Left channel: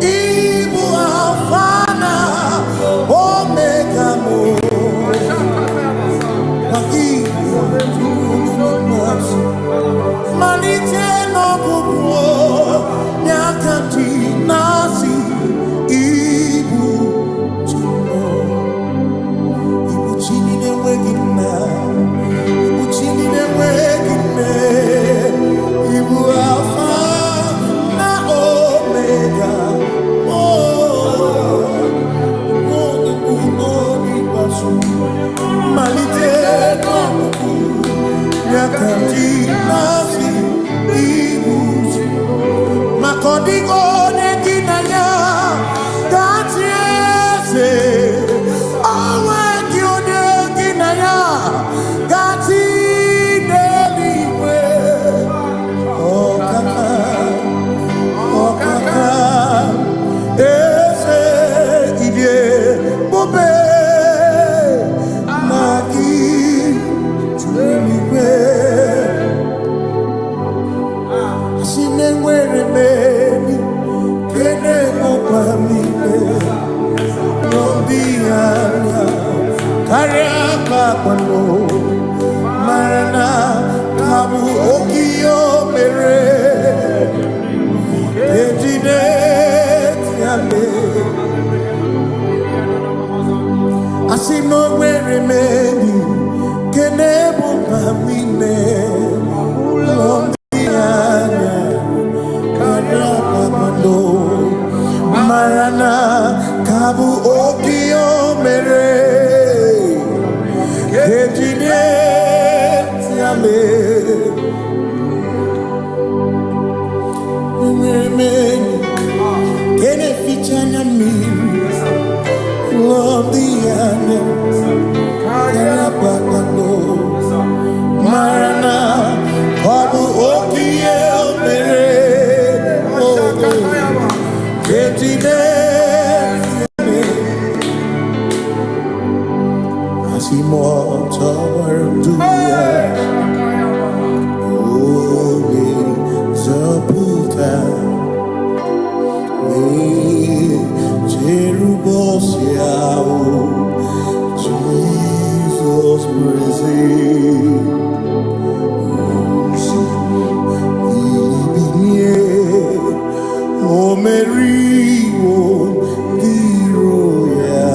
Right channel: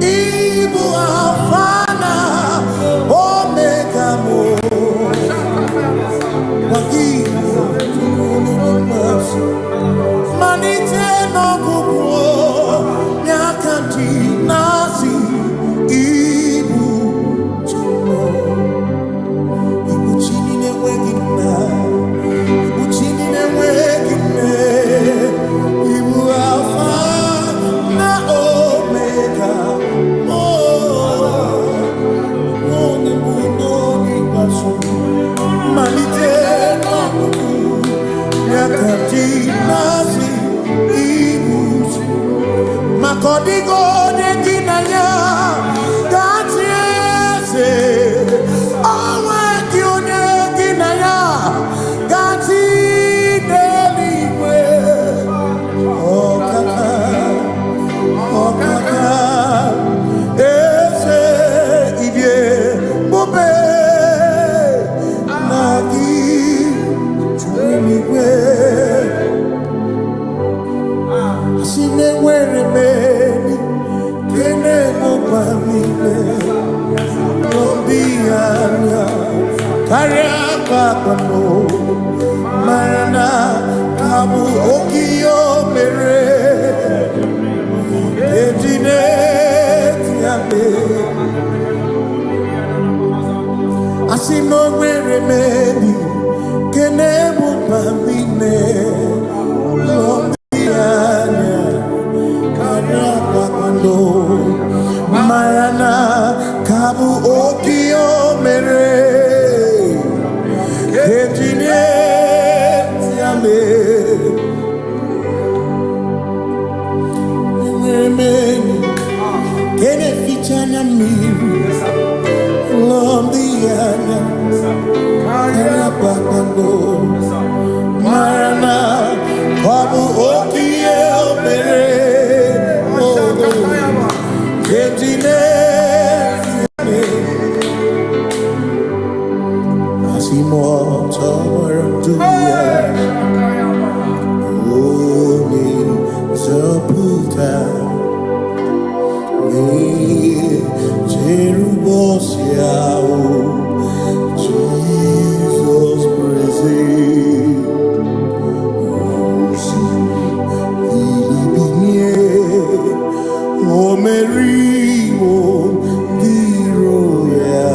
Igbo Alpha na Omega mo. Wagibu tukunumasu manite no gugu nyakanti nasi Ibu tumo Ibu chini newegina Ibu chini newegine Ibu Alpha na Omega Noni bunoni basu Malite no kuku Nyakanti nasi Ibuji Makodigo neginaya Gatiese Awe kione ginaya Gati deliwe Okaka Eze idie Bobe Nagi Tumiwe Asime were meni Kene mopamile Lombianya Kariaka kwano Marana Kabu Okio mere Ejine Tiame Asime were meni Kene mopamile Lombianya Kariaka kwano Marana Kabu Okio mere Ejine Tiame Mweni Kene fichana miri Lombianya Kariaka kwano Marana Kabu Okio mere Ejine Asimo Tawaranduya Oni Zaputa Me Jerubosiao Jesus praise O Mary, O Diroya,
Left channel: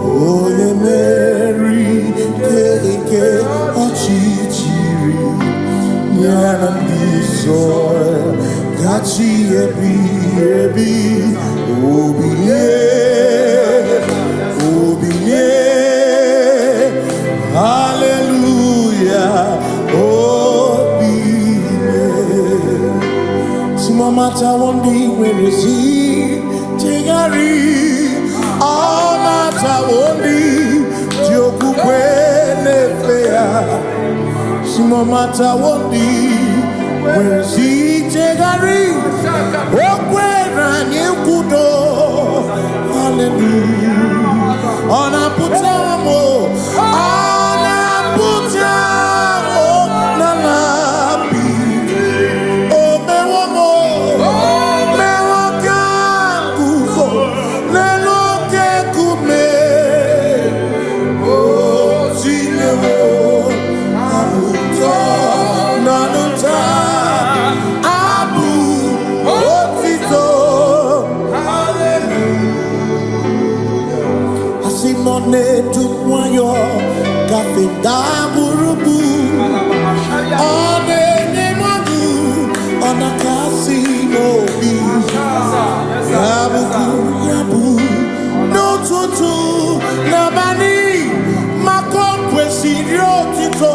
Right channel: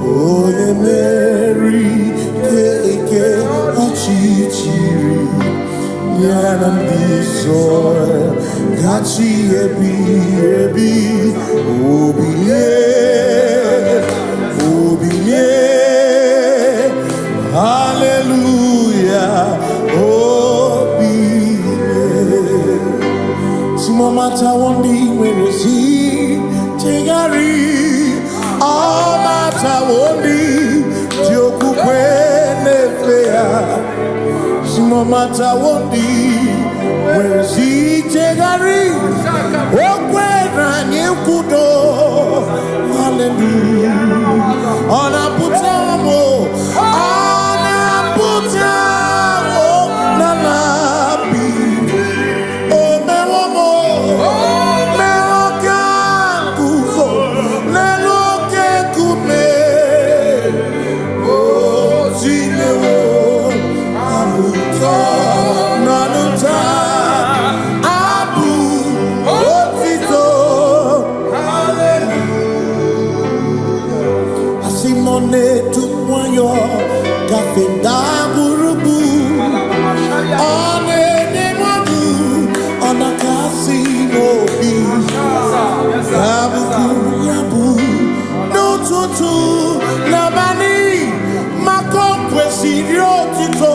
O Mary, Keke, Ochichiri, Yanam Disoy, Gachi Ebi, Obiye, Hallelujah, Mata wondi werezi tigari all mata wondi joku kwene fea simo mata wondi werezi tigari okwera nyekudo hallelujah ona putamo nalabi Simone tumwayo kafenda burubu one nemogu ona kasimo bi yabu no tutu nabani makompwe sirio tito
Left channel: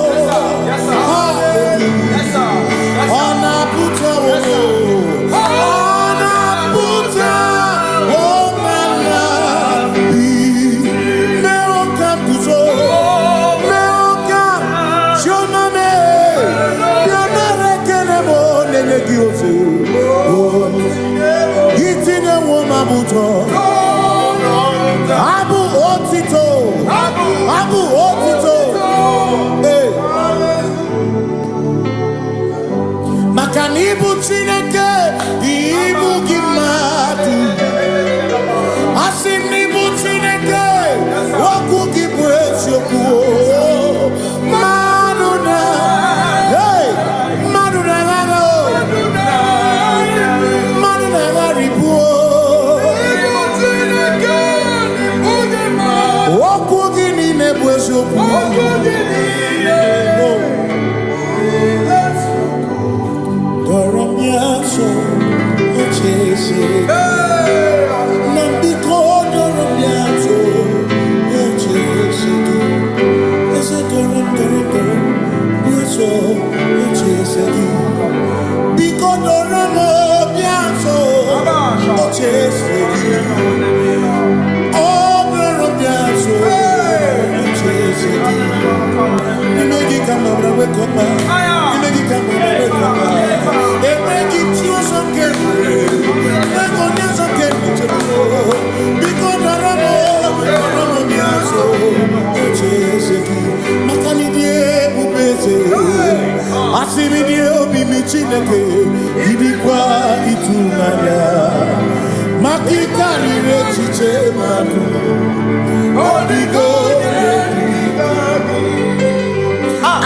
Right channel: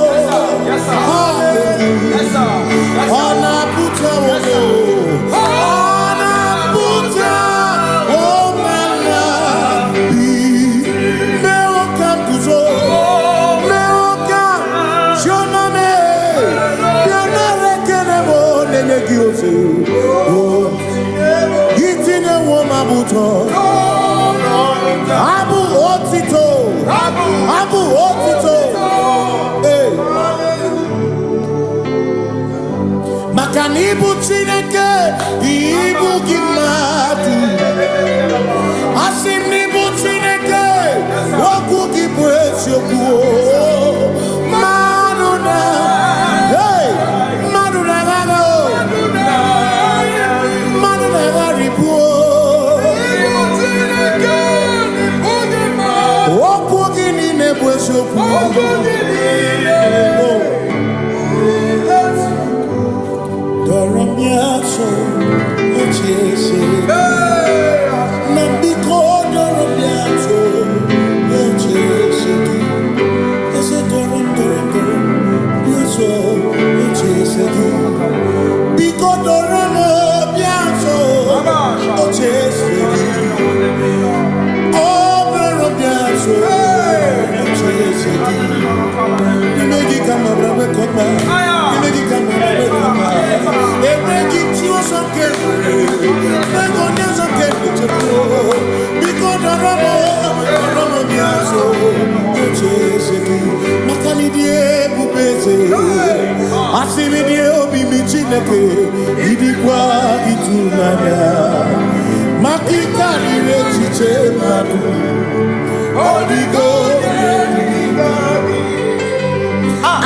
hallelujah ona puta wono ona puta Gitine woma buto Abu otito Makanibu Chineke, Ibu Gimatu. Asinibu Chineke, Waku Gibresiyoku. Maduna, hey, Maduna Gago, Maduna Garibu. Waku Gini Nebesiyoku. Doramiaso, Ochese, Nambiko Doramiaso, Ochese, Ese Doram, Biaso, Ochese, Biko Doramiaso, Ochese, Oh, Doramiaso, Ochese, Nimegi Kamabra Wekoma.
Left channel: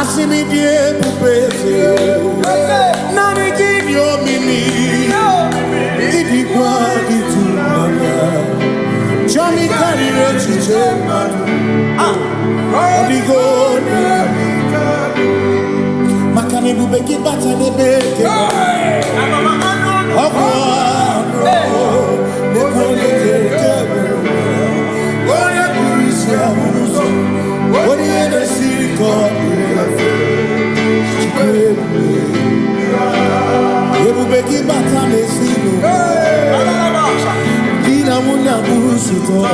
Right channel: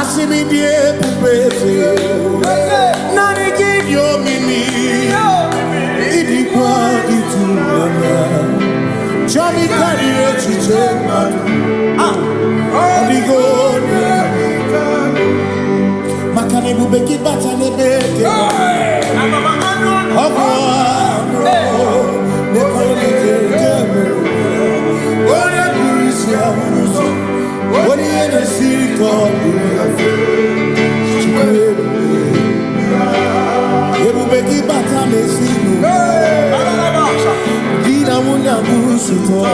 Asimi die pupese nani kidio mimi idikwa itunanya chami karire chiche odigo makane bubeki batane beke ogwa ne kone kebe ore kurisia unuso Ori ene siriko Ebubeki bata mesinu Dina munya burusuto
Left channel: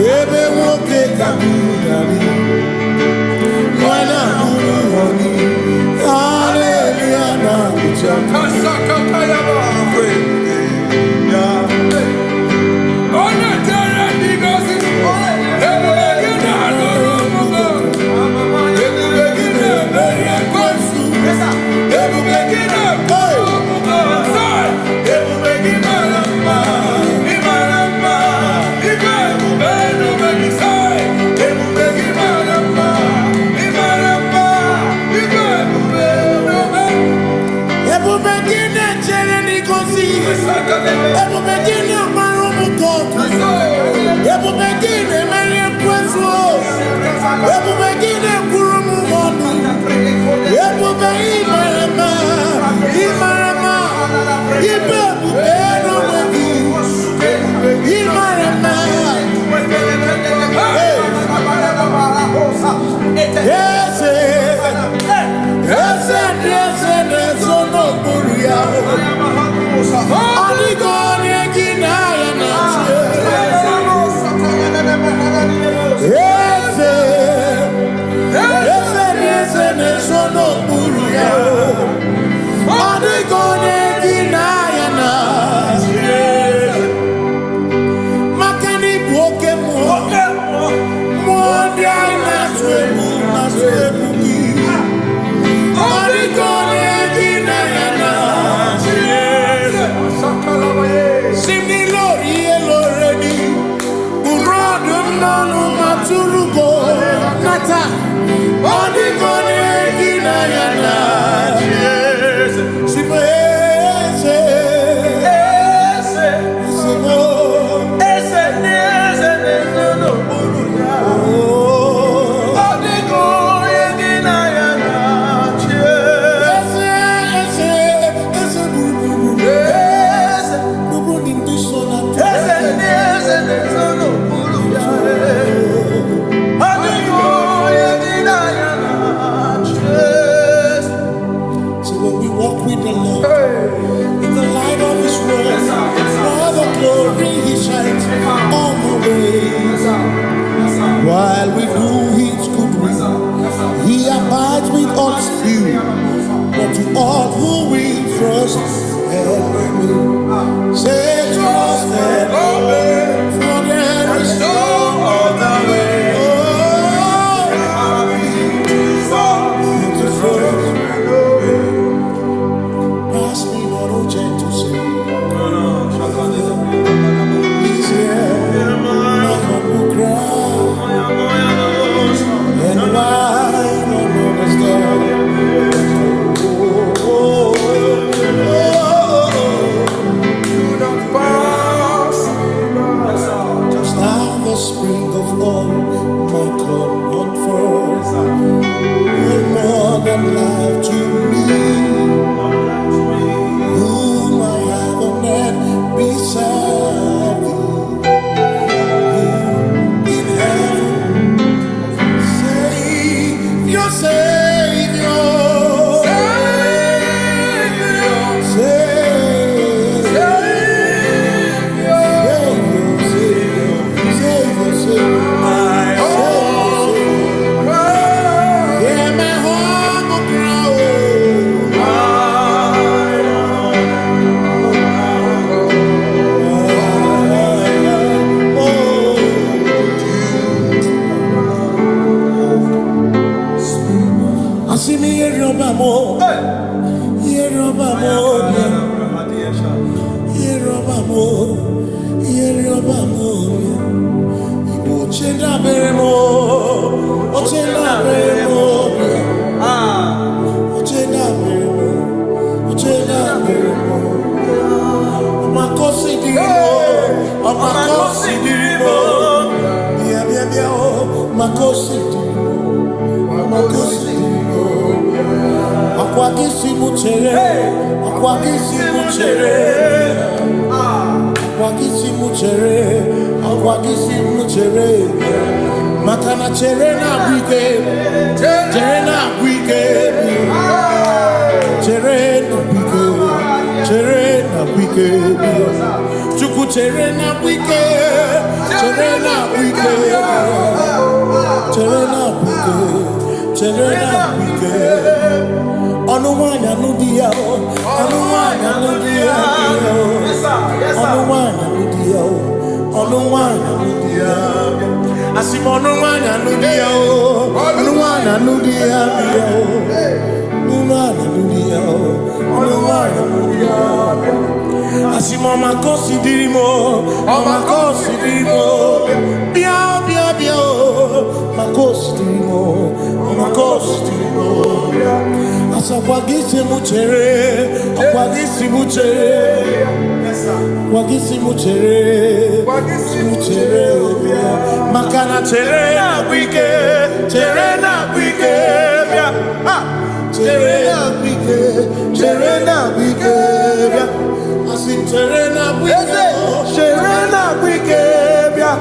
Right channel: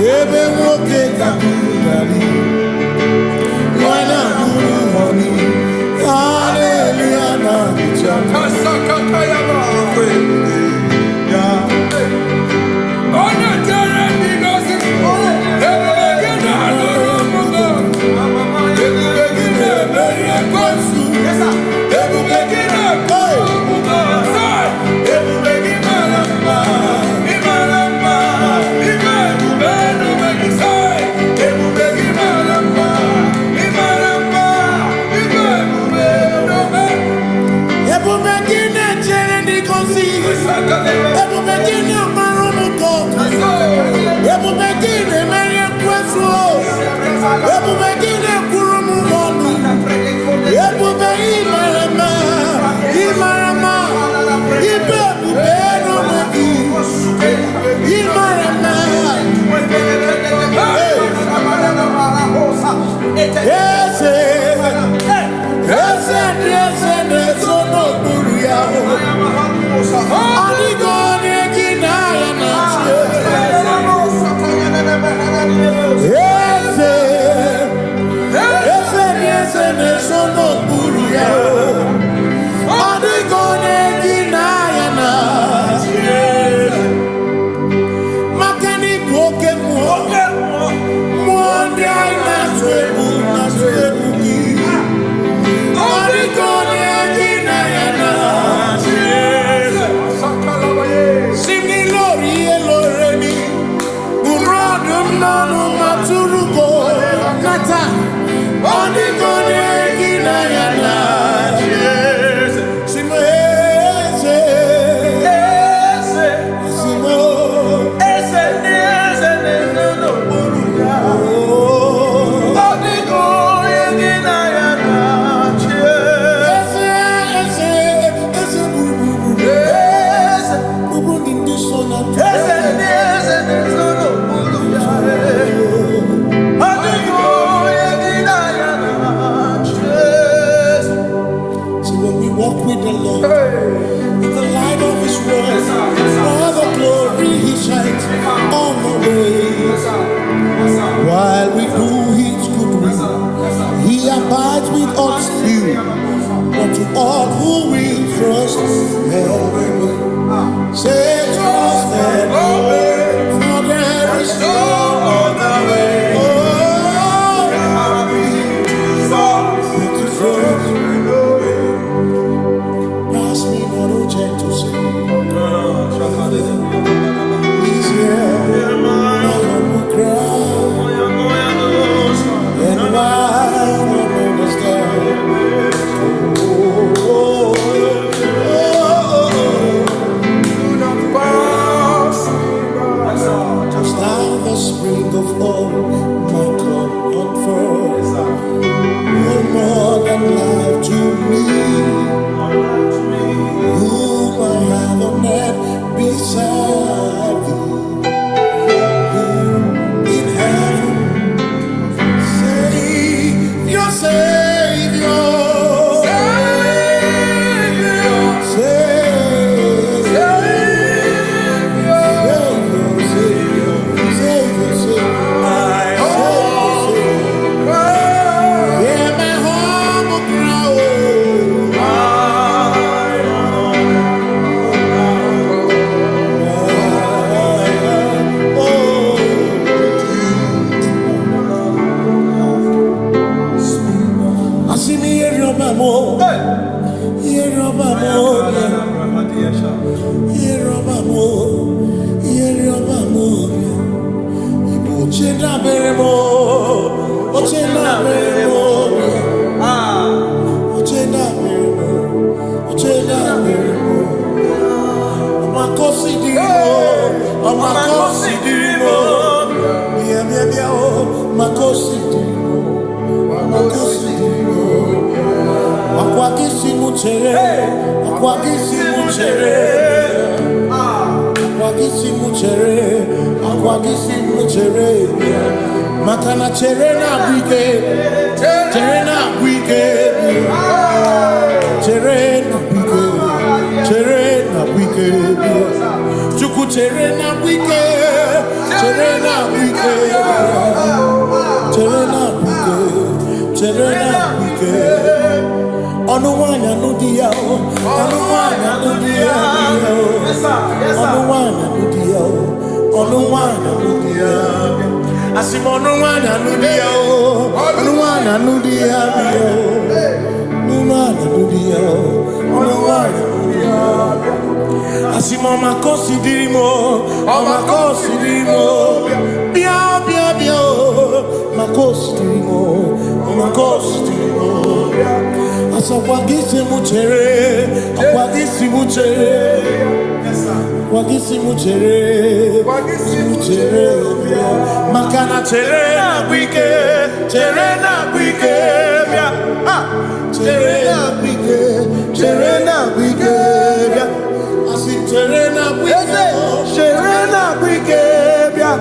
Ebe woke kabunali Mwana muru honi Hallelujah na kuchaka Kasaka kayaba Ona tere because it's walk with the Lord in the light of His word. For the glory He shines on the way. While we do His good will, He abides with us still. But to all who will trust and obey, say trust and obey, for there is no other way. Oh, to trust and obey. You're more than life to me. Whom I have on earth beside thee. In heaven, Savior, Savior. Makana cherena bwike, cherena bwike, cherena bwike, cherena bwike, chuku cherena bwike, cherena bwike, cherena bwike, cherena bwike. Onuwanya nudia, onuwanya nudia, onuwanya nudia, onuwanya nudia. Asimonuwanya nudia, onuwanya nudia, onuwanya nudia, onuwanya nudia. Asimoma kosi dirimo, makosi dirimo, bia bia bia, makosi dirimo, makosi dirimo. Asakwagisi muchere, akwagisi muchere, akwagisi muchere, muchere. Makana chere na bwike, chere na bwike, bia. Chere na bwike, chere na bwike, bia. Asim chere na bwike, chere na bwike, bia.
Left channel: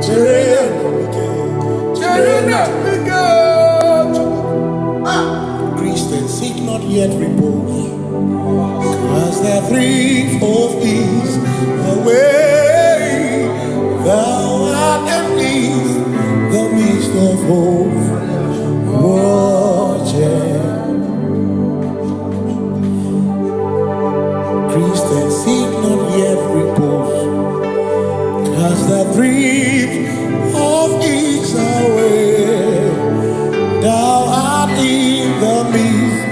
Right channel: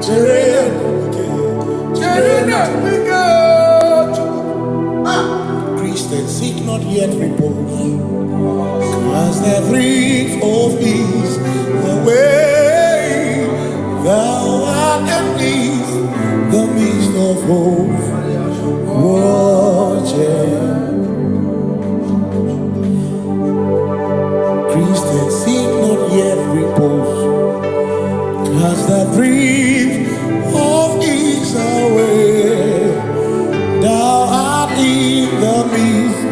Chere na bwike, chere na bwike. Christians seek not yet repose, cause the thief of ease away. Thou art at peace, the midst of hope, watching. Christians seek not yet repose, cast the dreams of ease away. Thou art in the midst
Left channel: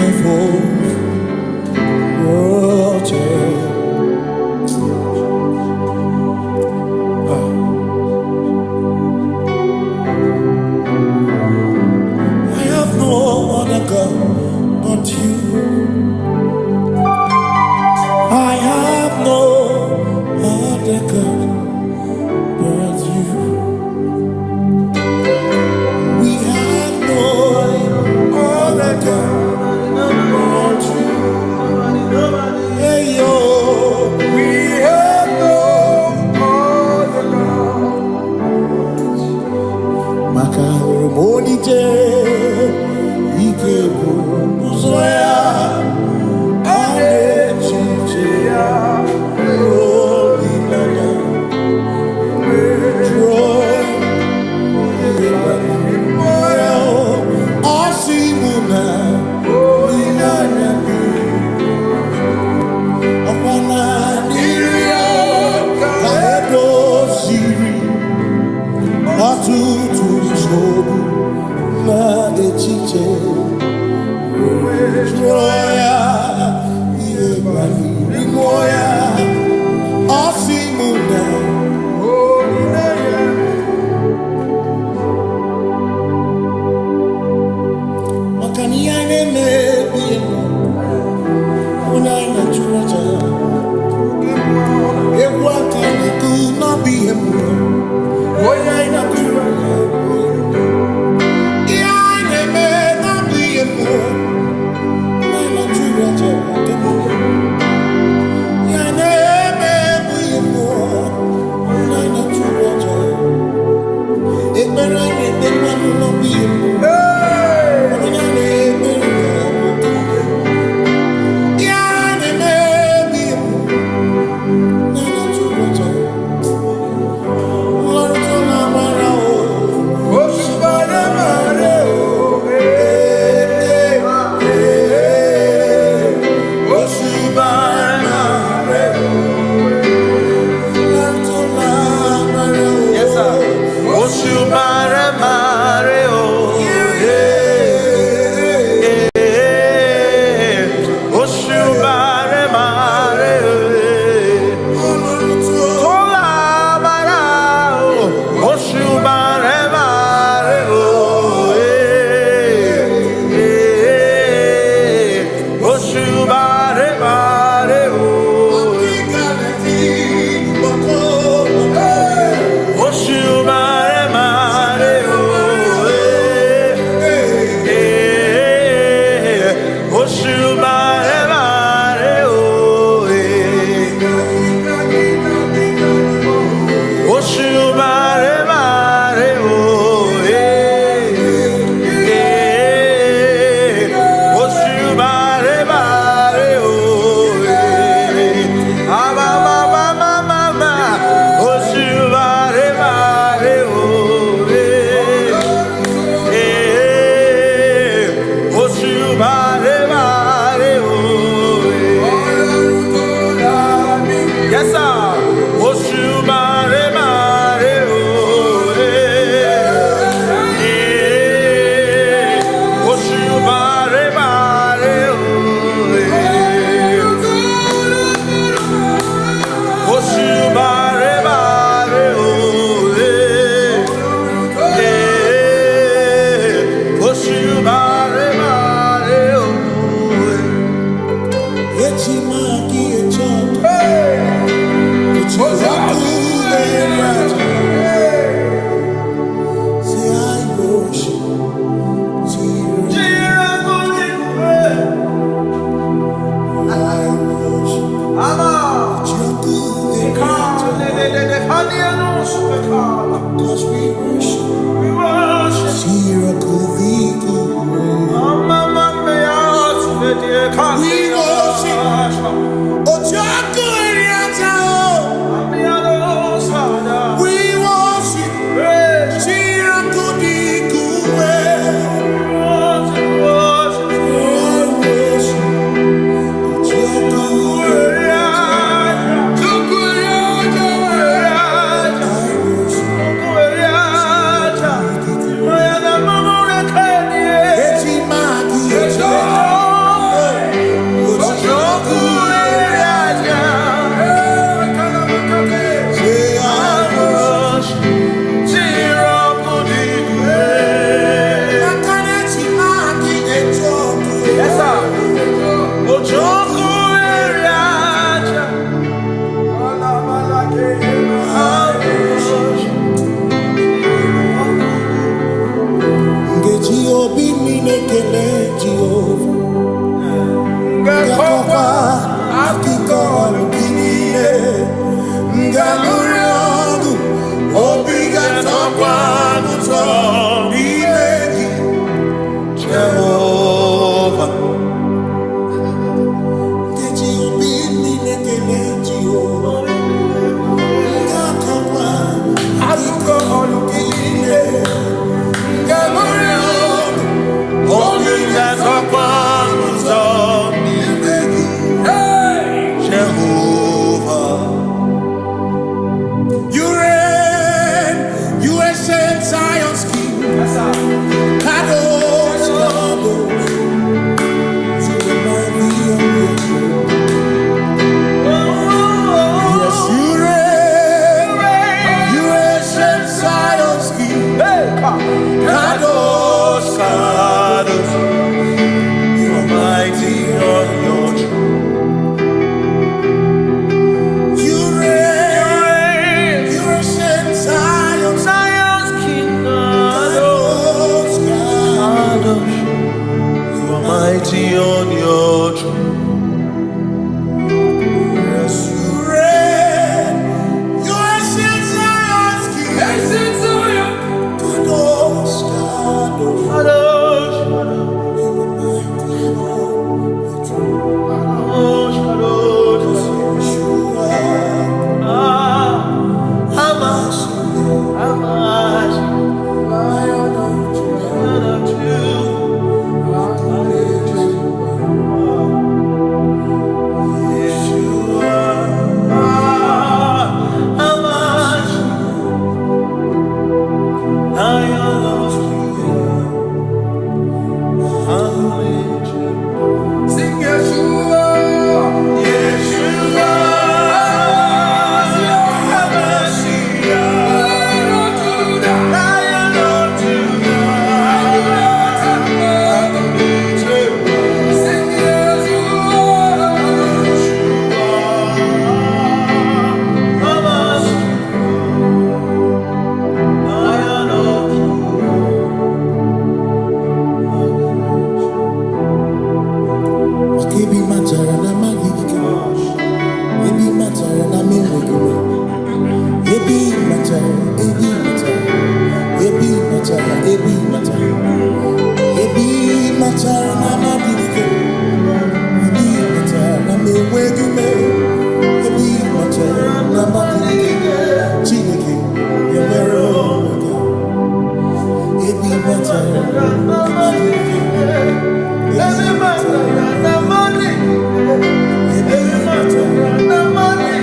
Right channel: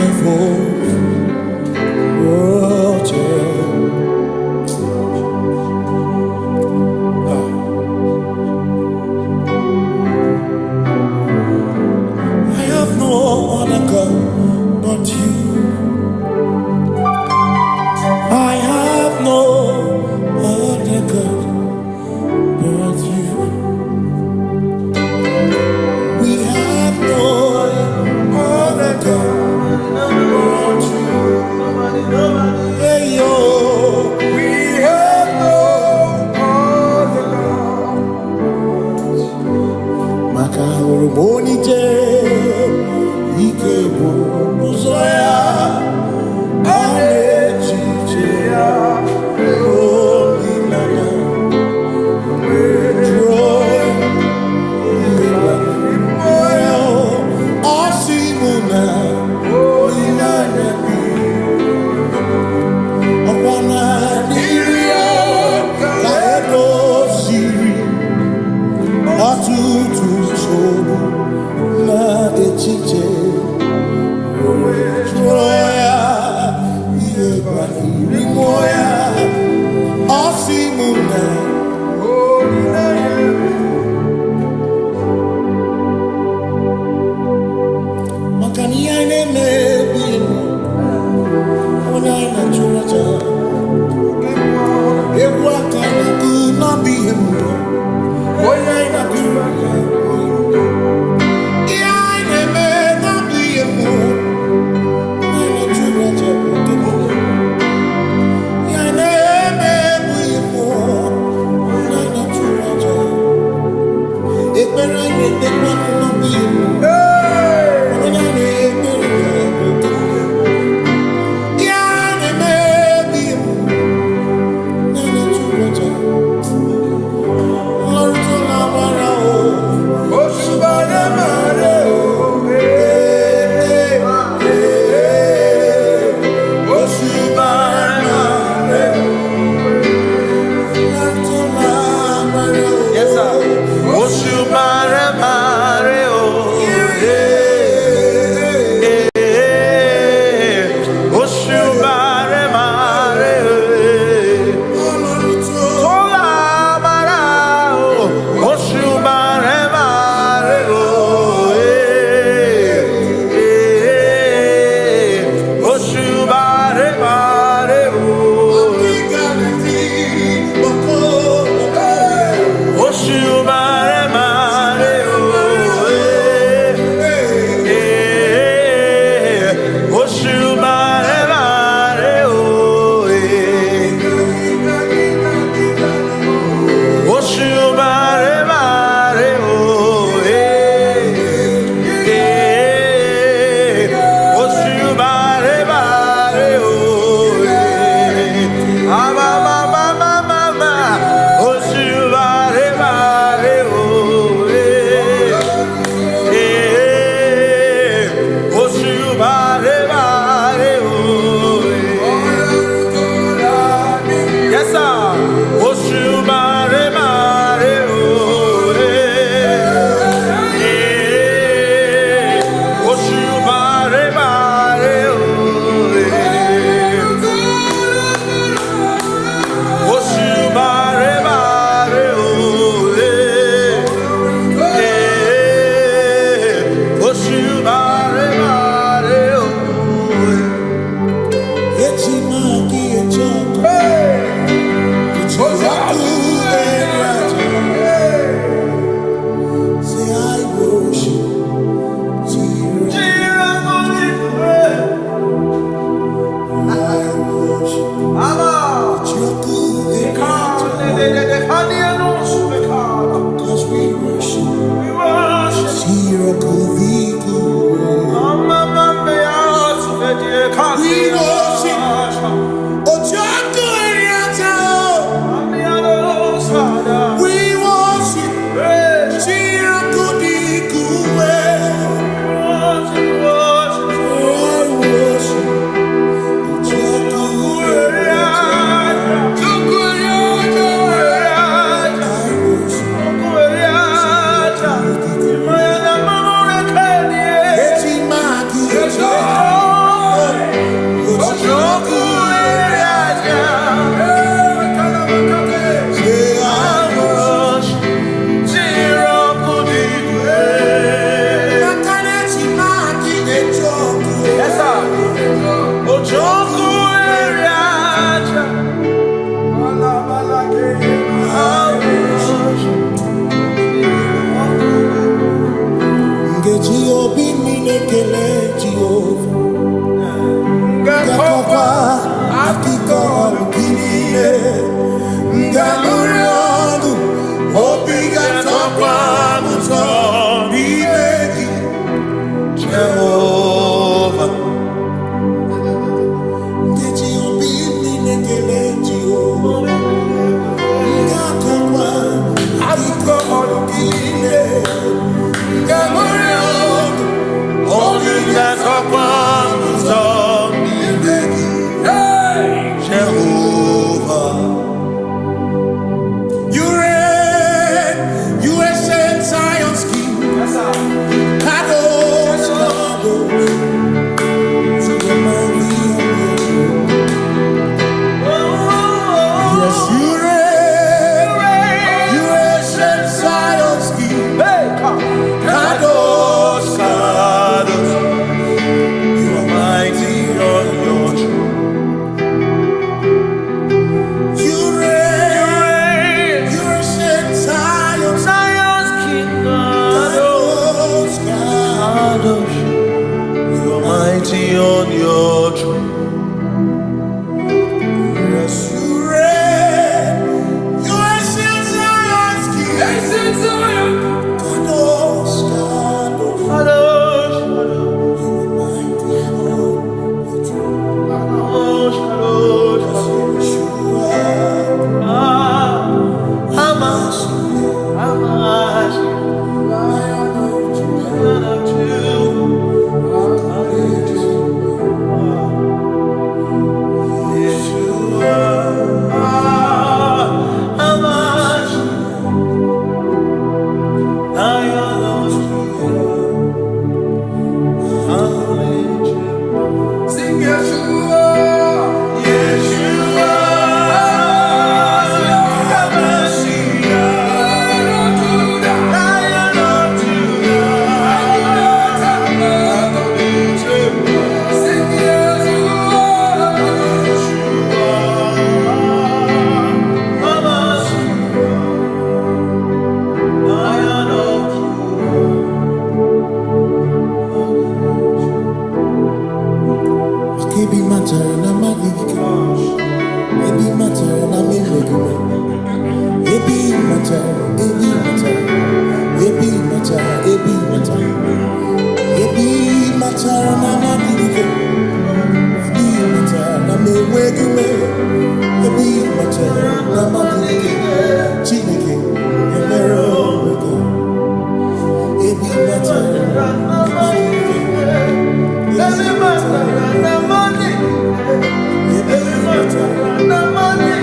of hope, watching. I have no other God but you. I have no other God but you. We have no other God but you. Hey yo, we have no other God but you. Makahuru monite, ikebu muzoya, anechi. Cause we worship. Sirakuviku. We worship. Ojaku Eriata. We worship. Sirakudiku. Kele Jehovah Ngakokwa akiko alukile Ngamuriangu Obiga tokwa muto Bimeki Jehovah Ngeji obini nekele Jehovah Ngakokwa akiko alukile Ngamuriangu Jehovah, you reign, you ancient Zion's King. Kadosh, Kadosh, to the mighty on your throne. Yes, you reign, you ancient Zion's King. Kadosh, Kadosh, you are mighty on your throne. You reign, you ancient Zion's King. Kadosh, Kadosh, you are mighty on your throne. Yes, you reign, you ancient Zion's King. Ancient Zion. Kadosh, Kadosh, Kadosh, Kadosh, you are mighty on your throne. Kadosh, Kadosh, Kadosh, you are Amash, Lion of Yeshua, Amash, Lion of sing Yeshua, Yeshua, Lion of Judah, sing Yeshua, Lion of Judah. Ebi matara na magigike, ebi matara na menwegume, ebi matara, ebi matara, ebi matara, ebi matara, ebi matara na magigike, ebi matara na menwegume, ebi matara na magigike, Chineke yemero weka, ebi matara na magigike. Every matter and the money, every matter and the money,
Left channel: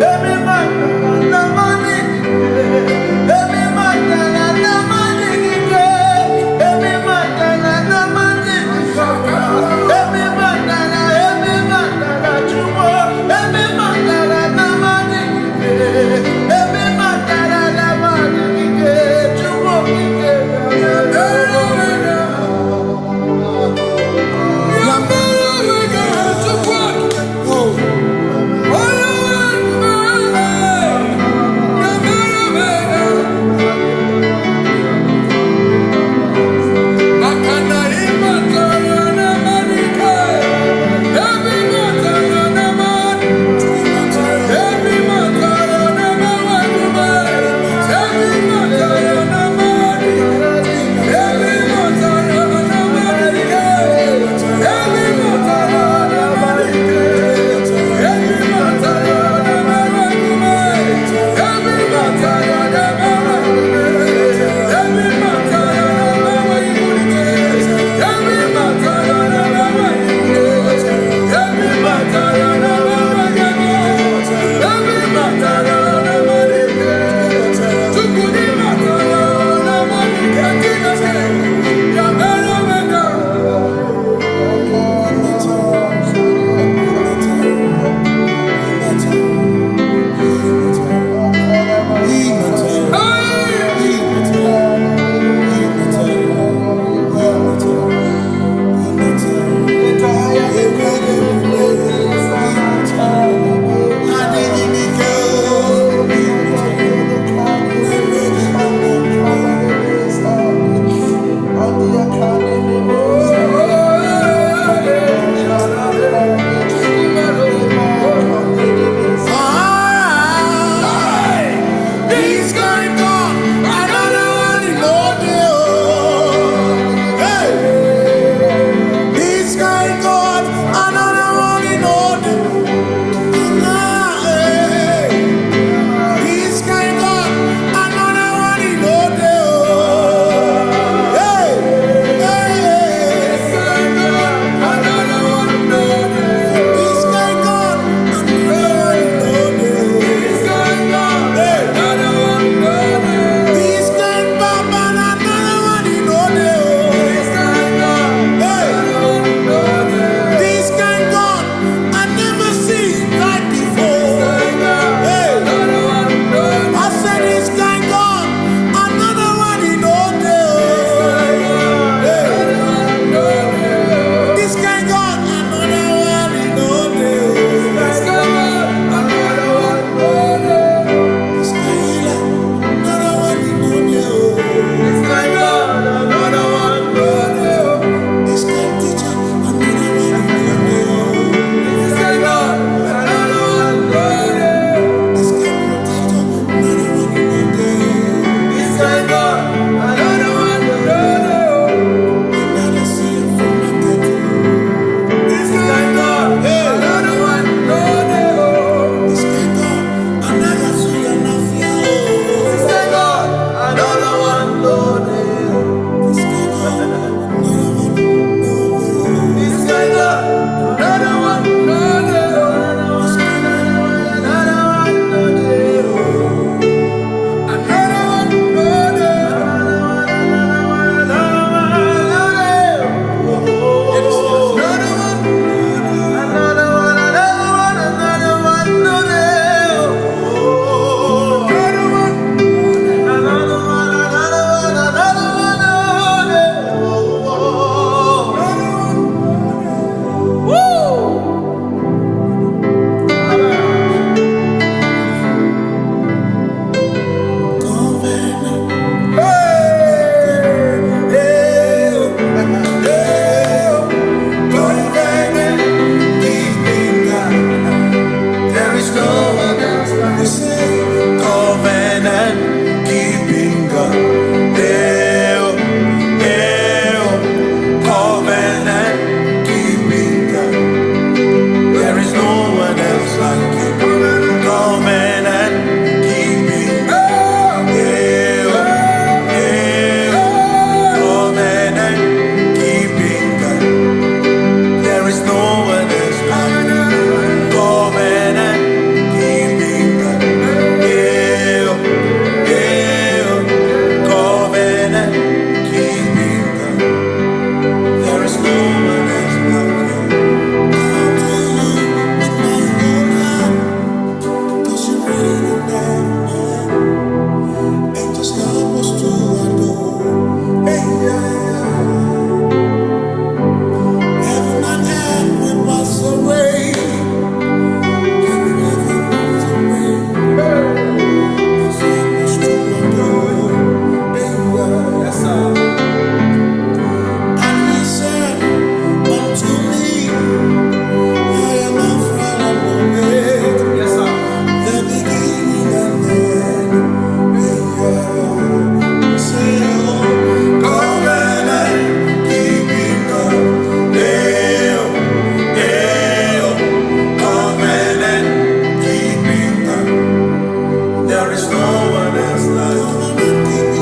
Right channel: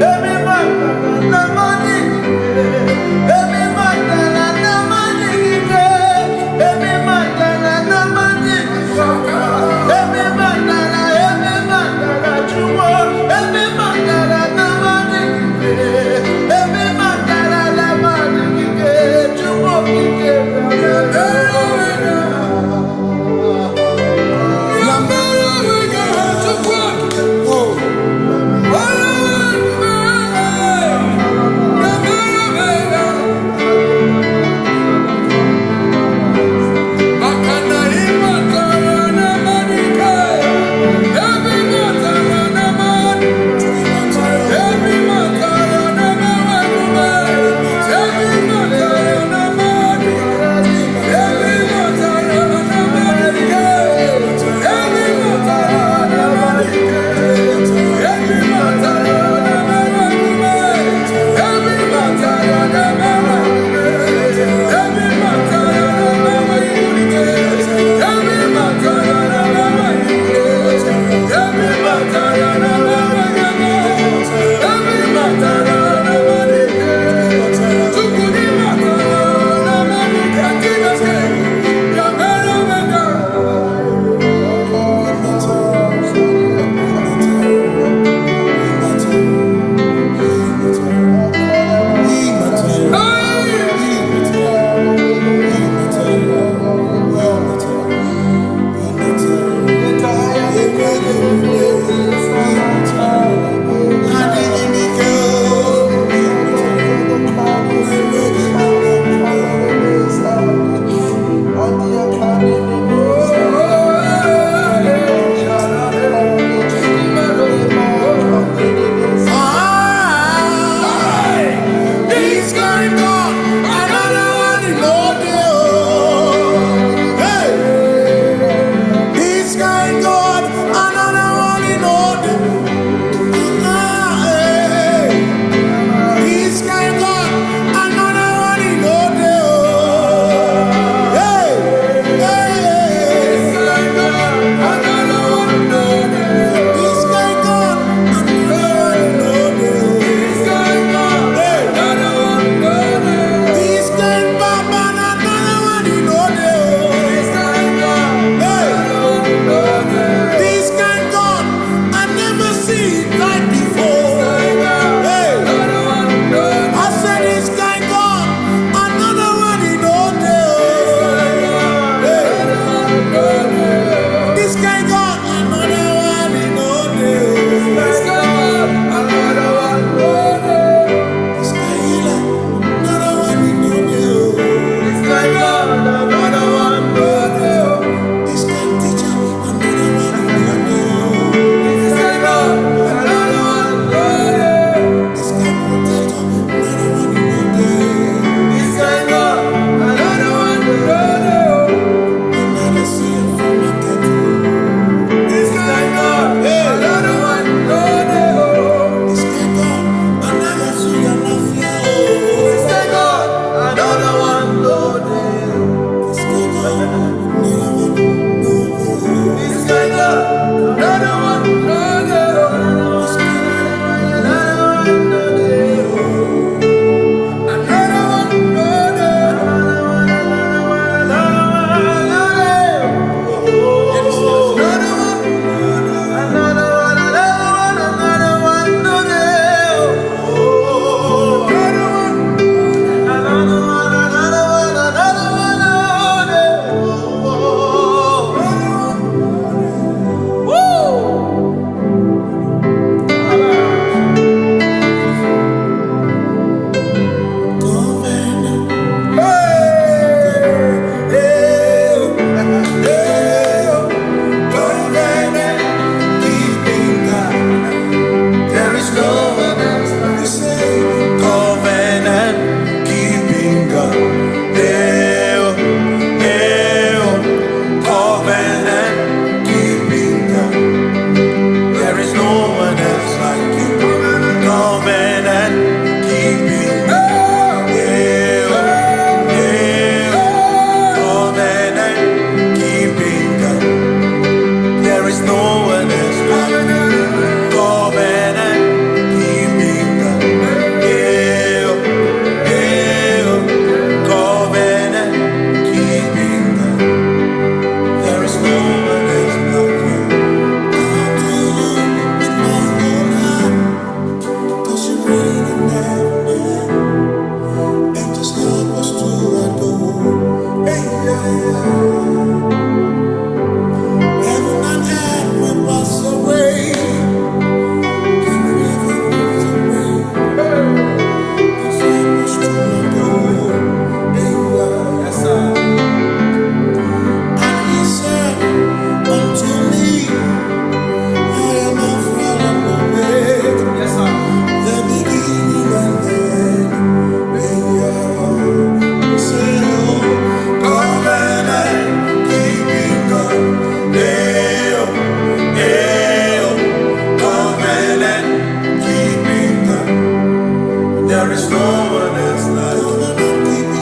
every matter and the money, every matter and the money, every matter and the money, every matter you want, every matter and the money, every matter and the money, you want, away. Forever was away. Cause he was to adore. Yes, sir. And he said unto me, I am Alpha and Omega. Yes, sir. The beginning and the end. Say, oh, covenant keeping God. Covenant keeping God. There is no one else like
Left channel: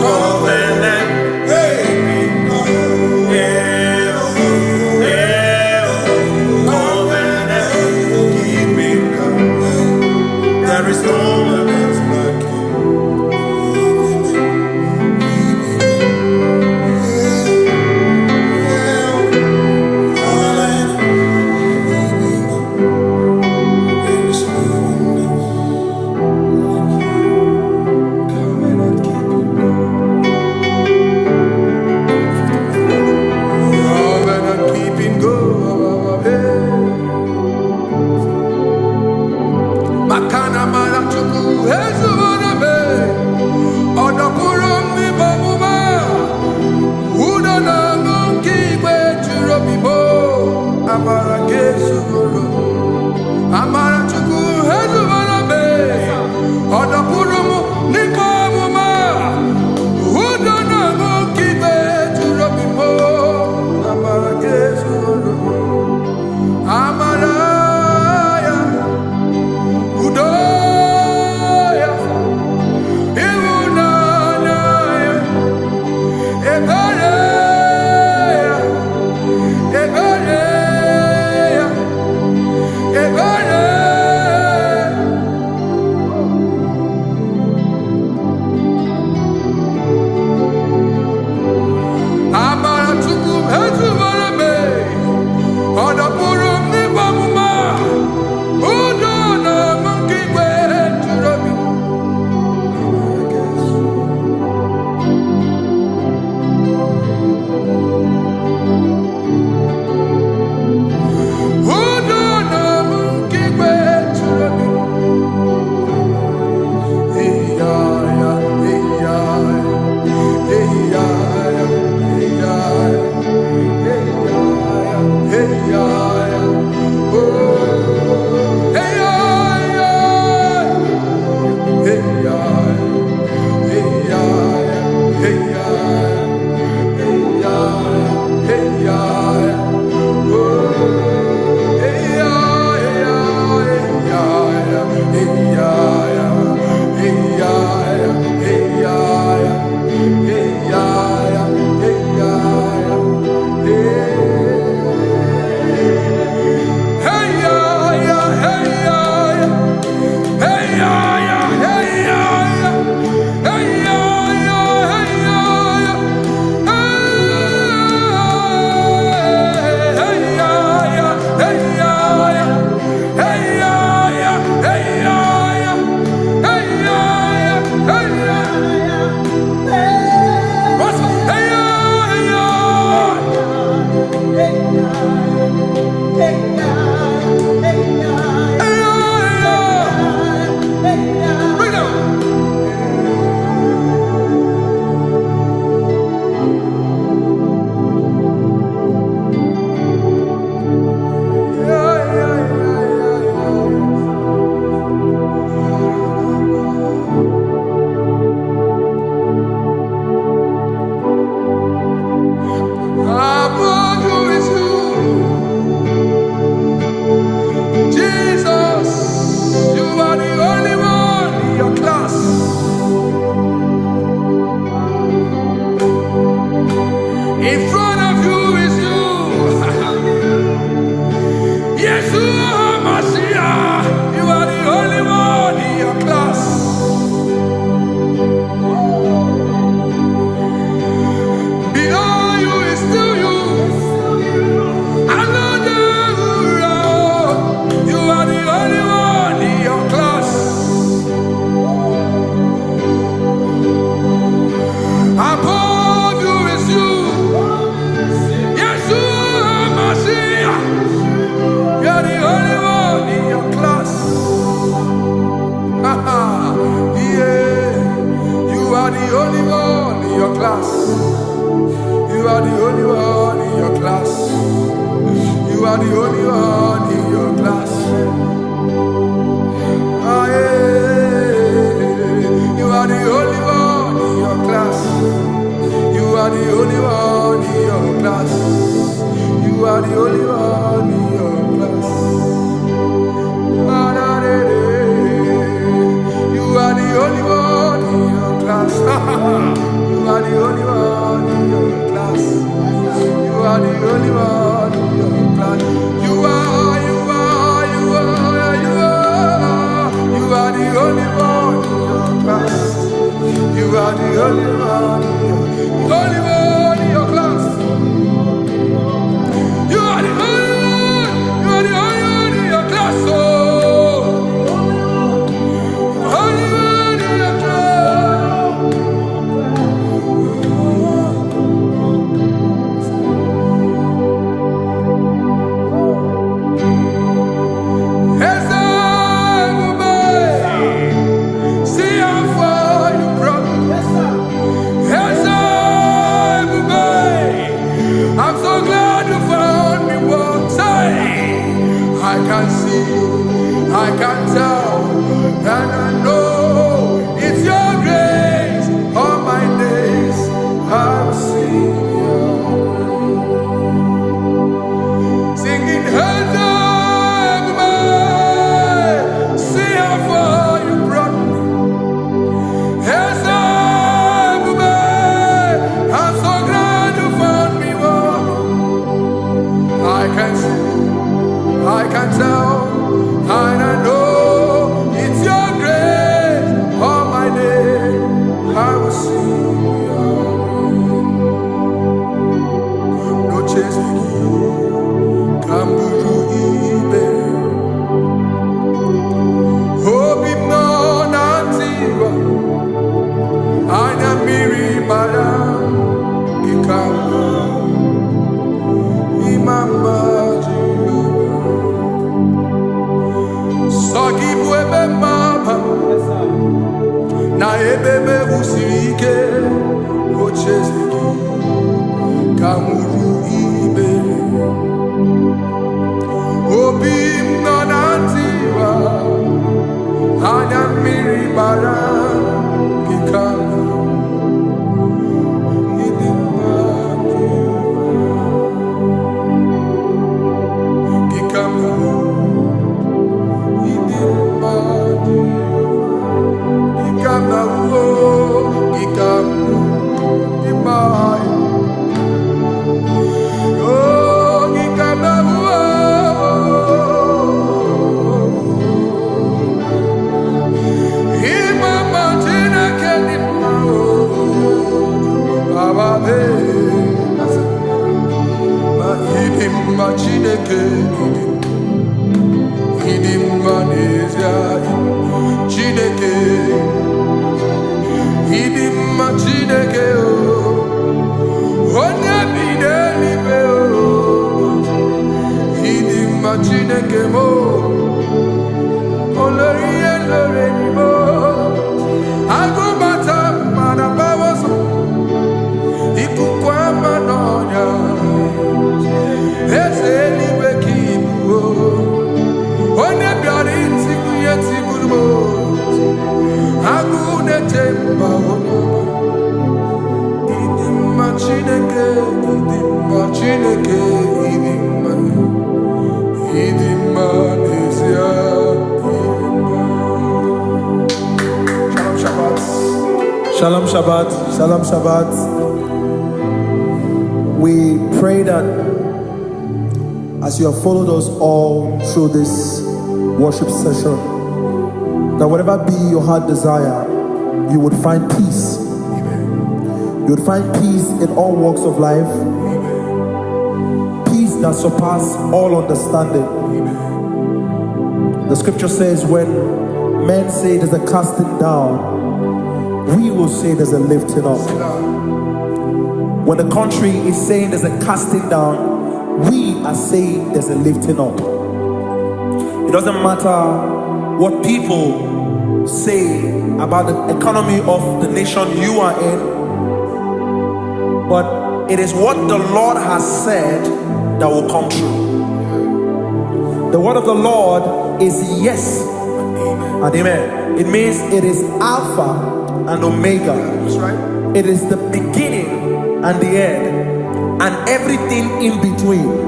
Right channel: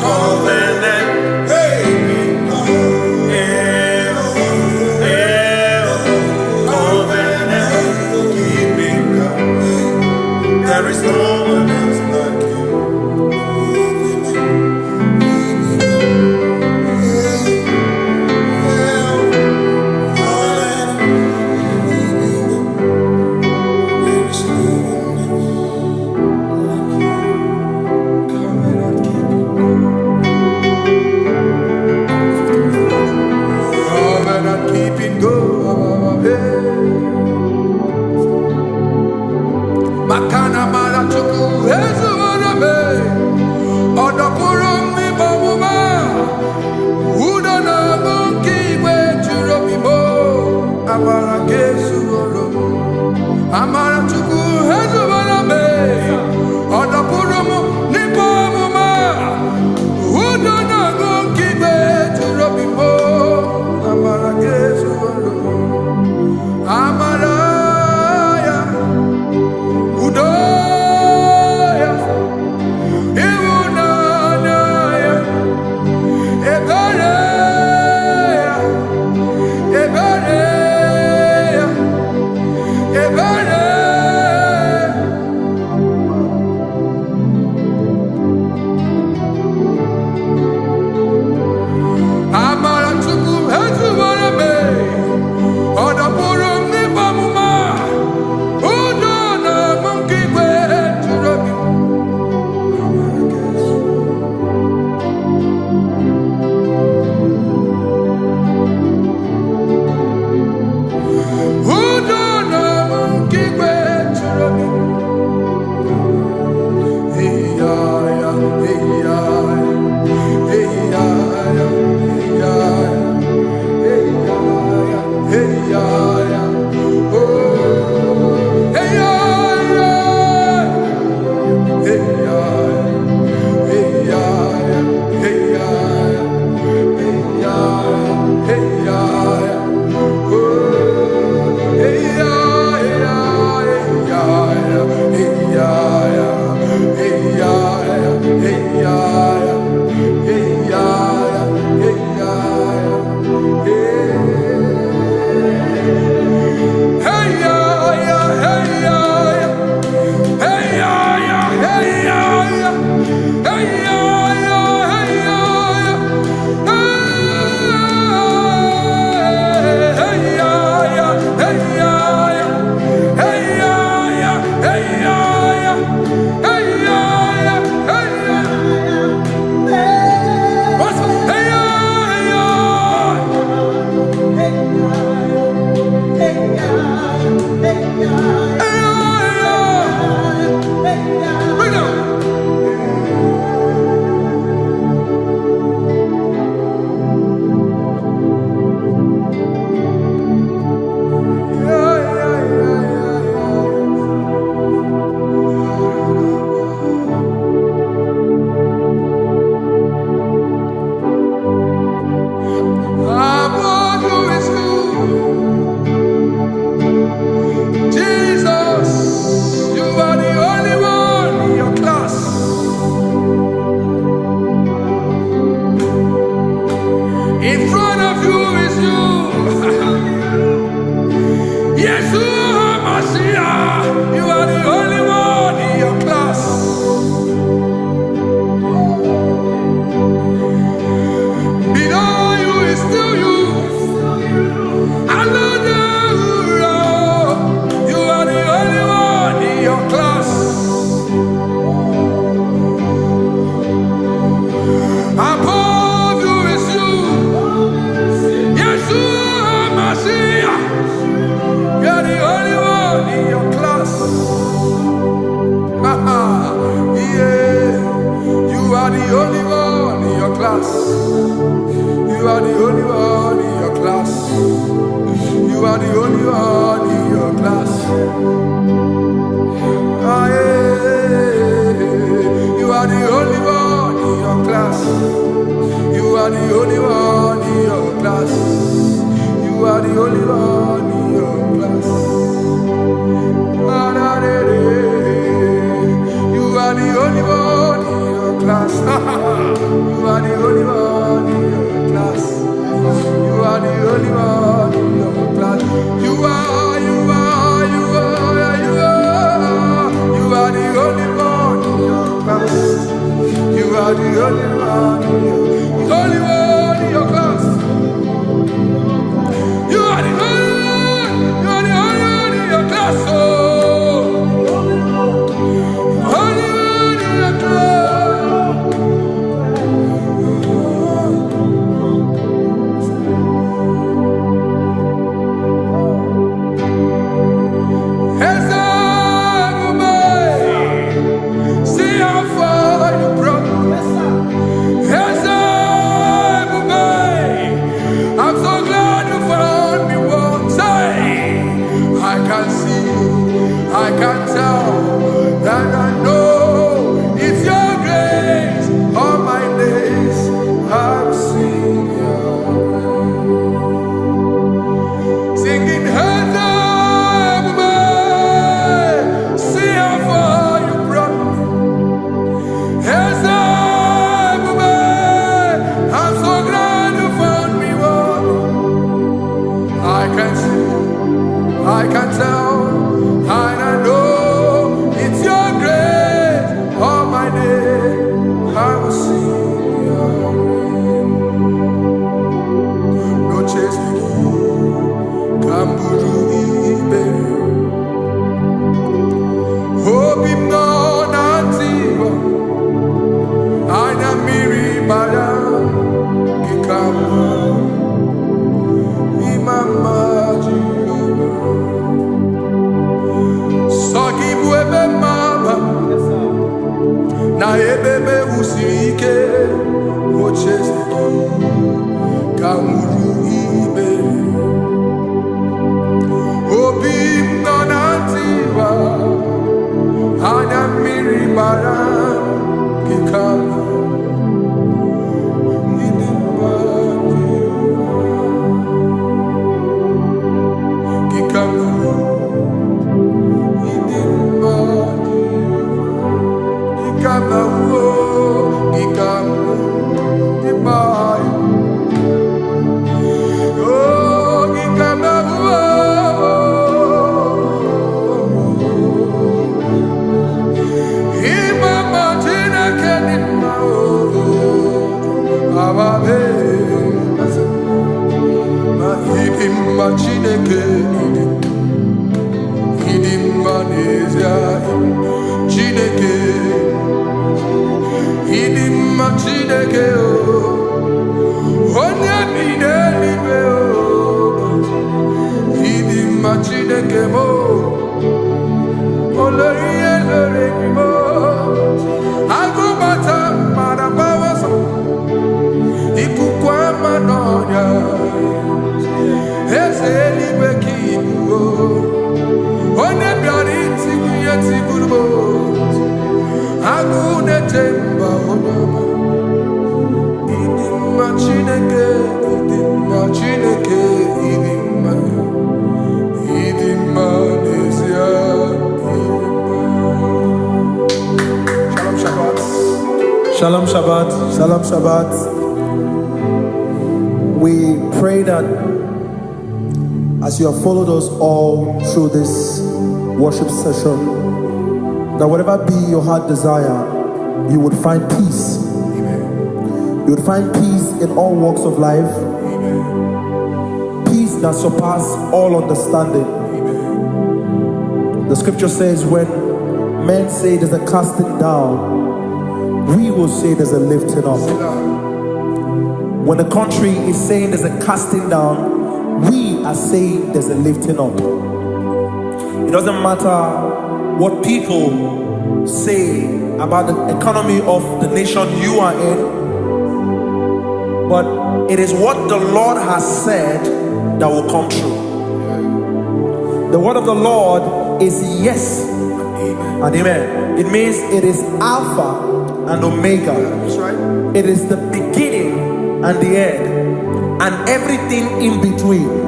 covenant keeping God. Covenant keeping God. There is no one else like you. Makana mara chuku hezu waname Odapurum ni bamuma Uda na ngunki kwe churobimo Amara kesu gorum Amara chuku hezu waname Odapurum ni bamuma Uda na ngunki kwe churobimo Amara kesu gorum Amara Udoya, Iwunanaya, Ebereya, Ebereya, Ebereya. Amara chuku hezu warame, Odapurum ni bamuma. In front of you is you. Yeshua Mashiach, you are the only one in your class. Below you is still you. You are the only one in your class. Above you is you. Yeshua Mashiach. You are the only one in your class. Yeah. You are the only one in your class. You are the only one in your class. You are the only one in your class. Ah, yeah. You are the only one in your class. You are the only one in your class. You are the only one in your class. You are the only one in your class. You are the only one in your class. You are the only one in your class. You are the only one in your class. You are the only one in your class. You are the only one in your class. Oh, only one in your class. See how far you brought me. I'm so glad you found me once. I can see, I can tell, and I know it's your grace. All my days I will sing your grace. Singing hands up, see how far you brought me. Hands up, I'm so glad you found me one. I can see, I can tell, and I know it's your grace. All my day I will sing your grace. No chase again, Kamburu Iberi. Hope him no nantiwa. Anya miri baram gikama. Imama Jehovah. Sagibu ebe maba. Na ebe me usirike. Ochezeki. Kamuru Iberi. Obim nanantiwa. Anya miri baram gikama. Chineke idim manezia Chineke idim Chineke o onye bideligwe o idim Chineke mo olori elore ni mo agubata marabawaso ikukwa manonya ezeligwe kibuo onye bịara itigbuye tigburu agụ na-etemba onye ọma ịdị mma Chineke ịdị mma Chineke ịdị mma n'ezie ịdị mma. Shalom Shabbat. Shalom Shabbat. Shalom Shabbat. We pray that as you have followed us all through this worship session, that whatever be your heart desire, you would find peace. Amen. You would find peace in all walks of life. Amen. Peace that surpasses all understanding. Amen. The scripture says when men say there's a casting down, we will say there's a lifting up. When the country is saying there's a casting down, we are saying there's a lifting up. It doesn't matter what people say about the economy of the nation you are in, but it is what the Lord has said that will come true. The word of the Lord is yes and amen. It means it is Alpha and Omega. That's right. It is the beginning and the end, and everything in between.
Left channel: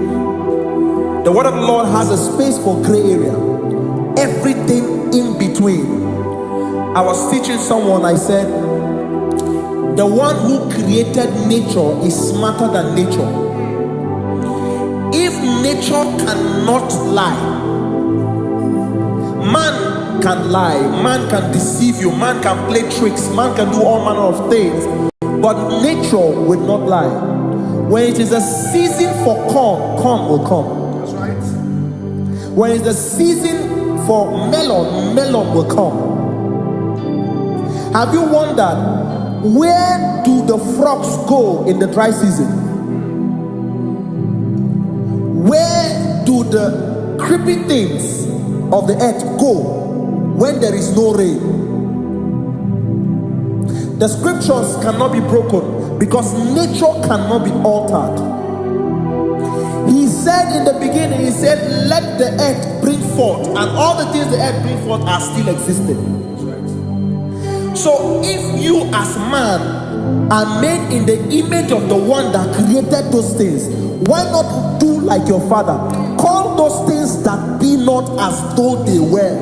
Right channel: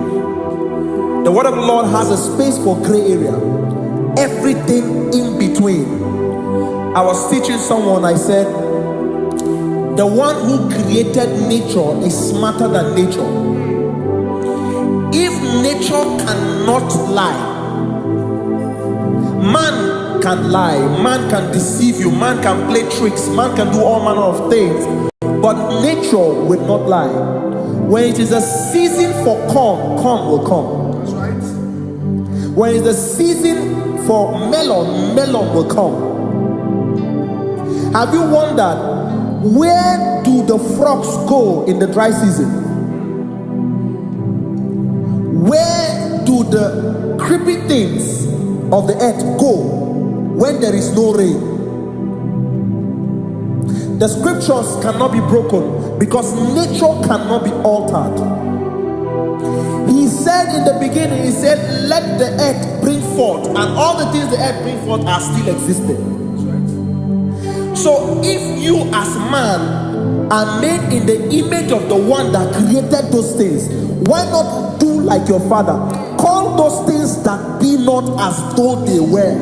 The word of the Lord has a space for gray area. Everything in between. I was teaching someone, I said, the one who created nature is smarter than nature. If nature cannot lie, man can lie, man can deceive you, man can play tricks, man can do all manner of things, but nature will not lie. When it is a season for corn, corn will come. That's right. When it's the season for melon, melon will come. Have you wondered, where do the frogs go in the dry season? Where do the creepy things of the earth go when there is no rain? The scriptures cannot be broken because nature cannot be altered. He said in the beginning, he said, let the earth bring forth, and all the things the earth bring forth are still existing. That's right. So if you as man are made in the image of the one that created those things, why not do like your father? Call those things that be not as though they were.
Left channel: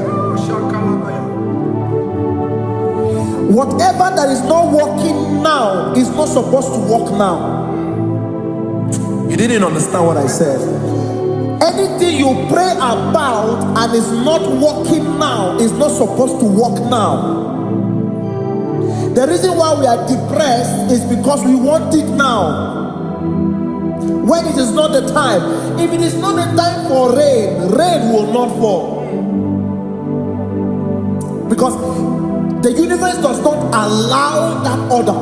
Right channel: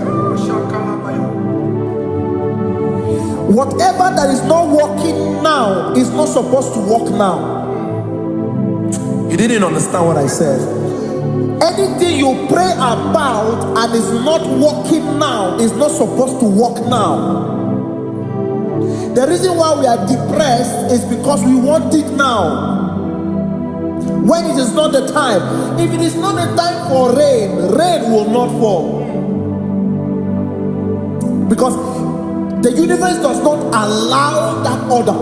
Whatever that is not working now is not supposed to work now. You didn't understand what I said. Anything you pray about and is not working now is not supposed to work now. The reason why we are depressed is because we want it now, when it is not the time. If it is not the time for rain, rain will not fall, because the universe does not allow that order.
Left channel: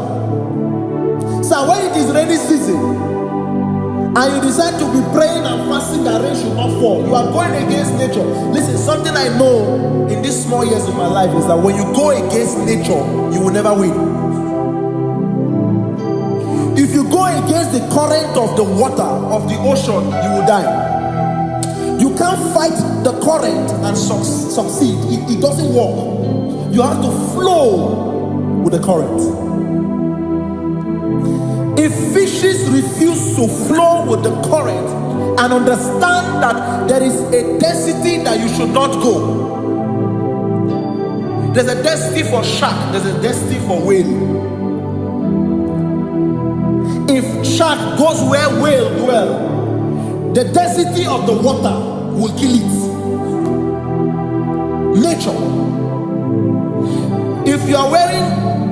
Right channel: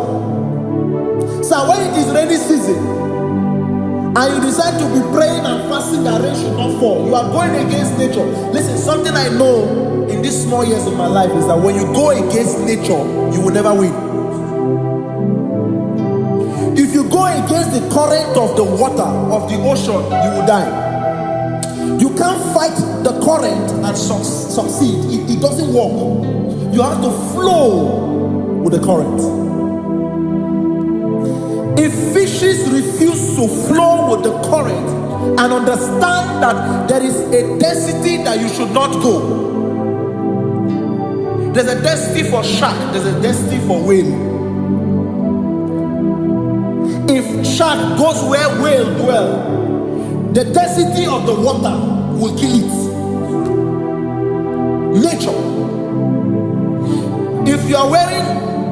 So when it is rainy season and you decide to be praying and fasting that rain should not fall, you are going against nature. Listen, something I know in these small years in my life is that when you go against nature, you will never win. If you go against the current of the water of the ocean, you will die. You can't fight the current and succeed. It doesn't work. You have to flow with the current. If fishes refuse to flow with the current and understand that there is a density that you should not go, there's a density for shark, there's a density for whale. If shark goes where whale dwell, the density of the water will kill it. Nature. If you are wearing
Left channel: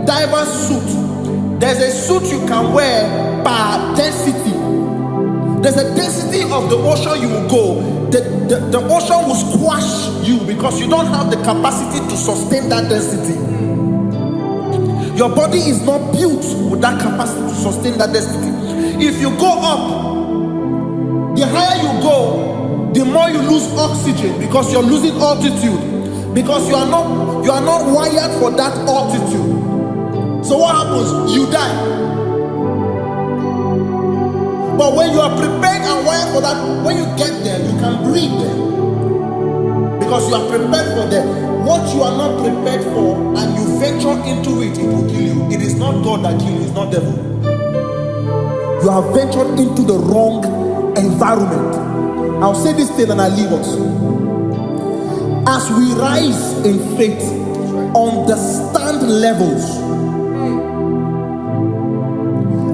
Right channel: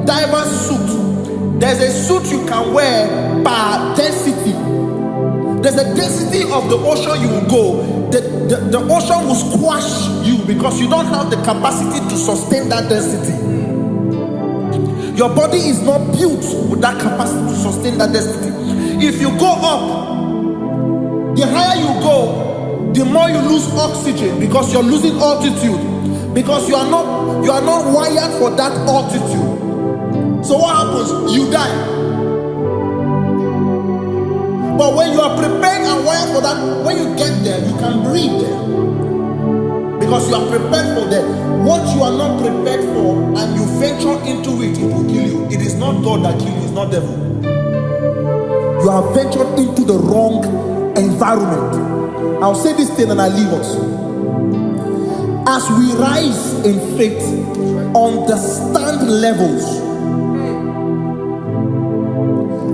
diverse suit, there's a suit you can wear per density. There's a density of the ocean you will go. The ocean will squash you because you don't have the capacity to sustain that density. Your body is not built with that capacity to sustain that density. If you go up, the higher you go, the more you lose oxygen because you're losing altitude, because you are not wired for that altitude. So what happens? You die. But when you are prepared and wired for that, when you get there, you can breathe there, because you are prepared for that. What you are not prepared for and you venture into it, it will kill you. It is not God that kills you, it's not devil. You have ventured into the wrong environment. I'll say this thing and I leave us. As we rise in faith, understand levels.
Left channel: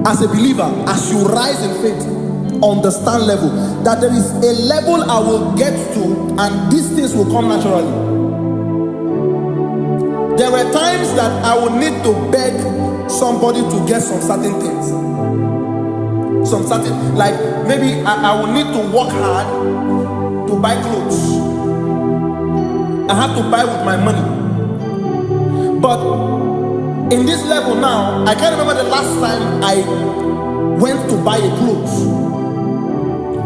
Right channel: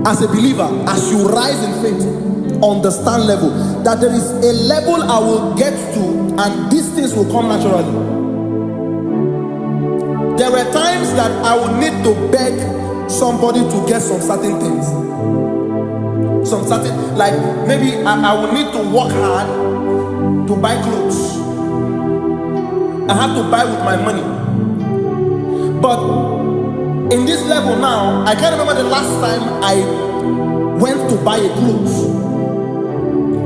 As a believer, as you rise in faith, understand level. That there is a level I will get to and these things will come naturally. There were times that I would need to beg somebody to get some certain things. Some certain, like maybe I would need to work hard to buy clothes. I had to buy with my money. But in this level now, I can't remember the last time I went to buy a clothes.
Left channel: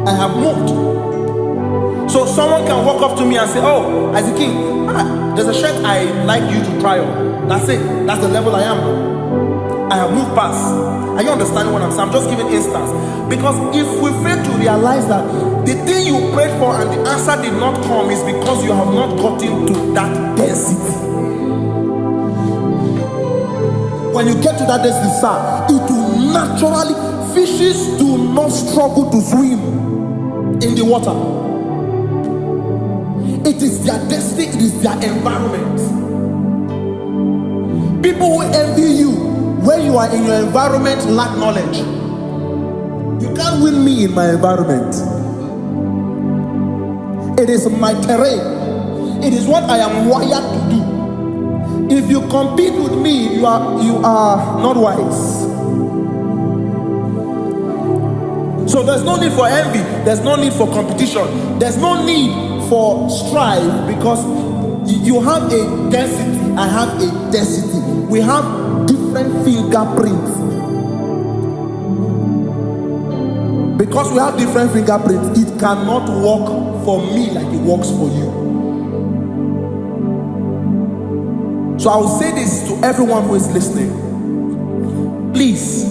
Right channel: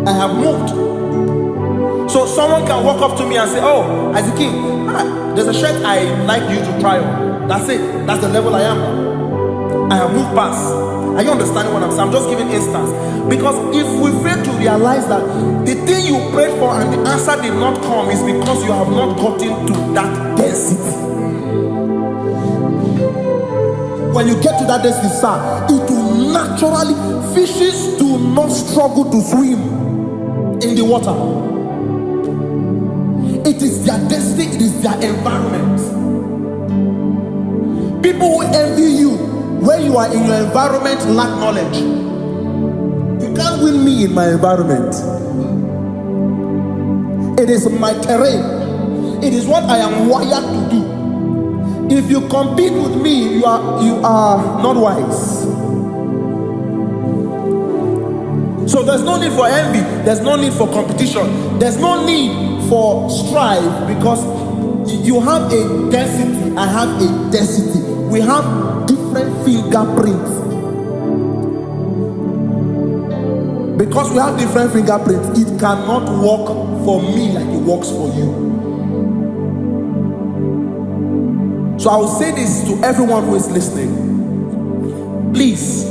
I have moved. So someone can walk up to me and say, oh, Isaac King, there's a shirt I like you to try on. That's it. That's the level I am now. I have moved past. Are you understanding what I'm saying? I'm just giving instance. Because if we fail to realize that the thing you prayed for and the answer did not come is because you have not gotten to that density. When you get to that density, sir, it will naturally, fishes do not struggle to swim in the water. It is their density, it is their environment. People who envy you when you are in your environment lack knowledge. You can't win me in my environment. It is my terrain. It is what I am wired to do. If you compete with me, you are not wise. So there's no need for envy. There's no need for competition. There's no need for strife, because you have a density. I have a density. We have different fingerprints. Because we have different fingerprints, it cannot work for me like it works for you. So I will say this to everyone who is listening. Please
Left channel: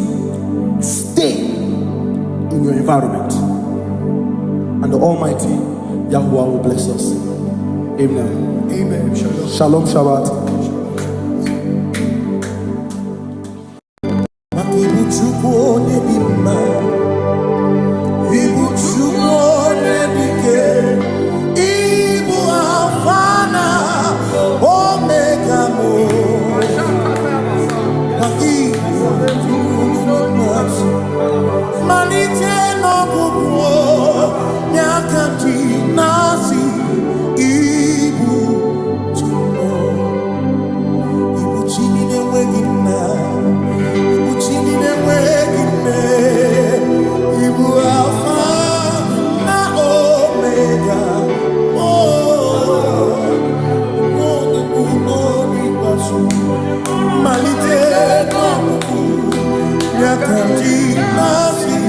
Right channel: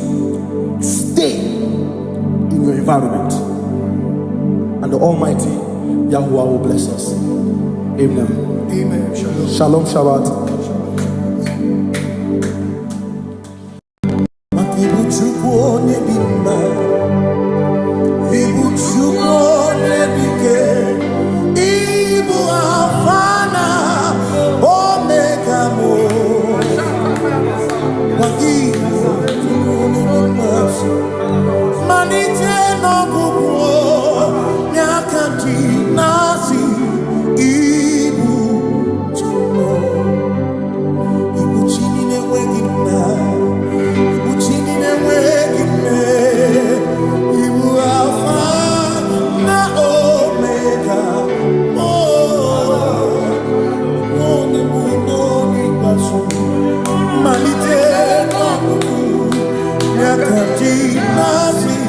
stay in your environment, and the Almighty Yahuwah will bless us. Amen. Amen. Shalom. Shalom Shabbat. Makibuchuko nebima, ibuchuko nebike, ibu afana, omega mo. Makibuchuko nebima, manite no gugu, nyakanti nasi, ibu chuko, ibu chini newegina. Chini newegine, Ibu Alpha na Omega. Oh, no nibu no nibasu, malite no kuku, nyakanti nasi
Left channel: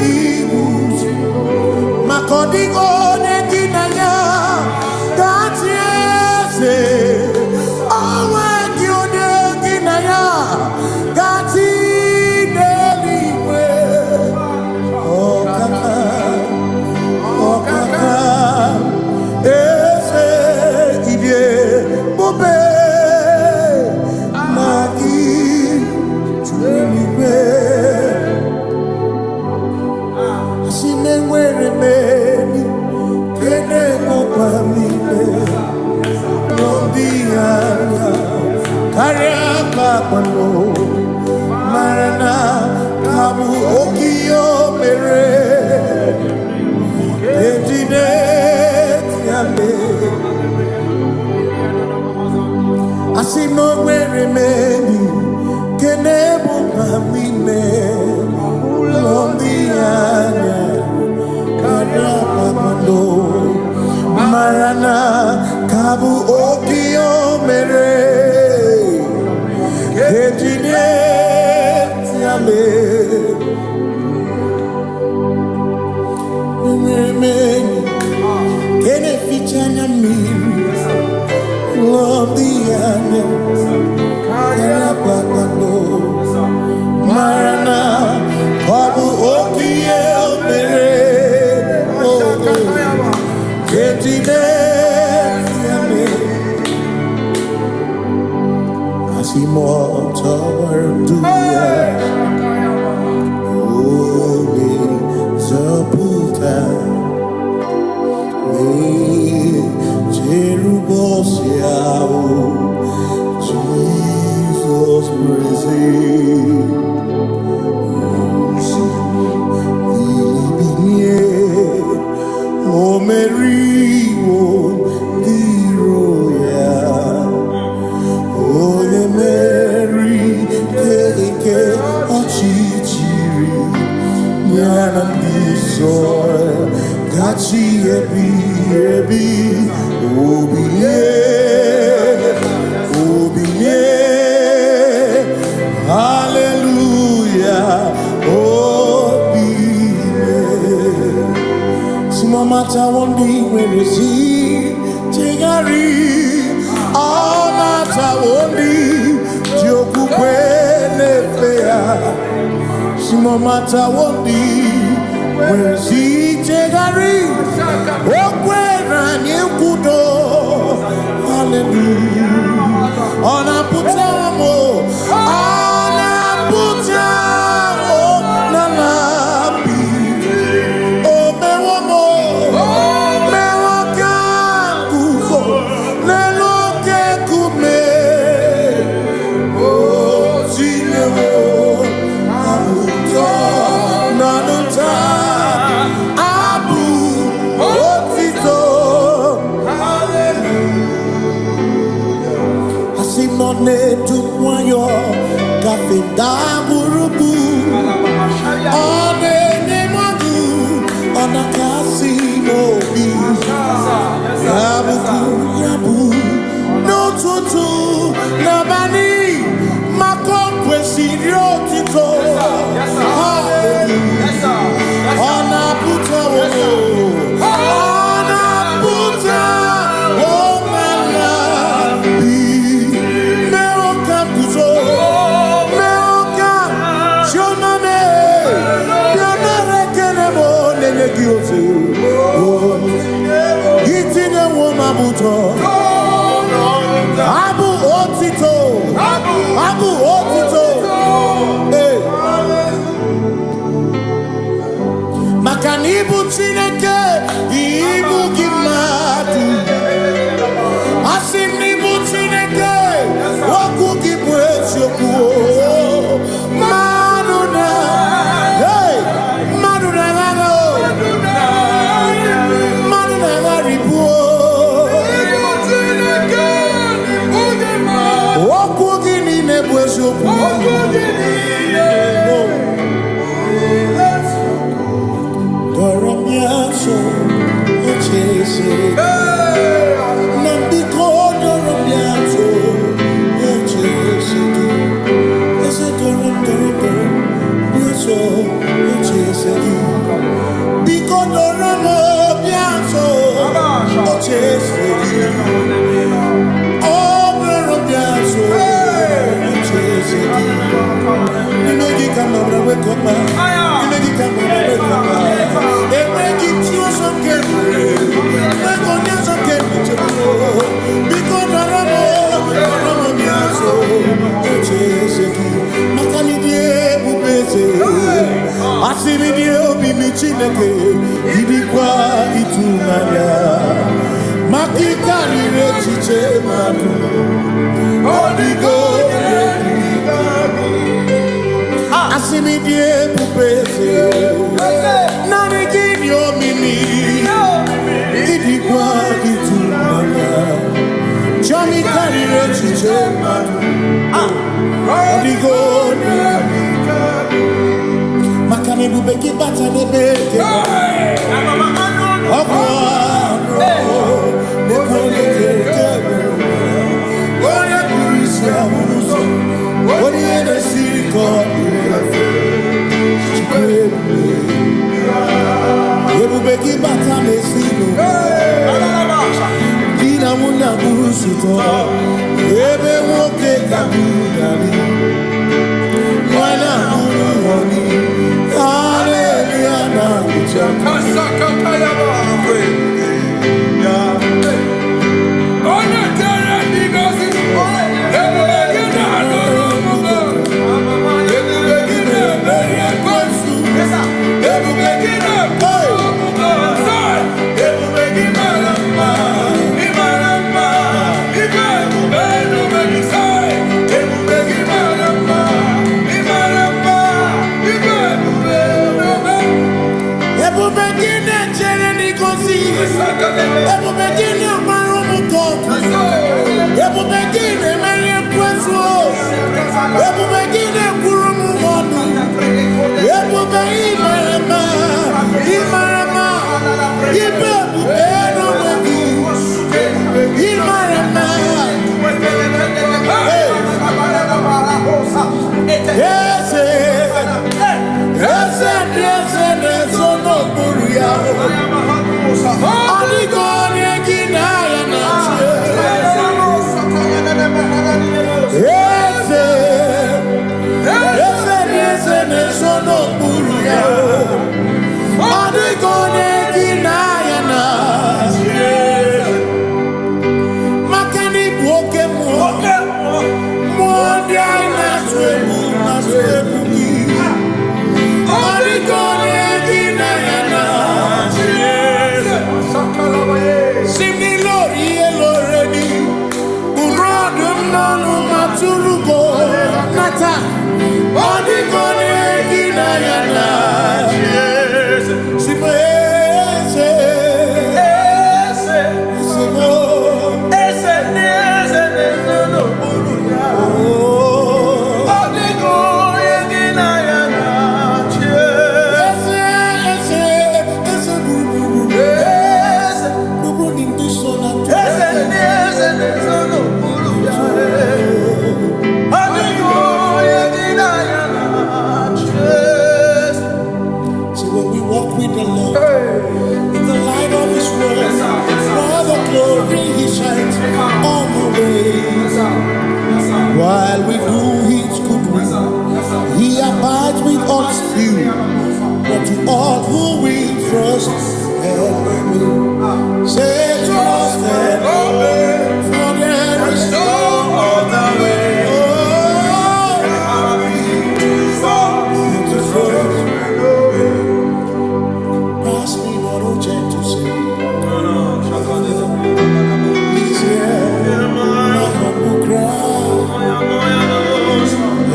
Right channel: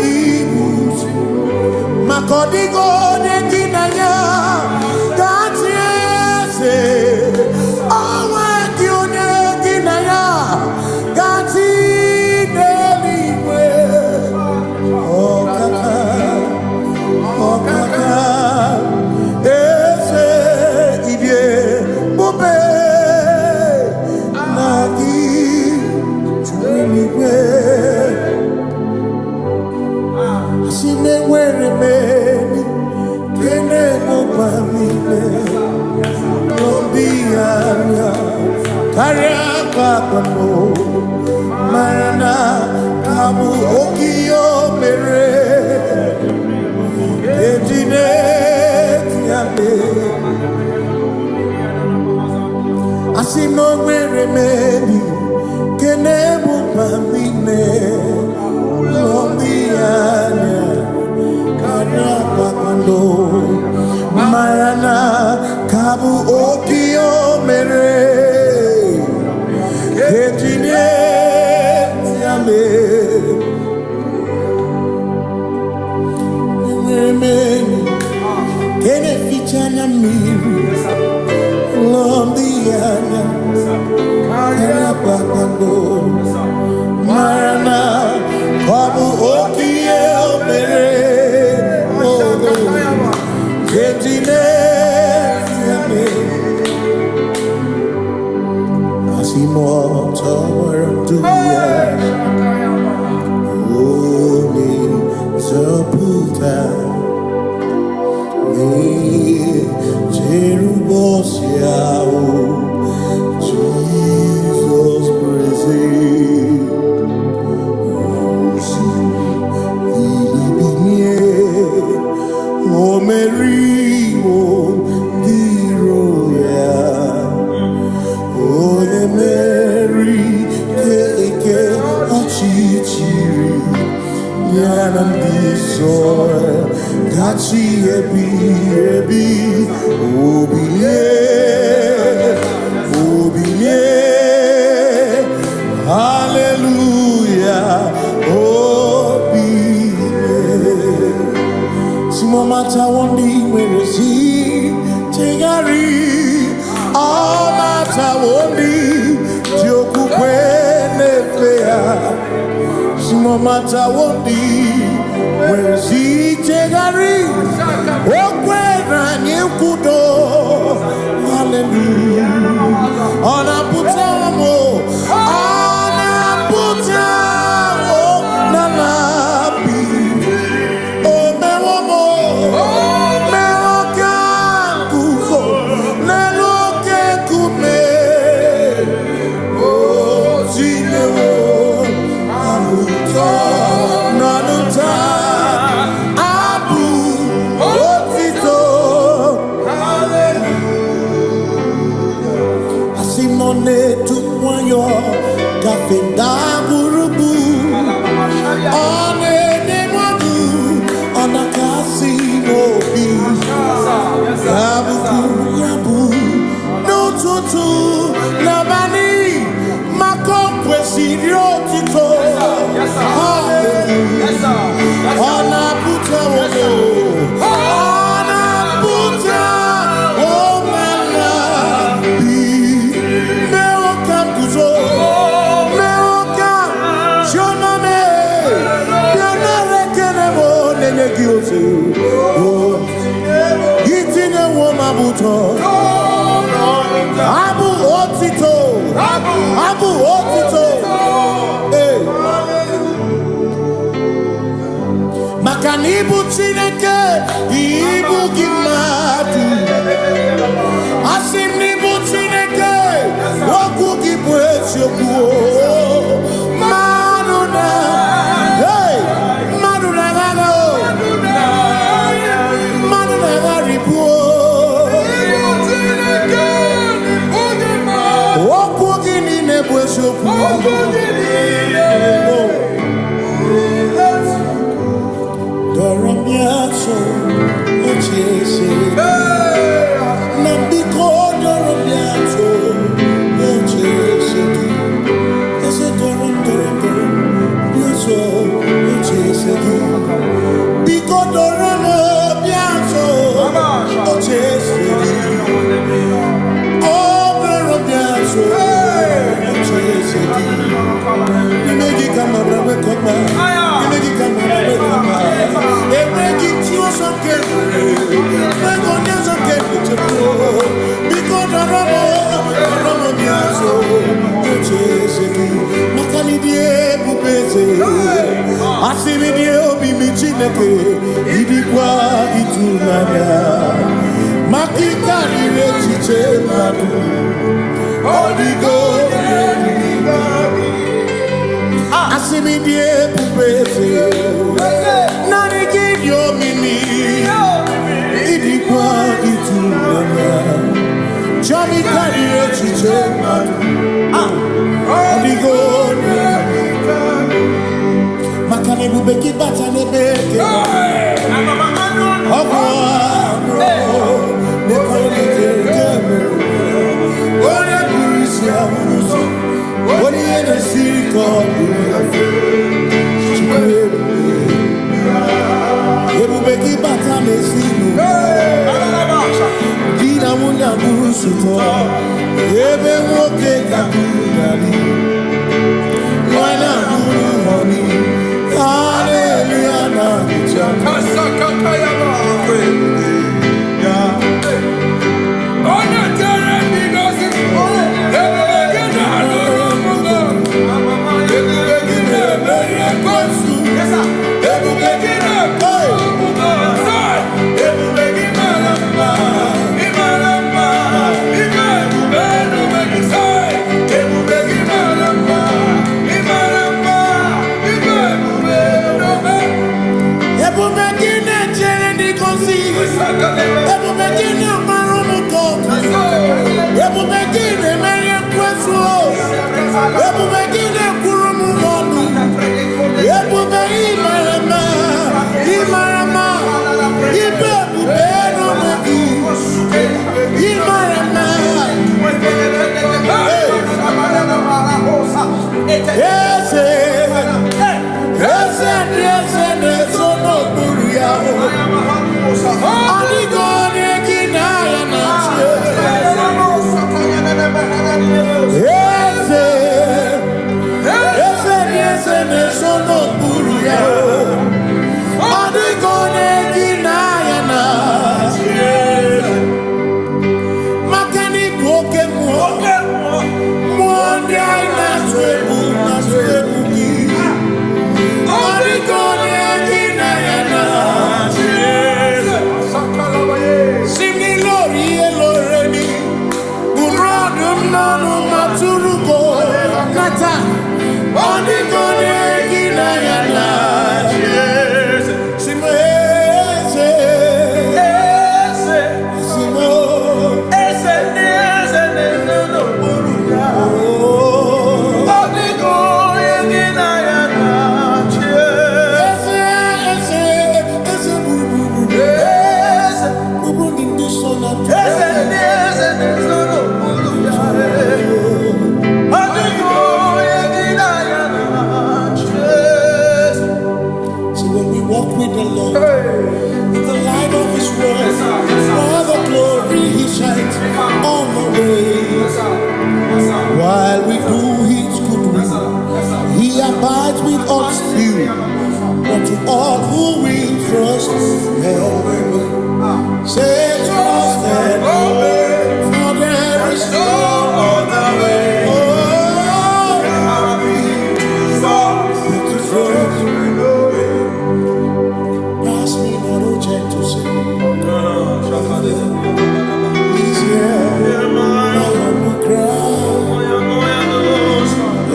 Ibu. Makodigo neginaya, gatiese, awe kione ginaya. Gati deliwe, oh kaka, ese idie bobe nagi tuliwe. Asime were meni kene mopamile, lombianya. Kariaka kwano marana kabu okio mere ejine tiale asino were meni kenebu kamine ulombianya kariaka kwano marana kabu okio mere engineer tiale mweni kene fichana miri lomdiana kaya pakando marana kabu okie mere engineer tiale Asimo tawaranduya Oni zaputa Me jerubosiao Jesus praise Osimu lilibinye O meriwo diroya Oye Mary, keke achichiri, yanandi soy, gachi ebi, obiye, hallelujah, obiye. Simomata wondi weresi tegari amata wondi joku kwene fea Simomata wondi weresi tegari okwena nyekudo hallelujah ona putamo nalabi Simone tumwayo kafenda burubu one nemadu ona kasimobi yabu no tutu nabani makompwe siriotito hallelujah ona puta wono ona puta Gitine woma buto Abu otito Hey Makanibu chineke Ibu kimatu Asim nibu chineke Waku kibwesyoku Maduna Hey Maduna Doramiaso ochese Nambiko doramiaso ochese Ese doram biaso ochese Biko doramiaso ochese So you make it come up, wake up, you make it come up, wake up. They make it you some carefully. Make on you some carefully. Because the Ramo Biaso, the Cheseki, Macanidie, Bubese, Asimidio, Bimichineke, Idikwa, Itunaya, Makikari, Rechiche, Madu. Odigo, Asimidie pupese, Nani kidio mimi, Idikwa itunanga, Chami karire chiche matu, Odigo, Makane bubeki bata nebeke, Ogwa, Nekone kebe. What you in the city called Ebubeki batame sino Dina munya busuto Ebe woke kabunali Wana honey Hallelujah na kuchama Kasaka kayaba Walk with the Lord in the light of His word. For the glory He shines on the way. While we do His good will, He abides with us still. But to all who will trust and obey, say trust and obey, for there is no other way. Oh, to trust. To say, He's here, my humble cry,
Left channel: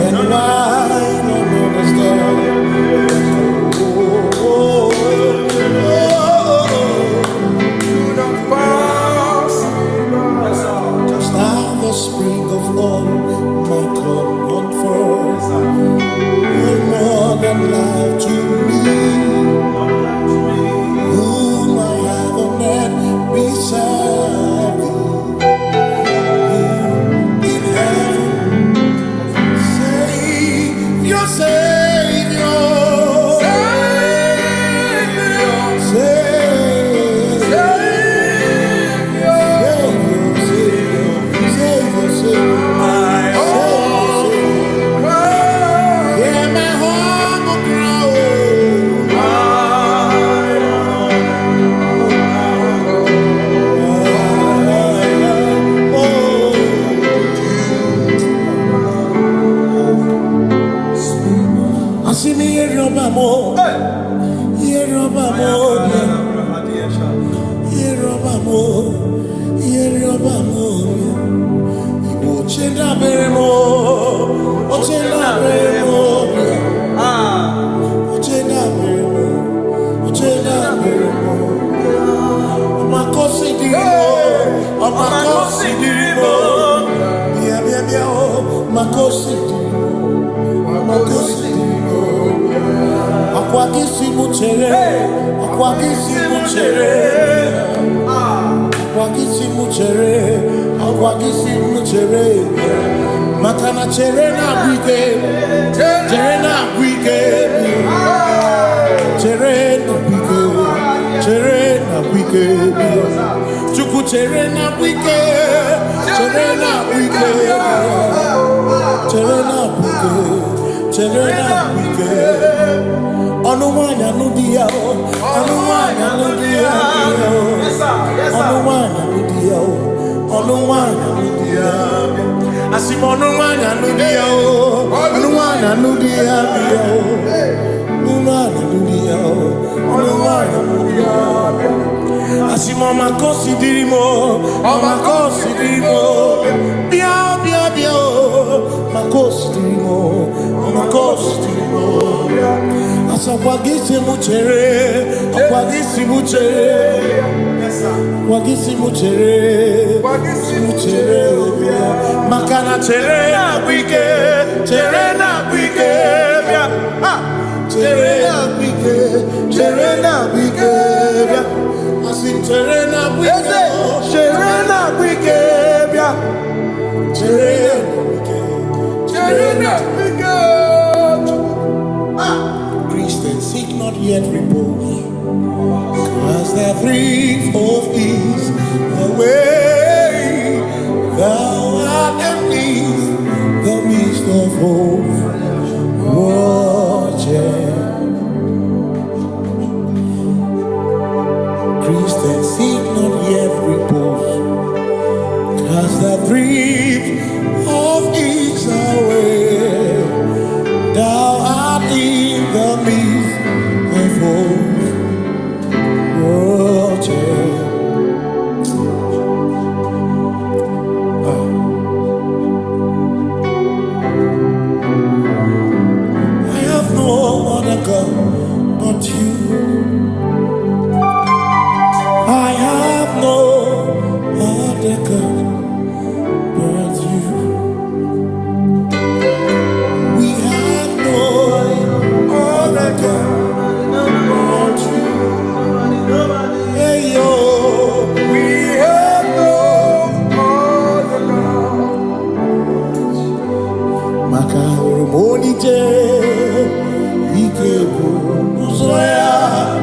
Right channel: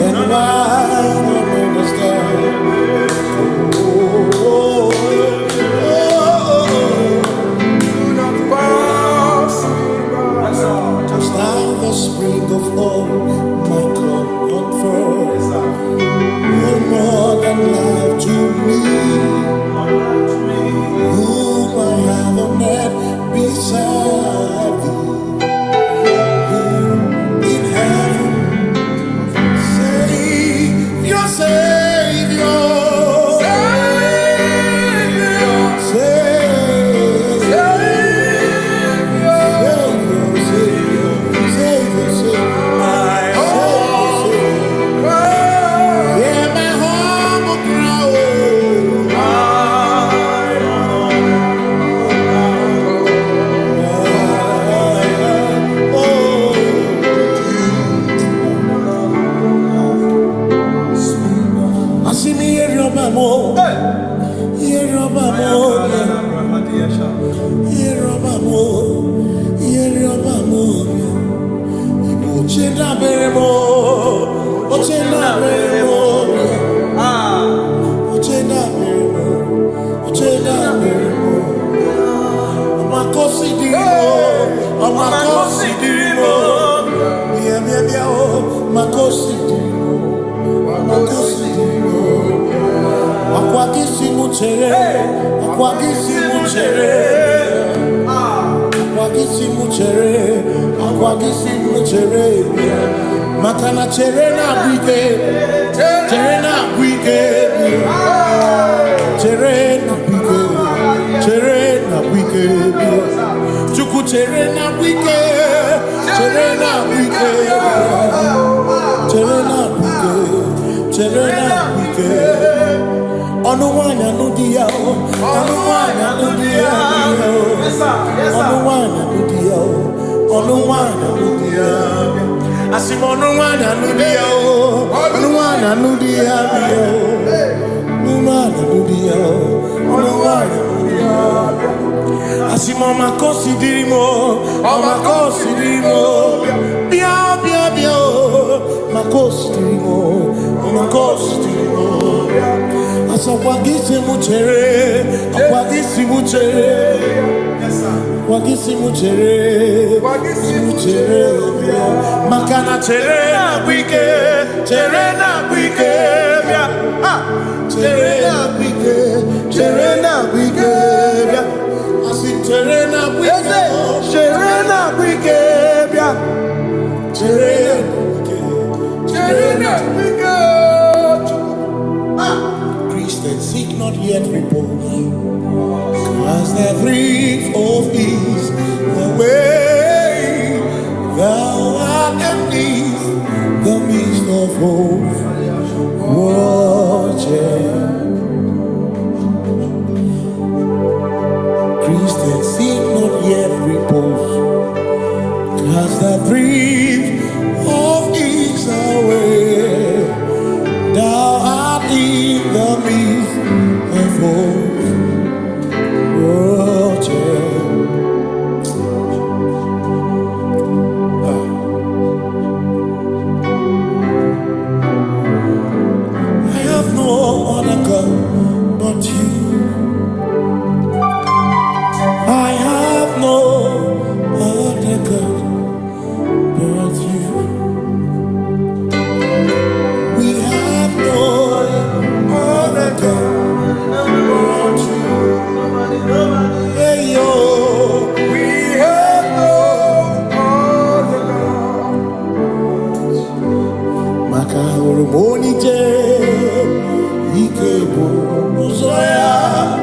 and I don't understand. Do not pass just now the spring of all my cup unfurls. You're more than life to me. Whom I have on earth beside thee, whom in heaven, Savior, Savior, Savior, Savior, Savior, Makana cherena bwike, cherena bwike, cherena bwike, cherena bwike, chuku cherena bwike, cherena bwike, cherena bwike, cherena bwike. Onuwanya nudia, onuwanya nudia, onuwanya nudia, onuwanya nudia. Asim onuwanya nudia, onuwanya nudia, onuwanya nudia, onuwanya nudia. Asim omakosi dirimo, omakosi dirimo, bia bia bia, makosi dirimo, omakosi dirimo. Asakwagisi muchere, akwagisi muchere, akwagisi muchere, muchere. Makana chere na bwike, chere na bwike, chere na bwike, chere na bwike. Asim chere na bwike, chere na bwike, chere na bwike, chere na bwike. Christians, seek not yet repose. as the thief of ease away. Thou art beneath the midst of hope, watching. Christians seek not yet repose, cast the dreams of ease away. Thou art in the midst of hope, watching. I have no other God but you. I have no other God but you. We have no other God but you. Hey yo, We have no other God. Maka hormoni je ike bu uzoya.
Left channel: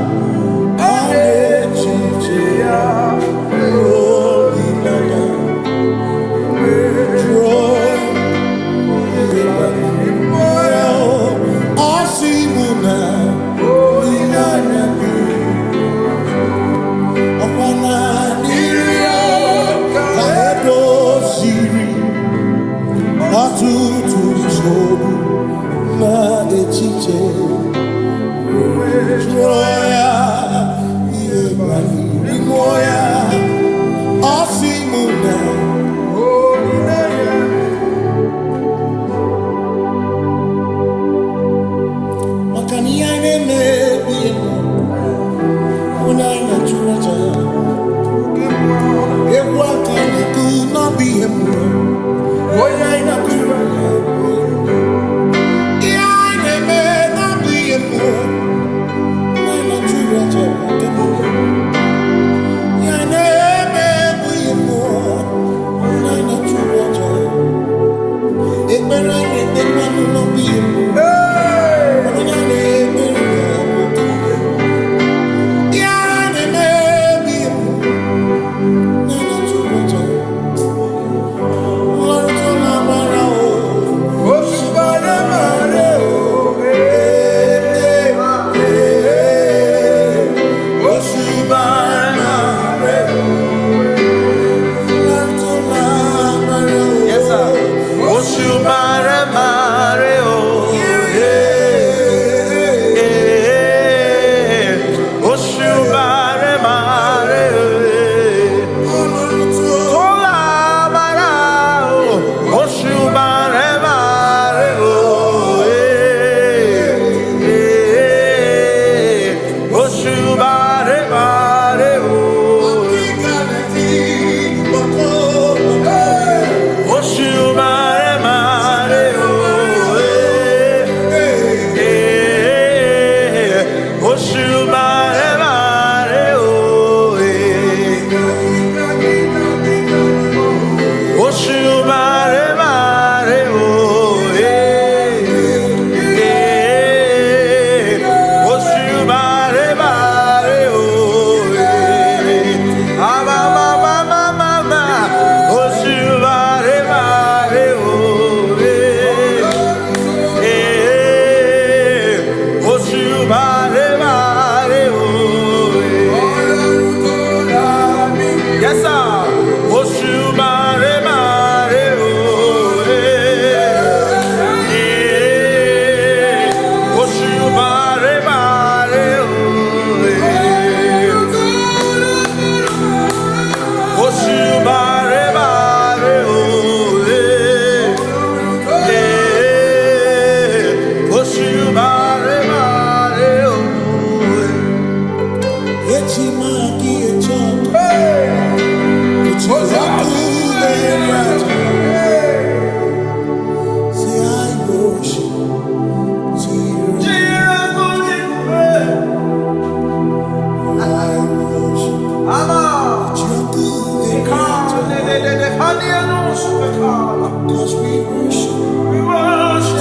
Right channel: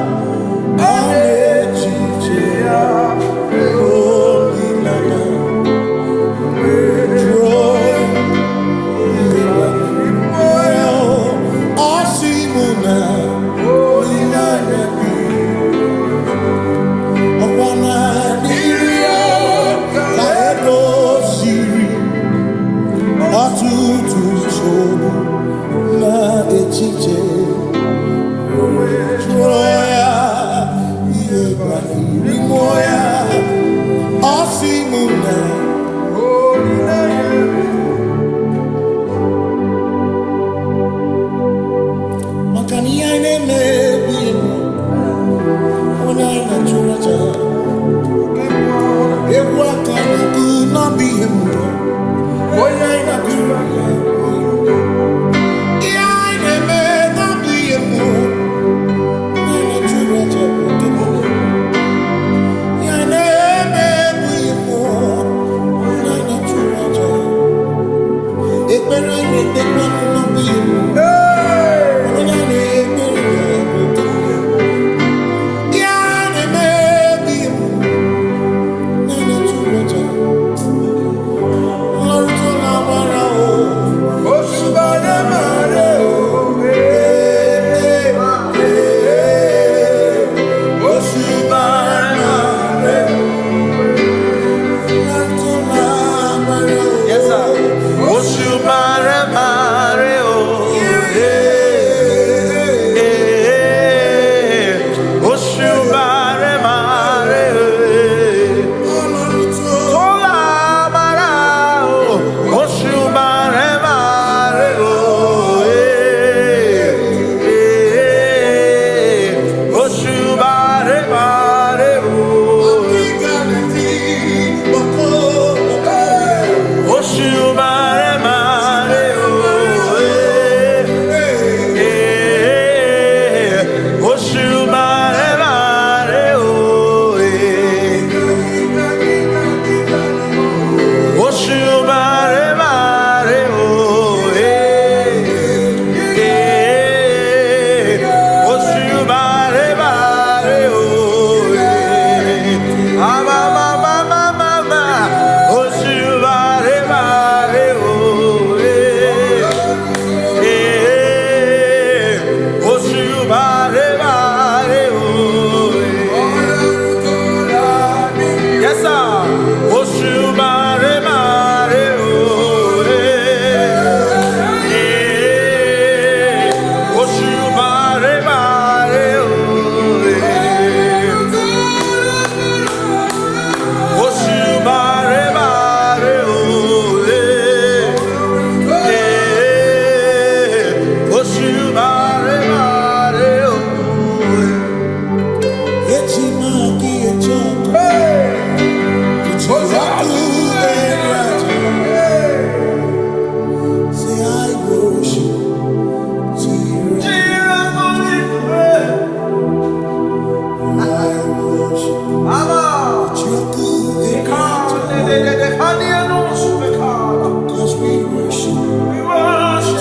Cause we worship. We worship.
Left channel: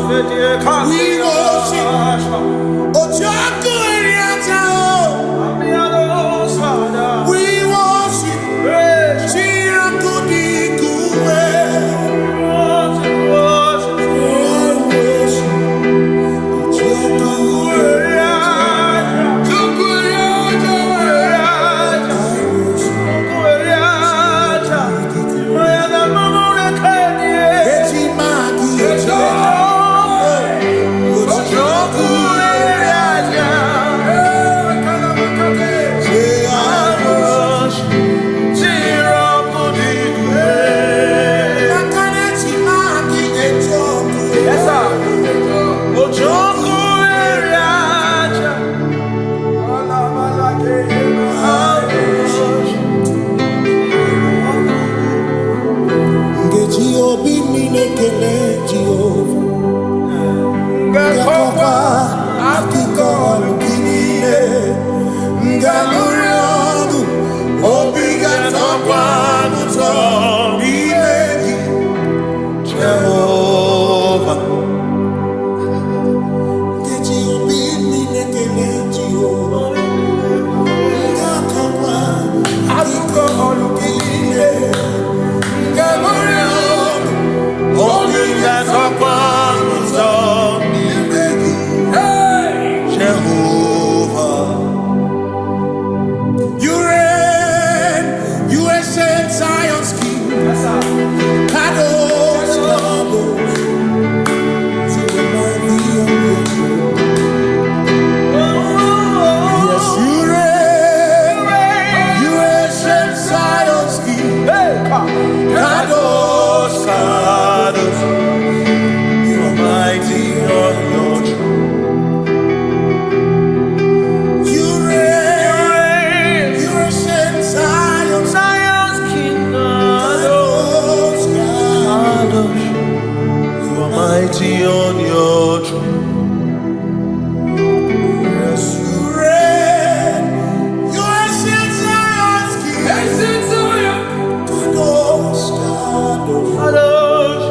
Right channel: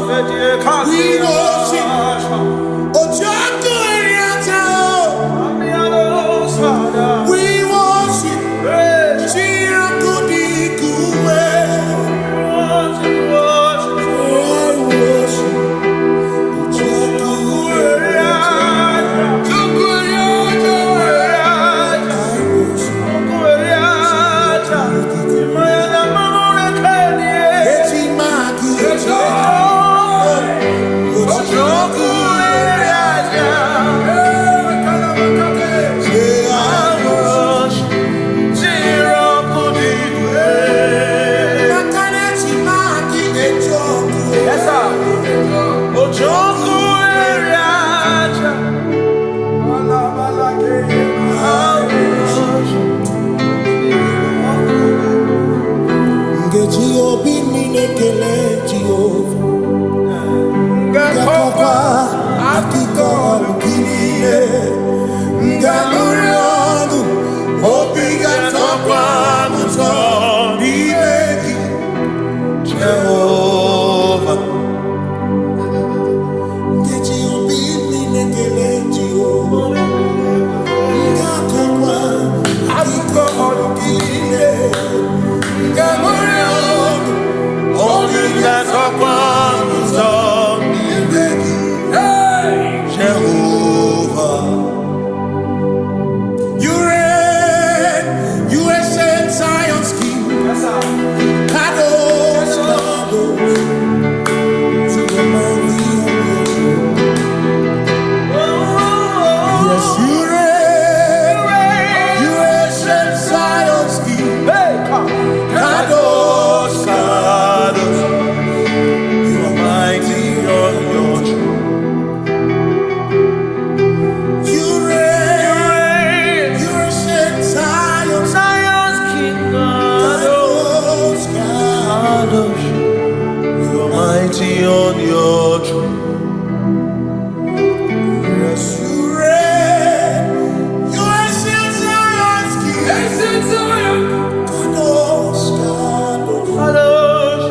We worship. Ojaku Eriata. We worship. Chiraku Dikuwe. I worship. Ojaku Eriata. I worship. Obi ninekele Jehovah Ngakokwa akiko olukile Ngamurionu Obi gatokwa muto Nimegi Jehovah Ngeji obi ninekele Jehovah Ngakokwa akiko olukile Ngamurionu Only that upon Jehovah. You reign, you ancient Zion's King. Kadosh, Kadosh, to the mighty on your throne. Yes, you reign, you ancient Zion's King. Kadosh, Kadosh, you are mighty on your throne. You reign, you ancient Zion's King. Kadosh, Kadosh, you are mighty on your throne. Yes, you reign, you ancient Zion's King. Ancient Zion. Kadosh, Kadosh,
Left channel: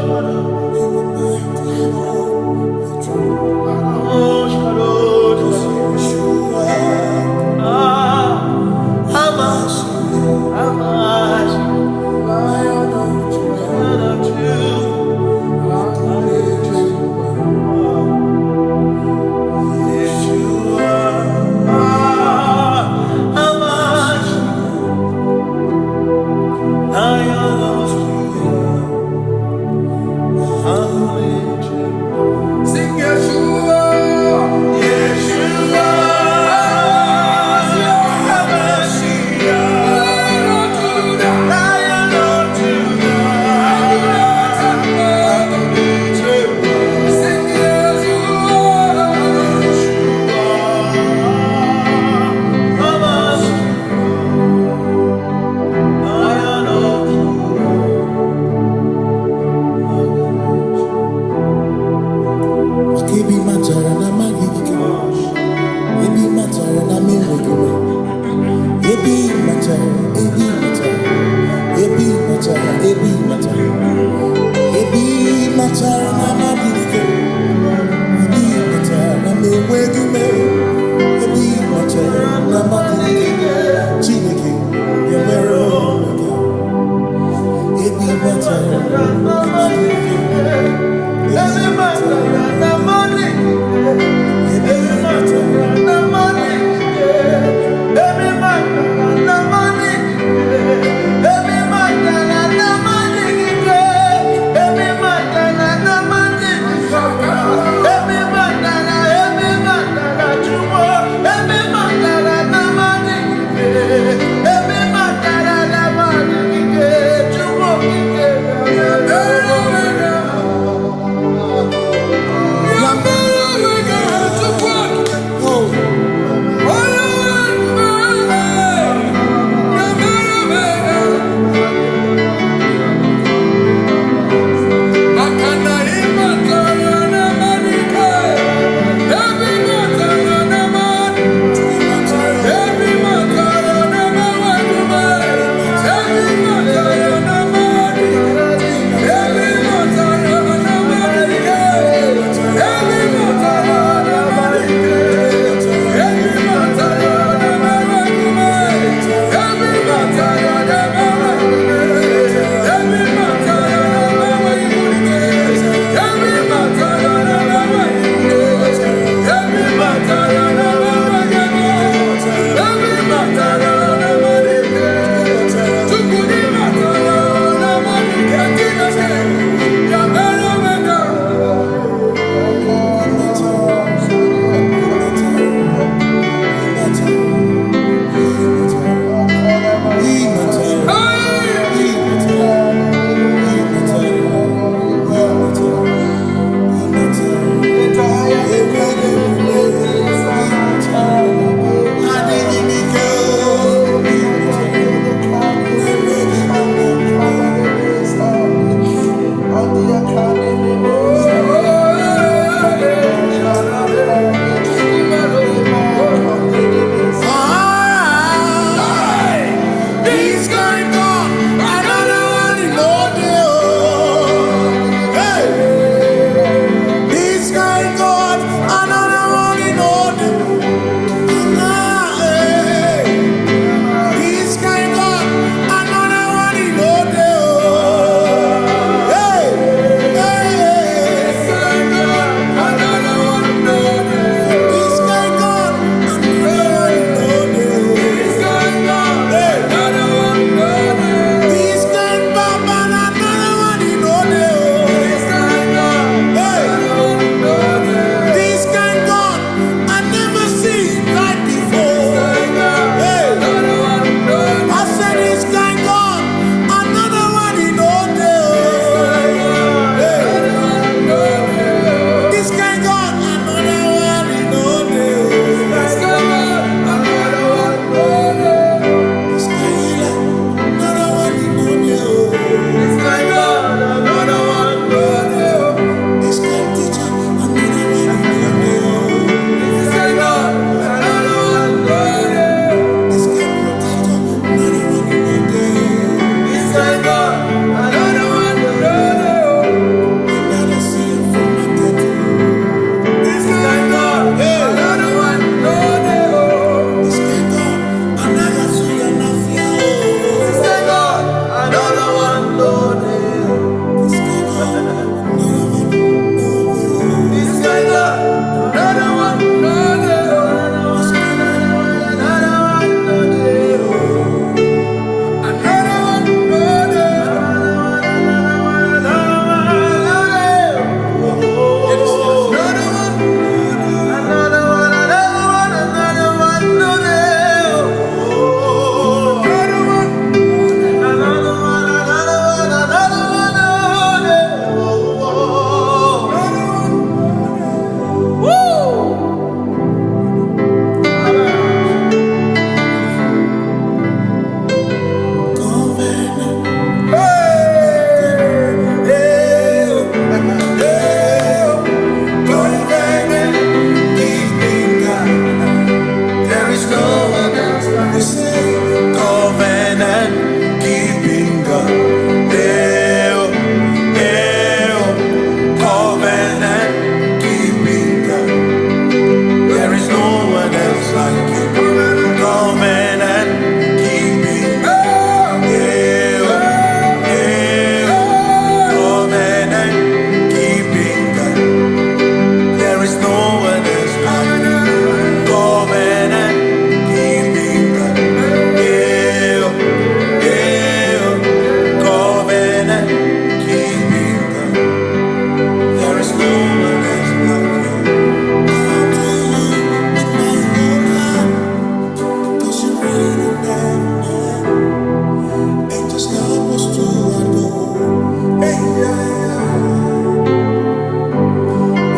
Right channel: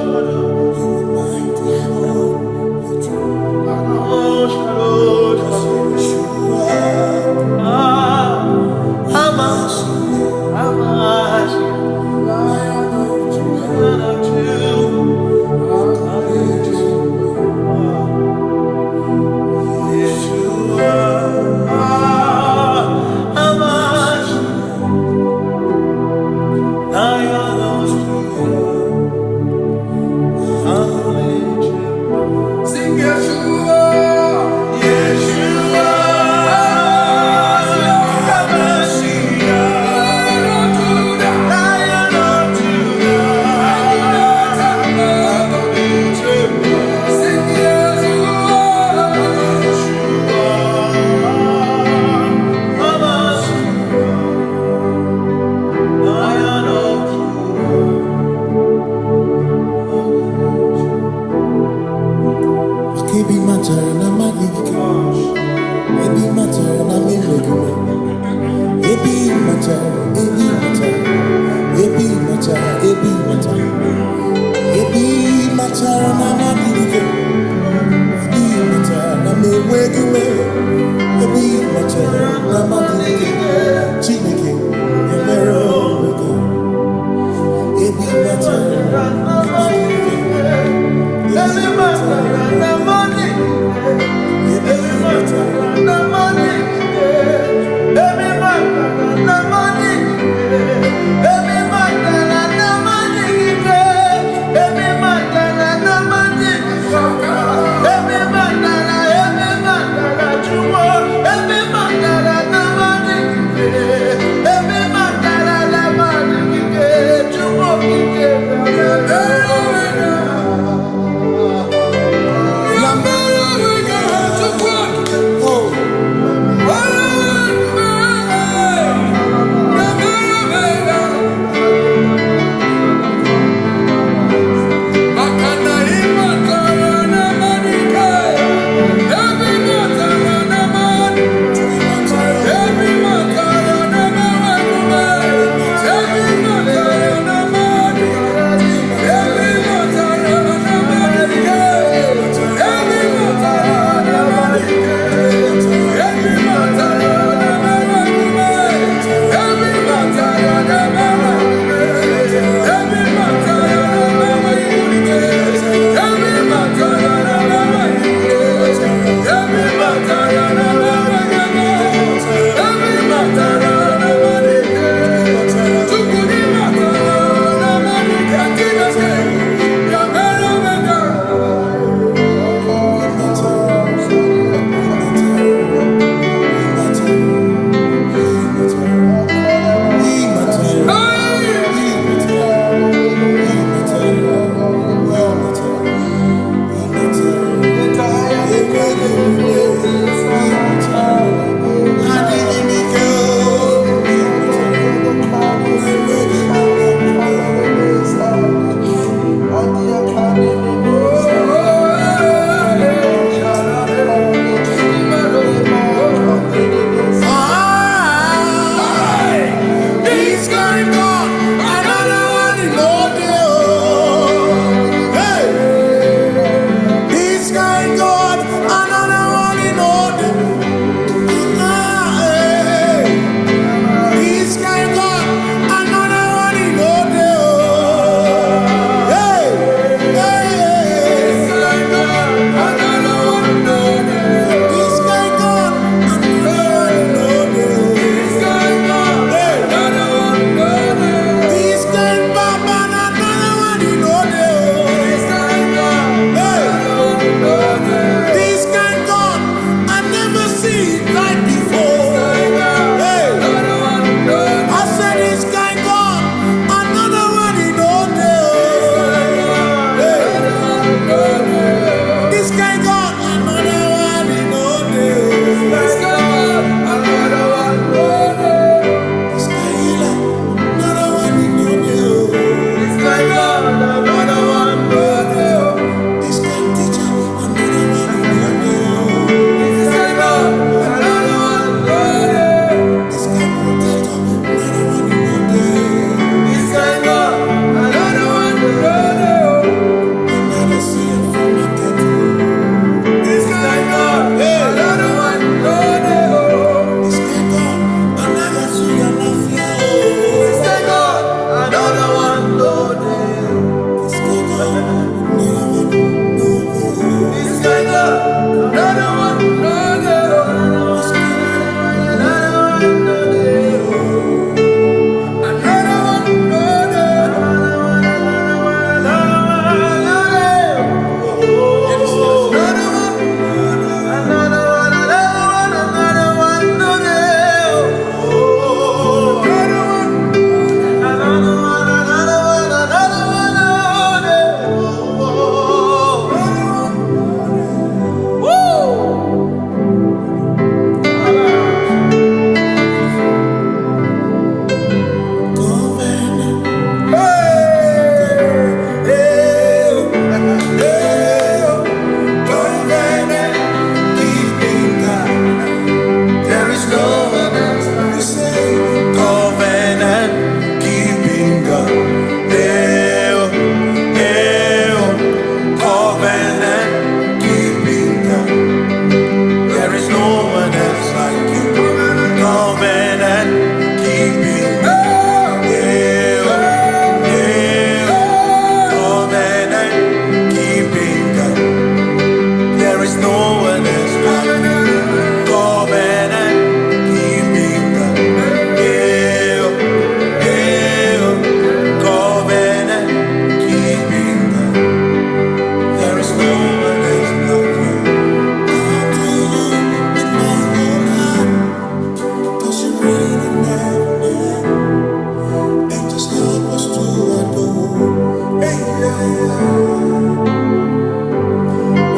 Kadosh, you are mighty on your throne. Kadosh, Kadosh, Yeshua, Hamashiach, Lion of Judah, Yeshua, Hamashiach, Lion of Judah, sing Yeshua, Yeshua, Hamashiach, Lion of Judah, sing Yeshua, Hamashiach, Lion of Judah. Kebi matara na magigike, ebi matara na menwegume, ebi matara, ebi matara, ebi matara, ebi matara, ebi matara na magigike, ebi matara na menwegume, ebi matara na magigike, Chineke emero mega, ebi matara na magigike. Every matara na money, every matara na money, every matara na money, every matara na money, every matara na money, every matara jumo, every matara na money, every matara na money, jumo like you. Covenant keeping God. Covenant keeping God. There is no one else like you. Covenant keeping God. Covenant keeping God. There is no one else like you. Come to you with my whole heart, 'cause you reign in heaven, and just help us to adore. Hey,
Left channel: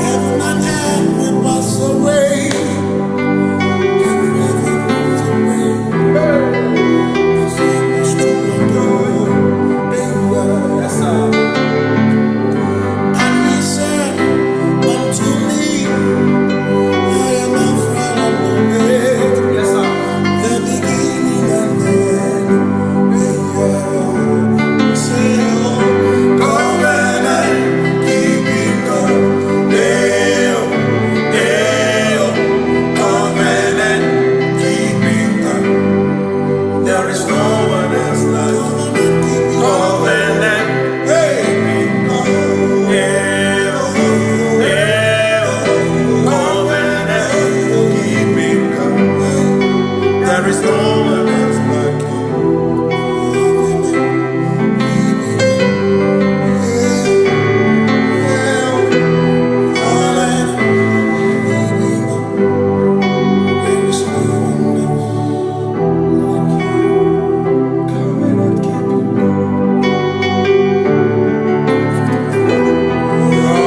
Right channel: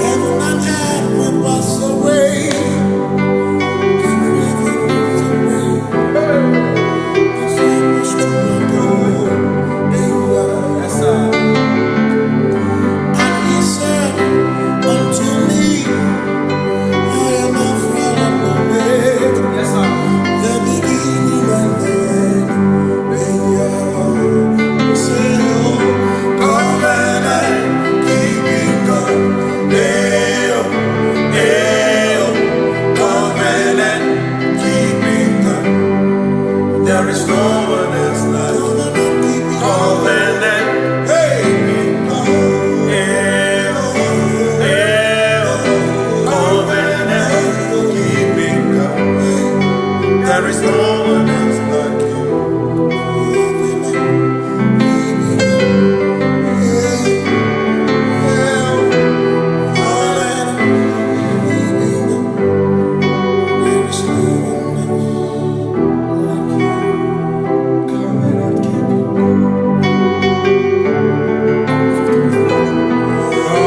heaven and earth will pass away. Forever pass away. Just help us to adore. Hey, yes, sir. And he said unto me, I am Alpha and Omega. Yes, sir. The beginning and the end. You say, oh, covenant keeping God. Covenant keeping God. There is no one else like you. Covenant keeping God. Covenant keeping God. There is no one else like you.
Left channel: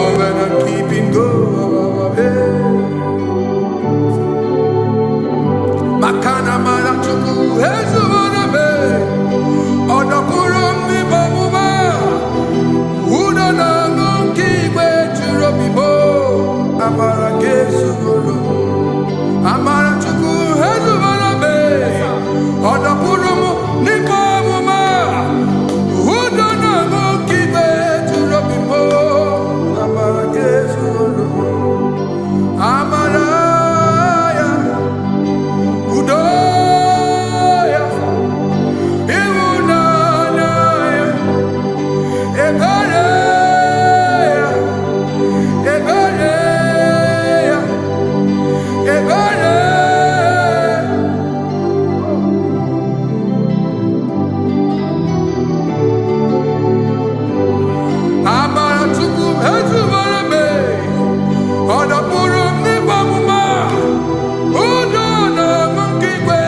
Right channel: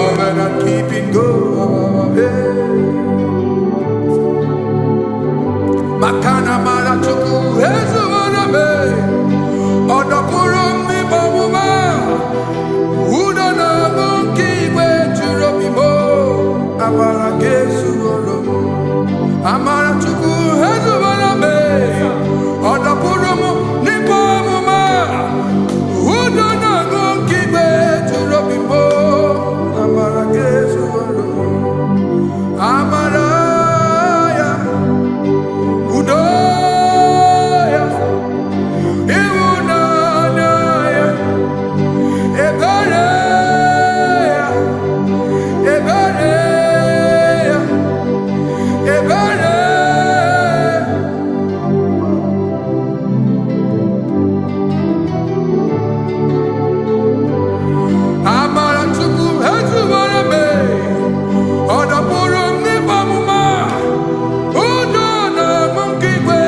Covenant keeping go. Makana mara chuku hezu waname. Odapurum ni bamuma. Uda na ngunki kwe churobimo. Amara kesu gorum. Amara chuku hezu waname. Odapurum ni bamuma. Uda na ngunki kwe churobimo. Amara kesu gorum. Amaraya. Udoya, Iwunanaya, Ebereya, Ebereya, Ebereya. Amara chuku hezu warame, Odapurum ni bamuma. Udo na monkey kwe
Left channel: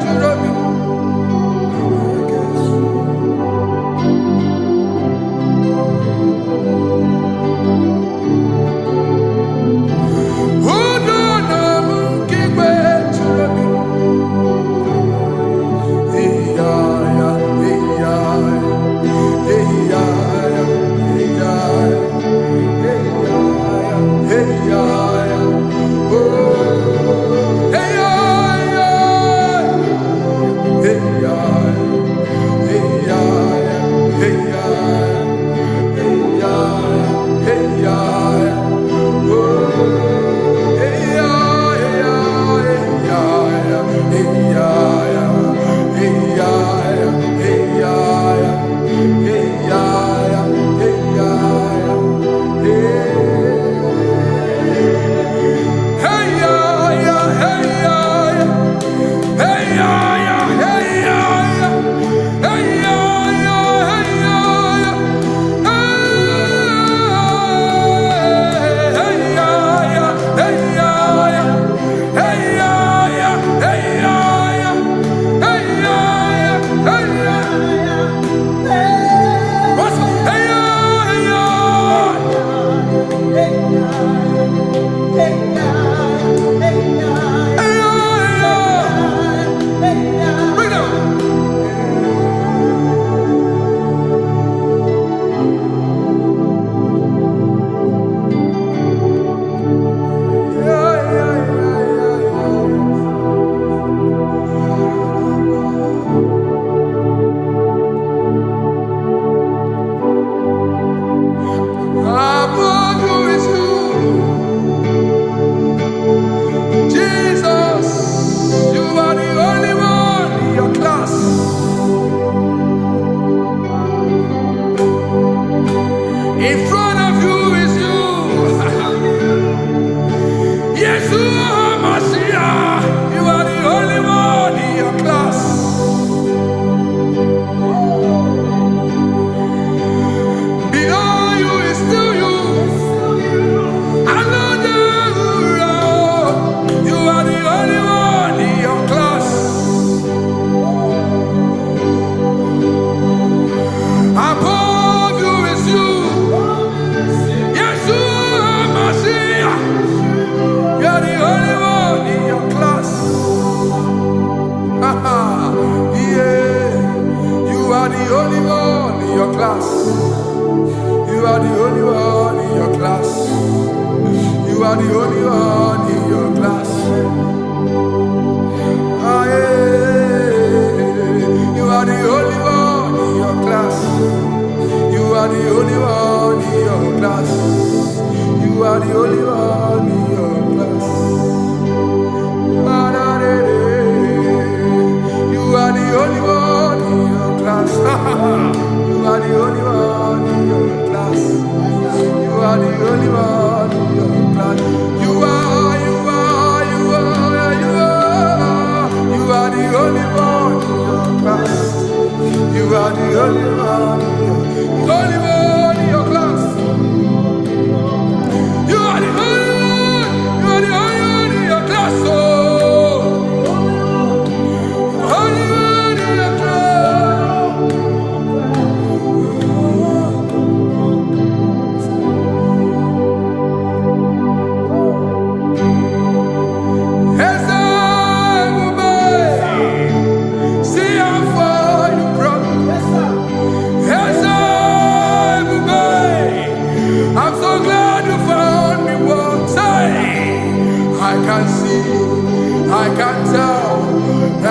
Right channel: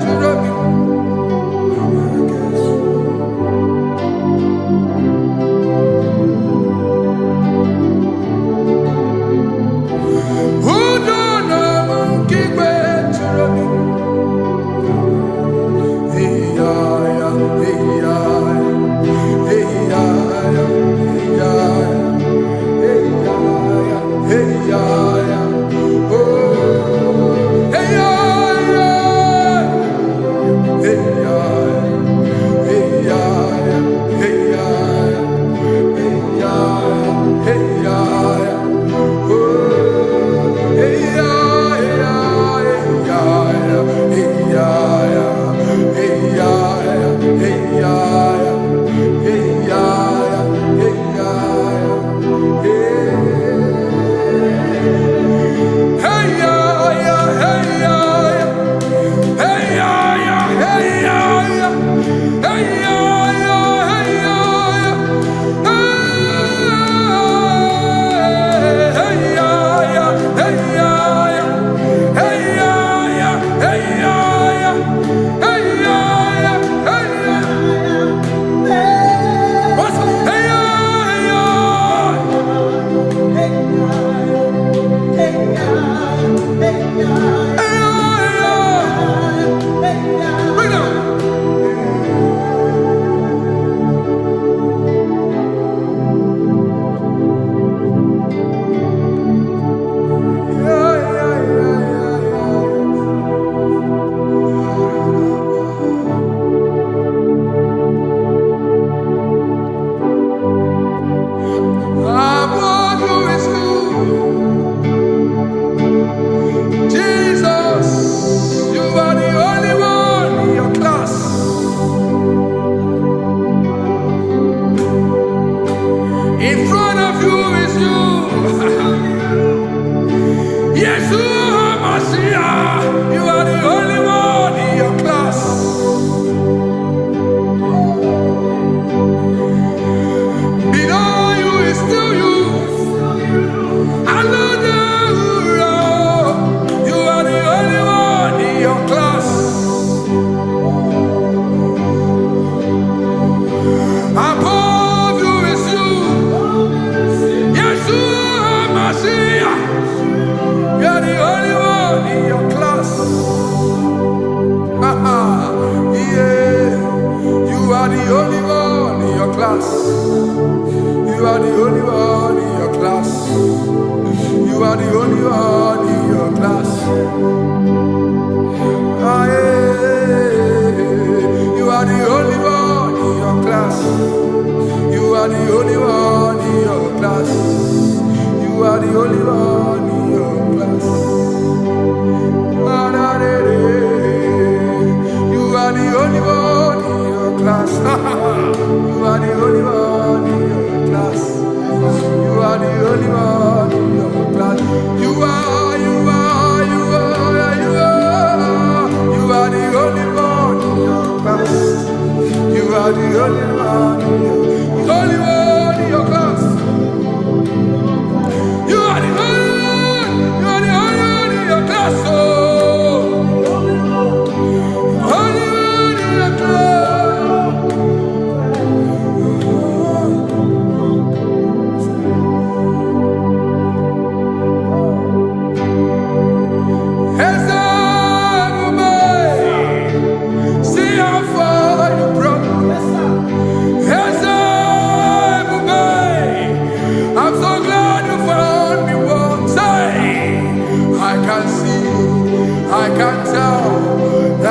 churobi. Udo na monkey kwe churobi. Hey ya ya, hey ya ya, hey ya ya, hey ya ya, hey ya ya, hey ya ya. Oh. Hey ya ya, hey ya hey ya hey ya hey ya hey ya oh hey ya hey ya hey ya hey ya hey ya hey ya hey ya Yeshua Mashiach, you are the only one in your class. Below you is still you. You are the only one in your class. Above you is you. Yeshua Mashiach. You are the only one in your class. Yeah. You are the only one in your class. You are the only one in your class. You are the only one in your class. Ah, yeah. You are the only one in your class. You are the only one in your class. You are the only one in your class. Ah, da, da, da. You are the only one in your class. You are the only one in your class. You are the only one in your class. You are the only one in your class. You are the only one in your class. You are the only one in your class. Oh, only one in your class. I'm so glad you found me once. I can see, I can tell,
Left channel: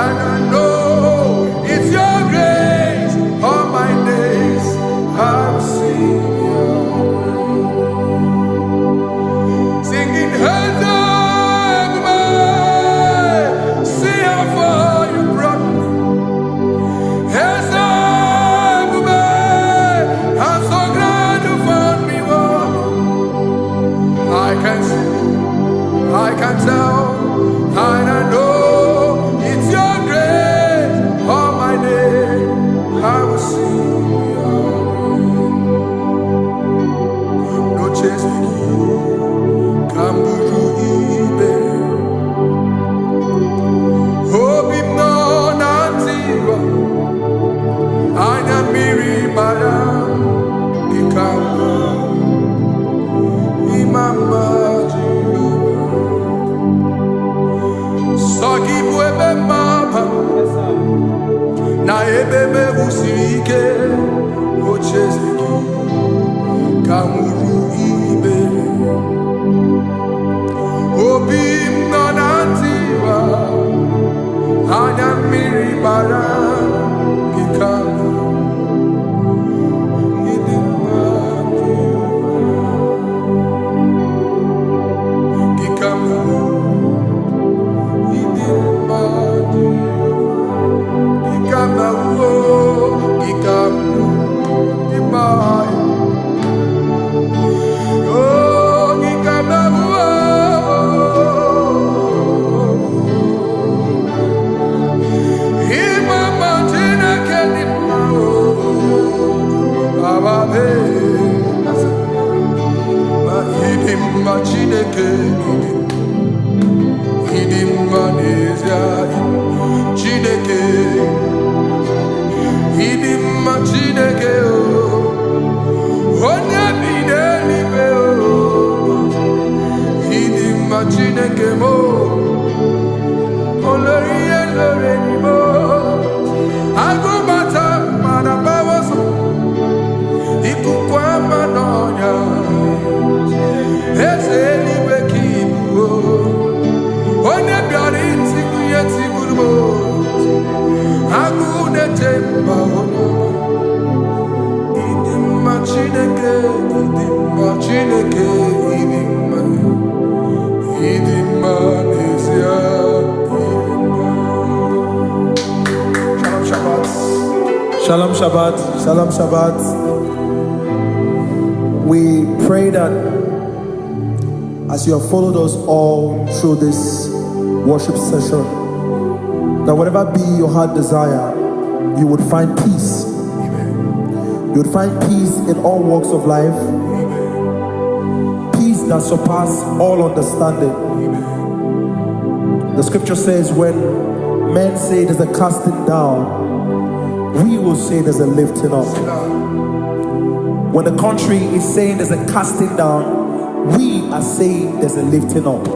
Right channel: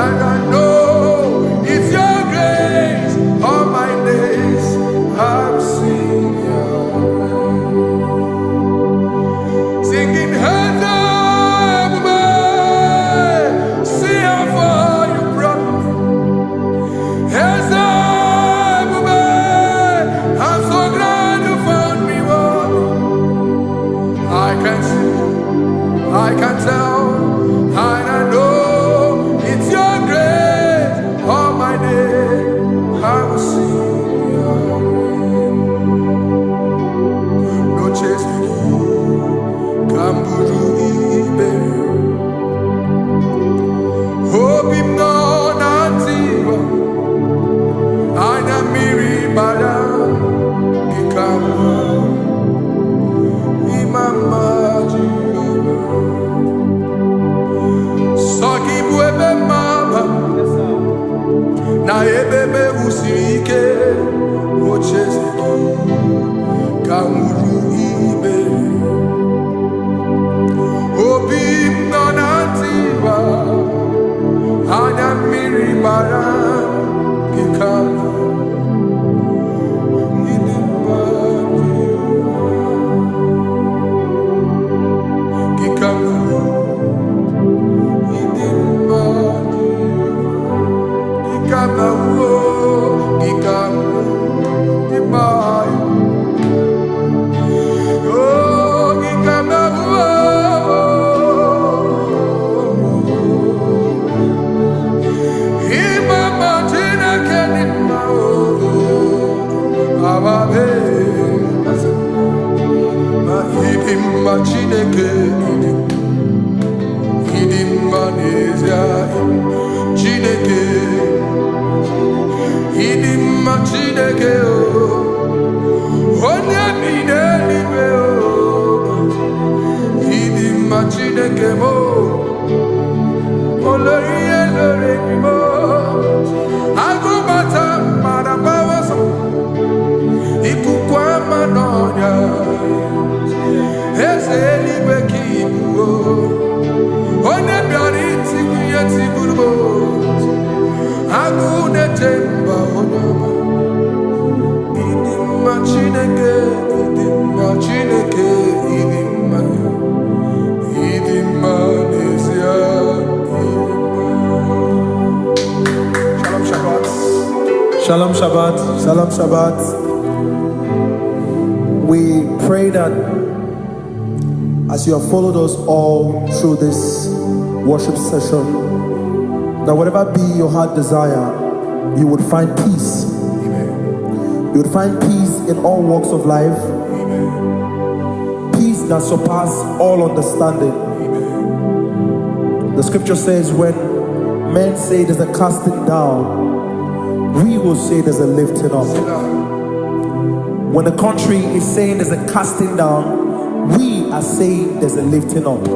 and I know it's your grace. All my days I will sing your grace. Singing hands up, see how far you brought me. Hands up, I'm so glad you found me. I can see, I can tell, and I know it's your grace. All my day I will sing your grace. No chase again, Kamburu Iberi. Hope him no nantiwa, Anya Miri Baram, Ikamba. Mama Jehovah, Saki buebe mapa, na ebebe usirike, ochezeki, kamuru ibere, obim nanantiwa, anya miri baram, kikama. Chineke idim manezia Chineke idim Chineke o onye bi n'eluigwe o idim Chineke mo olori elore ni mo agụbata mmadụ agbawoso ikuku ama n'ọnya eze eluigwe ka ibu onye bịara itigbu ihe tigburu m agụ na-eche mba onye ọma ịdị mma Chineke ịdị mma Chineke ịdị mma n'ezie ịdị mma. Shalom Shabbat. Shalom Shabbat. Shalom Shabbat. We pray that as you have followed us all through this worship session, that whatever be your heart desire, you would find peace. Amen. You would find peace in all walks of life. Amen. Peace that surpasses all understanding. Amen. The scripture says, when men say there's a casting down, we will say there's a lifting up. When the country is saying there's a casting down, we are saying there's a lifting up.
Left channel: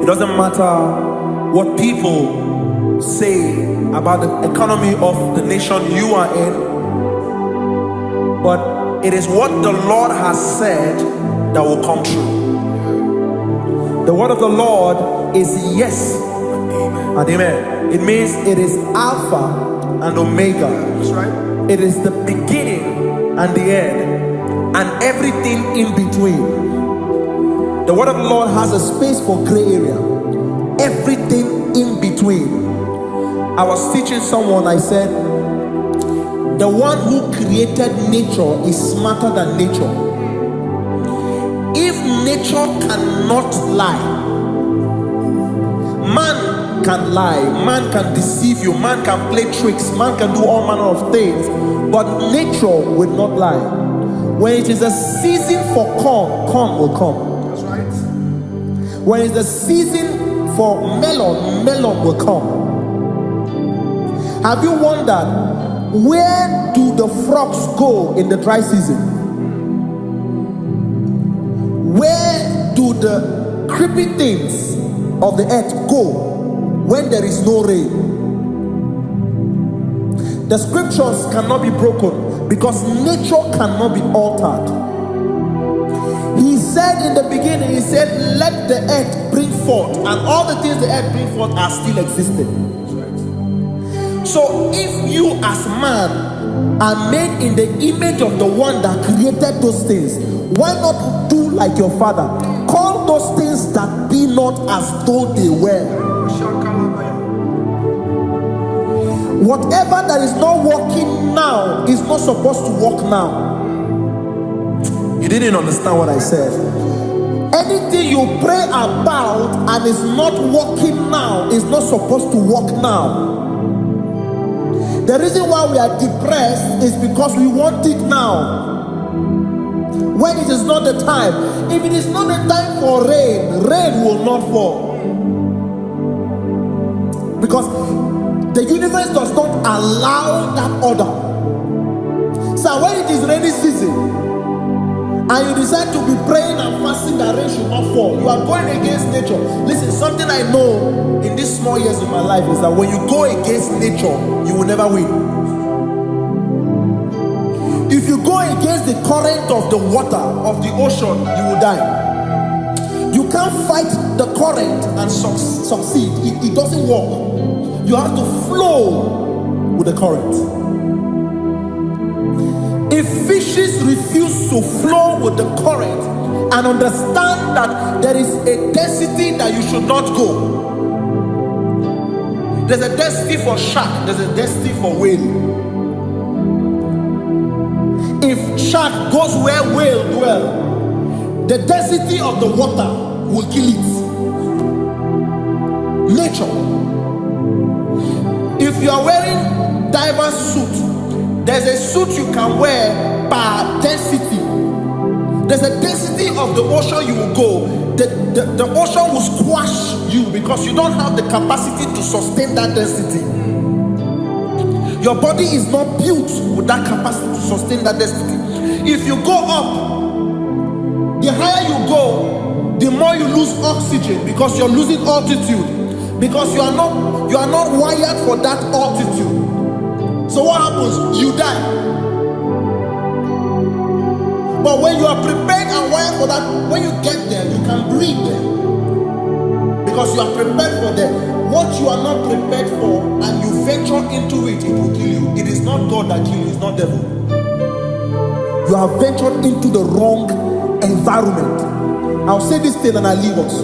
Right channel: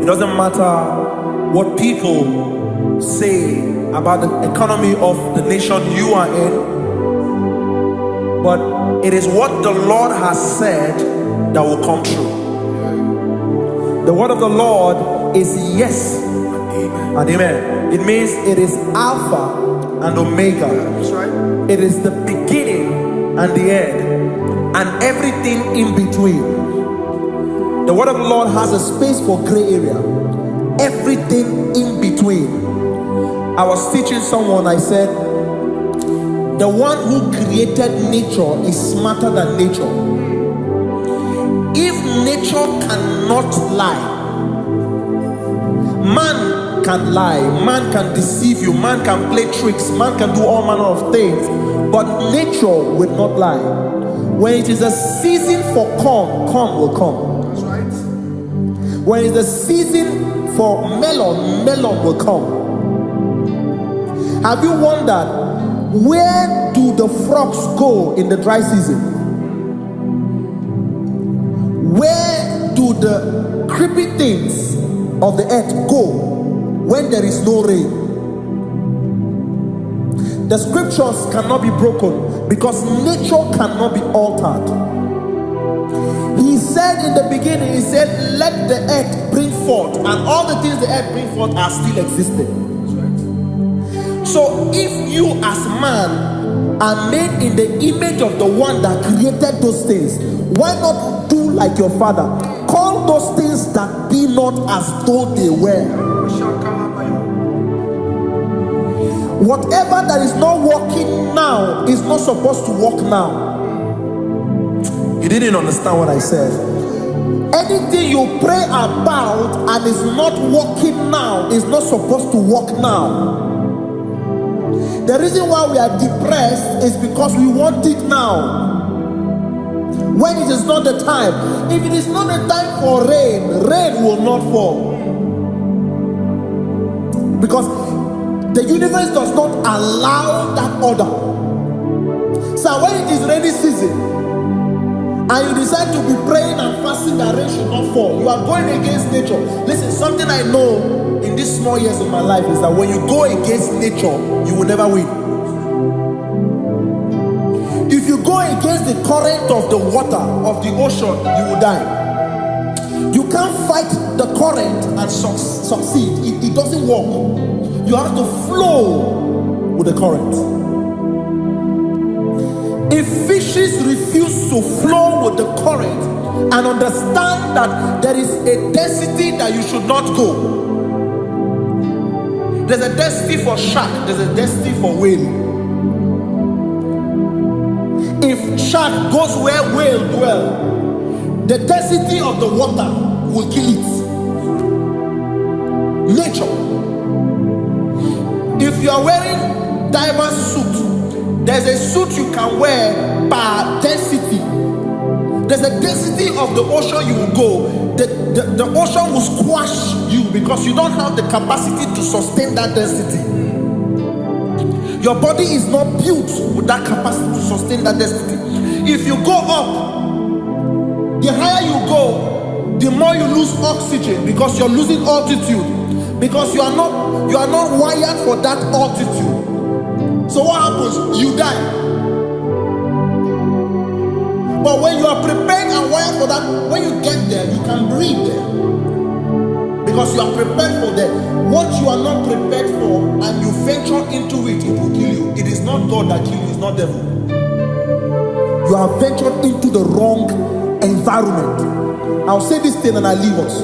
It doesn't matter what people say about the economy of the nation you are in, but it is what the Lord has said that will come true. The word of the Lord is yes and amen. It means it is Alpha and Omega. That's right. It is the beginning and the end, and everything in between. The word of the Lord has a space for gray area. Everything in between. I was teaching someone, I said, the one who created nature is smarter than nature. If nature cannot lie, man can lie, man can deceive you, man can play tricks, man can do all manner of things, but nature will not lie. When it is a season for corn, corn will come. That's right. When it's a season for melon, melon will come. Have you wondered, where do the frogs go in the dry season? Where do the creepy things of the earth go when there is no rain? The scriptures cannot be broken because nature cannot be altered. He said in the beginning, he said, let the earth bring forth, and all the things the earth bring forth are still existing. That's right. So if you as man are made in the image of the one that created those things, why not do like your father? Call those things that be not as though they were. Whatever that is not working now is not supposed to work now. You didn't understand what I said. Anything you pray about and is not working now is not supposed to work now. The reason why we are depressed is because we want it now, when it is not the time. If it is not the time for rain, rain will not fall, because the universe does not allow that order. So when it is rainy season and you decide to be praying and fasting that rain should not fall, you are going against nature. Listen, something I know in these small years of my life is that when you go against nature, you will never win. If you go against the current of the water of the ocean, you will die. You can't fight the current and succeed. It doesn't work. You have to flow with the current. If fishes refuse to flow with the current and understand that there is a density that you should not go, there's a density for shark, there's a density for whale. If shark goes where whale dwell, the density of the water will kill it. Nature. If you are wearing diverse suit, there's a suit you can wear per density. There's a density of the ocean you will go. The ocean will squash you because you don't have the capacity to sustain that density. Your body is not built with that capacity to sustain that density. If you go up, the higher you go, the more you lose oxygen because you're losing altitude, because you are not wired for that altitude. So what happens? You die. But when you are prepared and wired for that, when you get there, you can breathe there, because you are prepared for that. What you are not prepared for and you venture into it, it will kill you. It is not God that kills you, it's not devil. You have ventured into the wrong environment. I'll say this thing and I leave us.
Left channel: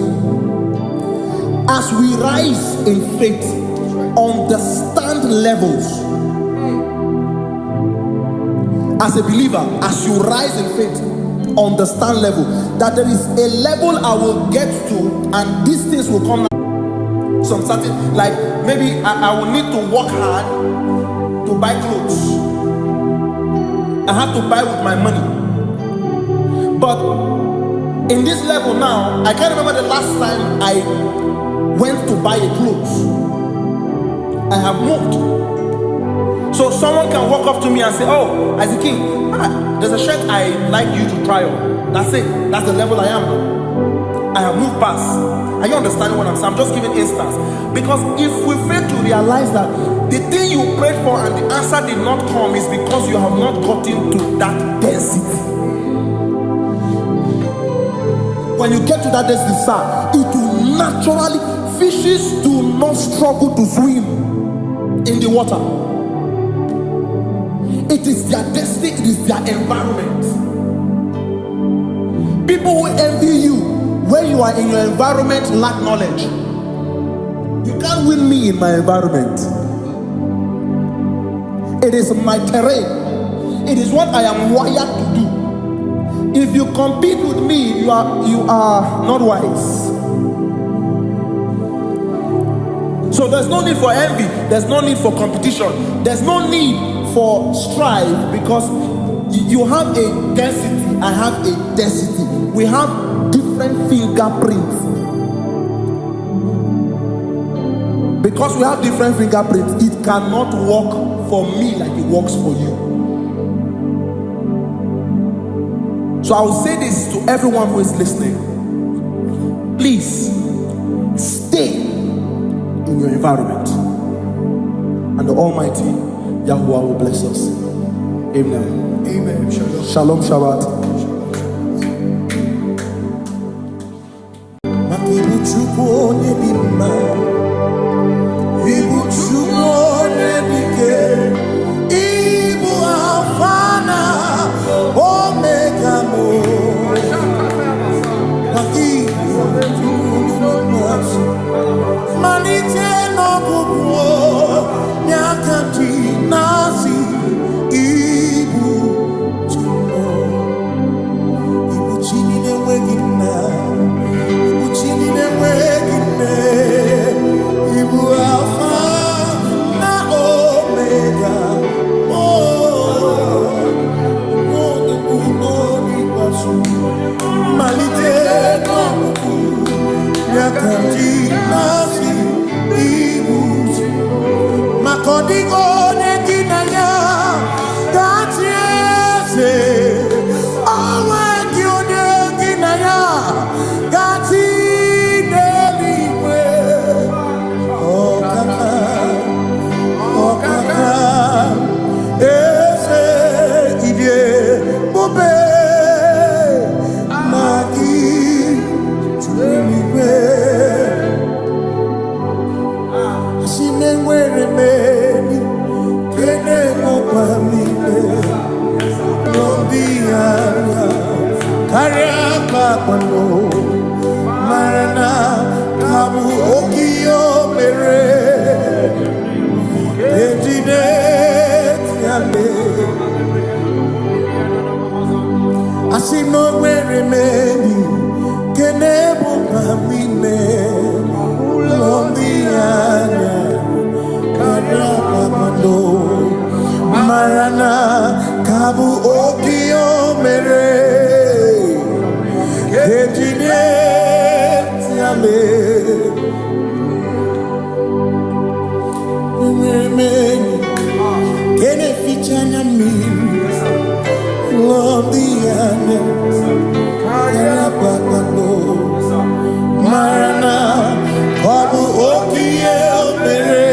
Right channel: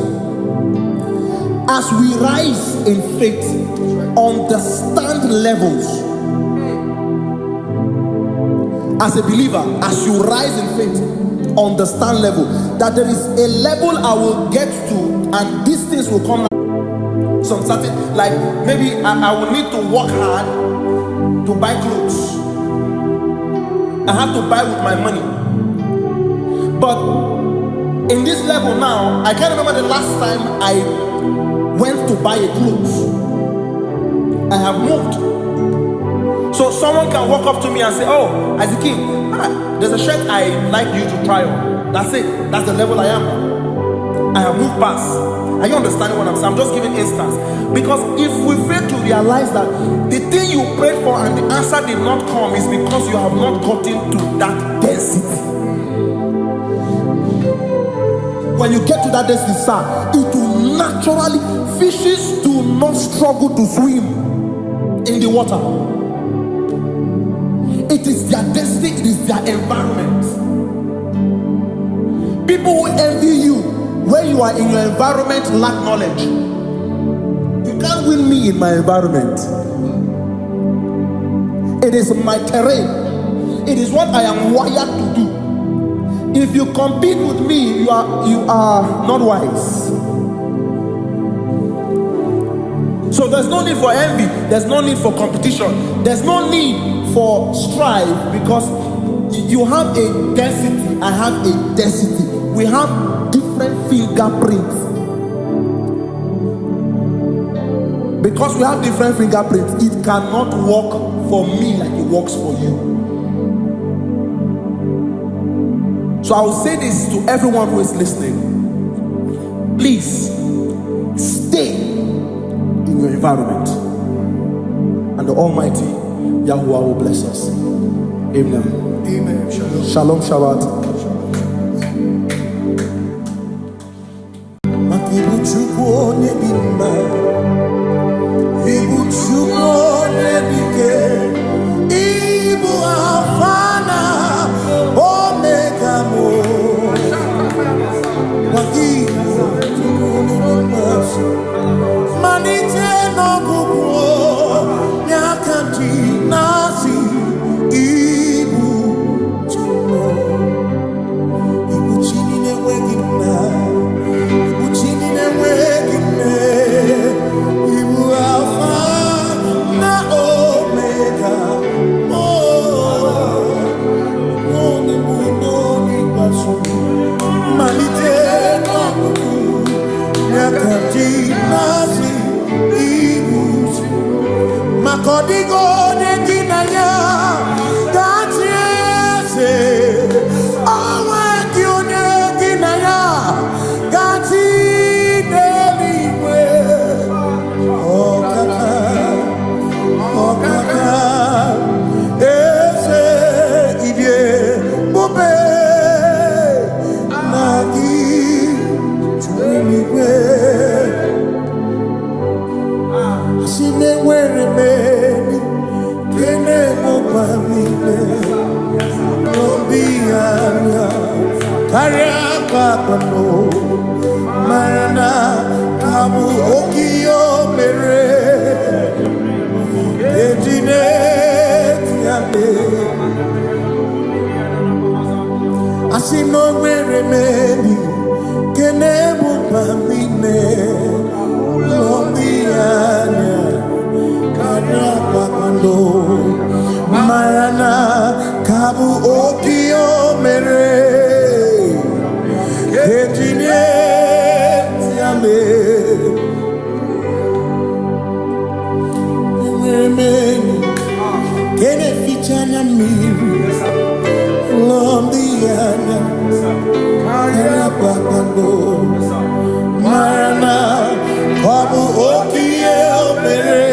As we rise in faith, understand levels. As a believer, as you rise in faith, understand level, that there is a level I will get to, and these things will come. Some certain, like maybe I will need to work hard to buy clothes. I have to buy with my money. But in this level now, I can't remember the last time I went to buy a clothes. I have moved. So someone can walk up to me and say, "Oh, as a king, there's a shirt I like you to try on." That's it. That's the level I am now. I have moved past. Are you understanding what I'm saying? I'm just giving instance. Because if we fail to realize that the thing you prayed for and the answer did not come is because you have not gotten to that density. When you get to that density, sir, it will naturally, fishes do not struggle to swim in the water. It is their density, it is their environment. People who envy you when you are in your environment lack knowledge. You can't win me in my environment. It is my terrain. It is what I am wired to do. If you compete with me, you are not wise. So there's no need for envy. There's no need for competition. There's no need for strife, because you have a density. I have a density. We have different fingerprints. Because we have different fingerprints, it cannot work for me like it works for you. So I will say this to everyone who is listening. Please stay in your environment, and the Almighty Yahuwah will bless us. Amen. Amen. Shalom. Shalom Shabbat. Ibu Chukwu onye dị mma, Ibu Chukwu onye dike, Ibu Alpha na Omega mo. Ibu Chukwu onye dị mma, malite n'ọgwụgwụ n'aka ndị na-asị Ibu Chukwu, Ibu Chi na-enweghị nna, Chini na-enweghị nne, Ibu Alpha na Omega, onye mbụ n'onye ikpeazụ, malite n'ọgwụgwụ n'aka ndị na-asị Ibu maka ọ dịghị onye gị na ya ga-achị eze, onwe gị onye gị na ya ga-achị n'eluigwe. Ọkaka eze ịdị ebube na gị juru eluigwe. Asị m enwere m enyi nke na-emekwa m niile, n'obi anya karịa kpakpando, mara na ka bụ oke ihe o mere, eji na-eti ale. Asị m na o nwere m enyi nke na-ebukwa m ime ụlọ ndị anya karịa kpakpando, mara na ka bụ oke ihe o mere, eji na-eti ale. Enwere m enyi nke na-eficha anya mmiri, ụlọ ndị anya karịa kpakpando, mara na ọ bụ oke ihe o mere,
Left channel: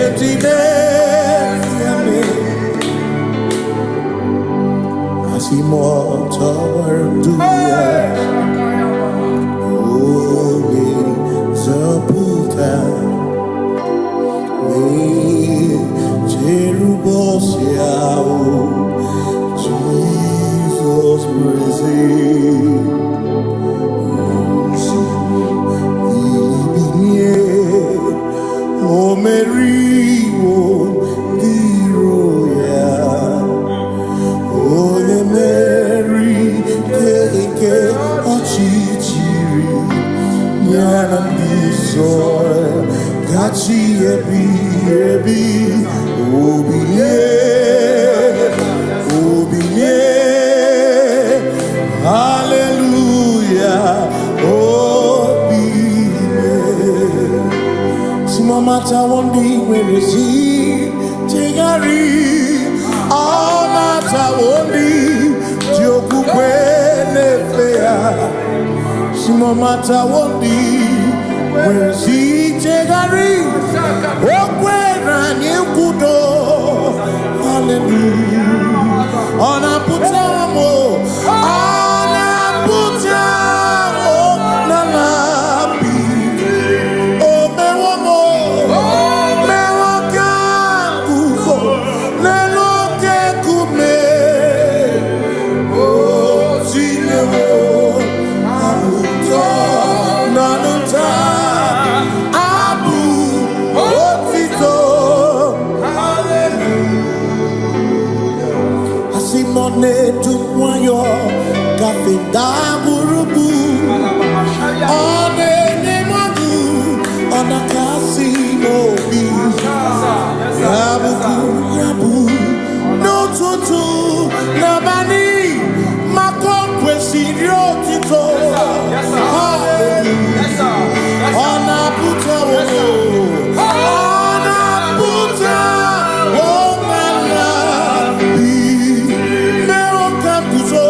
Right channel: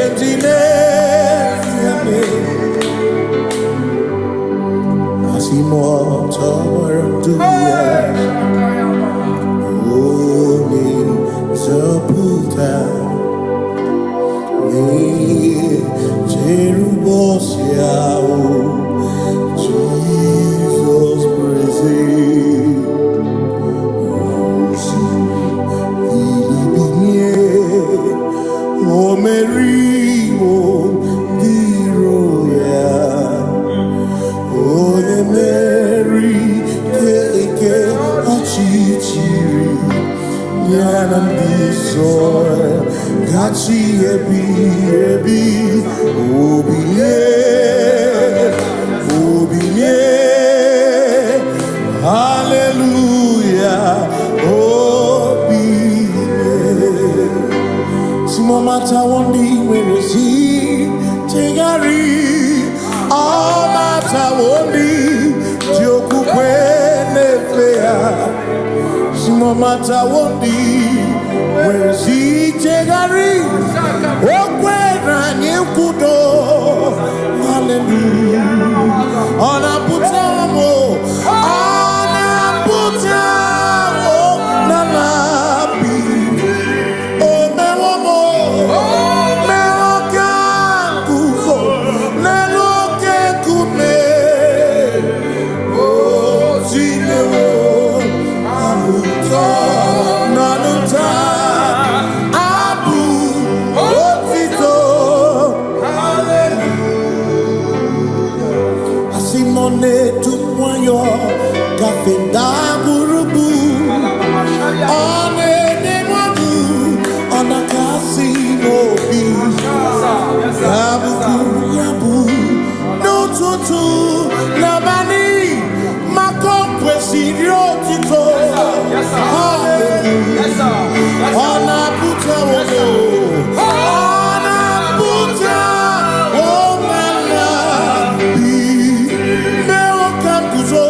eji na-eti ale. Asị m ọtọgbara ndụ ya, onye nzọpụta, na-echere ụbọchị ahụ Jizọs breze. Ozugbo bilibinie, o meriwo ndị iro ya, o Chineke Ochichiri Nyanambiso Gachi Ebi Obiye Hallelujah Obiye Simomata Wondi where is he Tigari All Mata Wondi Joku Kwenefea Simomata Wondi where is he Tigari Okwera Nyukudo Hallelujah Ona Putamo Nalabi O Mewamo Mewokan Kuzo Neloke Kume O Zinewo Abuto Nanuta Abu Otito Hallelujah Asimone Tumwayo Kafenda Gurubu One Nemadu Ona Kasimo Bi Yabu Yabu No Tutu Nabani Makokwe Sirio Tito Hallelujah Ona Puta Wono Ona Puta Womala Bi Mewokan Kuzo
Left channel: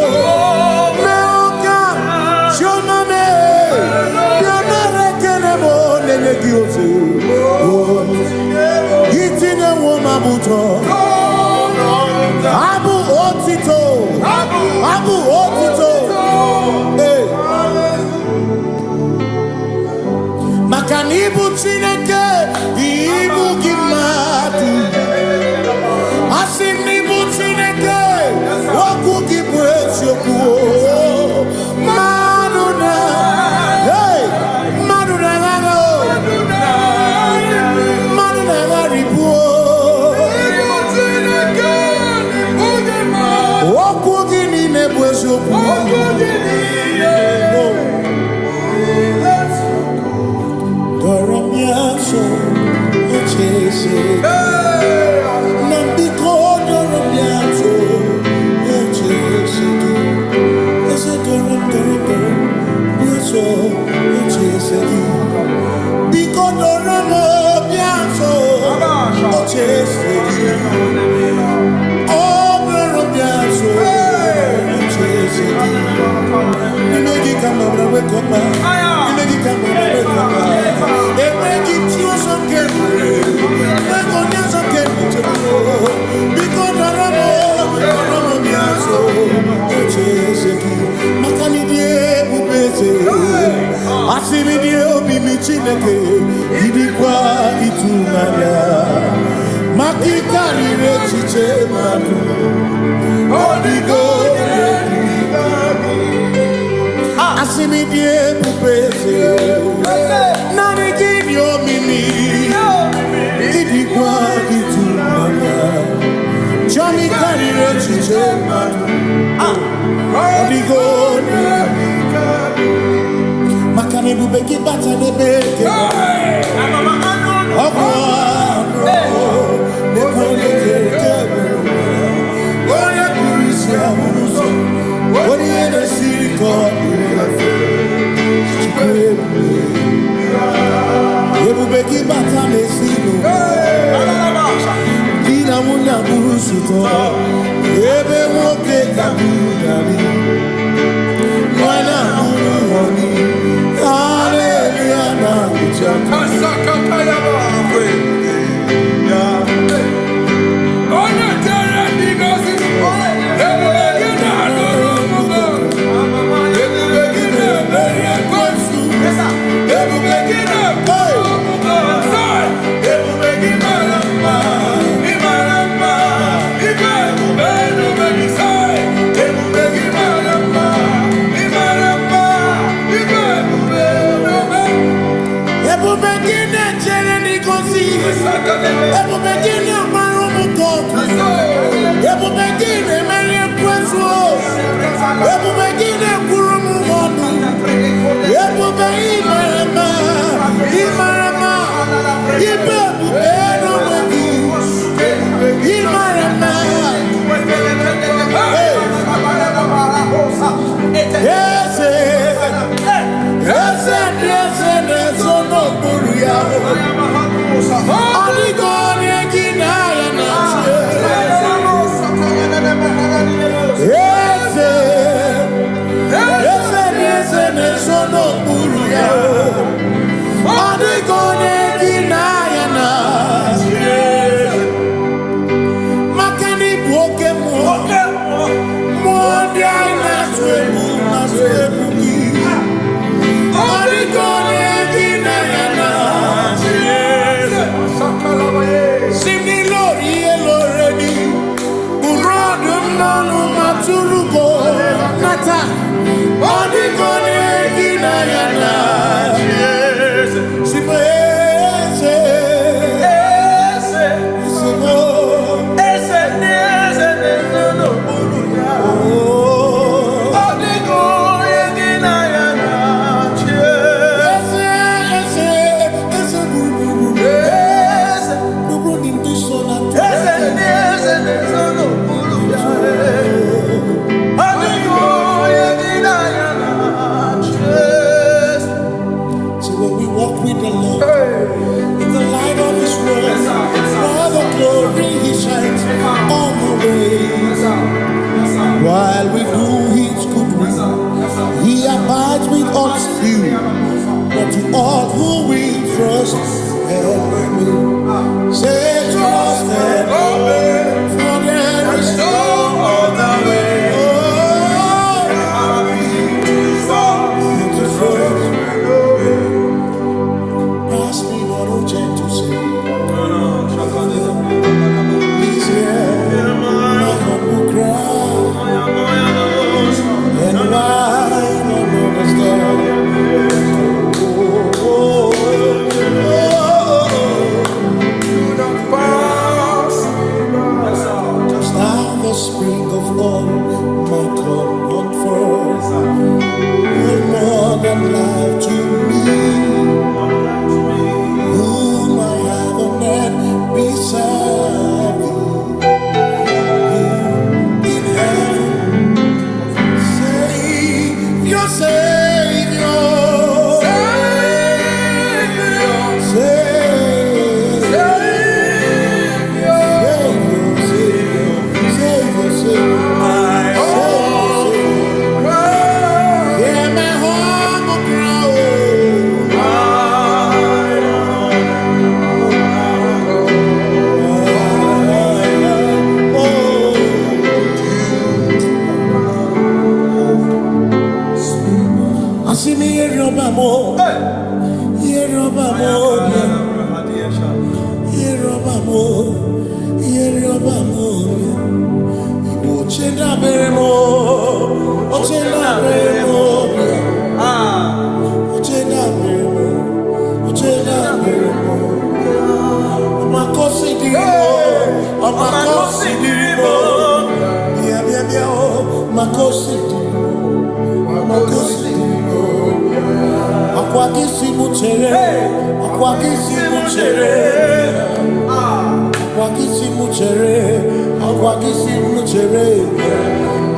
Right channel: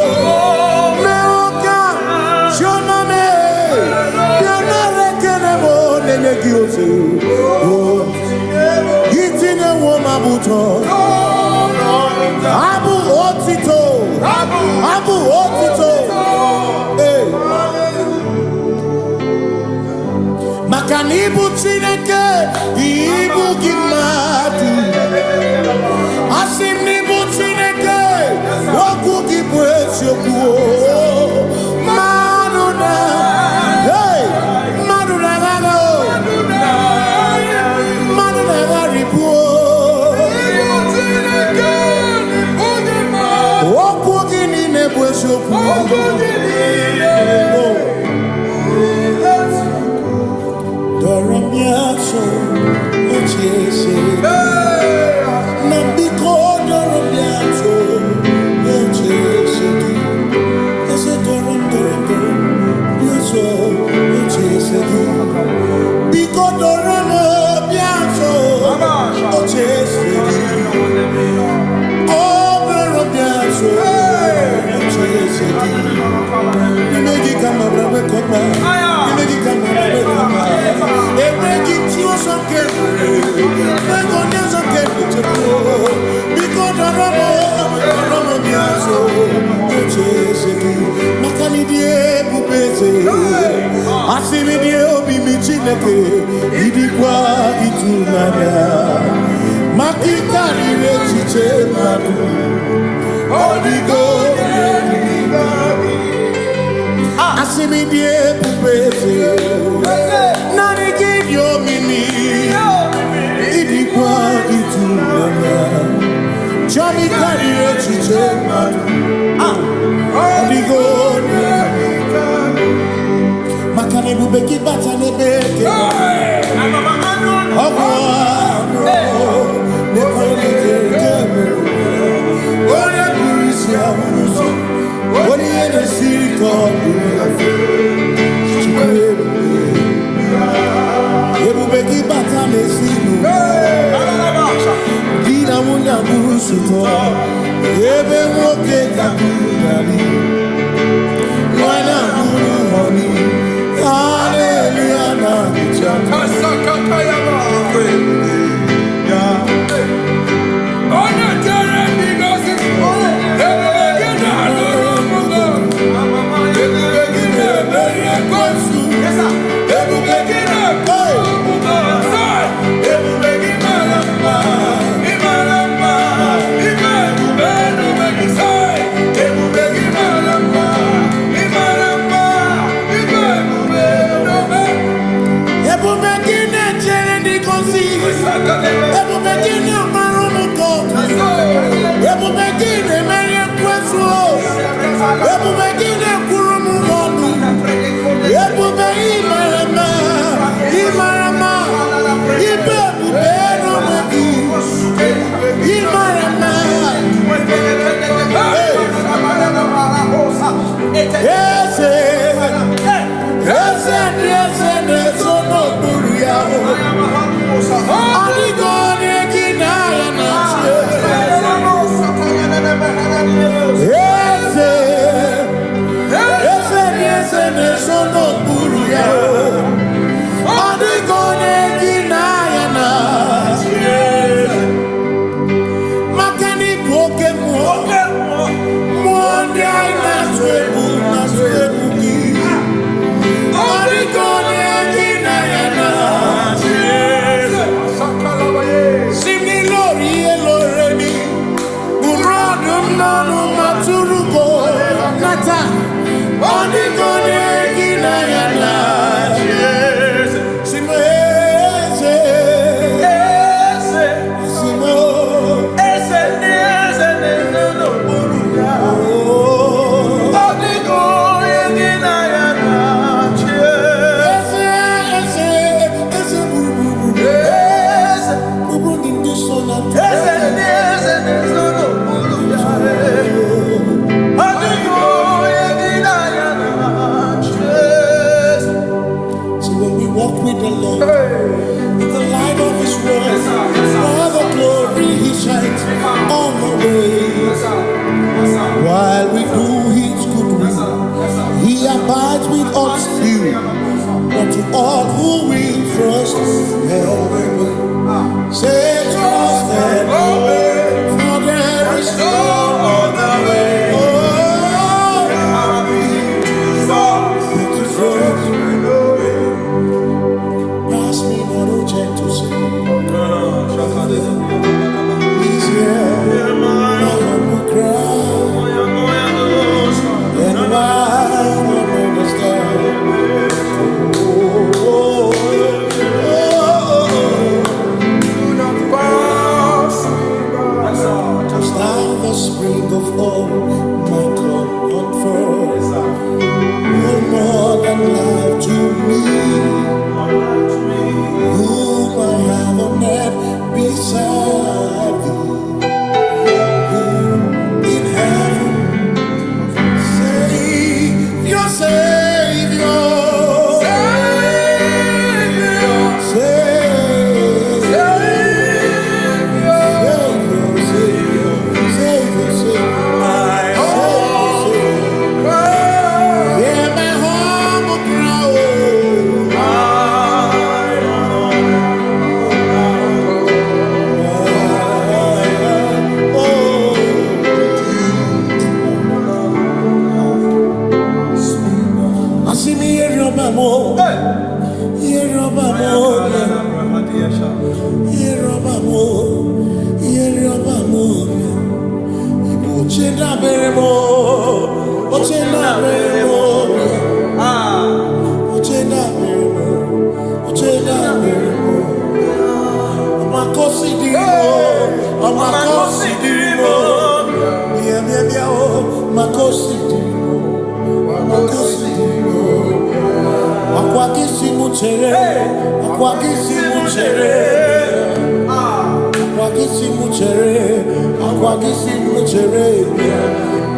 Hitine woma buto Abu Otito Abu Otito Hey Makanibu Chineke Ibu Gimatu Asinibu Chineke Waku Gibwesyoku Maduna Hey Maduna Doramiaso Ochese Nambiko Doramiaso Ochese Ese Doram Biaso Ochese Biko Doramo Biaso Ochese Oh Doramiaso Ochese Nimegi Kamabra Wekopa Nimegi Kamabra Wekopa Emegi Chio Sokere Megonya Sokere Chepro Biko Doramo Biaso Ochese Makani Die Bubeze Asimi Die Obi Michineke Idikwa Itunanya Makikari Rechiche Madu Odigo Asimi Die Bubeze Nani give your mini Idikwa Itunanya Chami Kari Rechiche Madu Odigo Makane Bubeki Batanebe Ogwano Nekone Kere Oya Kurisia Unuso Oni Ene Siriko Ebubeki Batane Sino Dina Muna Burusuto Ebe Woke Kabunari Wana Muru Honi Hallelujah na Bichama Kasakakayaba Ona Tere Bigosi Ebubegina Nurumugo Ebubegina Beria Kwansu Ebubegina Nurumugo Ebubegina Lamba Imaramba Ibebubeno Megisai Ebubegina Lamba Imaramba Ibebubeno Ebubegina Tere Bigosi Ebubegina Marumu God. Ebu begine meri kweso. Ebu begine kurumu monu. Ebu be imarama. Imarama. Ibebu beno megi. Imarama. Yes, no buria. Adi God eginaya na. Yes, no buria. Adi God eginaya na. Makani buoke mo. Mondi na swebu ki. Adi God eginaya na. Simni lori eloreni. Burodum nanu maturugo nata. Adi God eginaya na. So when we walk with the Lord, in the light of His word, for the glory He shines on the way. While we do His good will, He abides with us still. But to all who will trust and obey, say trust and obey, for there is no other way. Oh, but to trust and obey. Pass me not, oh gentle Savior. Please hear my humble cry. And why not understand? Do not pass just now the spring of all my comfort. No more than life to me, whom I have on earth beside thee. Savior,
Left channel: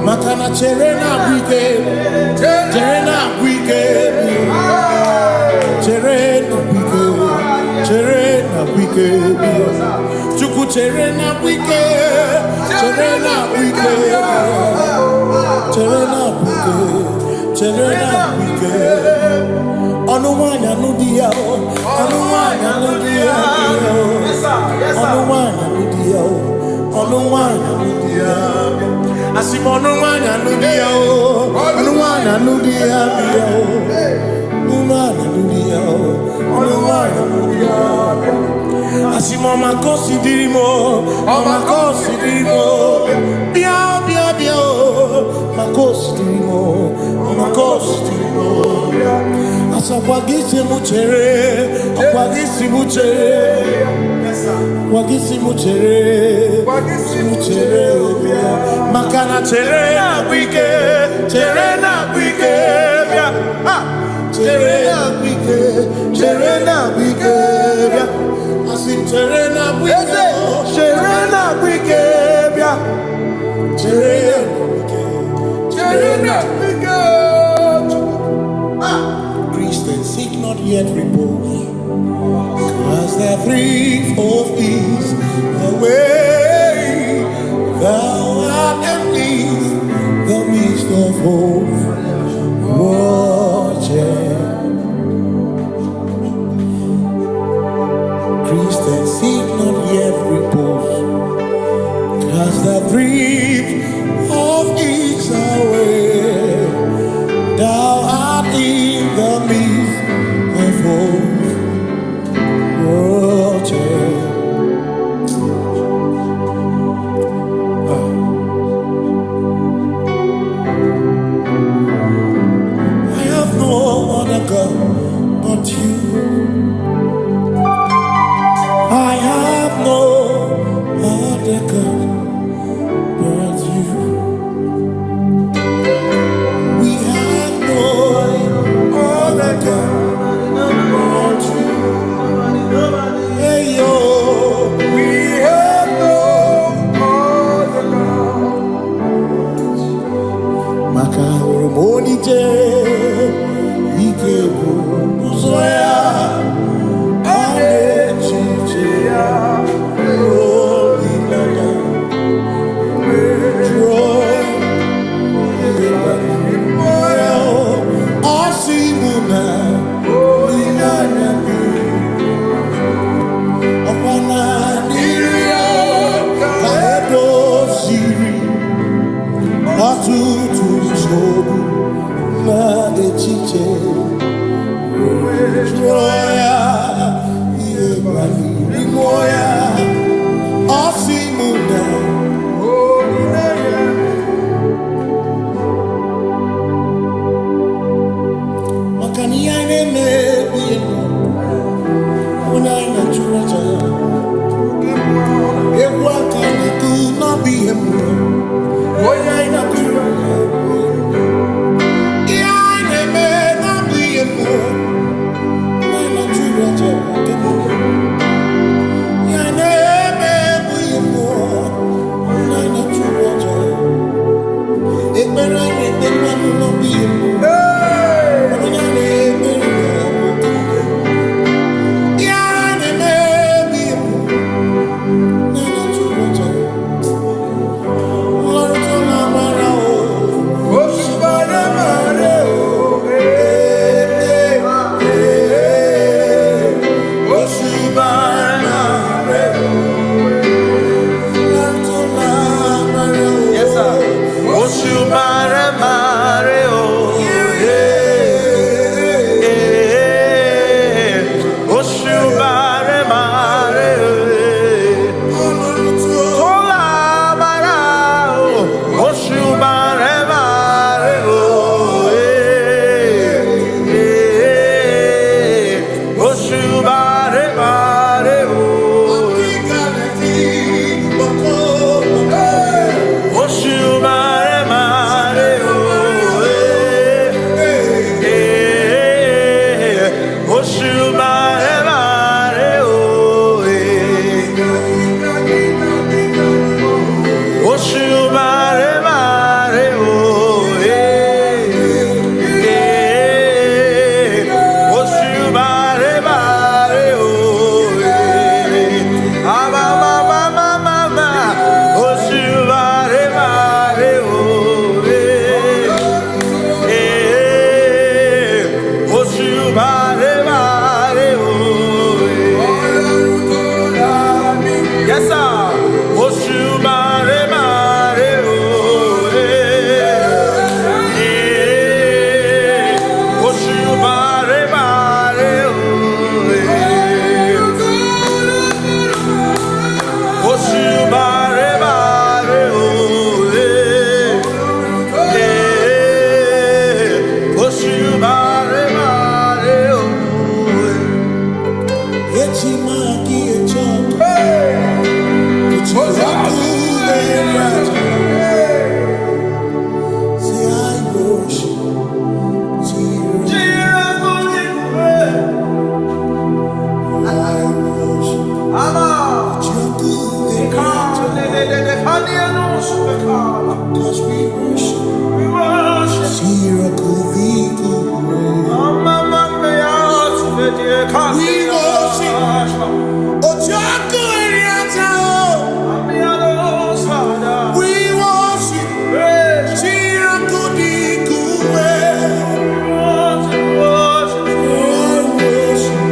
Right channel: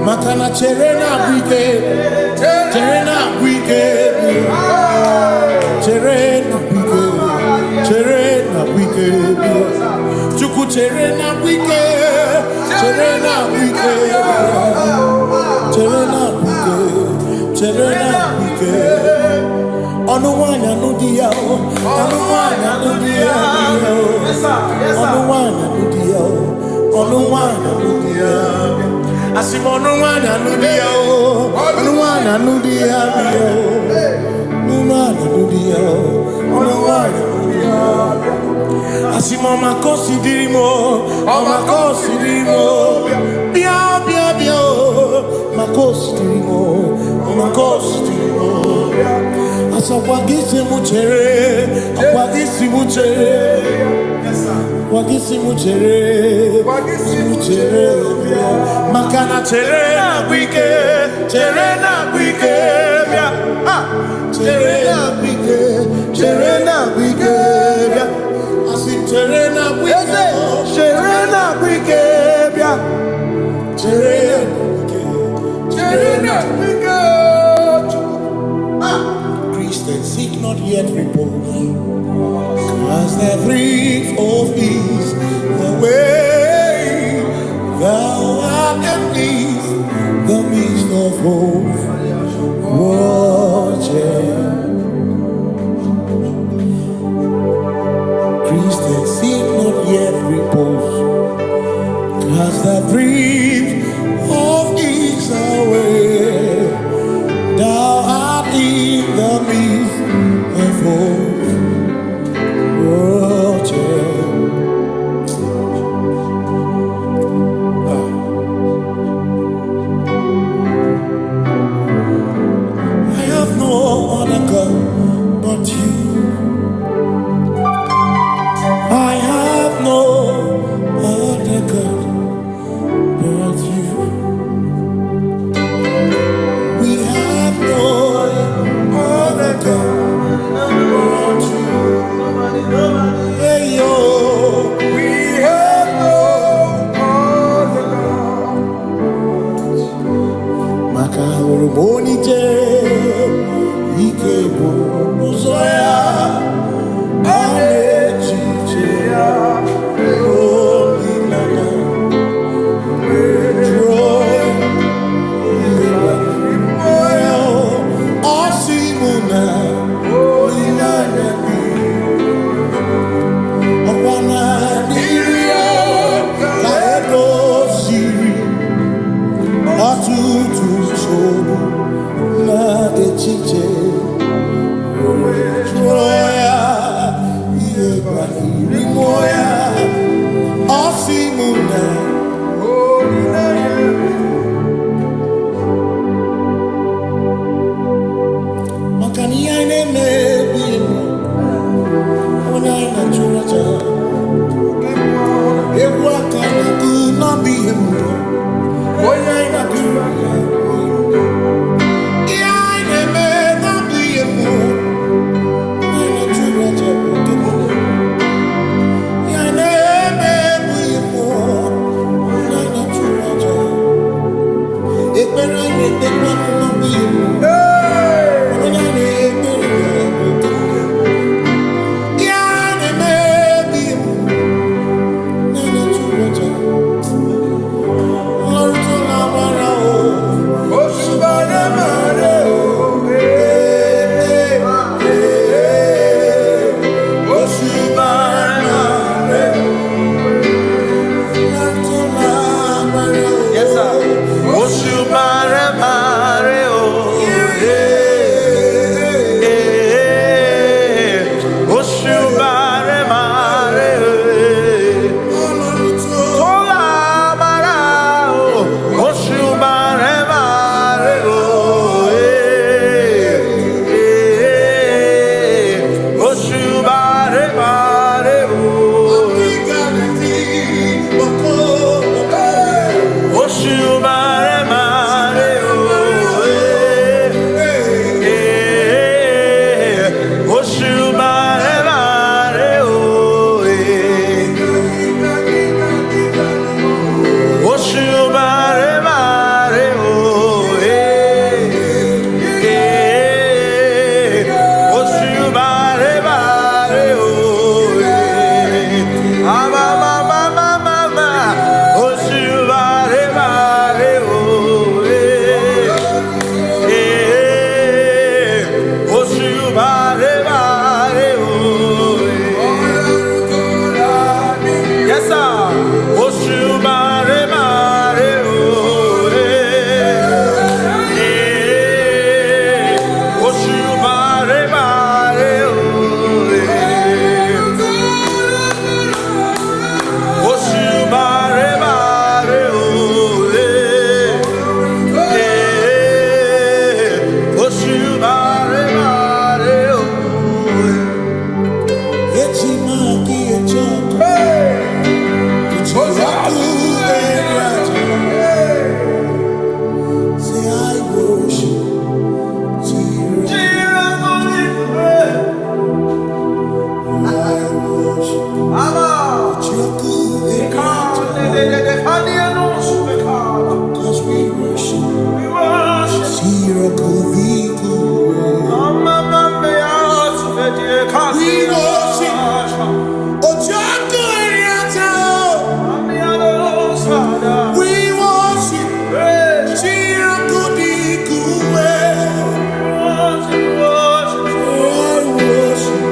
Makana cherena buike, cherena buike, cherena buike, chuku cherena buike, cherena buike, cherena buike. Onuwanya nudia, onuwanya nudia, onuwanya nudia, onuwanya nudia. Asimonuwanya nudia, onuwanya nudia, onuwanya nudia, onuwanya nudia. Asimoma kosi dirimo, makosi dirimo, bia bia bia, makosi dirimo, makosi dirimo. Asakwagisi muchere, akwagisi muchere. Wagisi muchere, makana terena wike, bia. Terena wike, bia. Asim terena wike, bia. Terena wike. Christians seek not yet repose, as the brief of ease away, thou art at ease, the midst of hope, watching. Christians seek not yet repose, cast the brief of ease away, thou art in the midst of hope. I have no other God but you. I have no other God but you. We have no other God but you. Hey yo, we have no other God. Makahuru monite, ikebu uzoya, anechicheya, rolilaya, joy, moya, osimuna, rolilaya. Okwana nirio kaedo siri atutu sobu na echiche joya iebani rimoya osimuna makani aine mebi emo Onaina churacha, Ewakana could not be him. Onaina churacha, Yaina may not be him. Onaina churacha, Yaina may be him. Onaina churacha, Ekberang, Ekberang not be him. Onaina Say I worship. Cause we worship. We worship. We worship. We worship.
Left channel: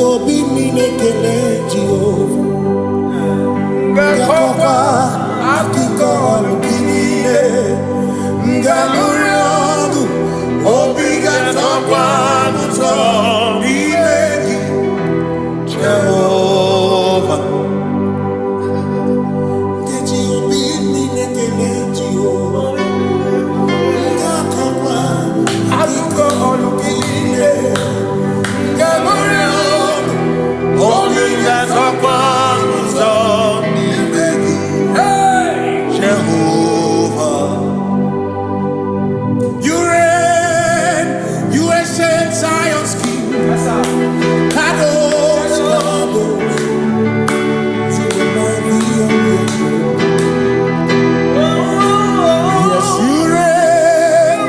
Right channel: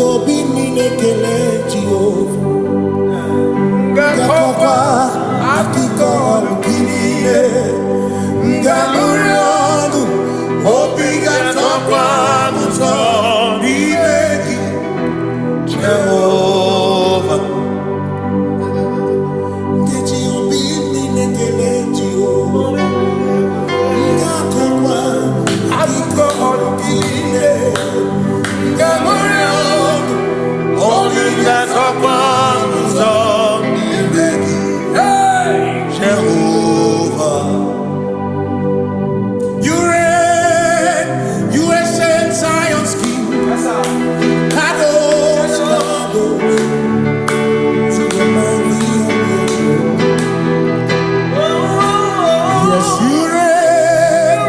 Obi minekele Jehovah Ngakokwa akiko alukile Ngalurionu Obi gatokwa muto Nimeki Jehovah Ngeji obi minekele Jehovah Ngakokwa akiko alukile Ngalurionu Only that's upon hey, Jehovah. You reign, you ancient Zion's king. Kadosh, Kadosh, to the mighty on your throne. Yes, you reign,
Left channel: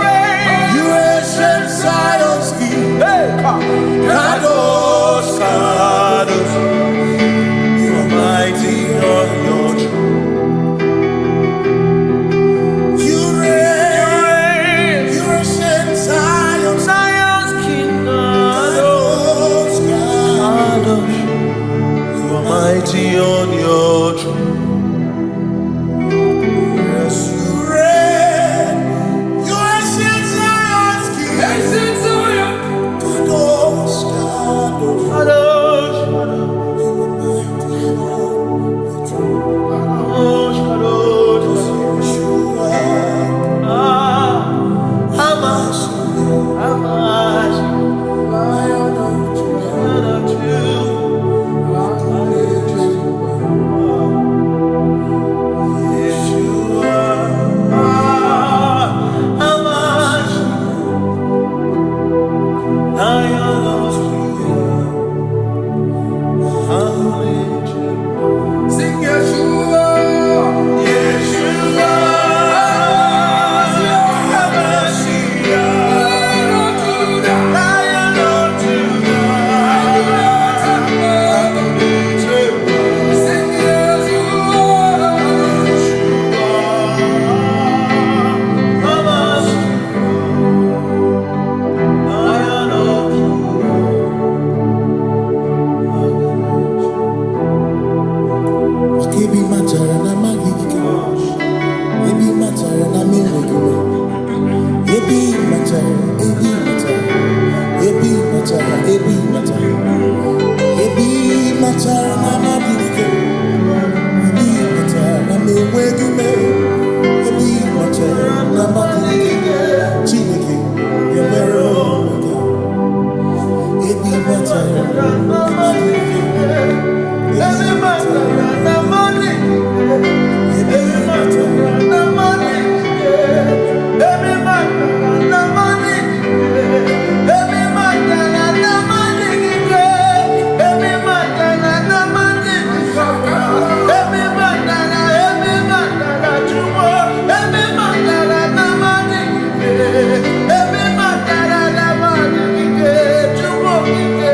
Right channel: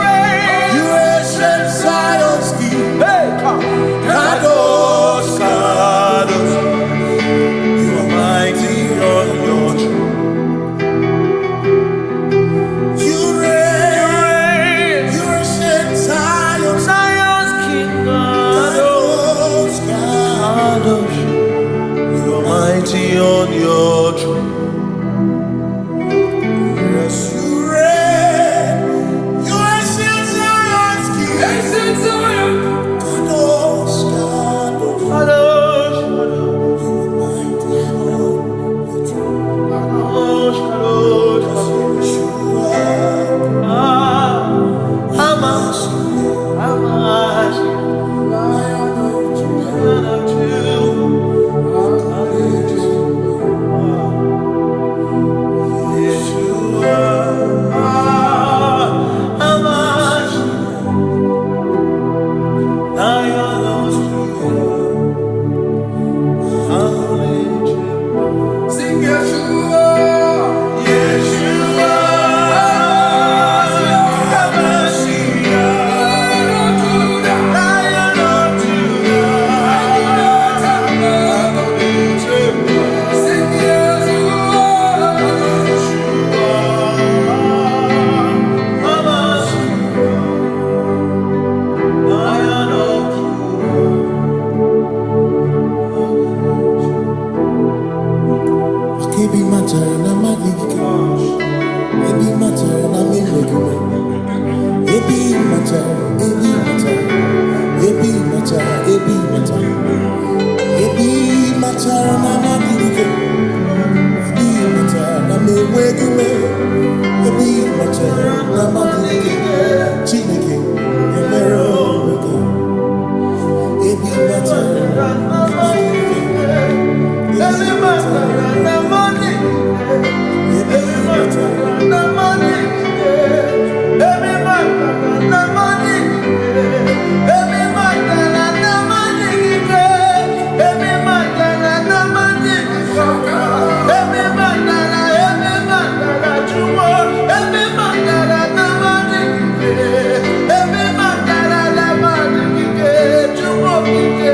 you ancient Zion's king. Kadosh, Kadosh, you are mighty on your throne. You reign, you ancient Zion's king. Kadosh, Kadosh, you are mighty on your throne. Yes, you reign, you ancient Zion's king. Ancient Zion. Kadosh, Kadosh, Kadosh, you are mighty on the throne. Kadosh, Kadosh, Yeshua, Hamashiach, Lion of Yeshua, Hamashiach, Lion of sing Yeshua, Yeshua, Hamashiach, Lion of Judah, sing Yeshua, Yeshua, Hamashiach, Lion of Judah. Ebi matara na magigike, ebi matara na menwegume, ebi matara, ebi matara, ebi matara, ebi matara, ebi matara na magigike, ebi matara na menwegume, ebi matara na magigike, Chineke emero weka, ebi matara na magigike. Every matter na money, every matter na money, every matter na money, every matter na money, every matter na money, every matter na jumo, every matter na money, every matter na money, jumo kike.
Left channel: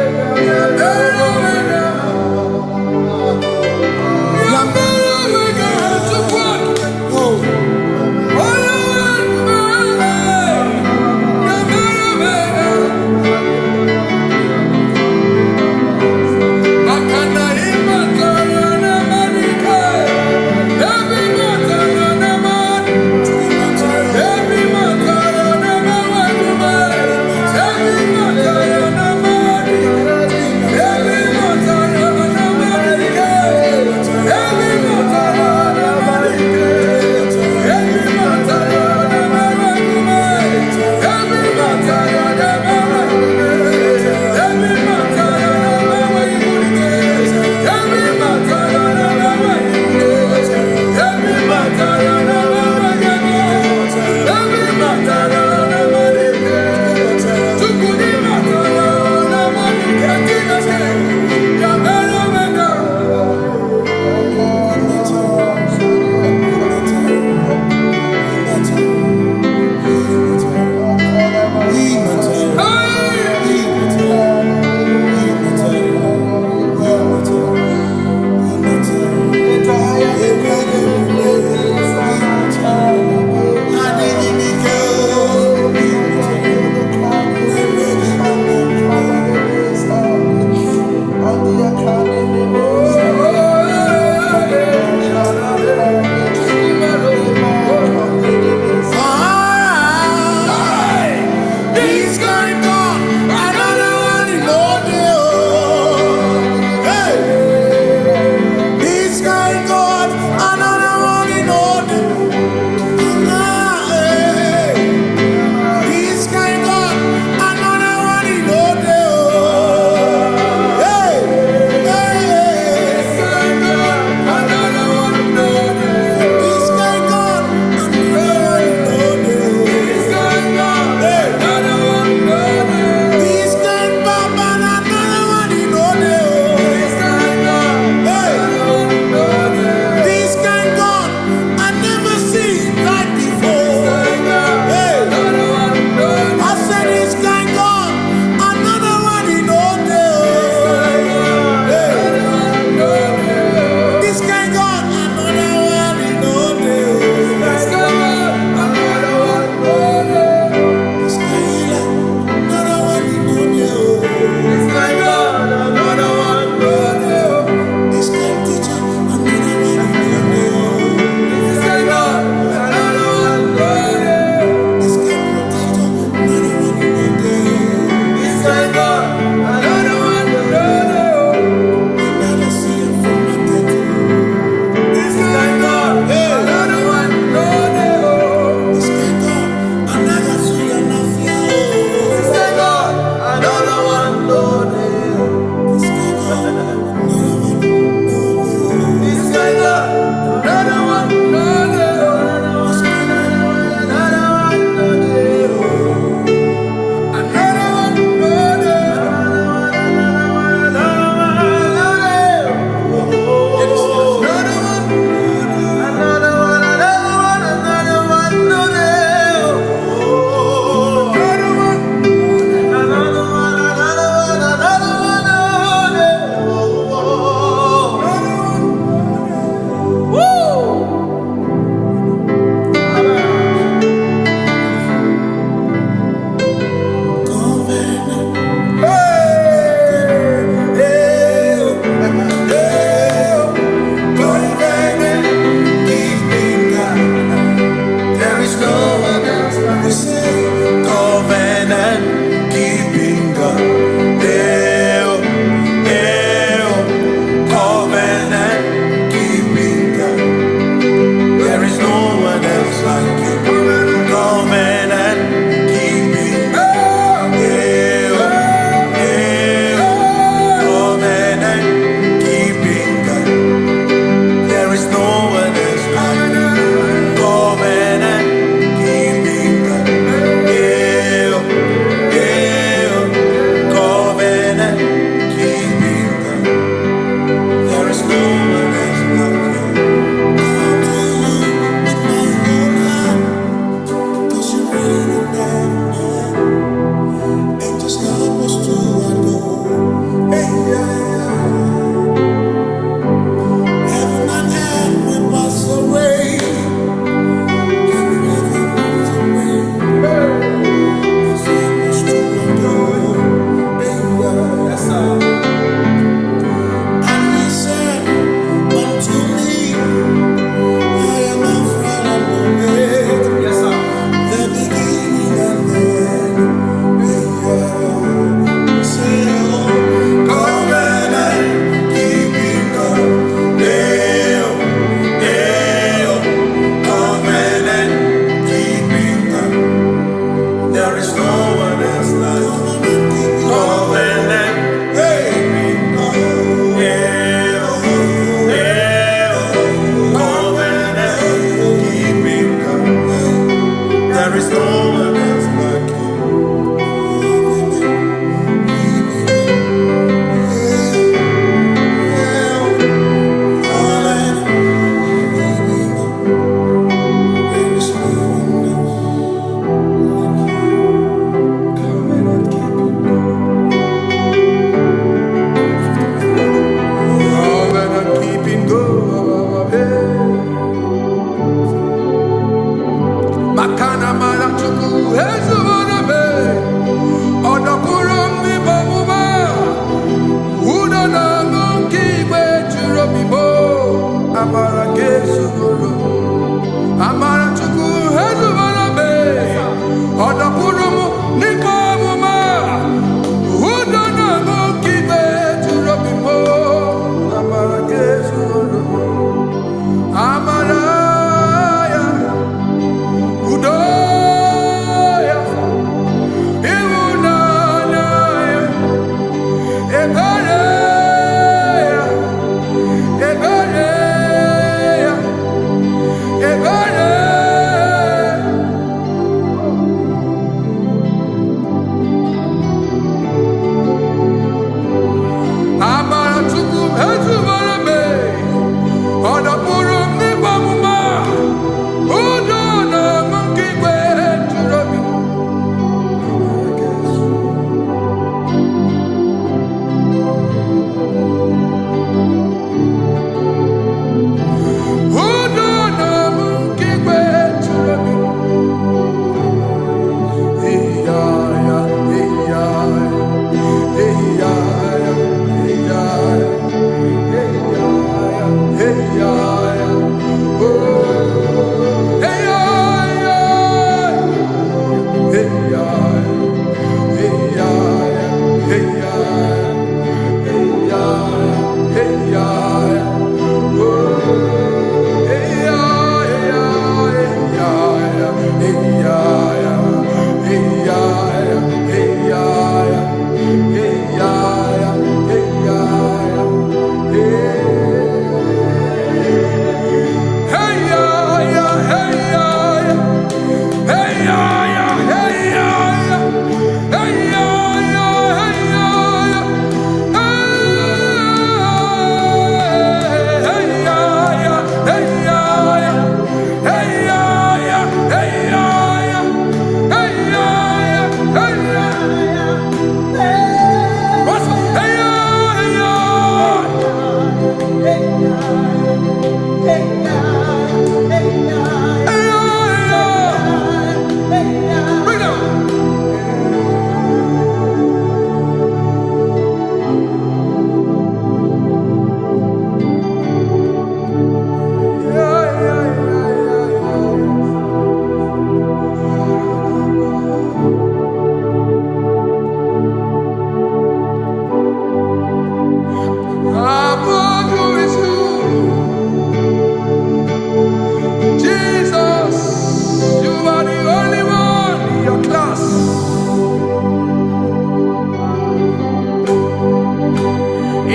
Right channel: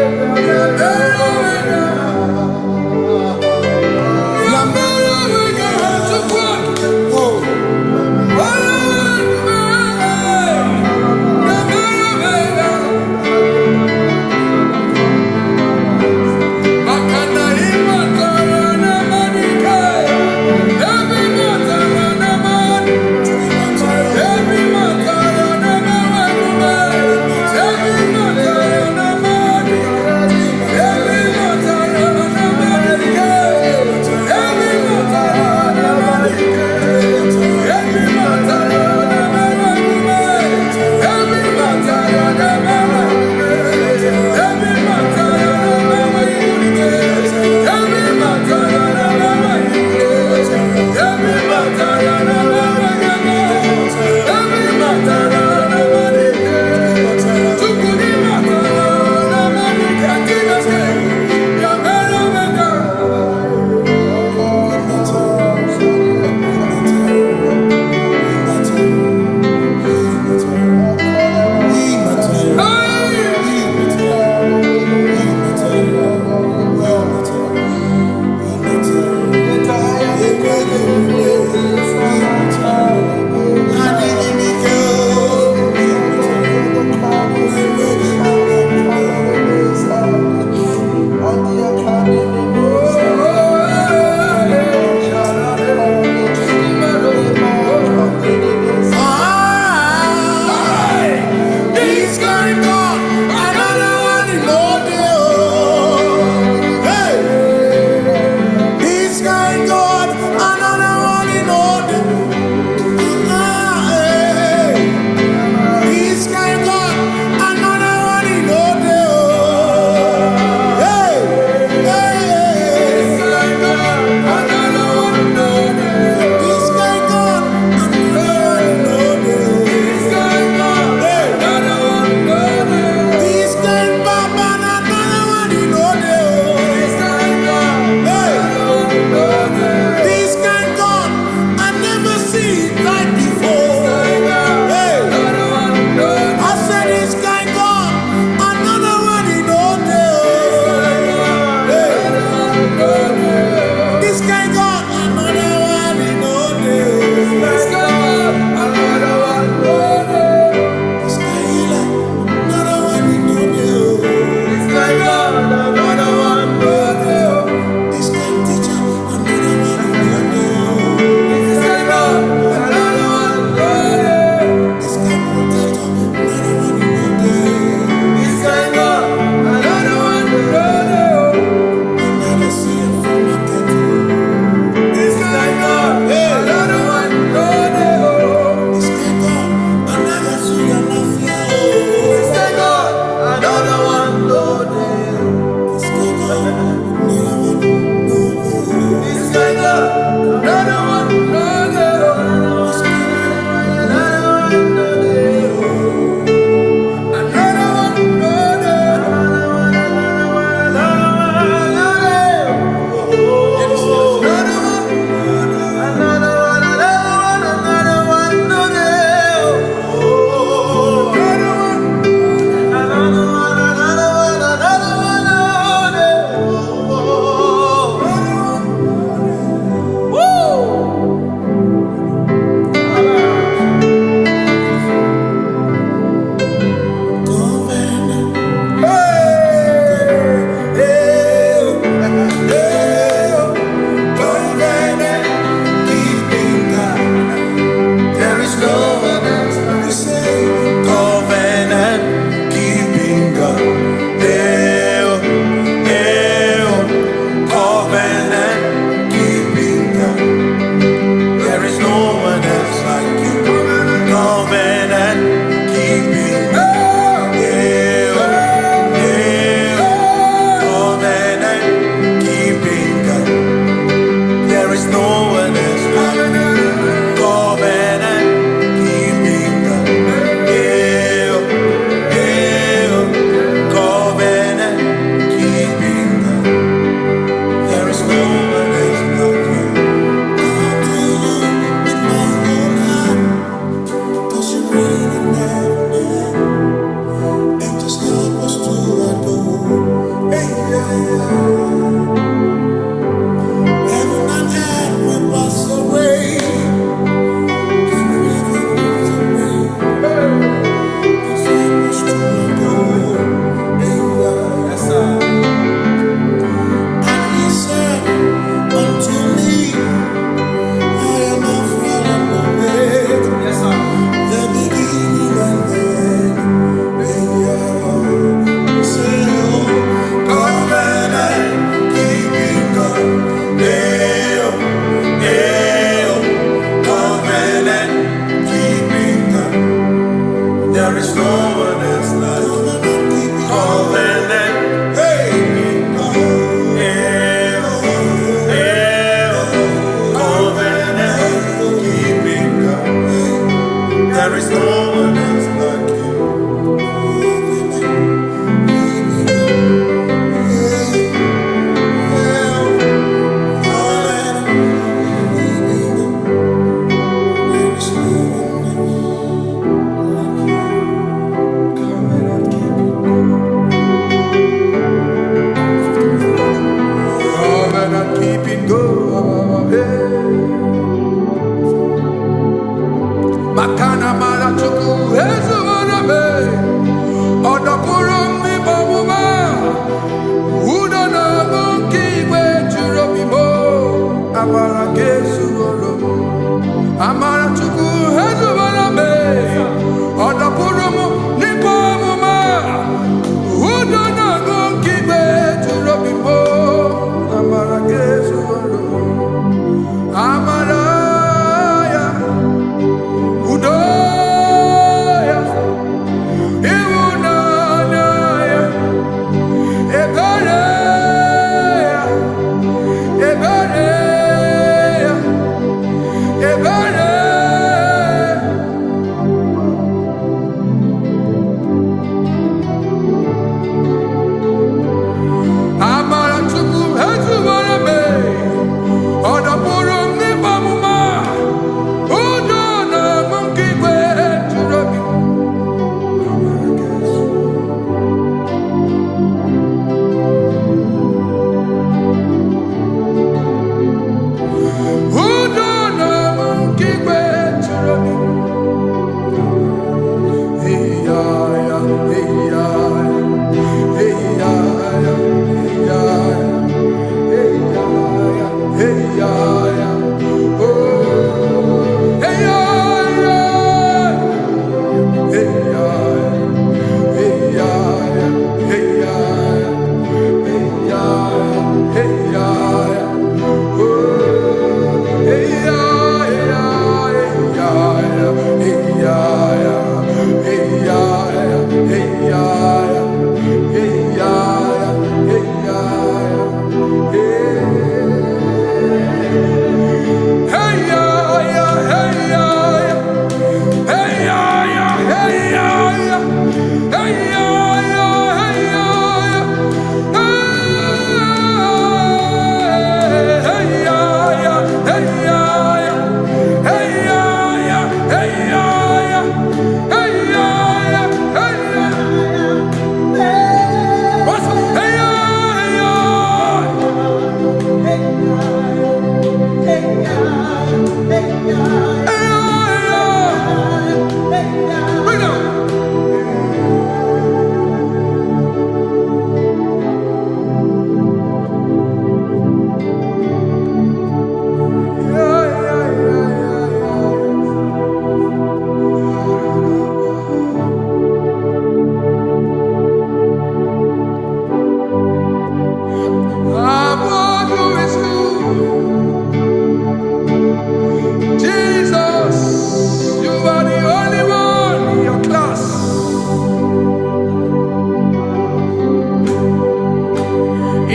is no one else like you. Makana mara chuku hezu warame odapurum ni bomuma udo na ngunki gwe churobimo amara gesu gorum amara chuku hezu warame odapurum ni bomuma udo na ngunki gwe churobimo amara gesu gorum amara Udoya, Iwunanaya, Ebereya, Ebereya, Ebereya. Amara chuku hezu warame, odapurum ni bamuma.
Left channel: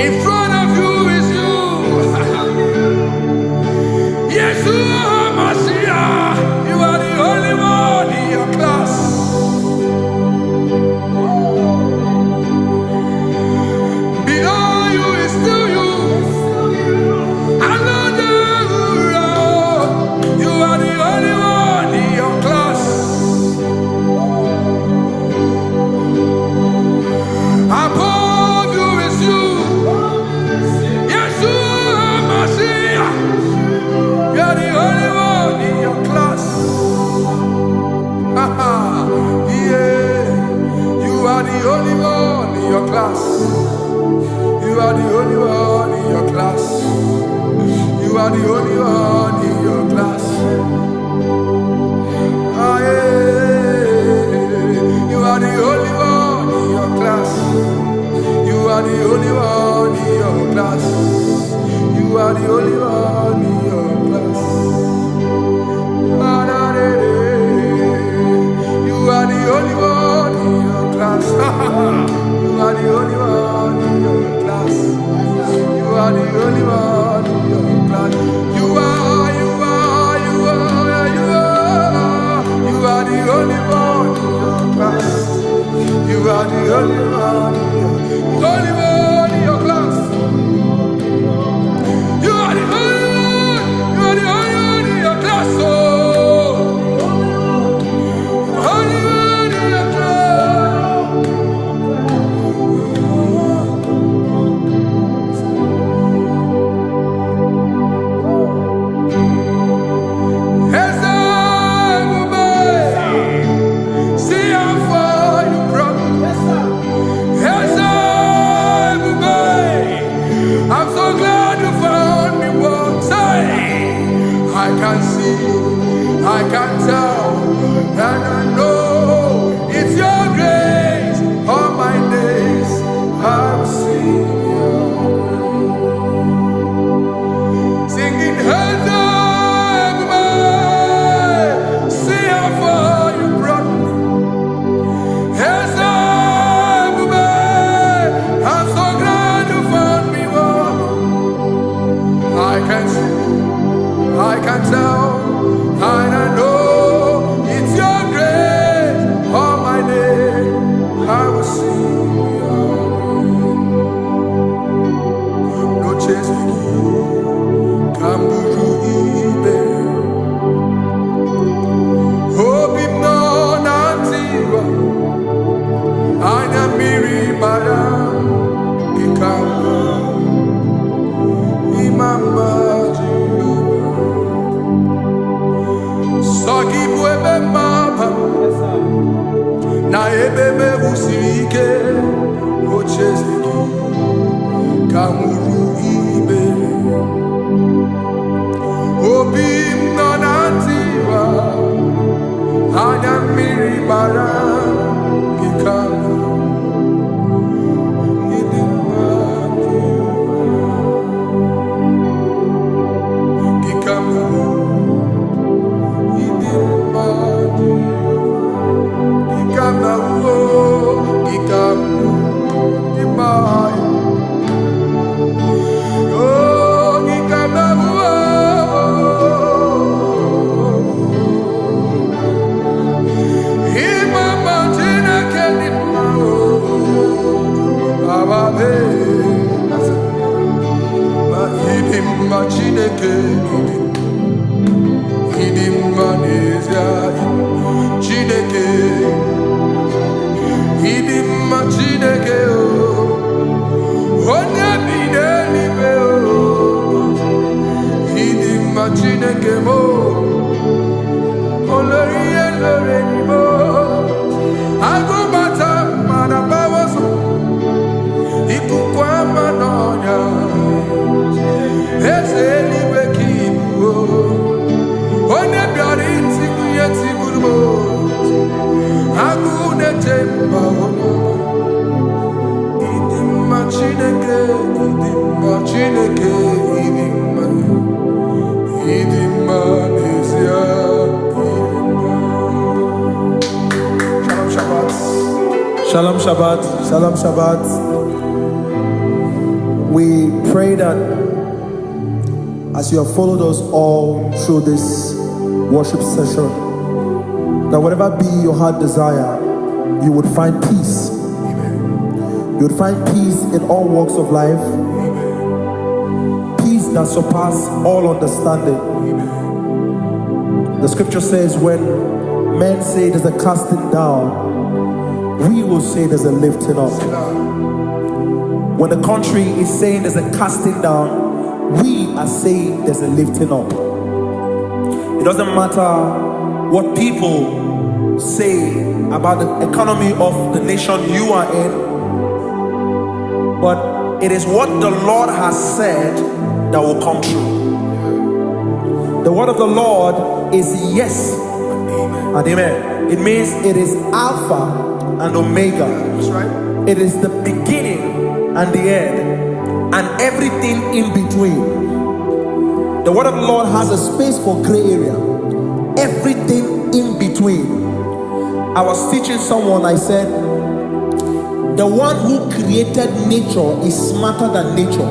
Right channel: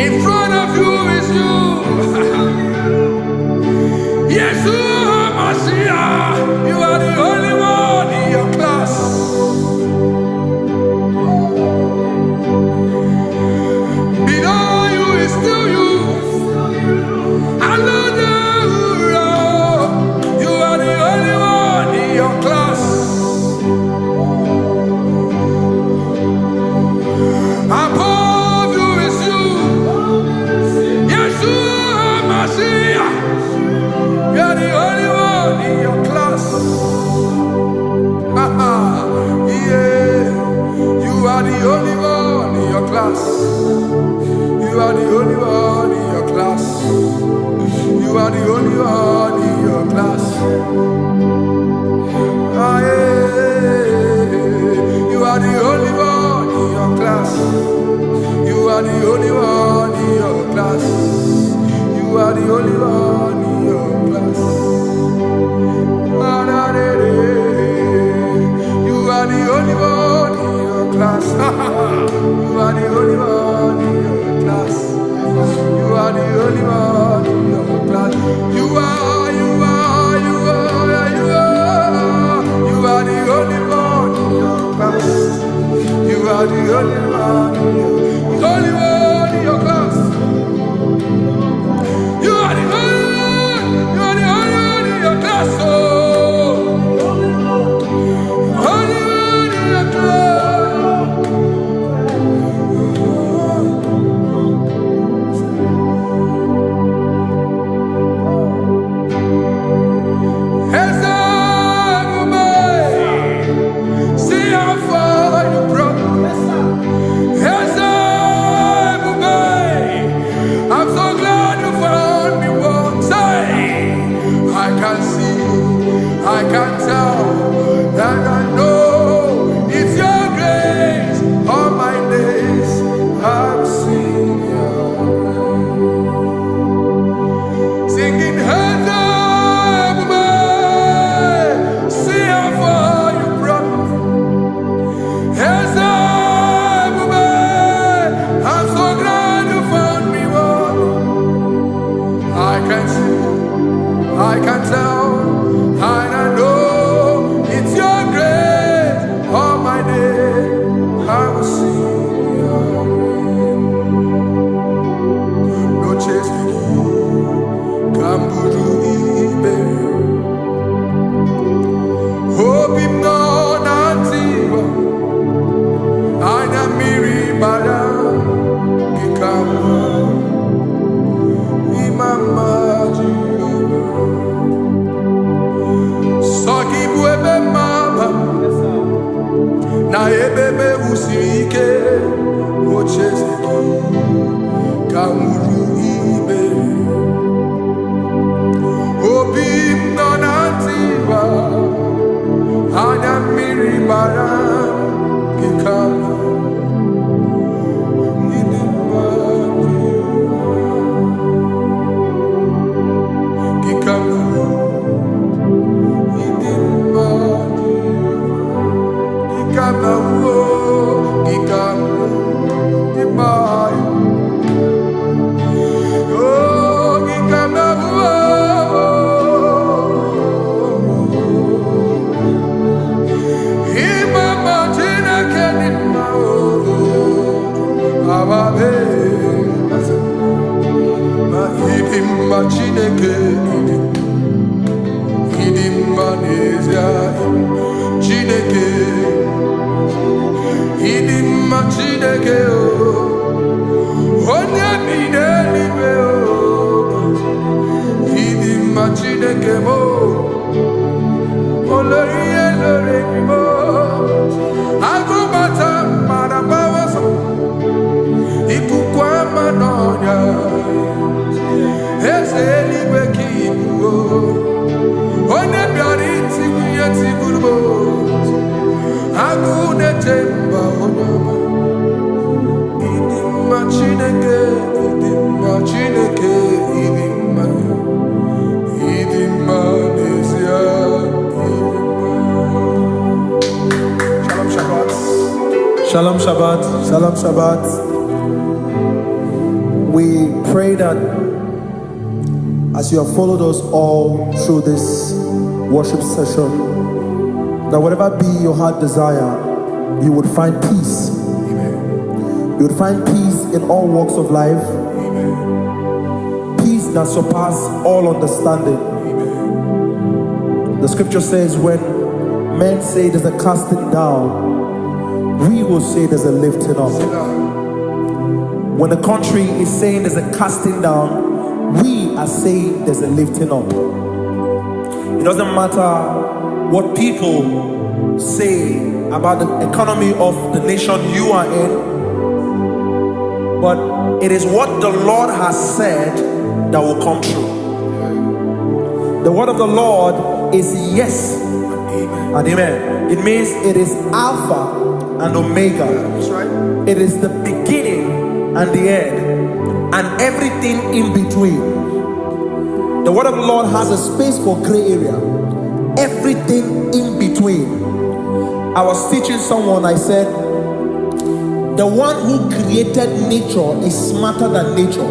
In front of you is you. Yeshua Mashiach, you are the only one in your class. Below you is still you. Another you are the only one in your class. Above you is you. Yeshua Mashiach, you are the only one in your class. Yeah, you are the only one in your class. You are the only one in your class. You are the only one in your class. Ah, yeah. You are the only one in your class. You are the only one in your class. You are the only one in your class. You are the only one in your class. You are the only one in your class. You are the only one in your class. You are the only are the only one in your class. You are the only one. You are the only one in your class. Oh, only one in your class. See how far you brought me. I'm so glad you found me once. I can see, I can tell, and I know it's your grace. All my days I will sing your grace. Singing, hands up, see how far you brought me. Hands up, I'm so glad you found me one. I can see, I can tell, and I know it's your grace. All my day I will sing your grace. No chase again, Kamburu Ibe. Hope him no nantiwa. Anya miri baram gikama imama Jehovah. Sogi buebe maba na ebe me usirike ochezegi kamuru ibere obim nonantiwa anya miri baram gikama Gikama idimma Gikama wo Gikama idimma oh Gikama wo Imama tina kedimma oh ababe Idimma Chineke Idimma Nezia Chineke Idimma Chineke Onye bidelibe Idimma Chineke mo Oloriye loreni mo Agubata madabawaso Ikukwa manonya Ezeligwe kibuo One biari tibuye tiburbo Agune temba onama Idimma Chineke Idimma Chineke Idimma Nezia Idimma. Shalom Shabbat. Shalom Shabbat. Shalom Shabbat. We pray that as you have followed us all through this worship session, that whatever be your heart desire, you would find peace. Amen. You would find peace in all walks of life. Amen. Peace that surpasses all understanding. Amen. The scripture says when men say there's a casting down, we will say there's a lifting up. When the country is saying there's a casting down, we are saying there's a lifting up. It doesn't matter what people say about the economy of the nation you are in, but it is what the Lord has said that will come true. The word of the Lord is yes and amen. It means it is Alpha and Omega. That's right. It is the beginning and the end, and everything in between. The word of the Lord has a space for gray area. Everything in between. I was teaching someone, I said, the one who created nature is smarter than nature.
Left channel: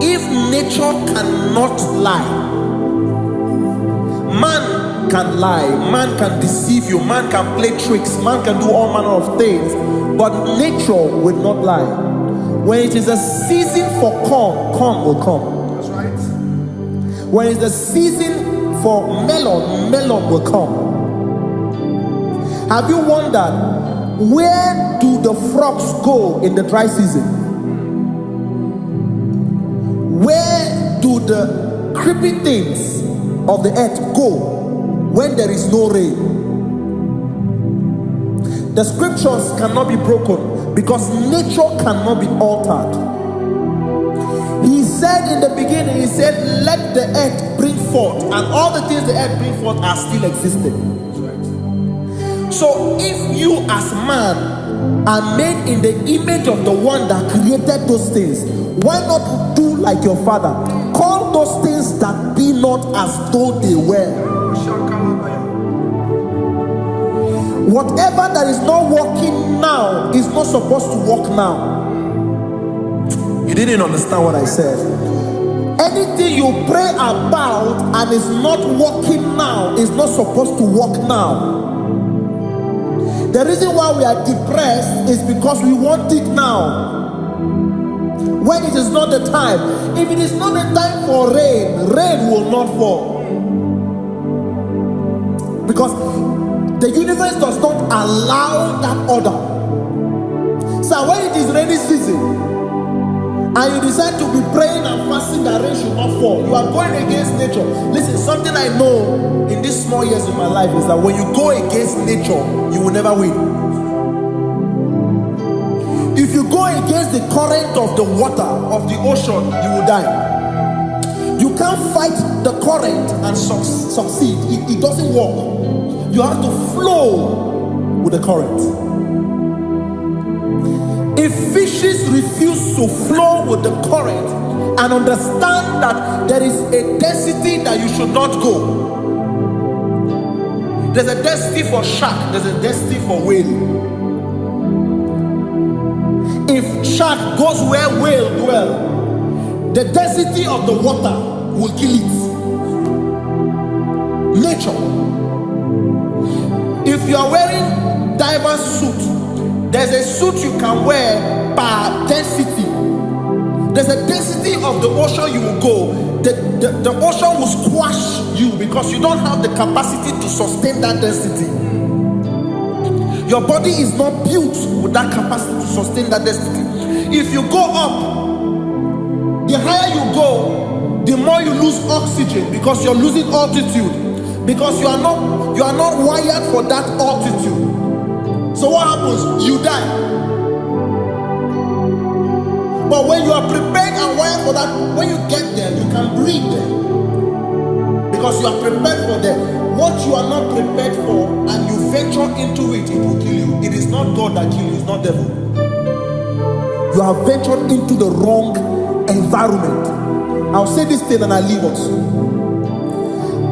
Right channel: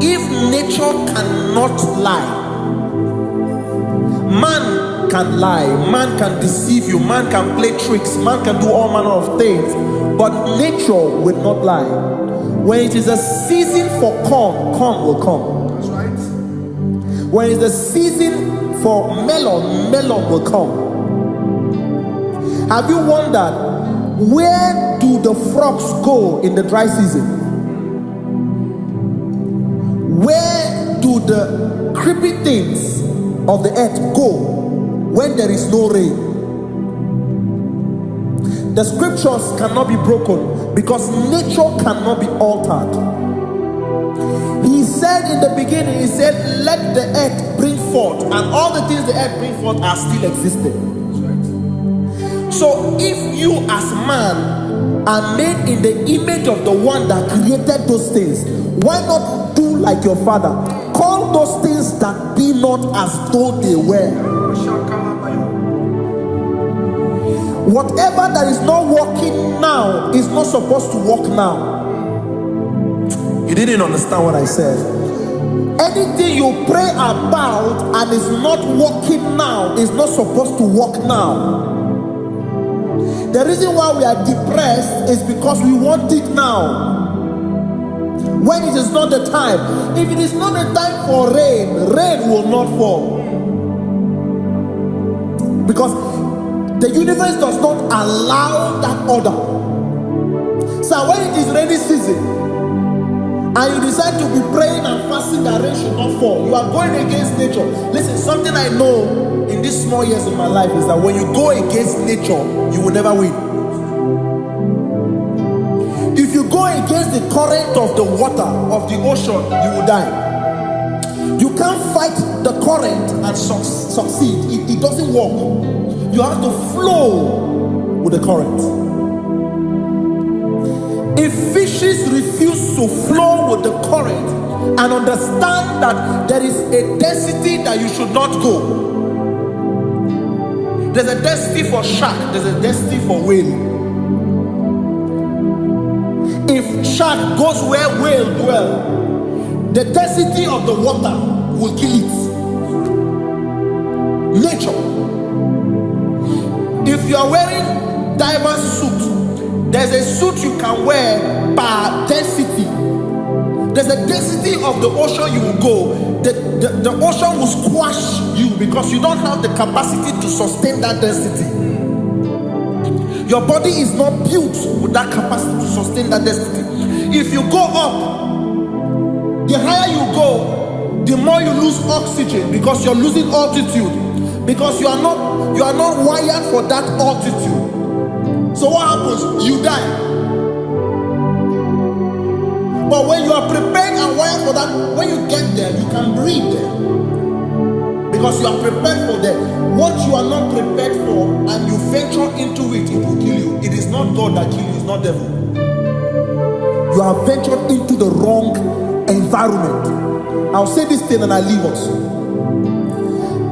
If nature cannot lie, man man can lie, man can deceive you, man can play tricks, man can do all manner of things, but nature will not lie. When it is a season for corn, corn will come. That's right. When it's the season for melon, melon will come. Have you wondered, where do the frogs go in the dry season? Where do the creepy things of the earth go when there is no rain? The scriptures cannot be broken because nature cannot be altered. He said in the beginning, he said, let the earth bring forth, and all the things the earth bring forth are still existing. That's right. So if you as man are made in the image of the one that created those things, why not do like your father? Call those things that be not as though they were. Whatever that is not working now is not supposed to work now. You didn't understand what I said. Anything you pray about and is not working now is not supposed to work now. The reason why we are depressed is because we want it now, when it is not the time. If it is not the time for rain, rain will not fall, because the universe does not allow that order. So when it is rainy season and you decide to be praying and fasting that rain should not fall, you are going against nature. Listen, something I know in these small years in my life is that when you go against nature, you will never win. If you go against the current of the water of the ocean, you will die. You can't fight the current and succeed. It doesn't work. You have to flow with the current. If fishes refuse to flow with the current and understand that there is a density that you should not go, there's a density for shark, there's a density for whale. If shark goes where whale dwell, the density of the water will kill it. Nature. If you are wearing diverse suit, there's a suit you can wear per density. There's a density of the ocean you will go. The ocean will squash you because you don't have the capacity to sustain that density. Your body is not built with that capacity to sustain that density. If you go up, the higher you go, the more you lose oxygen because you're losing altitude, because you are not wired for that altitude. So what happens? You die. But when you are prepared and wired for that, when you get there, you can breathe there, because you are prepared for that. What you are not prepared for and you venture into it, it will kill you. It is not God that kills you, it's not devil. You have ventured into the wrong environment. I'll say this thing and I leave us.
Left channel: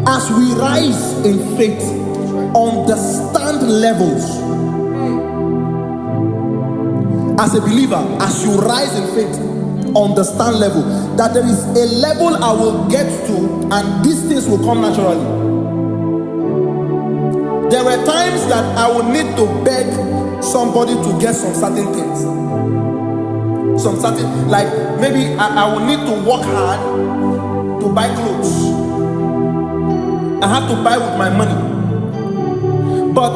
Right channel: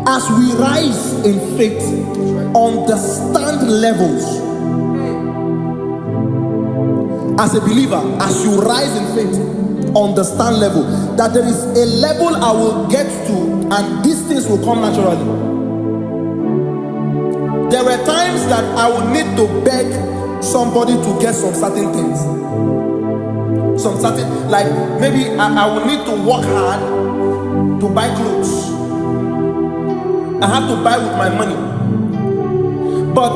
As we rise in faith, understand levels. As a believer, as you rise in faith, understand level. That there is a level I will get to and these things will come naturally. There were times that I would need to beg somebody to get some certain things. Some certain, like maybe I would need to work hard to buy clothes. I have to buy with my money. But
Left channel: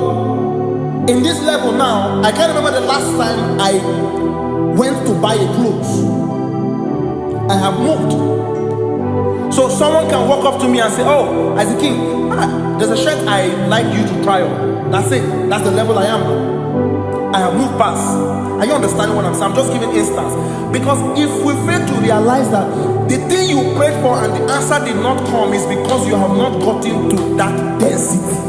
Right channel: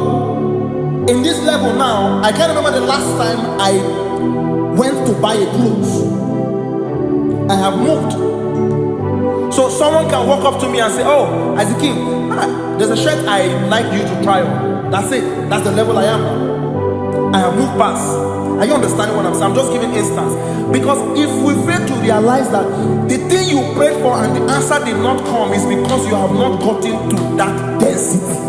in this level now, I can't remember the last time I went to buy a clothes. I have moved. So someone can walk up to me and say, oh, Isaac King, there's a shirt I like you to try on. That's it. That's the level I am now. I have moved past. Are you understanding what I'm saying? I'm just giving instance. Because if we fail to realize that the thing you prayed for and the answer did not come is because you have not gotten to that density.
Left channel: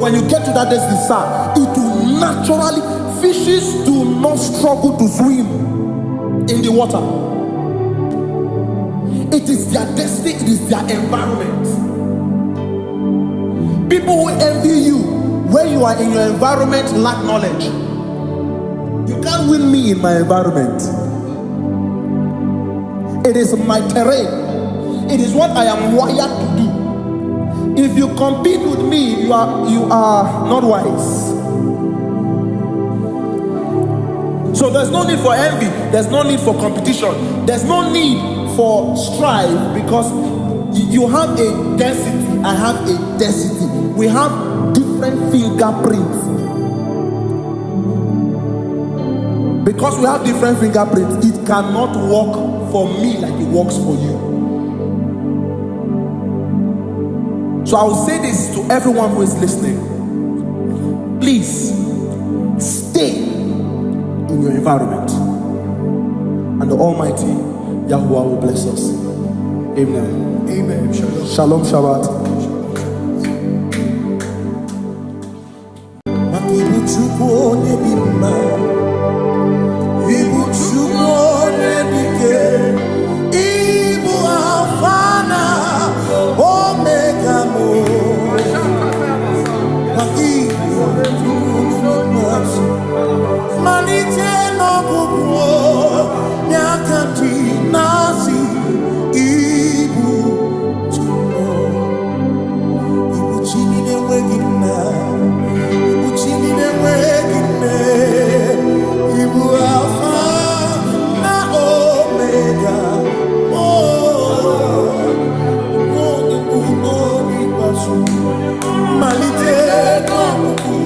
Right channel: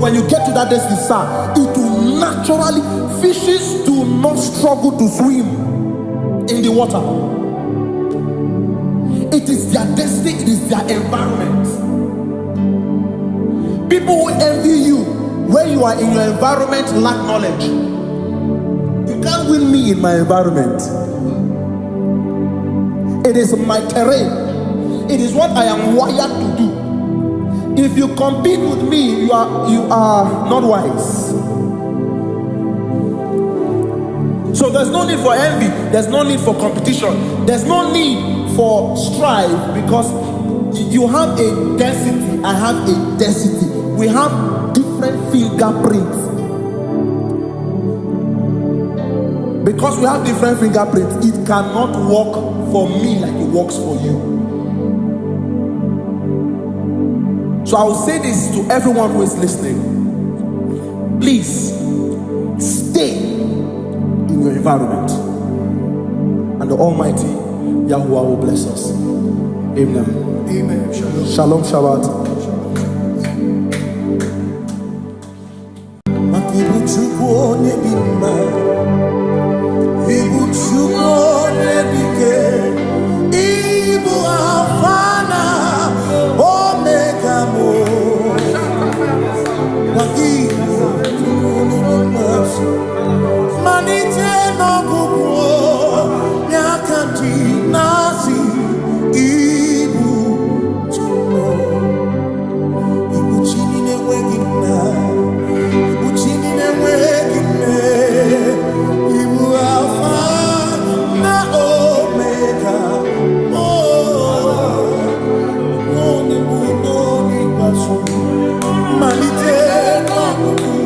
When you get to that density, sir, it will naturally, fishes do not struggle to swim in the water. It is their destiny, it is their environment. People who envy you when you are in your environment lack knowledge. You can't win me in my environment. It is my terrain. It is what I am wired to do. If you compete with me, you are not wise. So there's no need for envy, there's no need for competition, there's no need for strife, because you have a density, I have a density. We have different fingerprints. Because we have different fingerprints, it cannot work for me like it works for you. So I will say this to everyone who is listening. Please stay in your environment, and the Almighty Yahuwah will bless us. Amen. Amen. Shalom. Shalom Shabbat. Makibu chukwu onye dị mma, ibu chukwu onye dike, ibu Alpha na Omega mo. Makibu chukwu onye dị mma, malite n'ọgwụgwụ nyakanti nasi, ibu chukwu, ibu chini n'enweghị nna, ibu chini n'enweghị nne, ibu Alpha na Omega. Onye bụ n'ikpeazụ, malite n'ọgwụgwụ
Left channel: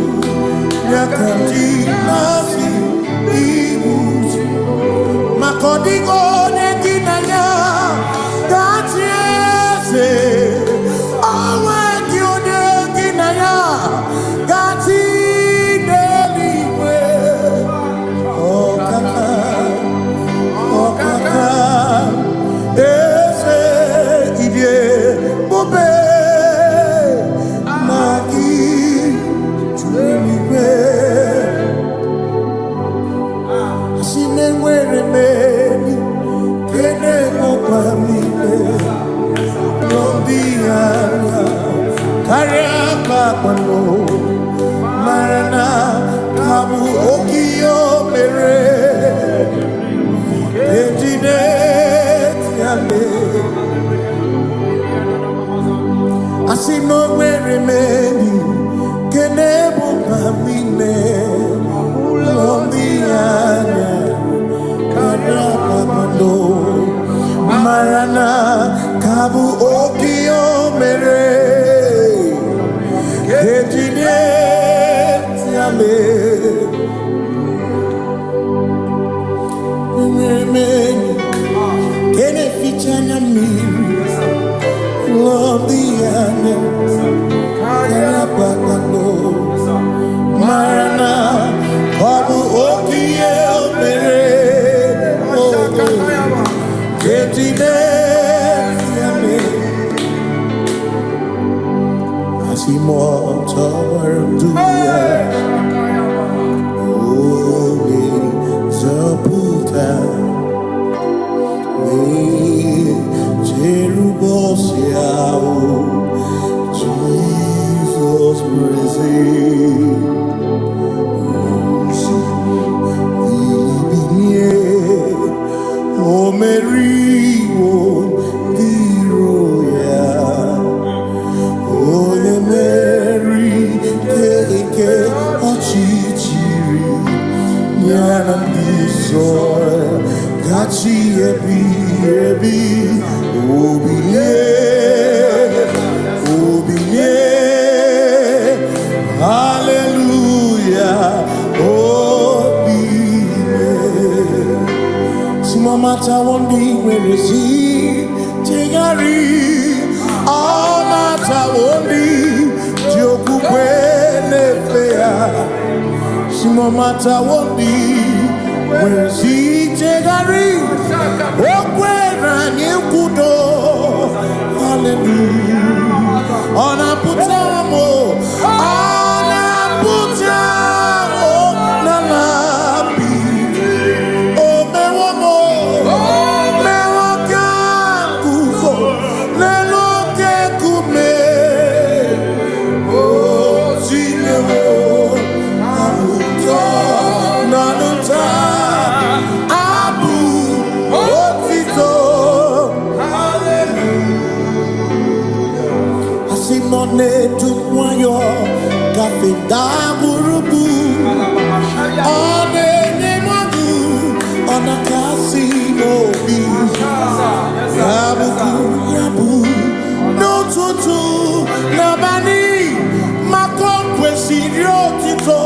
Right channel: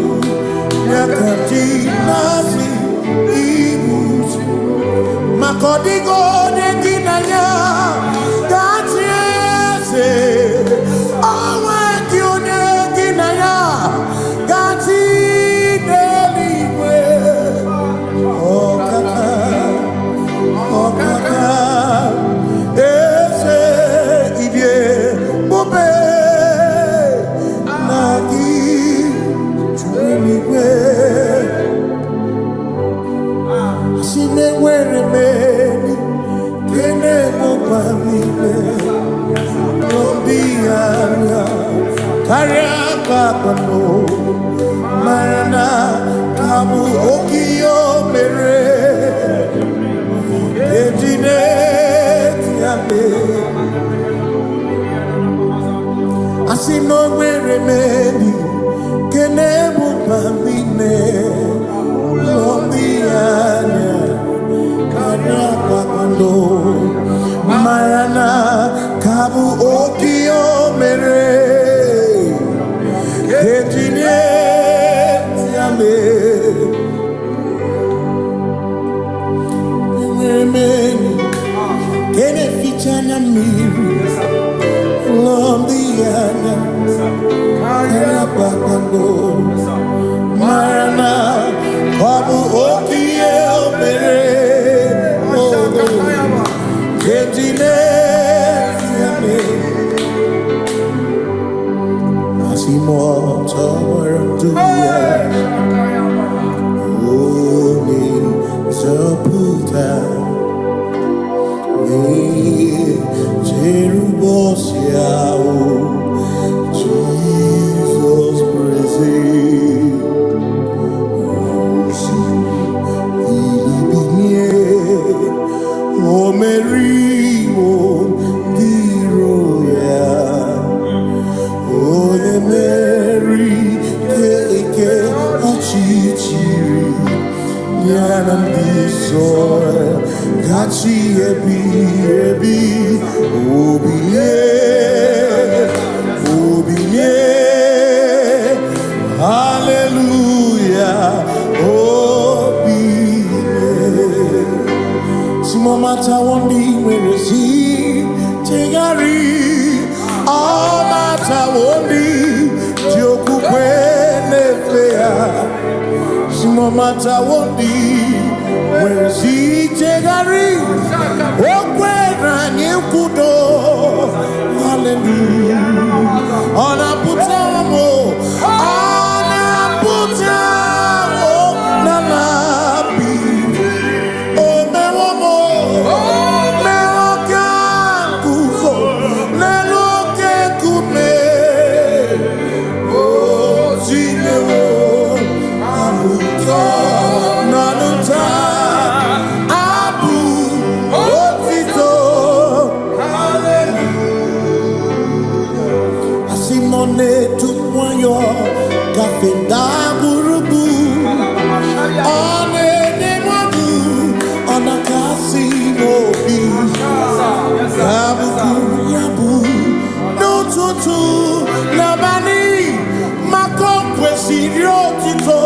nyakanti nasi, ibu maka ọ dịghị onye gị na ya ga-achị eze, onwe gị onye gị na ya ga-achị n'eluigwe. Ọkaka eze idie bube na gị juru eluigwe. Si n'enwere meni kene mokwa mile, lombi anya karịa kpakpando, marana kabu okiyo mere ejide tiale. Asi n'enwere meni kene mokwa mile, lombi anya karịa kpakpando, marana kabu okiyo mere ejide tiale. Enwere meni kene fichana mmiri, lombi anya karịa kpakpando, marana kabu okiyo mere ejide tiale. Asimotawaranduya Oni Zaputa Me Jerubosiao Jesus praise Osiku Filibinye O Mary won't be royal. Oh, the Mary, Keke, Ochichiri, Yanam Disor, Gachi, Ebi, Obiye, Hallelujah, Obiye. Simamata wondi, where is he? Tegari. All matter wondi, Joku kwene fea. Simo matter wondi, where si tegari. Okwera nyekudo, hallelujah. Ona putamo, na labi. O mewamo, mewo kanguzo, lelo. Hallelujah. none to one yo kafenda burubu one nemadu ona kasi mobi yabu yabu no tutu nabani mako kwesirio tito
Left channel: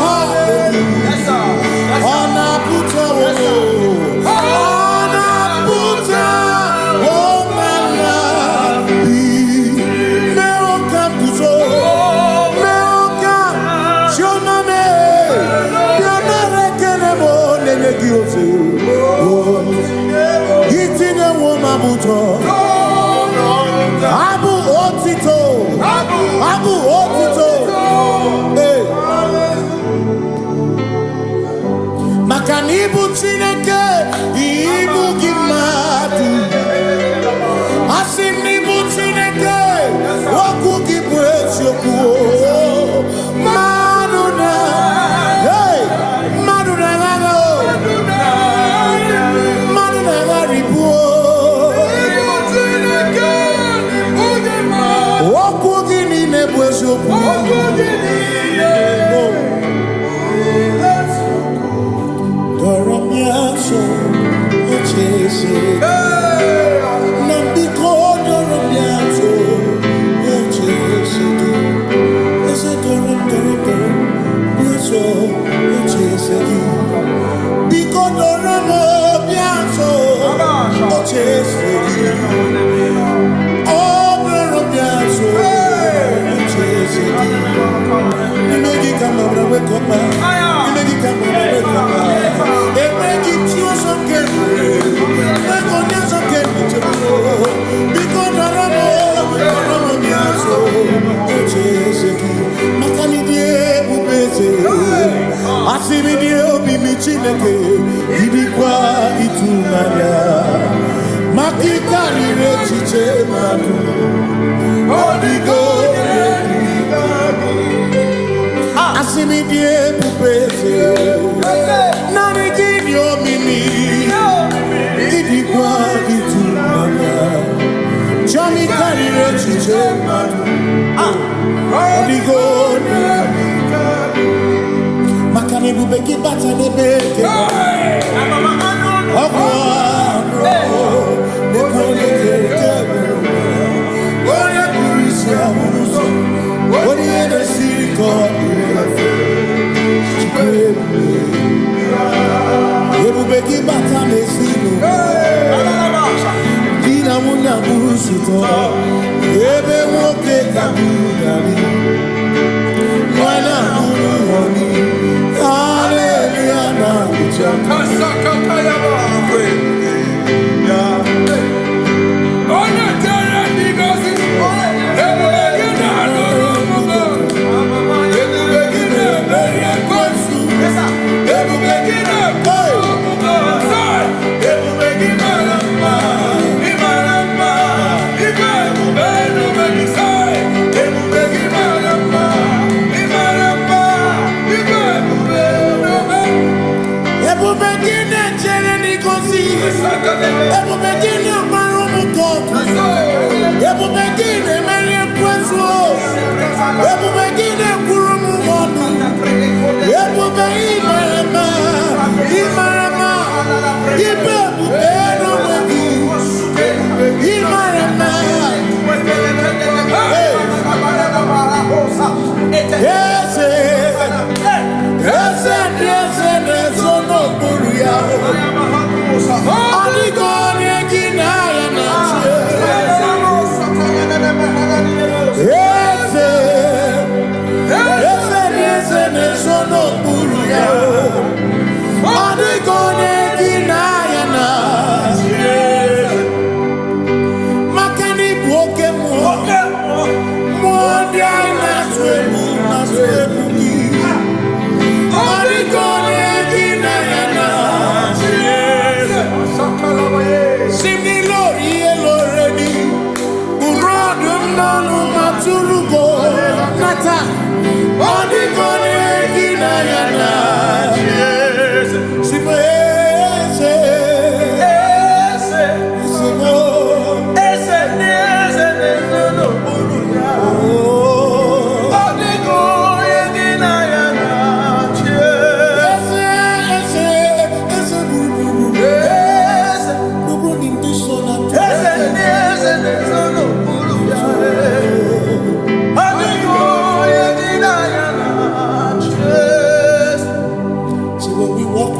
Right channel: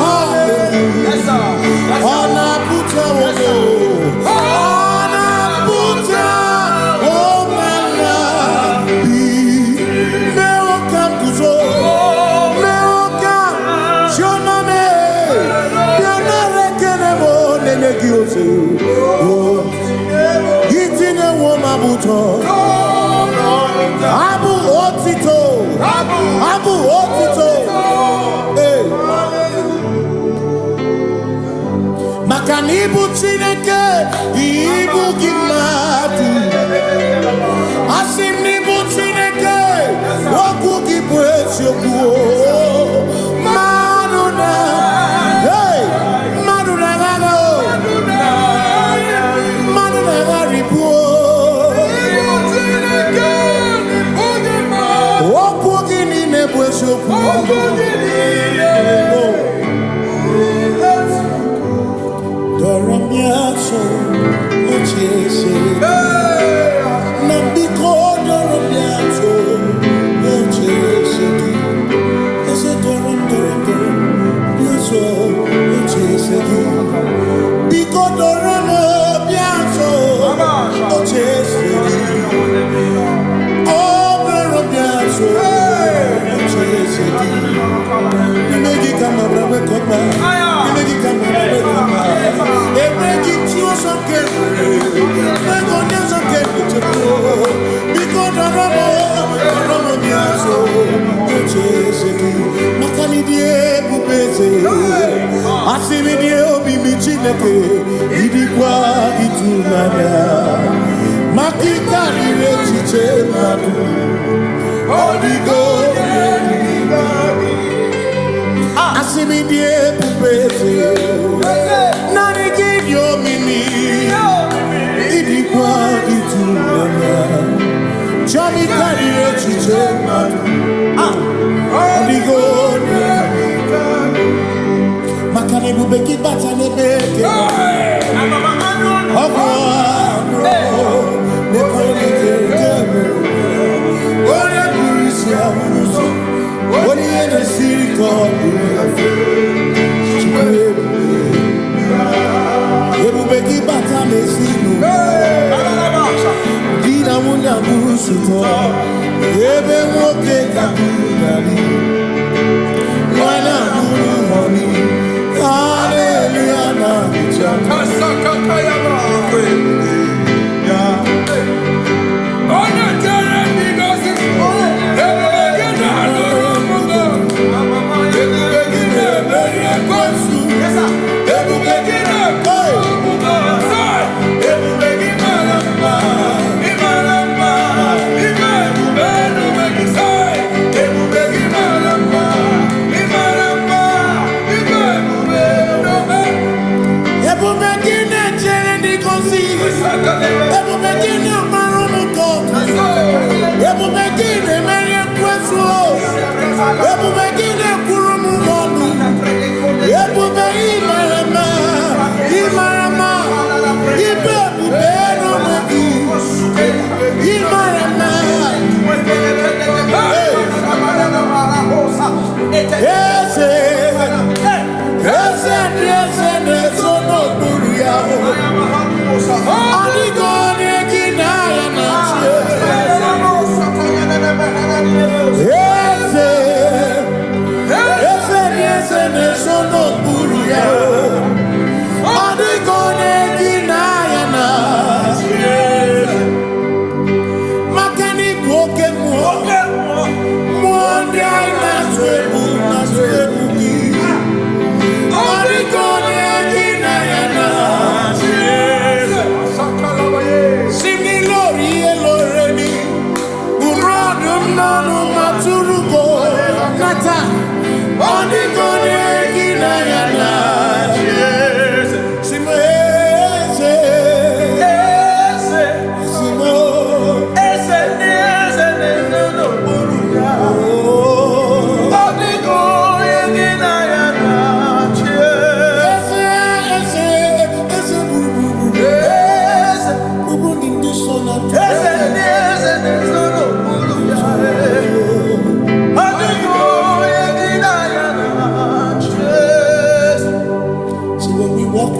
hallelujah ona puta wono ona puta womala meo kambuzo meo kam shoname bionare kenemo nenegioze itine woma buto Abu Otito. Abu Otito. Hey. Makanibu Chineke. Ibu Gimatu. Asinibu Chineke. Waku Gibwesyoku. Maduna. Hey. Maduna Gago. Maduna Garibu. Doramiaso, ochese. Nambiko doramiaso, ochese. Ese doram, biaso, ochese. Biko doramiaso, ochese. Oh, doramiaso. You make it come up, wake up. You make it come up, wake up. They make it you so carefully. They go down so carefully. Because the Ramo Biaso, Makani die Bubese, Asimi die Obi Michineke, Idikwa Itunaya, Maki Kari Rechiche Madu. Odigo, Asimi die pupese, nani kidio mimi, idikwa itunana, chami karire chiche matu, odigo, makane bubeki bata nebeke, ogwa no, nekone kebe. When you in the city called Ebubeki Batame Sino Dina Muna Musuto Ebe Woke Kabudali Wana Munu Honi Hallelujah na Kuchama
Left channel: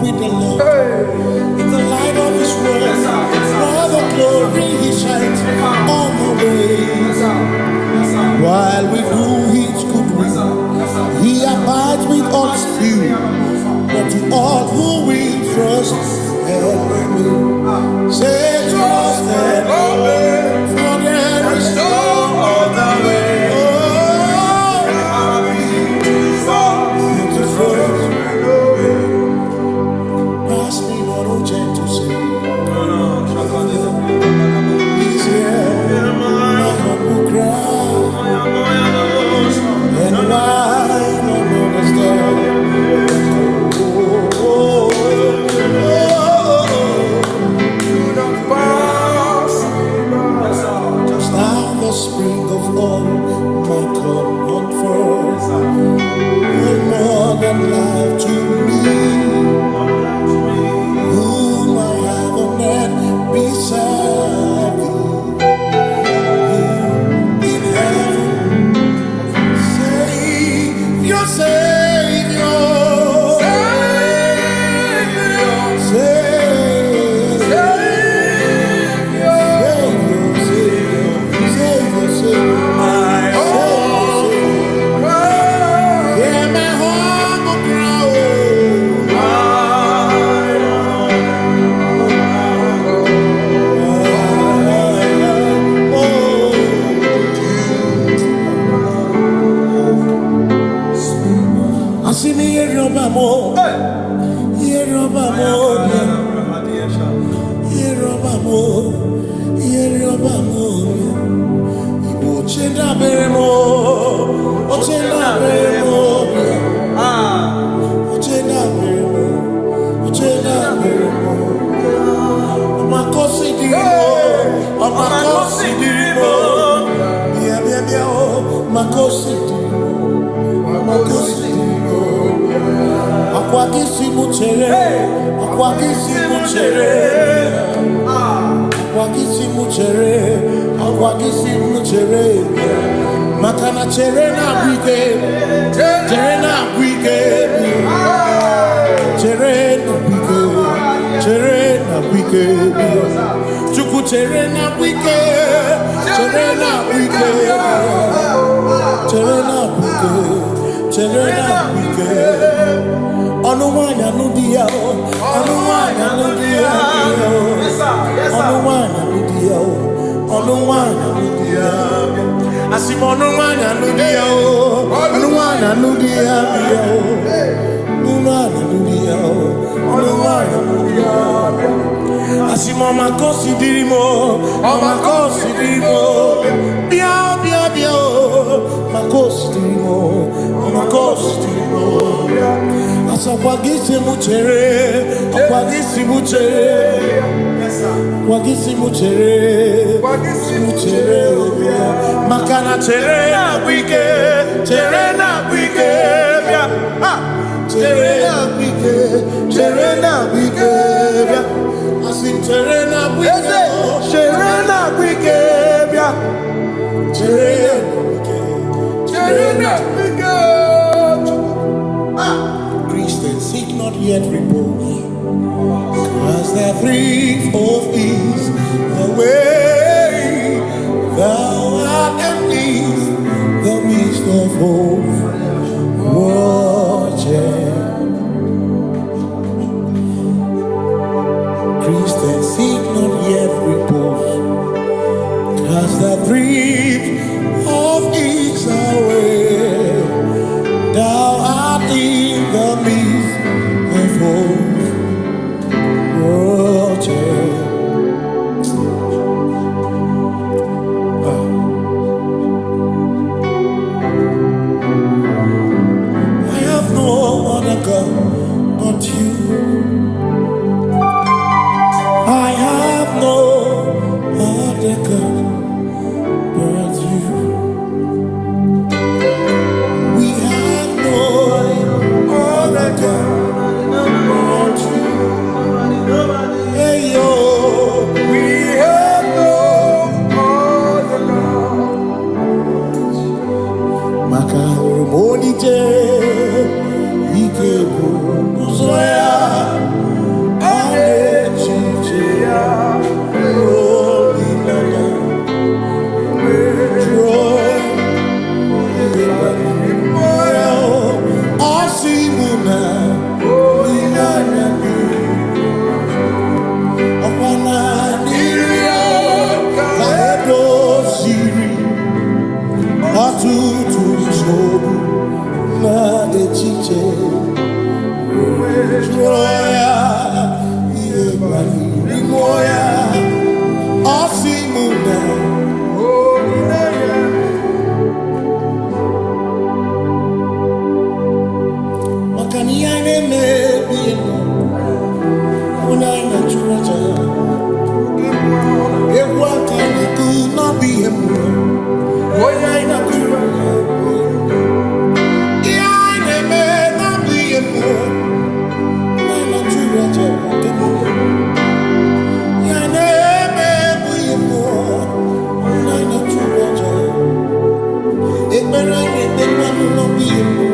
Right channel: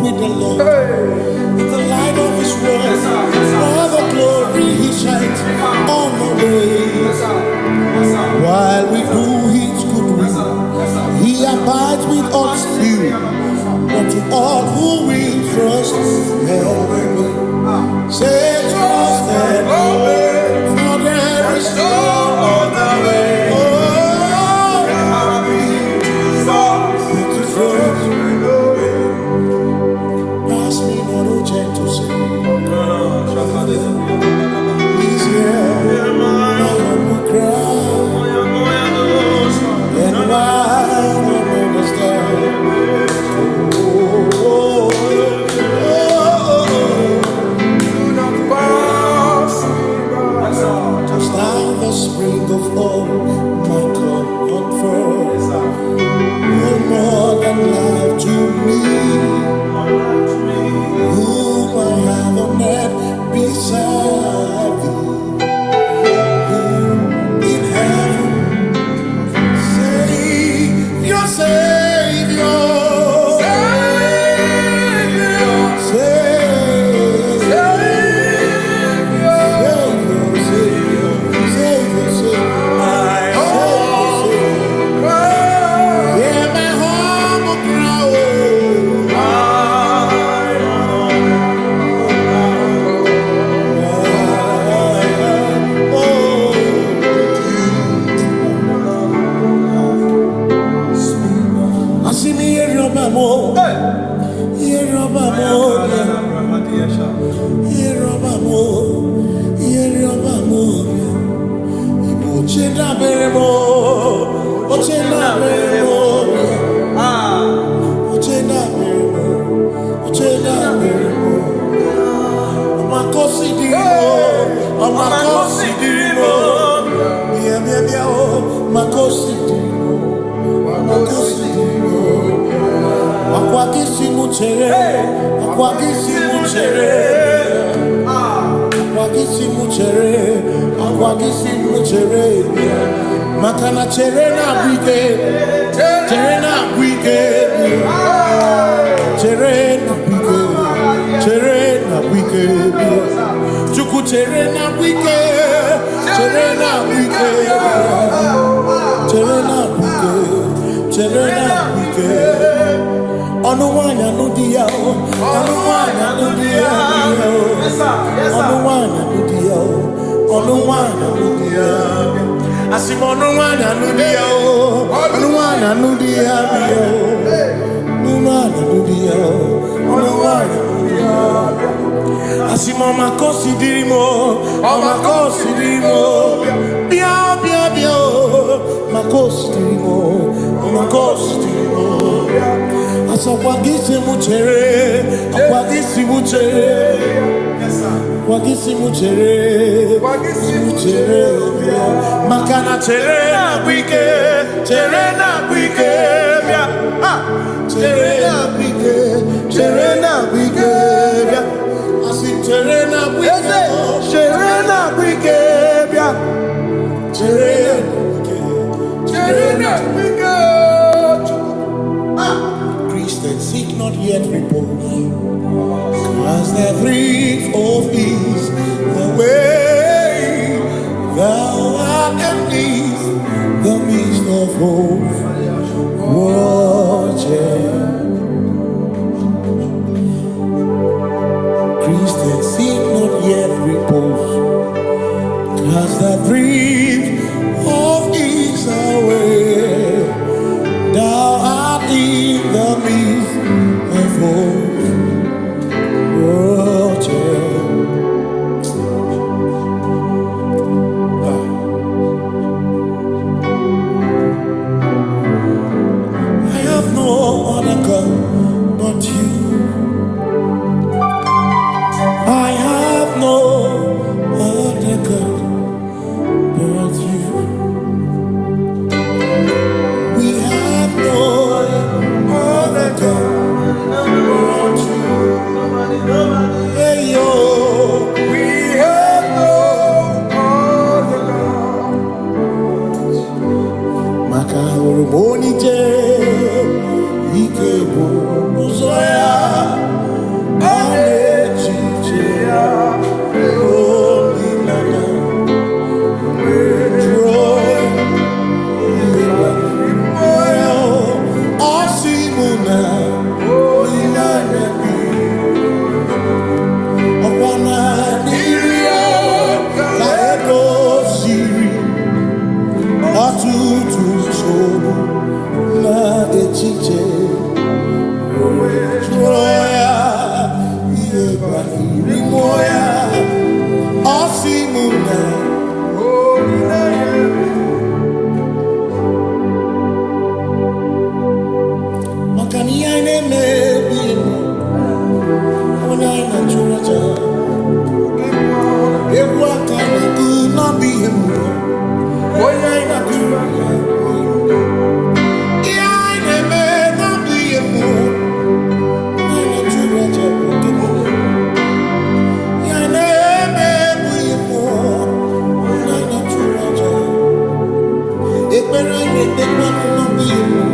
with the Lord. In the light of His word, for the glory He shines on the way. While we do His good will, He abides with us few. But to all who will trust and obey, say trust and obey, for there is no other way. Pass me not, O gentle Savior. He's here, my humble cry, and why not understand? Do not pass me by. Just now the spring of all my comfort, no more than life to me. Whom I have on earth beside thee, whom in heaven, Savior, Savior, Igbo chenda beremo, ochenda beremo, ochenda beremo, ochenda beremo. Amakosi dirimo, amakosi dirimo, bia bia bia oh, makosi dirimo, amakosi dirimo. Akwagisi muchere, akwagisi muchere, akwagisi muchere, akwagisi muchere. Makana chere na bwike, chere na bwike, chere na bwike, chere na bwike. Chuku chere na bwike, chere na bwike, chere na bwike, chere na bwike. Onuwanya nudia o, onuwanya nudia o, onuwanya nudia o, onuwanya nudia. Asim onuwanya nudia o, onuwanya nudia o, onuwanya nudia o, onuwanya nudia. Asim omakosi dirimo, omakosi dirimo, bia bia bia o, makosi dirimo, omakosi dirimo. Asakwagisi muchere, akwagisi muchere, akwagisi muchere, muchere. Makana chere na bwike, chere na bwike, chere na bwike, chere na bwike. Asim chere na bwike, chere na bwike, chere na bwike, chere na bwike. Christians seek not yet repose, as the brief of ease away. Thou art amidst the midst of hope, watching. Christians seek not yet repose, as the brief of ease away. Thou art in the midst of hope, watching. I have no other God but you. I have no other God but you. We have no other God but you. Hey yo, We have no other God. Maka Monite, Ike Uzoya. chiche Troya Iebani Rimoya Osimuna Makani aine me biemo Ona ina churaja Ewa kana ku na biemo Ona ina churaja Iaine me na biemo Ona ina churaja Iaine me biemo Ona ina churaja Ekbera ne ekbera no biemo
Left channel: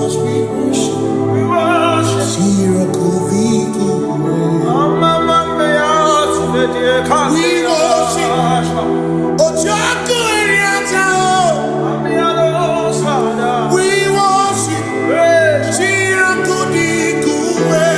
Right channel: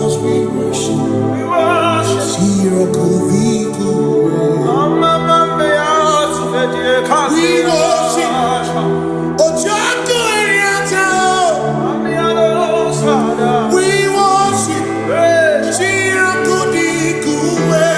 Cause we worship, we worship, Ojaku Eriata, we worship, Chirakudikuwe,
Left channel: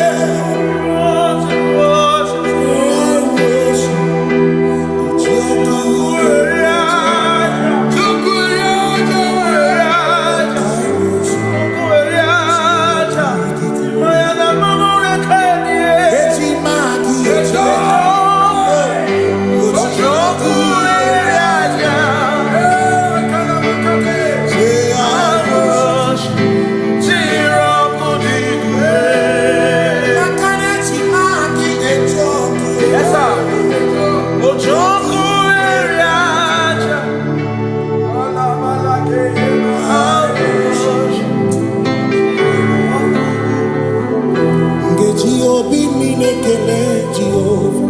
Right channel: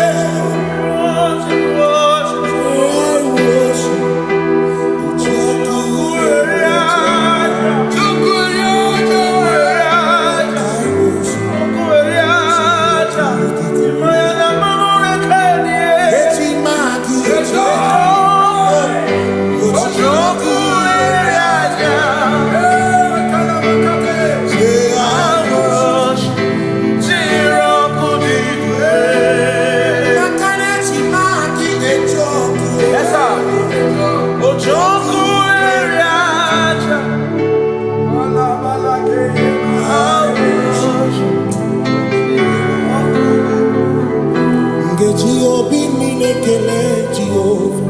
Obi minekele Jehova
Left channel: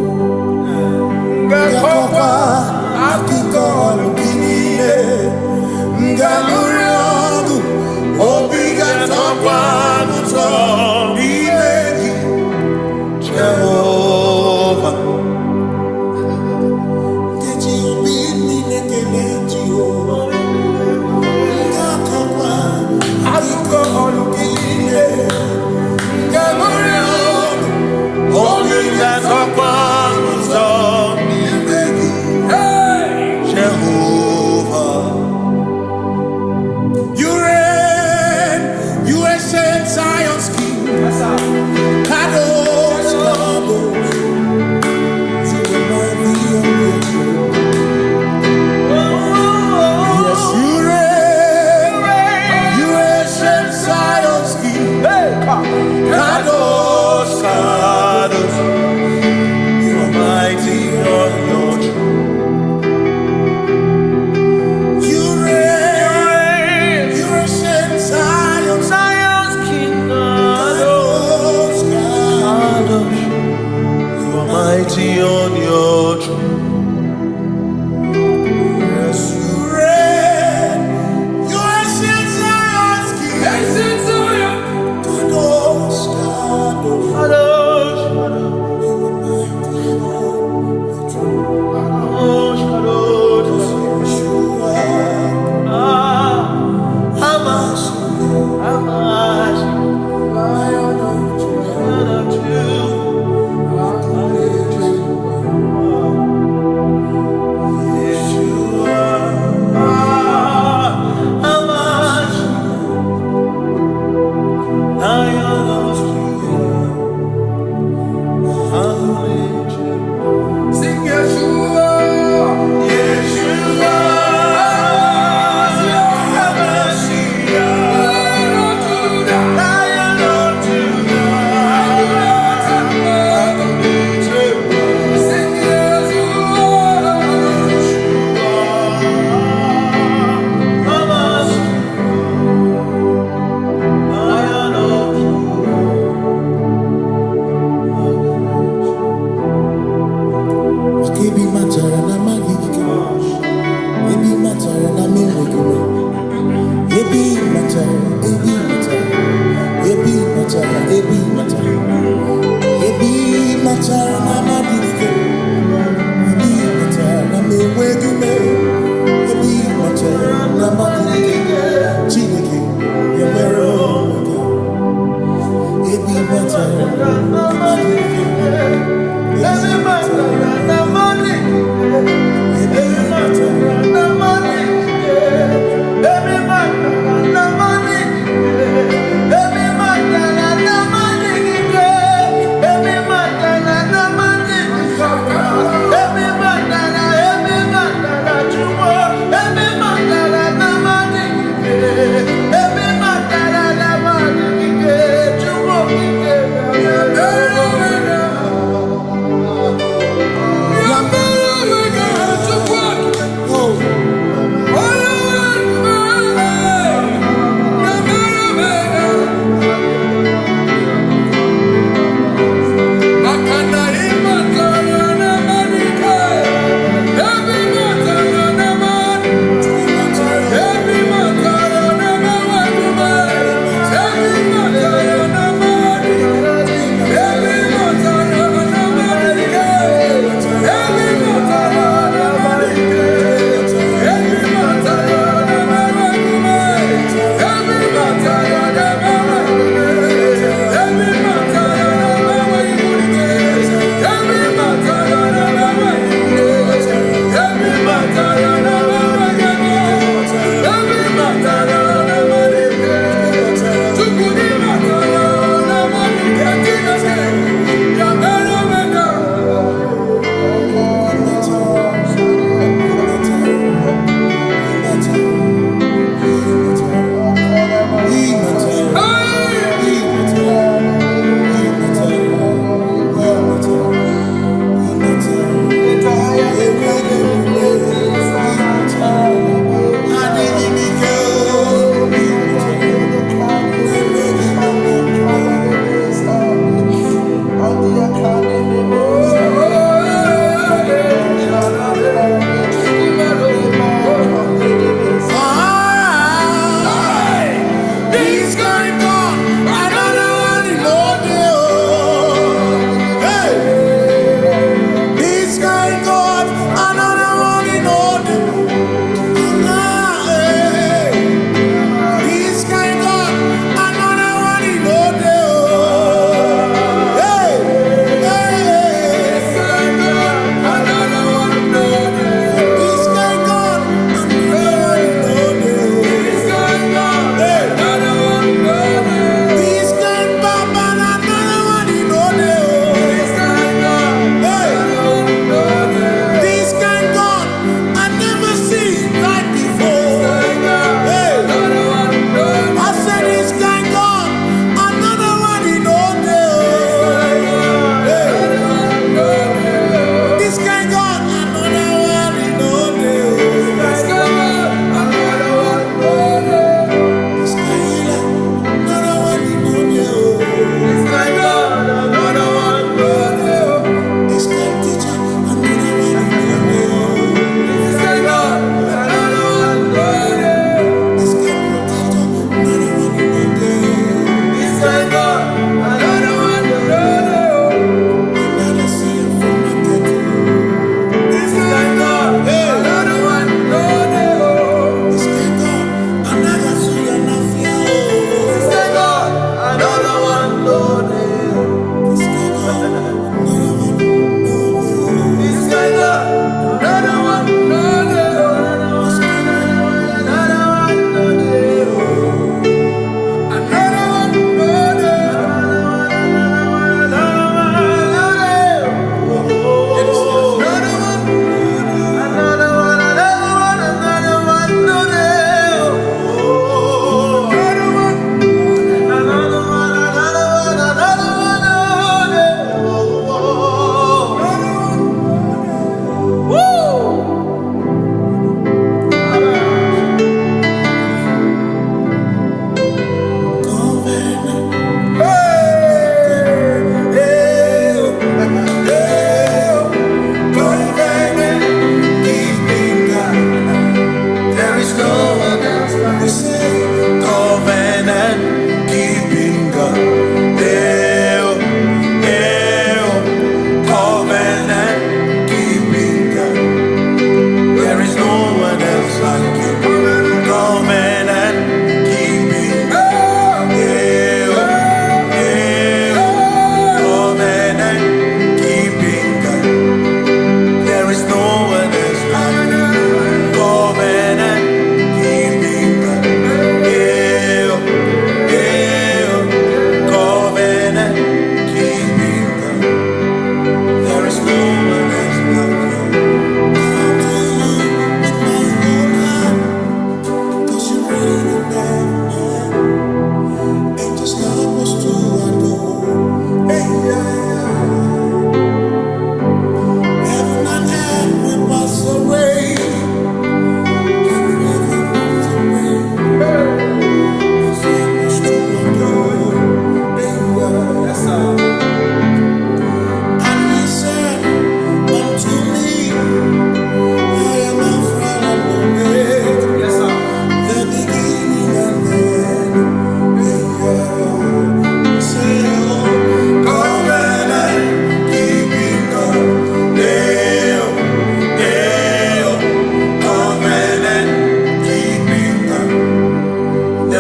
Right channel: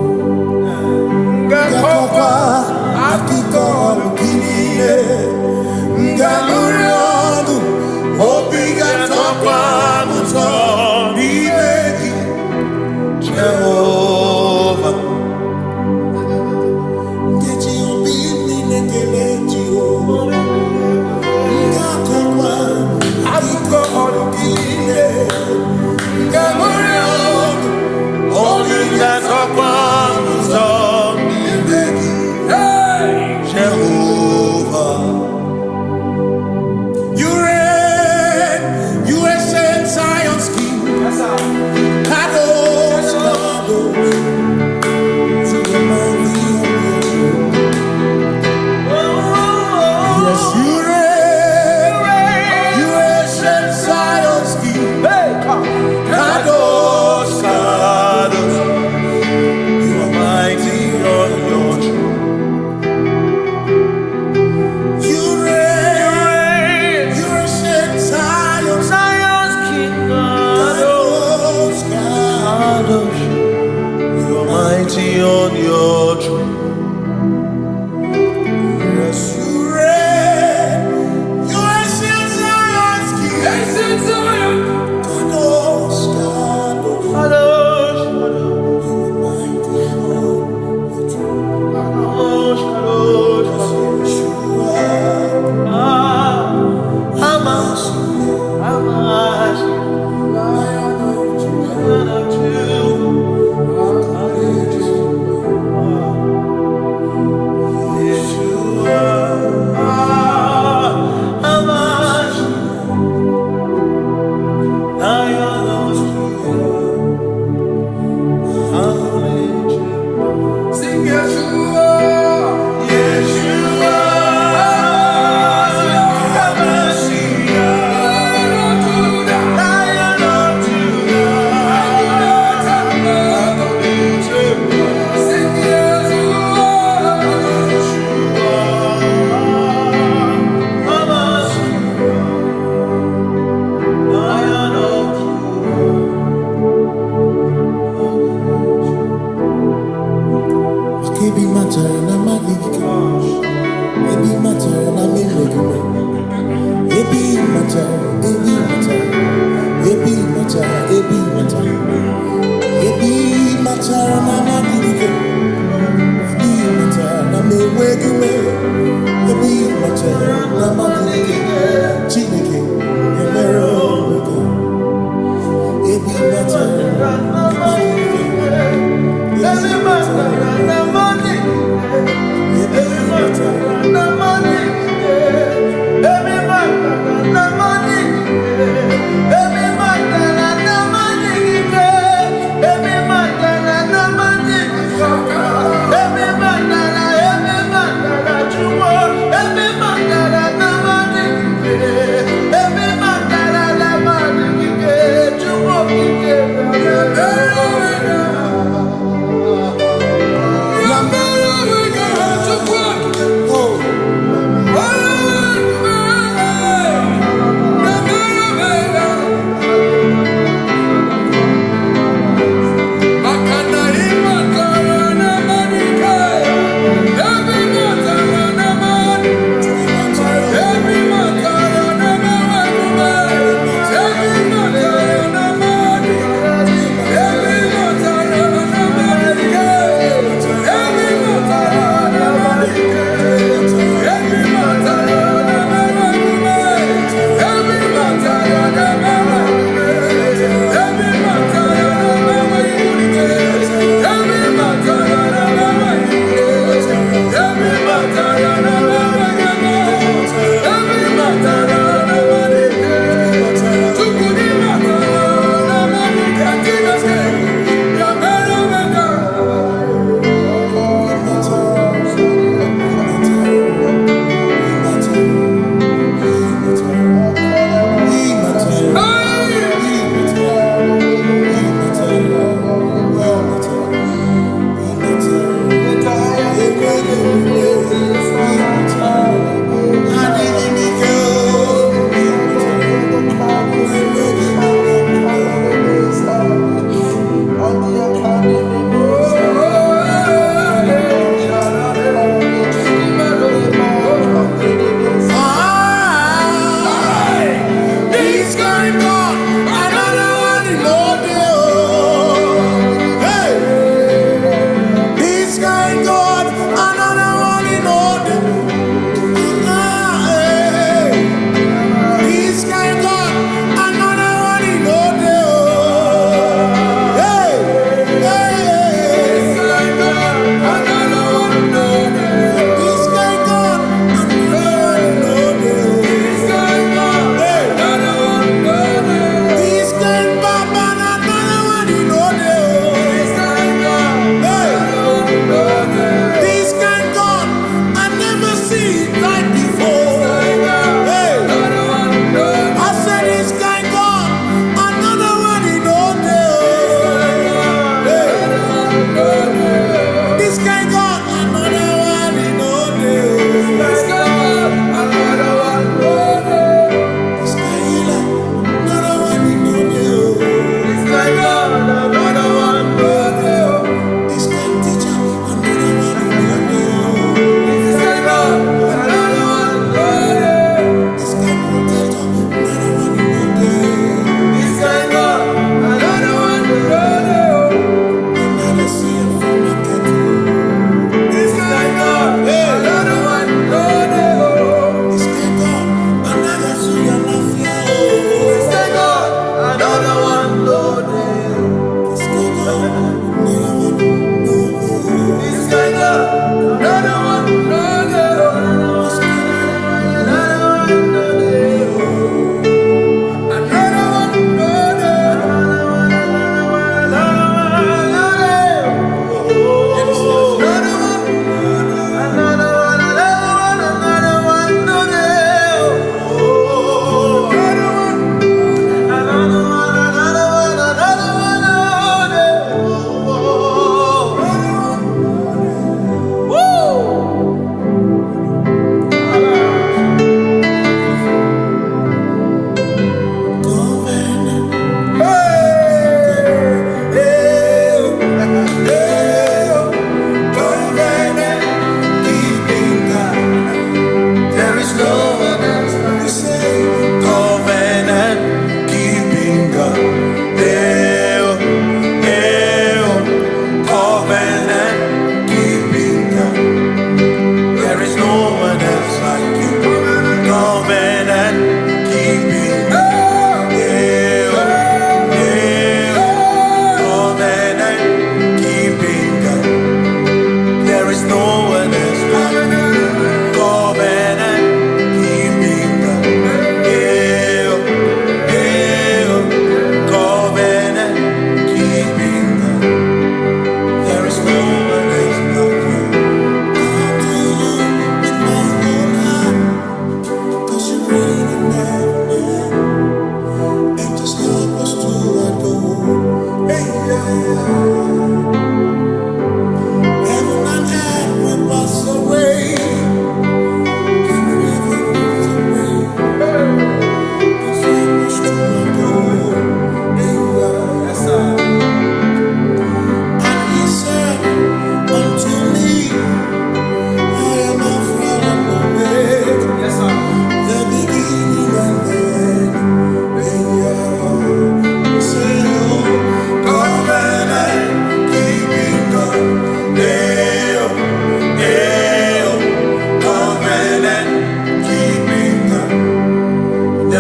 Ngakokwa akiko alukile Ngamuriogu Obi gatokwa muto Nimeki Jehova Ngeji obi minekele Jehova Ngakokwa akiko alukile Ngamuriogu Only that's upon Jehovah. You reign, you ancient Zion's King. Kadosh, Lion of sing Yeshua, Yeshua, Lion of Judah, sing Ebi matara na magike, ebi matara na menwegume, ebi matara, ebi matara, ebi matara, ebi matara, ebi matara na magike, ebi matara na menwegume, ebi matara na magike, Chineke yemero wega, ebi matara na magike. Every matter na money, every matter na money, every matter na money, every matter na money, every matter na money, every matter chumo, every matter na money, every matter na money, chumo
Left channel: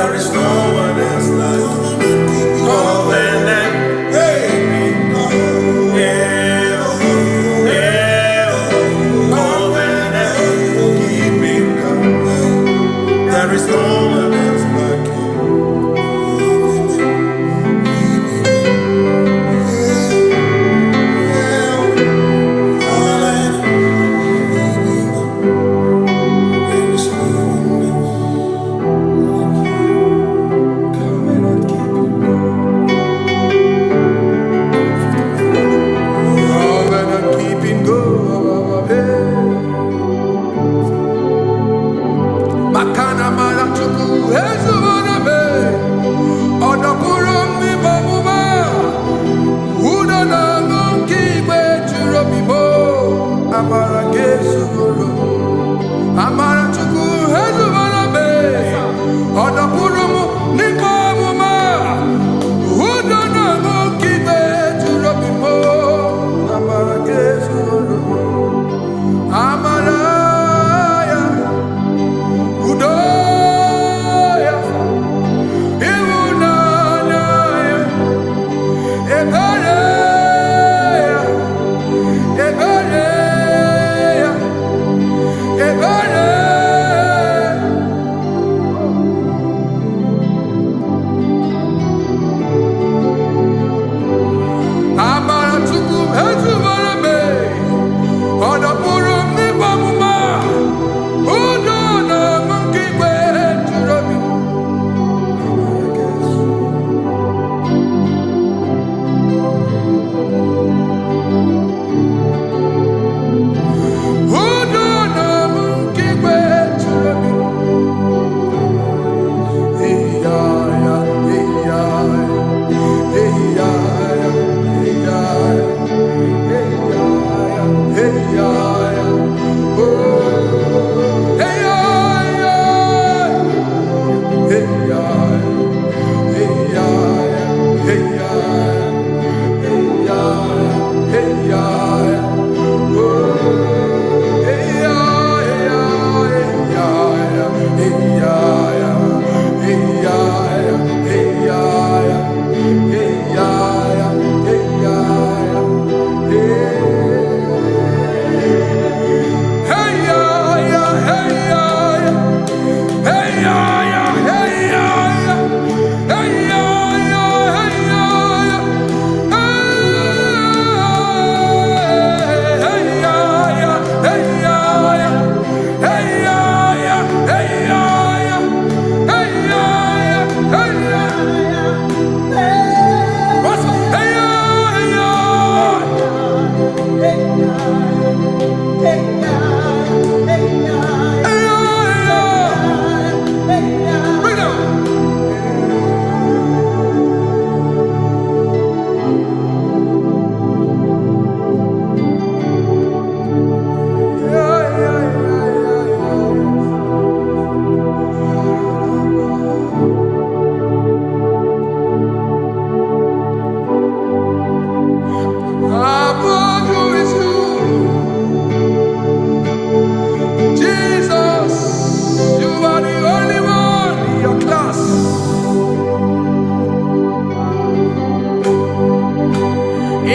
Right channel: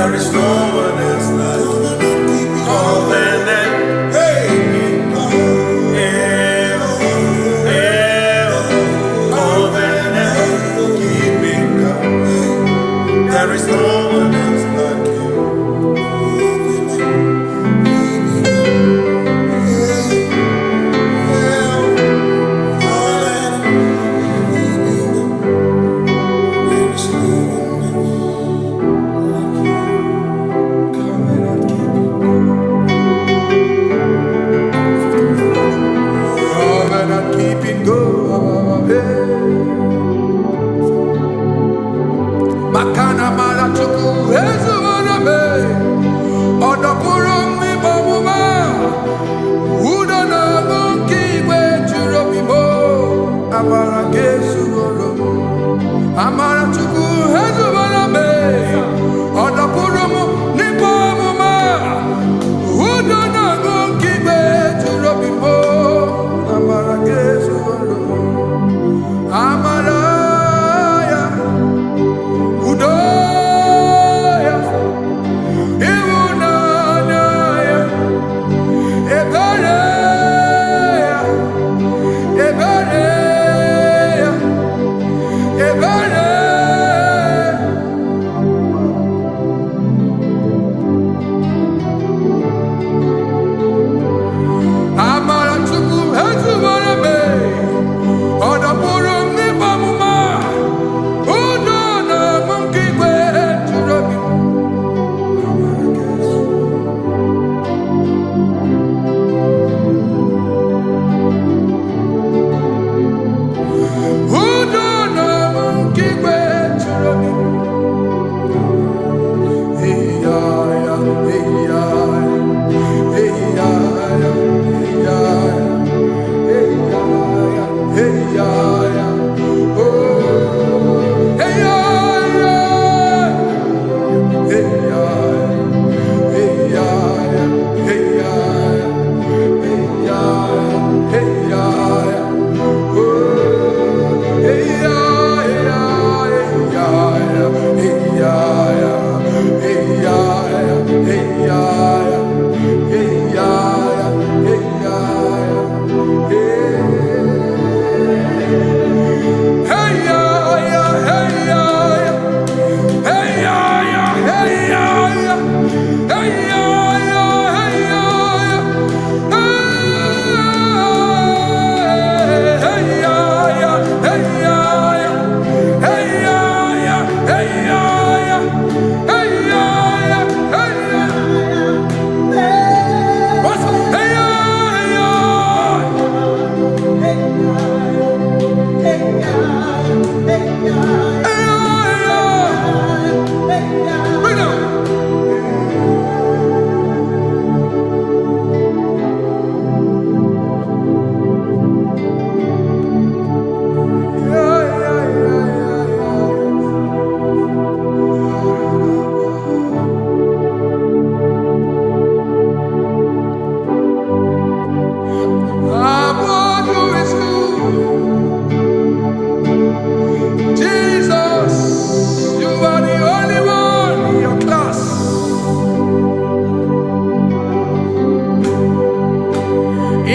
There is no one else like covenant. Hey, covenant keeping God. There is no one else like you. Makana marachuku ezuwarame odapurum ni bamuma udana ngunki gwechurobimo amara gesuwarum amarachuku ezuwarame odapurum ni bamuma udana ngunki gwechurobimo amara gesuwarum amara Udoya, Iwunanaya, Ebereya, Ebereya, Ebereya. Amara chuku ezuwarame, odapurum ni bamuma.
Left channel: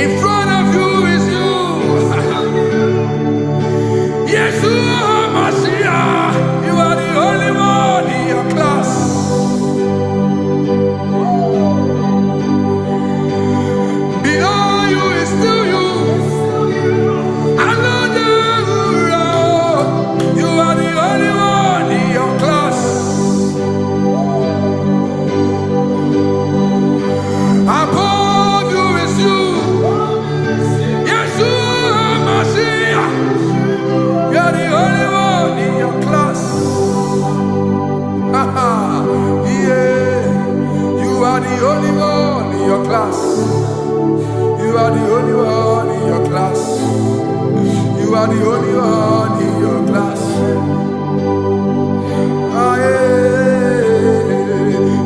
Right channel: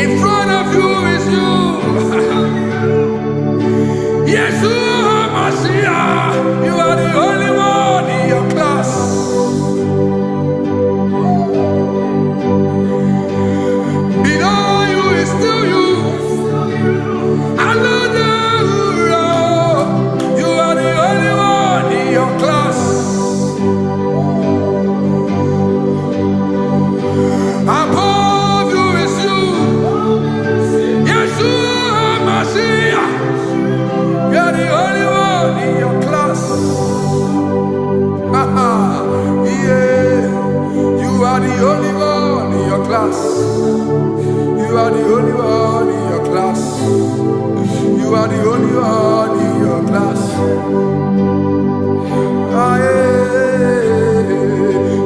In front of you is you. Yeshua Mashiach, you are the only one in your class. Below you is still you. You are the only one in your class. Above you is you. Yeshua Mashiach, you are the only one in your class. Yeah, you are the only one in your class. You are the only one in your class. You are the only one in your class. Ah, yeah.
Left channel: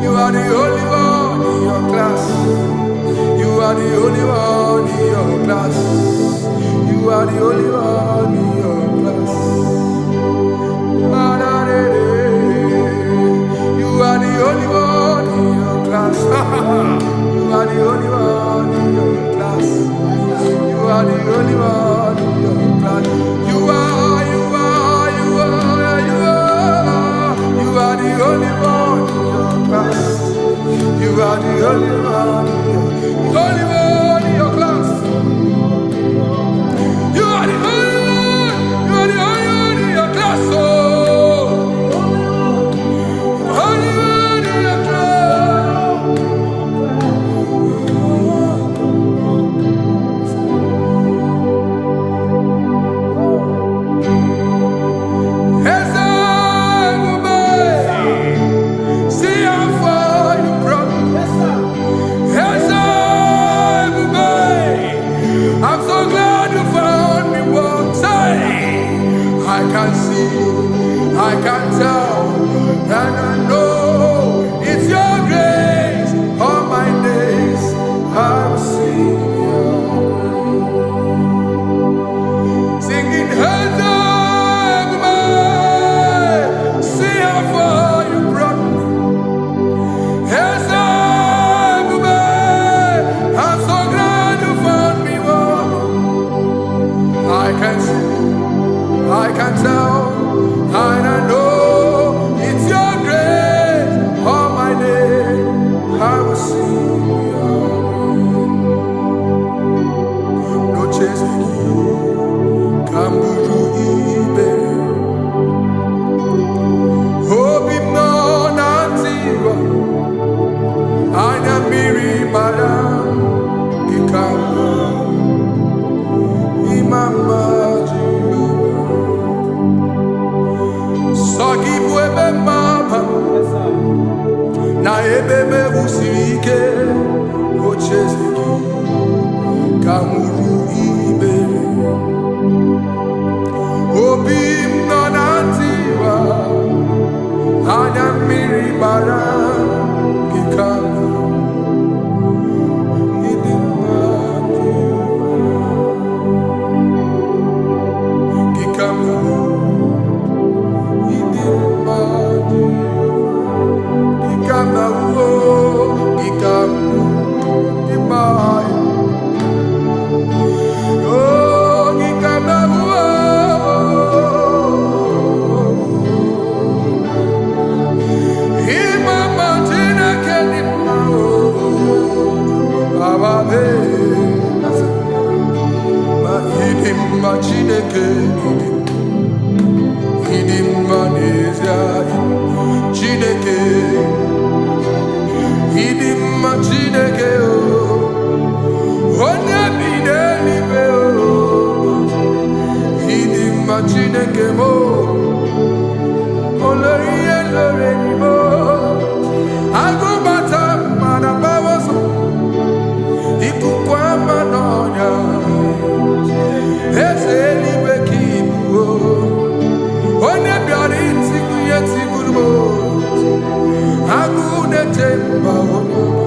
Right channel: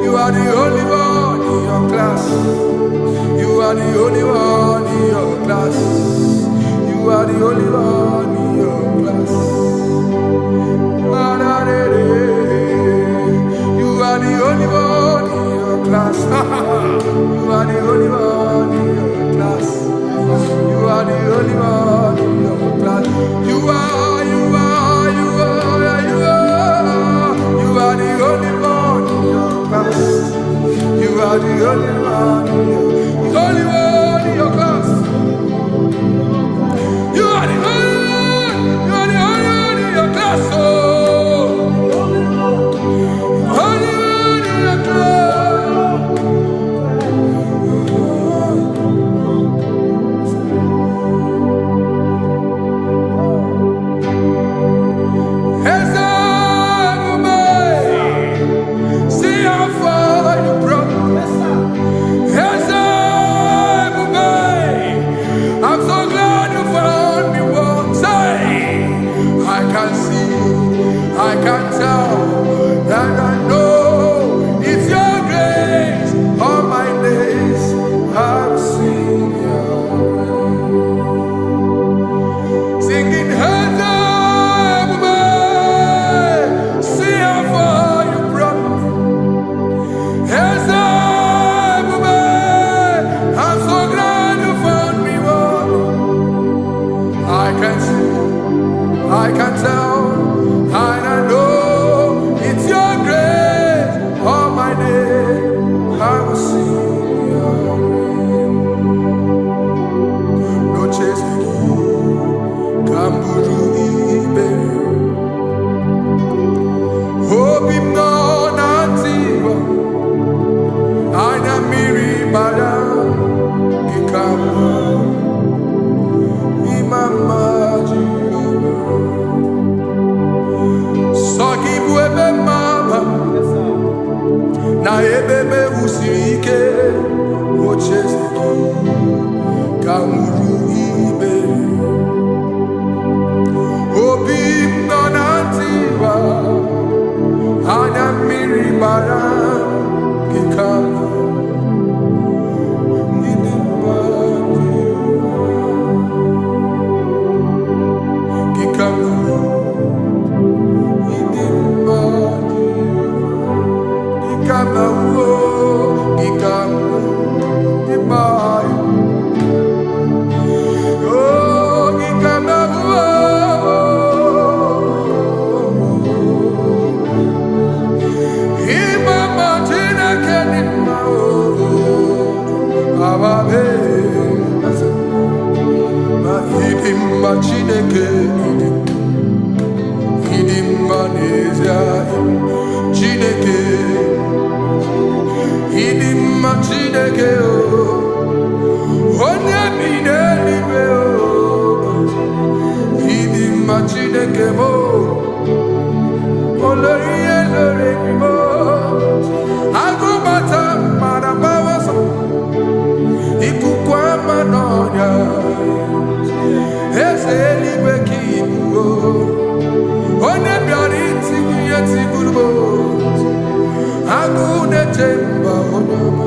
You are the only one in your class. You are the only one in your class. You are the only one in your class. You are the only one in your class. You are the only one in your class. You are the only one in your class. You are the only one in your class. You are the only one in your class. You are the only one in your class. Oh, only one in your class. See how far you brought me. I'm so glad you found me once. I can see, I can tell, and I know it's your grace. All my days I will sing your grace. Singing, see how far you brought me. I'm so glad you found me one. I can see, I can tell, and I know it's your grace. All my day I will sing your grace. No chasing, Kamburu Iberi. Hope him no nantiwa. Anya miri baram gikama imama Jehovah. Sagi buebe mama na ebe me usirike ochezegi kamuru ibere. Obim no nantiwa anya miri baram gikama. Chineke idim manezia Chineke idim Chineke o onye bi n'eluigwe o idim Chineke mo olori elore ni mo agụbata mara bawoso ikuku ama n'ọnya eze eluigwe ka ibu onye bịara itigbu ihe tigburu m agụ na-eche mba onye ọma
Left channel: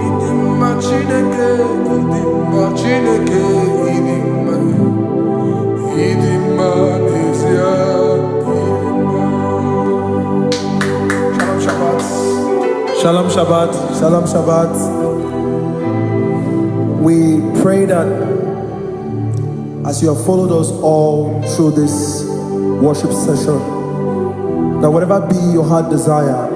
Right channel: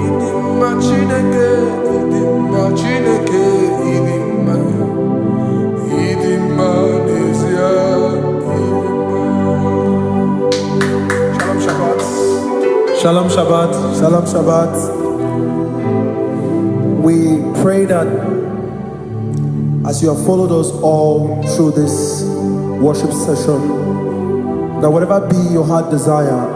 ịdị mma Chineke ịdị mma Chineke ịdị mma n'ezie ịdị mma. Shalom Shabbat. Shalom Shabbat. Shalom Shabbat. We pray that as you have followed us all through this worship session, that whatever be your heart desire,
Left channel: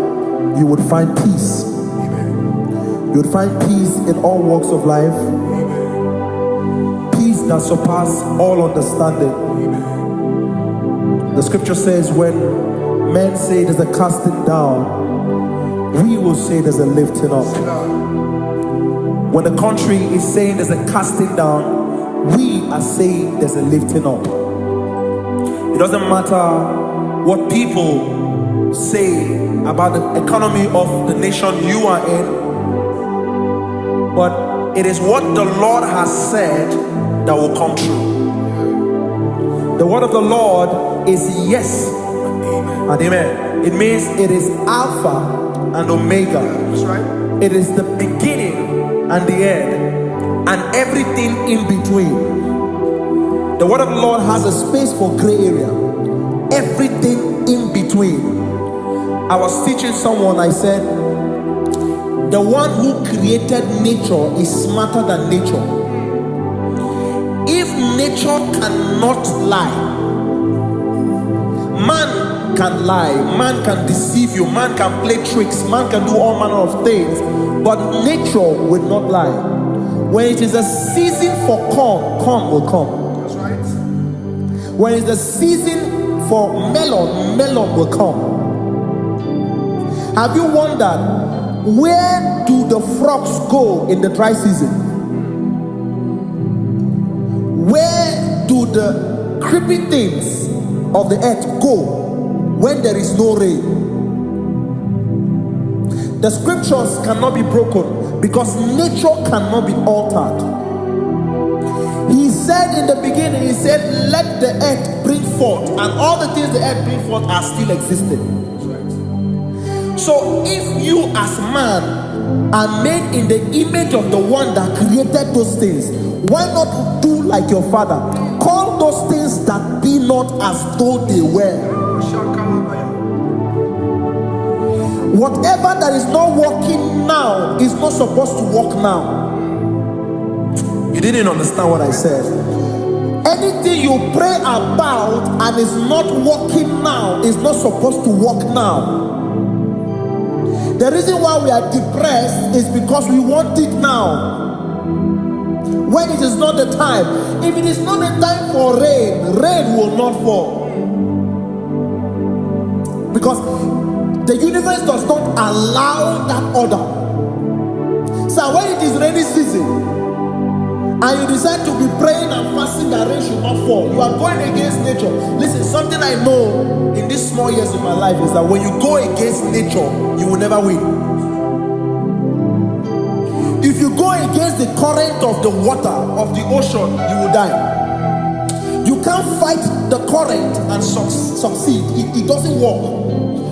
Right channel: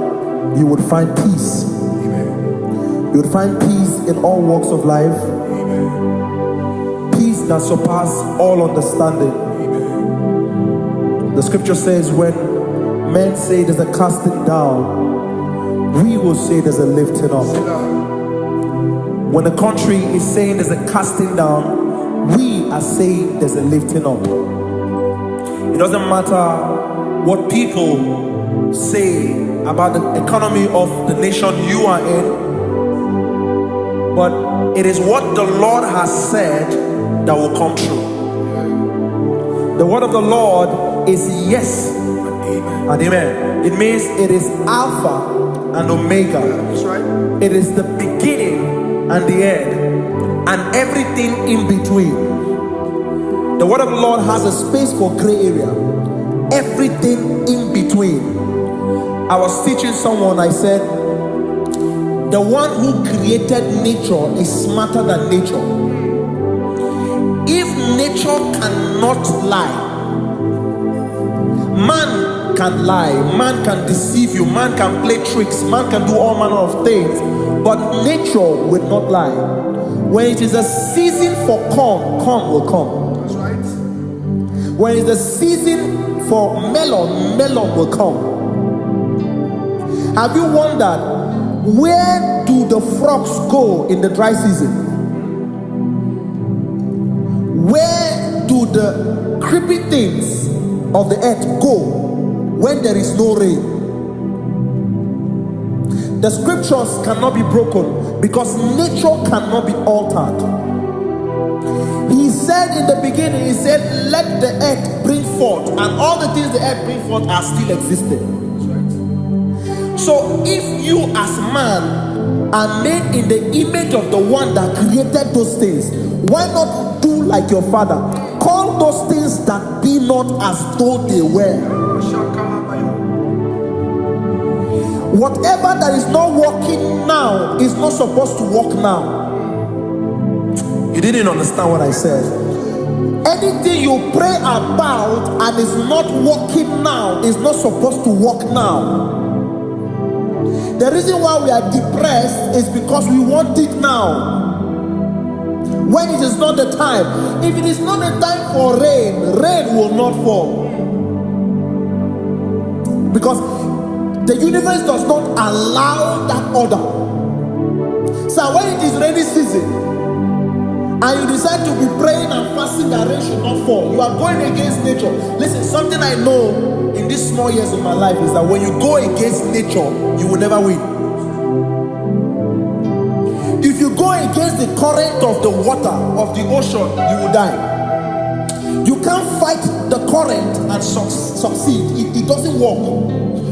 you would find peace. Amen. You would find peace in all walks of life. Amen. Peace that surpasses all understanding. Amen. The scripture says when men say there's a casting down, we will say there's a lifting up. When the country is saying there's a casting down, we are saying there's a lifting up. It doesn't matter what people say about the economy of the nation you are in, but it is what the Lord has said that will come true. The word of the Lord is yes and amen. It means it is Alpha and Omega. That's right. It is the beginning and the end, and everything in between. The word of the Lord has a space for gray area. Everything in between. I was teaching someone, I said, the one who created nature is smarter than nature. If nature cannot lie, man can lie, man can deceive you, man can play tricks, man can do all manner of things, but nature will not lie. When it is a season for corn, corn will come. That's right. When it's a season for melon, melon will come. Have you wondered, where do the frogs go in the dry season? Where do the creepy things of the earth go when there is no rain? The scriptures cannot be broken because nature cannot be altered. He said in the beginning, he said, let the earth bring forth, and all the things the earth bring forth are still existing. That's right. So if you as man are made in the image of the one that created those things, why not do like your father? Call those things that be not as though they were. Whatever that is not working now is not supposed to work now. You didn't understand what I said. Anything you pray about and is not working now is not supposed to work now. The reason why we are depressed is because we want it now, when it is not the time. If it is not the time for rain, rain will not fall, because the universe does not allow that order. So when it is rainy season and you decide to be praying and fasting that rain should not fall, you are going against nature. Listen, something I know in these small years of my life is that when you go against nature, you will never win. If you go against the current of the water of the ocean, you will die. You can't fight the current and succeed. It doesn't work.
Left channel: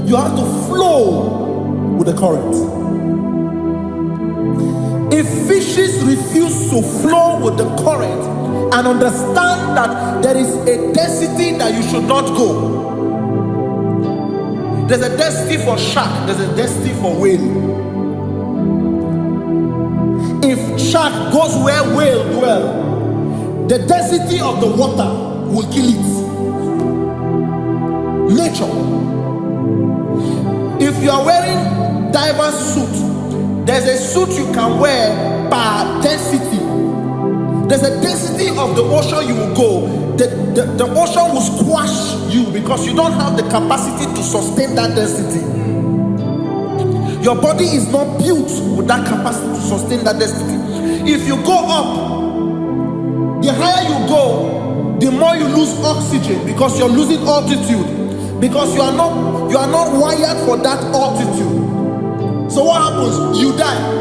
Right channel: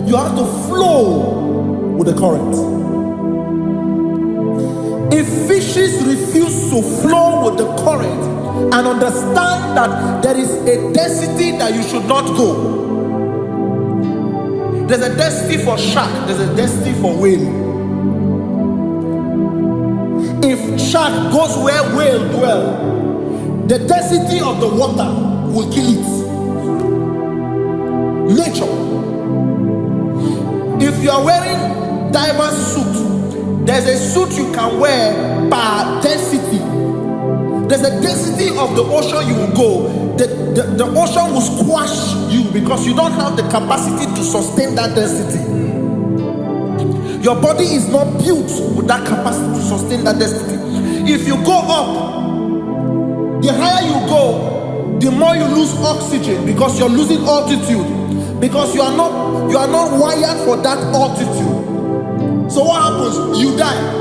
You have to flow with the current. If fishes refuse to flow with the current and understand that there is a density that you should not go, there's a density for shark, there's a density for whale. If shark goes where whale dwell, the density of the water will kill it. Nature. If you are wearing diver's suit, there's a suit you can wear per density. There's a density of the ocean you will go. The ocean will squash you because you don't have the capacity to sustain that density. Your body is not built with that capacity to sustain that density. If you go up, the higher you go, the more you lose oxygen because you're losing altitude, because you are not wired for that altitude. So what happens? You die.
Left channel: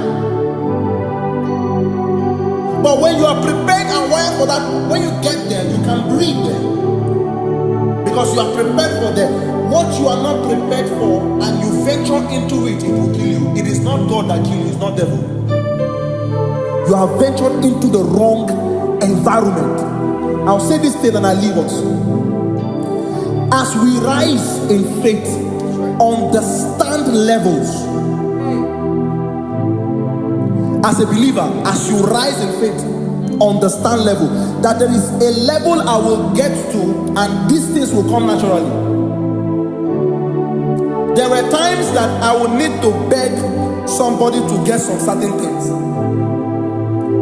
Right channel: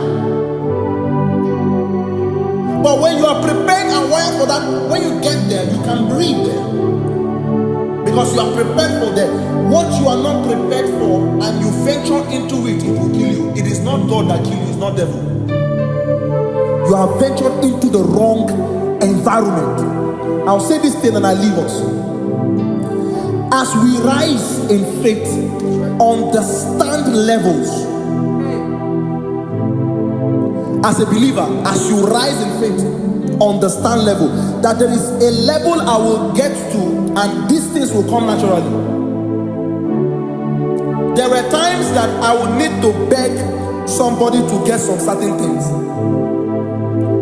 But when you are prepared and wired for that, when you get there, you can breathe there, because you are prepared for that. What you are not prepared for and you venture into it, it will kill you. It is not God that kills you, it's not devil. You have ventured into the wrong environment. I'll say this thing and I leave us. As we rise in faith, understand levels. As a believer, as you rise in faith, understand level. That there is a level I will get to and these things will come naturally. There were times that I would need to beg somebody to get some certain things.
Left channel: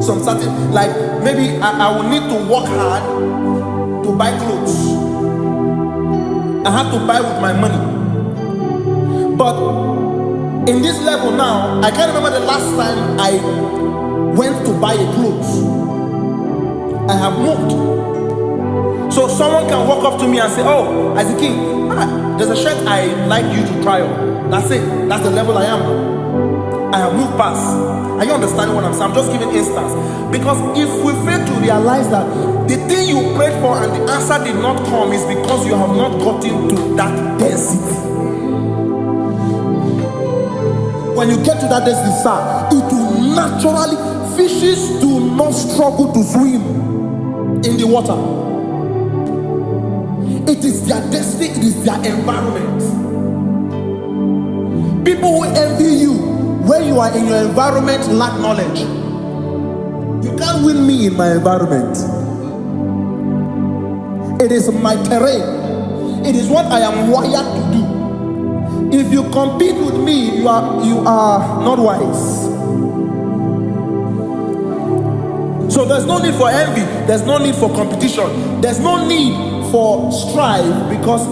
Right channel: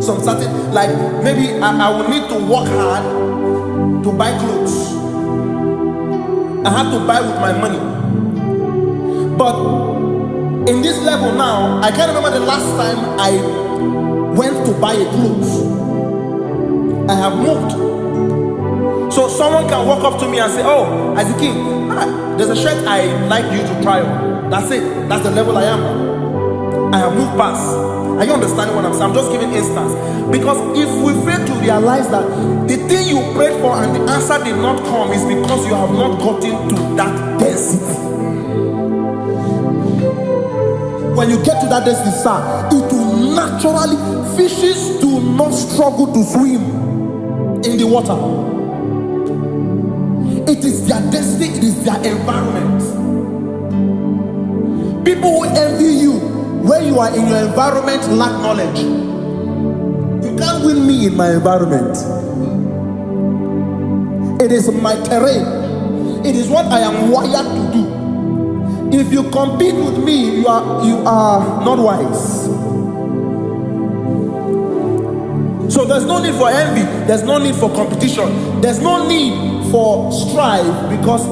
Some certain, like maybe I would need to work hard to buy clothes. I have to buy with my money. But in this level now, I can't remember the last time I went to buy a clothes. I have moved. So someone can walk up to me and say, oh, as a king, there's a shirt I'd like you to try on. That's it. That's the level I am now. I have moved past. Are you understanding what I'm saying? I'm just giving instance. Because if we fail to realize that the thing you prayed for and the answer did not come is because you have not gotten to that density. When you get to that density, sir, it will naturally, fishes do not struggle to swim in the water. It is their density, it is their environment. People who envy you when you are in your environment lack knowledge. You can't win me in my environment. It is my terrain. It is what I am wired to do. If you compete with me, you are not wise. So there's no need for envy. There's no need for competition. There's no need for strife, because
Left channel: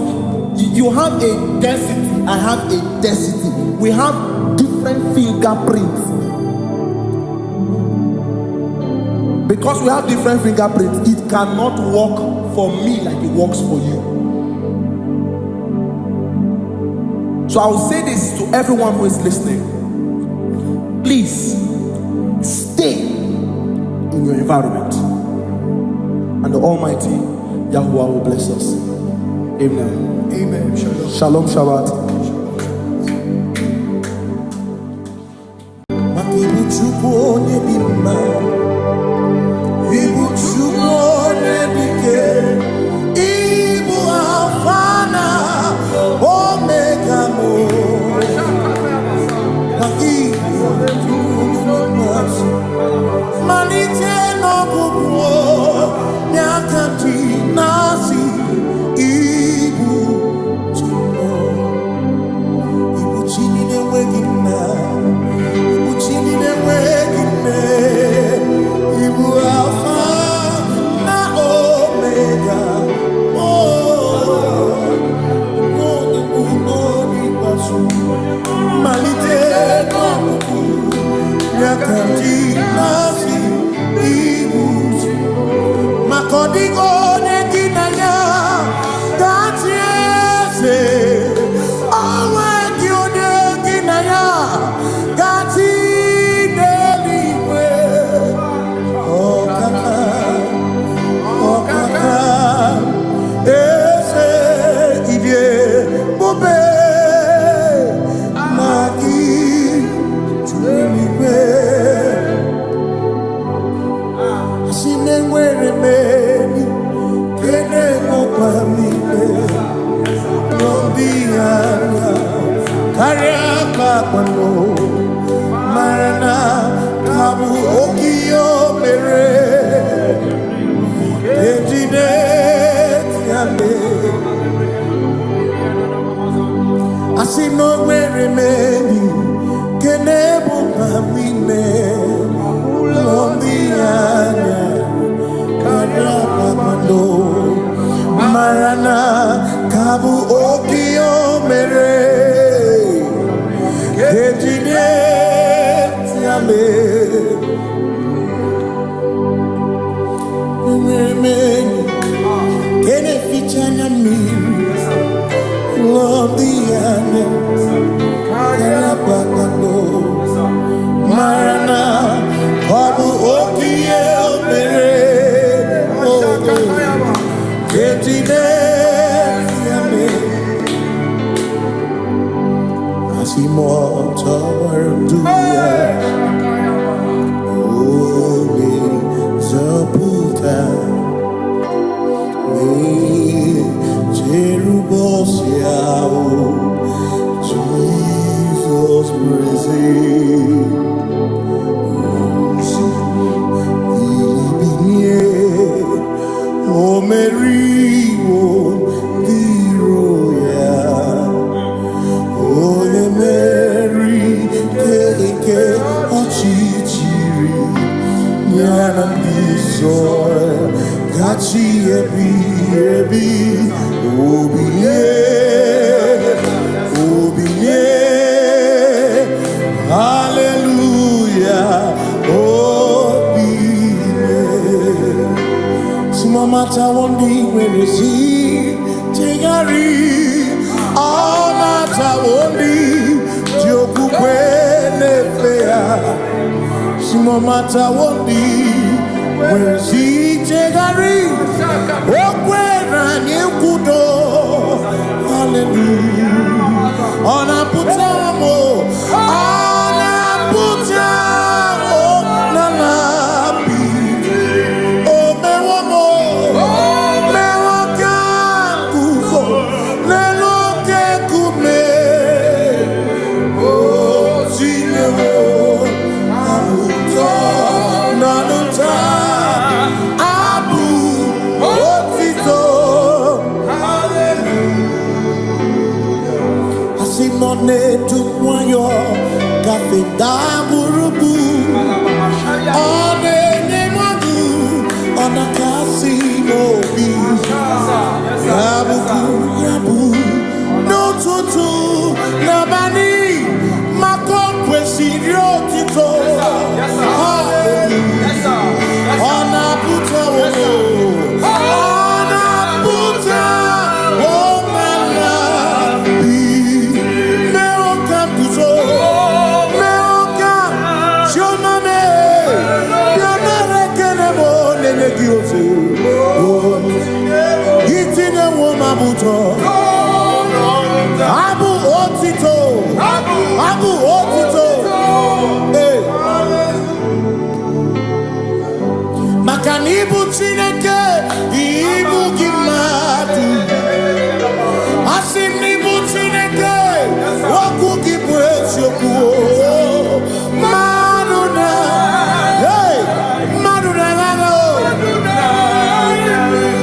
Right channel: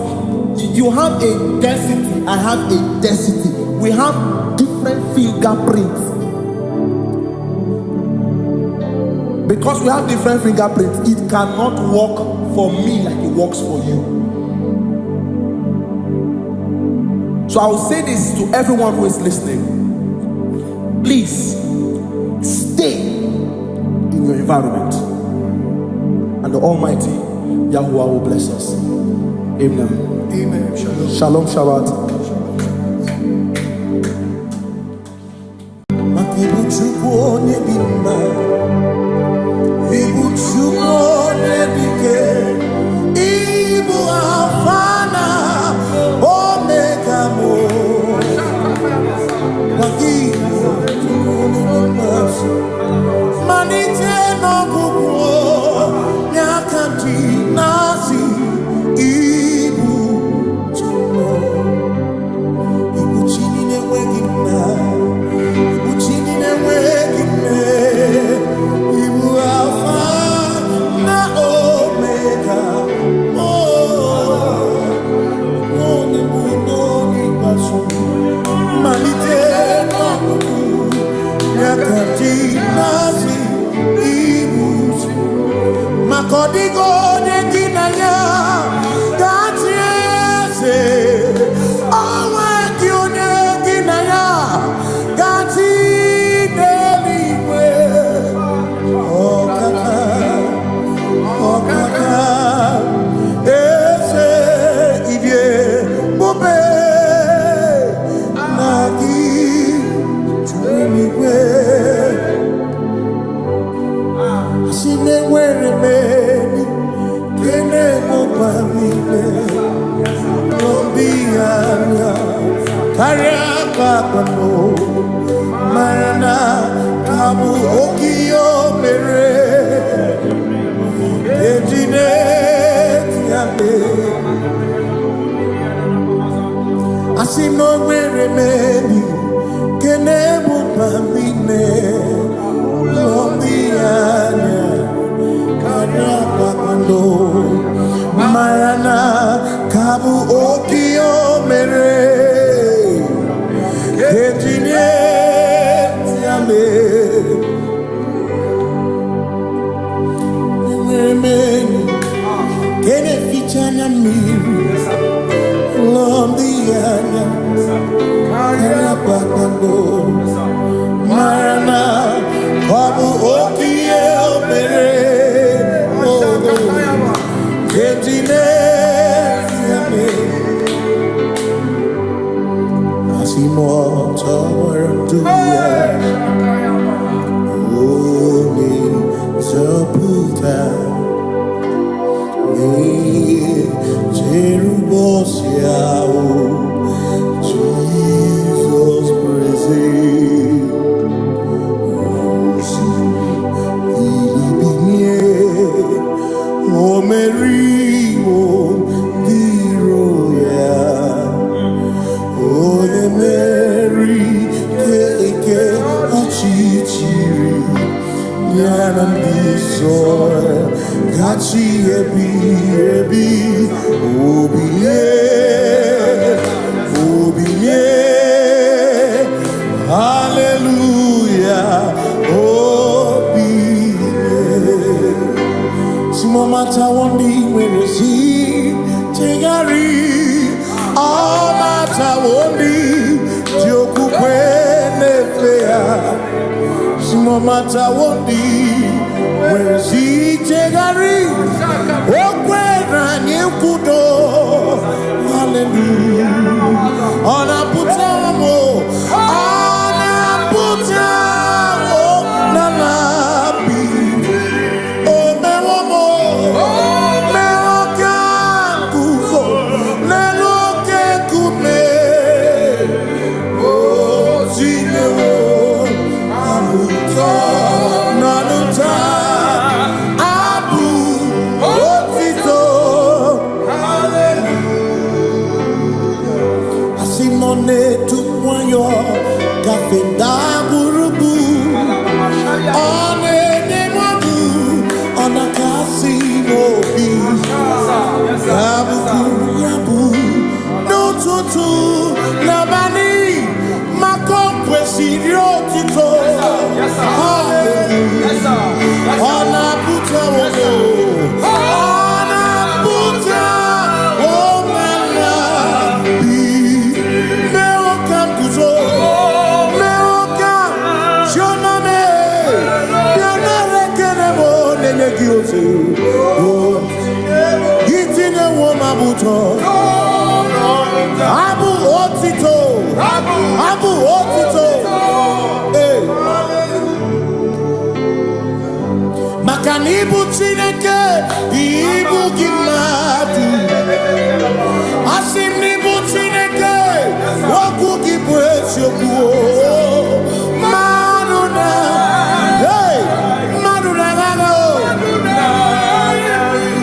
you have a density. I have a density. We have different fingerprints. Because we have different fingerprints, it cannot work for me like it works for you. So I will say this to everyone who is listening. Please stay in your environment, and the Almighty Yahuwah will bless us. Amen. Amen. Shalom. Shalom Shabbat. Makibu chukwu onye dị mma, ibu chukwu onye dike, ibu Alpha na Omega mo. Makibu chukwu onye dị mma, malite n'ọgwụgwụ nyakanti nasi, ibu chukwu, ibu chini n'enweghị nna, ibu chini n'enweghị nne, ibu Alpha na Omega, onye bụ n'onye ikpeazụ, malite n'ọgwụgwụ nyakanti nasi, ibu maka ọ dịghị onye gị na ya ga-atị eze, onwe gị onye gị na ya ga-atị n'eluigwe. Ọkaka eze idie bube na gị juru n'igwe. Si n'enwere meni kene mokwa mile lombi anya karịa kpakpando marana kabu okiyo mere ejide tiale. Asi n'enwere meni kene mokwa mile Lombianya Karapa Pando Marana Kabu Okio Mere Kejine Tiame Mweni Kene Fichana Miri Lombianya Karapa Pando Marana Babu Okie Mere Kentine Yame Asimo Tabaranduya Oni Zaputa Me Cherubosiao Jesus praise O Mary, O the Royal, O the Mary, Keke, Ochichiri, Yanam Bisor, Gachi Ebi, Obiye, Hallelujah, Mata wondi werezi tegari, all mata wondi joku kwene fea. Simo mata wondi werezi tegari, okwena nyekudo. Hallelujah. Ona putamo, ona putamo na labi. Kafenda burubu Onene madu Onakasi mobi Yabuku yabu No tutu Nabani Makokwe sirio tito Hallelujah Onaputa wono Onaputa Womala Bi Meokam kuzo Meokam Shoname Yonare kenemo Nene gioze Yitine womabuto Abu otito Abu otito Hey Makanibu Chineke Ibu Gimatu Asinibu Chineke Waku Gibwesyoku Maduna Hey Maduna Gano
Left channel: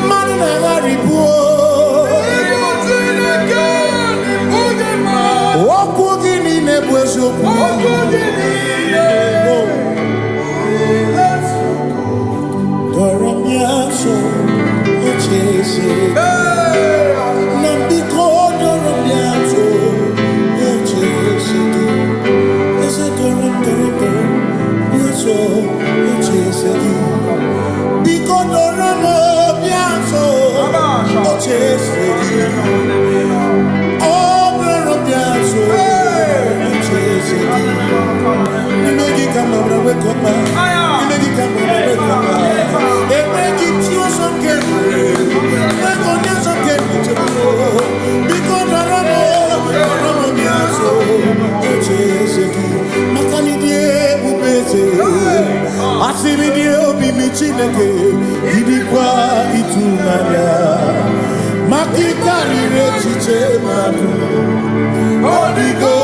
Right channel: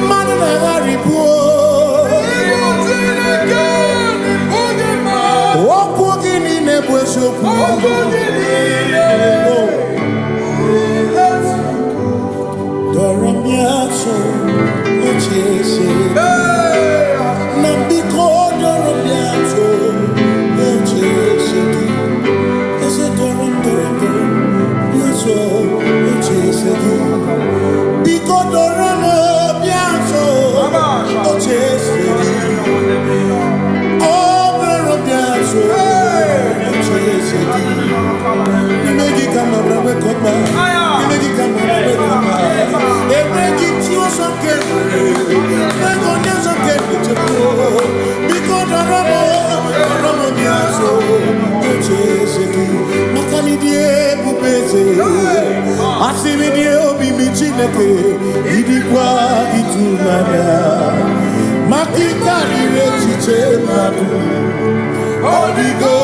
Maduna Garibu Waku Gini Nebwesyoku Doramiaso, ochese. Nambiko doramiaso, ochese. Ese doram, biaso, ochese. Biko doramiaso, ochese. Oh, doramiaso, ochese. Nimegi kama brawe kopa. Nimegi kama brawe kopa. Emegi tiyo sonkere. Megonya sonkere chepo. Biko doramo biaso. Ocheseki. Makani die bubeze. Asimi die obi michineke. Idikwa itunanya. Makikari rechiche madu. Odigo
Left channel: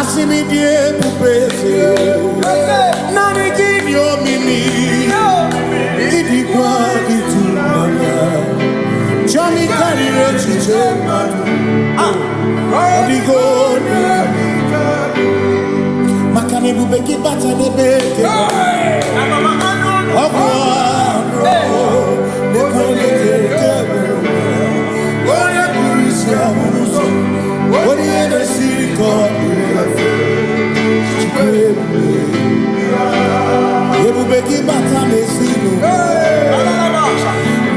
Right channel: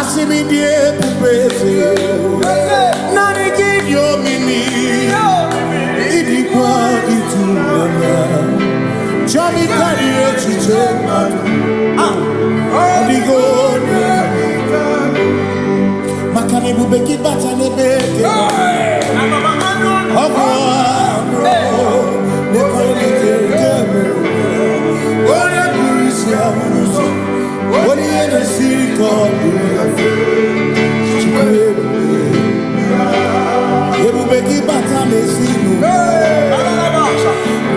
Asimi die pupese Nani gidio mini Idikwa itunanya Chami karire chiche madu Odigo Makane bubeki bata nebeke Ogwano Nekone kekebe Oye kurisia unuso Oni ene siriko Chikwebe Ebubeki bata mesino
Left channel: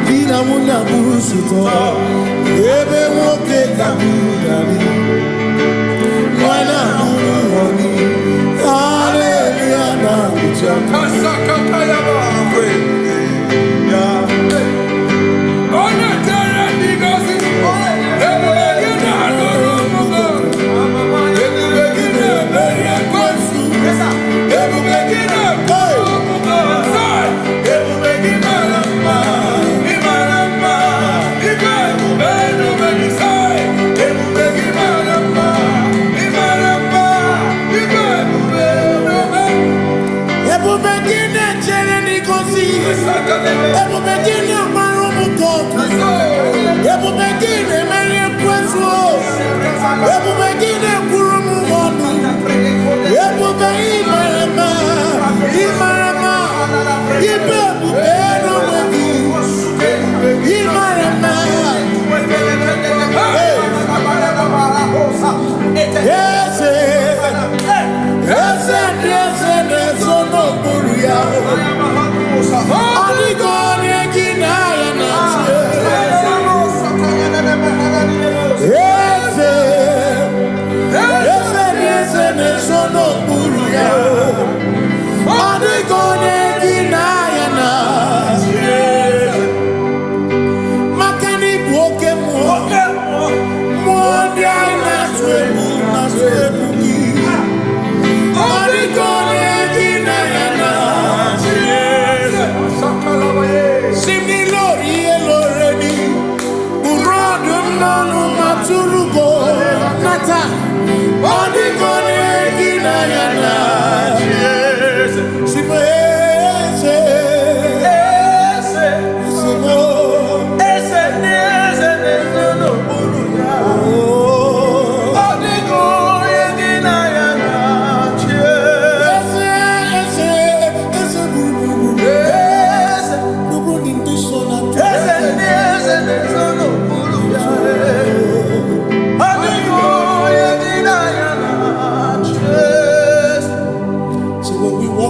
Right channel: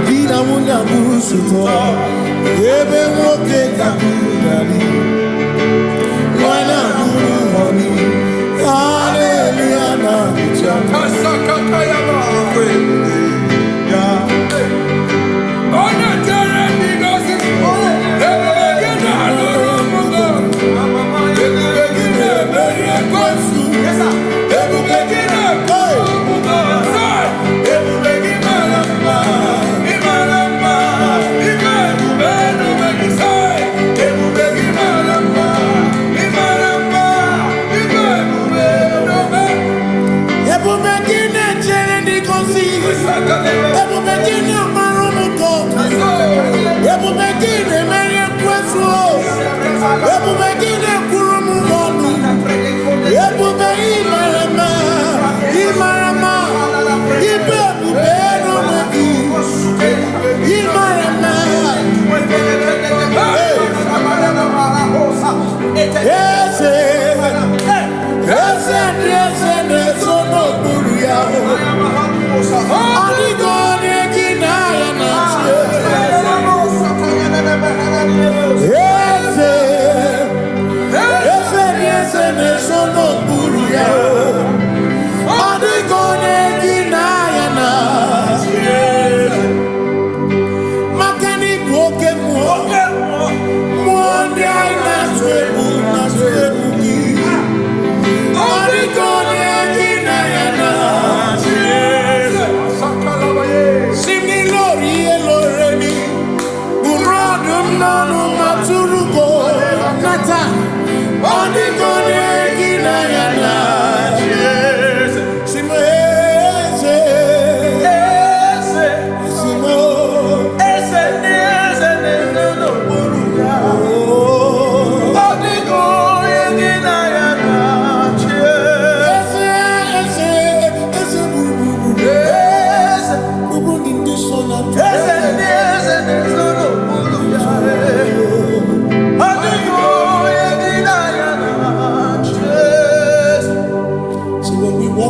Dina muna musuto Ebe woke kabunari Wana munu honi Hallelujah na kuchaka Kasaka kayaba Ona tere nigosi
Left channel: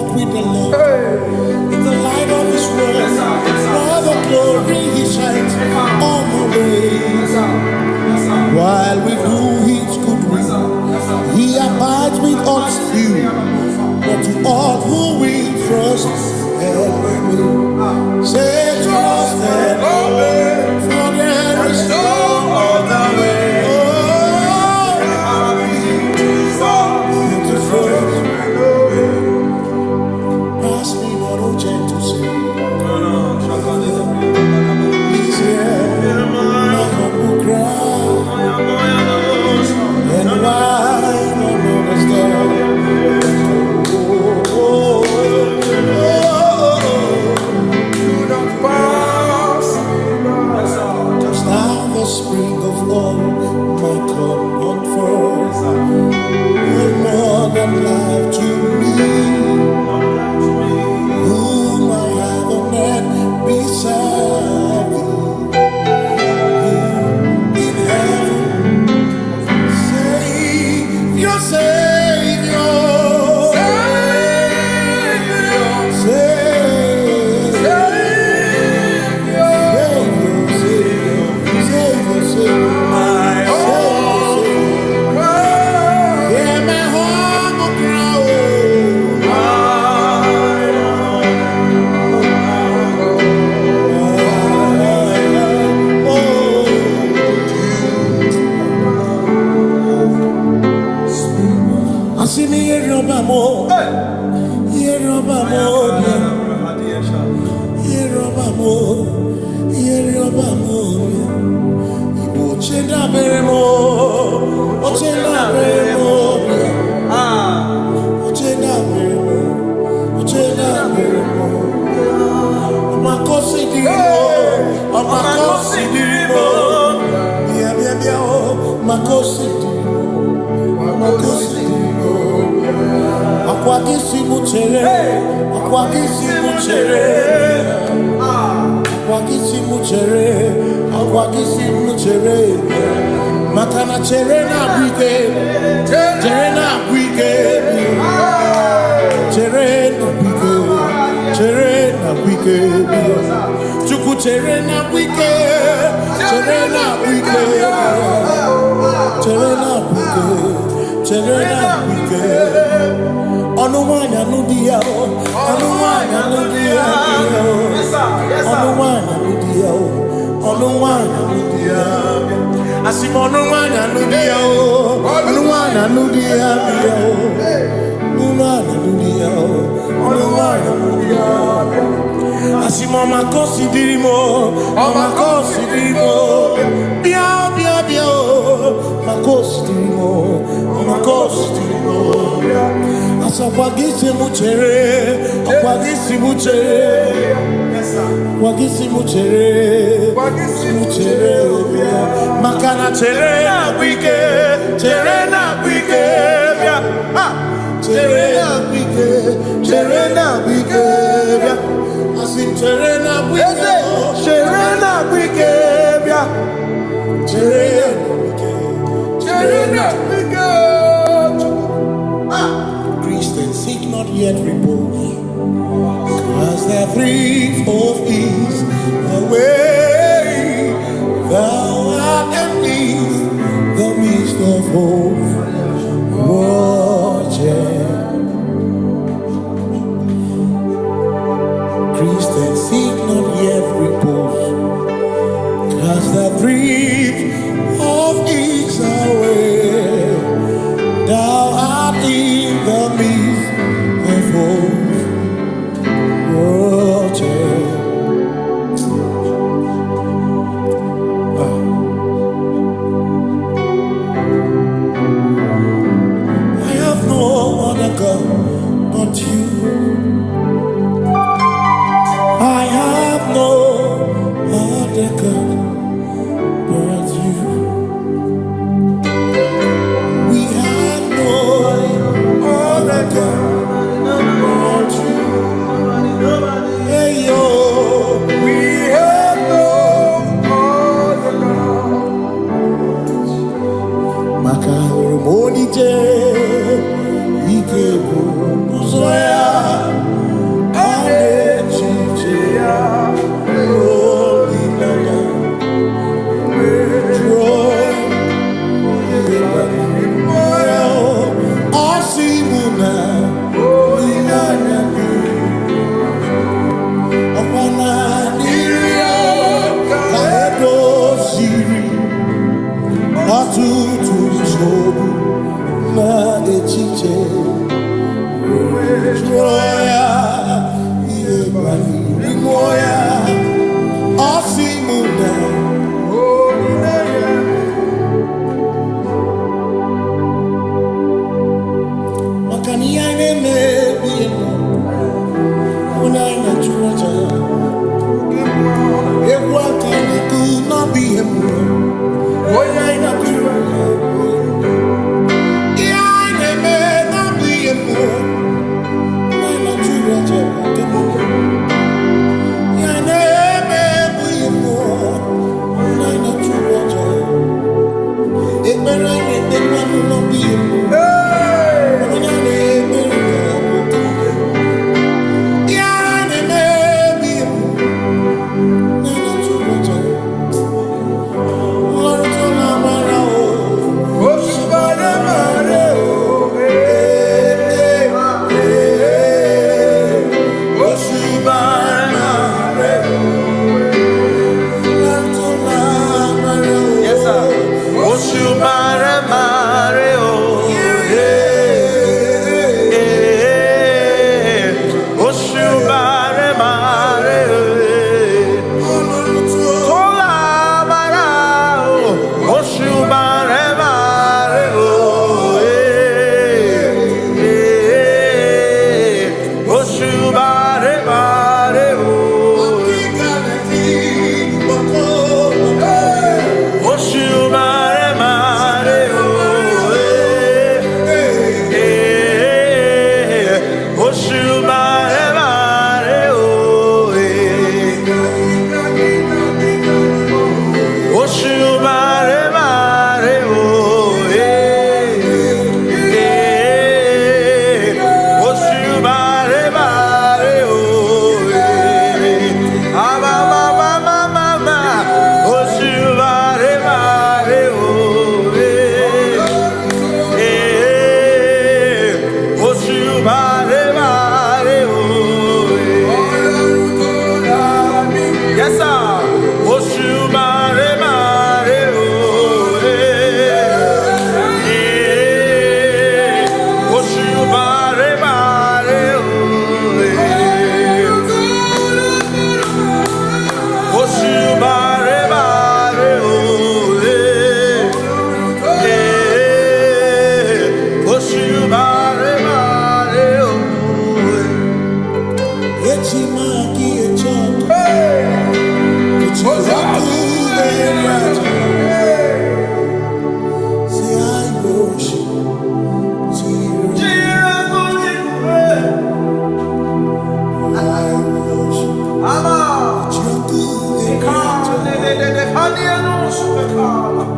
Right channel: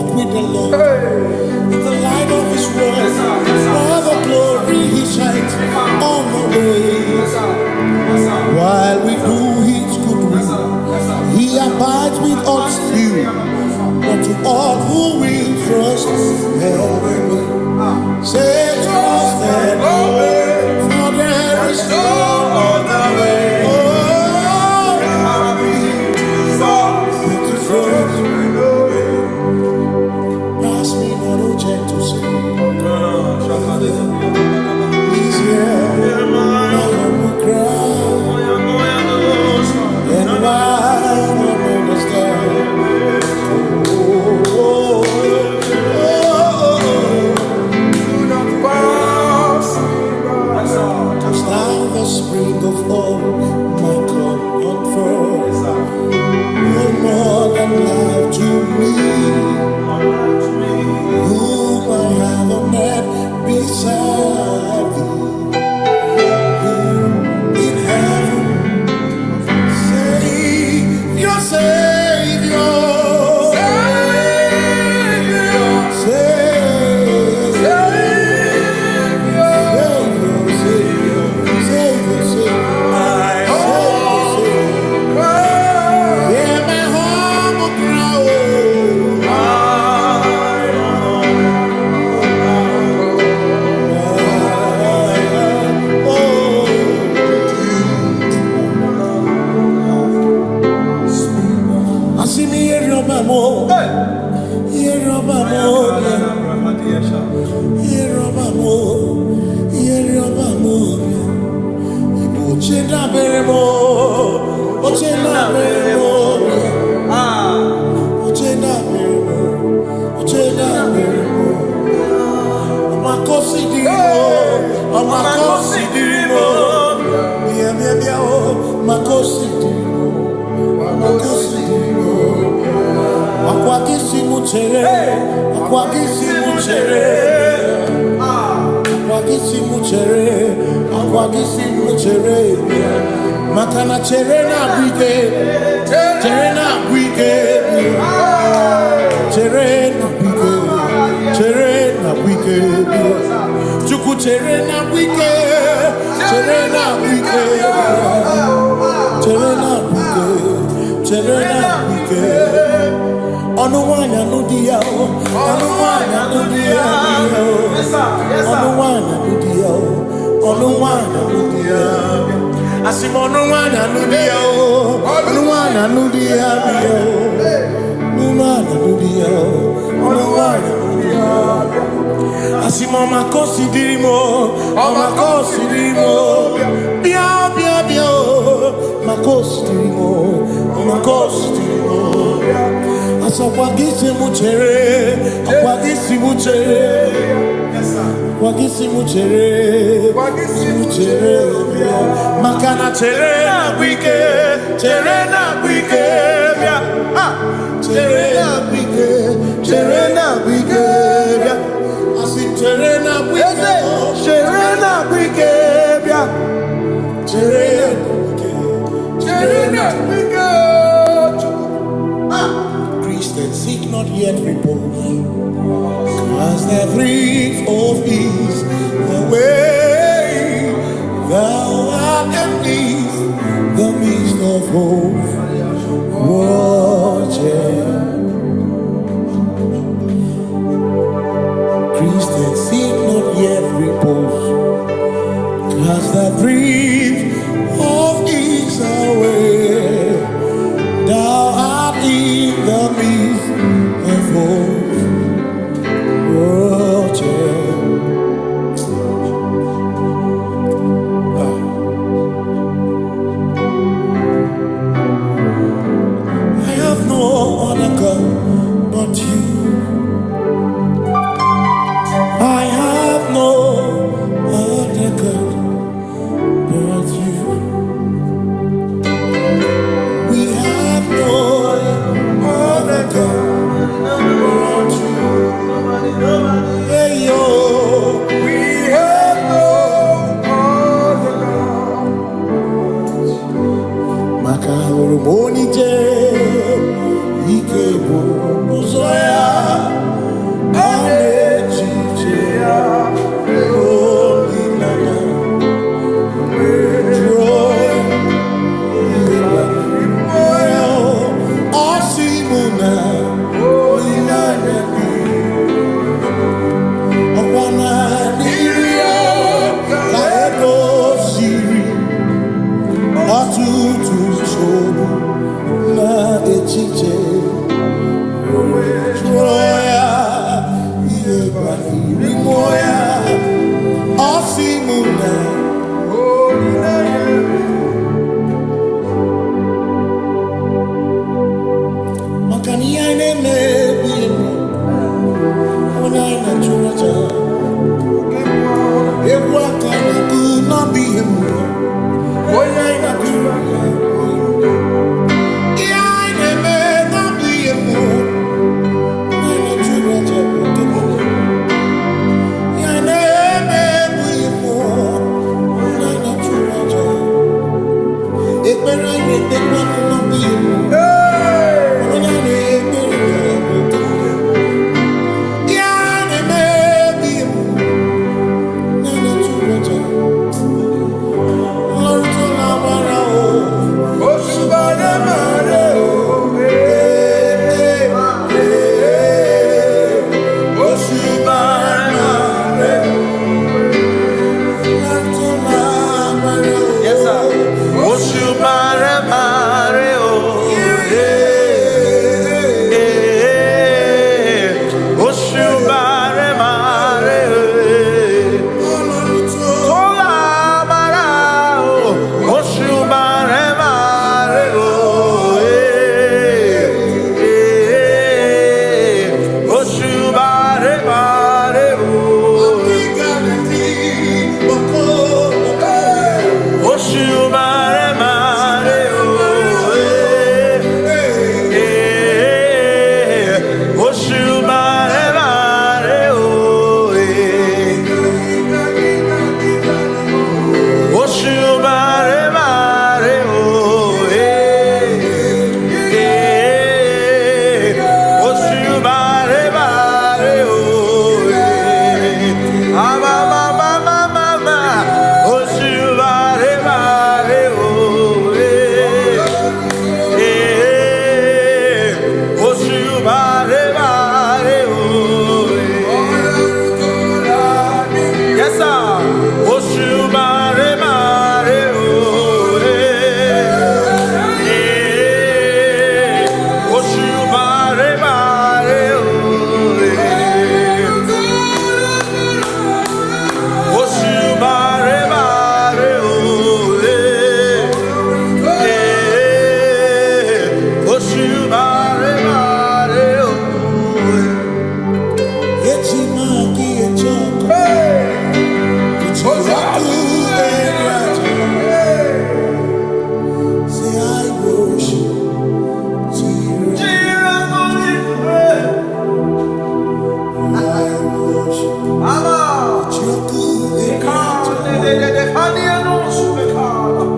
walk with the Lord, in the light of His word, while the glory He shines on the way. While we do His good will, He abides with us few, but to all who will trust and obey. Say trust and obey, for there is no other way. Oh, but to trust and obey. Pass me not, O gentle Savior. Please hear my humble cry. And why not understand? Do not pass touch thou the spring of all my cup unfurls. You're more than life to me, whom I have on earth beside thee. In heaven, Savior, Savior, Igbo chenda beremo, ochenda beremo, ochenda beremo, ochenda beremo. Amakosi dirimo, amakosi dirimo, bia bia bia oh, makosi dirimo, amakosi dirimo. Akwagisi muchere, akwagisi muchere, akwagisi muchere, akwagisi muchere. Makana chere na bwike, chere na bwike, chere na bwike, chere na bwike. Chuku chere na bwike, chere na bwike, chere na bwike, chere na bwike. Onuwanya nudia o, onuwanya nudia o, onuwanya nudia o, onuwanya nudia. Asim onuwanya nudia o, onuwanya nudia o, onuwanya nudia o, onuwanya nudia. Asim omakosi dirimo, omakosi dirimo, bia bia bia o, makosi dirimo, omakosi dirimo. Asakwagisi muchere, akwagisi muchere, akwagisi muchere, muchere. Makana chere na bwike, chere na bwike, chere na bwike, chere na bwike. Asim chere na bwike, chere na bwike, chere na bwike, chere na bwike. Christians seek not yet repose, cause the brief of ease away. Thou art amidst the midst of hope, watching. Christians seek not yet repose, cause the brief of ease away. Thou art in the midst of hope, watching. I have no other God but you. I have no other God but you. We have no other God but you. Hey yo, we have no other God. Makahoro monite, ike bụrụ ụzọ ya a na-echiche ya olileanya jụọ ihe banyere ya ọ sị mụ na olileanya dị ọkwa na n'iri ya ka edoziri ọtụtụ nsogbu na echiche jụọ ya ihe banyere mmụọ ya ọ sị mụ na olileanya maka na ihe anyị na-emebi mmụọ onye anyị na-achụrụ aja egwu aka na-ekwu n'ọbụ ihe mmụọ onye anyị na-achụrụ aja ihe anyị na-eme n'ọbụ ihe mmụọ onye anyị na-achụrụ aja bụ oke mmụọ ihe anyị na-eme bụ ihe mmụọ onye anyị na-achụrụ aja ekpere anyị na-ekpekwa n'ọbụ ihe mmụọ onye anyị na-ekpere ya bụ oke mmụọ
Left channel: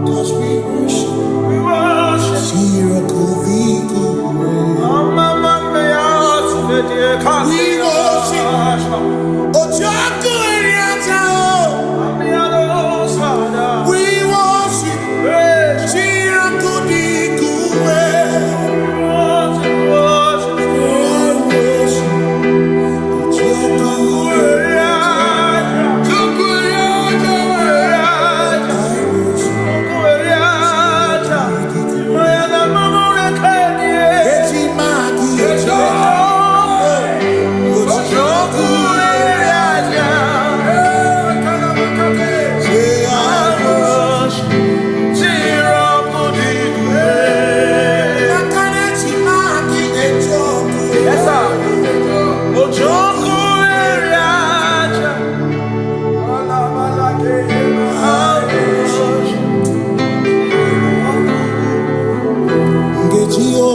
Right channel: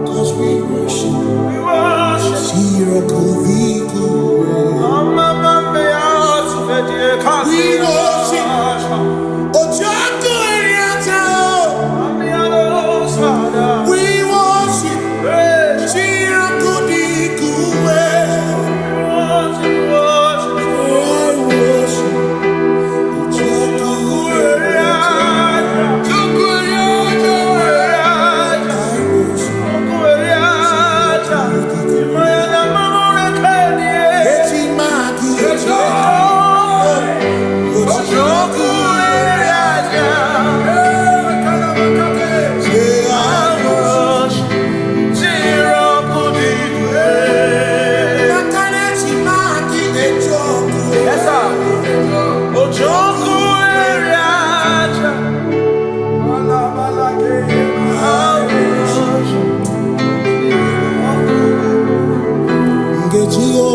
Cause we worship,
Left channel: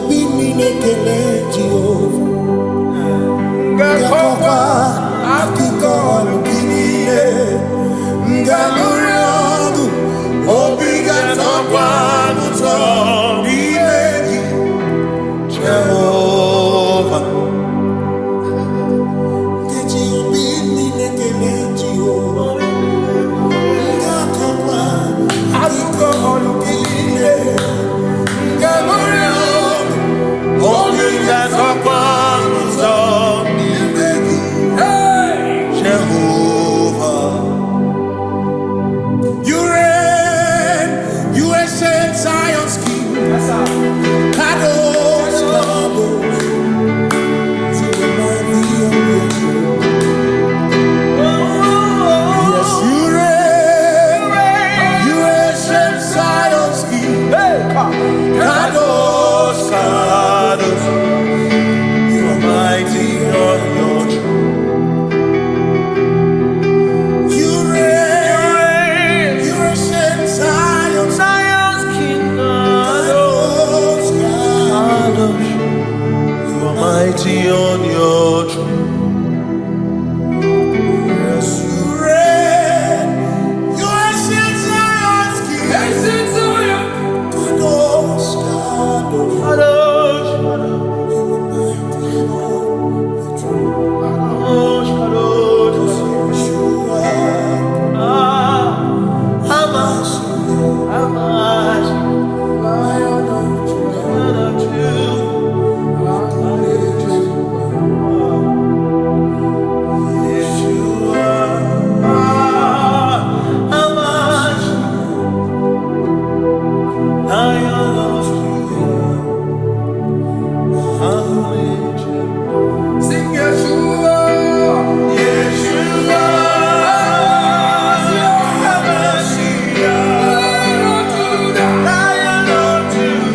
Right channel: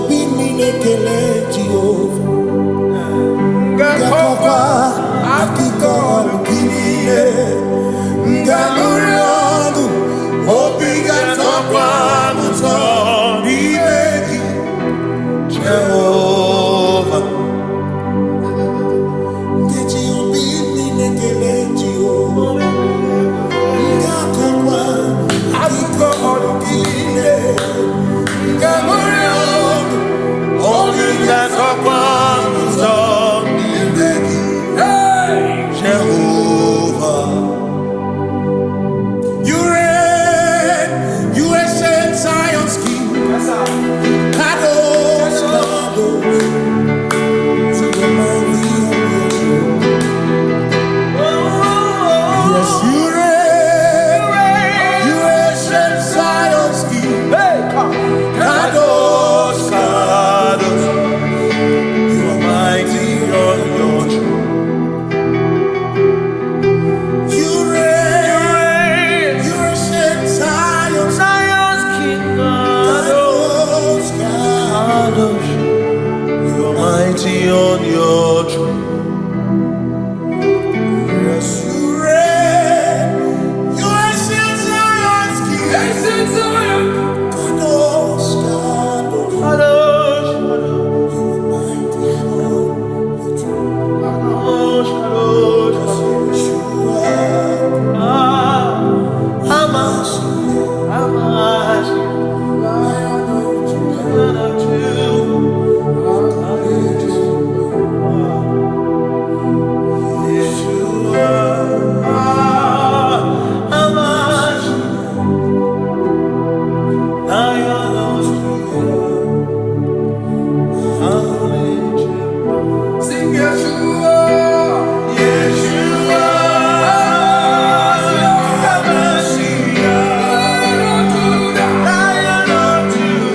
obi mine kele Jehova Ngakokwa akiko alukine Ngaluriogu obiga tokwa muto Nimegi Jehova Jehovah, you reign, you ancient Zion's King. Kadosh, Kadosh, to the mighty on your throne. Yes, you reign, you ancient Zion's King. Kadosh, Kadosh, you are mighty on your throne. Mighty on your throne. Yes, you reign. You ancient Zion's King. Ancient Zion. Kadosh, Kadosh, Kadosh, Kadosh. You are mighty on your throne. Kadosh, Kadosh, Kadosh. Hamash, Lion of Judah. Sing Yeshua, Yeshua, Lion of Judah,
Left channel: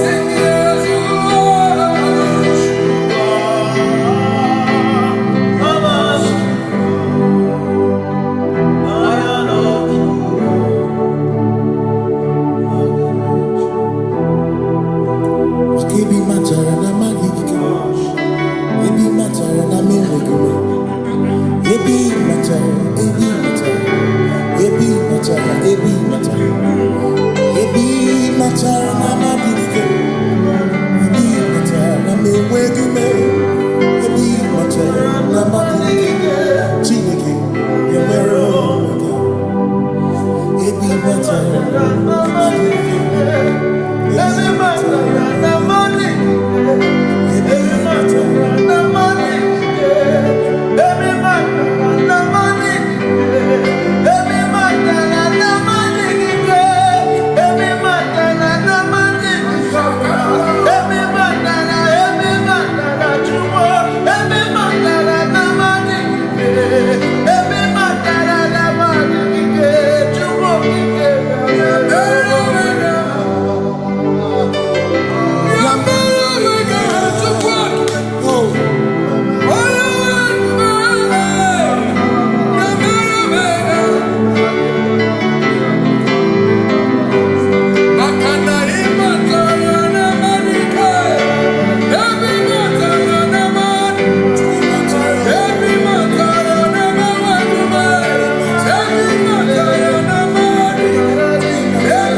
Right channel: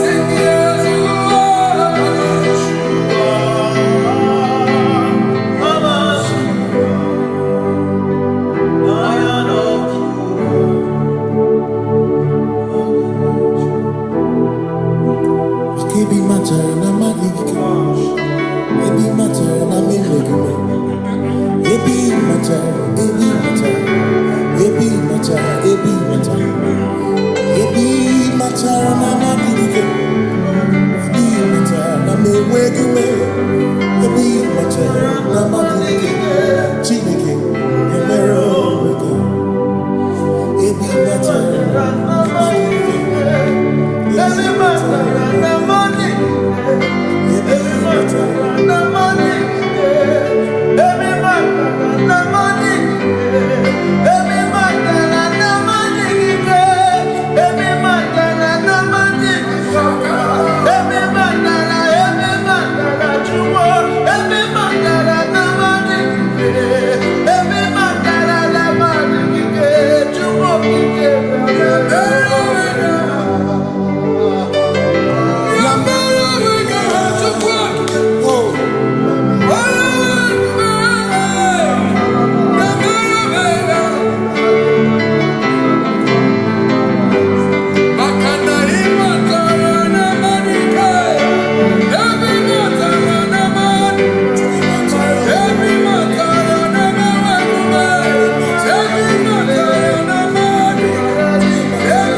sing Yeshua, Lion of Judah. Ebi matara na magigike, ebi matara na meregume, ebi matara, ebi matara, ebi matara, ebi matara, ebi matara na magigike, ebi matara na meregume, ebi matara na magigike, Chineke yemero wega, ebi matara na magigike. Every matter na money, every matter na money, every matter na money, every matter na money, every matter na money, every matter na chumo, every matter na money, every matter na money, chumo Yeah.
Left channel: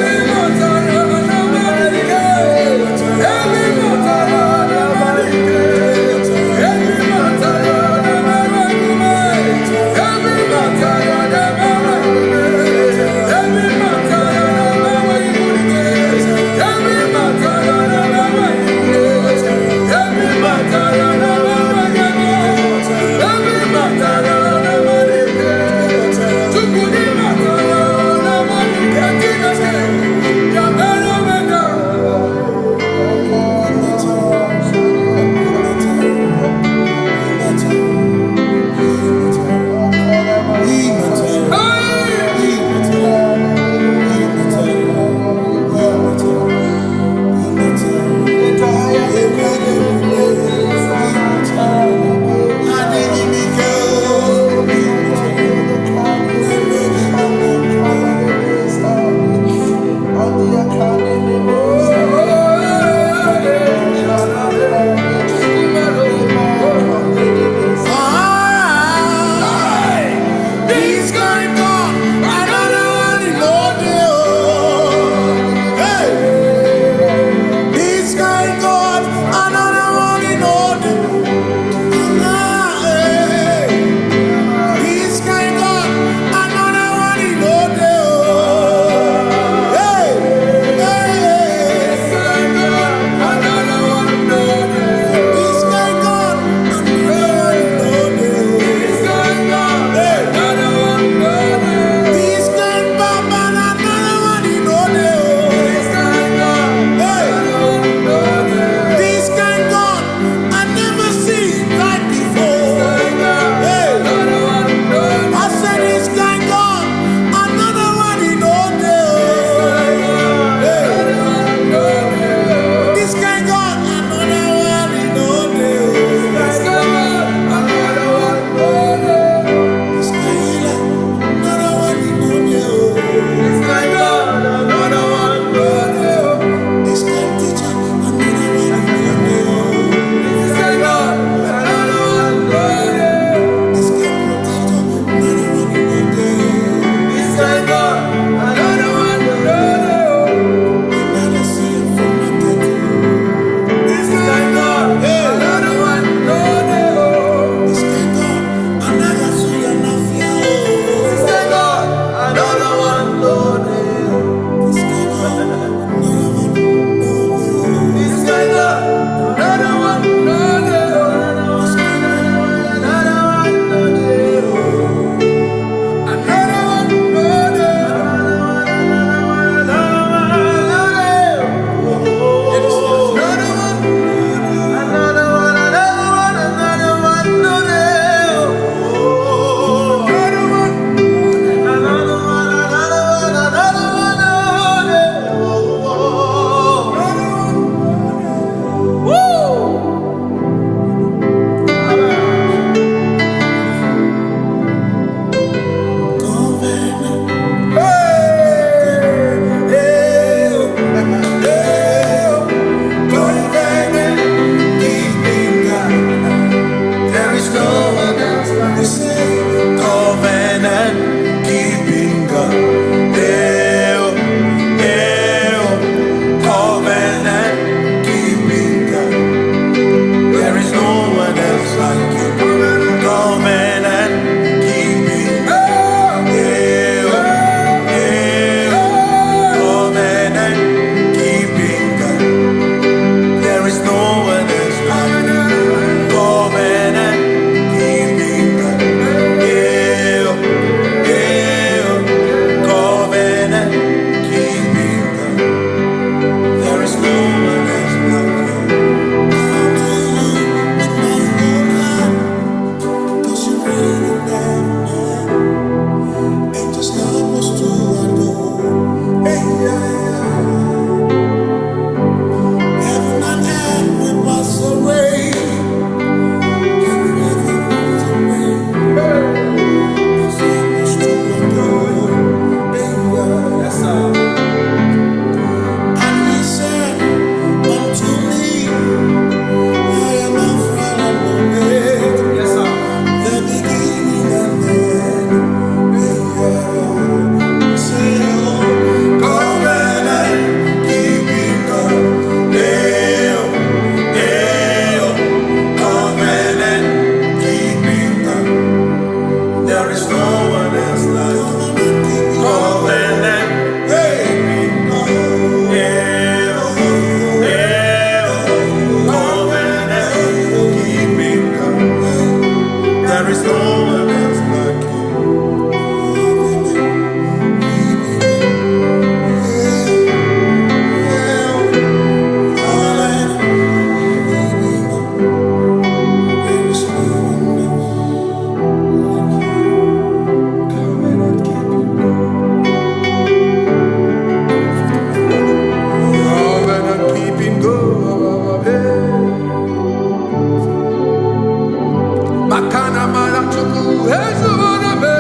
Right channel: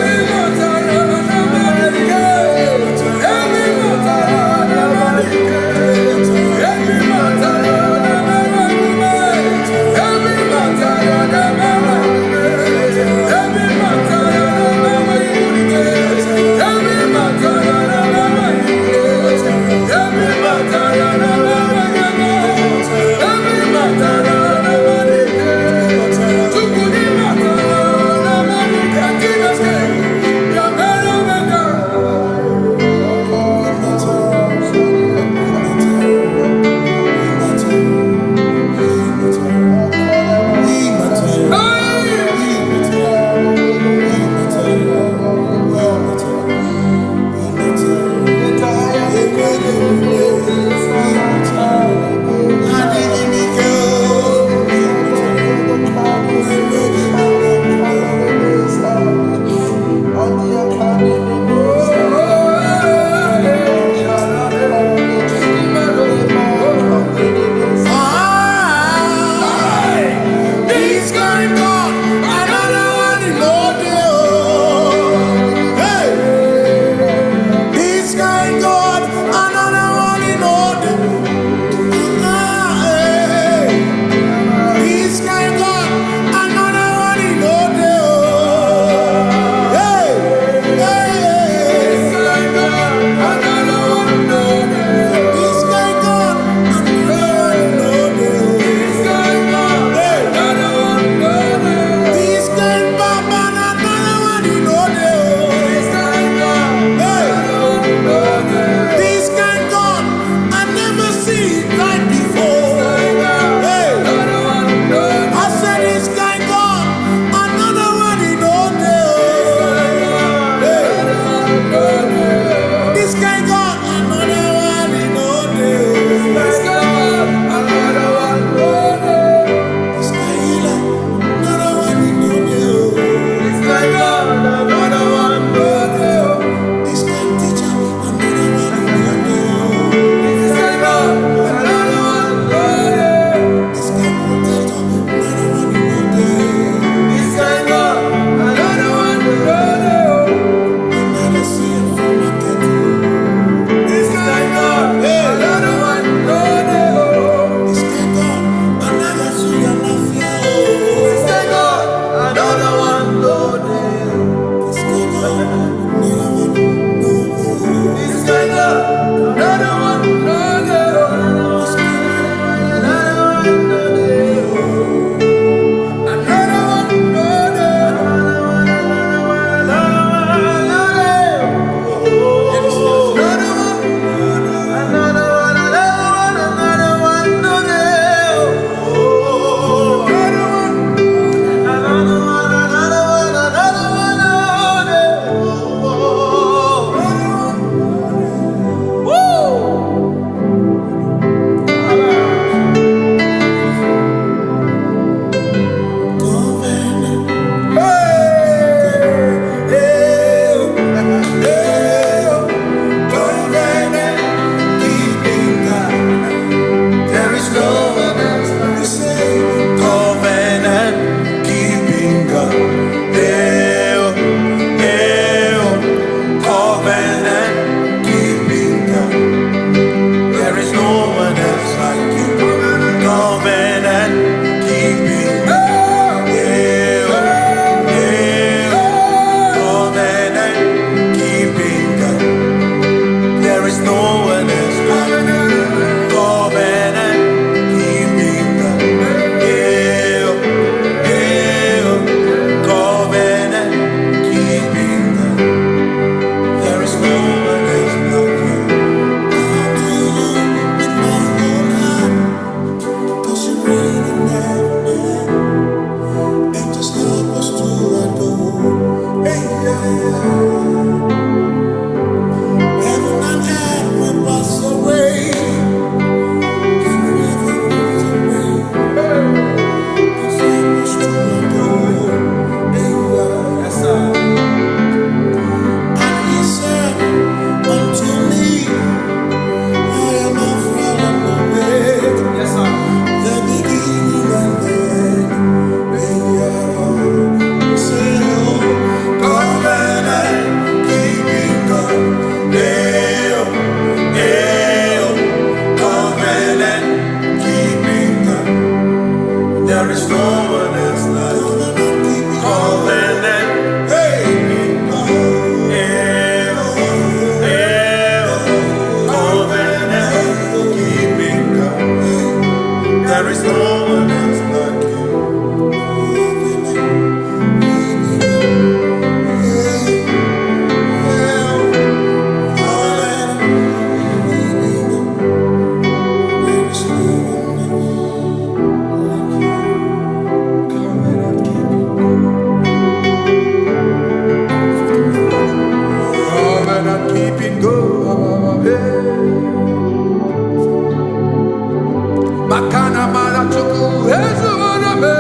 Akana Marachuku, Hezuvarame,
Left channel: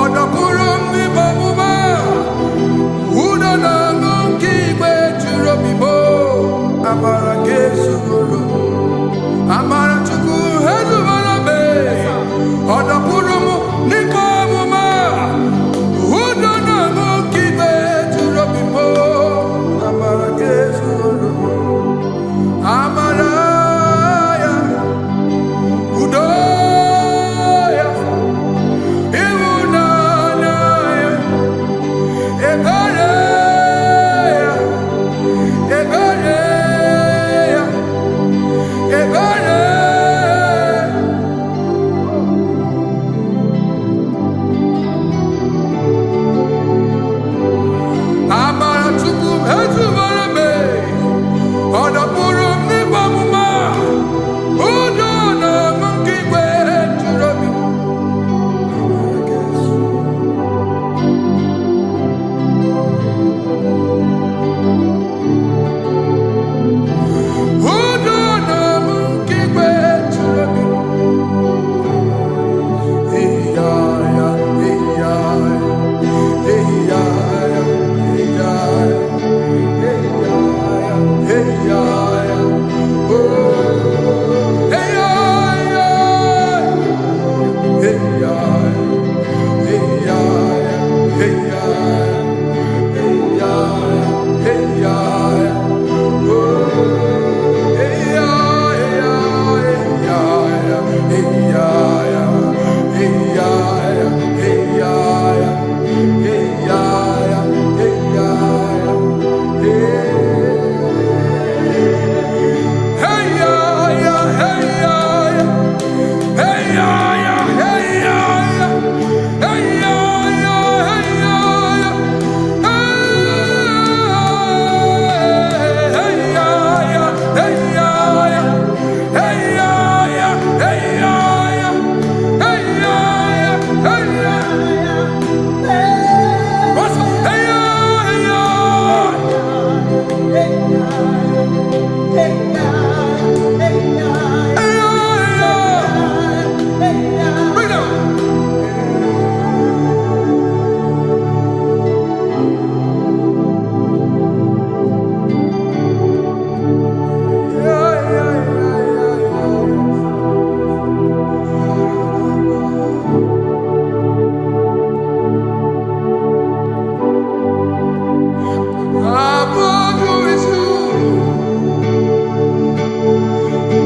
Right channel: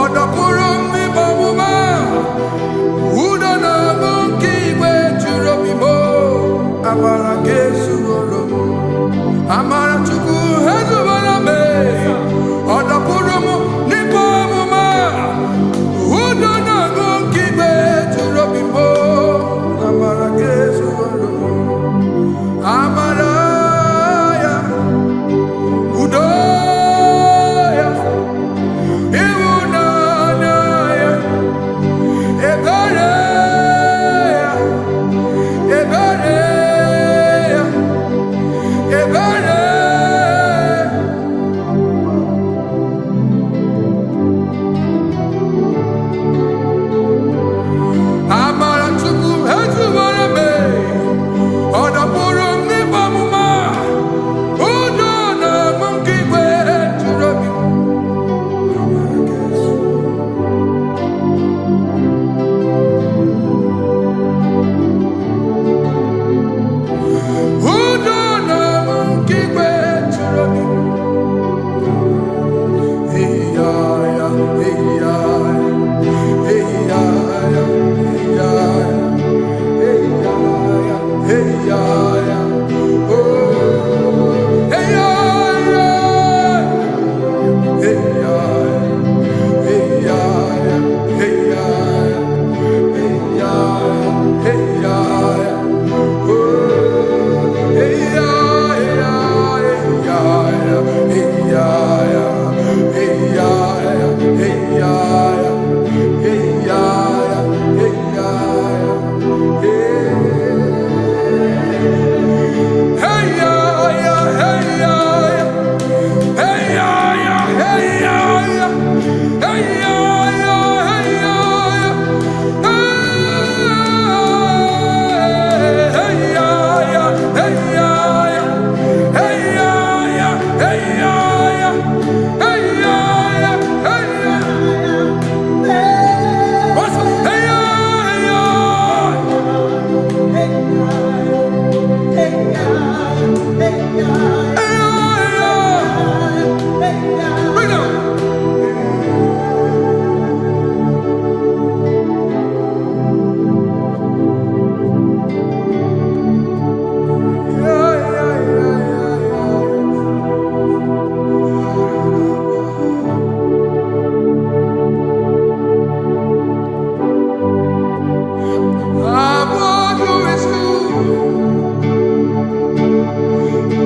Odapurum ni Bamuma, Udana Monkey, where to Robimo, Amara Gesugoro, Amara Chuku, Hezuvarame, Odapurum ni Bamuma, Udana Monkey, where to Robimo, Amara Gesugoro, Amaraya, Udoya, Iwunanaya, Ebereya, Ebereya, Ebereya. Amara Chuku, Hezuvarame, Odapurum ni Bamuma, Udona Monkey Gwe to Robi. Udona Monkey Gwe to Robi. Hey ya ya, hey ya ya, hey ya ya, hey ya ya, hey ya ya, hey ya ya. Oh, hey ya ya, hey ya ya, hey ya ya, hey ya ya, hey ya ya, hey ya ya. Oh, hey ya ya, hey ya ya, hey ya ya, hey ya ya, hey ya ya, hey ya ya, hey ya ya, hey. Hey ya ya, hey ya ya, hey ya ya, hey ya ya, hey ya ya, hey ya ya, hey ya ya, hey ya ya, hey ya ya, hey ya ya, hey ya ya, hey ya. What's hey ya, hey ya? Bring it on. Above you is you,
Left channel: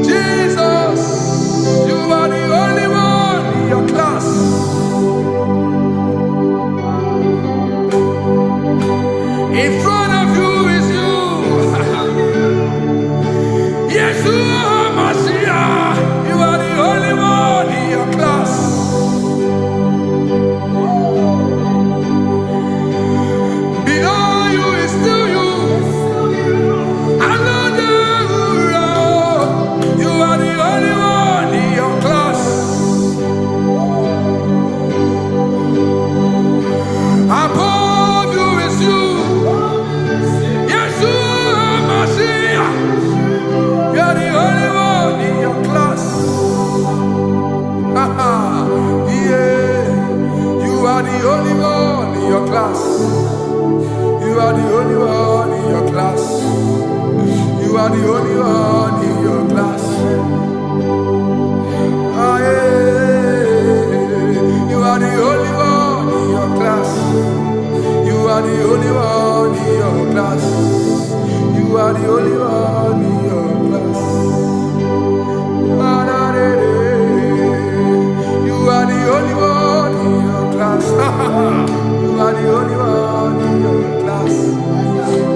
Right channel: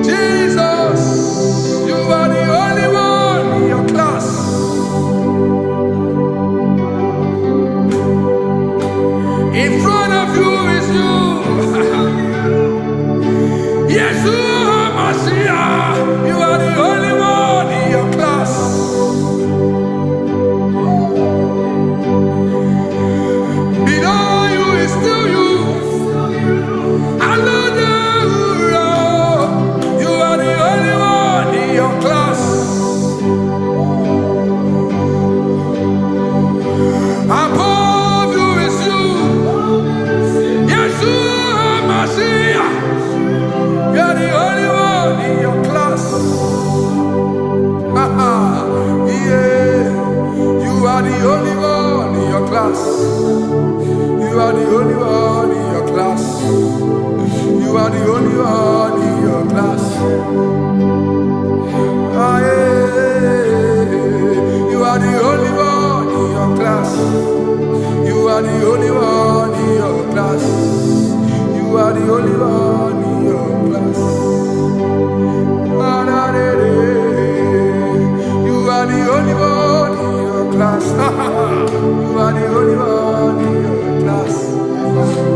Jesus. You are the only one in your class. In front of you is you. Yes, you are Messiah. You are the only one in your class. Below you is still you. You are the only one in your class. Above you is you. Yes, you are Messiah. You are the only one in your class. Yeah. You are the only one in your class. You are the only one in your class. You are the only one in your class. Ah, yeah. You are the only one in your class. You are the only one in your class. You are the only one in your class. Ah, da, da, da. You are the only one in your class. You are the only one in your class.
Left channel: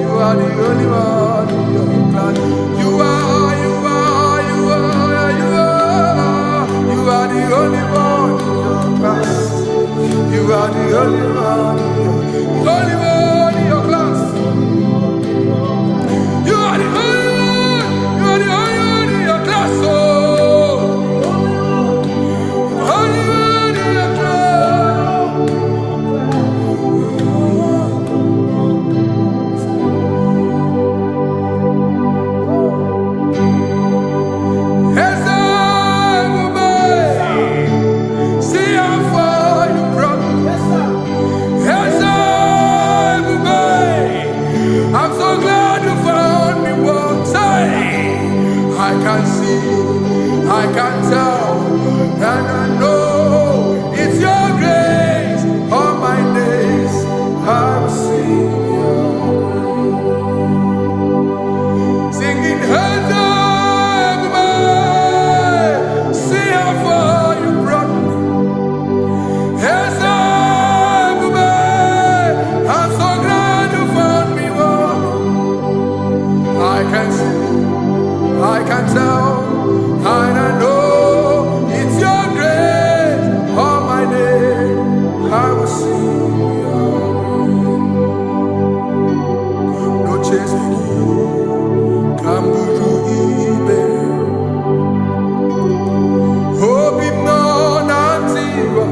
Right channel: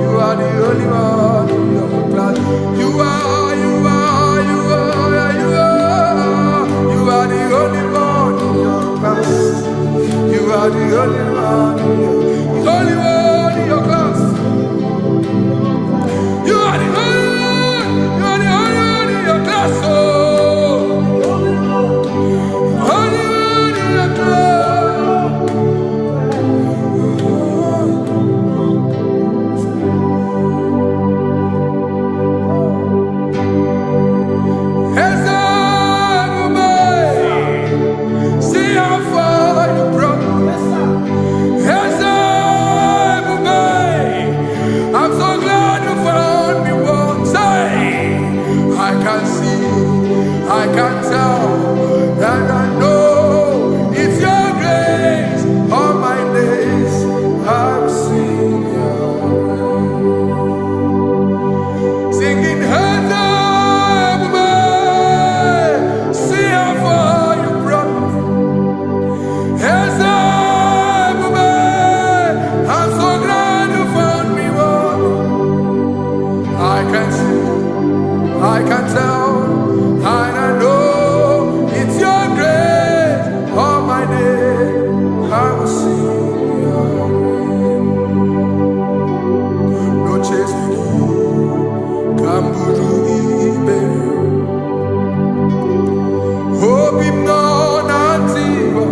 You are the only one in your class. You are, you are, you are, you are. You are the only one in your class. You are the only one in your, the only one in your class. You are the only one. You are the only one in your class. Oh, only one in your class. Hey, can tell, and I know it's your grace. All my days I will sing your grace. Singing hands up, see how far you brought me. Hands up, I'm so glad you found me. I can see, I can tell, and I know it's your grace. All my day I will sing your grace. No chasing, Kamburu Iberi. Hope him no nantiwa.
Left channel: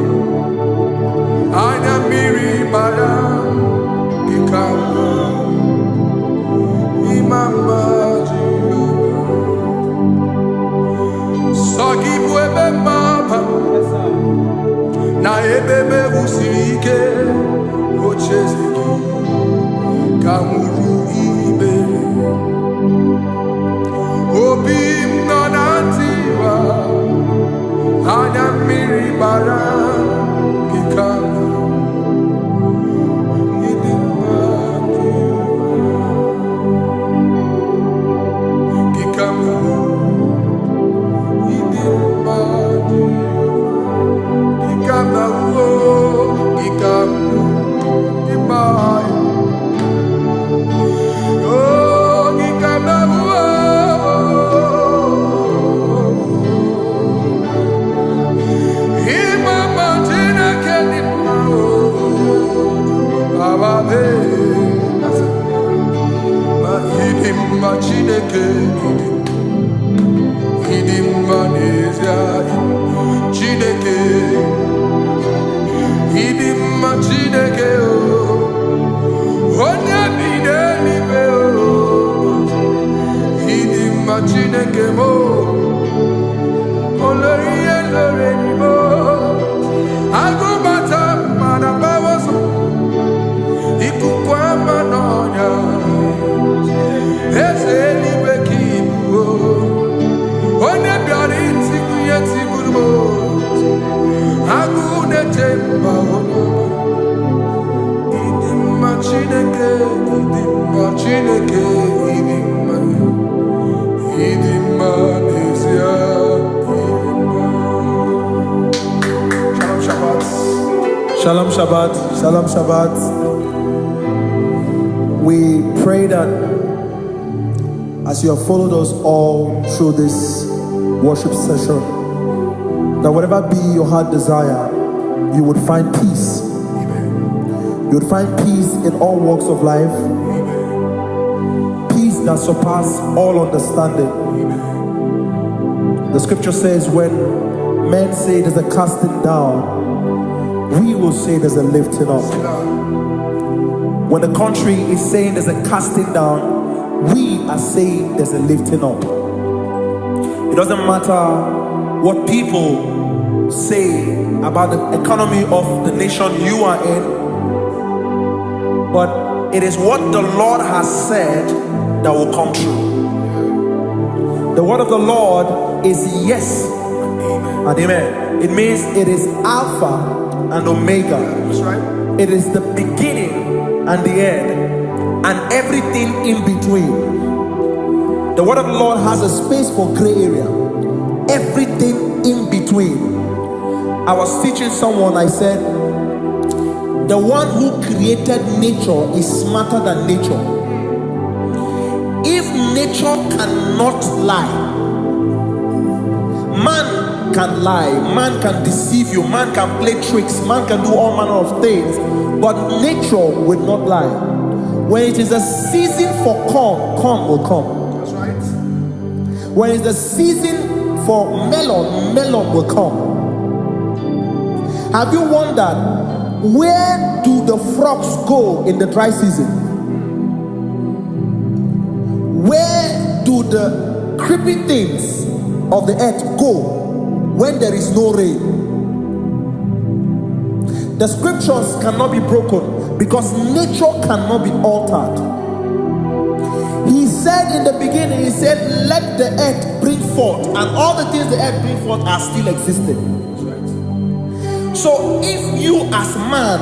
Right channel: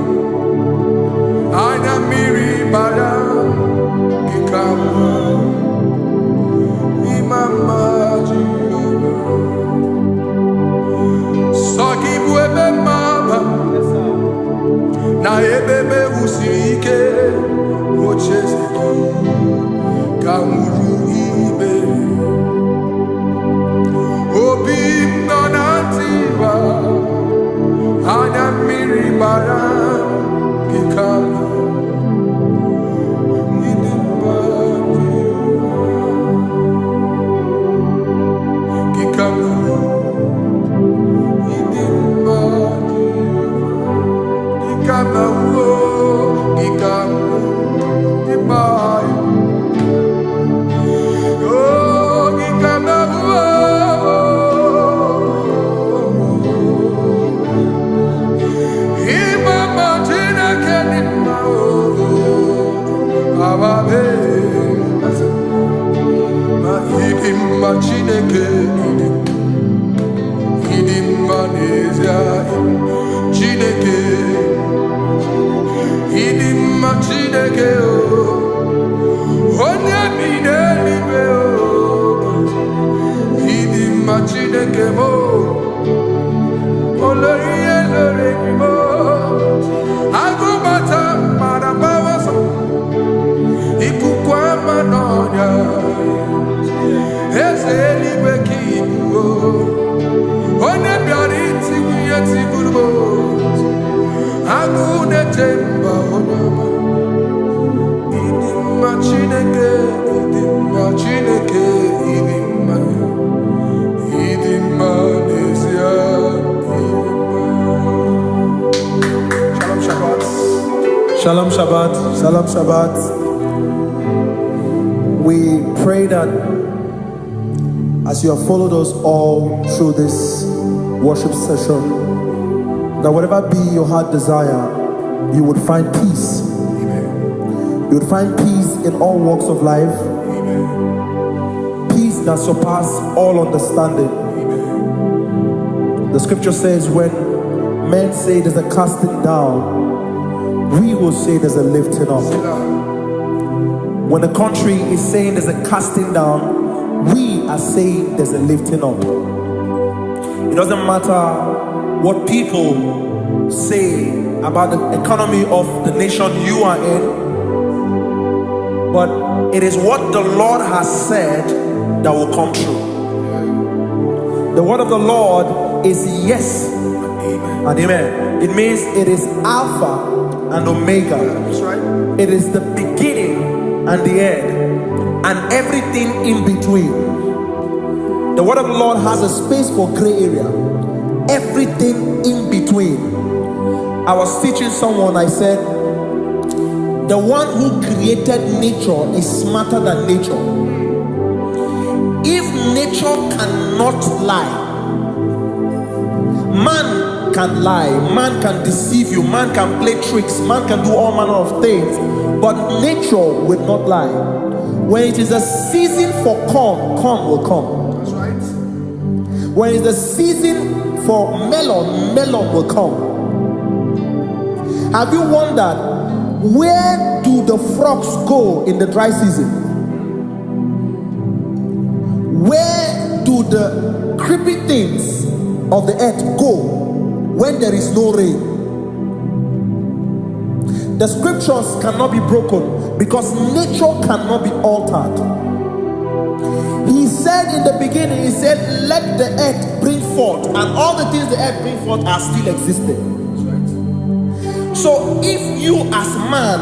Anya miri baram gikama. Imama Jehovah. Sagi buebe mapa. Na ebe me usirike. Ochezeki. Kamuru Iberi. Obim nonantiwa. Anya miri baram gikama. Gikama. Idimba Gikama uo. Gikama. Dimai. Oh, Gikama uo. Imama tina kedima uo. Ababe. Idimma Chineke Idimma Nezia Chineke Idimma Chineke Onya bidelibe Idimma Chineke mo Oloriye loreni mo Agubata marabawaso Ikukwa manonya Ezeliwe kibuo One biari tibuye tiburbo Agune temba onama Idimma Chineke Idimma Chineke Idimma Idimma Nezia Idimma. Shalom Shabbat. Shalom Shabbat. Shalom Shabbat. We pray that as you have followed us all through this worship session, that whatever be your heart desire, you would find peace. Amen. You would find peace in all walks of life. Amen. Peace that surpasses all understanding. Amen. The scripture says when men say there's a casting down, we will say there's a lifting up. When the country is saying there's a casting down, we are saying there's a lifting up. It doesn't matter what people say about the economy of the nation you are in, but it is what the Lord has said that will come true. The word of the Lord is yes and amen. It means it is Alpha and Omega. That's right. It is the beginning and the end, and everything in between. The word of the Lord has a space for gray area. Everything in between. I was teaching someone, I said, the one who created nature is smarter than nature. If nature cannot lie, man can lie, man can deceive you, man can play tricks, man can do all manner of things, but nature will not lie. When it is a season for corn, corn will come. That's right. When it's the season for melon, melon will come. Have you wondered, where do the frogs go in the dry season? Where do the creeping things of the earth go when there is no rain? The scriptures cannot be broken because nature cannot be altered. He said in the beginning, he said, let the earth bring forth, and all the things the earth bring forth are still existing. That's right. So if you as man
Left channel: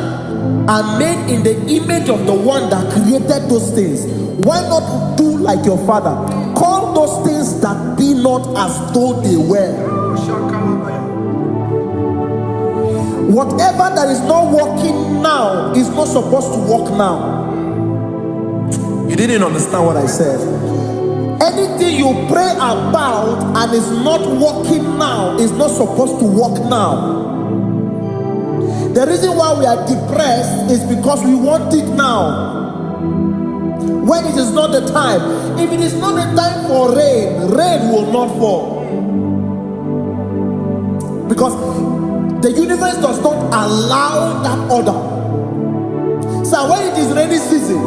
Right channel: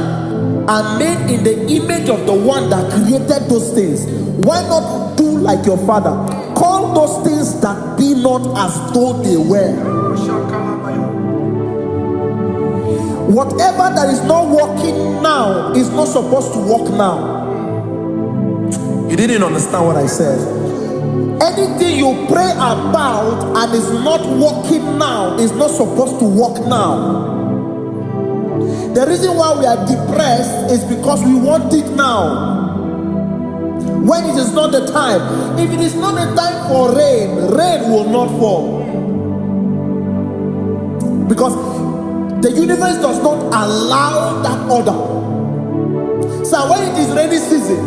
are made in the image of the one that created those things, why not do like your father? Call those things that be not as though they were. Whatever that is not working now is not supposed to work now. You didn't understand what I said. Anything you pray about and is not working now is not supposed to work now. The reason why we are depressed is because we want it now, when it is not the time. If it is not the time for rain, rain will not fall, because the universe does not allow that order. So when it is rainy season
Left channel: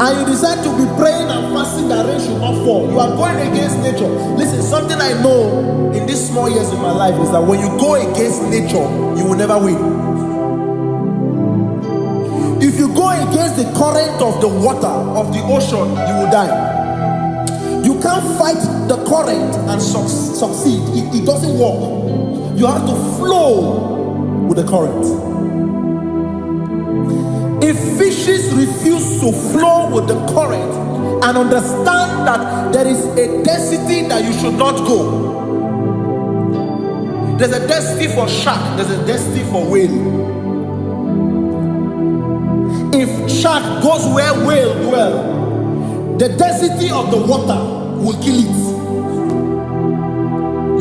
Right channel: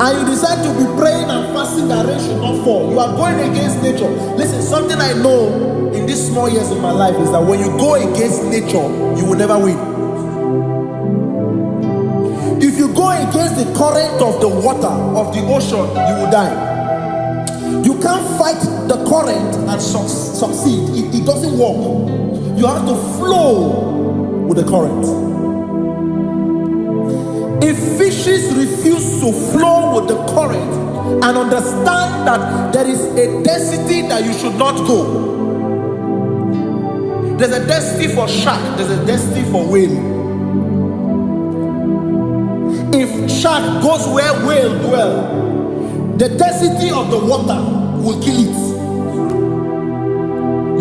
and you decide to be praying and fasting that rain should not fall, you are going against nature. Listen, something I know in these small years in my life is that when you go against nature, you will never win. If you go against the current of the water, of the ocean, you will die. You can't fight the current and succeed. It doesn't work. You have to flow with the current. If fishes refuse to flow with the current and understand that there is a density that you should not go, there's a density for shark, there's a density for whale. If shark goes where whale dwell, the density of the water will kill it.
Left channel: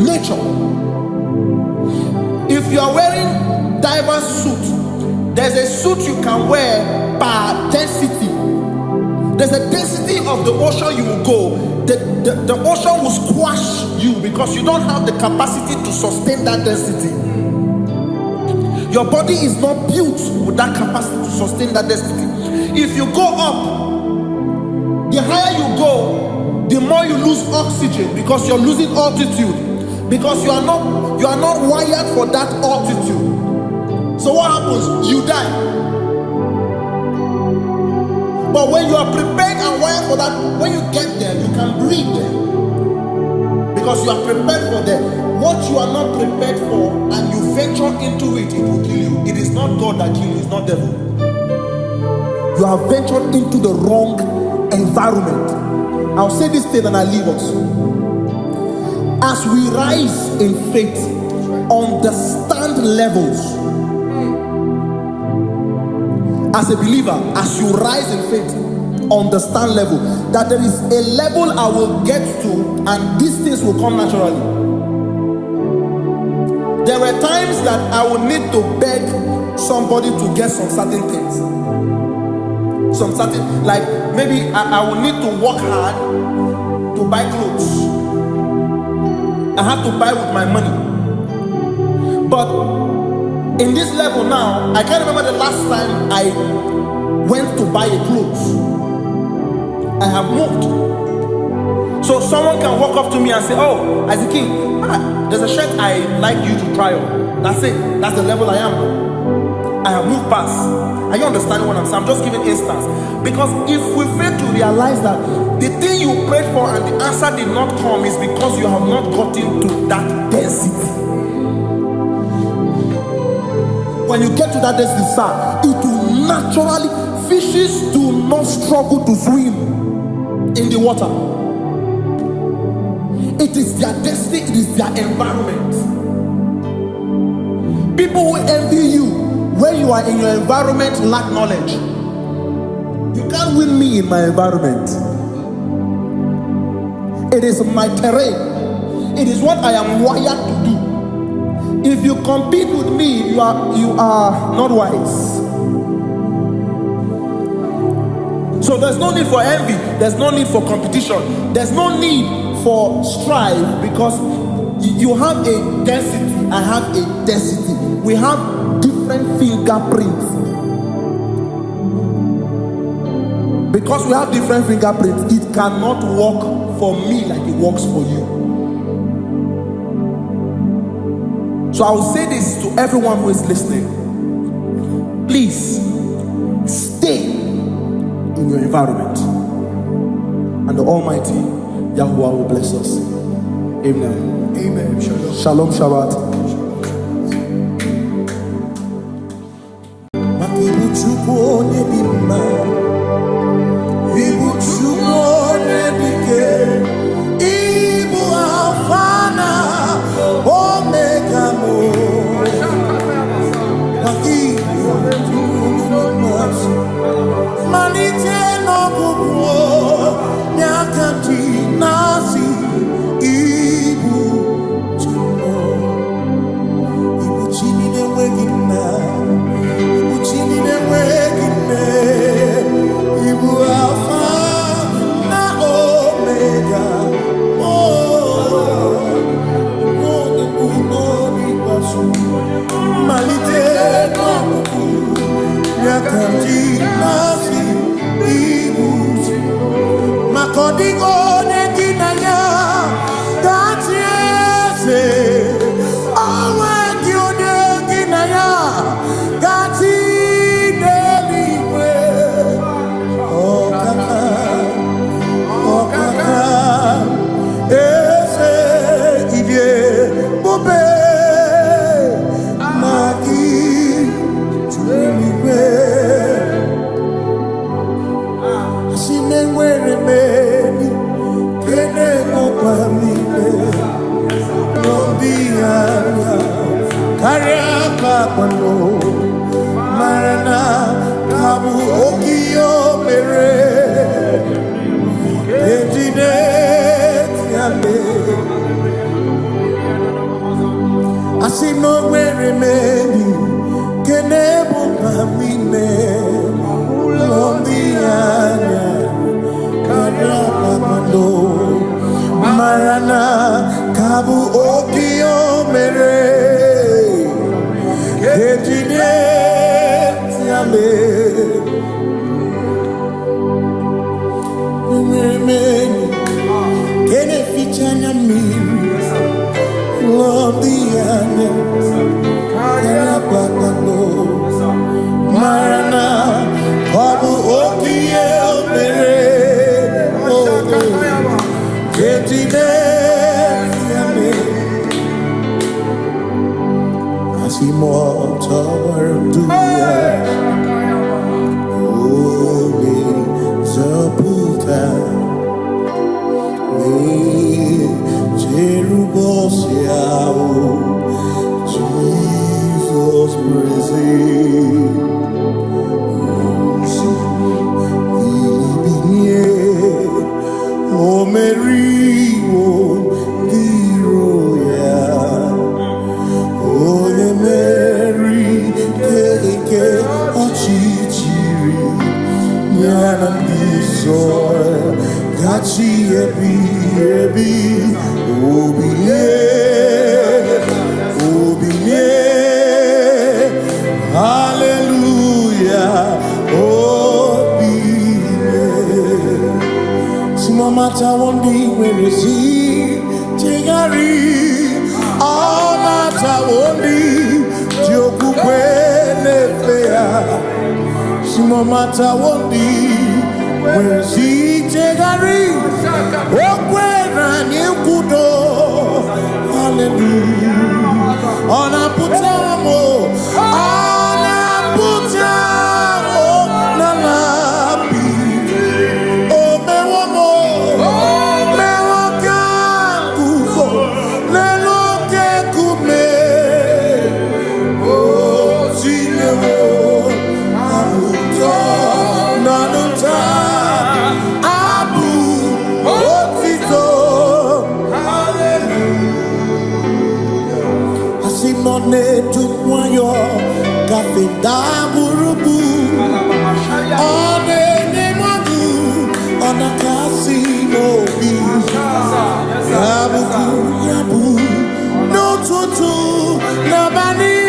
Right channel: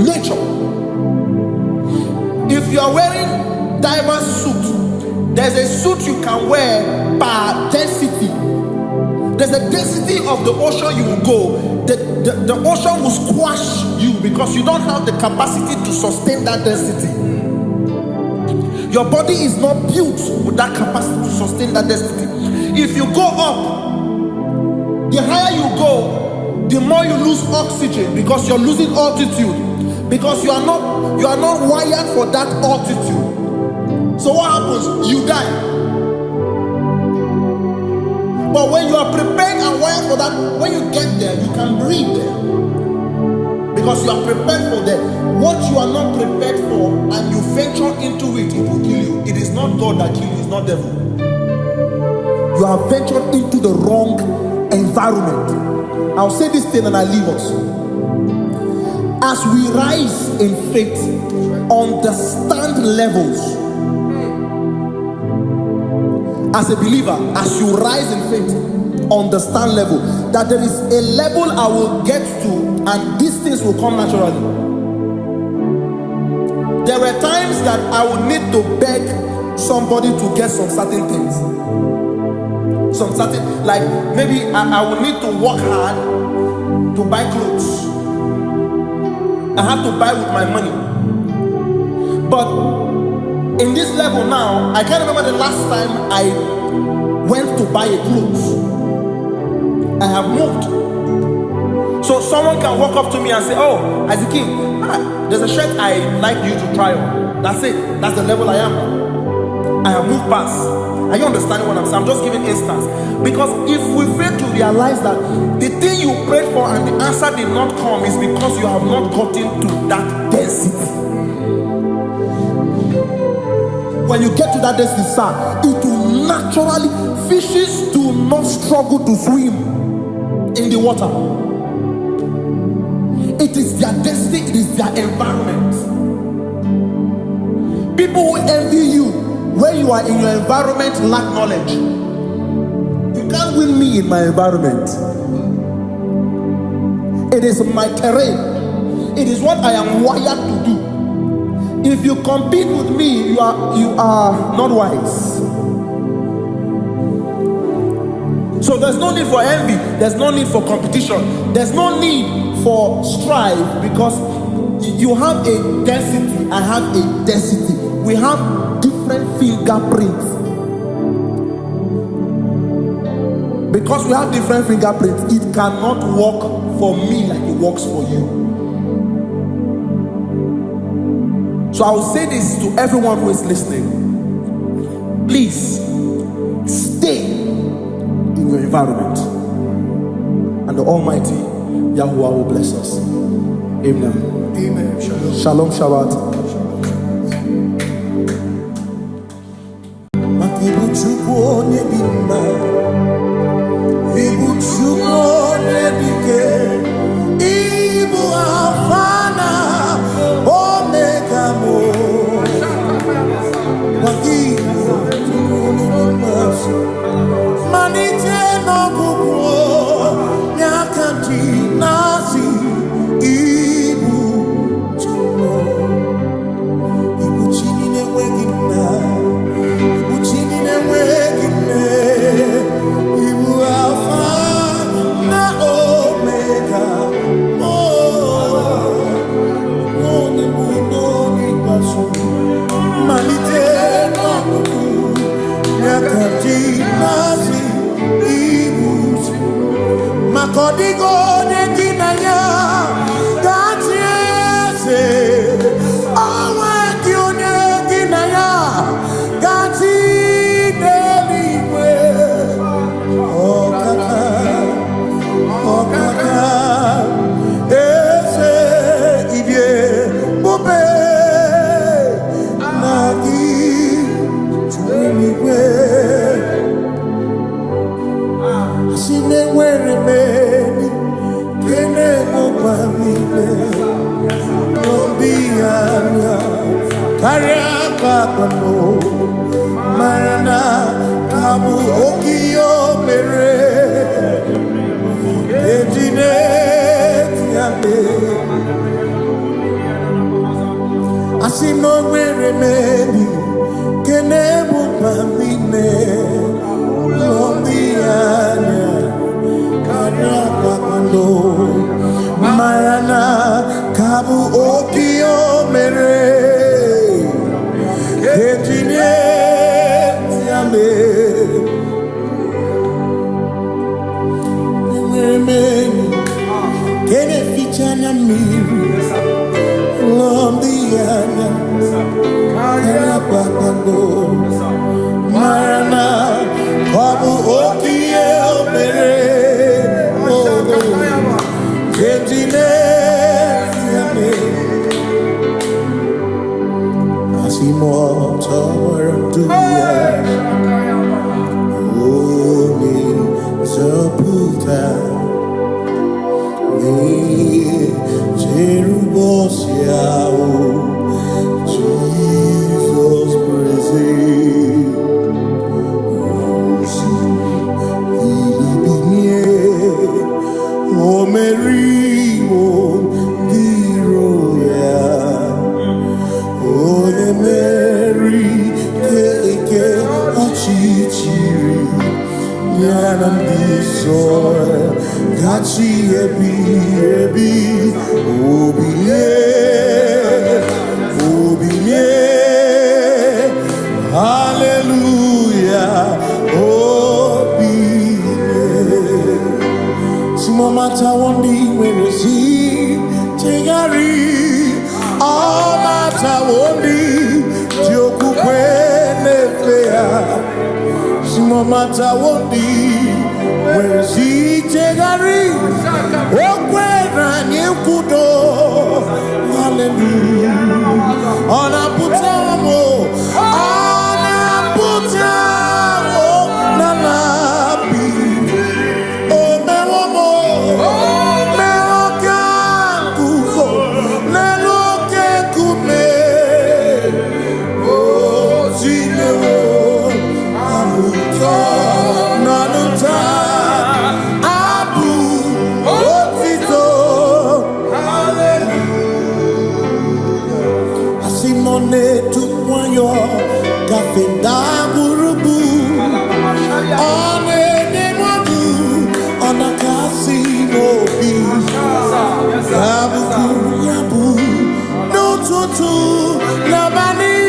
Nature. If you are wearing diver's suit, there's a suit you can wear per density. There's a density of the ocean you will go. The ocean will squash you because you don't have the capacity to sustain that density. Your body is not built with that capacity to sustain that density. If you go up, the higher you go, the more you lose oxygen because you're losing altitude, because you are not wired for that altitude. So what happens? You die. But when you are prepared and wired for that, when you get there, you can breathe there, because you are prepared for that. What you are not prepared for and you venture into it, it will kill you. It is not God that kills you, it's not devil. You have ventured into the wrong environment. I'll say this thing and I leave us. As we rise in faith, understand levels. As a believer, as you rise in faith, understand level. That there is a level I will get to and these things will come naturally. There were times that I would need to beg somebody to get some certain things. Some certain, like maybe I would need to work hard to buy clothes. I have to buy with my money. But in this level now, I can't remember the last time I went to buy a clothes. I have moved. So someone can walk up to me and say, oh, Isaac King, there's a shirt I like you to try on. That's it. That's the level I am now. I have moved past. Are you understanding what I'm saying? I'm just giving instance. Because if we fail to realize that the thing you prayed for and the answer did not come is because you have not gotten to that density. When you get to that density, sir, it will naturally, fishes do not struggle to swim in the water. It is their density, it is their environment. People who envy you when you are in your environment lack knowledge. You can't win me in my environment. It is my terrain. It is what I am wired to do. If you compete with me, you are not wise. So there's no need for envy. There's no need for competition. There's no need for strife, because you have a density. I have a density. We have different fingerprints. Because we have different fingerprints, it cannot work for me like it works for you. So I will say this to everyone who is listening. Please stay in your environment. and the Almighty Yahuwah will bless us. Amen. Amen. Shalom. Shalom Shabbat. Ibu Chukwu onye dị mma, Ibu Chukwu onye dike, Ibu Alpha na Omega mo. Ibu Chukwu onye dị mma, malite n'ọgwụgwụ nyakanti nasi. Ibu Chukwu, Ibu Chini n'enweghị nna. Chini n'enweghị nne, Ibu Alpha na Omega, onye mbụ n'onye ikpeazụ, malite n'ọgwụgwụ ya ka ndị na-asị Ibu. Maka ọ dịghị onye gị na ya ga-achị eze, onwe gị onye gị na ya ga-achị n'eluigwe. Ọkaka eze idie bube na gị juru n'igwe. Asị m enwere m enyi kene mụkwa m niile n'obi anya karịa kpakpando mara na ka bụ oke ihe o mere ejide tiale. Asị m na o nwere m enyi kene mụkwa m niile n'obi anya karịa kpakpando mara na ka bụ oke ihe o mere ejide tiale. Enwere m enyi kene ficha anya mmiri n'obi anya karịa kpakpando mara na ọ bụ oke ihe o mere ejide tiale. Motawaranduya Oni Zaputa Me Jerubosiao Jesus praise Osifu Ilibinye O Meriwo Diroya Onye Mary keke ọchịchịrị ya na ndị nsọ gachi ebi ebi obilie hallelujah obilie. Simomata wondi nwere si chegari Amata wondi Jokukwe nefea Simomata wondi Mwezi jegari Okwe ranye kudo Hallelujah Ona putamo Ona putamo Nalabi Ome wamo Mewo kankuzo Nelo kume oh zinewo abuto nanuta abu otito hallelujah. Asimone tukwayo kafenda burubu one nemadu ona kasimobi yabu yabu n'ụtụtụ n'abalị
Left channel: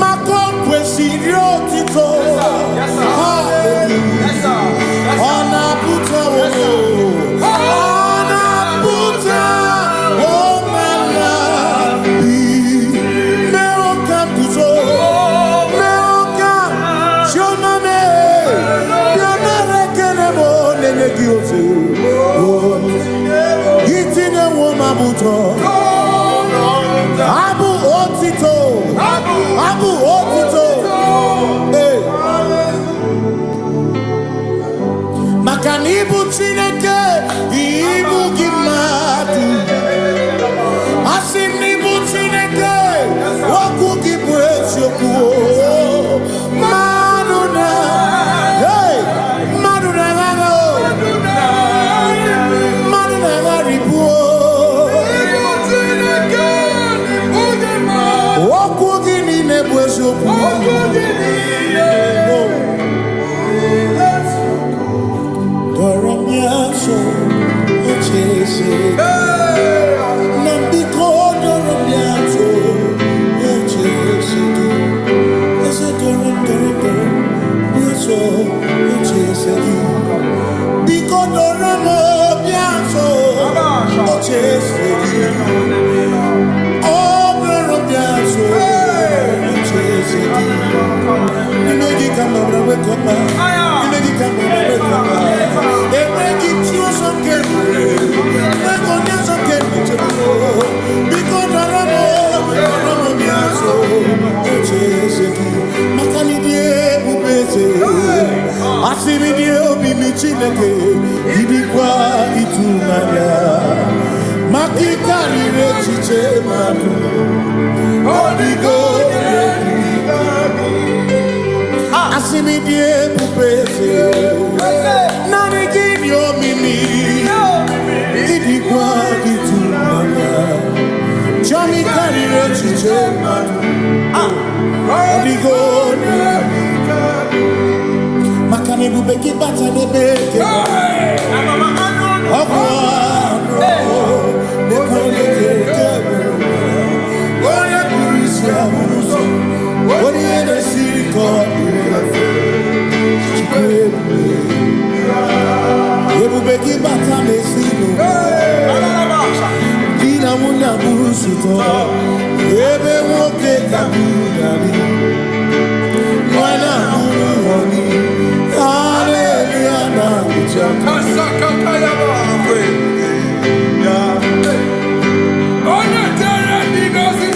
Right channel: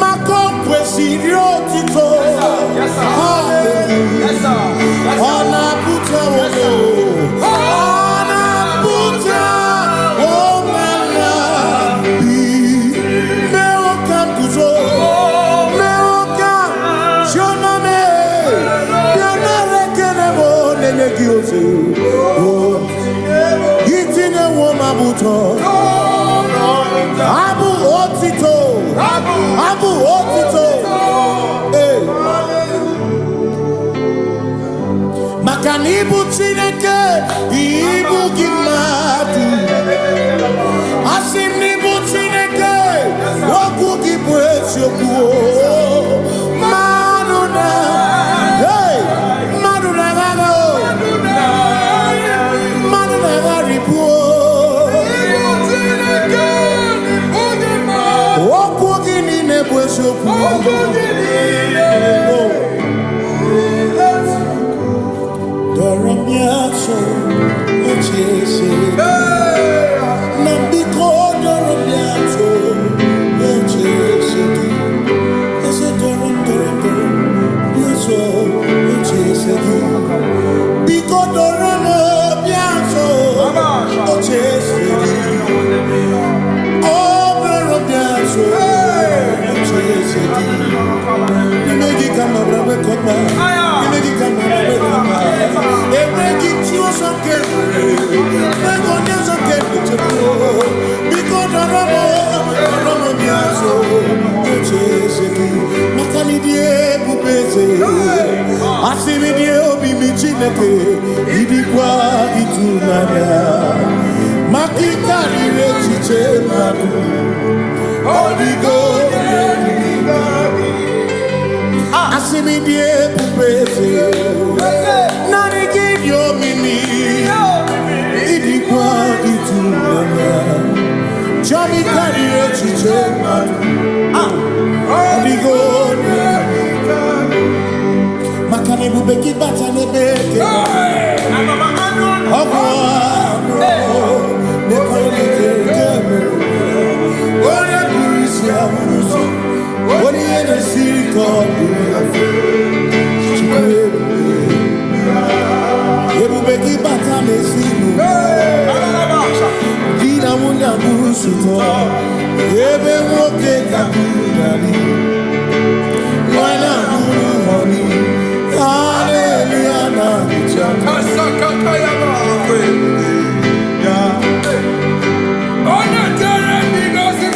maka kwesịrị otito ọ na-apụta onwe ọ na-apụta omala bi mewo ka guzo mewo ka chioma me bịanara ekele m onene Itine woma buto. Abu otito. Abu otito. Hey. Makanibu Chineke, Ibu Gimatu. Asinibu Chineke, Waku Gibwesyoku. Maduna, hey, Maduna Gago, Maduna Garibu. Waku Gini Nebwesyoku. Doramiaso, ochese. Nambiko doramiaso, ochese. Ese doram, biaso, ochese. Biko doramiaso, ochese. Oh, doramiaso, ochese. Nimegi kama brawe kopa. Nimegi kama brawe kopa. Emegi chio sonkere. Megonya sonkere chepro. Biko doramo biaso. Ocheseki. Makani die bubeze. Asimi die obi michineke. Idikwa itunanya. Makikari rechiche madu. Odigo Asimi die pupese Nani gidio mimi Idikwa itunanya Chami karire chiche madu Odigo Makane bubeki bata nebeke Ogwano Nekone kekebe Oya kurisia uruso Oni ene siriko Chikwebe Ebubeki bata mesino Dina muna busuto Ebe woke kabudali Mwana munu honi Hallelujah na kuchaka Kasaka kayaba Ona tere bigosi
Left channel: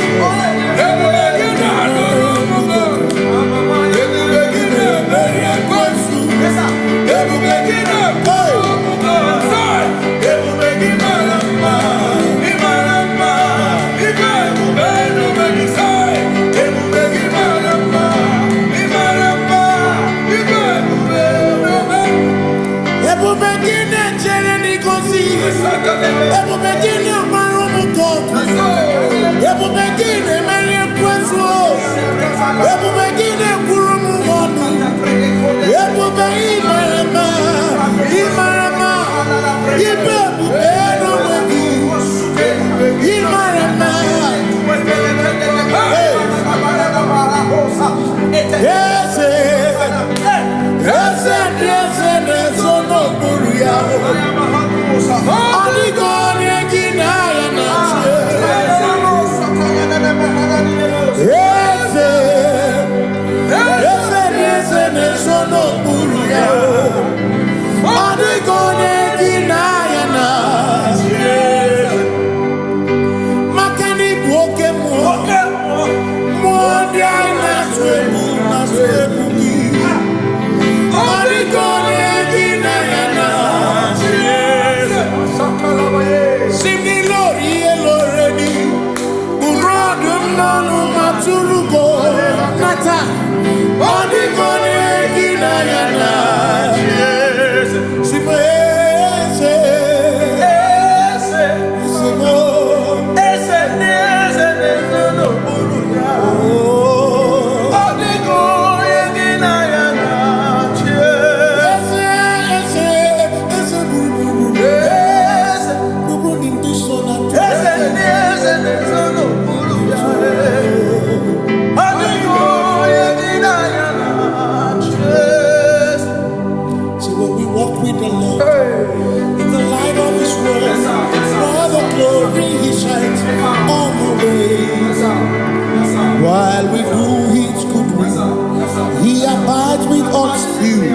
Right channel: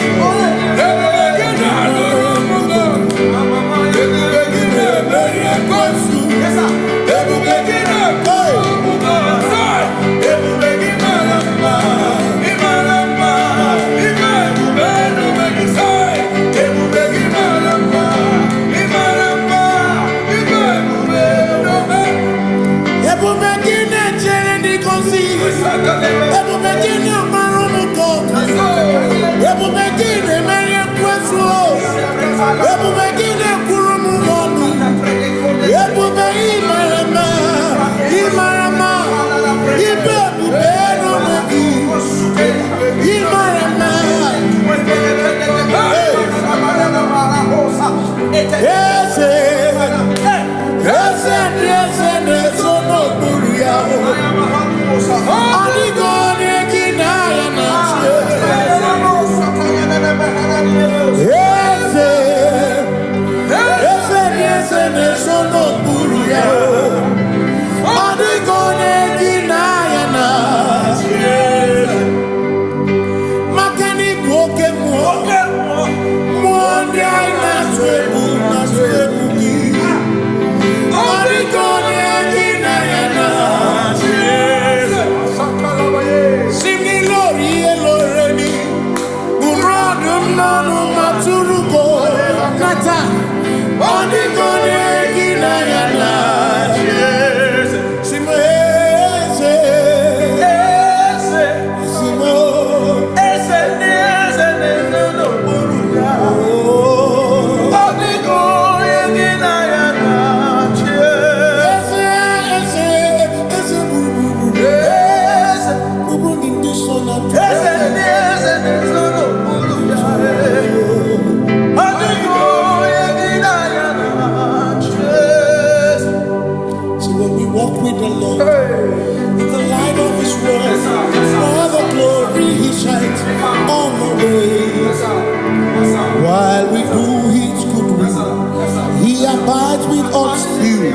See, when we walk with the Lord, in the light of His word, for the glory He shines on the way. While we do His good will, He abides with us few.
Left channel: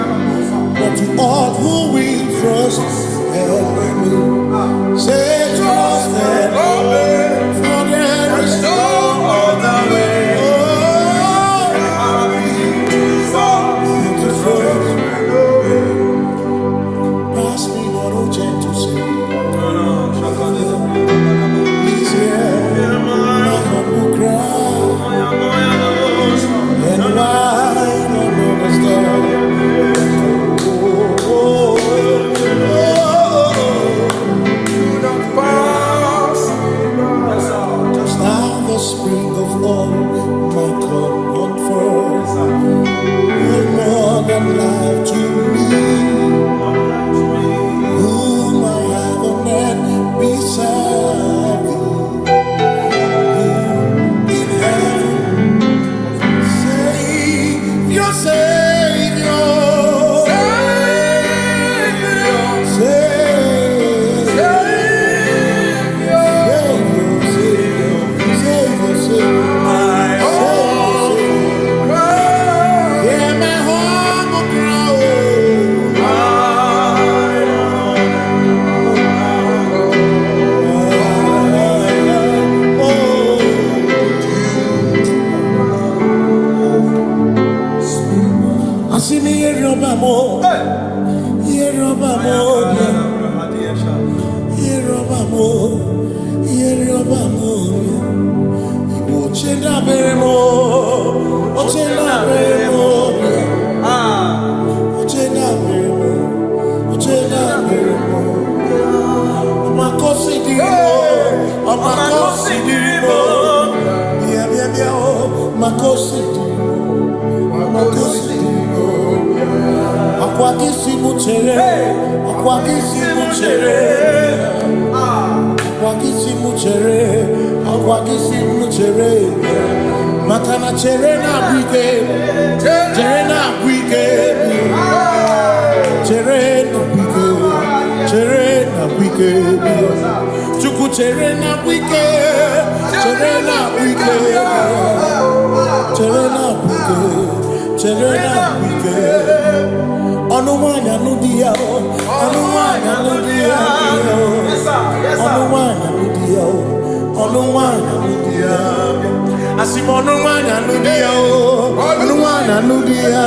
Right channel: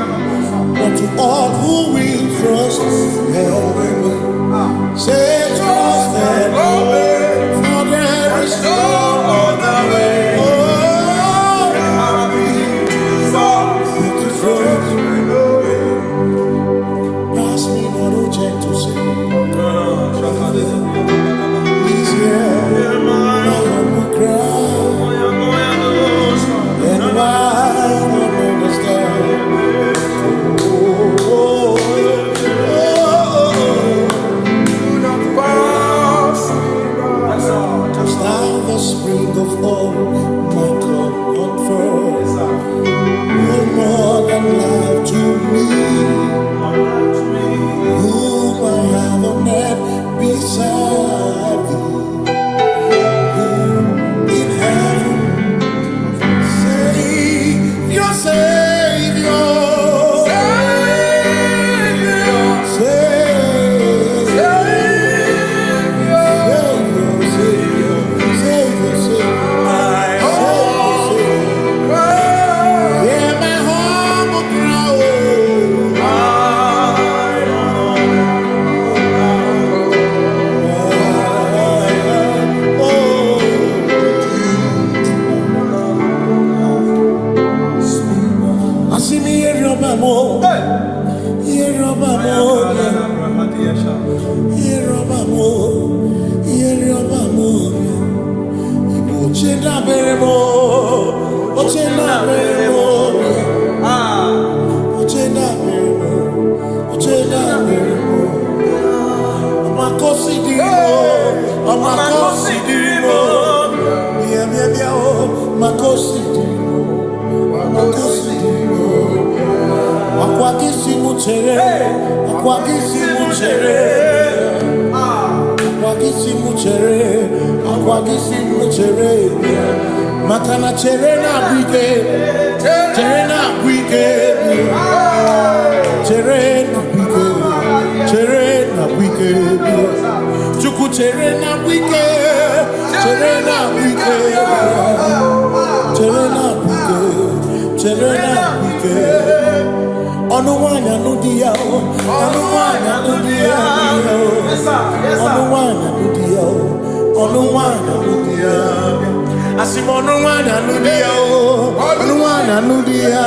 But to all who will trust and obey, say trust and obey, for there is no other way. Oh, but to trust and obey. Pass me not, O gentle Savior. Please hear my humble cry. And why don't understand? Do not pass me by. Touch thou the spring of all my comfort, you're more than life to me, whom I have on earth beside thee. Your Savior, Makana cherena bwike, cherena bwike, cherena bwike, cherena bwike, chuku cherena bwike, cherena bwike, cherena bwike, cherena bwike. Onuwanya nudia, onuwanya nudia, onuwanya nudia, onuwanya nudia. Asimonuwanya nudia, onuwanya nudia,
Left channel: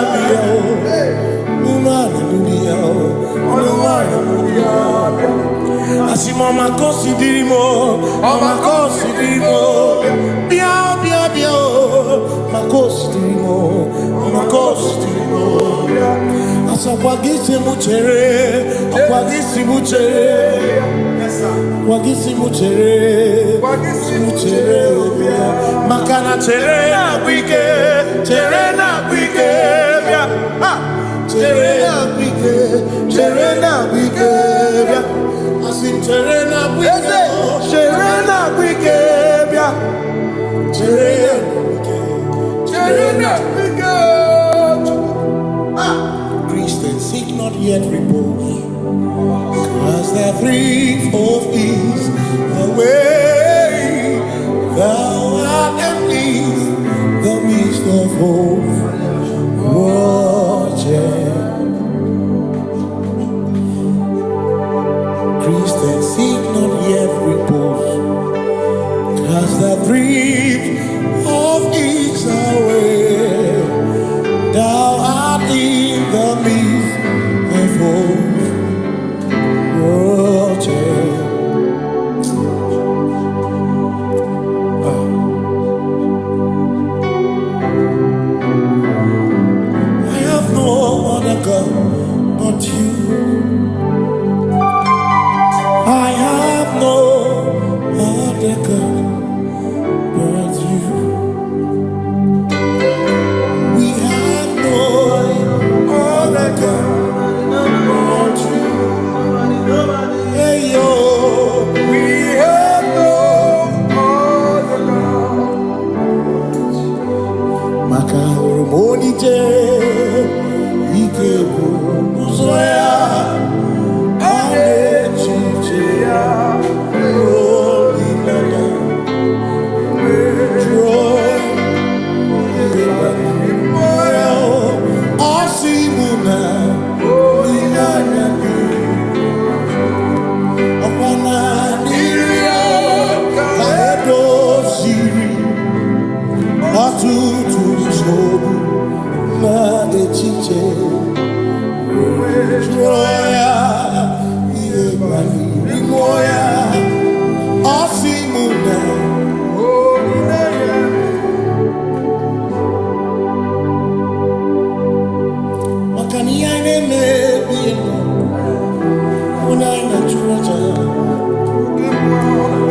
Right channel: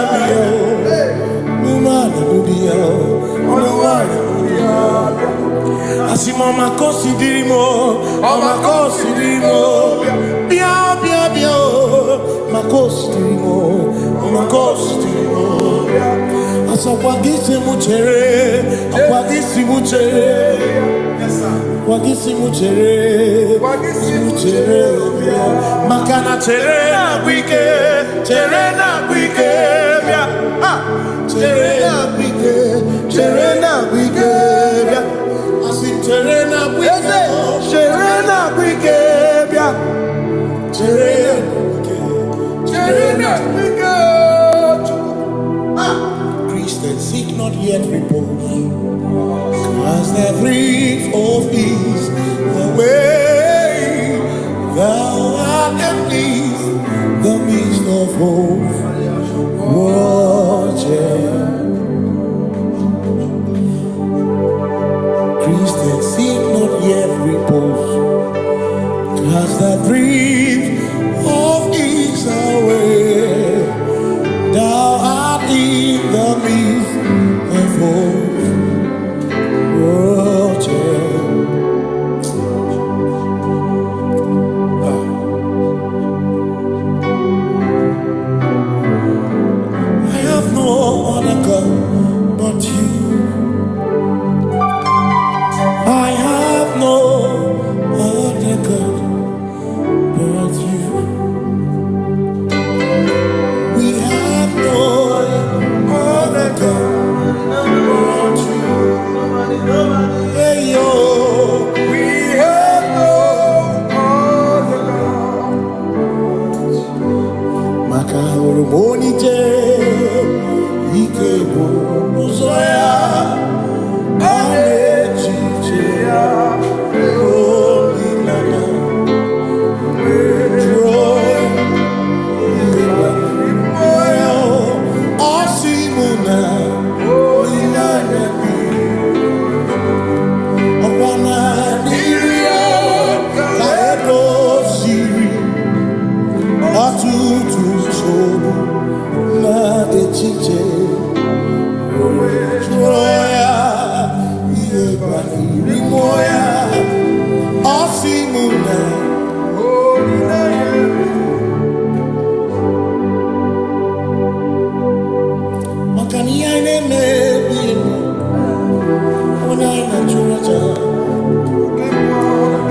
onuwanya nudia, onuwanya nudia. Asimoma considerimo, oma considerimo, bia bia bia, ma considerimo, oma considerimo. Asakwagisi muchere, akwagisi muchere, akwagisi muchere, muchere. Makana chere na bwike, chere na bwike, chere na bwike, chere na bwike. Asim chere na bwike, chere na bwike, chere na bwike, chere na bwike. Christians seek not yet repose, as the breeze of ease away. Thou art at peace, the midst of hope, watching. Christians seek not yet repose, cast the dreams of ease away. Thou art in the midst of hope, watching. I have no other God but you. I have no other God but you. We have no other God but you. Hey yo, we have no other God. Maka hormoni je, ike bu uzo Joya, Anechicheya, Holy Nana, Joy, Osimuna, Holy Nana, Okwana Nirio, Kaedo Siri, Atutu Sobu, Na Echiche, Joya, Iebani, Rimoya, Osimuna, Holy Nana. Makani aine me biemo, ona ina churaja.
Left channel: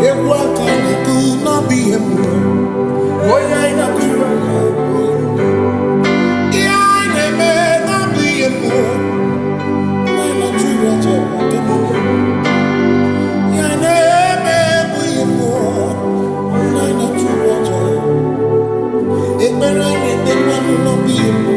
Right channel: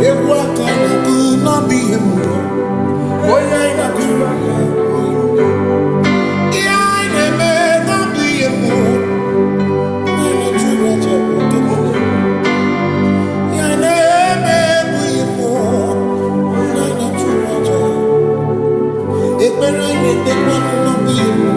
Ewa kani tu na biemo, ona ina churaja. Aine me na biemo, ona ina churaja. Aine me biemo, ona ina churaja. Ekbera ine ekbera no biemo.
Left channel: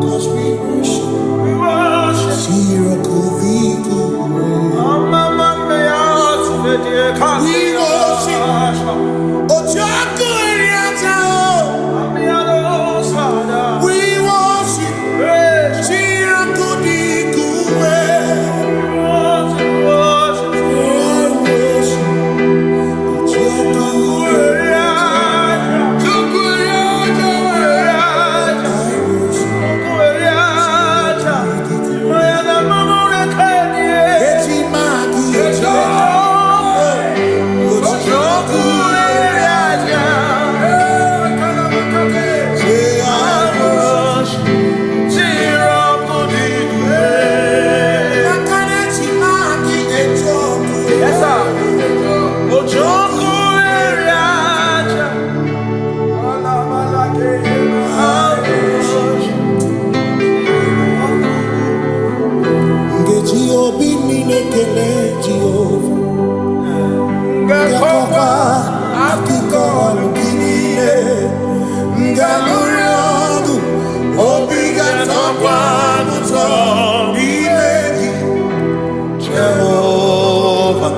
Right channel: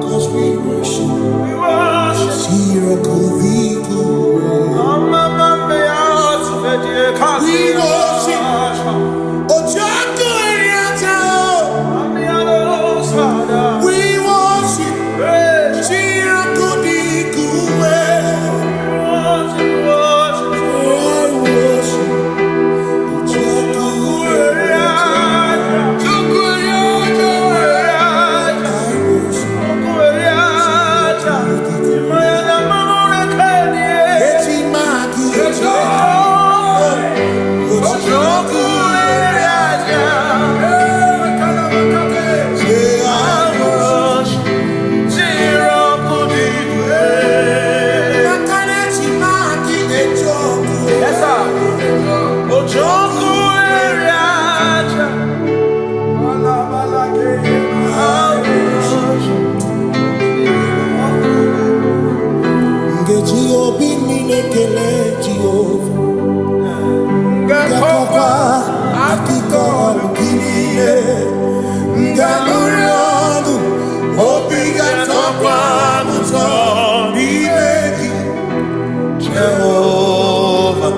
Cause we worship, we worship, Obi minekele Jehovah Ngakokwa akiko lukile Ngaluriogu Obi gatokwa muto Nimeki Jehovah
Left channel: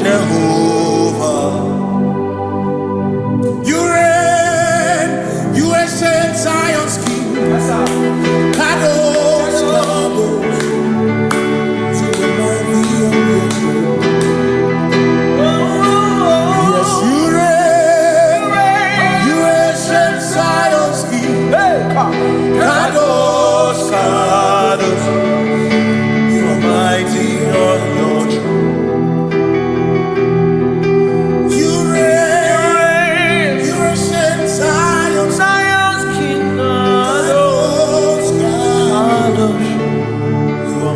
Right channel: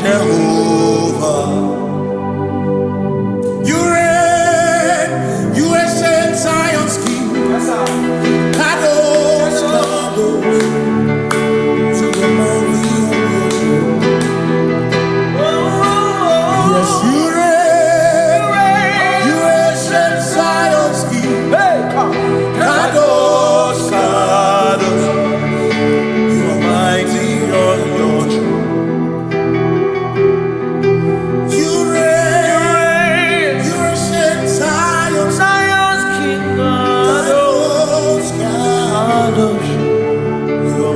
Jehovah, you reign, you ancient Zion's King. Kadosh, Kadosh, to the mighty on your throne. Yes, you reign, you ancient Zion's King. Kadosh, Kadosh, you are mighty on your throne.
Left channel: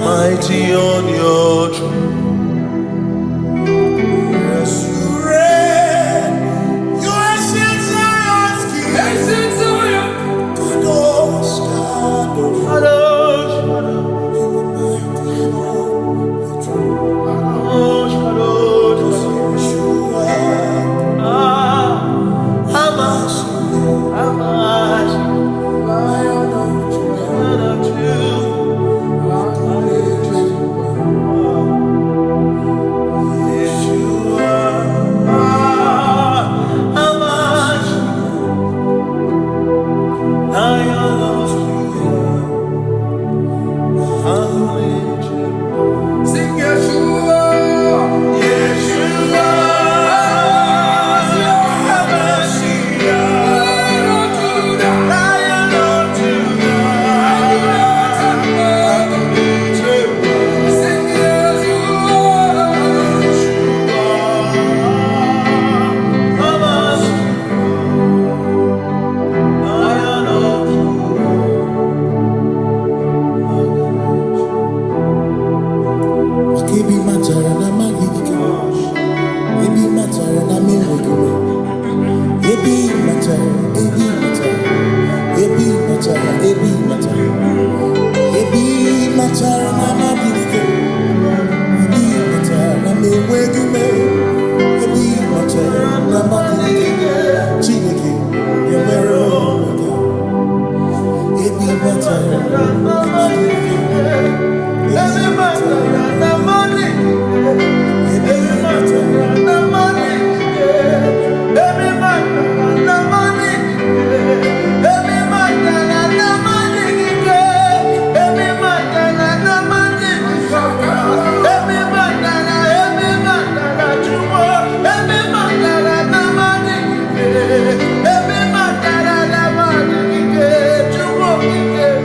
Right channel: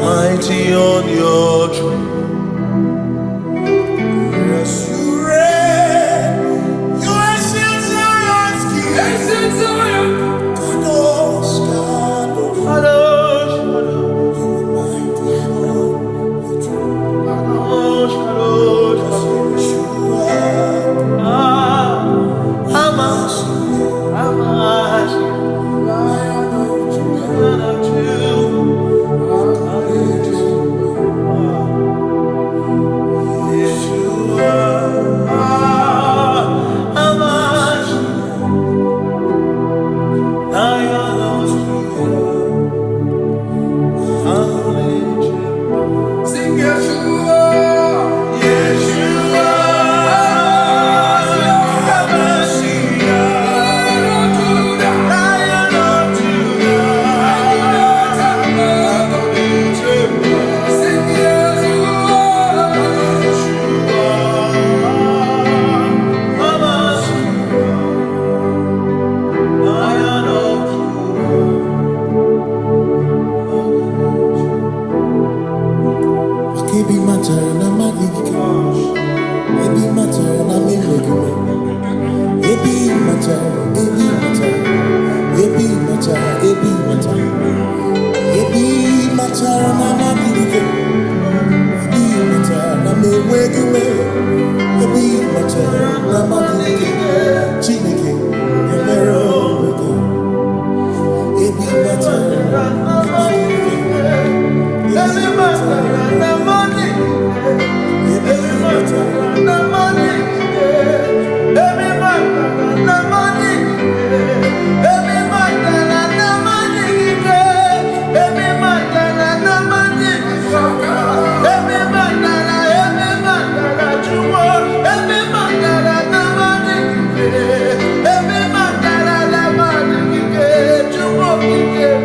Mighty on your throne. Yes, you reign. You ancient Zion's King. Ancient Zion. Kadosh, Kadosh, Kadosh, Kadosh. You are mighty on your throne. Kadosh, Kadosh, Kadosh. Hamash, Lion of Judah. Sing Yeshua, Yeshua, Lion of Judah, sing Yeshua, Lion of Judah. Ebi matara na magigike, ebi matara na menwegume, ebi matara, ebi matara, ebi matara, ebi matara, ebi matara na magigike, ebi matara na menwegume, ebi matara na magigike, Chineke yemero weka, ebi matara na magigike. Every matter and the money, every matter and the money, every matter and the money, every matter and the money, every matter and the money, every matter that you want, every matter and the money, every matter and the money, you want to give.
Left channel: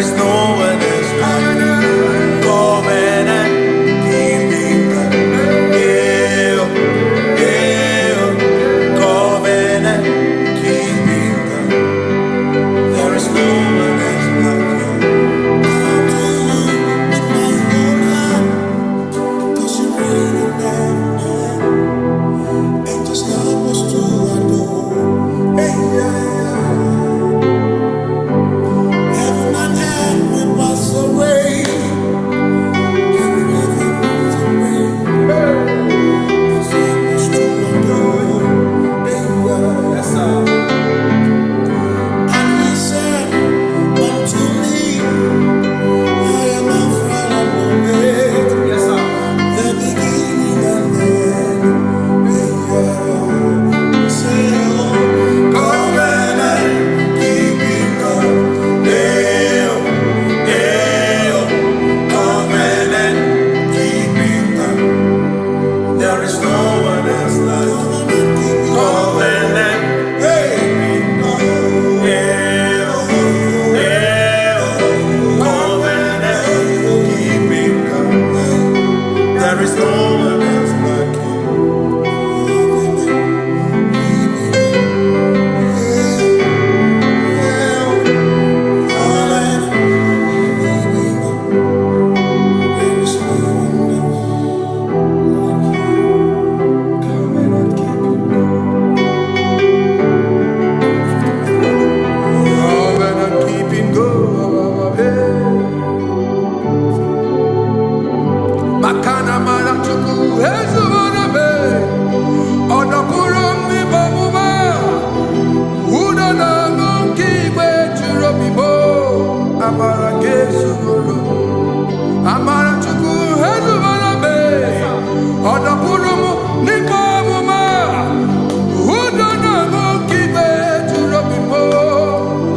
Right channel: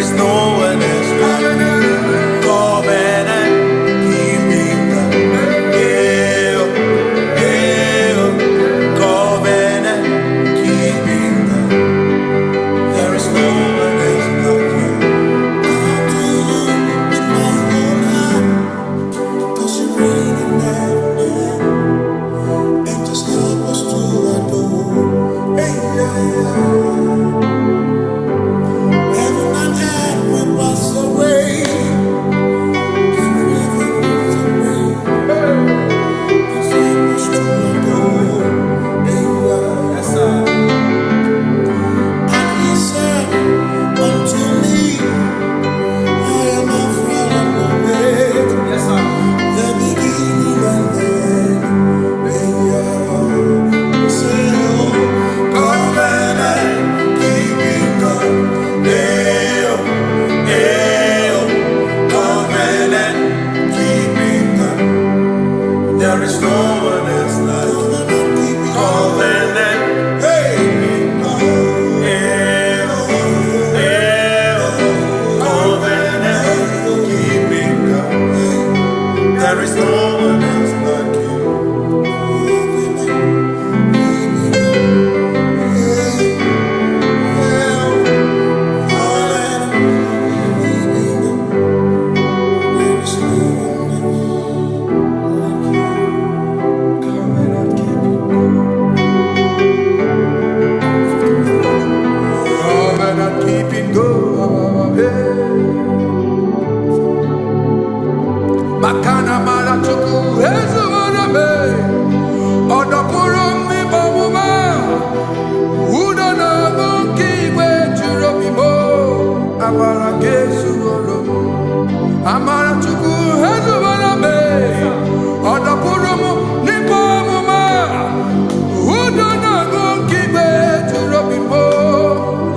is no one else like you. Covenant keeping God. Yeah, yeah. Covenant keeping God. There is no one else like you. Come to you with my whole heart, 'cause you reign in heaven, and just help us to adore. Hey, yeah, yeah. Heaven and earth will pass away. Forever pass away. Just help us to adore. Hey, yeah. Yes, sir. And he said unto me, I am Alpha and Omega. Yes, sir. The beginning and the end. Hey, yeah. Say, oh, covenant keeping God. Hey, oh, covenant keeping God. There is no one else like you. Covenant keeping God. Hey, oh, covenant keeping God. There is no one else like you. Covenant keeping go. Makana mara chuku ezu me. Odapurum ni bomuma. Udo na ngunki kwe churobimo. Amara kesu goro. Amara chuku ezu me. Odapurum ni bomuma. Udo na ngunki kwe churobimo.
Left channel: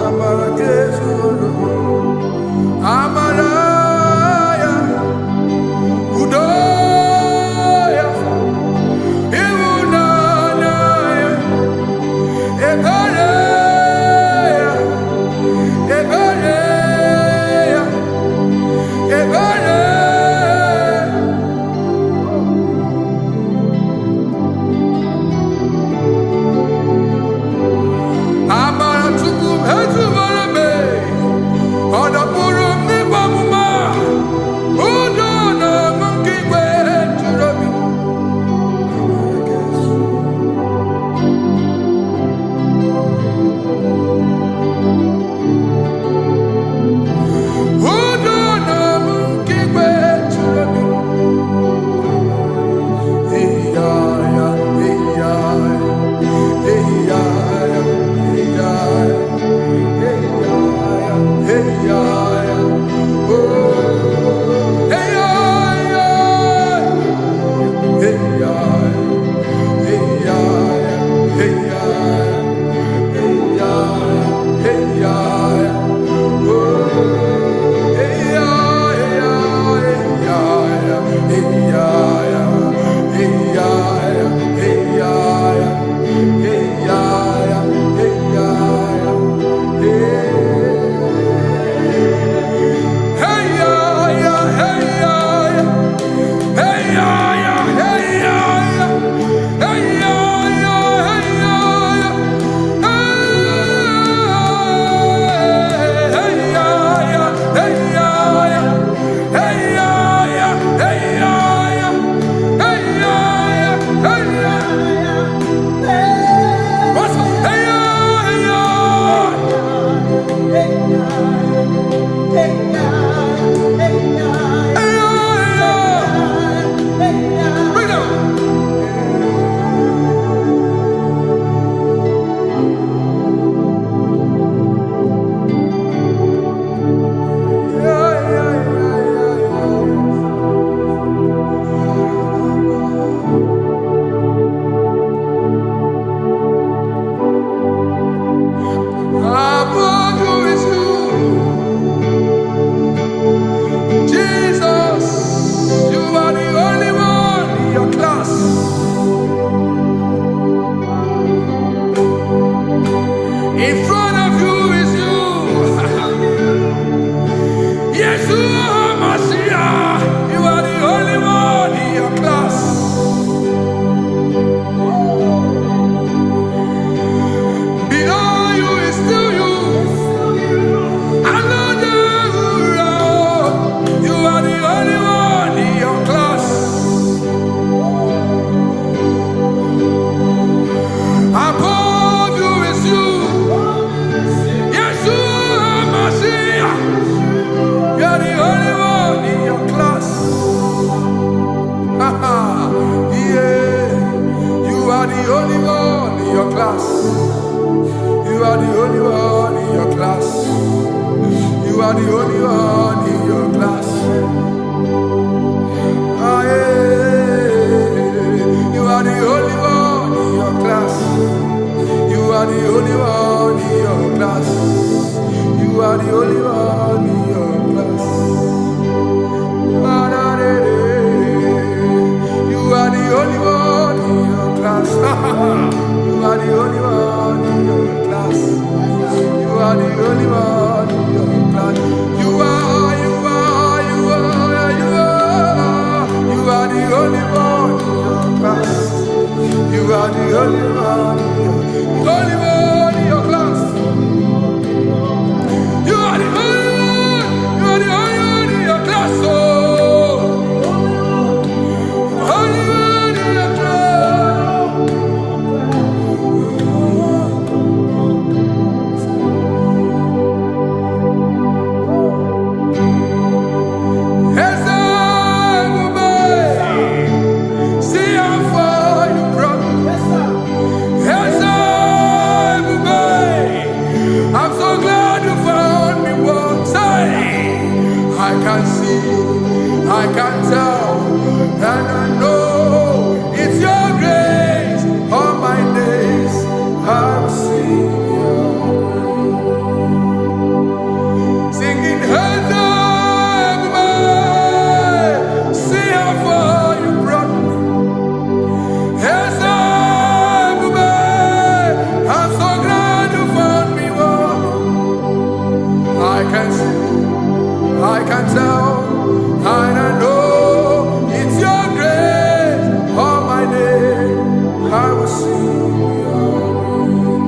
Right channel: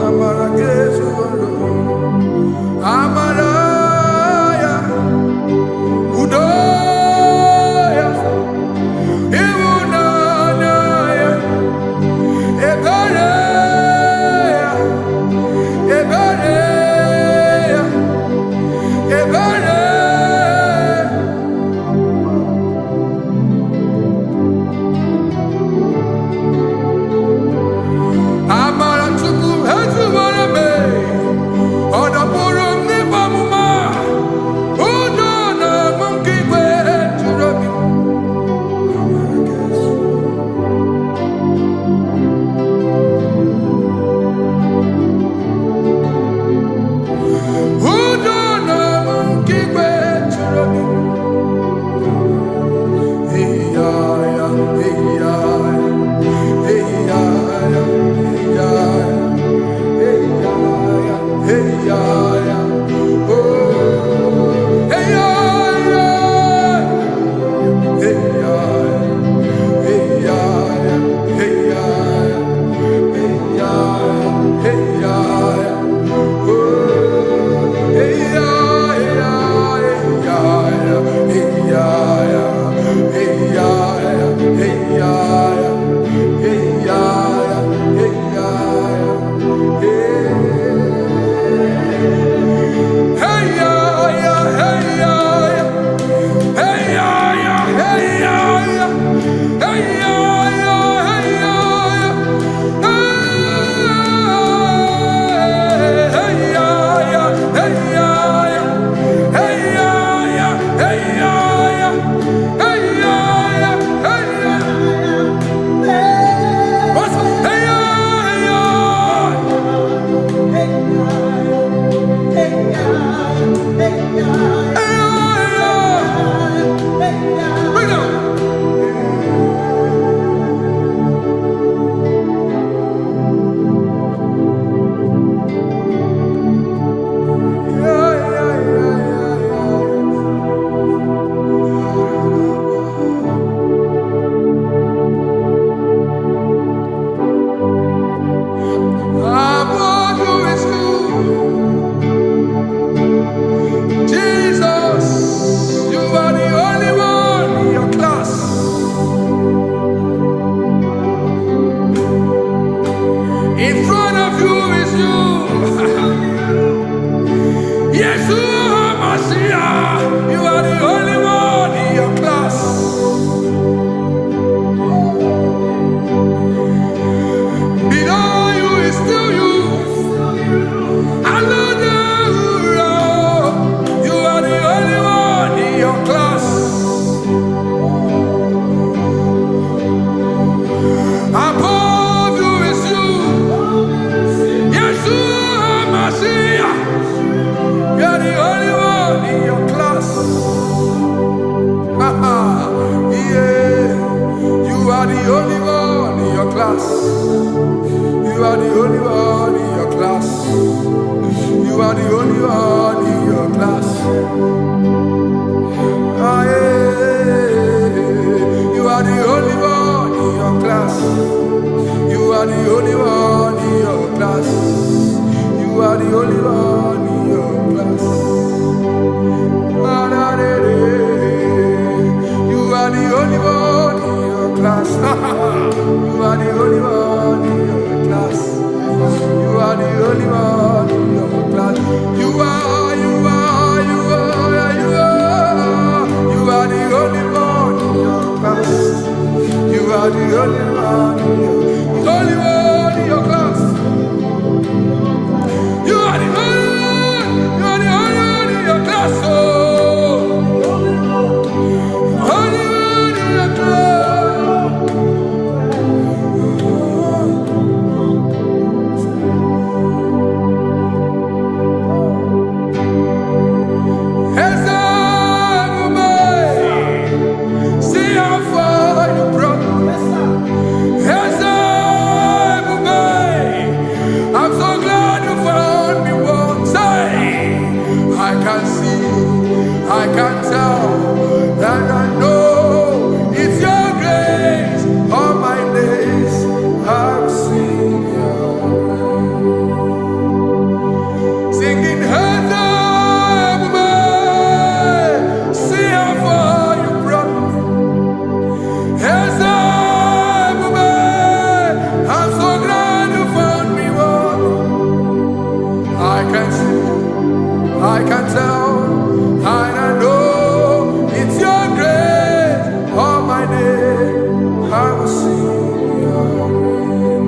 Amara kesu goro. Amara ya. Udo ya. Iwunana ya. Ebere ya. Ebere ya. Ebere. Amara chukwu ezubere me. Odapurum ni bamu. Yeshua Mashiach, you are the only one in your class. Below you is still you. Hallelujah, you are the only one in your class. Above you is you. Yeshua Mashiach, you are the only one in your class. Yeah, you are the only one in your class. You are the only one in your class. You are the only one in your class. Ah, yeah. You are the only one in your class. You are the only one in your class. You are the only one in your class. You are the only one in your class. You are the only one in your class. You are the only one in your class. You are the only one in your class. You are the only one in your class. You are the only one in your class. Oh, only one in your class. See how far you brought me. I'm so glad you found me once. I can see, I can tell, and I know it's your grace. All my days I will sing your grace. Singing, see how far you brought me. I'm so glad you found me one. I can see, I can tell, and I know it's your grace. All my day I will sing your grace.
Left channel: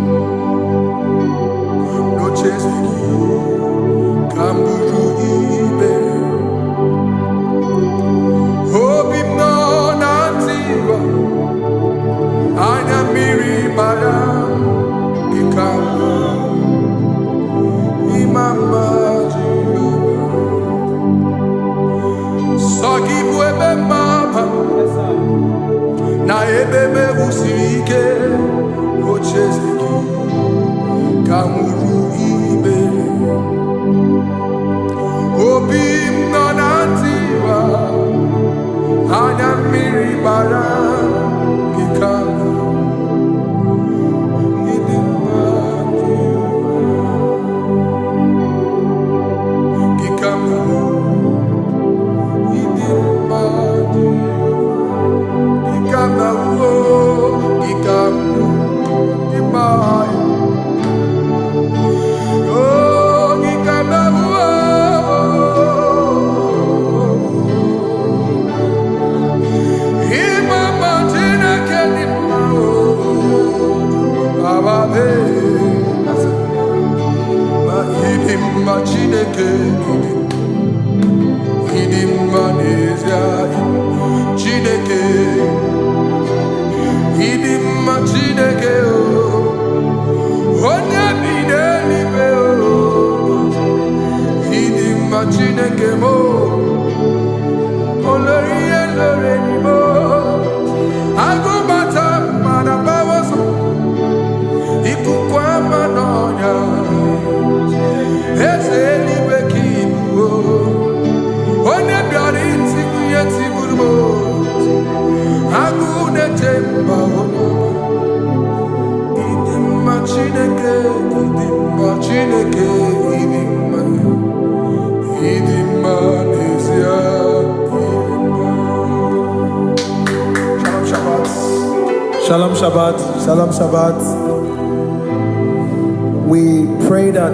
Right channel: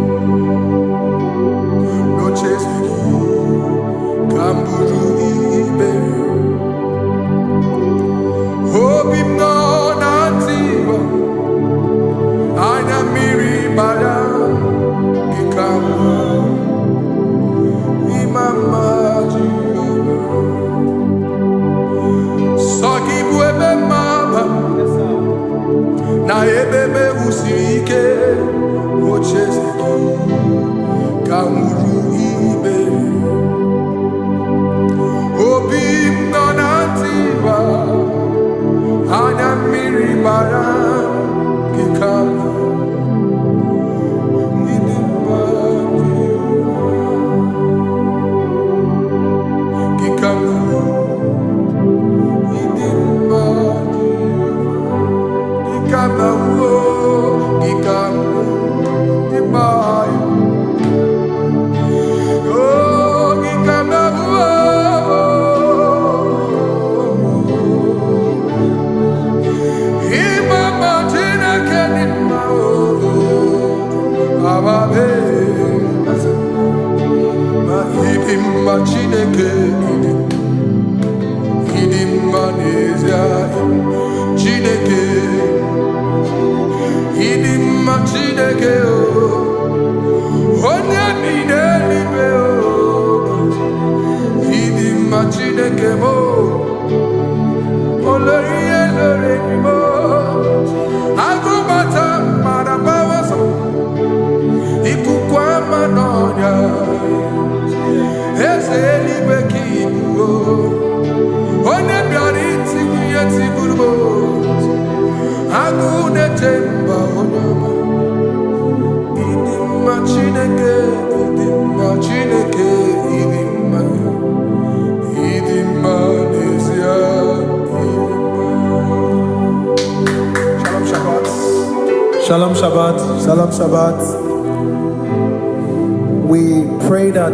No chase again, Kamburu Iberi. Hope him no nantiwa. Anya miri baram gikama imama Jehovah. Sogi buebe maba na ebe me usirike ochezeki kamuru ibere. Obim no nantiwa. Anya miri baram gikama. Chineke idim manezia Chineke idim Chineke onye bidelibe idim Chineke mo oloriye loreni mo agubata marabawaso ikukwa manonya Ezeligwe kibuo One biari tibuye tiburbo Agune temba onama Idimma Chineke Idimma nezia Idimma. Shalom Shabbat. Shalom Shabbat. Shalom Shabbat. We pray that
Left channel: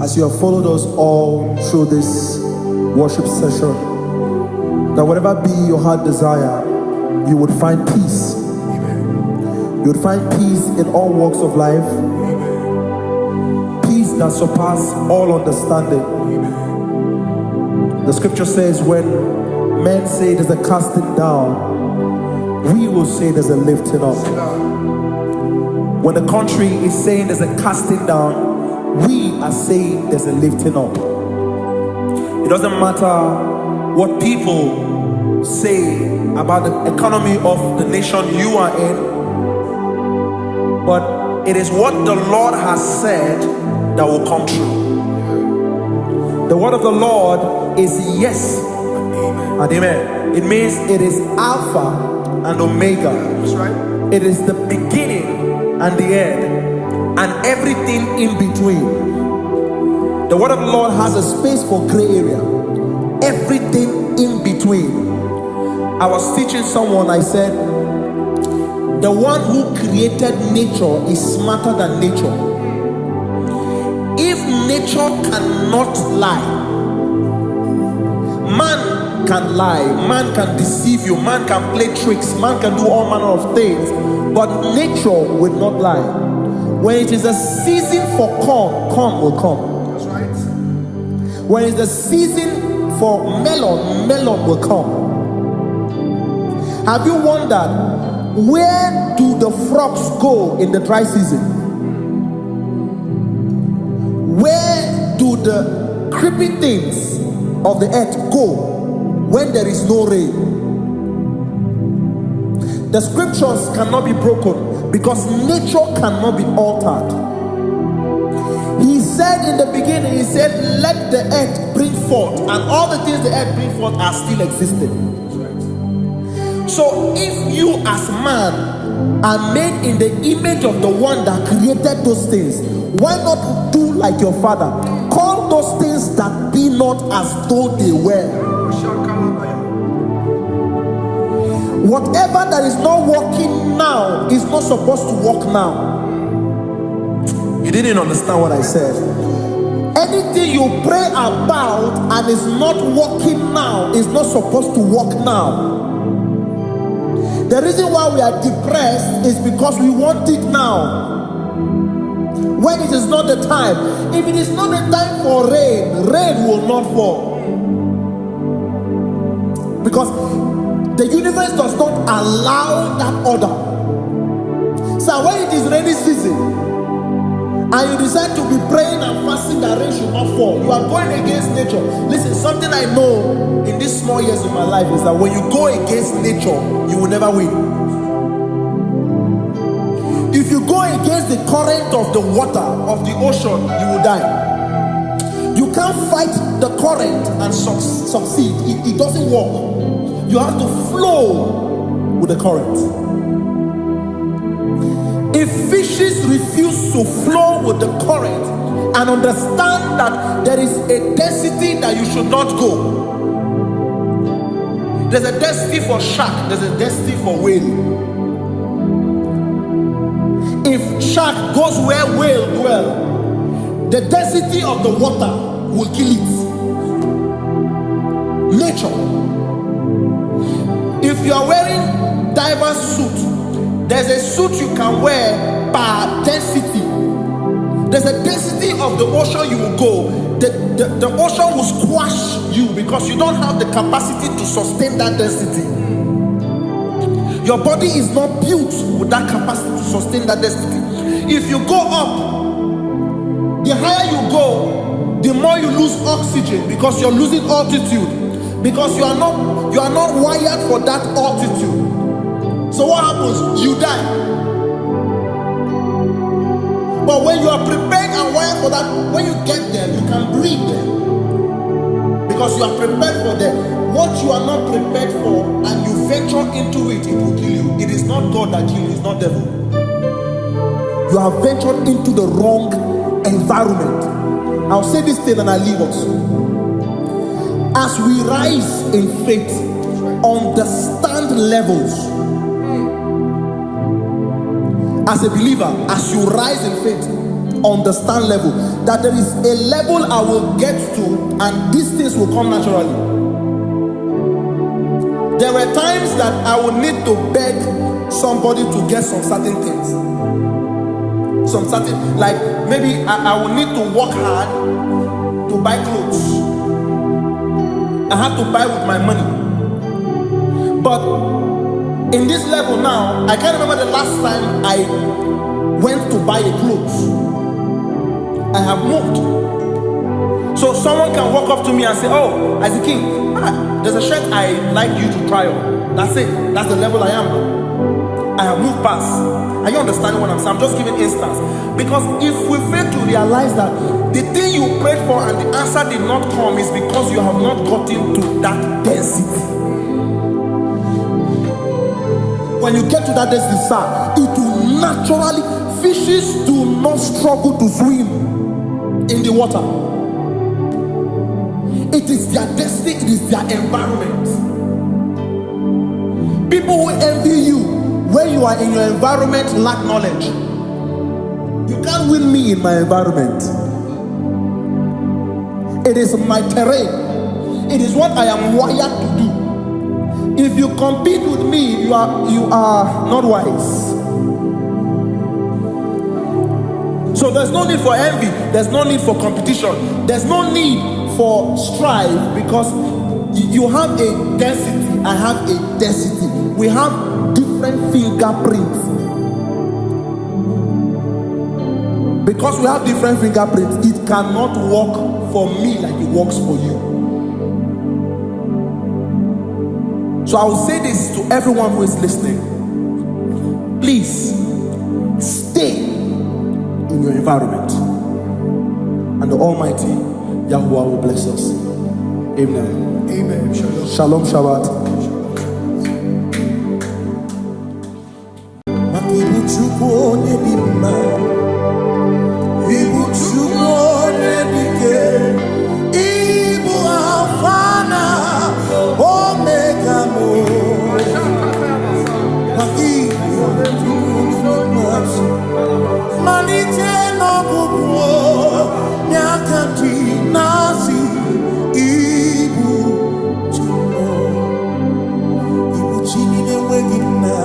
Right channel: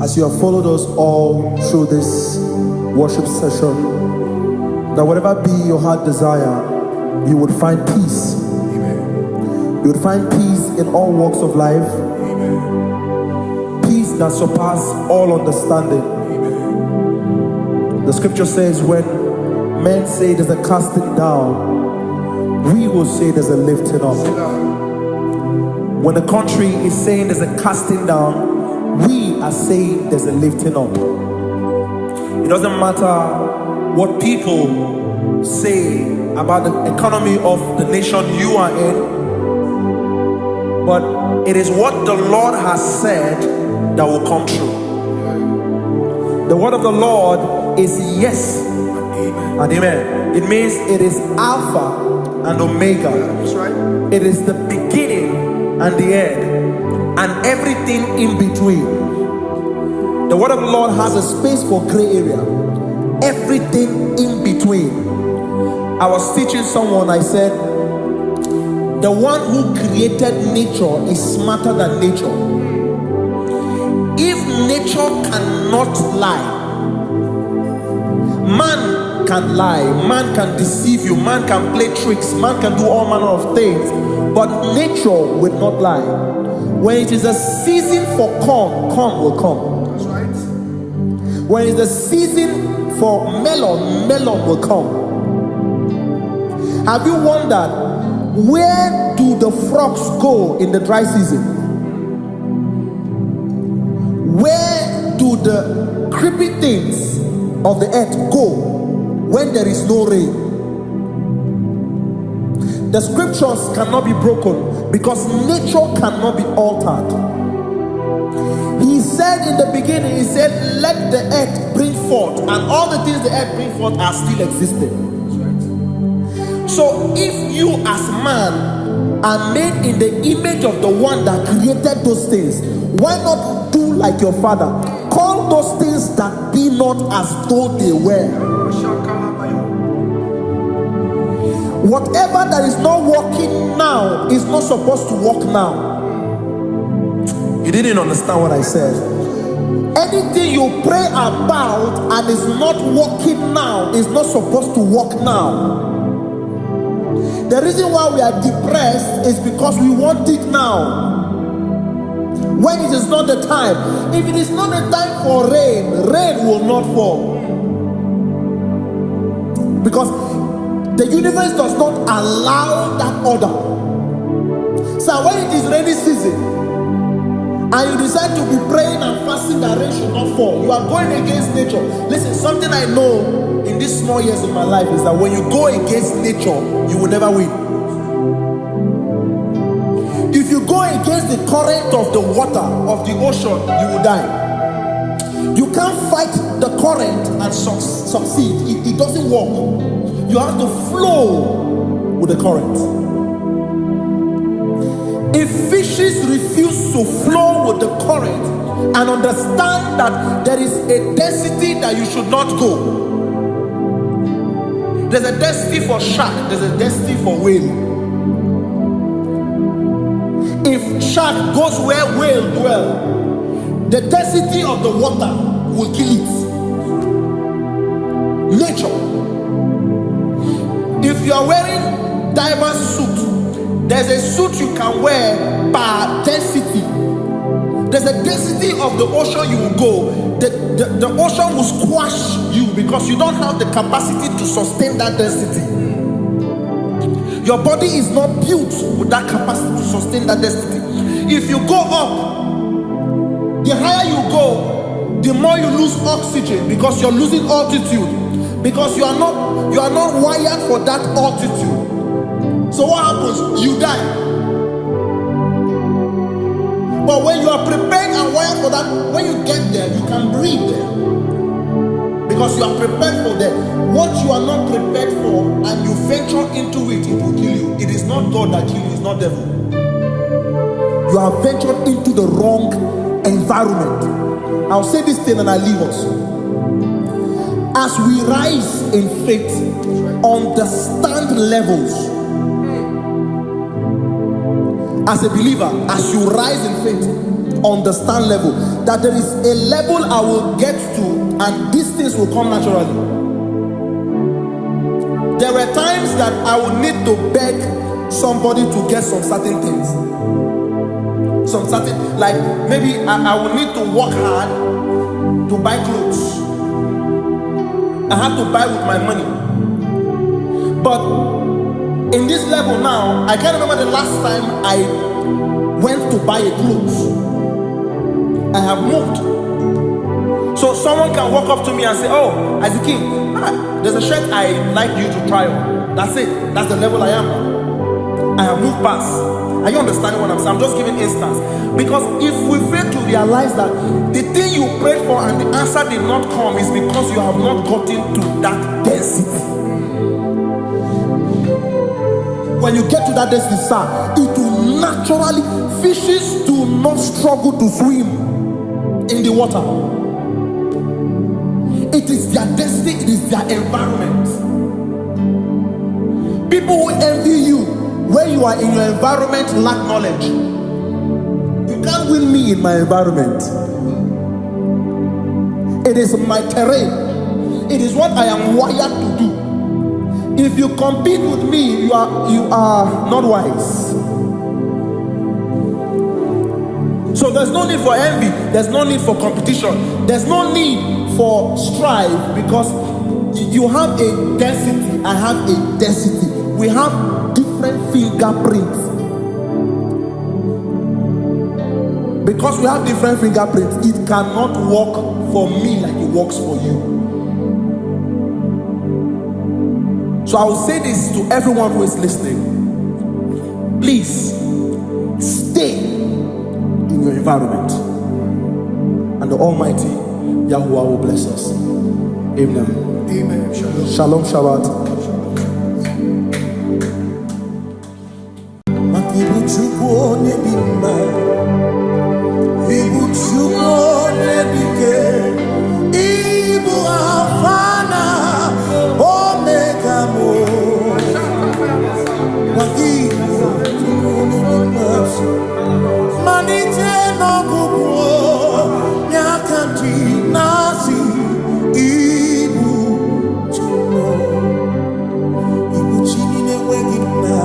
as you have followed us all through this worship session, that whatever be your heart desire, you would find peace. Amen. You would find peace in all walks of life. Amen. Peace that surpasses all understanding. Amen. The scripture says, when men say there's a casting down, we will say there's a lifting up. When the country is saying there's a casting down, we are saying there's a lifting up. It doesn't matter what people say about the economy of the nation you are in, but it is what the Lord has said that will come true. The word of the Lord is yes and amen. It means it is Alpha and Omega. That's right. It is the beginning and the end, and everything in between. The word of the Lord has a space for gray area. Everything in between. I was teaching someone, I said, the one who created nature is smarter than nature. If nature cannot lie, man can lie, man can deceive you, man can play tricks, man can do all manner of things, but nature will not lie. When it is a season for corn, corn will come. That's right. When it's the season for melon, melon will come. Have you wondered, where do the frogs go in the dry season? Where do the creepy things of the earth go when there is no rain? The scriptures cannot be broken because nature cannot be altered. He said in the beginning, he said, let the earth bring forth, and all the things the earth bring forth are still existing. That's right. So if you as man are made in the image of the one that created those things, why not do like your father? Call those things that be not as though they were. Whatever that is not working now is not supposed to work now. You didn't understand what I said. Anything you pray about and is not working now is not supposed to work now. The reason why we are depressed is because we want it now, when it is not the time. If it is not the time for rain, rain will not fall, because the universe does not allow that order. So when it is rainy season and you decide to be praying and fasting that rain should not fall, you are going against nature. Listen, something I know in these small years in my life is that when you go against nature, you will never win. If you go against the current of the water of the ocean, you will die. You can't fight the current and succeed. It doesn't work. You have to flow with the current. If fishes refuse to flow with the current and understand that there is a density that you should not go, there's a density for shark, there's a density for whale. If shark goes where whale dwell, the density of the water will kill it. Nature. If you are wearing diver's suit, there's a suit you can wear per density. There's a density of the ocean you will go. The ocean will squash you because you don't have the capacity to sustain that density. Your body is not built with that capacity to sustain that density. If you go up, the higher you go, the more you lose oxygen because you're losing altitude, because you are not wired for that altitude. So what happens? You die. But when you are prepared and wired for that, when you get there, you can breathe there, because you are prepared for that. What you are not prepared for and you venture into it, it will kill you. It is not God that kills you, it's not devil. You have ventured into the wrong environment. I'll say this thing and I leave us. As we rise in faith, understand levels. As a believer, as you rise in faith, understand level. That there is a level I will get to, and these things will come naturally. There were times that I would need to beg somebody to get some certain things. Some certain, like maybe I would need to work hard to buy clothes. I have to buy with my money. But in this level now, I can't remember the last time I went to buy a clothes. I have moved. So someone can walk up to me and say, "Oh, as a king, there's a shirt I'd like you to try on." That's it. That's the level I am now. I have moved past. Are you understanding what I'm saying? I'm just giving instance. Because if we fail to realize that the thing you prayed for and the answer did not come is because you have not gotten to that density. When you get to that density, sir, it will naturally, fishes do not struggle to swim in the water. It is their destiny, it is their environment. People who envy you when you are in your environment lack knowledge. You can't win me in my environment. It is my terrain. It is what I am wired to do. If you compete with me, you are not wise. So there's no need for envy. There's no need for competition. There's no need for strife, because you have a density. I have a density. We have different fingerprints. Because we have different fingerprints, it cannot work for me like it works for you. So I will say this to everyone who is listening. Please stay in your environment, and the Almighty Yahuwah will bless us. Amen. Amen. Shalom. Shalom Shabbat. Makibu chukwu onye dị mma, ibu chukwu onye dike, ibu Alpha na Omega mo. Makibu chukwu onye dị mma, malite n'ọgwụgwụ nyakanti nasi, ibu chukwu, ibu chini n'enweghị nna.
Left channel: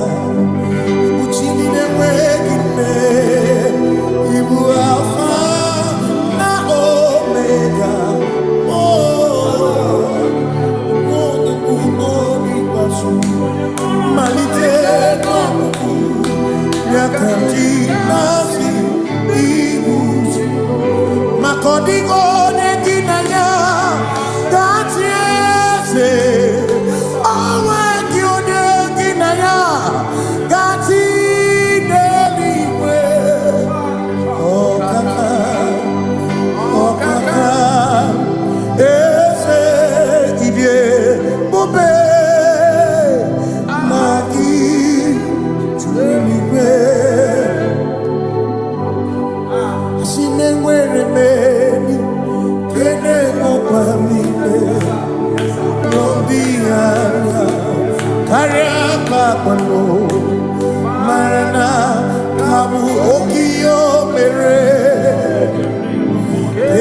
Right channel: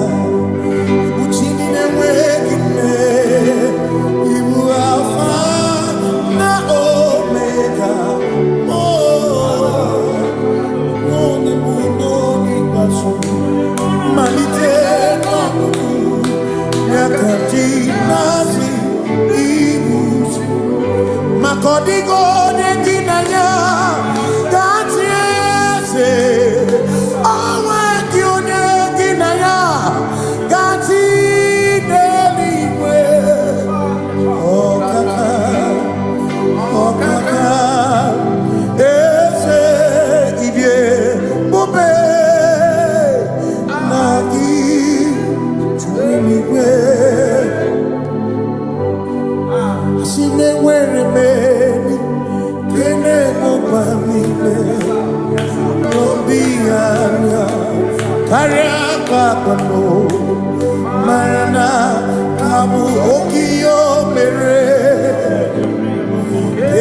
Chini n'enweghị nne, ibu Alpha na Omega, onye mbụ n'oge ikpeazụ, malite n'ọgwụgwụ ya ka ndị na-asị ibu, maka ọ dịghị onye gị na ya ga-achị eze, onweghị onye gị na ya ga-achị n'eluigwe. Ọkaka eze ibie bube na gị juru n'igwe. Asị m enwere m enyi nke na-emekwa m niile, n'obi anya karịa kpakpando, mara na ka bụ oke ihe o mere,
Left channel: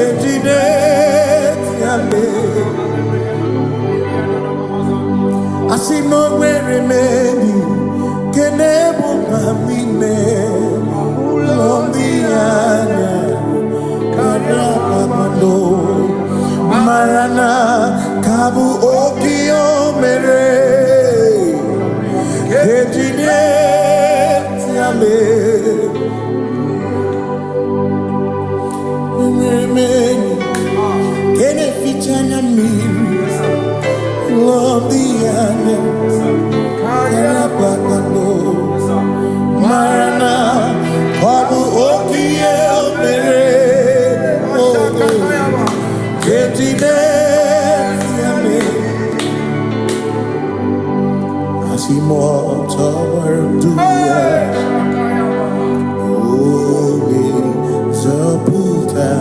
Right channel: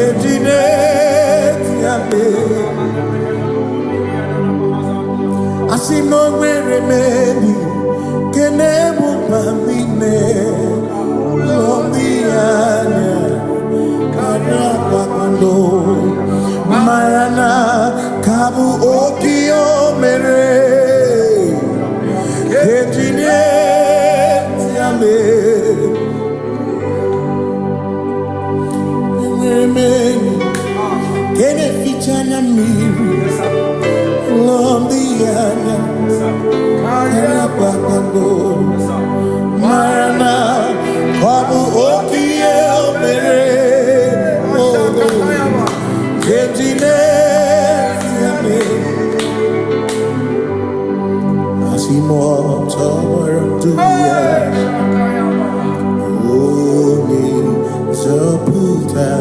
ejide tiale. Asị m na o nwere m enyi nke na-ebukwa m ime ụlọ ndị anya karịa kpakpando, mara na ka bụ oke ihe o mere, ejide tiale. Enwere m enyi nke na-eficha anya mmiri, ụlọ ndị anya karịa kpakpando, mara na ọ bụ oke ihe o mere, ejide tiale. Simotawaraduya Oni Zaputa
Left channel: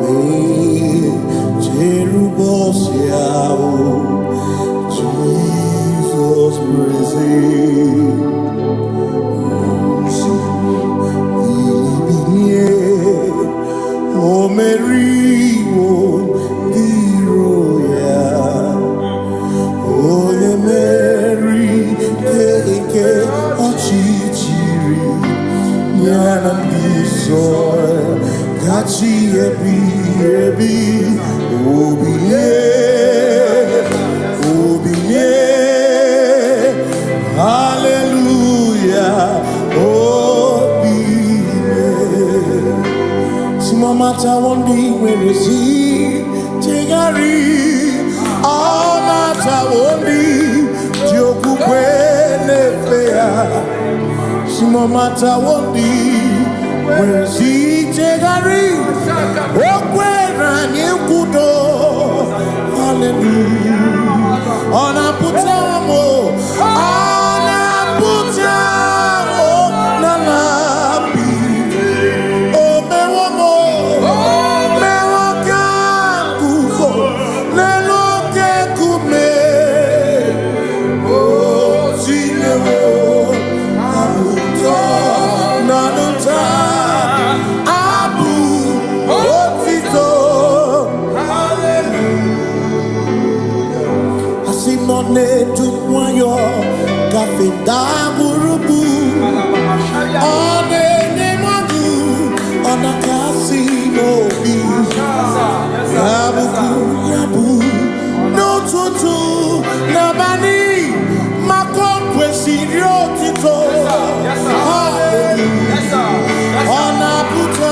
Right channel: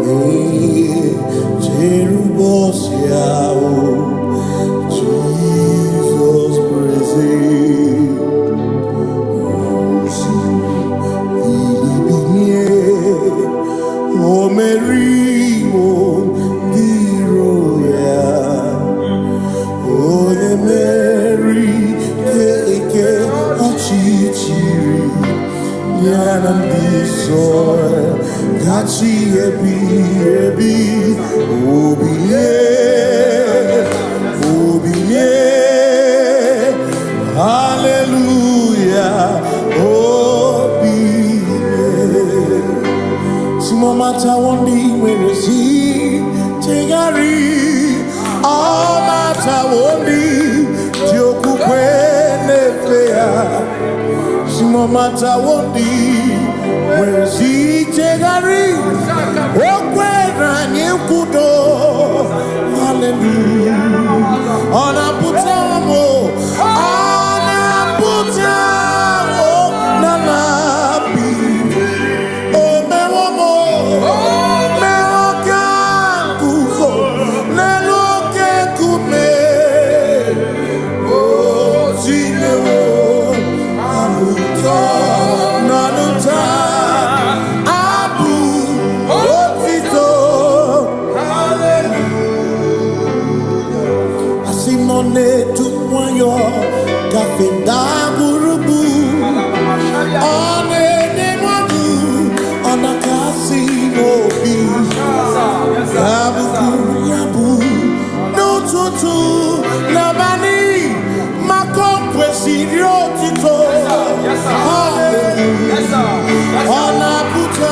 Me Jerubosiao Jesus praise Osifu Ilibin O Mary, O the royal, O the Mary, Keke, Ochichiri, Yanam Bisoy, Gachi Ebi, Obiye, Hallelujah, Mata wondi weresi tigari all mata wondi joku kwene fea simo mata wondi weresi tigari okwena nyekudo hallelujah ona putamo na labi None to wayo kafenda gurubu one nemadu ona kasino bi yabu no tutu nabani makompwe sirio tito ona puta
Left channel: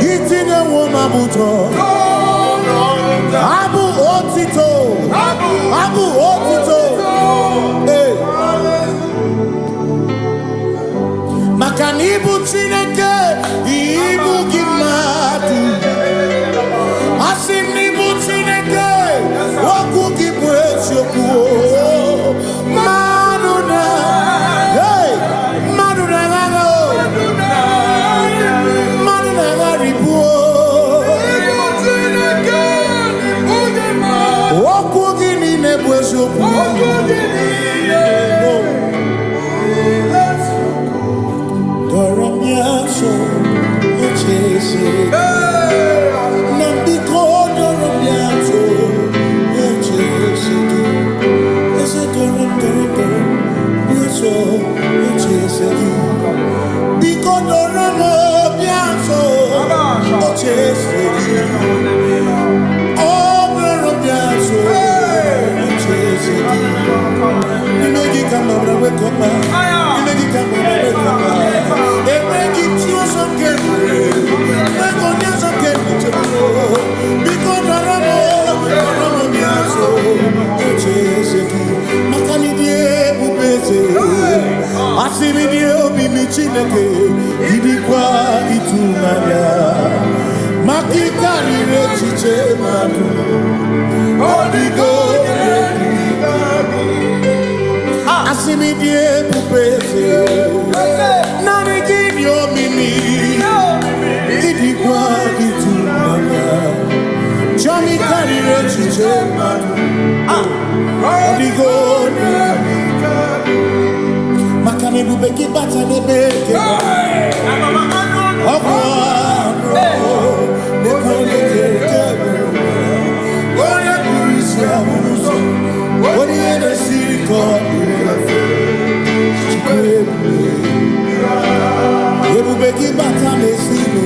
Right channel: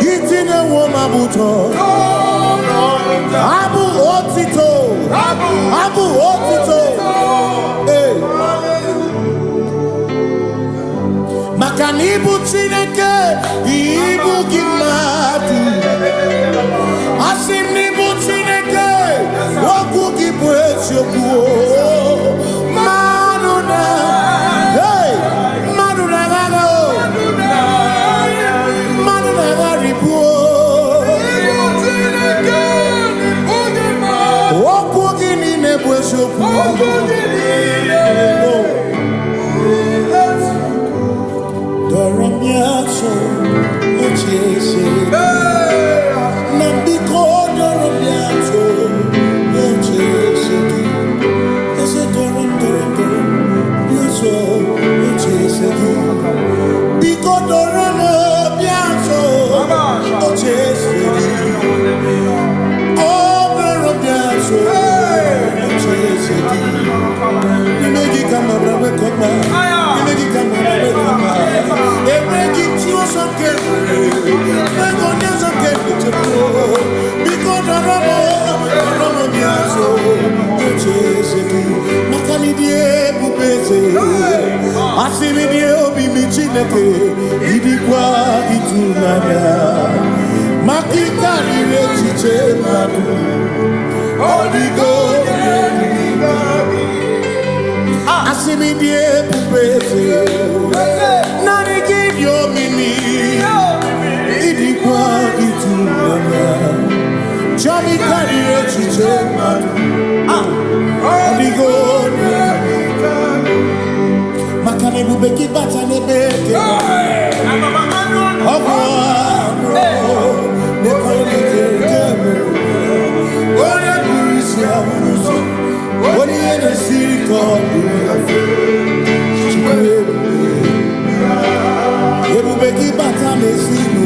Gitine woma buto Abu otito Hey Makanibu chineke Ibu gimatu Asimnibu chineke Waku gibwesyoku Manuna Hey Manuna gago Doramiaso, Ochese, Nambiko, Doramiaso, Ochese, Ese Doram, Biaso, Ochese, Biko Doramiaso, Ochese, Oh, Doramiaso, Ochese, you make it come up, wake up, you make it come up, wake up. Some can because Makani die bubeze asimi die obi michineke idikwa itunanya makikari rechiche madu odigo asimi die bubeze nani give your mimi idikwa itunanya chami kari rechiche madu odigo makane bubeki batane beke ogwano nekone kebe oya kurisia unuso oni ene siriko ebubeki batane sinu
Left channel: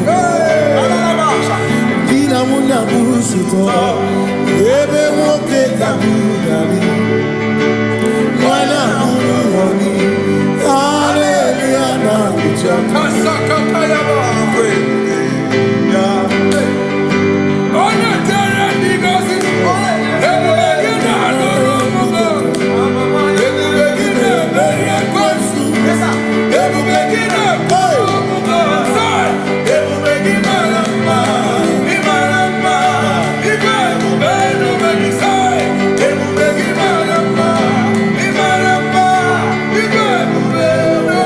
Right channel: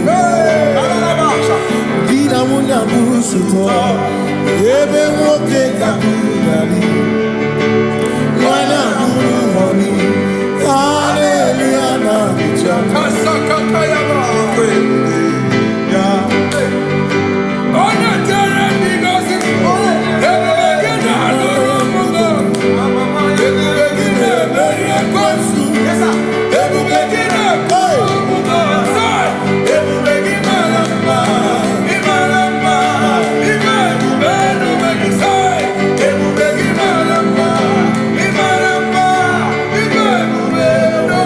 dina munya busuto ebe woke kabudali wana honi hallelujah na kuchaka Kasakatayaba ya ona tere bigosi ebegina adoromugo ebegina beria kwasu ebegina komugo ebegina lamba imaramba ibebeno megisai ebegina lamba imaramba ibebeno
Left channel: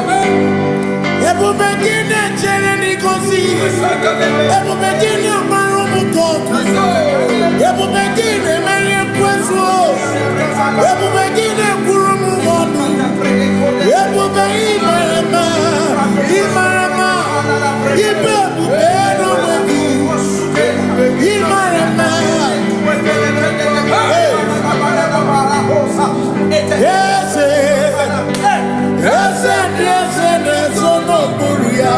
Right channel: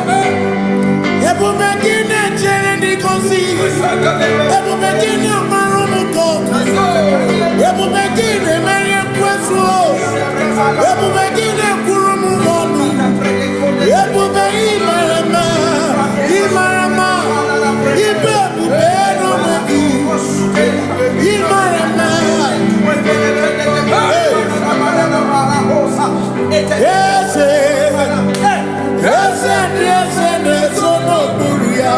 begini amarumu koku. Ebu begini meye kwesu. Ebu begini kurumu monu. Ebu be imarama. Imarama. Ibebu beno medu. Imarama. Yes, no buria.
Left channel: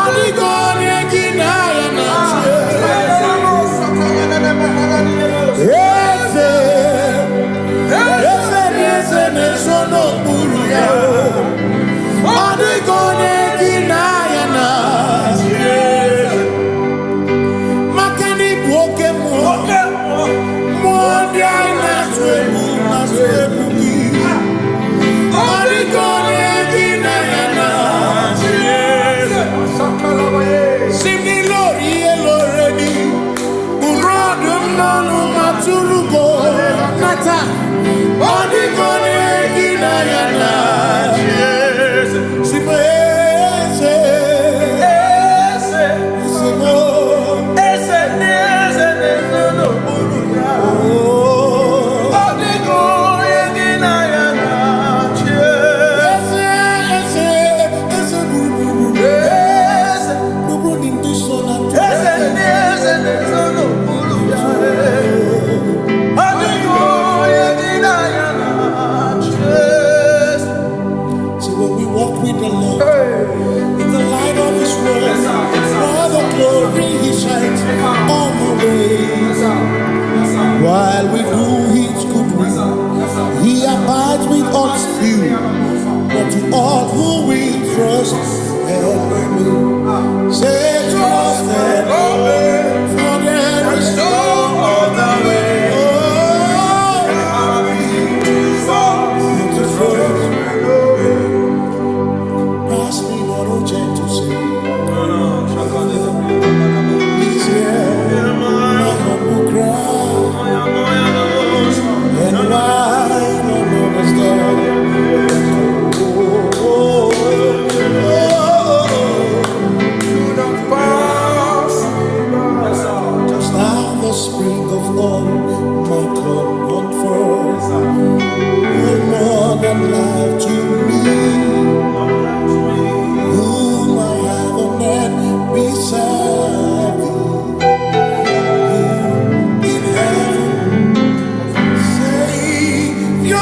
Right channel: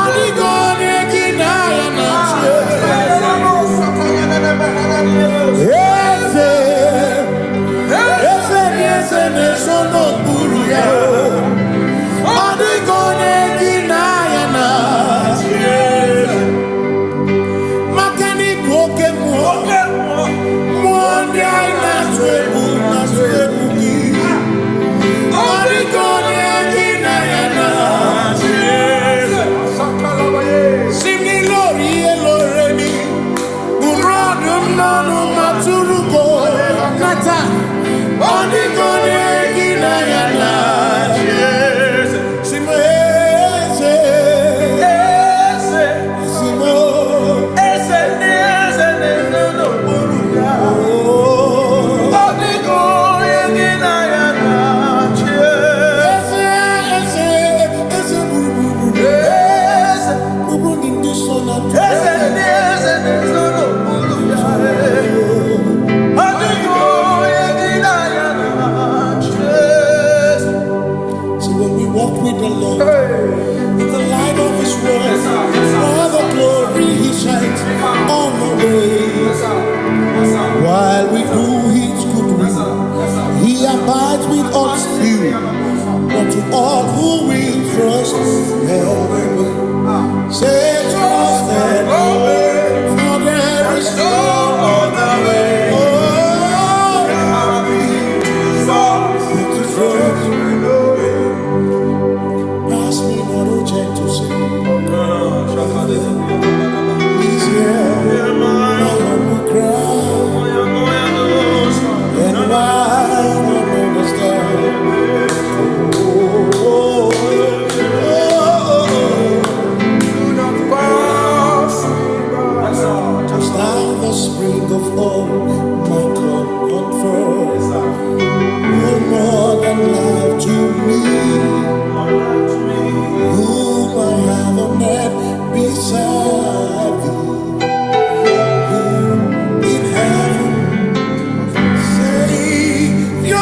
Adigone ginaya na. Yes, no buria. Adigone ginaya na. Makani buoke mo. Mondi na swebu ki. Adigone ginaya na. Simni lori eloreni. Burodum nonu maturugo nata. Adigone ginaya na. So when we walk with the Lord, in the light of His word, for the glory He shines on the way. While we do His good will, He abides with us still. But to all who will trust and obey, say trust and obey, for there is no other way. Oh, but to trust and obey. Pass me not, oh gentle Savior. He's here, my humble cry. And why you don't understand? Do not pass just now the spring of all my comfort. You're more than life to me, whom I have on earth beside thee.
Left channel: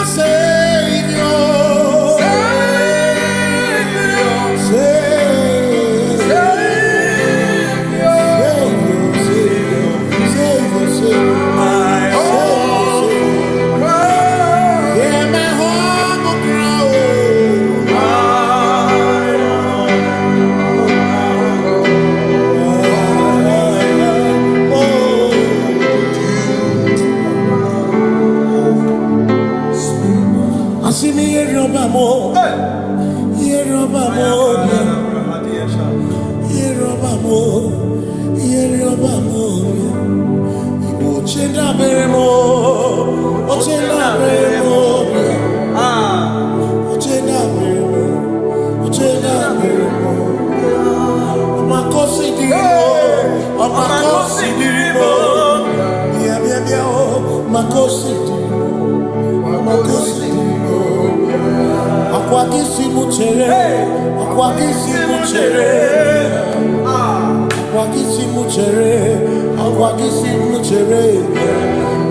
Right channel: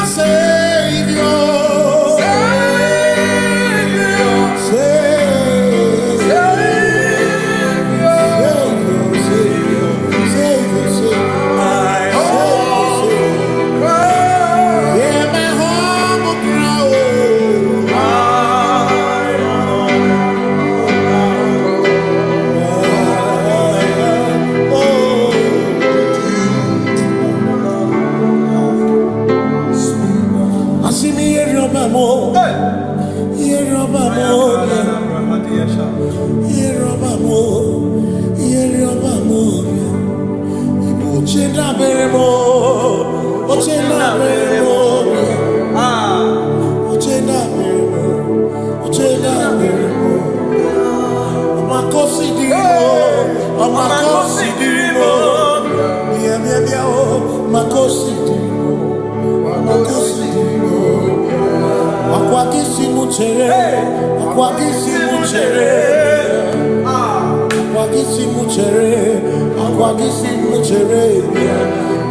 Savior,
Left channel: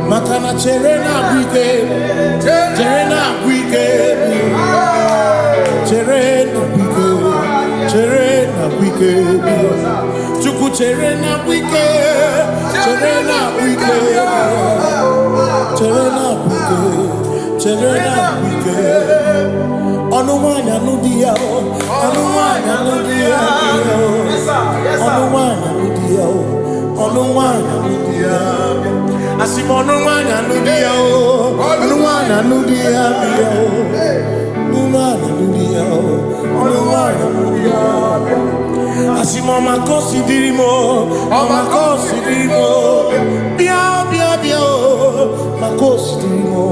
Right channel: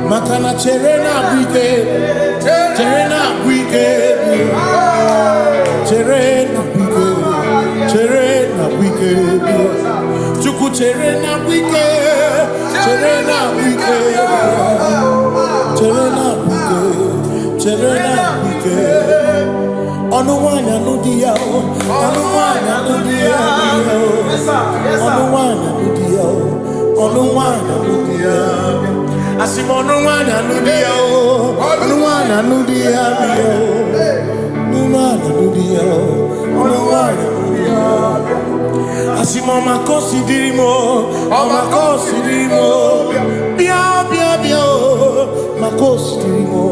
Makana cherena buike, cherena buike, cherena buike, cherena buike, chuku cherena buike, cherena buike, cherena buike, cherena buike. Onuwanya nudia, onuwanya nudia, onuwanya nudia, onuwanya nudia. Asimonuwanya nudia, onuwanya nudia, onuwanya nudia, onuwanya nudia. Asimoma considerimo, oma considerimo, bia bia bia, ma considerimo,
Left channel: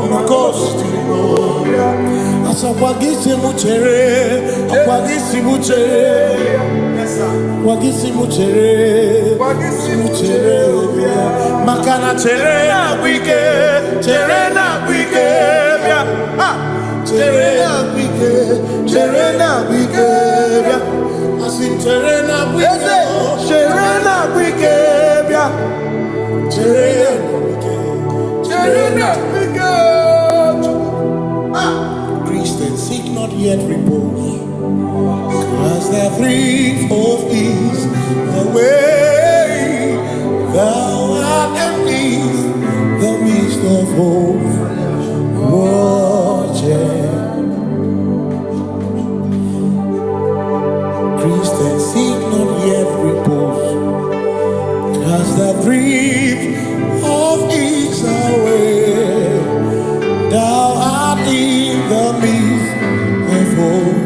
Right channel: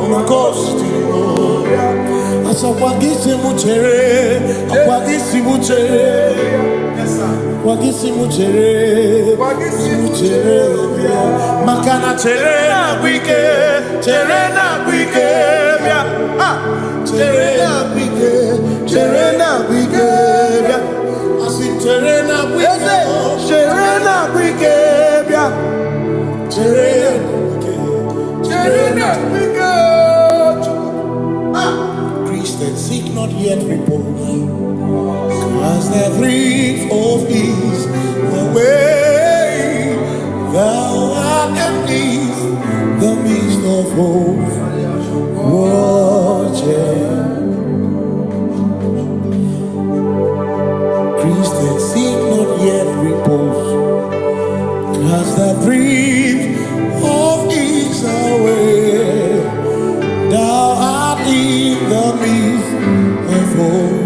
oma considerimo. Asakwagisi muchere, akwagisi muchere. Wagisimu chere bia. Makana chere na bwike bia. Chere na bwike bia. Asin chere na bwike bia. Chere na bwike. Christians seek not yet repose, as the brief of ease away. Thou art in ease, the midst of hope. Watching. Christians seek not yet repose, as the brief of ease away. Thou art in the midst of hope.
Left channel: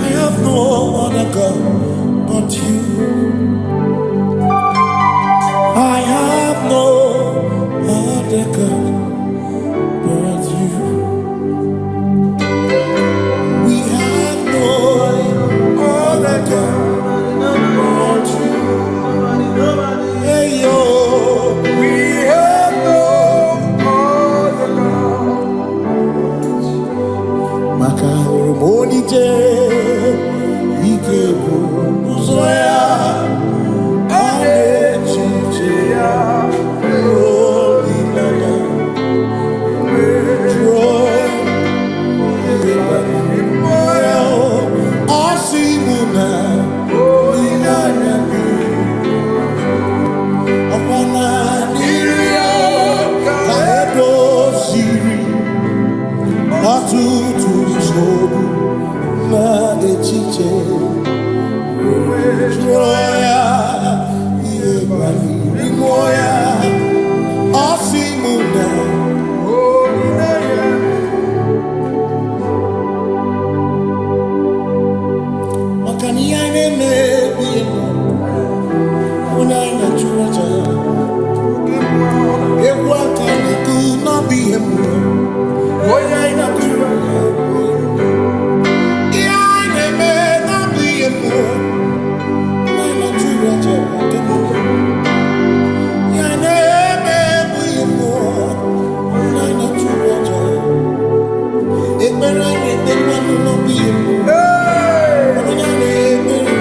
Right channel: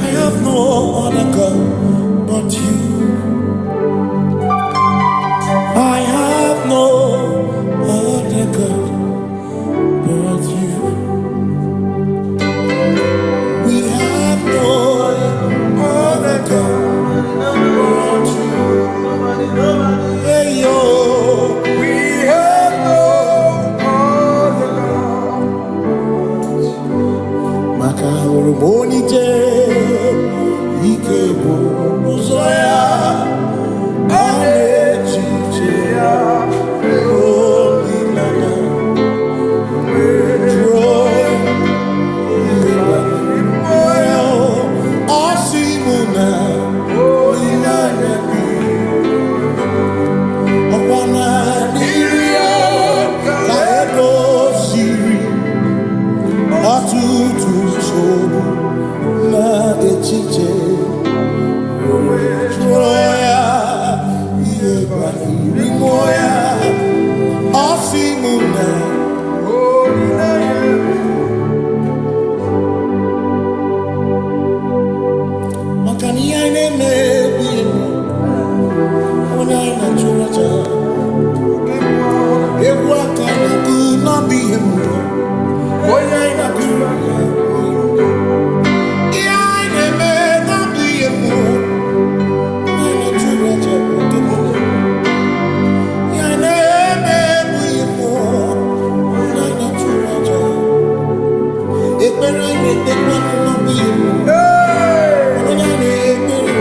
I have no other God but you. I have no other God but you. We have no other God but you. Hey yo, we have no other God. Makahuru monije, ikebu uzoya, anechicheya, holy lana, joy, moya, asimuna, holy lana. Okwana nirio kaedo siri atutu sobu na echiche joya iebani rimoya asimuna makani aine mebi emo onai na churaja Ewaka na tu na bi emu onai na churaja Iai ne me na bi emu onai na churaja okemo Iai ne me bu emu onai na churaja Ekbera ne tekwa na bi emu onai ne ekbera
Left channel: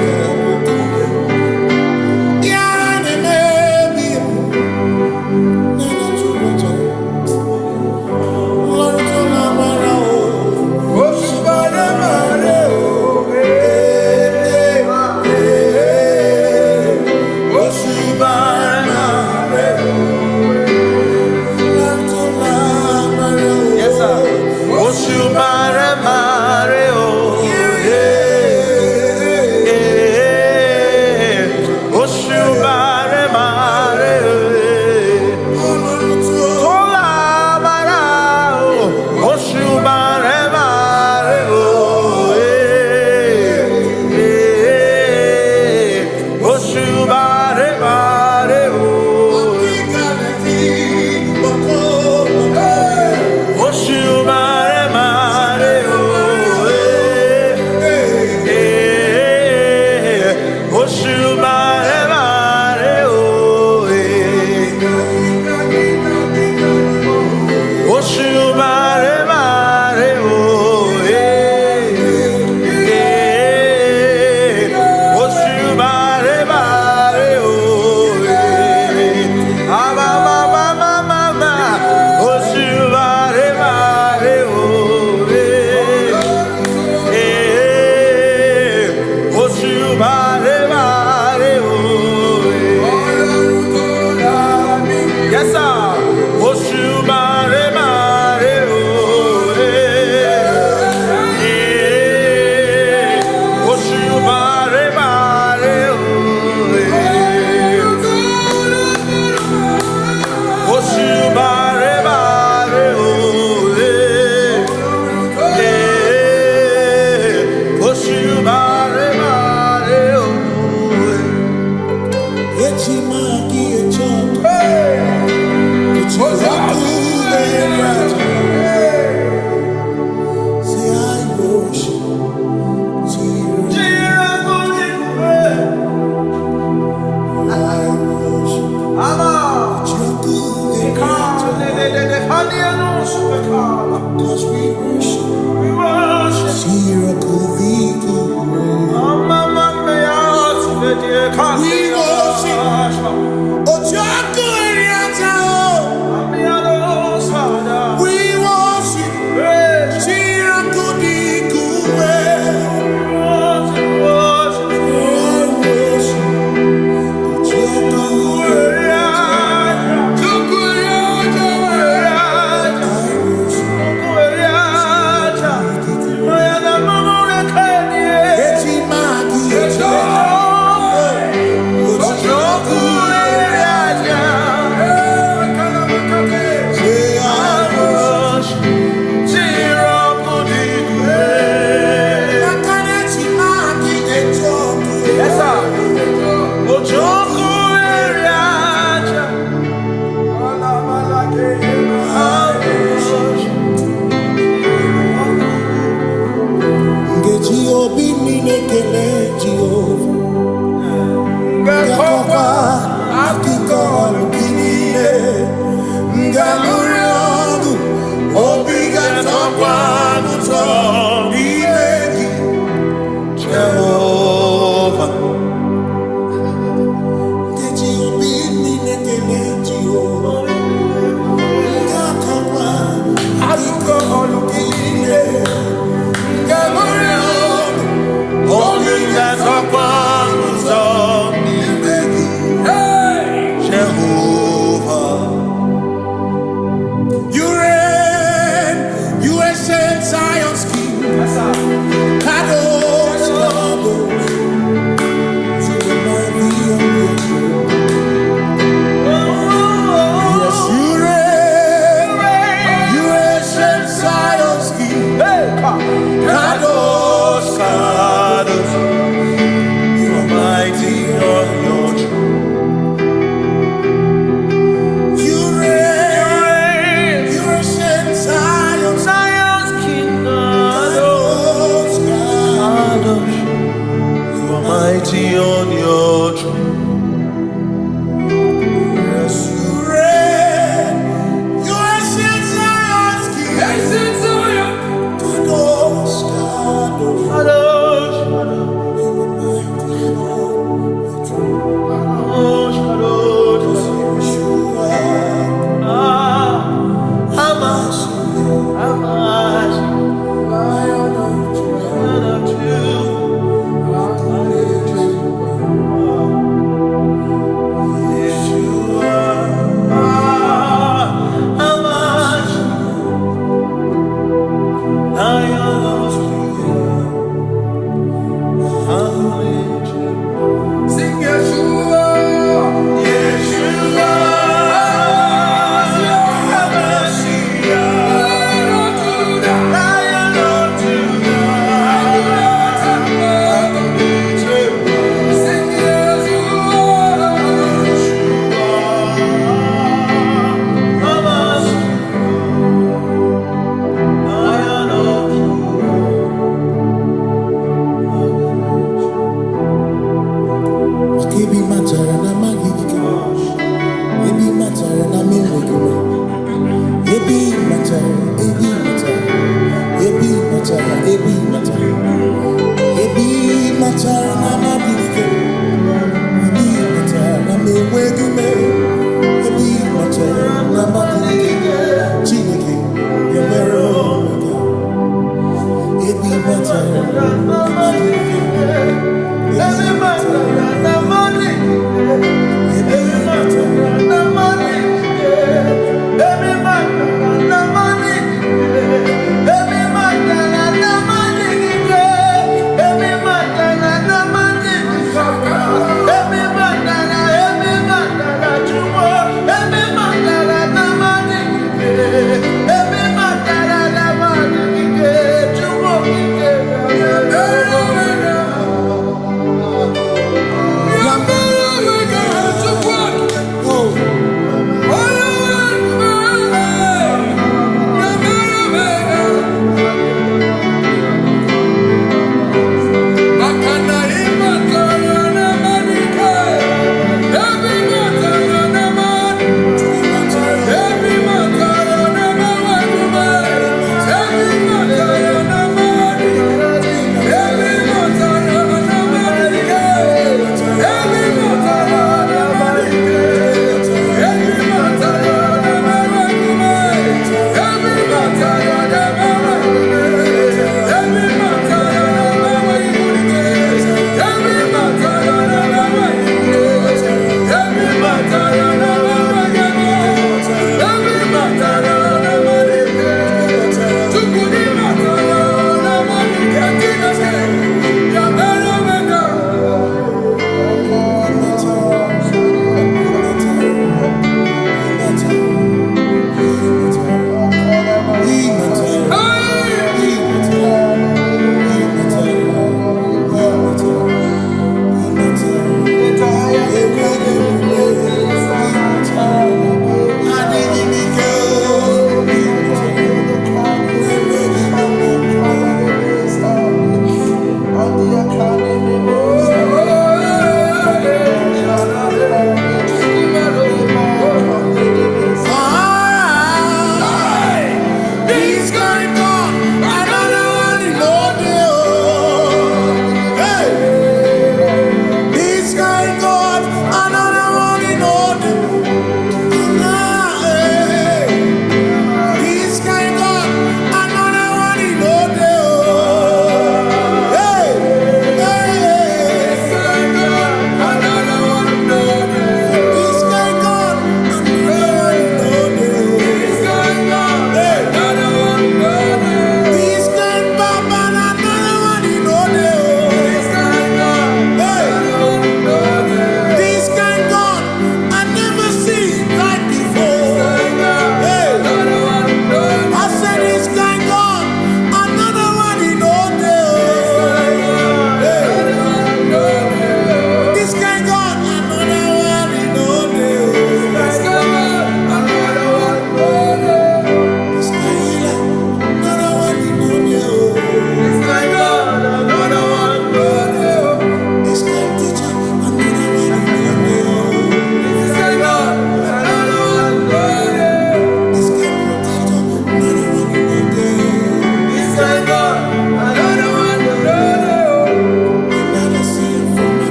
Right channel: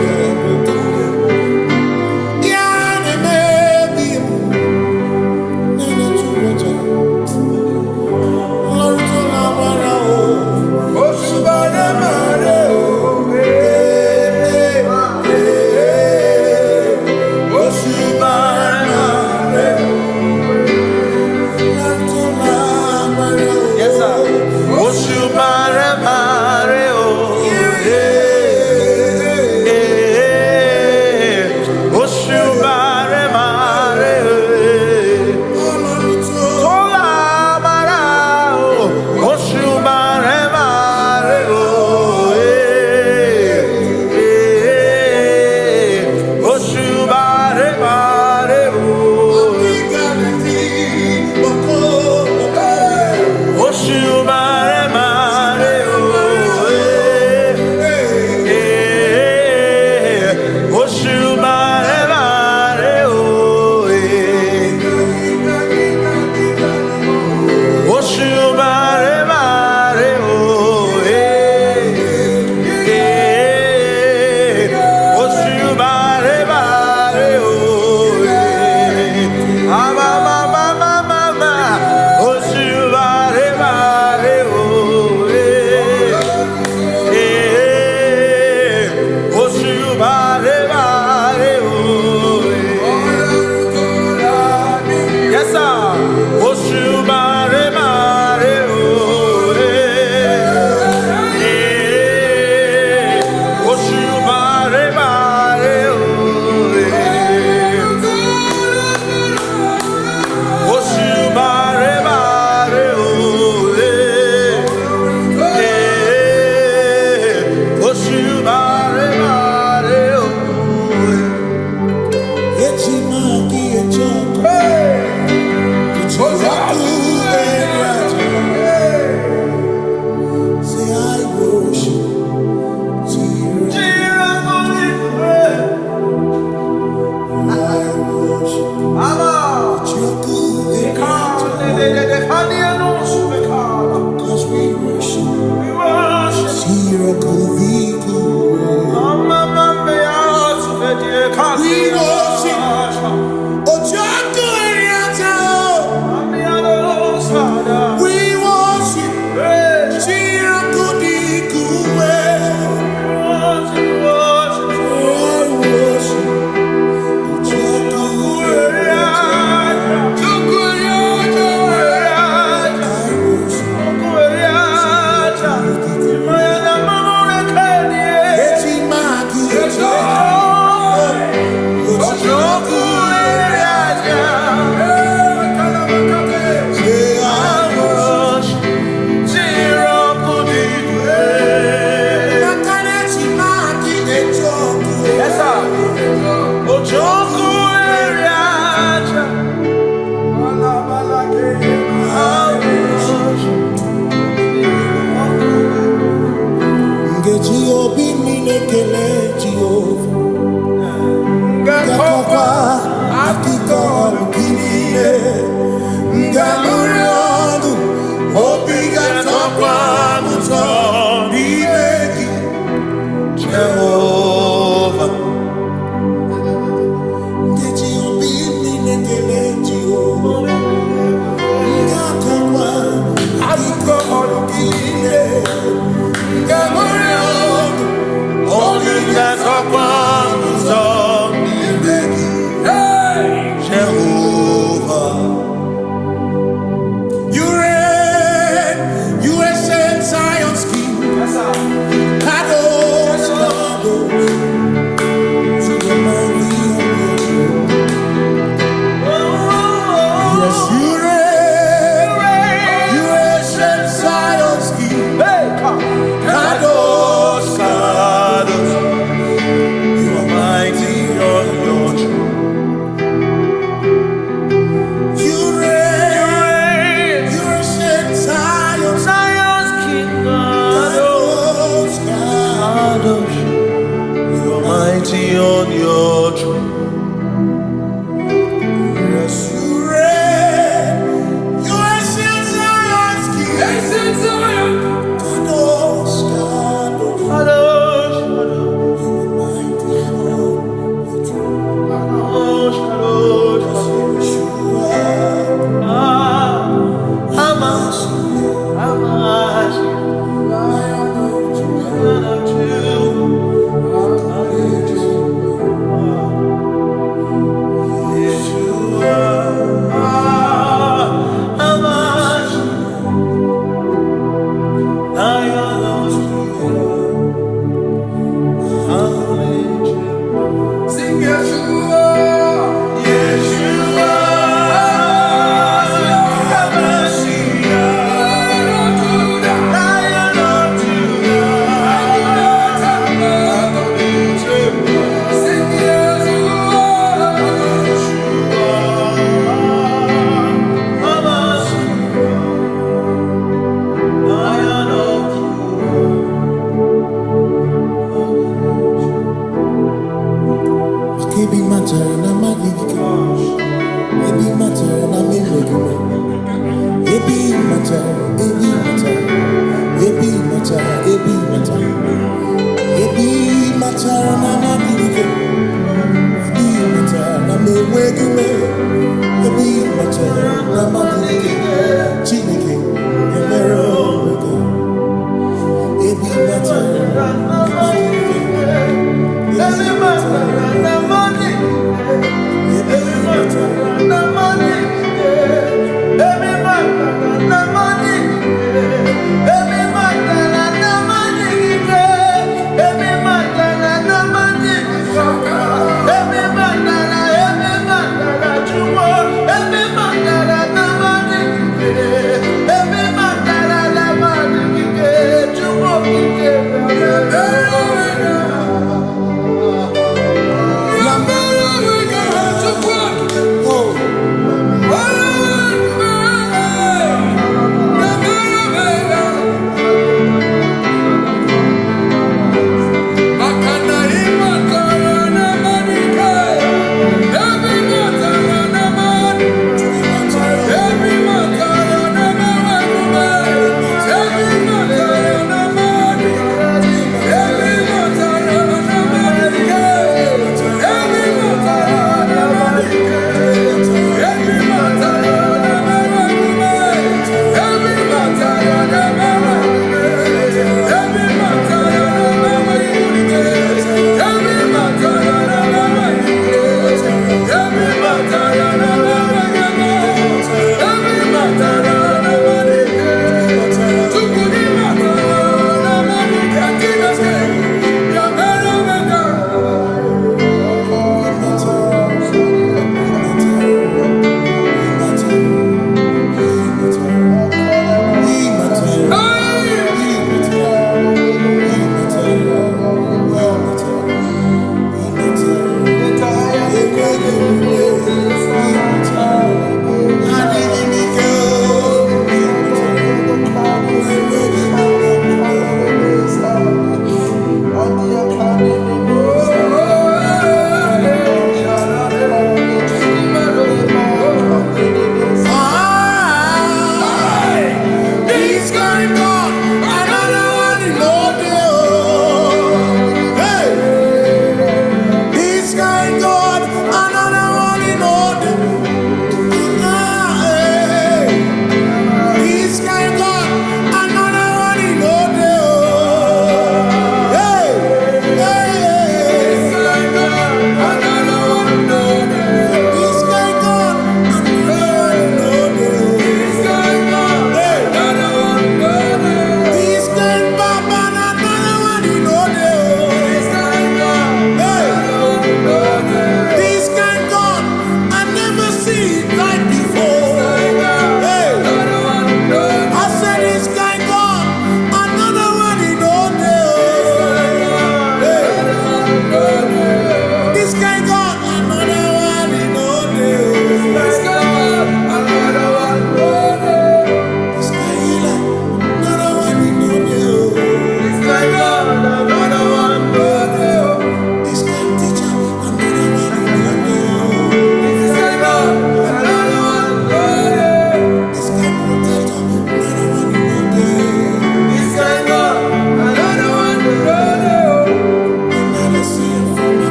Say I worship. I worship. Cause we worship. We worship. We worship. Obi minekele Jehovah Ngakokwa akiko alukine Ngamurionu Obi gatokwa muto Nimeki Jehovah Ngeji obi minekele Jehovah Ngakokwa akiko alukine Ngamurionu Only that's upon Jehovah. You reign, you ancient Zion's king. Kadosh, Kadosh, you remind me of your throne. Yes, you reign, you ancient Zion's king. Kadosh, Kadosh, you are mighty on your throne. You reign, you ancient Zion's king. Kadosh, Kadosh, you are mighty on your throne. Yes, you reign, you ancient Zion's king. Ancient Zion. Kadosh, Kadosh, Kadosh, Kadosh, you are mighty on your throne. Kadosh, Kadosh, Kadosh, you are Hamashiach, Lion of Yeshua, Hamashiach, Lion of Sing Yeshua, Yeshua, Hamashiach, Lion of Judah, sing Yeshua, Yeshua, Hamashiach, Lion of Judah. Ebi matara na magigike, ebi matara na menwegume, ebi matara, ebi matara, ebi matara, ebi matara, ebi matara na magigike, ebi matara na menwegume, ebi matara na magigike, Chineke emero weka, ebi matara na magigike. Every matter na money, every matter na money, every matter na money, every matter na money, every matter na money, every matter na jumo, every matter na money, every matter na money, jumo,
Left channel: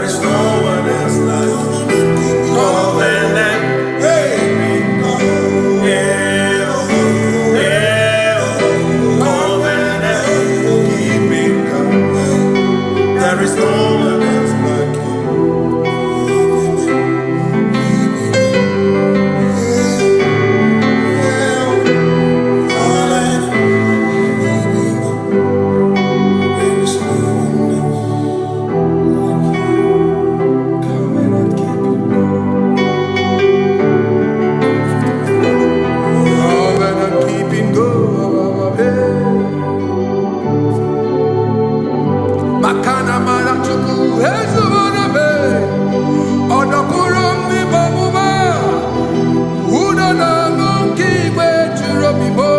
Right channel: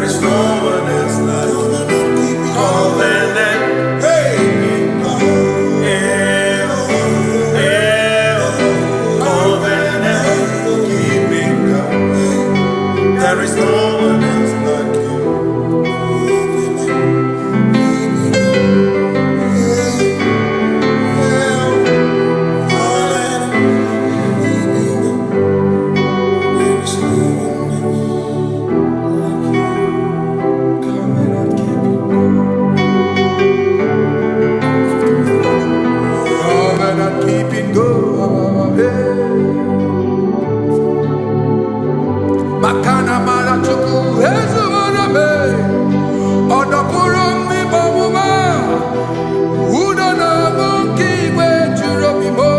There is no one else like you. Covenant. Hey. There is no one else like you. There is no one else like you. Covenant keeping God. Covenant keeping God. Makana marachuku ezuwarame odapurum ni bamuma udana ngunki gwechurobimo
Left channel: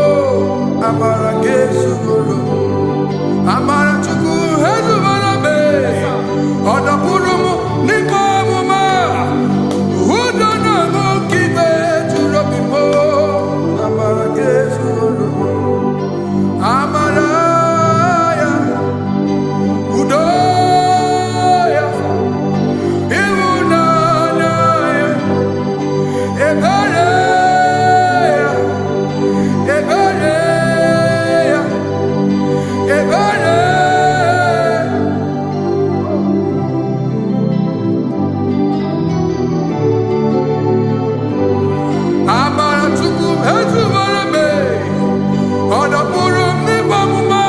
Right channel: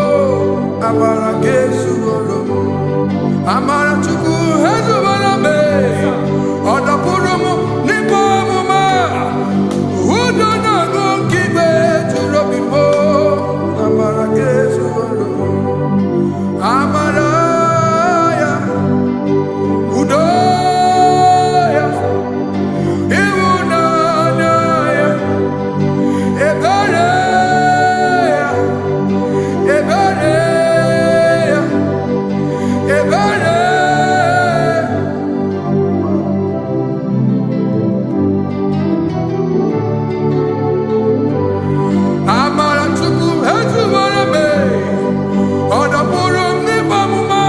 amara gesugorum amarachuku ezuwarame odapurum ni bamuma udana ngunki gwechurobimo amara gesugorum amara Udoya, Iwunanaya, Ebereya, Ebereya, Ebereya. Amara chuku ezuwarame, odapurum ni bamuma.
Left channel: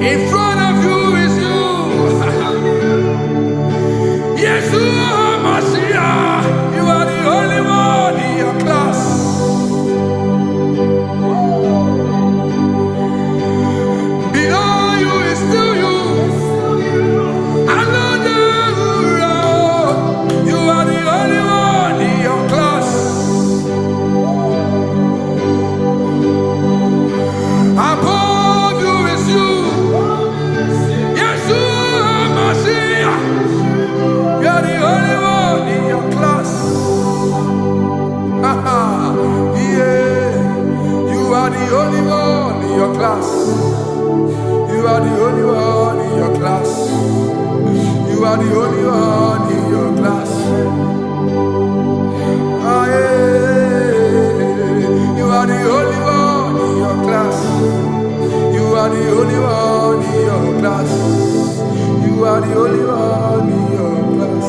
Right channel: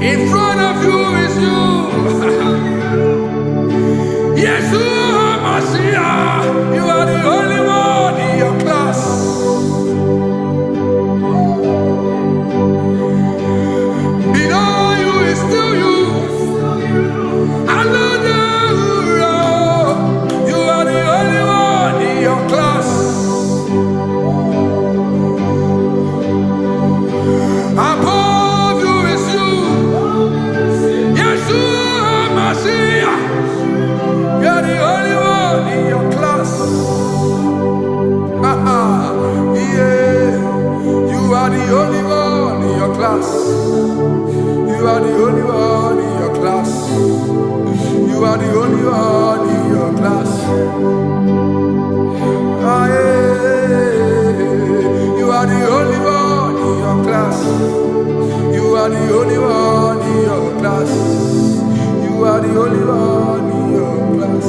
In front of you is you. Yeshua Mashiach, you are the only one in your class. Below you is still you. You are the only one in your class. Above you is you. Yeshua Mashiach, you are the only one in your class. Yeah, you are the only one in your class. You are the only one in your class. You are the only one in your class. Ah, yeah. You are the only one in your class. You are the only one in your class. You are the only one in your class.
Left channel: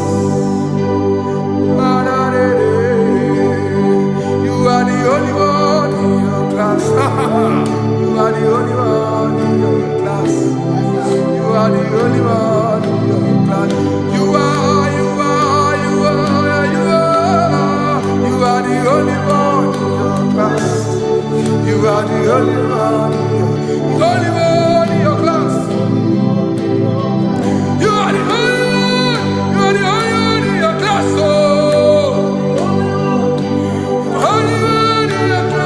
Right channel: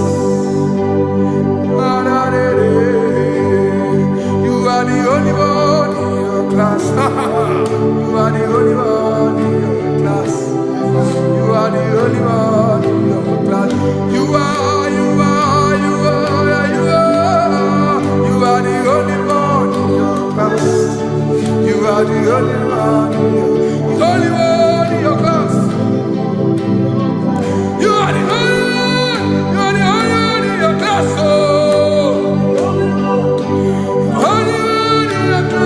You are the only one in your class. You are the only one in your class. You are the only one in your class. You are the only one in your class. You are the only one in your class. You are the only one in your class. Oh, only one in your class.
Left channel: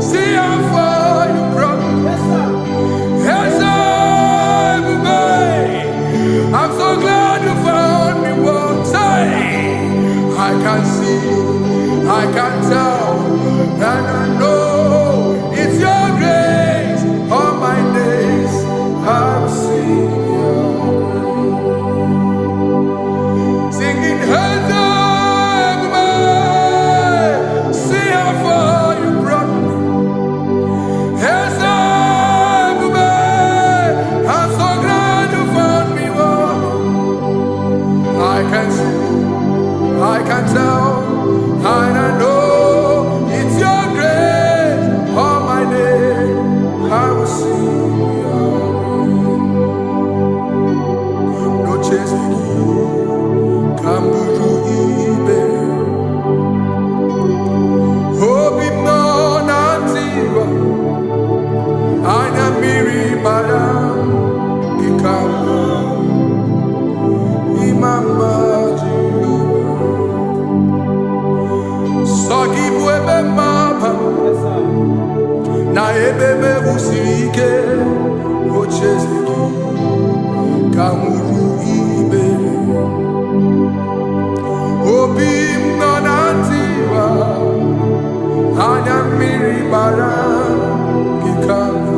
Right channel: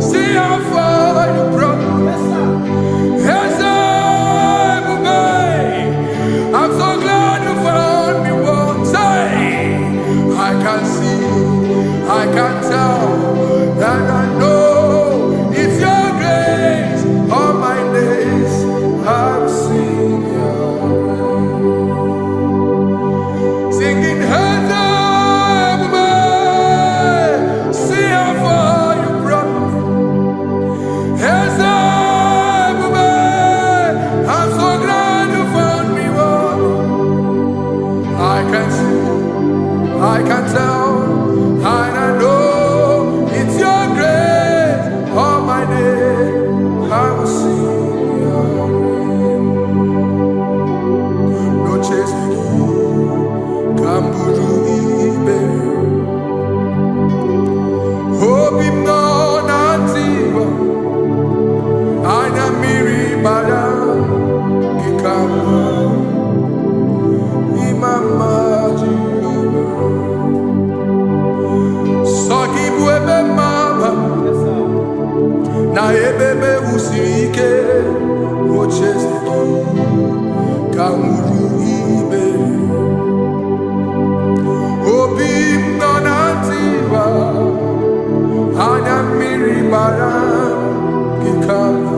See how far you brought me. I'm so glad you found me once. I can see, I can tell, and I know it's your grace. All my days I will sing your grace. Singing see how far you brought me. I'm so glad you found me one. I can see, I can tell, and I know it's your grace. All my day I will sing your grace. No chase again, Kamburu Iberi. Hope him no nantiwa. Anya miri baram gikama imama Jehovah. Sogi buebe maba na ebe me usirike ochezegi kamuru ibere. Obim no nantiwa. Anya miri baram gikama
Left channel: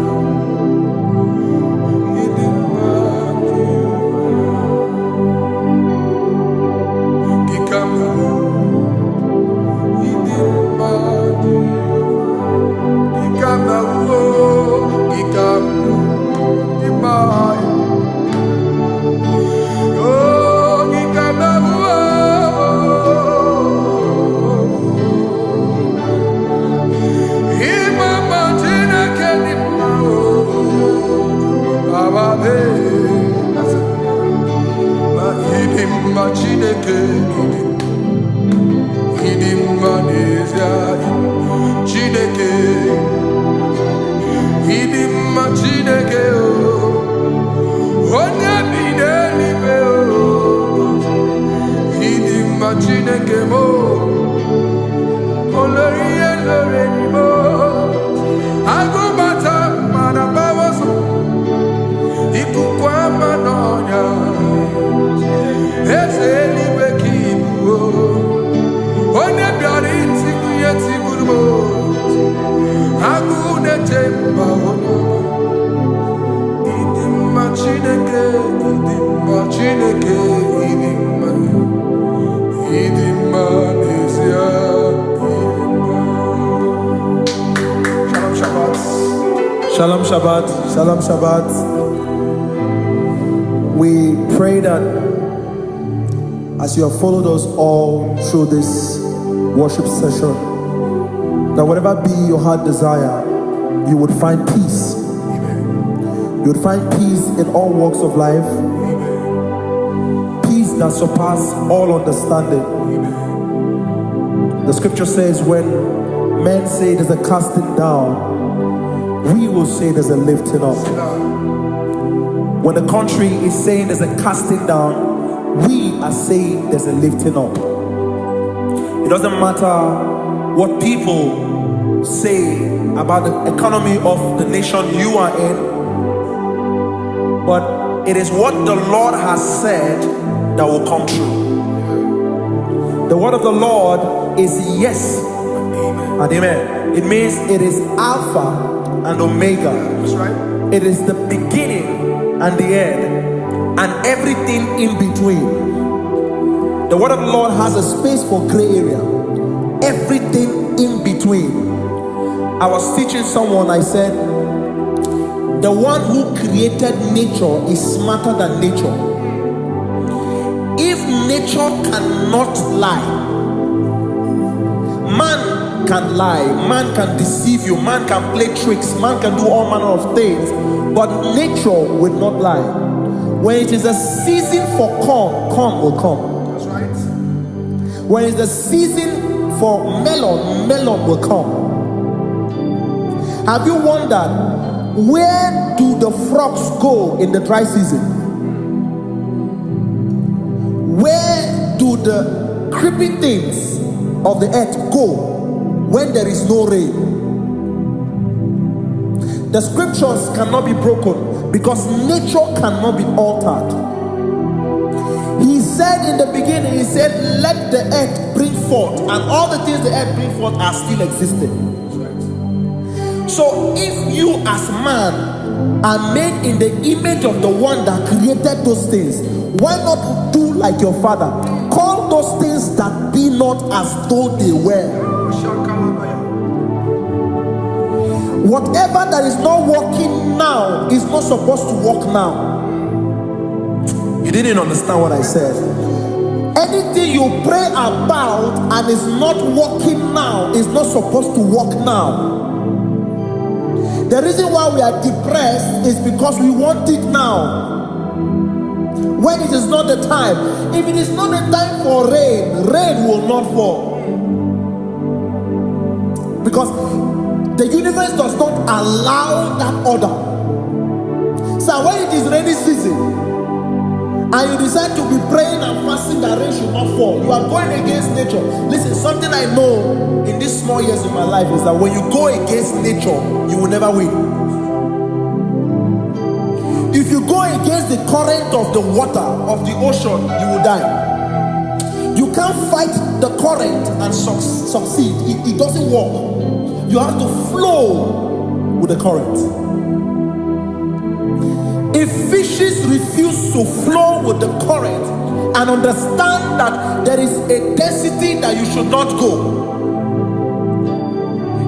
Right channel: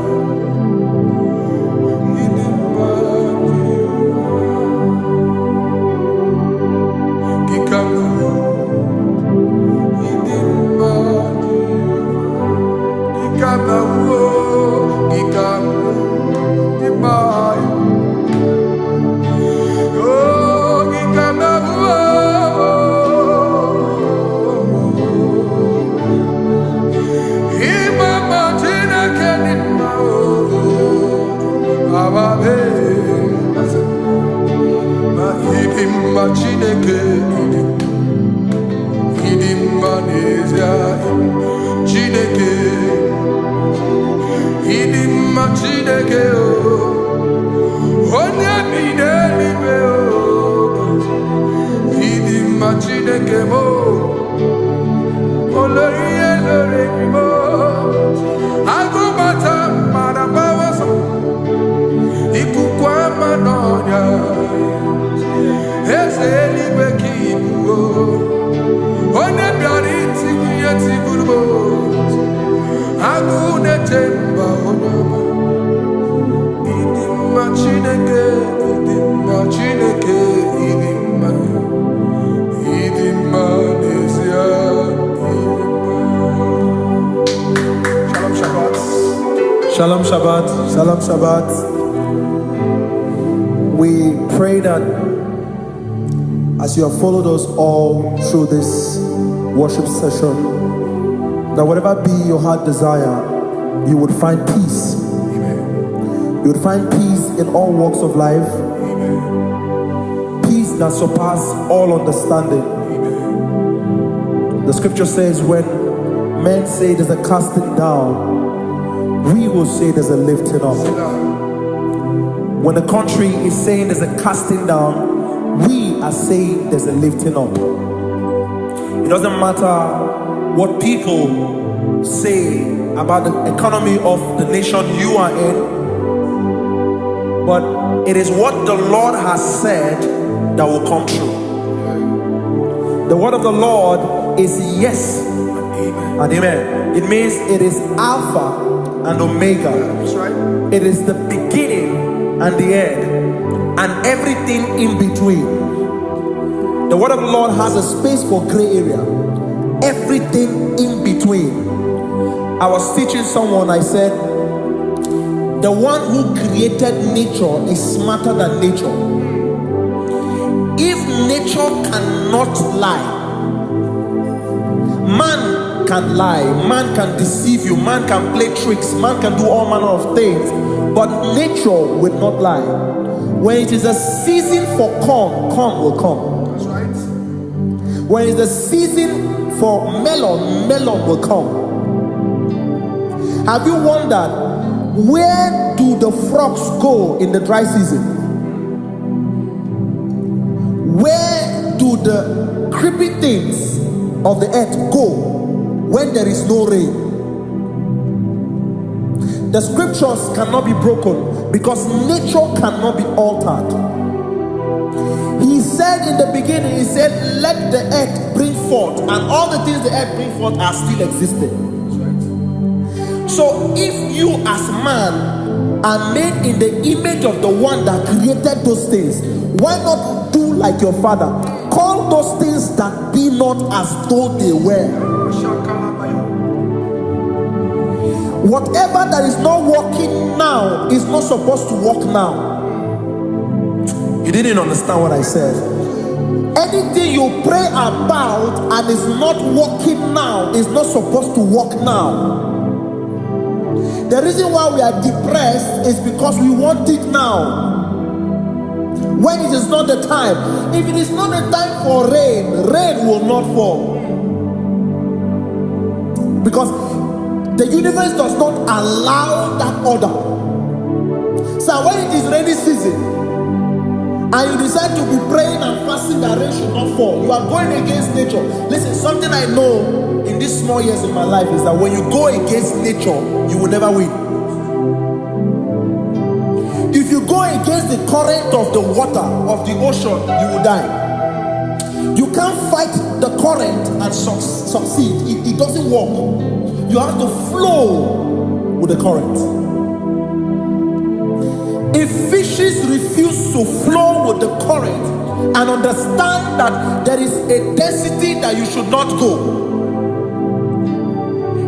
idimba Jehovah. Gikama idimba Jehovah. Gikama uo gikama idimba. Oh gikama uo. Idim machineke idim manezia chineke idim machineke onya bidelibe idim machineke mo oloriye lorimo agubata marabawaso ikukwa manonya ezeligwe kibuo onye bịara itigbu ihe tigburu agụ na-echemba onyeọma. Ịdị mma Chineke, ịdị mma Chineke, ịdị mma, ịdị mma n'ezie, ịdị mma. Shalom Shabbat. Shalom Shabbat. Shalom Shabbat. We pray that as you have followed us all through this worship session, that whatever be your heart desire, you would find peace. Amen. You would find peace in all walks of life. Amen. Peace that surpasses all understanding. Amen. The scripture says, when men say there's a casting down, we will say there's a lifting up. When the country is saying there's a casting down, we are saying there's a lifting up. It doesn't matter what people say about the economy of the nation you are in, but it is what the Lord has said that will come true. The word of the Lord is yes and amen. It means it is Alpha and Omega. That's right. It is the beginning and the end, and everything in between. The word of the Lord has a space for gray area. Everything in between. I was teaching someone, I said, the one who created nature is smarter than nature. If nature cannot lie, man can lie, man can deceive you, man can play tricks, man can do all manner of things, but nature will not lie. When it is a season for corn, corn will come. That's right. When it's a season for melon, melon will come. Have you wondered, where do the frogs go in the dry season? Where do the creepy things of the earth go when there is no rain? The scriptures cannot be broken because nature cannot be altered. He said in the beginning, he said, let the earth bring forth, and all the things the earth bring forth are still existing. That's right. So if you as man are made in the image of the one that created those things, why not do like your father? Call those things that be not as though they were. Whatever that is not working now is not supposed to work now. You didn't understand what I said. Anything you pray about and is not working now is not supposed to work now. The reason why we are depressed is because we want it now, when it is not the time. If it is not the time for rain, rain will not fall, because the universe does not allow that order. So when it is rainy season and you decide to be praying and fasting that rain should not fall, you are going against nature. Listen, something I know in these small years in my life is that when you go against nature, you will never win. If you go against the current of the water of the ocean, you will die. You can't fight the current and succeed. It doesn't work. You have to flow with the current. If fishes refuse to flow with the current and understand that there is a density that you should not go,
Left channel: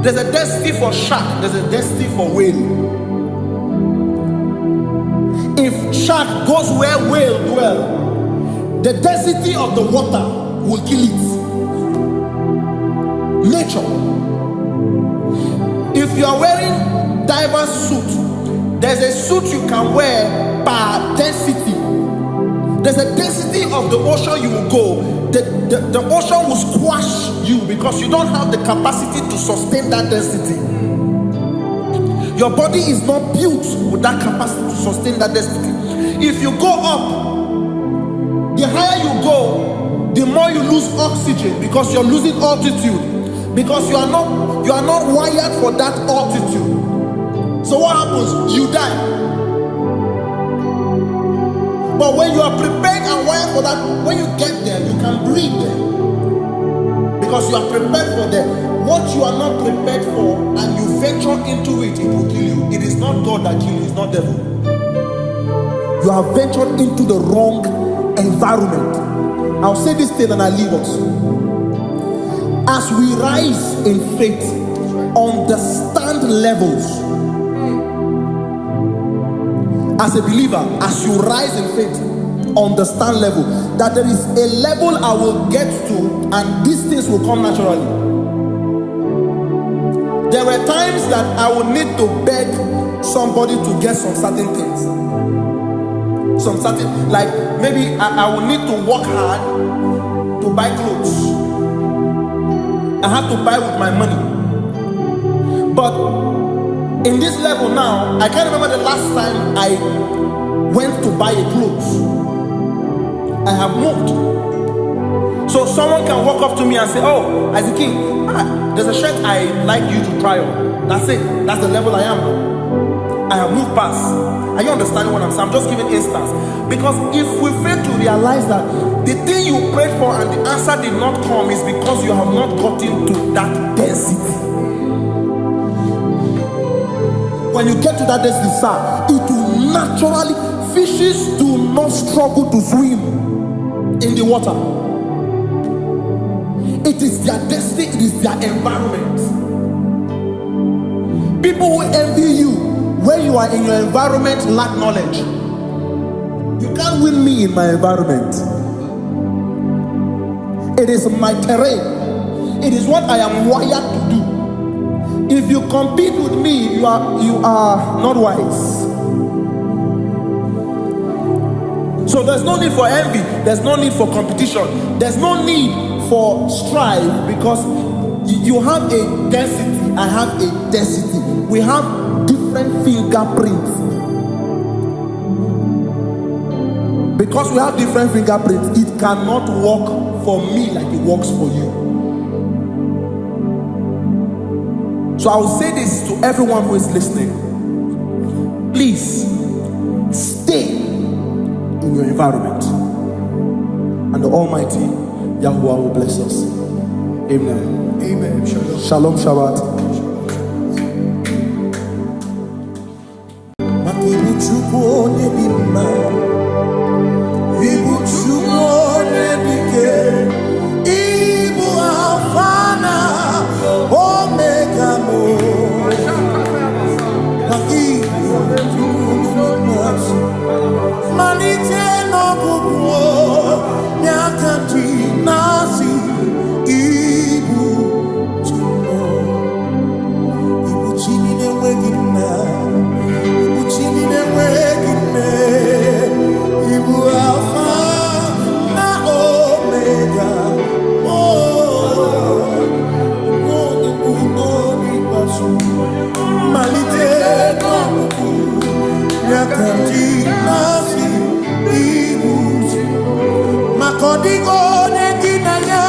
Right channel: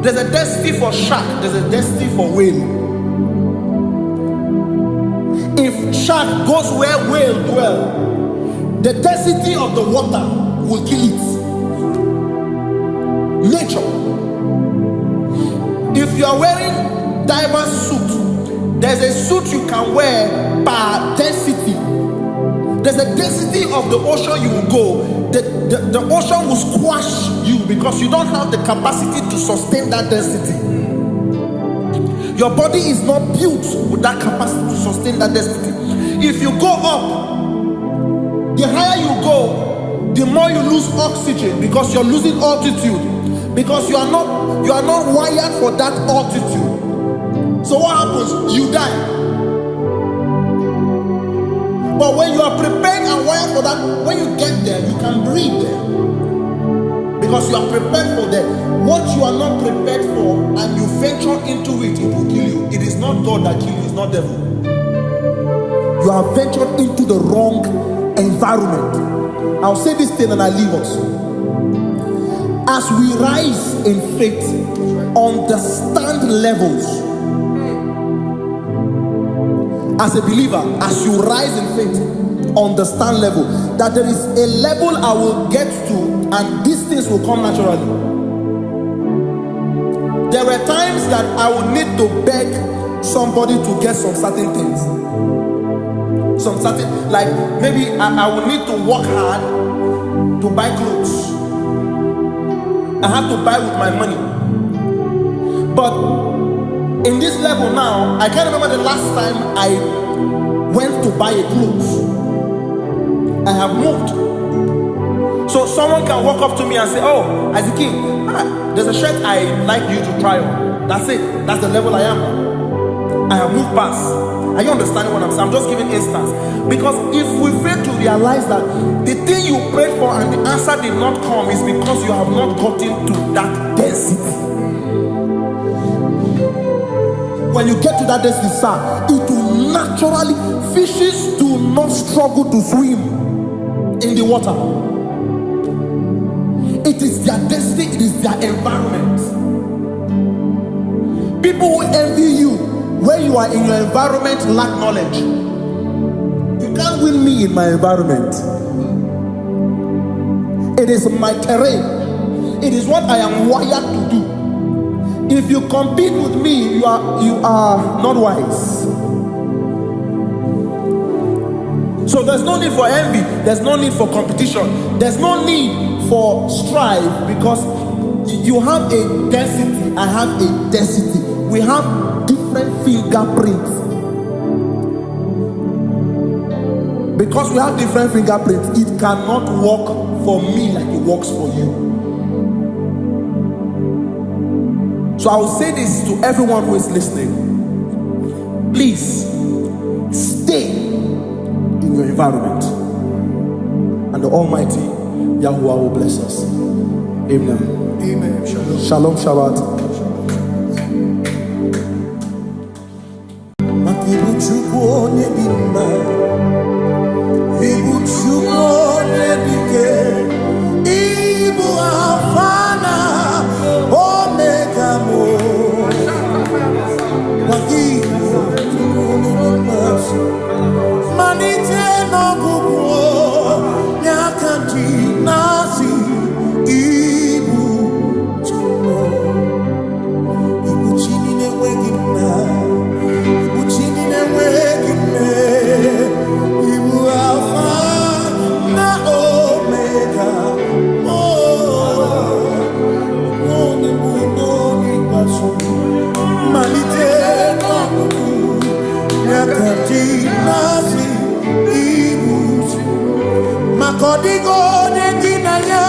there's a density for shark, there's a density for whale. If shark goes where whale dwell, the density of the water will kill it. Nature. If you are wearing diver's suit, there's a suit you can wear per density. There's a density of the ocean you will go. The ocean will squash you because you don't have the capacity to sustain that density. Your body is not built with that capacity to sustain that density. If you go up, the higher you go, the more you lose oxygen because you're losing altitude, because you are not wired for that altitude. So what happens? You die. But when you are prepared and wired for that, when you get there, you can breathe there, because you are prepared for that. What you are not prepared for and you venture into it, it will kill you. It is not God that kills you, it's not devil. You have ventured into the wrong environment. I'll say this thing and I leave us. As we rise in faith, understand levels. As a believer, as you rise in faith, understand level. That there is a level I will get to and these things will come naturally. There were times that I would need to beg somebody to get some certain things. Some certain, like maybe I would need to work hard to buy clothes. I have to buy with my money. But in this level now, I can't remember the last time I went to buy a clothes. I have moved. So someone can walk up to me and say, oh, Isaac King, there's a shirt I like you to try on. That's it. That's the level I am now. I have moved past. Are you understanding what I'm saying? I'm just giving instance. Because if we fail to realize that the thing you prayed for and the answer did not come is because you have not gotten to that density. When you get to that density, sir, it will naturally, fishes do not struggle to swim in the water. It is their density, it is their environment. People who envy you when you are in your environment lack knowledge. You can't win me in my environment. It is my terrain. It is what I am wired to do. If you compete with me, you are not wise. So there's no need for envy. There's no need for competition. There's no need for strife, because you have a density. I have a density. We have different fingerprints. Because we have different fingerprints, it cannot work for me like it works for you. So I will say this to everyone who is listening. Please stay in your environment, and the Almighty Yahuwah will bless us. Amen. Amen. Shalom. Shalom Shabbat. Makibu chukwu onye dị mma, ibu chukwu onye dike, ibu Alpha na Omega mo. Makibu chukwu onye dị mma, malite n'ọgwụgwụ nyakanji nasi, ibu chukwu, ibu chini n'enweghị nna, ibu chini n'enweghị nne, ibu Alpha na Omega, onye mbụ n'ikpeazụ, malite n'ọgwụgwụ nyakanji nasi, ibu maka ọ dịghị onye gị na ya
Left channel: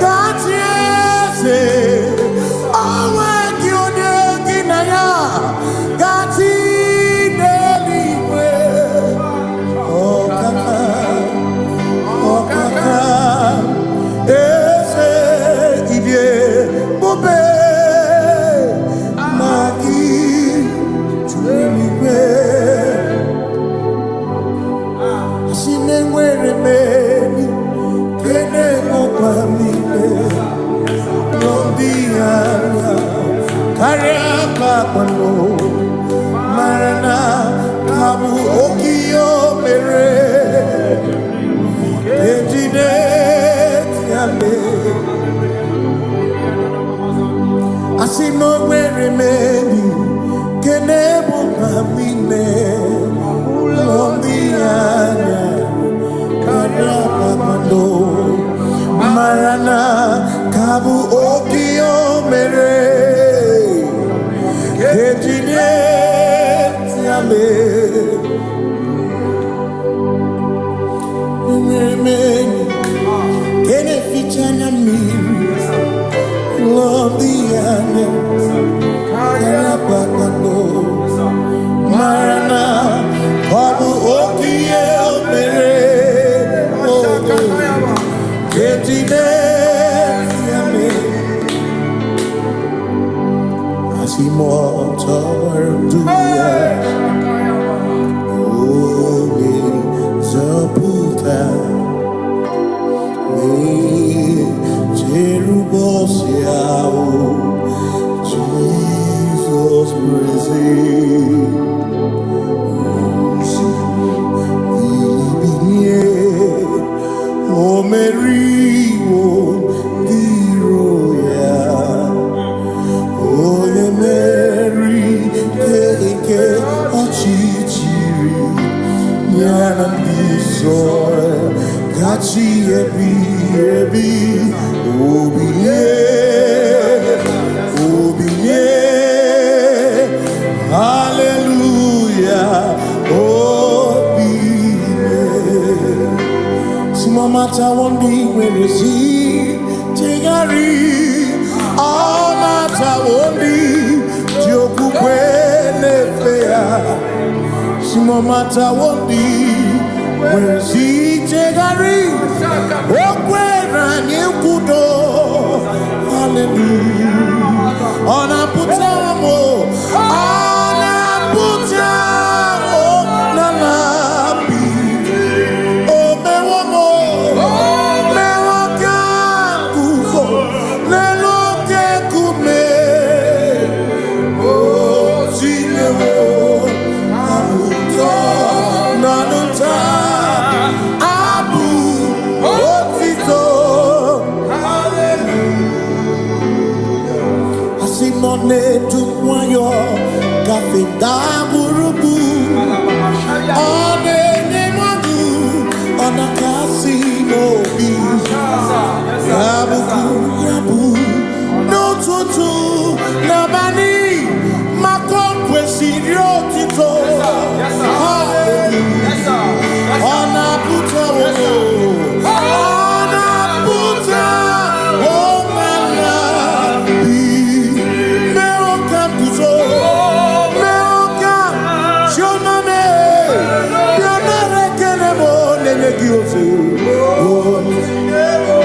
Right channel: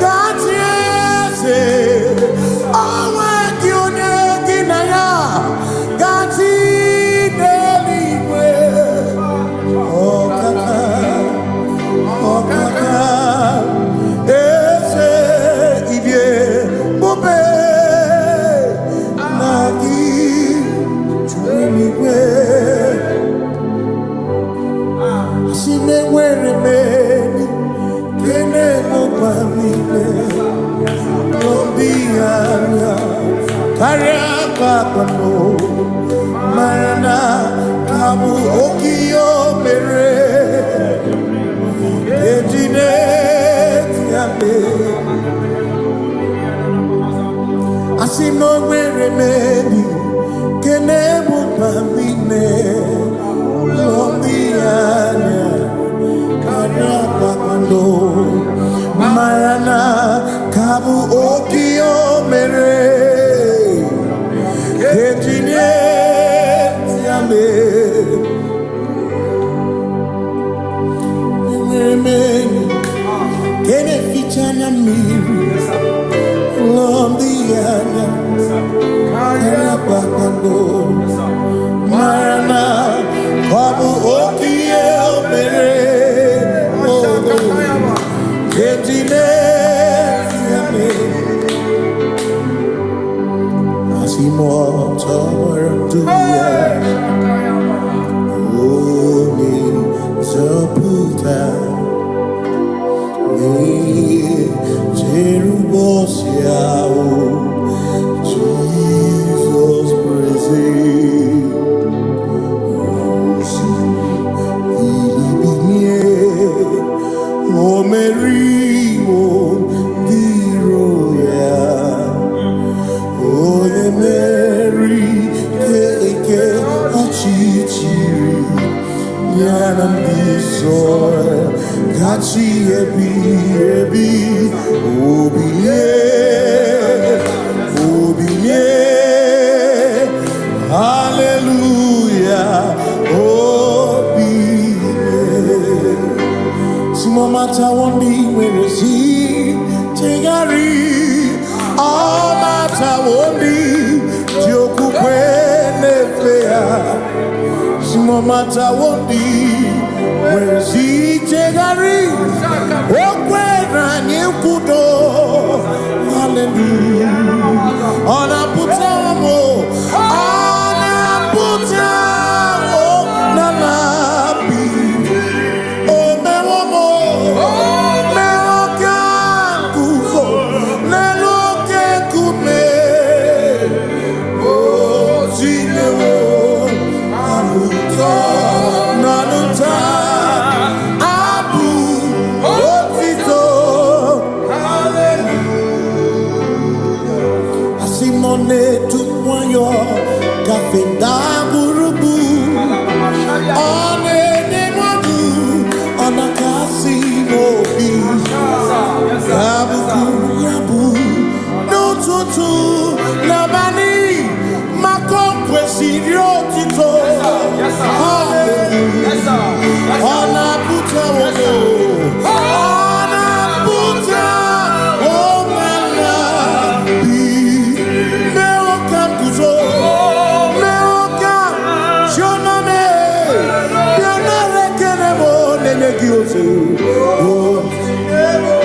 ga-achị eze, onweghị onye gị na ya ga-achị n'eluigwe. Ọkaka, ọkaka, eze ịdị ebube na gị juru eluigwe. Si me nwere meni kene mokwa mine, lombi anya karịa kpakpando, marana kabu okiyo mere ejide tiale. Asi no nwere meni kene mokwa mine, lombi anya karịa kpakpando, marana kabu okiyo mere ejide tiale. Enwere meni kene fichanya mmiri, lombi anya karịa kpakpando, marana kabu okiyo mere ejide tiale. Asimotabaranduya Oni Zaputa Me Jerubosiao Jesus praise Osiku Ilibinye O Meriwo Diroya Oye Mary Keke Ochichiri Nyanam Bisore Gachi Ebi Obiye Hallelujah Obiye Simamata Wondi where is he Tigari all matter wondi joku kwene fea simo matter wondi where si jegari okwena nyekudo. Hallelujah. Ona putamo na labi o mewamo mewokan kuzo lelo kume, oh none to wayo kafenda burubu one madu onakasi mobi yabuku yabu no tutu nabani makokwesi rotito hallelujah ona puta wono ona puta womala bi meokam kuzo meokam shoname bianare kenemo nenegioze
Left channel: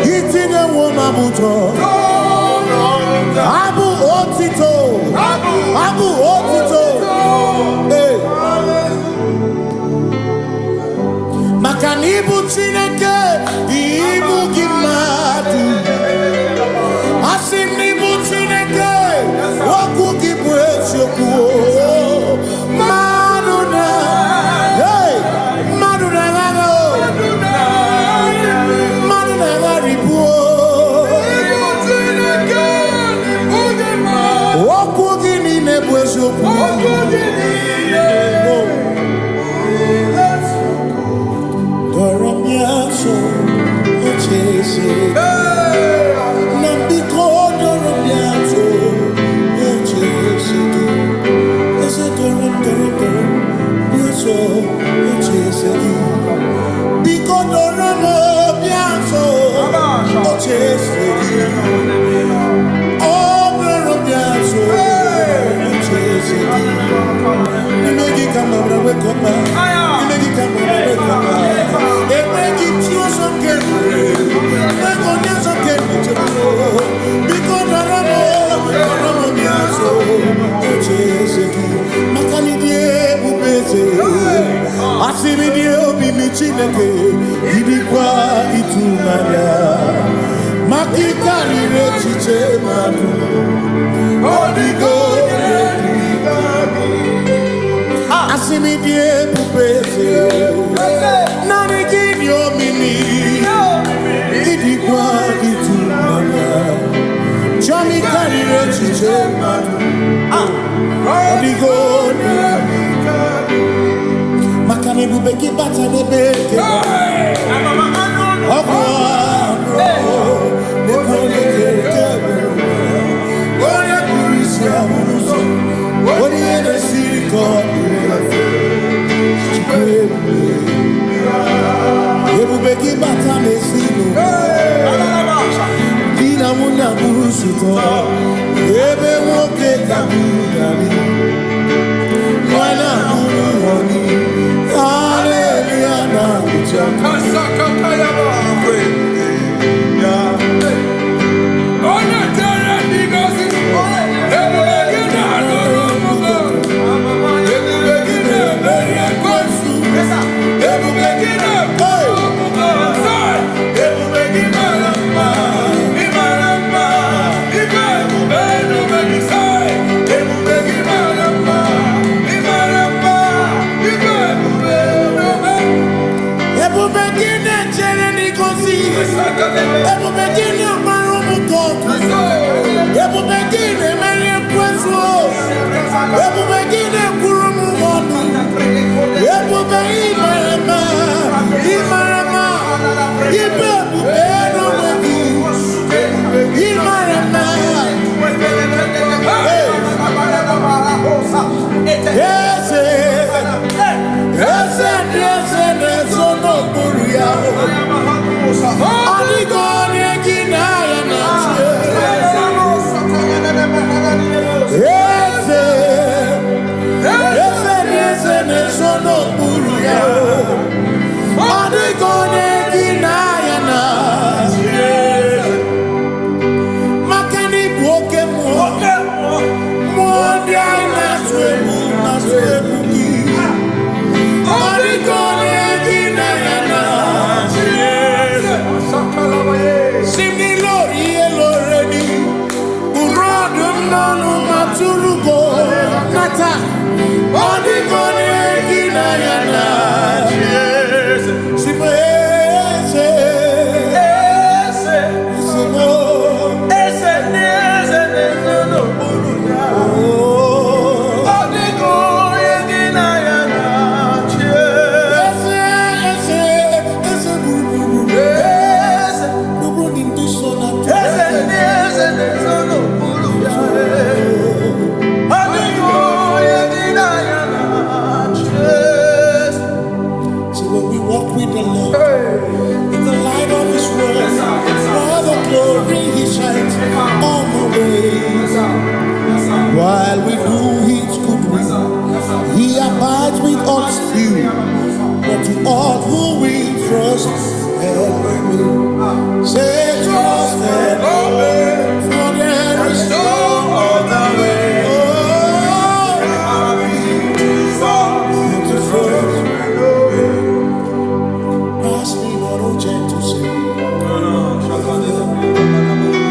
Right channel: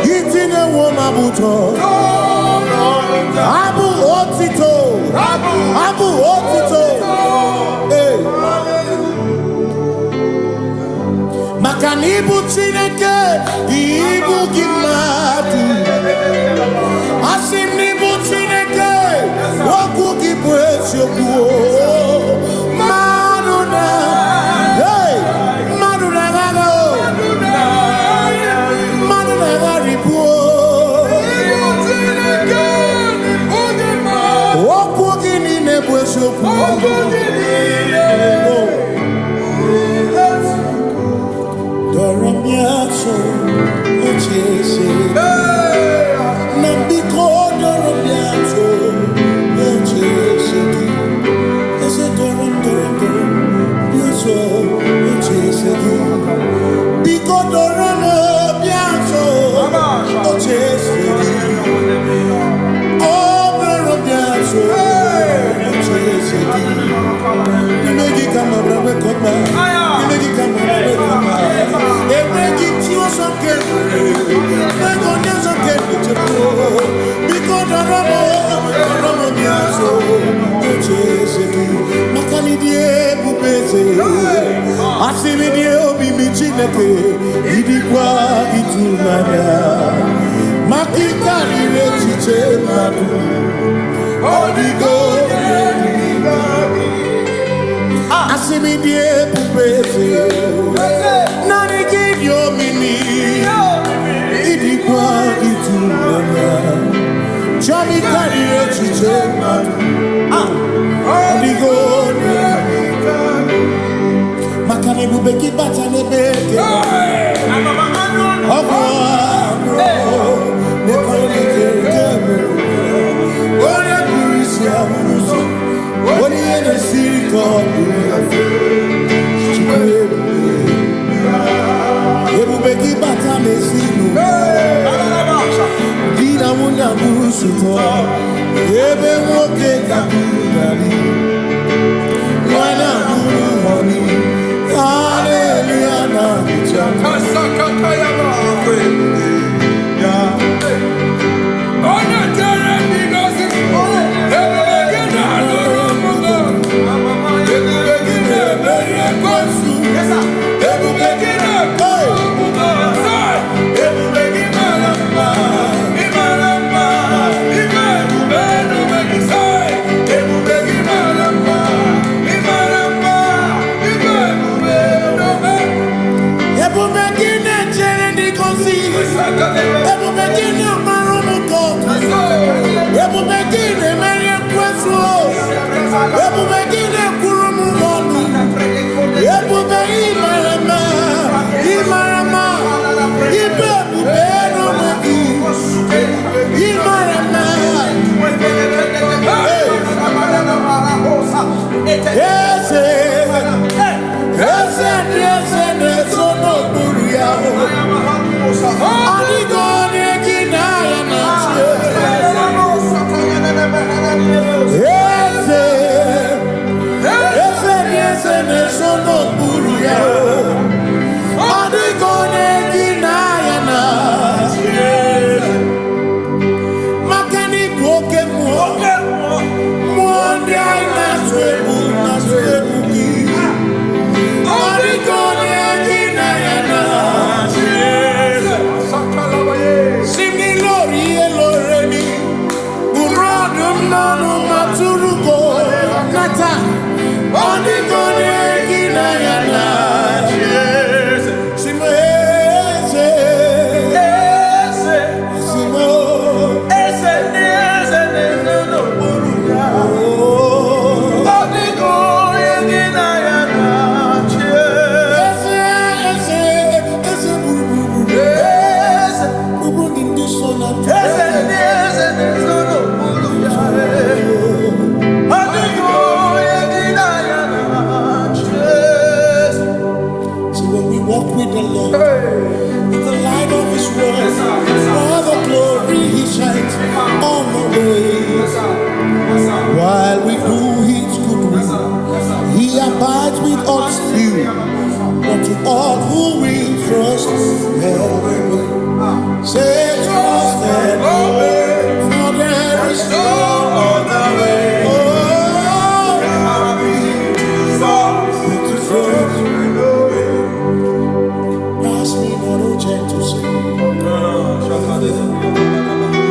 gitine woma buto abu otito hey makanibu chineke ibu gimadu asinibu chineke woku gibwesioku maduna hey maduna gago maduna garibu woku gini nebwesioku Doramiaso, ochese. Nambiko doramiaso, ochese. Ese doram, biaso, ochese. Biko doramiaso, ochese. Oh, doramiaso, ochese. Nimegi kama brawe kopa. Nimegi kama brawe kopa. Emegi tio sokere. Megonya sokere chepro. Biko doramo biaso. Ocheseki. Makani die bubeze. Asimi die obi michineke. Idikwa itunanya. Makikari rechiche madu. Odigo asimi die pupese nani gidio mimi idikwa itunanya chami karire chiche odigo makane bubeki bata nebeke ogwano nekone kekebe oya kurisia uruso Oni ene siriko Ebubeki bata mesinu Dina muna musuto Ebe woke kabudali Mwana muru honi Hallelujah na kuchaka Kasaka kayaba Ona tere bigosi Simni lori eloreni Burodum nonu maturugo Nata Onikone gina yana Simo ese Simo Ese no buruya while we do His good will. He abides with us few, but to all who will trust and obey. Say trust and obey, for there is no other way. Oh, but to trust and obey. Pass me not, O gentle Savior.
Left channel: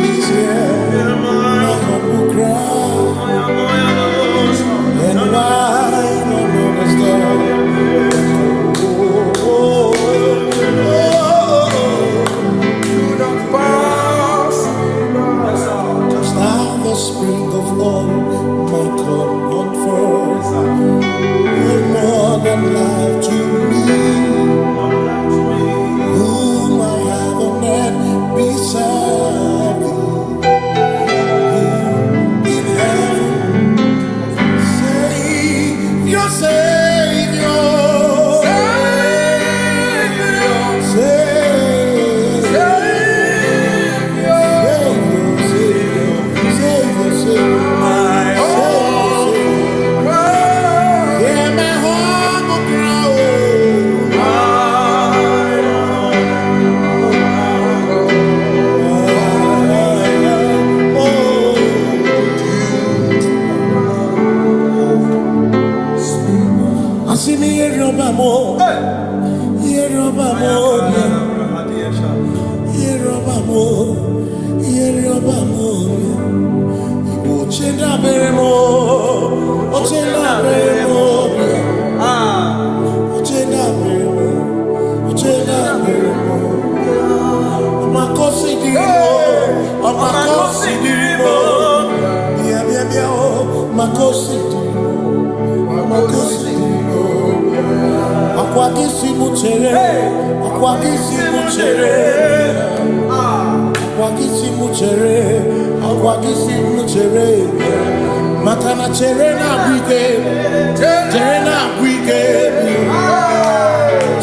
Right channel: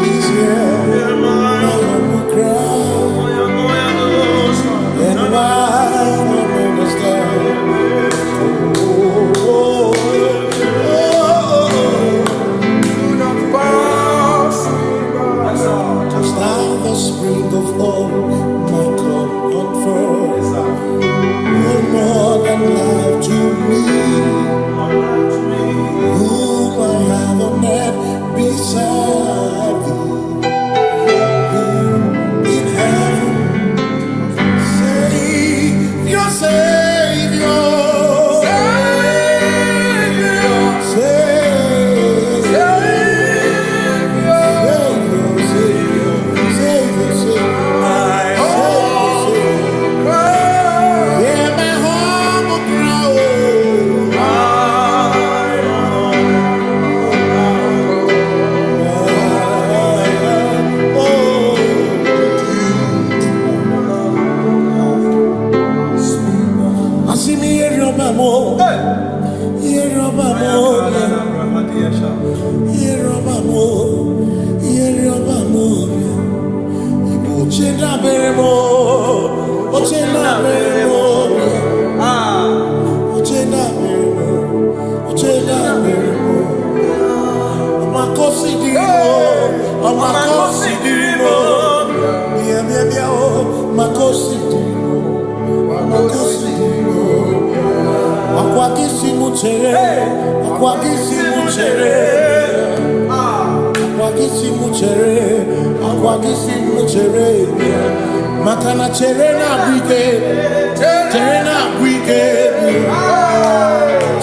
He's here, my humble cry. And why not understand? Do not pass Touch thou the spring of all my comfort. You're more than life to me, whom I have on earth beside thee. Your Savior, Igbo chenda beremo, ochenda beremo, ochenda beremo, ochenda beremo. Amakosi dirimo, amakosi dirimo, bia bia bia oh, makosi dirimo, amakosi dirimo. Akwagisi muchere, akwagisi muchere, akwagisi muchere, akwagisi muchere. Makana chere na bwike, chere na bwike,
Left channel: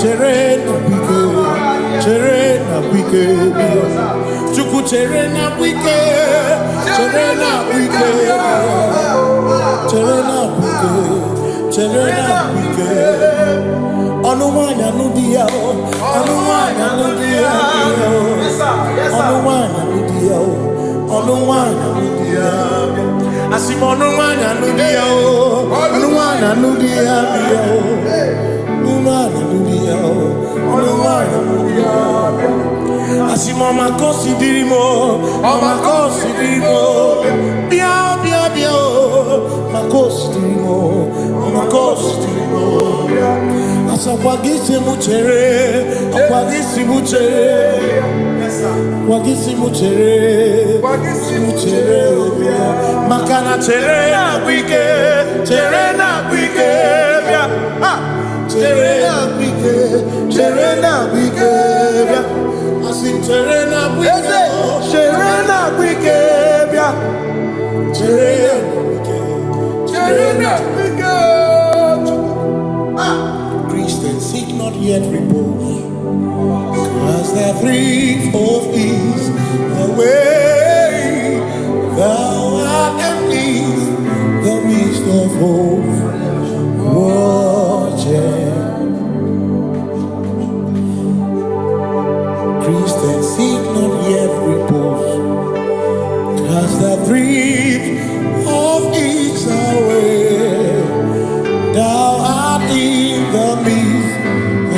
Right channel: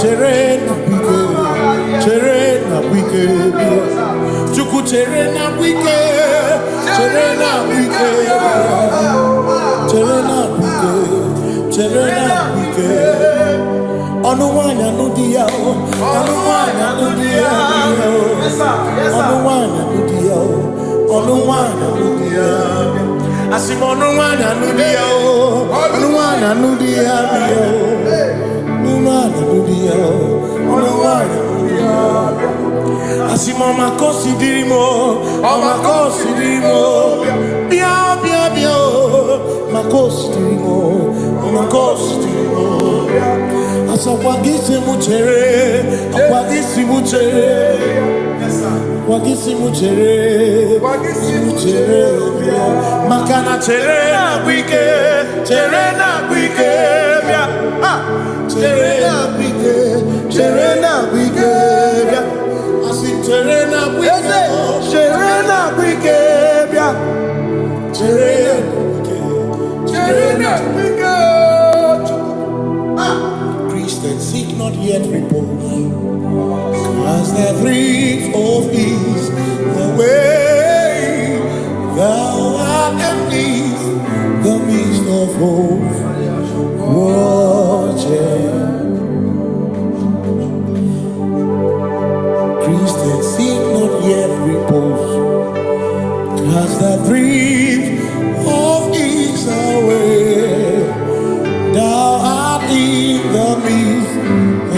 chere na bwike, chere na bwike. Chuku chere na bwike, chere na bwike, chere na bwike, chere na bwike. Onuwanya nudia o, onuwanya nudia o, onuwanya nudia o, onuwanya nudia. Asim onuwanya nudia o, onuwanya nudia o, onuwanya nudia o, onuwanya nudia. Asim omakosi dirimo, omakosi dirimo, bia bia bia o, makosi dirimo, omakosi dirimo. Asakwagisi muchere, akwagisi muchere, akwagisi muchere, muchere. Makana chere na bwike, chere na bwike, chere na bwike, chere na bwike. Asim chere na bwike, chere na bwike, chere na bwike, chere na bwike. Christians seek not yet repose, as the breeze of ease away. Thou art amidst the midst of hope, watching. Christians seek not yet repose, as the breeze of ease away. Thou art in the midst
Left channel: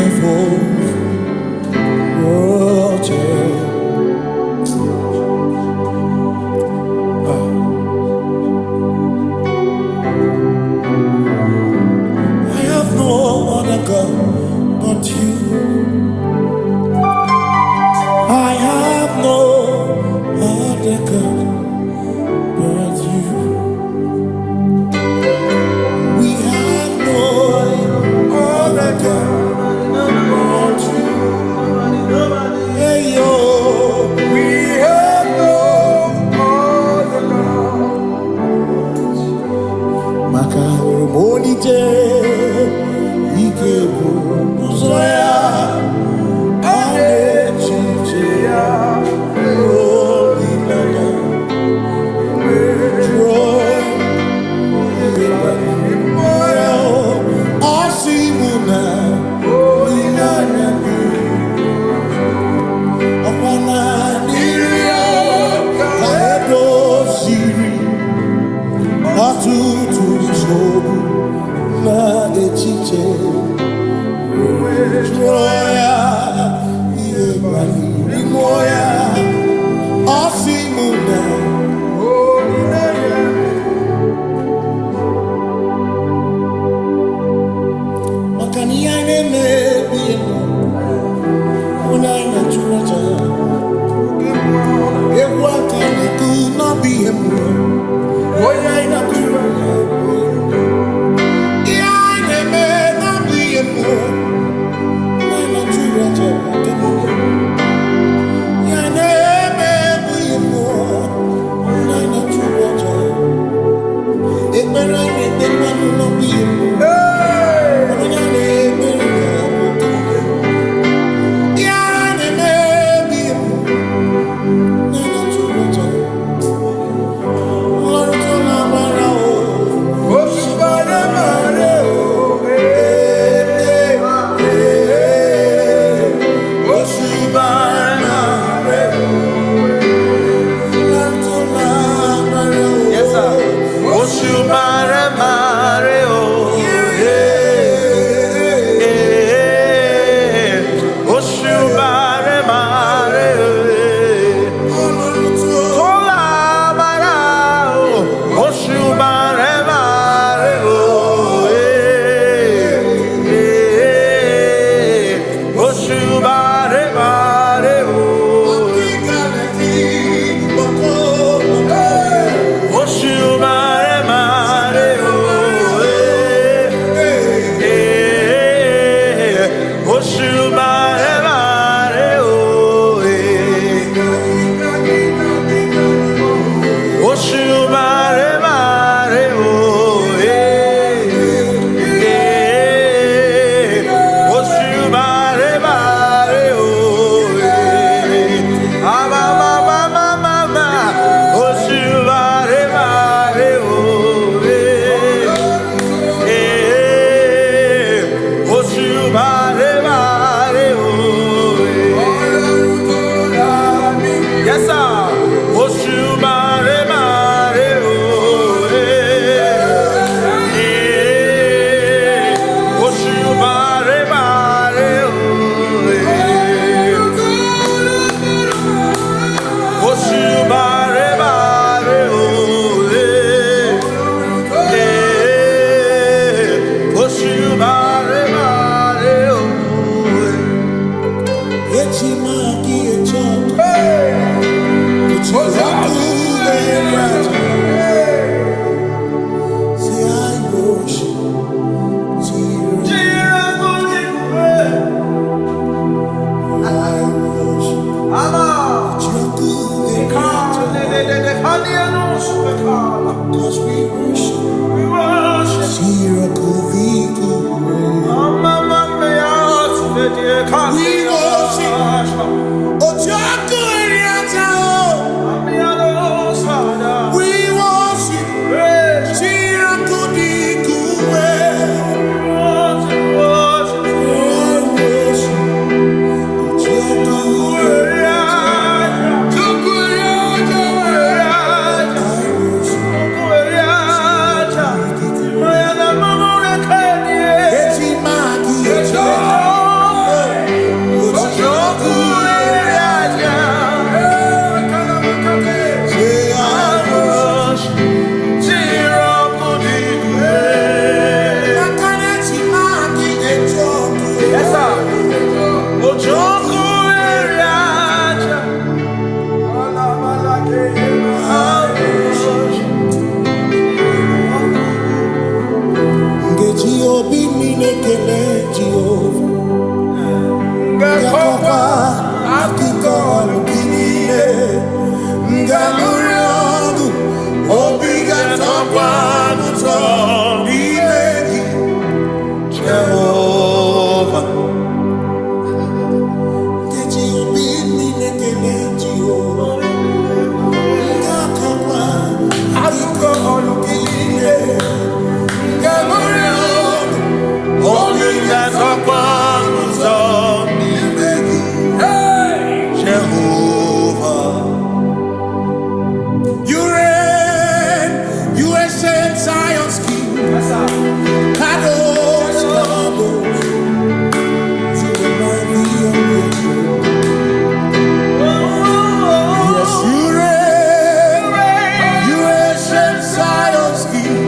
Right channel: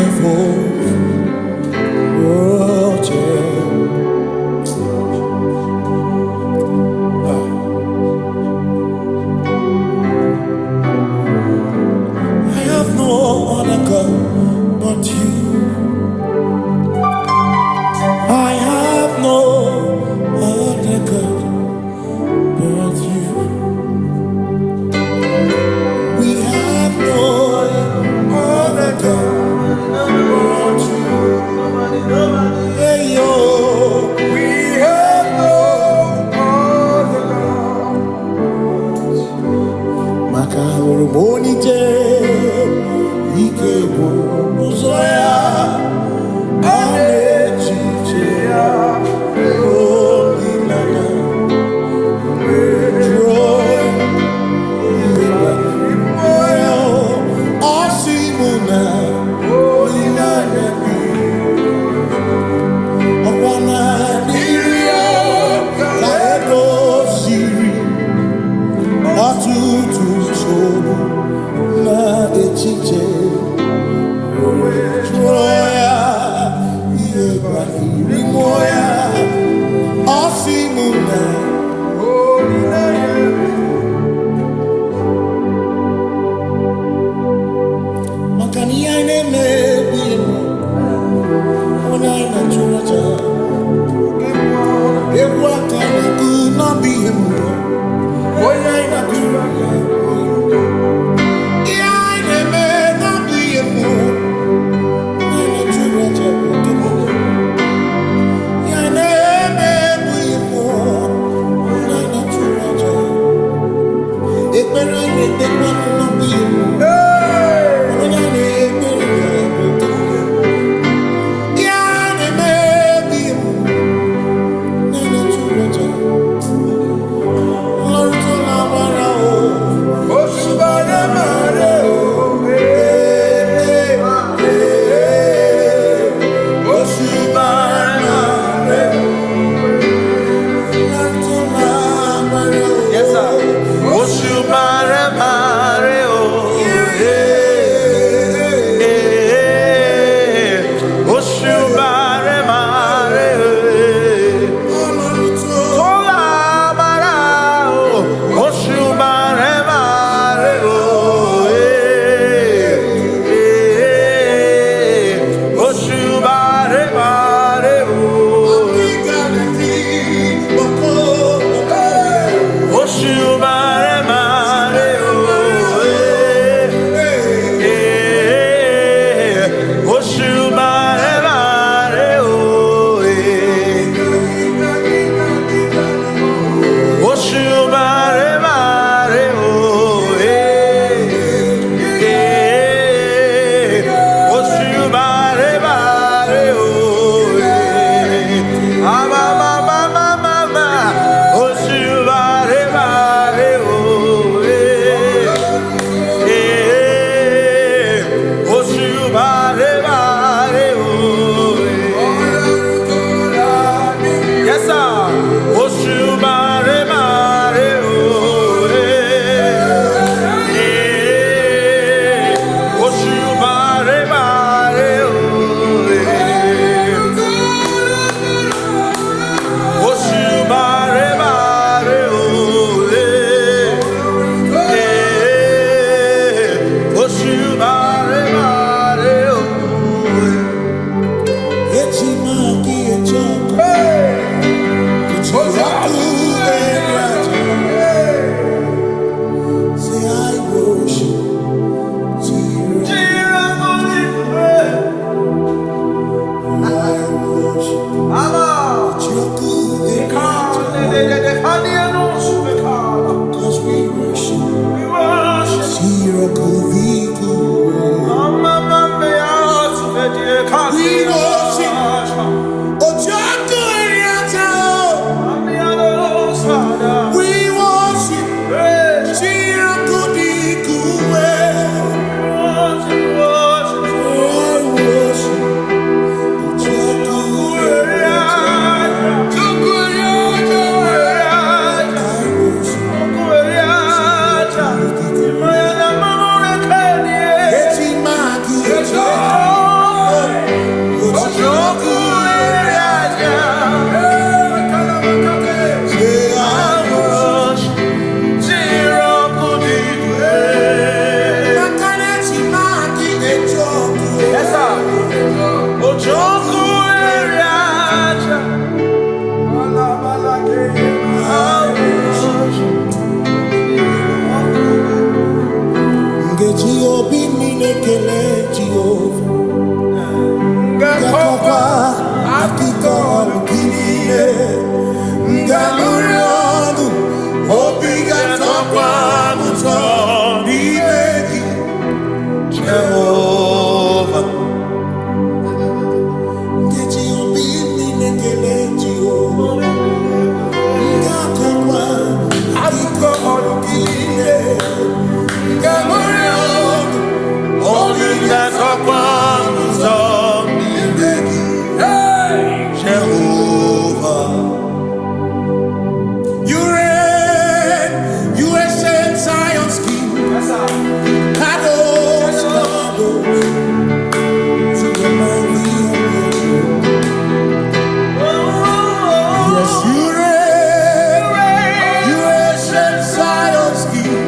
of hope, watching. I have no other God but you. I have no other God but you. We have no other God but you. Hey yo, we have no other God. Makahuru monite, ikebu muzoya, anechicheya, holy nana, joy. sobu na echiche Joya Iebani Rimoya Osimuna Makani aine me biemo Ona ina churaja Ewa could not be him. Boy, I not do. Yeah, I may not be him. I not do. Yeah, I may be him. I not do. It better not be him. Cause we worship. We worship. We worship. Obi mine kele Jehova Ngakokwa akiko lukine Ngamurionu Obi gatokwa muto Nimeki Jehova Ngeji obi mine kele Jehova Ngakokwa akiko lukine Ngamurionu Only that's upon hey, Jehovah. You reign, you ancient Zion's king. Kadosh, Kadosh, you are mighty on your throne. Yes, you reign, you ancient Zion's King.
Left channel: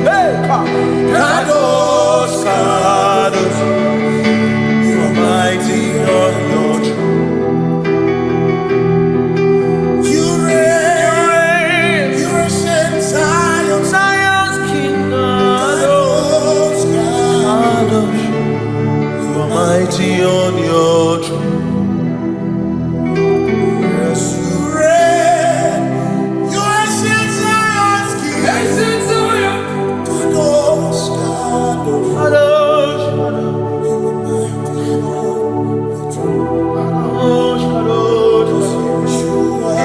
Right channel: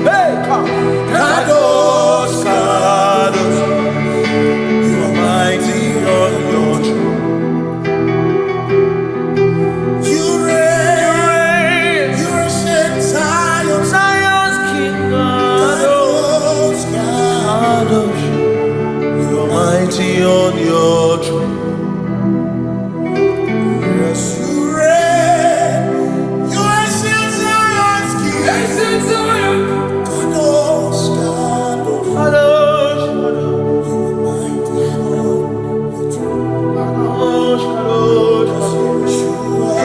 Kadosh, Kadosh, you are mighty on your throne. You reign, you ancient Zion's King. Kadosh, Kadosh, you are mighty on your throne. Yes, you reign, you ancient Zion's King. Kadosh, Kadosh, Kadosh, you are mighty on your throne. Kadosh, Kadosh, Yeshua,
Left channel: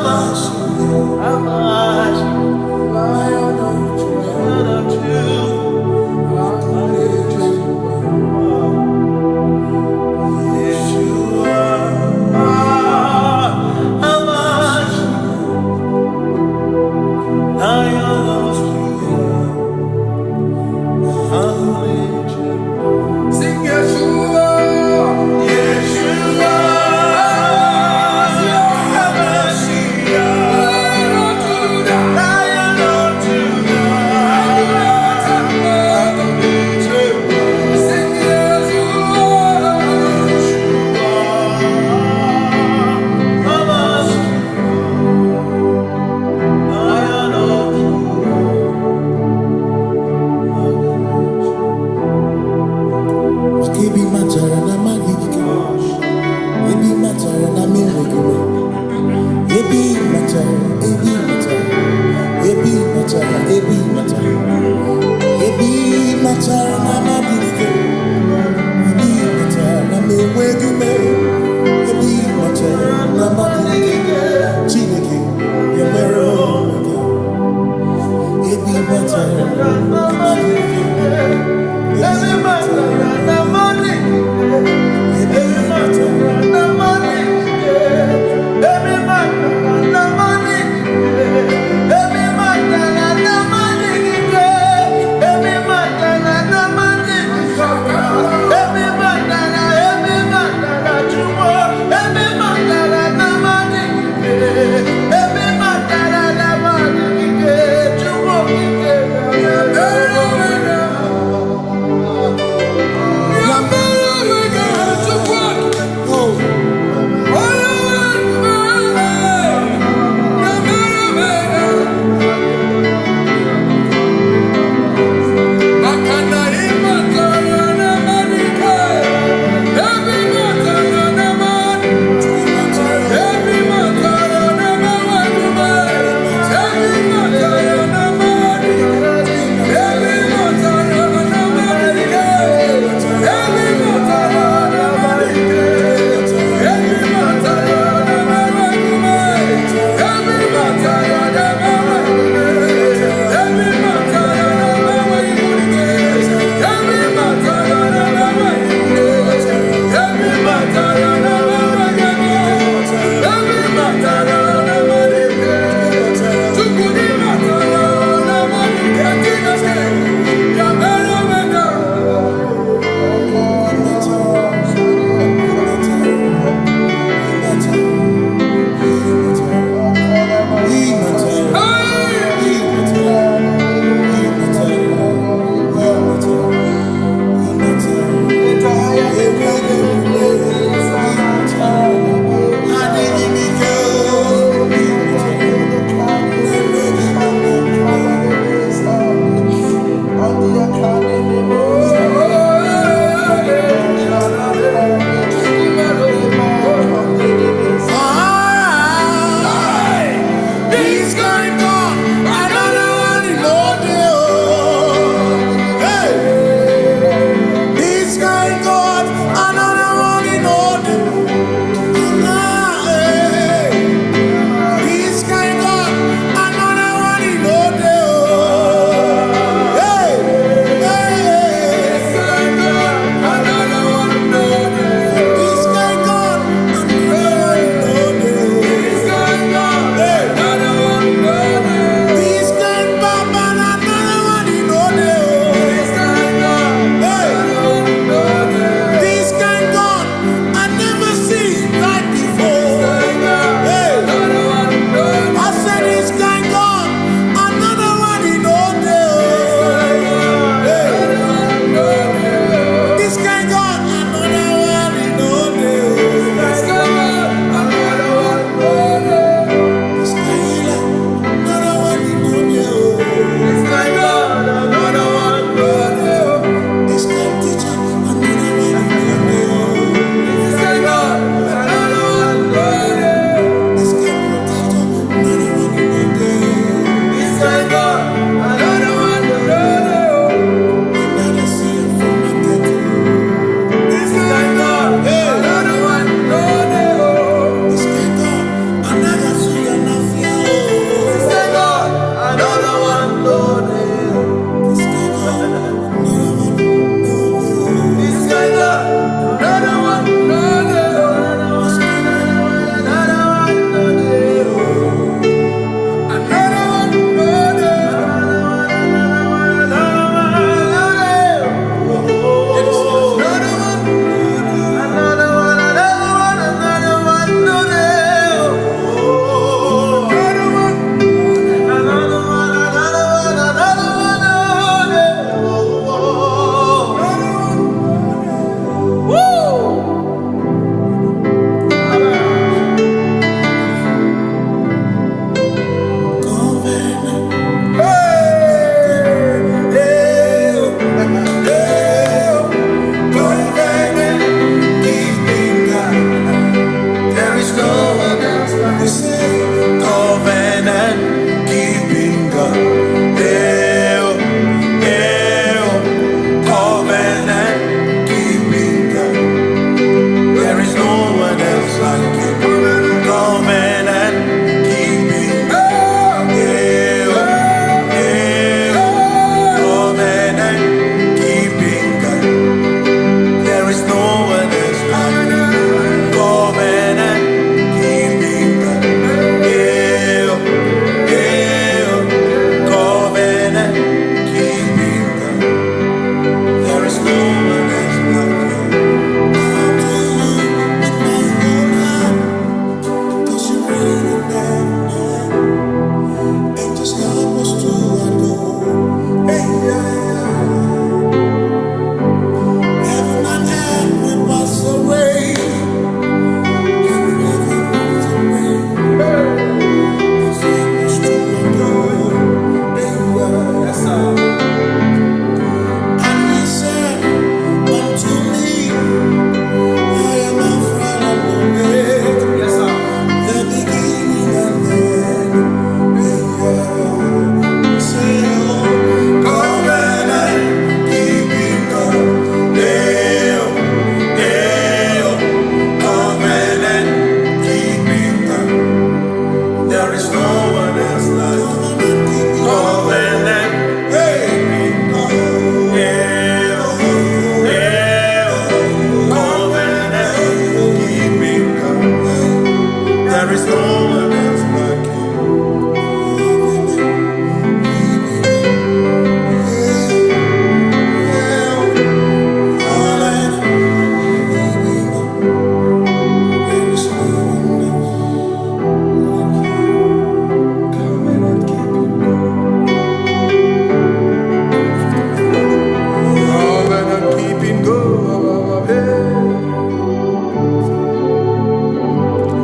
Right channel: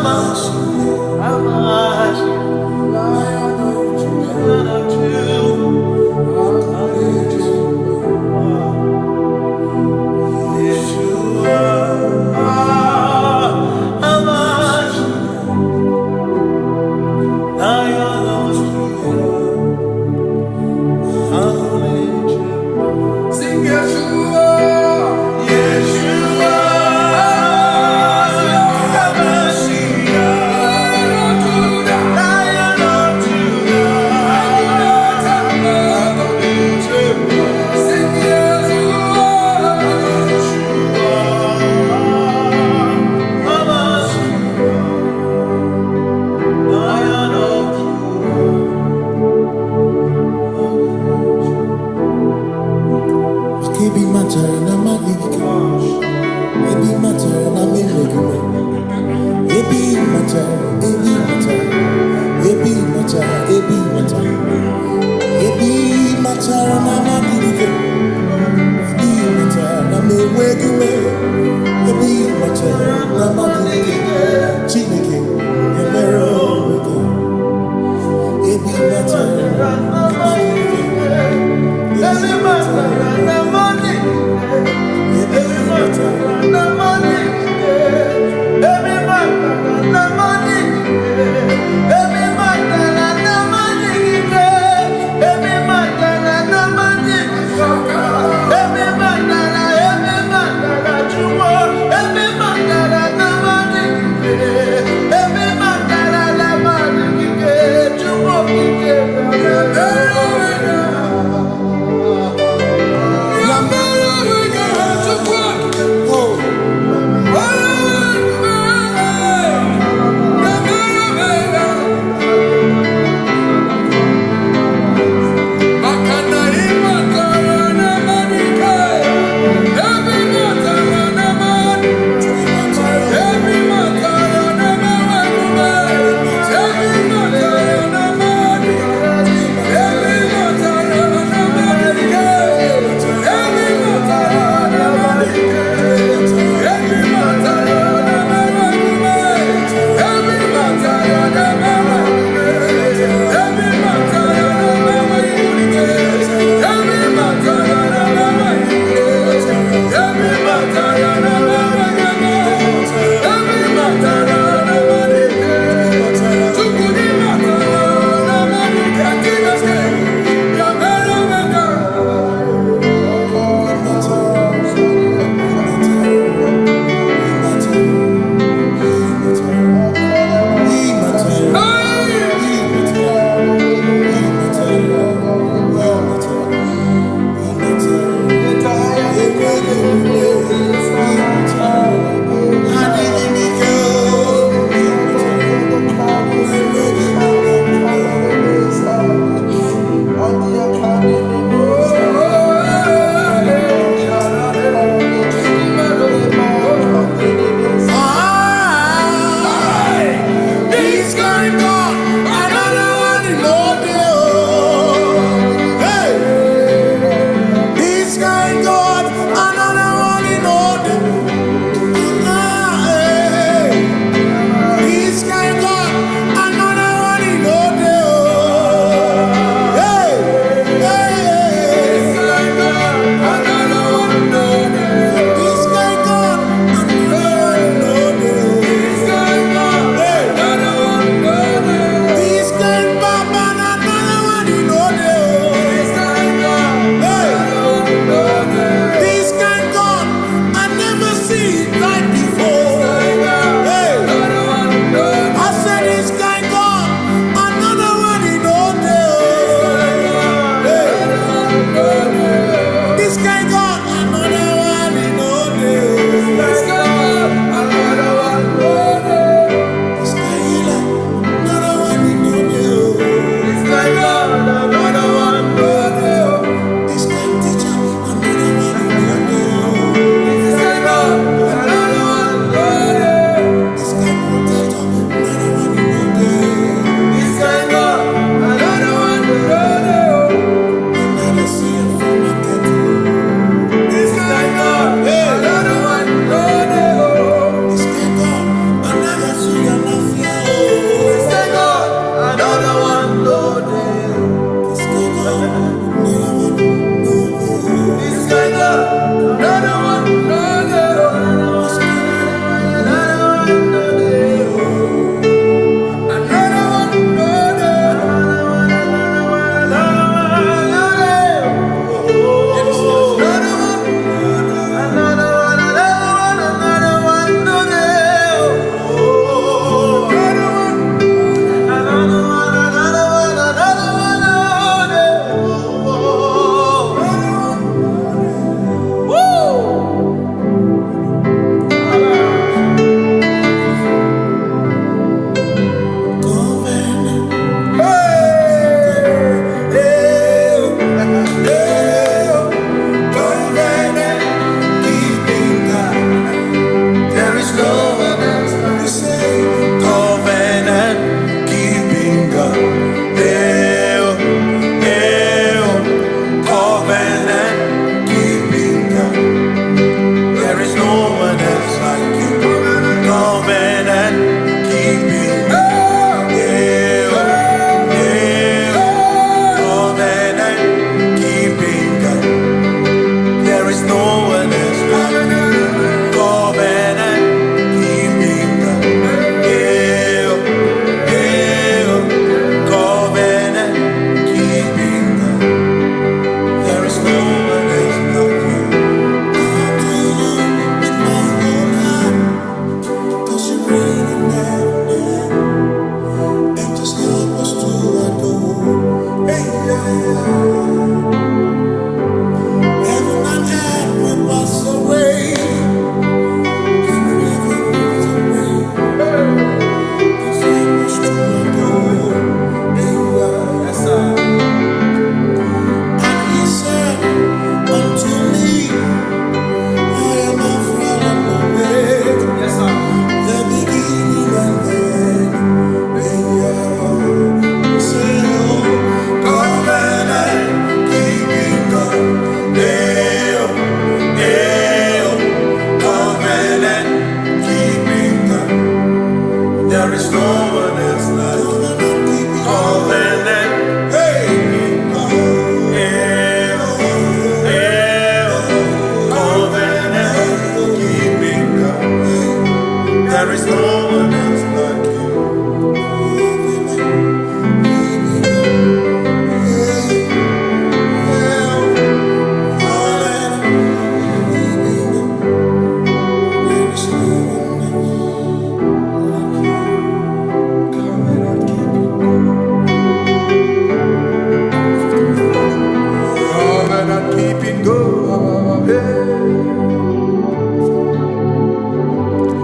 Hamashiach, Lion of Yeshua, Hamashiach, Lion of Judah, Sing Yeshua, Yeshua, Lion of Judah, sing Yeshua, Lion of Judah. Kebi matara na magigike, ebi matara na meregume, ebi matara, ebi matara, ebi matara, ebi matara, ebi matara na magigike, ebi matara na meregume, ebi matara na magigike, Chineke yemero weke, ebi matara na magigike. Every matter na money, every matter na money, every matter na money, every matter na money, every matter na money, every matter na jumo, every matter na money, every matter na money, jumo every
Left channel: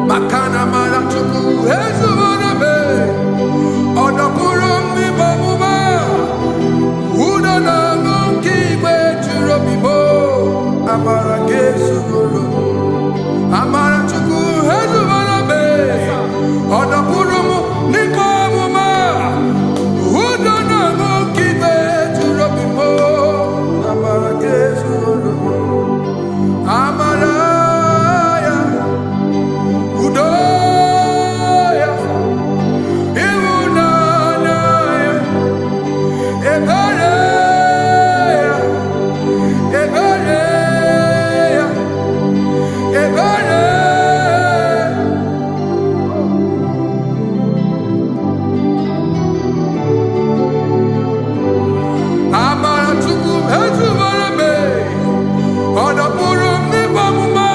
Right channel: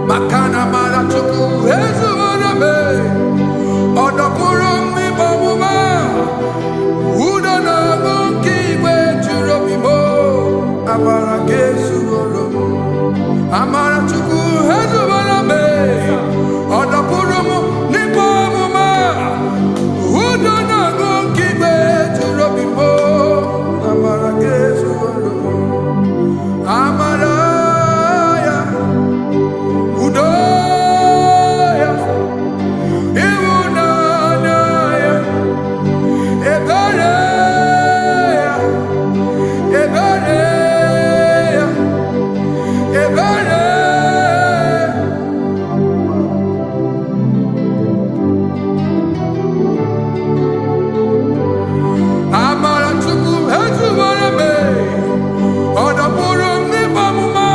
Makana mara chuku hezu waname Odapurum ni bamuma Uda na ngunki kwe churobimo Amara gesu gorum Amara chuku hezu waname Odapurum ni bamuma Uda na ngunki kwe churobimo Amara gesu gorum Amara Udoya, Iwunanaya, Ebereya, Ebereya, Ebereya. Amara chuku hezu warame, Odapurum ni bamuma.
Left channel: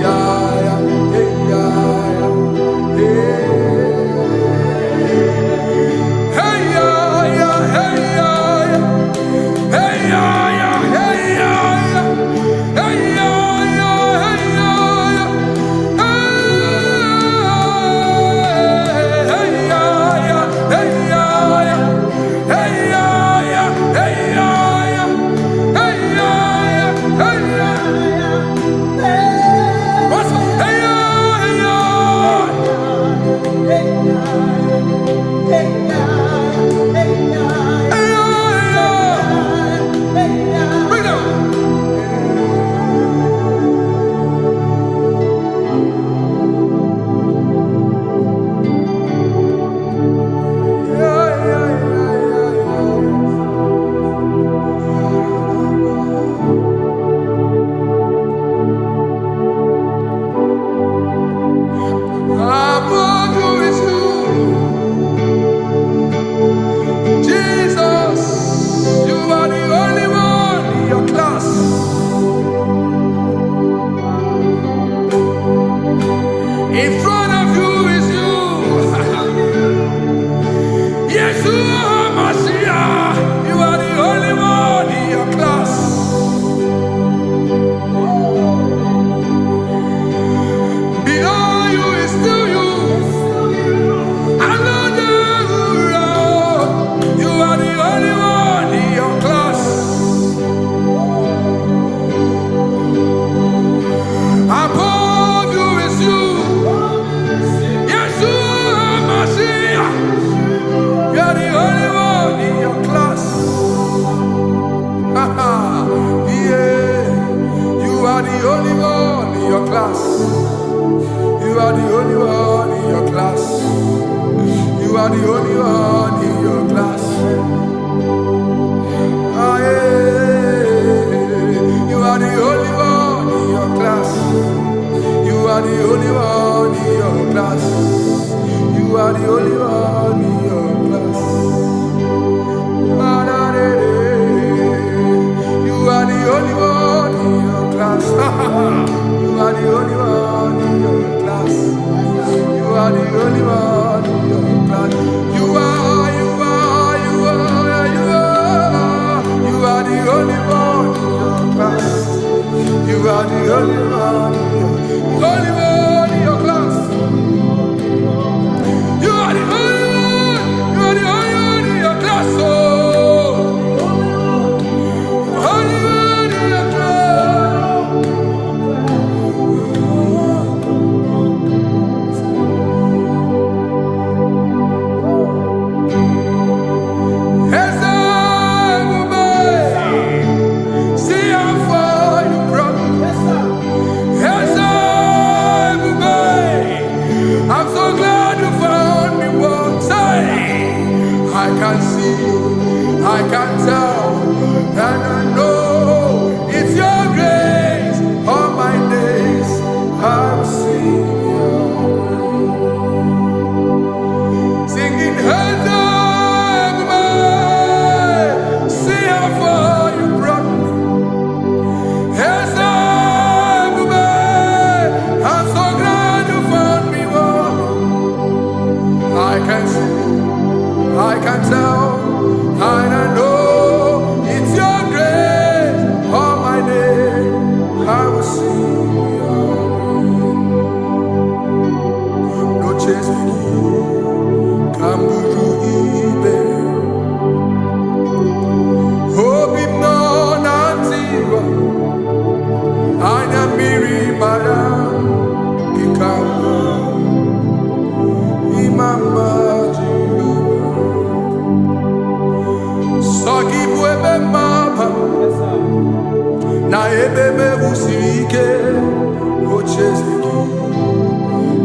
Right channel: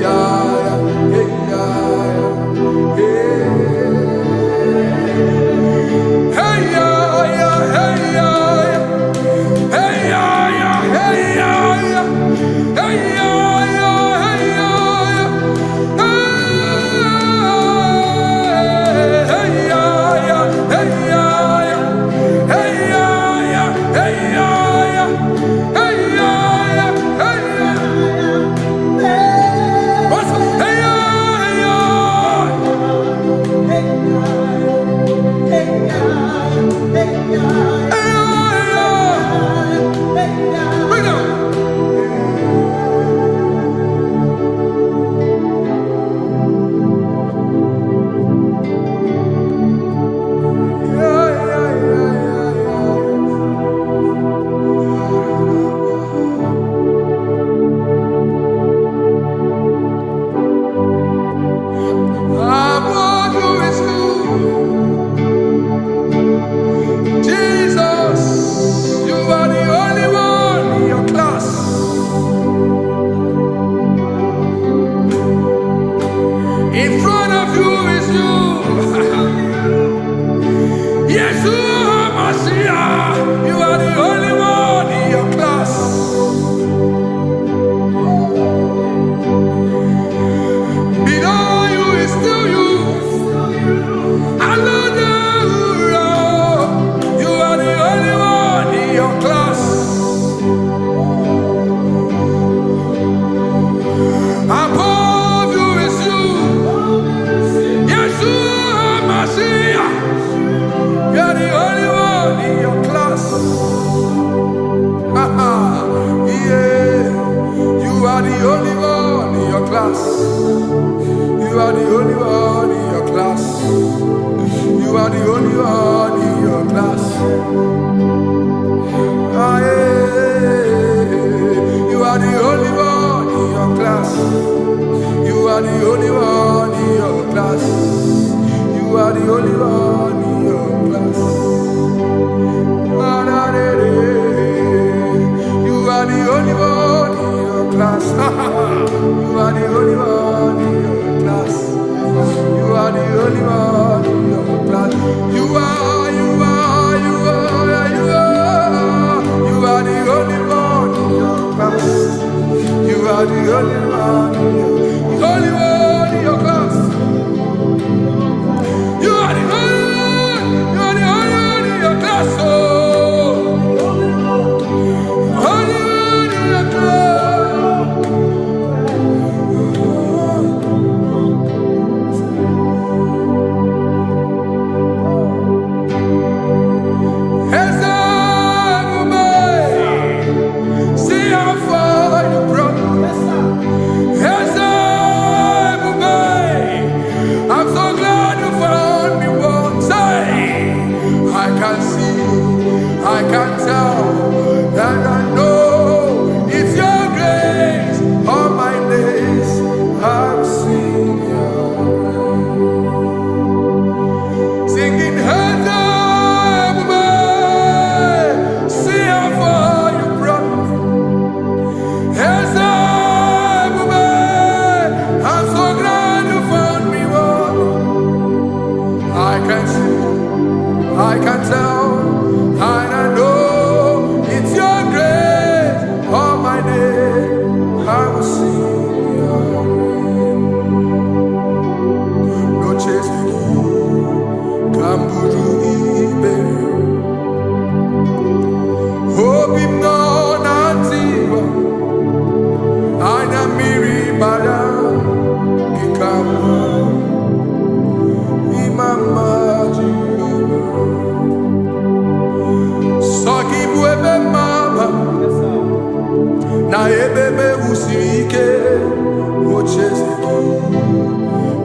Yeah. Above you is you. Jesus, you are the only one in your class. In front of you is you. Yeshua Mashiach, you are the only one in your class. Below you is still you. You are the only one in your class. Above you is you. Yeshua Mashiach, you are the only one in your class. Yeah, you are the only one in your class. You are the only one in your class. You are the only one in your class. Ah, yeah. You are the only one in your class. You are the only one in your class. You are the only one in your class. Ah, da, da, da. You are the only one in your class. You are the only one in your class. You are the only one in your class. You are the only one in your class. You are the only one in your class. You are the only one in your class. Oh, only one in your class. I'm so glad you found me once. I can see, I can tell, and I know it's your grace. All my days I will sing your grace. Singing, see how far you brought me. I'm so glad you found me. I can see, I can tell, and I know it's your grace. All my day I will sing your grace. No chase again, Kamburu Iberi. Hobim no Nantiwa, Anya Miri Baram, Gikama. Mama Jehovah, Saki buebe maba, na ebe me usirike, ochezeki,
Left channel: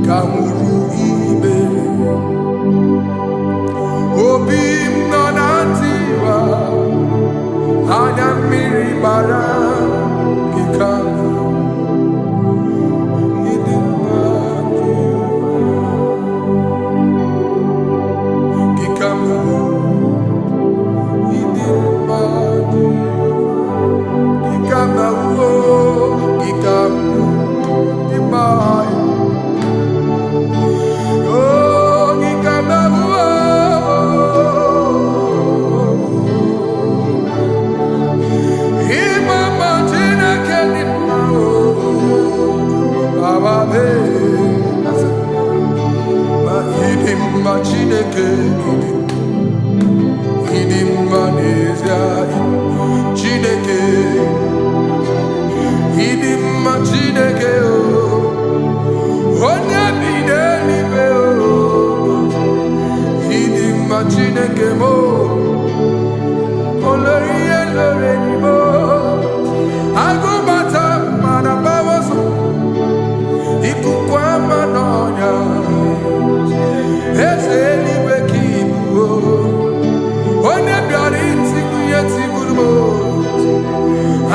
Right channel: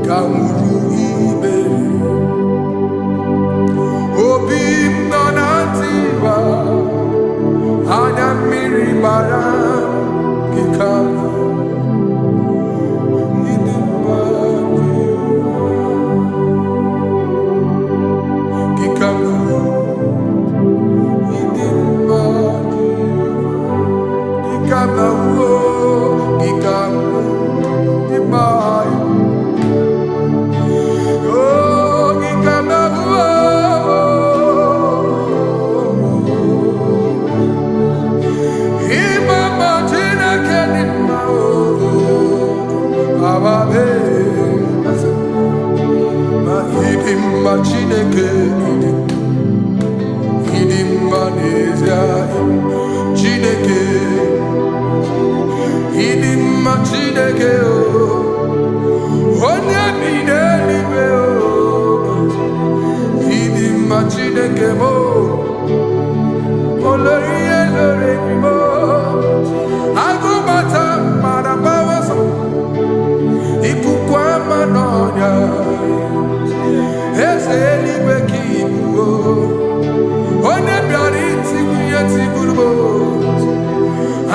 kamuru ibere, obim nonantiwa, anya miri baram, gikama. Chineke idim manezia Chineke idim Chineke o onye bi n'eluigwe o idim Chineke mo olori elore ni mo agụbata mara bawaso ikuku ama n'ọnya eze eluigwe ka ibu o onye bịara itigbu ihe tigburu m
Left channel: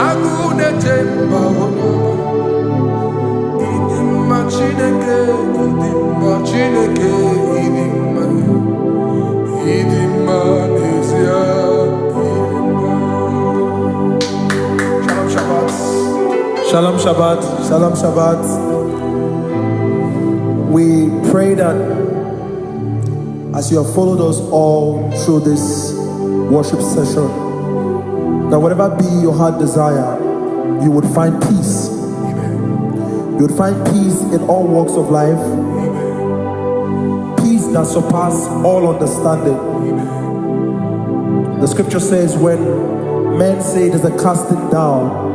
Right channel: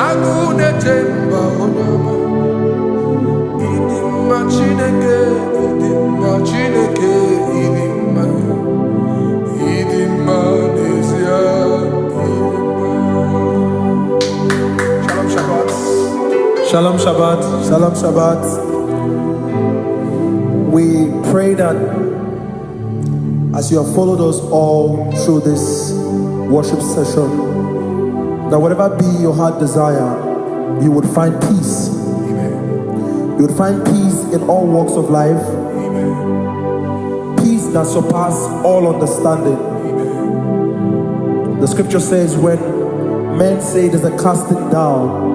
agụ na-eche mba onye ọma ịdị mma idima Chineke, idima Chineke, idima, idima Nezia, idima. Shalom Shabbat. Shalom Shabbat. Shalom Shabbat. We pray that as you have followed us all through this worship session, that whatever be your heart desire, you would find peace. Amen. You would find peace in all walks of life. Amen. Peace that surpasses all understanding. Amen. The scripture says when men say there's a casting down,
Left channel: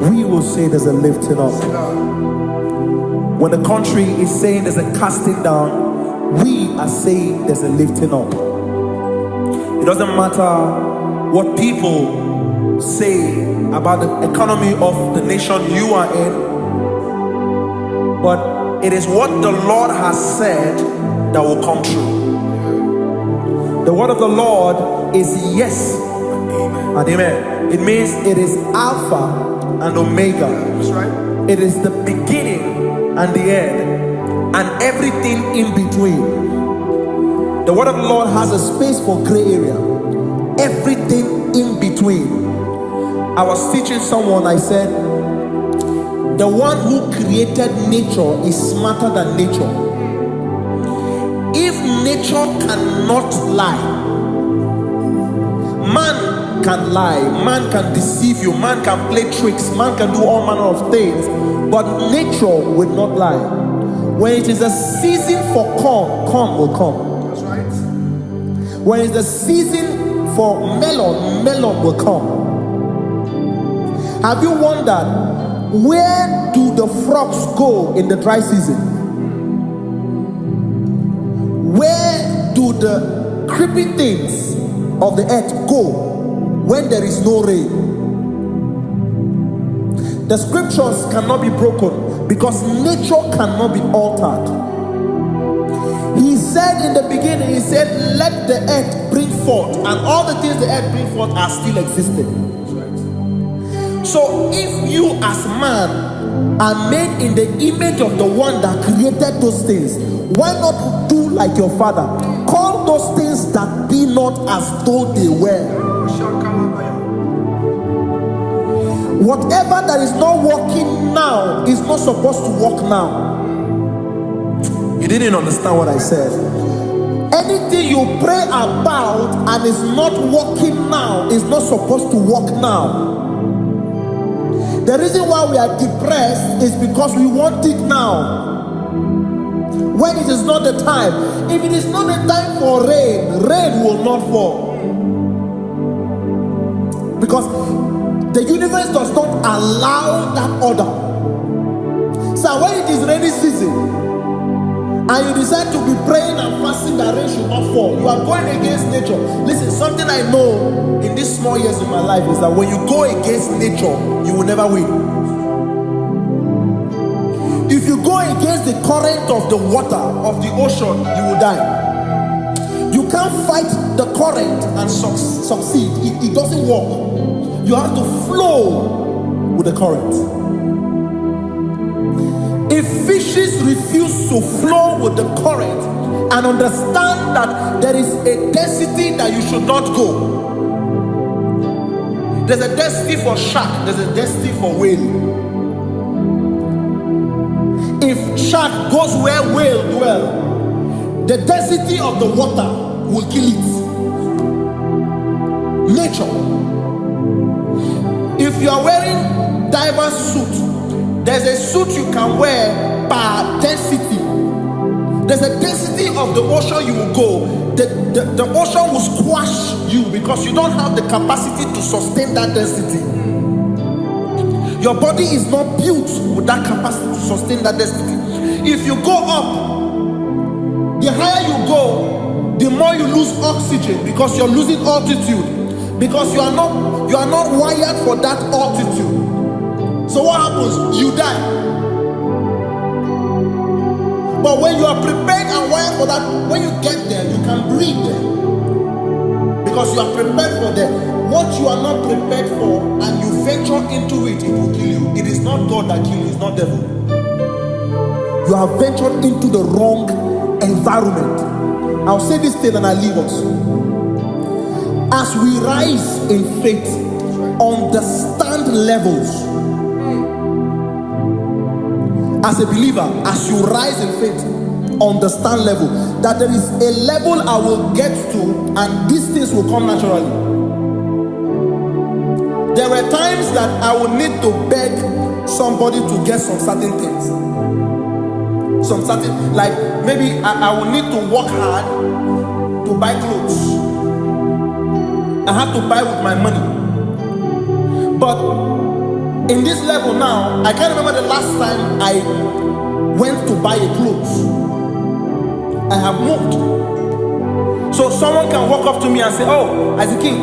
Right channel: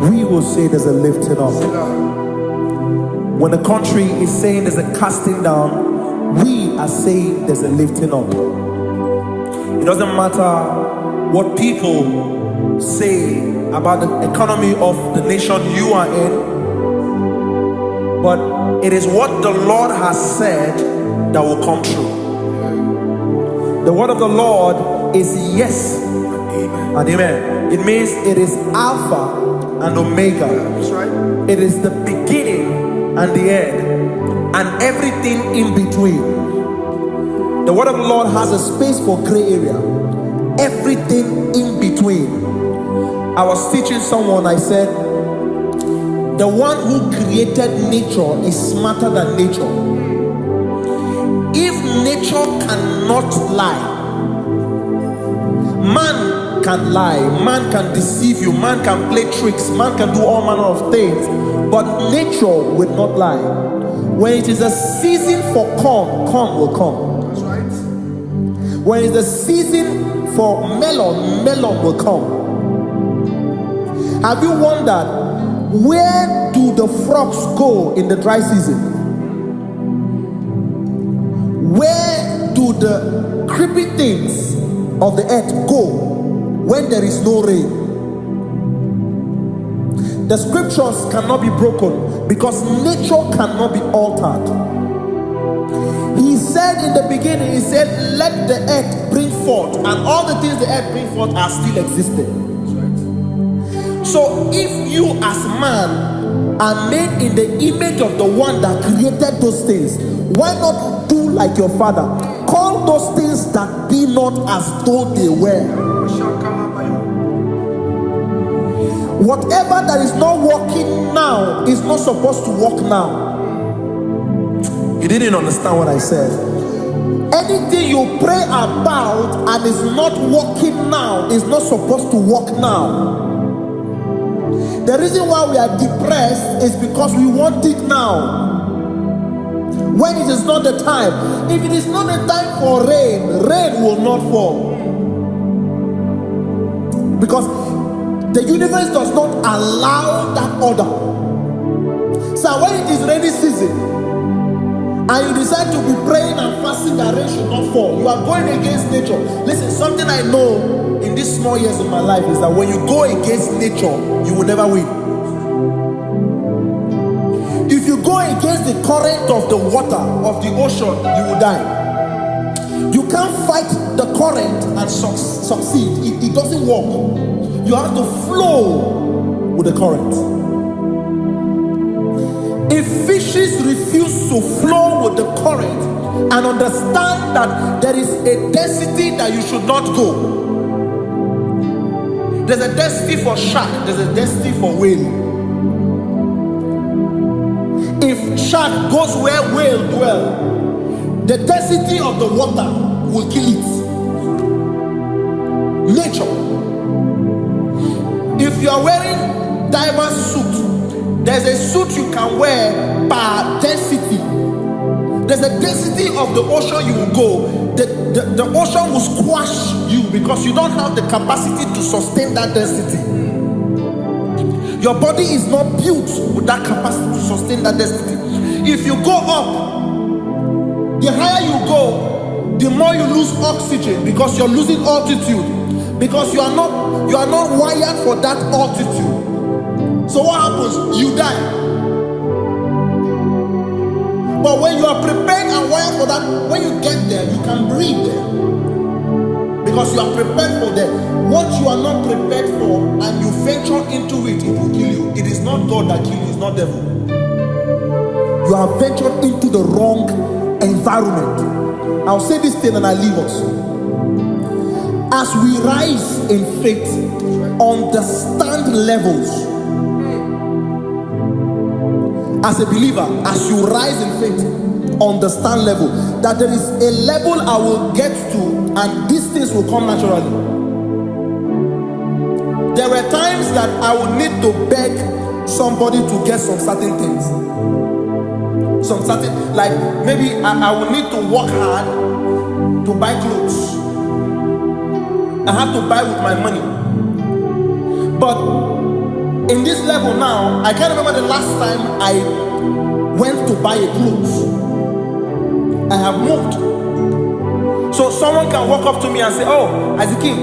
we will say there's a lifting up. When the country is saying there's a casting down, we are saying there's a lifting up. It doesn't matter what people say about the economy of the nation you are in, but it is what the Lord has said that will come true. The word of the Lord is yes and amen. It means it is Alpha and Omega. That's right. It is the beginning and the end, and everything in between. The word of the Lord has a space for gray area. Everything in between. I was teaching someone, I said, the one who created nature is smarter than nature. If nature cannot lie, man can lie, man can deceive you, man can play tricks, man can do all manner of things, but nature will not lie. When it is a season for corn, corn will come. That's right. When it's the season for melon, melon will come. Have you wondered, where do the frogs go in the dry season? Where do the creepy things of the earth go when there is no rain? The scriptures cannot be broken because nature cannot be altered. He said in the beginning, he said, let the earth bring forth, and all the things the earth bring forth are still existing. That's right. So if you as man are made in the image of the one that created those things, why not do like your father? Call those things that be not as though they were. Whatever that is not working now is not supposed to work now. You didn't understand what I said. Anything you pray about and is not working now is not supposed to work now. The reason why we are depressed is because we want it now, when it is not the time. If it is not the time for rain, rain will not fall, because the universe does not allow that order. So when it is rainy season and you decide to be praying and fasting that rain should not fall, you are going against nature. Listen, something I know in these small years of my life is that when you go against nature, you will never win. If you go against the current of the water of the ocean, you will die. You can't fight the current and succeed. It doesn't work. You have to flow with the current. If fishes refuse to flow with the current and understand that there is a density that you should not go, there's a density for shark, there's a density for whale. If shark goes where whale dwell, the density of the water will kill it. Nature. If you are wearing diver's suit, there's a suit you can wear per density. There's a density of the ocean you will go. The ocean will squash you because you don't have the capacity to sustain that density. Your body is not built with that capacity to sustain that density. If you go up, the higher you go, the more you lose oxygen because you're losing altitude, because you are not wired for that altitude. So what happens? You die. But when you are prepared and wired for that, when you get there, you can breathe there, because you are prepared for that. What you are not prepared for and you venture into it, it will kill you. It is not God that kills you, it's not devil. You have ventured into the wrong environment. I'll say this thing and I leave us. As we rise in faith, understand levels. As a believer, as you rise in faith, understand level. That there is a level I will get to, and these things will come naturally. There were times that I would need to beg somebody to get some certain things. Some certain, like maybe I would need to work hard to buy clothes. I have to buy with my money. But in this level now, I can't remember the last time I went to buy a clothes. I have moved. So someone can walk up to me and say, oh, Isaac King,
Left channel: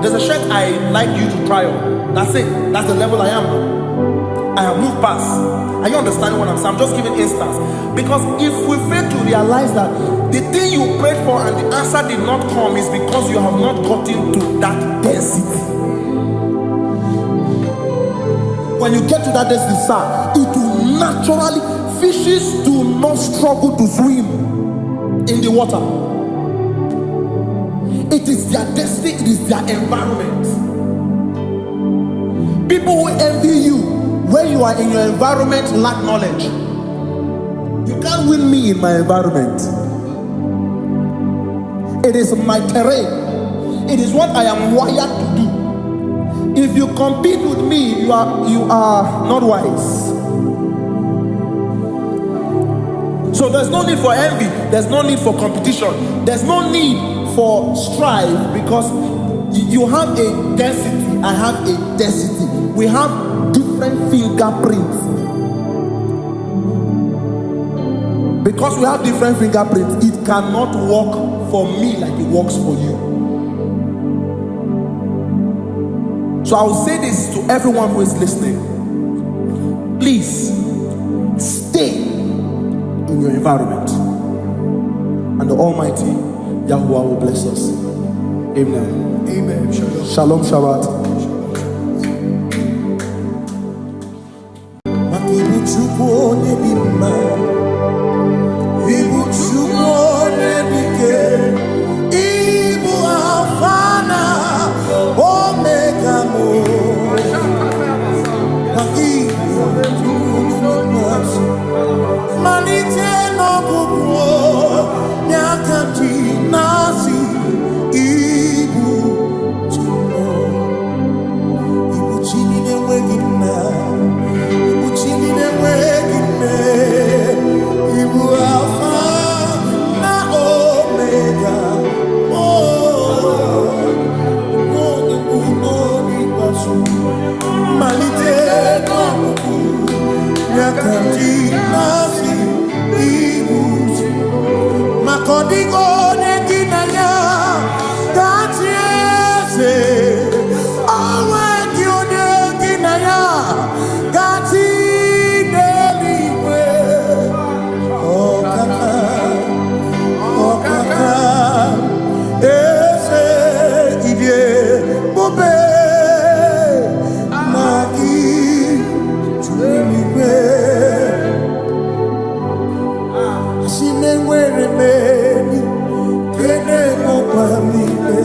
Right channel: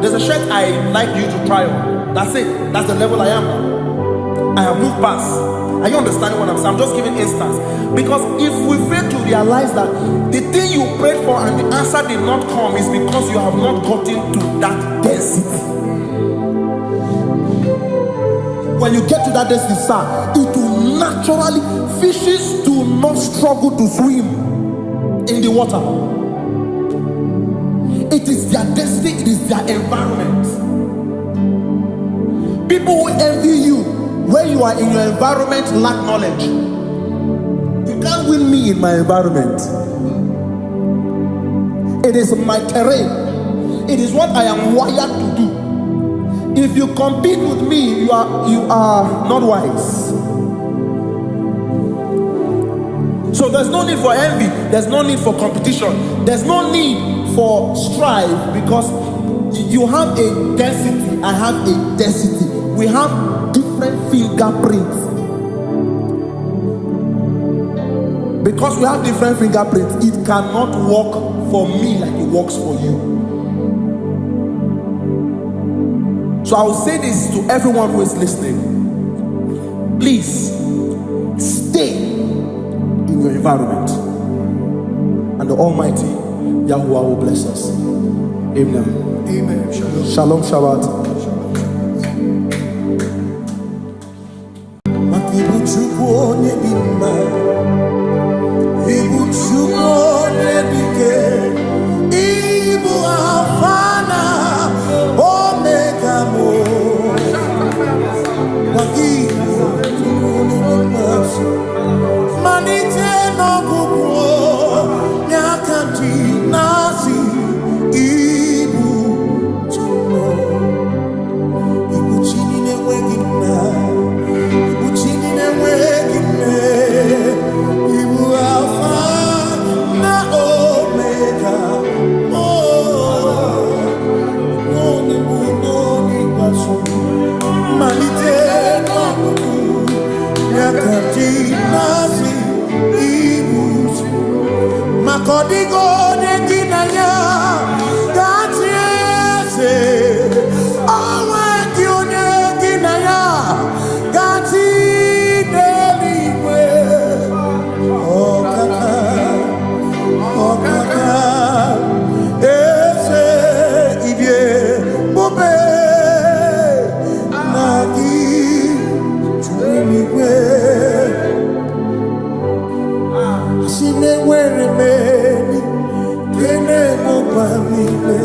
there's a shirt I like you to try on. That's it. That's the level I am now. I have moved past. Are you understanding what I'm saying? I'm just giving instance. Because if we fail to realize that the thing you prayed for and the answer did not come is because you have not gotten to that density. When you get to that density, sir, it will naturally, fishes do not struggle to swim in the water. It is their destiny, it is their environment. People who envy you when you are in your environment lack knowledge. You can't win me in my environment. It is my terrain. It is what I am wired to do. If you compete with me, you are not wise. So there's no need for envy. There's no need for competition. There's no need for strife, because you have a density. I have a density. We have different fingerprints. Because we have different fingerprints, it cannot work for me like it works for you. So I will say this to everyone who is listening. Please stay in your environment, and the Almighty Yahuwah will bless us. Amen. Amen. Shalom. Shalom Shabbat. Ibu Chukwu onye dị mma, Ibu Chukwu onye dike, Ibu Alpha na Omega mo. Ibu Chukwu onye dị mma, malite n'ọgwụgwụ n'aka ndị na-asị Ibu Chukwu, Ibu Chi na-enweghị nna. Chini na-enweghị nne, Ibu Alpha na Omega, onye mbụ n'oge ikpeazụ, malite n'ọgwụgwụ n'aka ndị na-asị Ibu maka ọ dịghị onye gị na ya ga-achị eze, o nweghị onye gị na ya ga-achị n'eluigwe. Ọkaka eze idie bube na gị juru eluigwe. Asị m enwere m enyi kene mụkwa m ime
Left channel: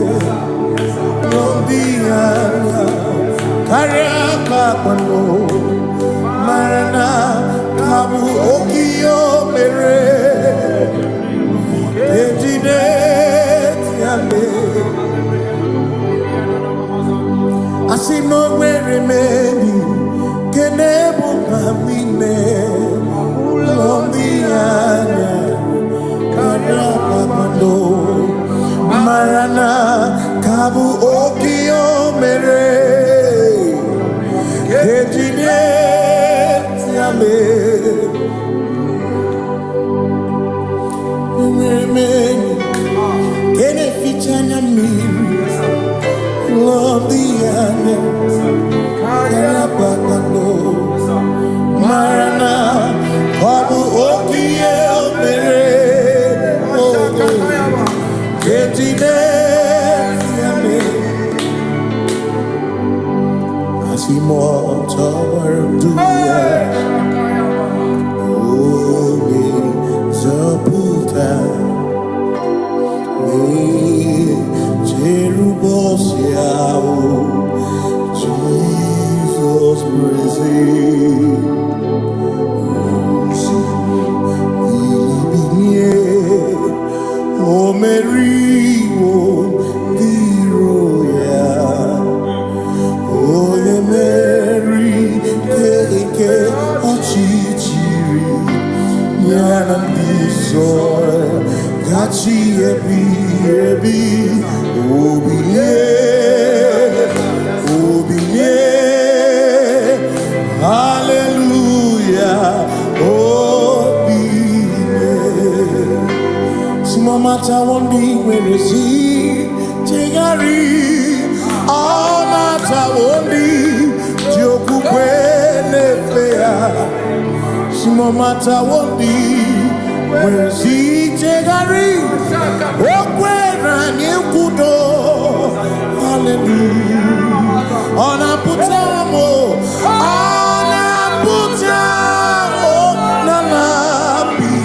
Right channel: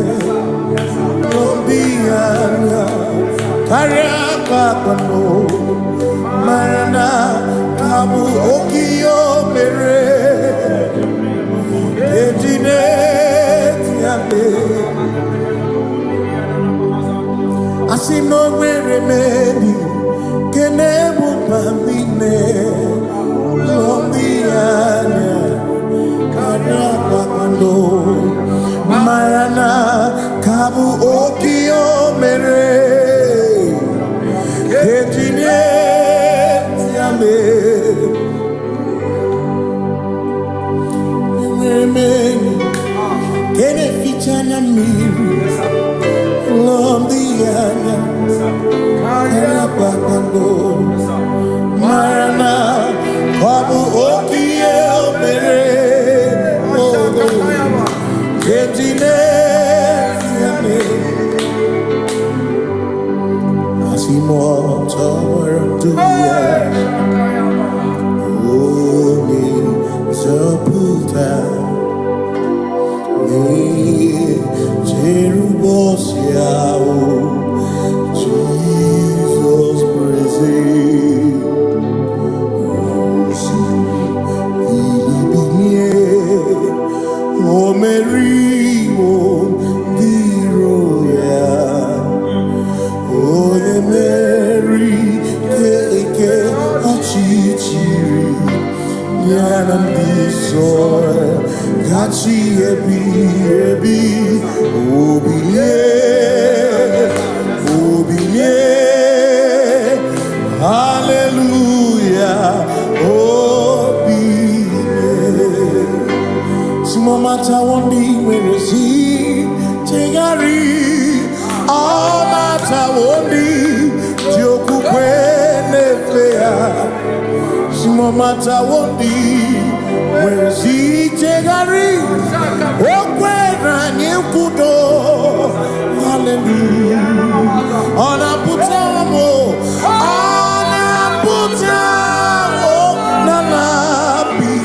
n'obi anya karịa ka akpano mara na ka bụ oke ihe o mere ejide tiale. Asị m na o nwere m enyi kene mụkwa m ime n'obi anya karịa ka akpano mara na ka bụ oke ihe o mere ejide tiale. Enwere m enyi kene ficha anya mmiri n'obi anya karịa kpakpando mara na ọ bụ oke ihe o mere ejide tiale. Asị m ọ tọgbọrọ ndụ ya, Jerubosia, Jesus praise. O Mary, O Viroya, O the Mary, Keke, Ochichiri, Yanam Bisoy, Gachi Ebi, Obiye, Hallelujah, Obiye. Mata wondi werezi tegari all mata wondi joku kwene fea simo mata wondi werezi tegari okwena nyekudo hallelujah ona putamo na labi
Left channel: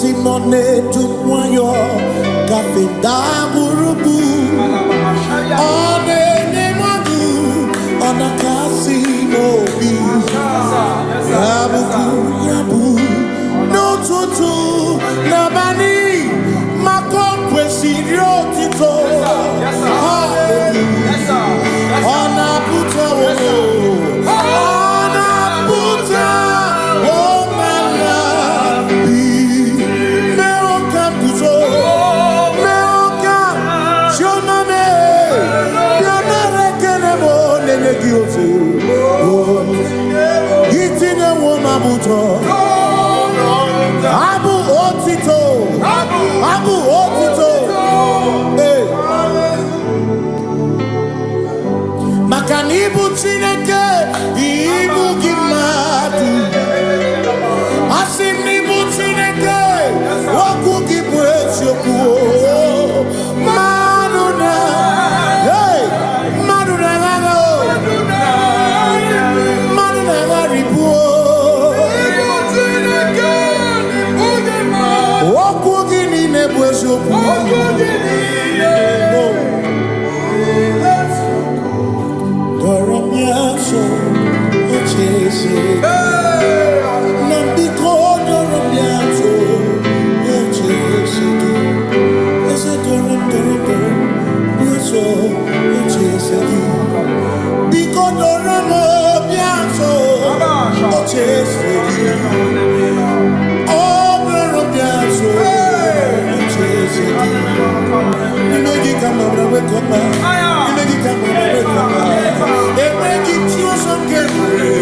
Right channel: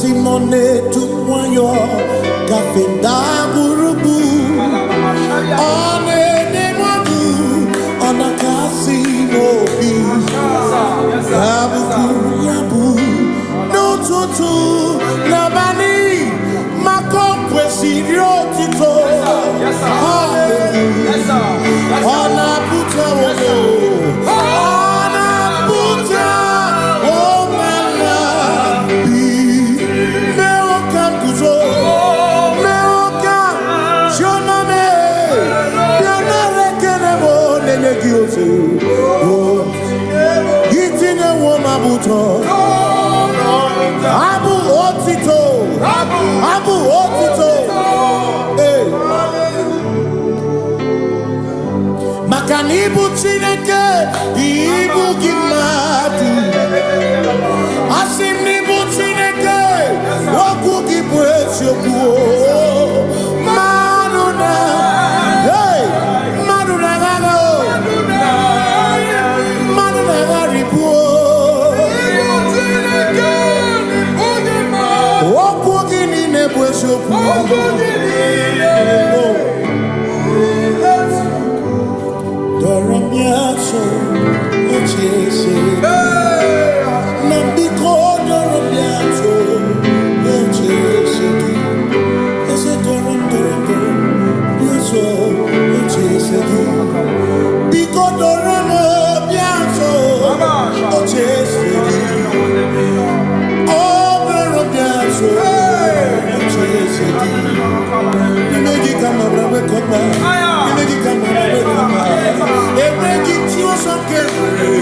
Simone tumwayo kafenda burubu one nemadu ona kasi mobi yabu no tutu nabani makompwe sirio tito hallelujah ona puta wono ona puta Gitine woma buto Abu otito Hey Makanibu chineke Ibu gimatu Asimnibu chineke Waku gibwesyo kuo Maduna Hey Maduna gano Doramiaso, Ochese, Nambiko, Doramiaso, Ochese, Ese Doram, Biaso, Ochese, Biko Doramiaso, Ochese, Oh, Doramiaso, Ochese, Nimegi kama brawe kopa, nimegi kama brawe kopa. Emegi tiyo sonkere,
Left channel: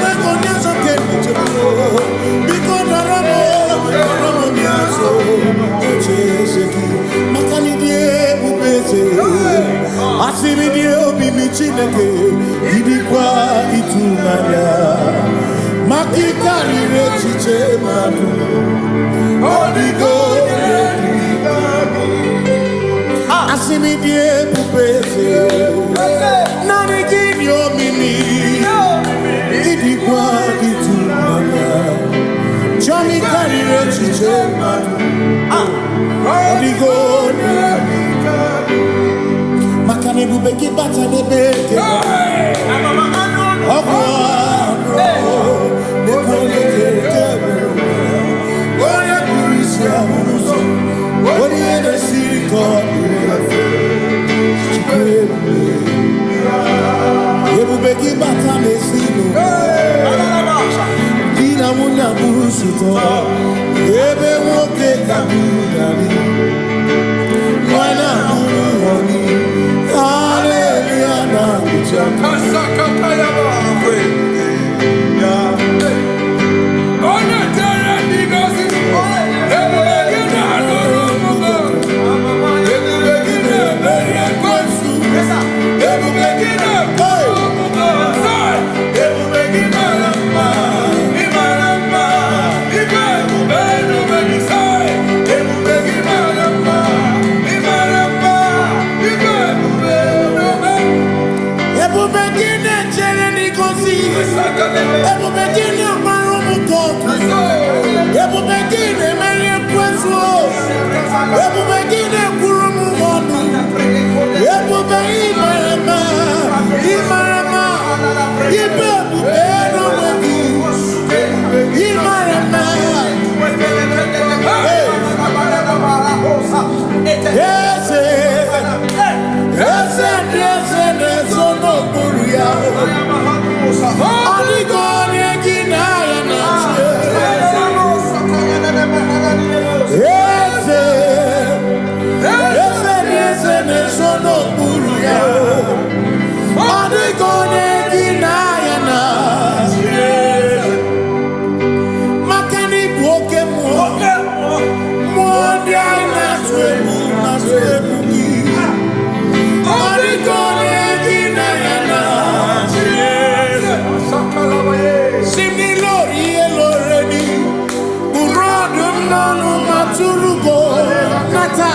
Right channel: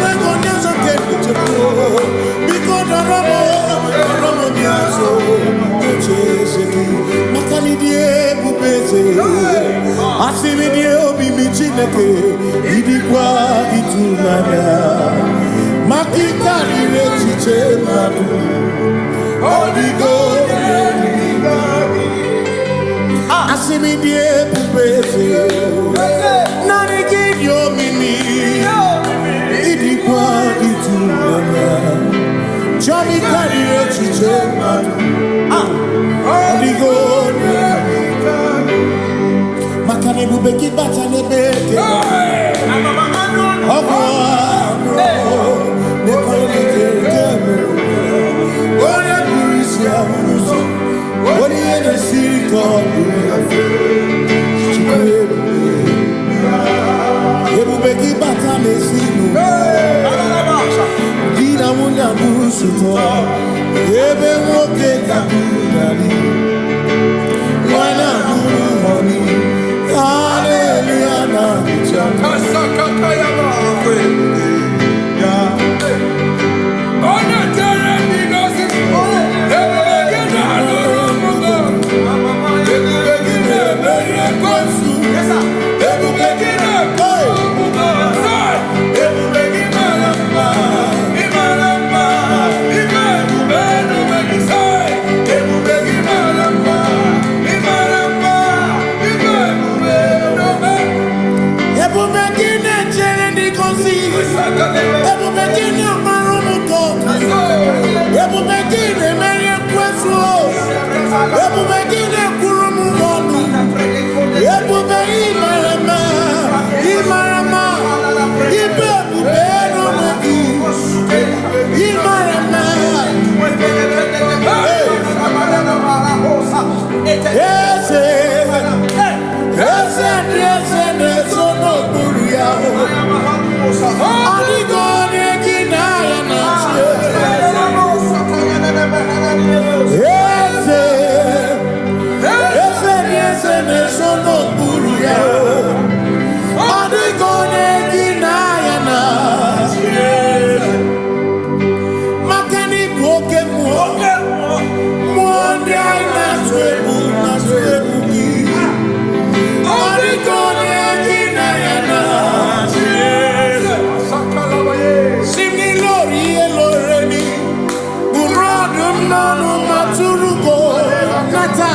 mekonya sonkere chepo. Biko daramo biaso, ocheseki. Makani die bubeze, asimi die obi michineke. Idikwa itunanya, makikari rechiche madu. Odigo Asimi die pupese Nani gidio mimi Idi kwa itunanya Chami karire chiche matu Odigo Makane bubeki bata nebeke Ogwa Nekone kere Oye kurisia unuso Oni ene siriko Ebubeki bata mesino Dina muna busuto Ebe woke kabunali Wana muhoni Hallelujah na kuchaka Kasaka kayaba Ona tere nigosi Ebubeki na Ebu begine jereni kosi. Ebu begine marumu koku. Ebu begine menye kwesu. Ebu begine kurumu monu. Ebu be imarama. Imarama. Ibebu beno megi. Imarama. Yes, no buria. Adi gone ginaya na. Yes, no buria. Adi gone ginaya na. Makani boke mo. Mondi na twebu ki. Adi gone ginaya na. Simni lori eloreni. Burodum nanu maturugo nata.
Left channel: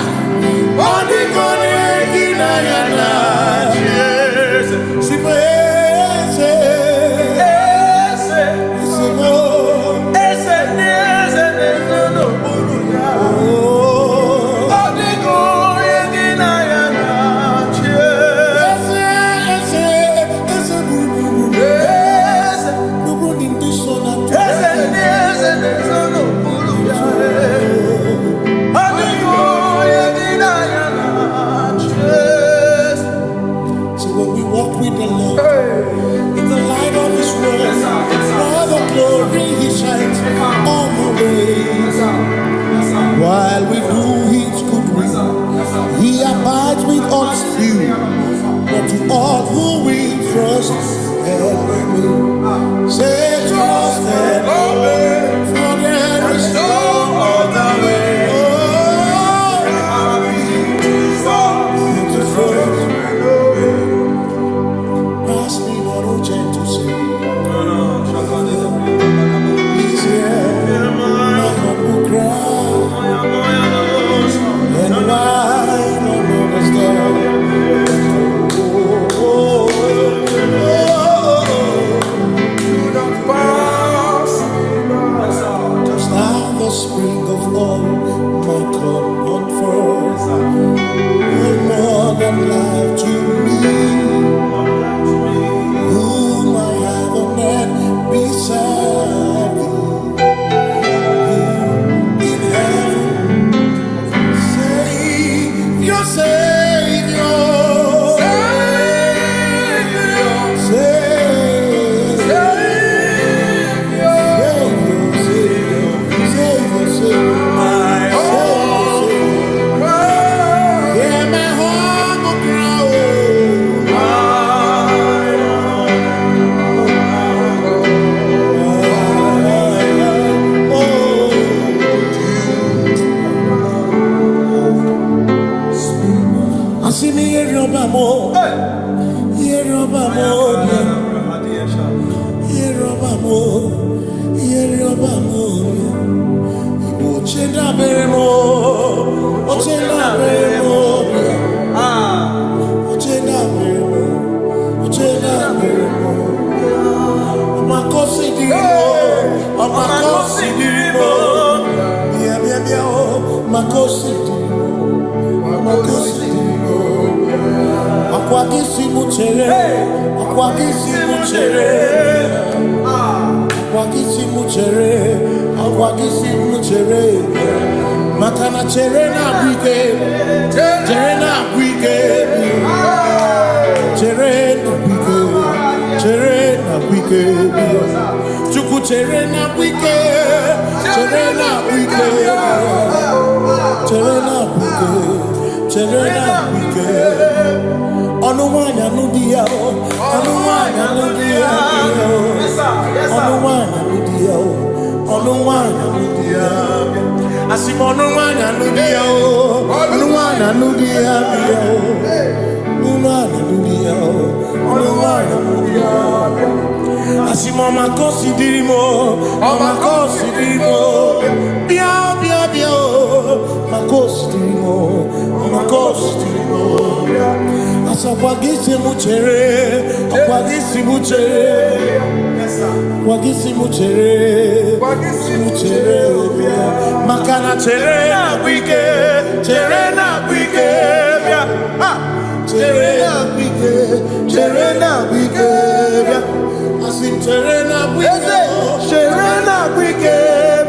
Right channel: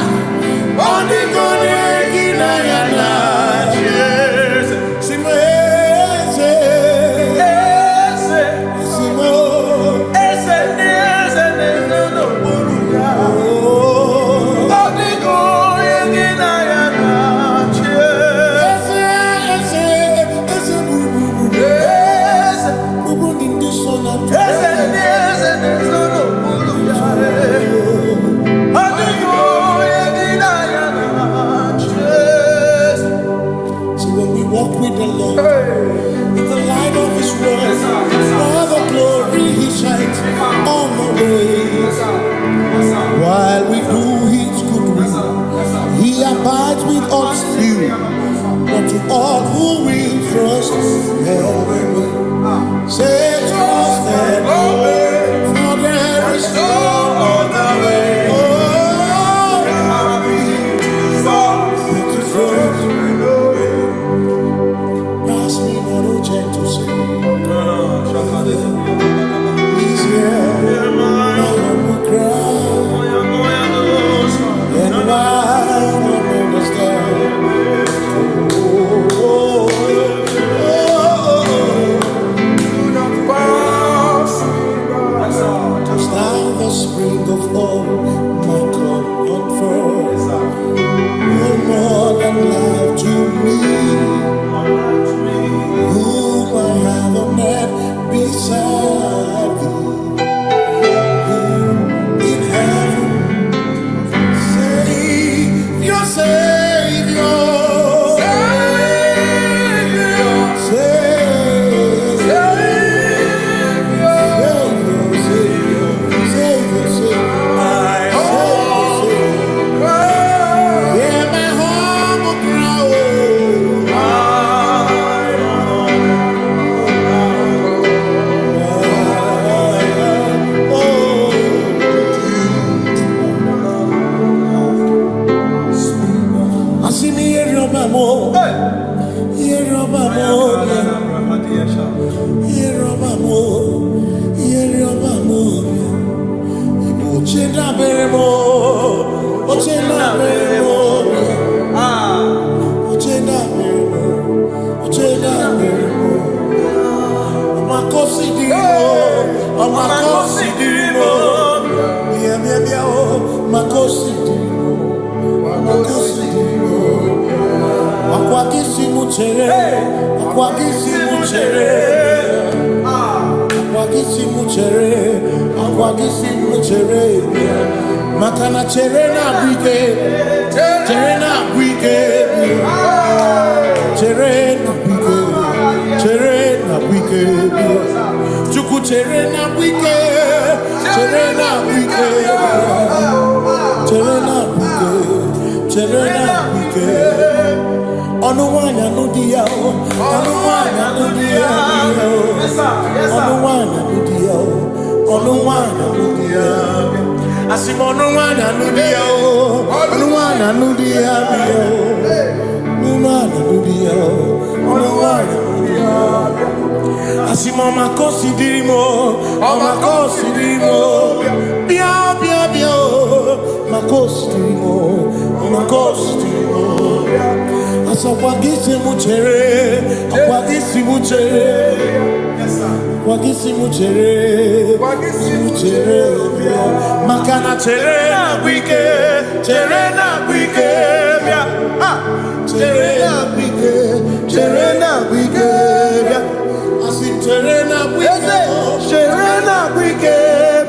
Adi gone ginaya na. So when we walk with the Lord, in the light of His word, for the glory He shines on the way. While we do His good will, He abides with us still. But to all who will trust and obey, say trust and obey, for there is no other way. Oh, but to trust and obey. Pass me not, O gentle Savior. Please hear my humble cry. And I don't understand. Do not pass down the spring of all my comfort. No more than life to me, whom I have on earth beside thee. In heaven, Savior, Savior. Makana cherena bwike, cherena bwike, cherena bwike, cherena bwike, chuku cherena bwike, cherena bwike, cherena bwike, cherena bwike. Onuwanya nudia, onuwanya nudia, onuwanya nudia, onuwanya nudia. Asimonuwanya nudia, onuwanya nudia, onuwanya nudia, onuwanya nudia. Asimama considerimo, ama considerimo, bia bia bia, ma considerimo, ama considerimo. Asakwagisi muchere, akwagisi muchere, akwagisi muchere, muchere, makana chere na bwike, chere na bwike, bia, chere na bwike, chere na bwike, bia. Asim Terena Bwike, Terena Bwike,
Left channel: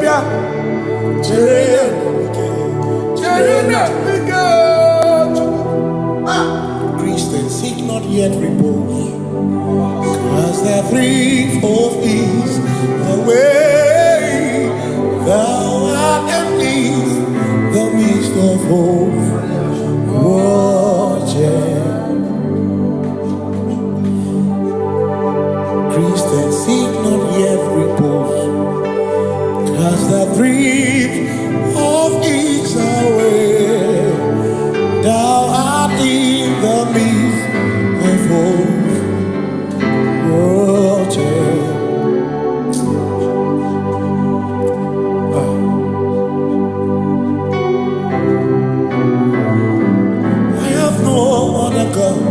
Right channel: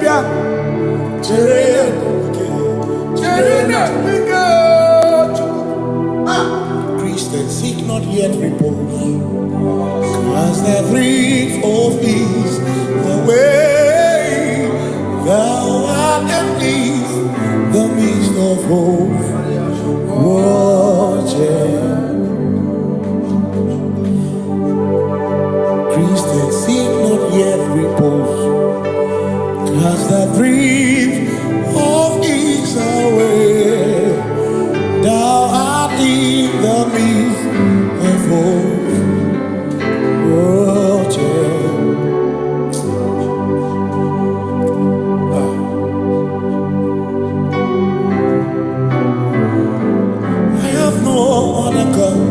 bia. Terena Bwike. Christians seek not yet repose, as the breeze of ease, the way thou art in ease, the midst of hope, watching. Christians seek not yet repose, cast the dreams of ease away. Thou art in the midst of hope, watching. I have no other God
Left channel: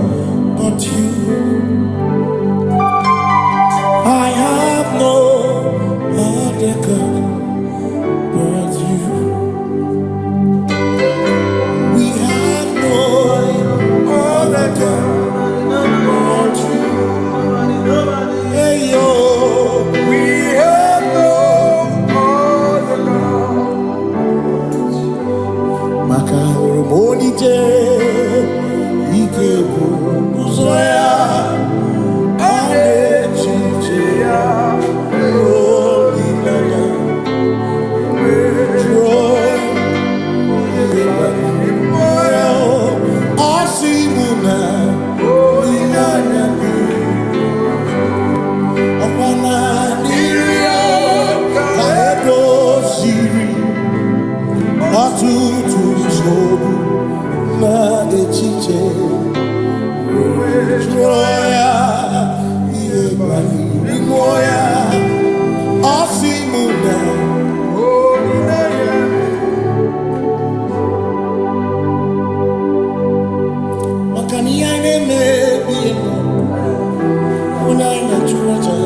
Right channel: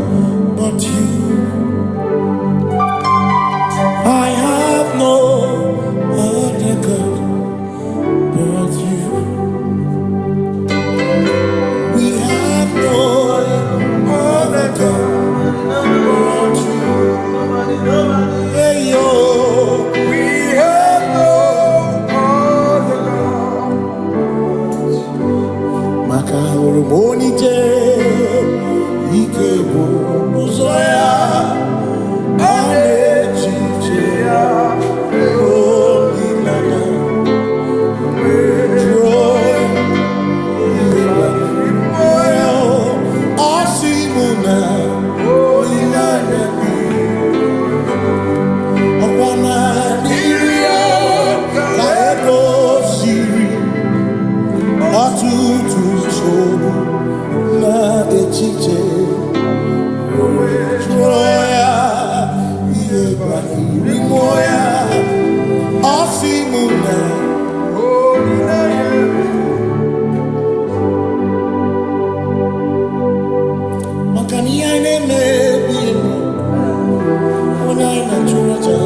but you. I have no other God but you. We have no other God but you. Hey yo, we have no other God. Makahuru monite, ikeburu muzoya, anechi. Holy Land, joy, Asimuna, Holy Land, Okwana Niria, Kaedo Siri, Atutu Sobu, Na Echiche, Joya. Moya, Asimuna, Holy Name. Makani aine me biemo, ona ina churaja.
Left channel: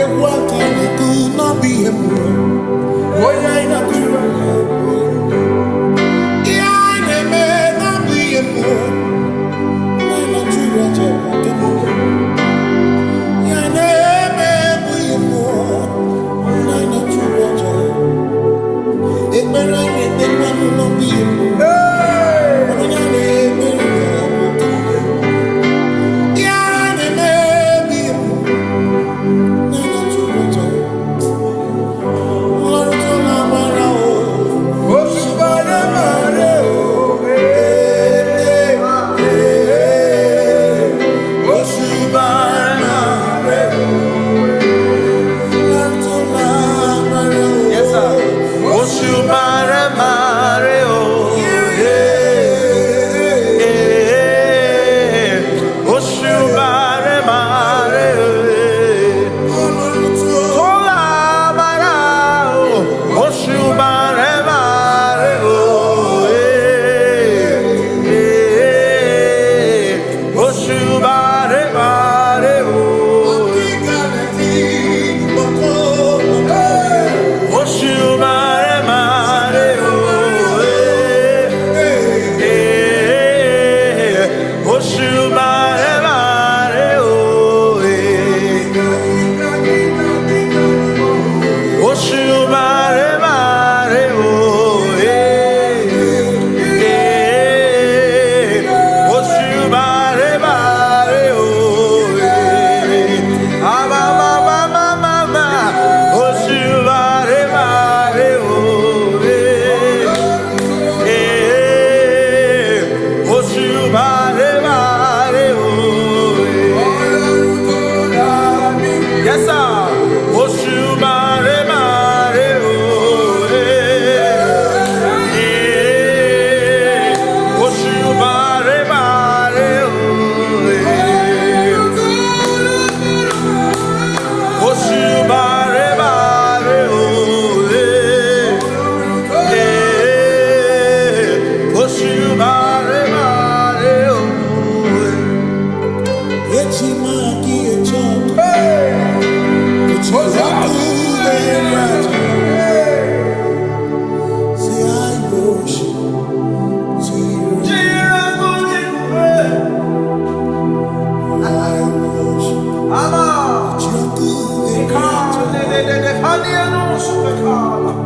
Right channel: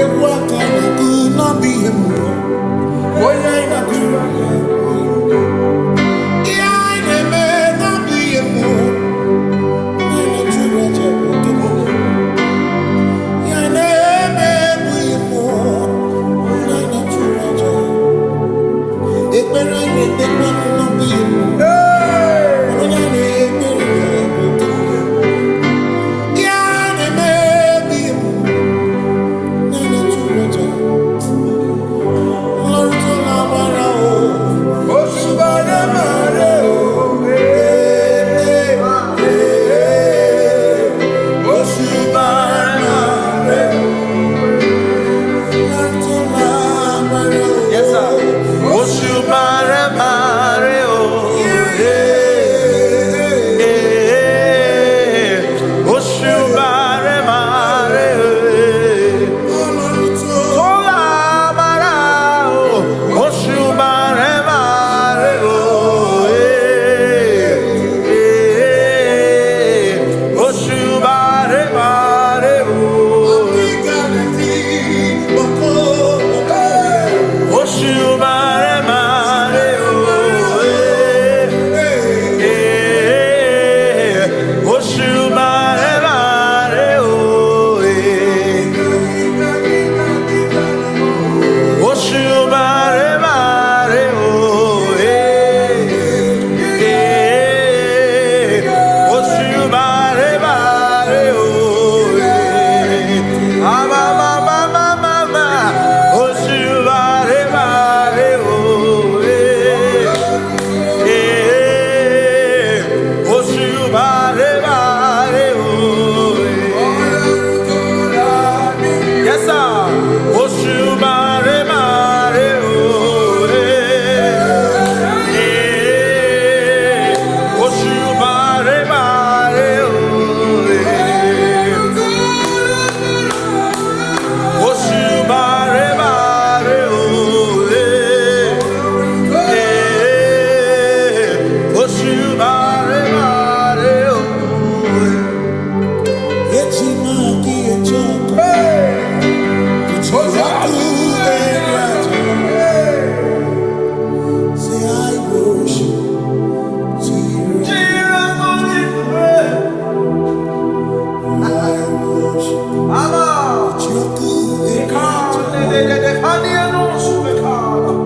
Ewa kane kuna biemo, ona ina churaja. Aine me na biemo, ona ina churaja.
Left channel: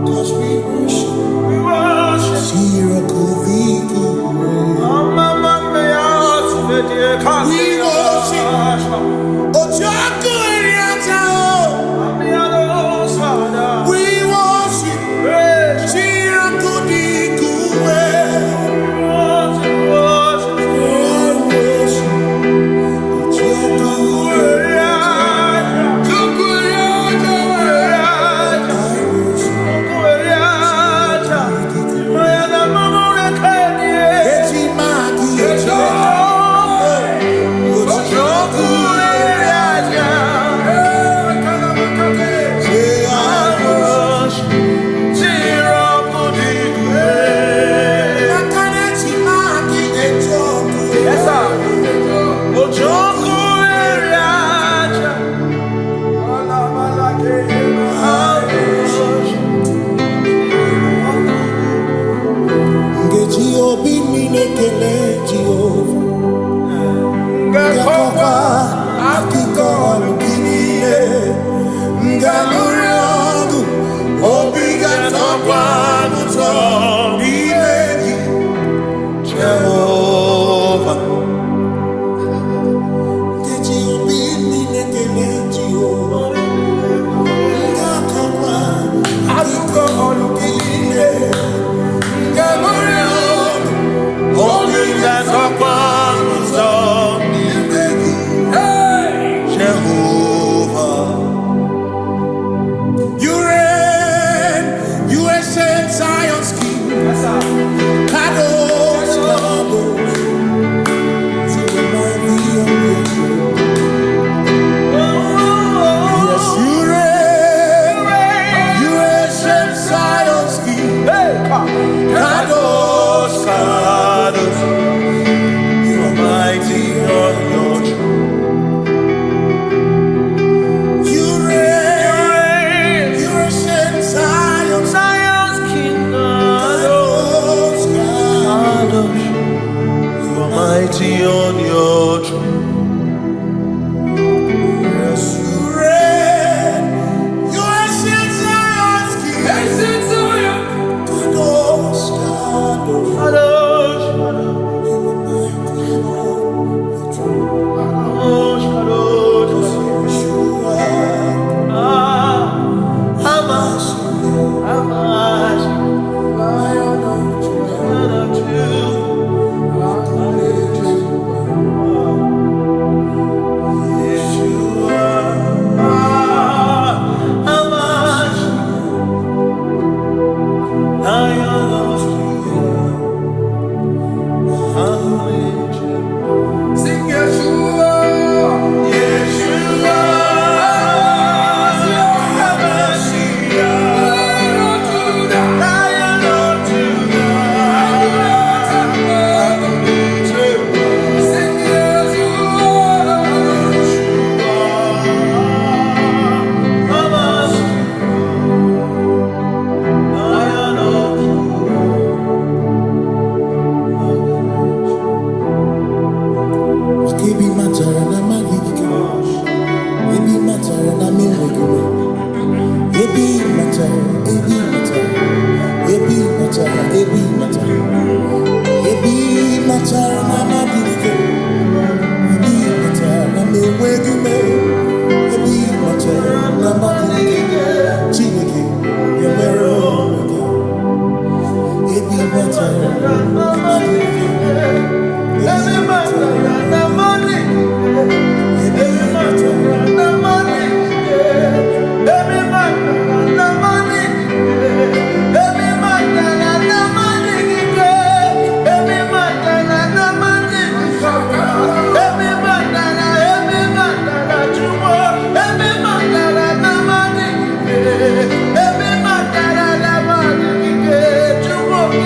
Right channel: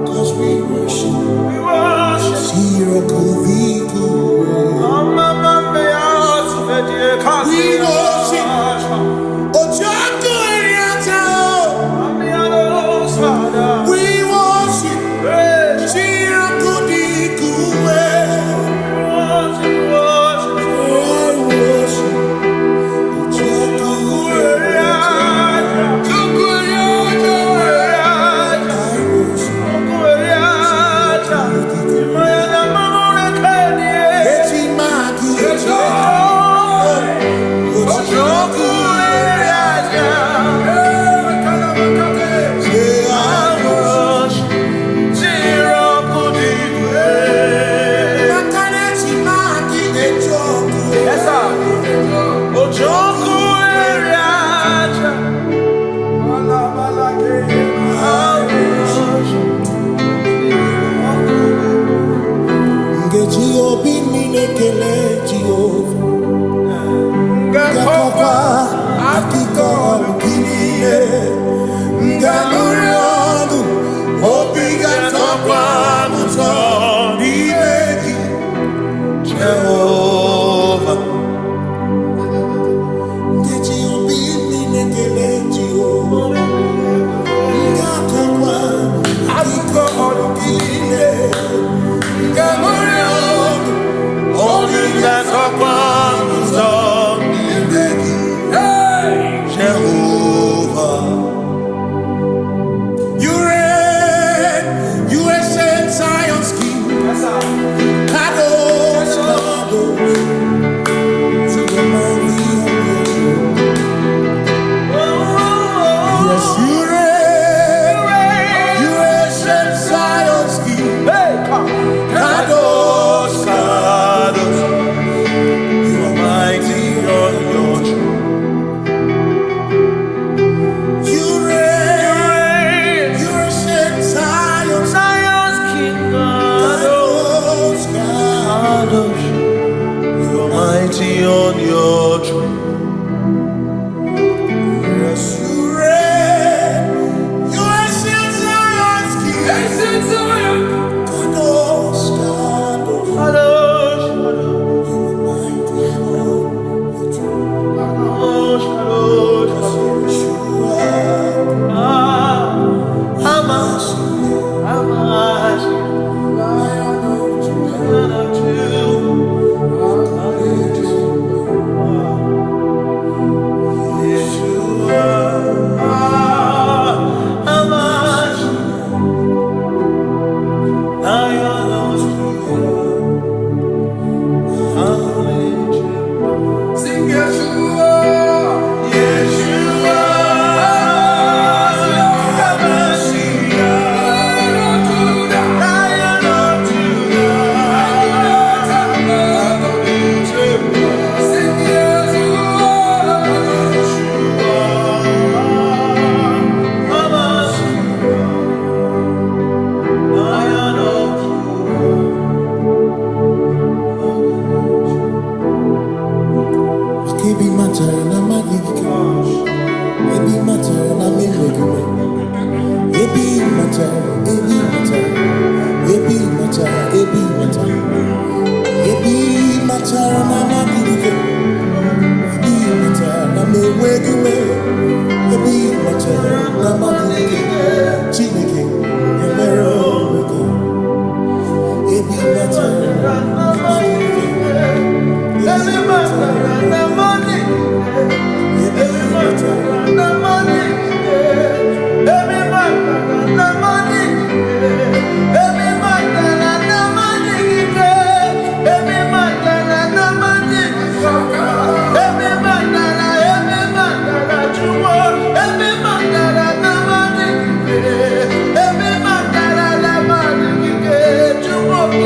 Cause we worship. Sirakuviku. We worship. Ojaku Eriata. We worship. Sirakudiku. Obi minekele Jehovah Ngakokwa akiko olukile Ngamuriangu Obi gatokwa muto Nimeji Jehovah Ngeji obi minekele Jehovah Ngakokwa akiko olukile Ngamuriangu Only that's a promise of Jehovah. You reign, you ancient Zion's king. Kadosh, Kadosh, to the mighty on your throne. Yes, you reign, you ancient Zion's king. Kadosh, Kadosh, you are mighty on your throne. You reign, you ancient Zion's king. Kadosh, Kadosh, you are mighty on your throne. Yes, you reign, you ancient Zion's king. Ancient Zion. Kadosh, Kadosh, Kadosh, you are mighty on the throne. Kadosh, Kadosh, Yeshua, Hamashiach, Lion of Yeshua, Hamashiach, Lion of Sing Yeshua, Yeshua, Lion of Judah, sing Yeshua, Lion of Judah. Ebi matara na magika, ebi matara na menwegume, ebi matara, ebi matara, ebi matara, ebi matara, ebi matara na magika, ebi matara na menwegume, ebi matara na magika, Chineke yemero weka, ebi matara na magika. Every matter and money, every matter and money, every matter and money, every matter and money, every matter and money, every matter you want, every matter and money, every matter and money, you want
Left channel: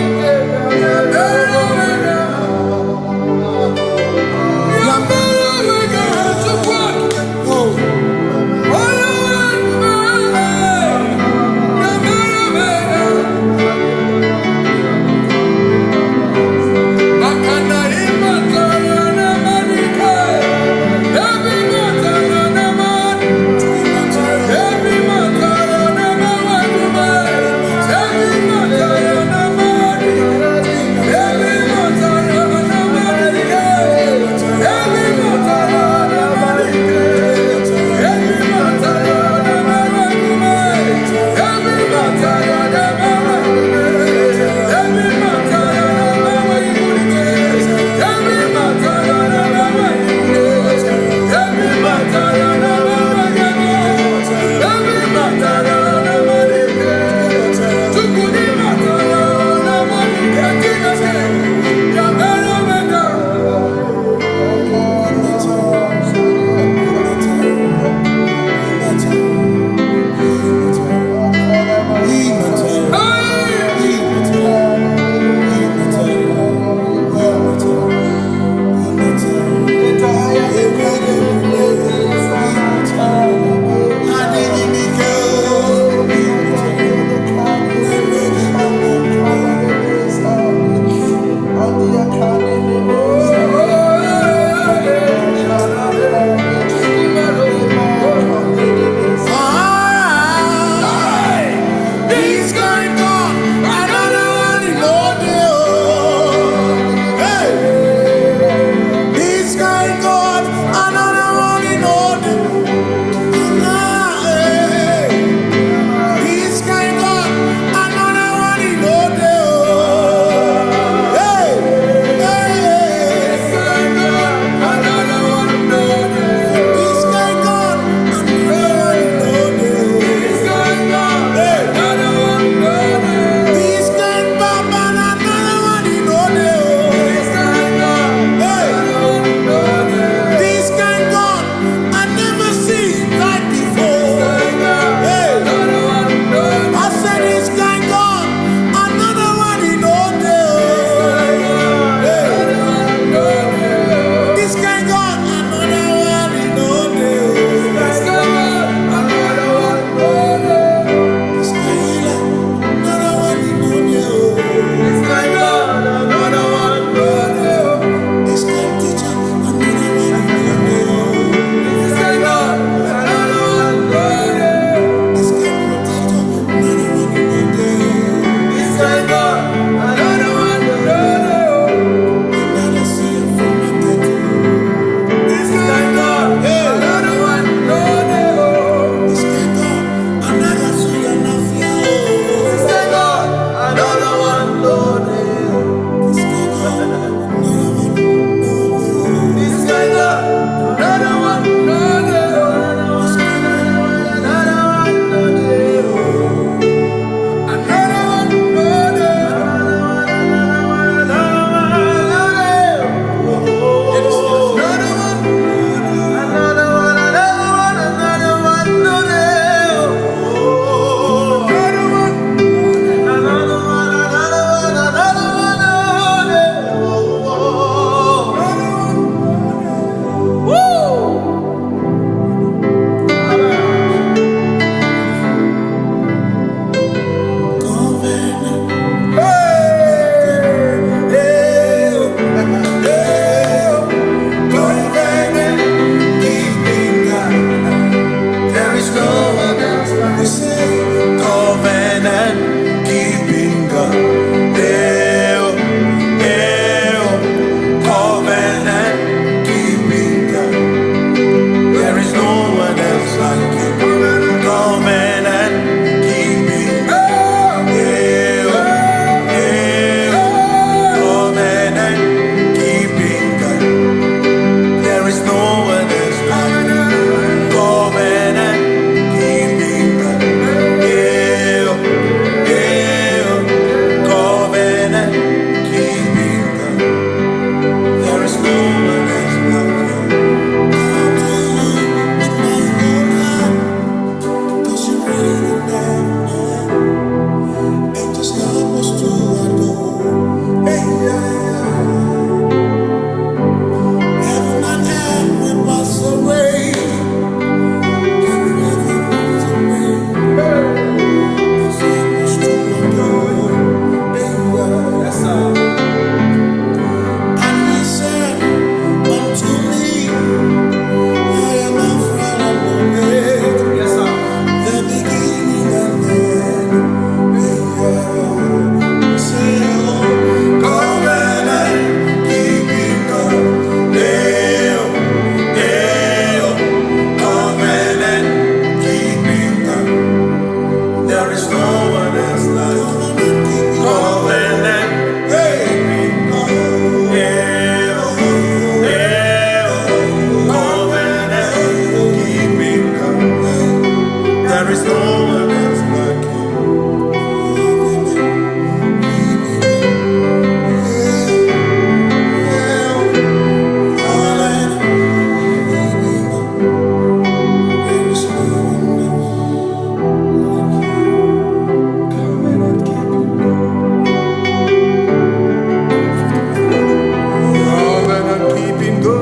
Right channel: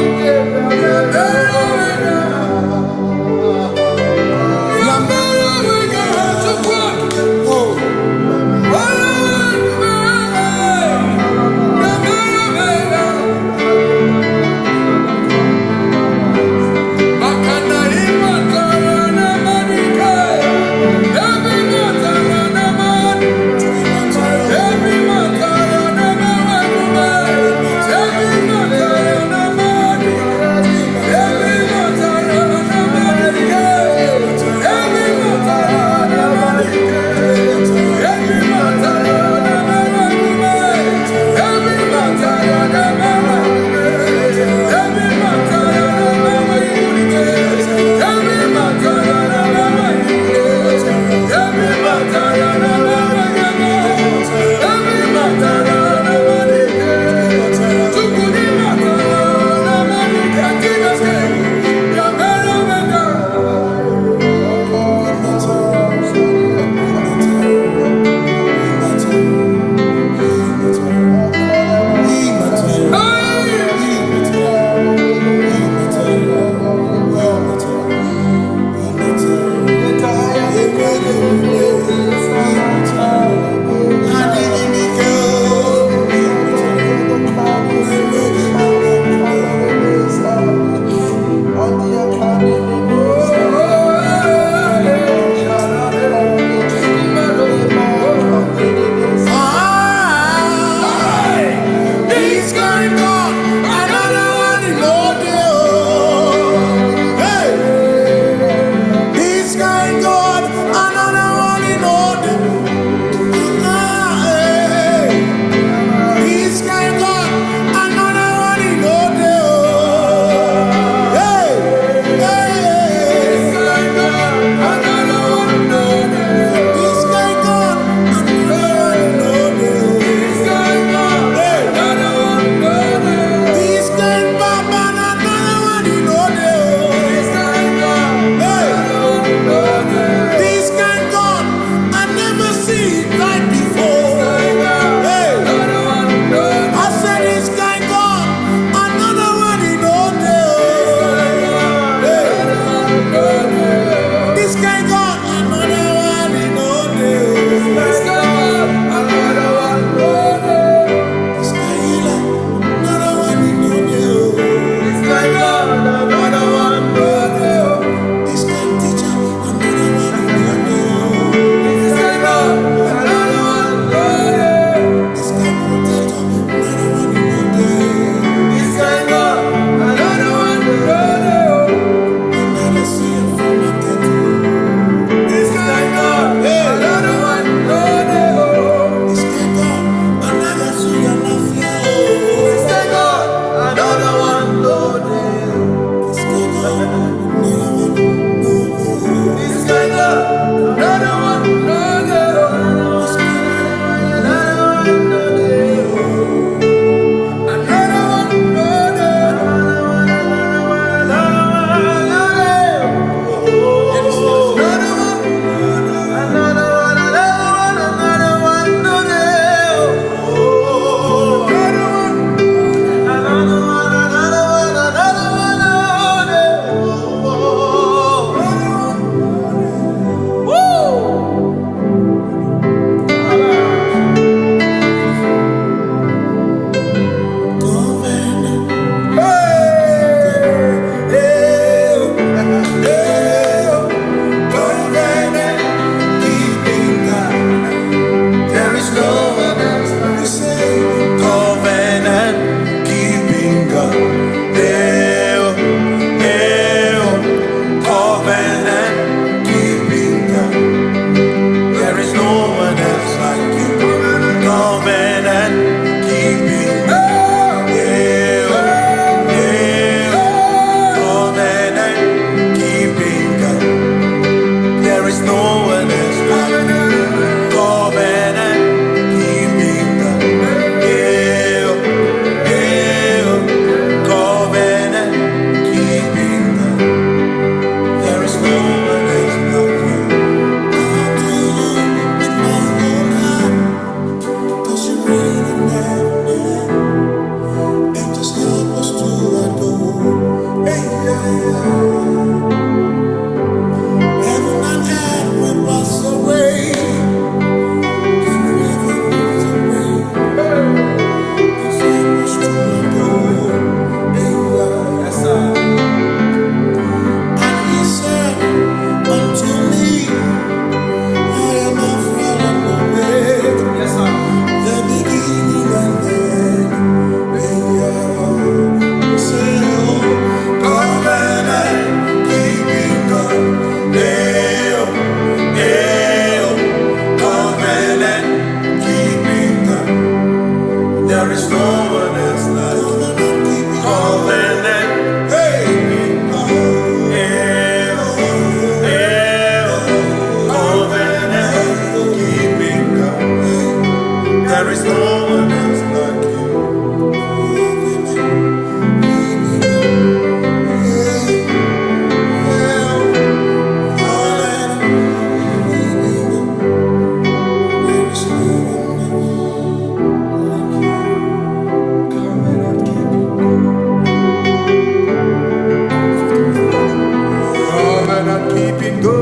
keeping go.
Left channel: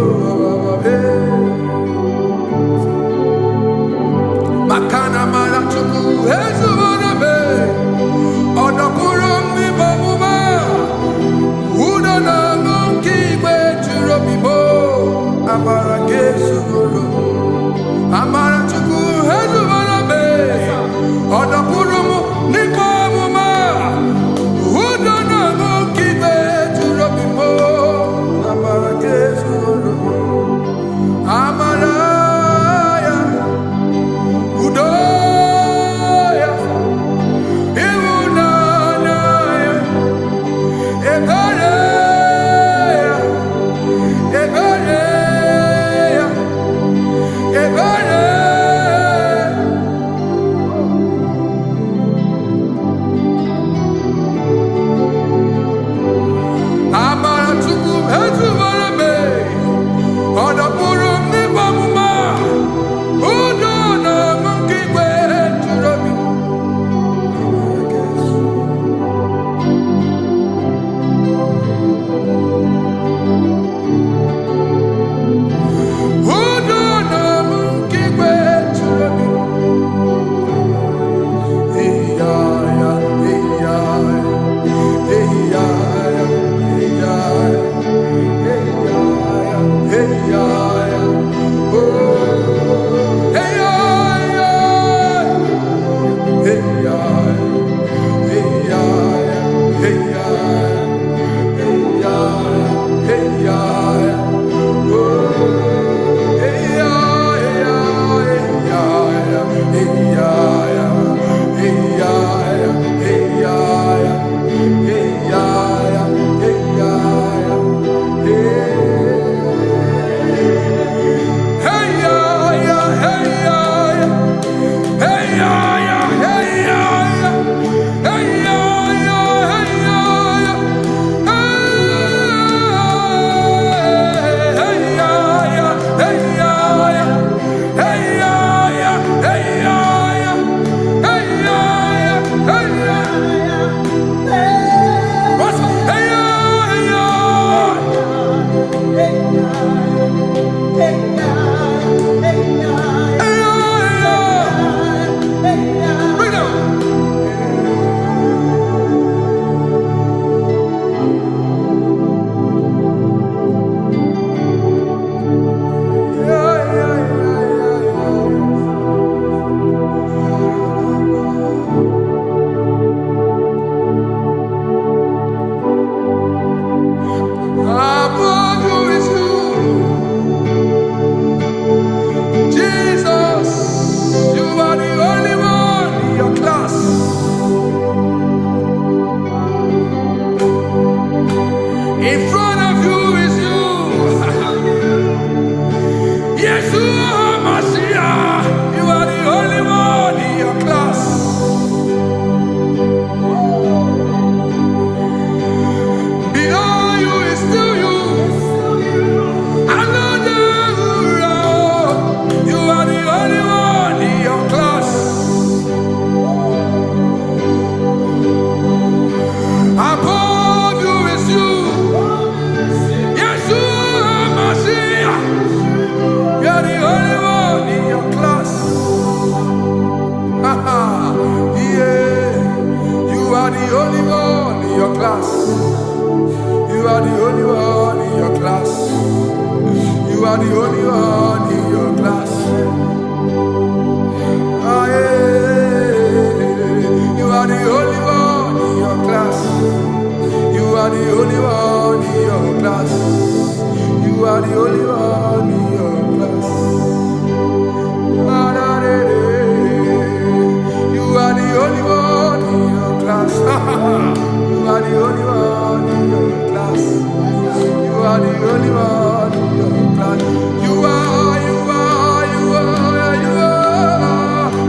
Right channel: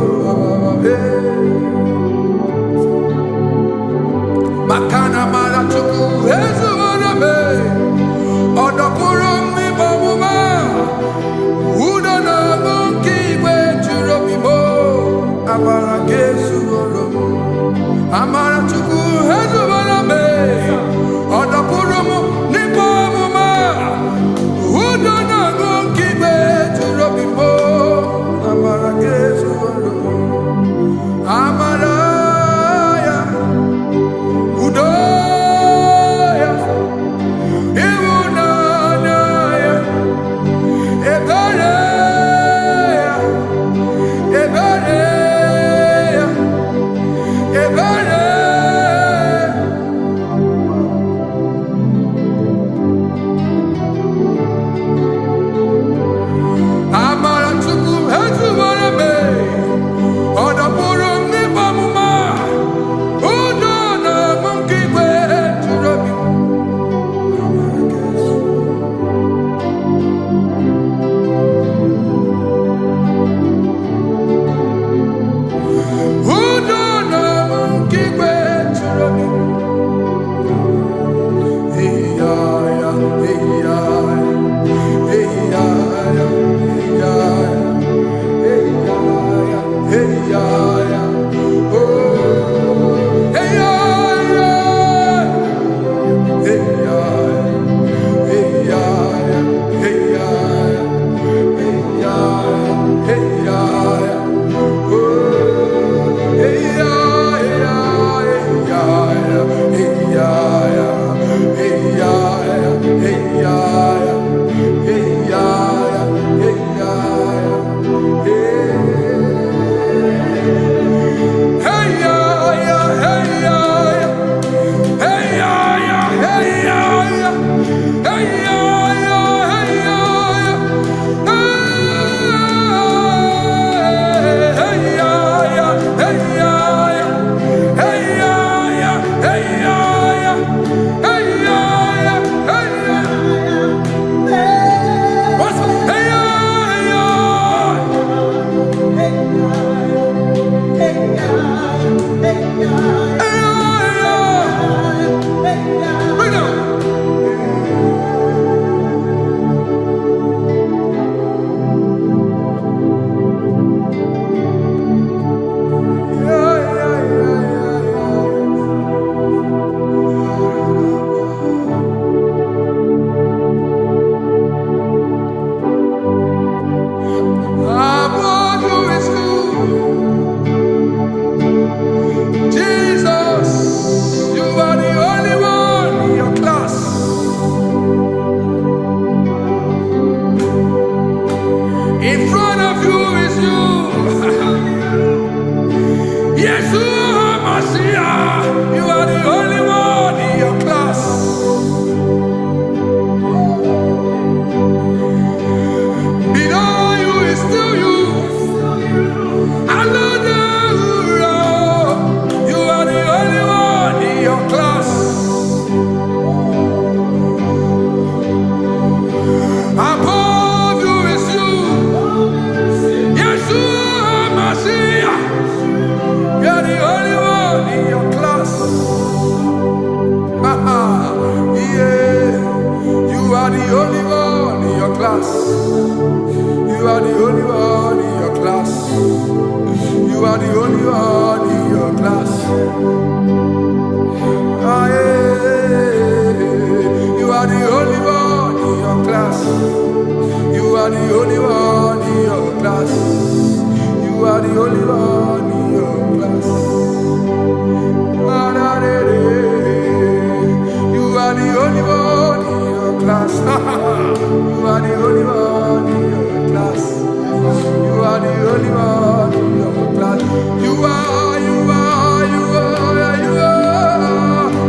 Makana marachuku ezuwarame odapurum ni bamuma uda na ngunki gwe churobimo amara gesugorum amara chuku ezuwarame odapurum ni bamuma uda na ngunki gwe churobimo amara gesugorum amara Udoya, Iwunanaya, Ebereya, Ebereya, Ebereya. Amara chuku ezuwarame, odapurum ni bamuma. In front of you is you. Yeshua Mashiach, you are the only one in your class. Below you is still you. You are the only one in your class. Above you is you. Yeshua Mashiach, you are the only one in your class. Yeah, you are the only one in your class. You are the only one in your class. You are the only one in your class. Ah, yeah. You are the only one in your class. You are the only one in your class. You are the only one in your class. You are the only one in your class. You are the only one in your class. You are the only one in your class.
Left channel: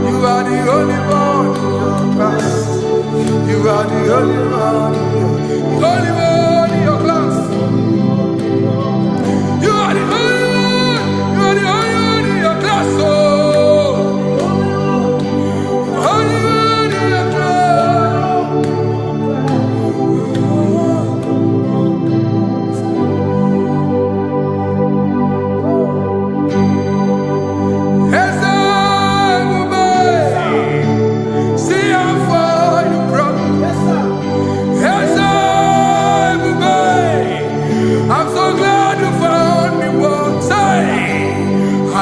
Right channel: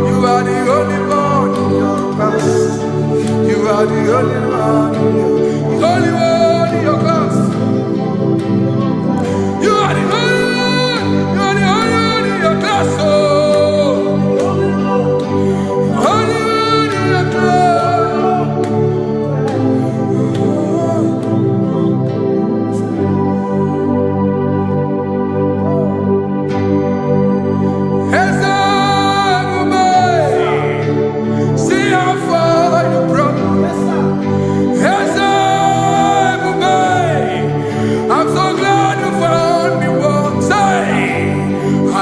You are the only one in your class. You are the only one in your class. You are the only one in your class. Oh, only one in your class.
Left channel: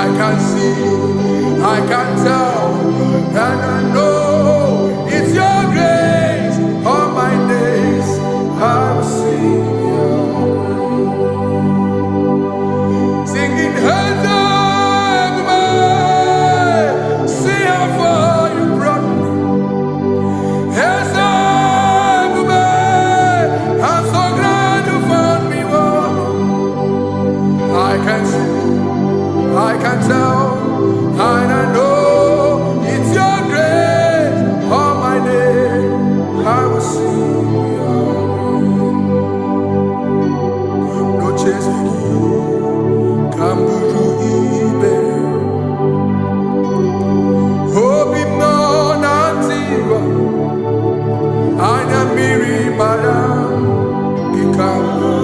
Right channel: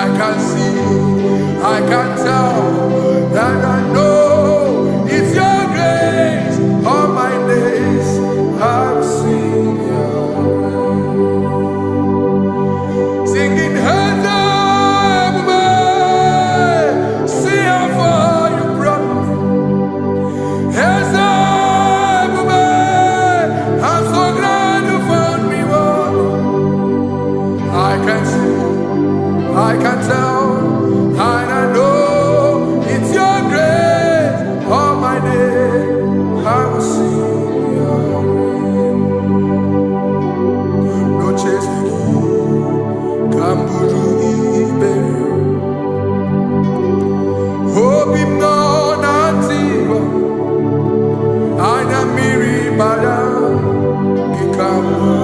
I can see, I can tell, and I know it's your grace. All my days I will sing your grace. Singing hands up, see how far you brought me. Hands up, I'm so glad you found me. I can see, I can tell, and I know it's your grace. All my day I will sing your grace. No chasing, Kamburu Iberi. Hope him no nativa. Anya miri baram Gikama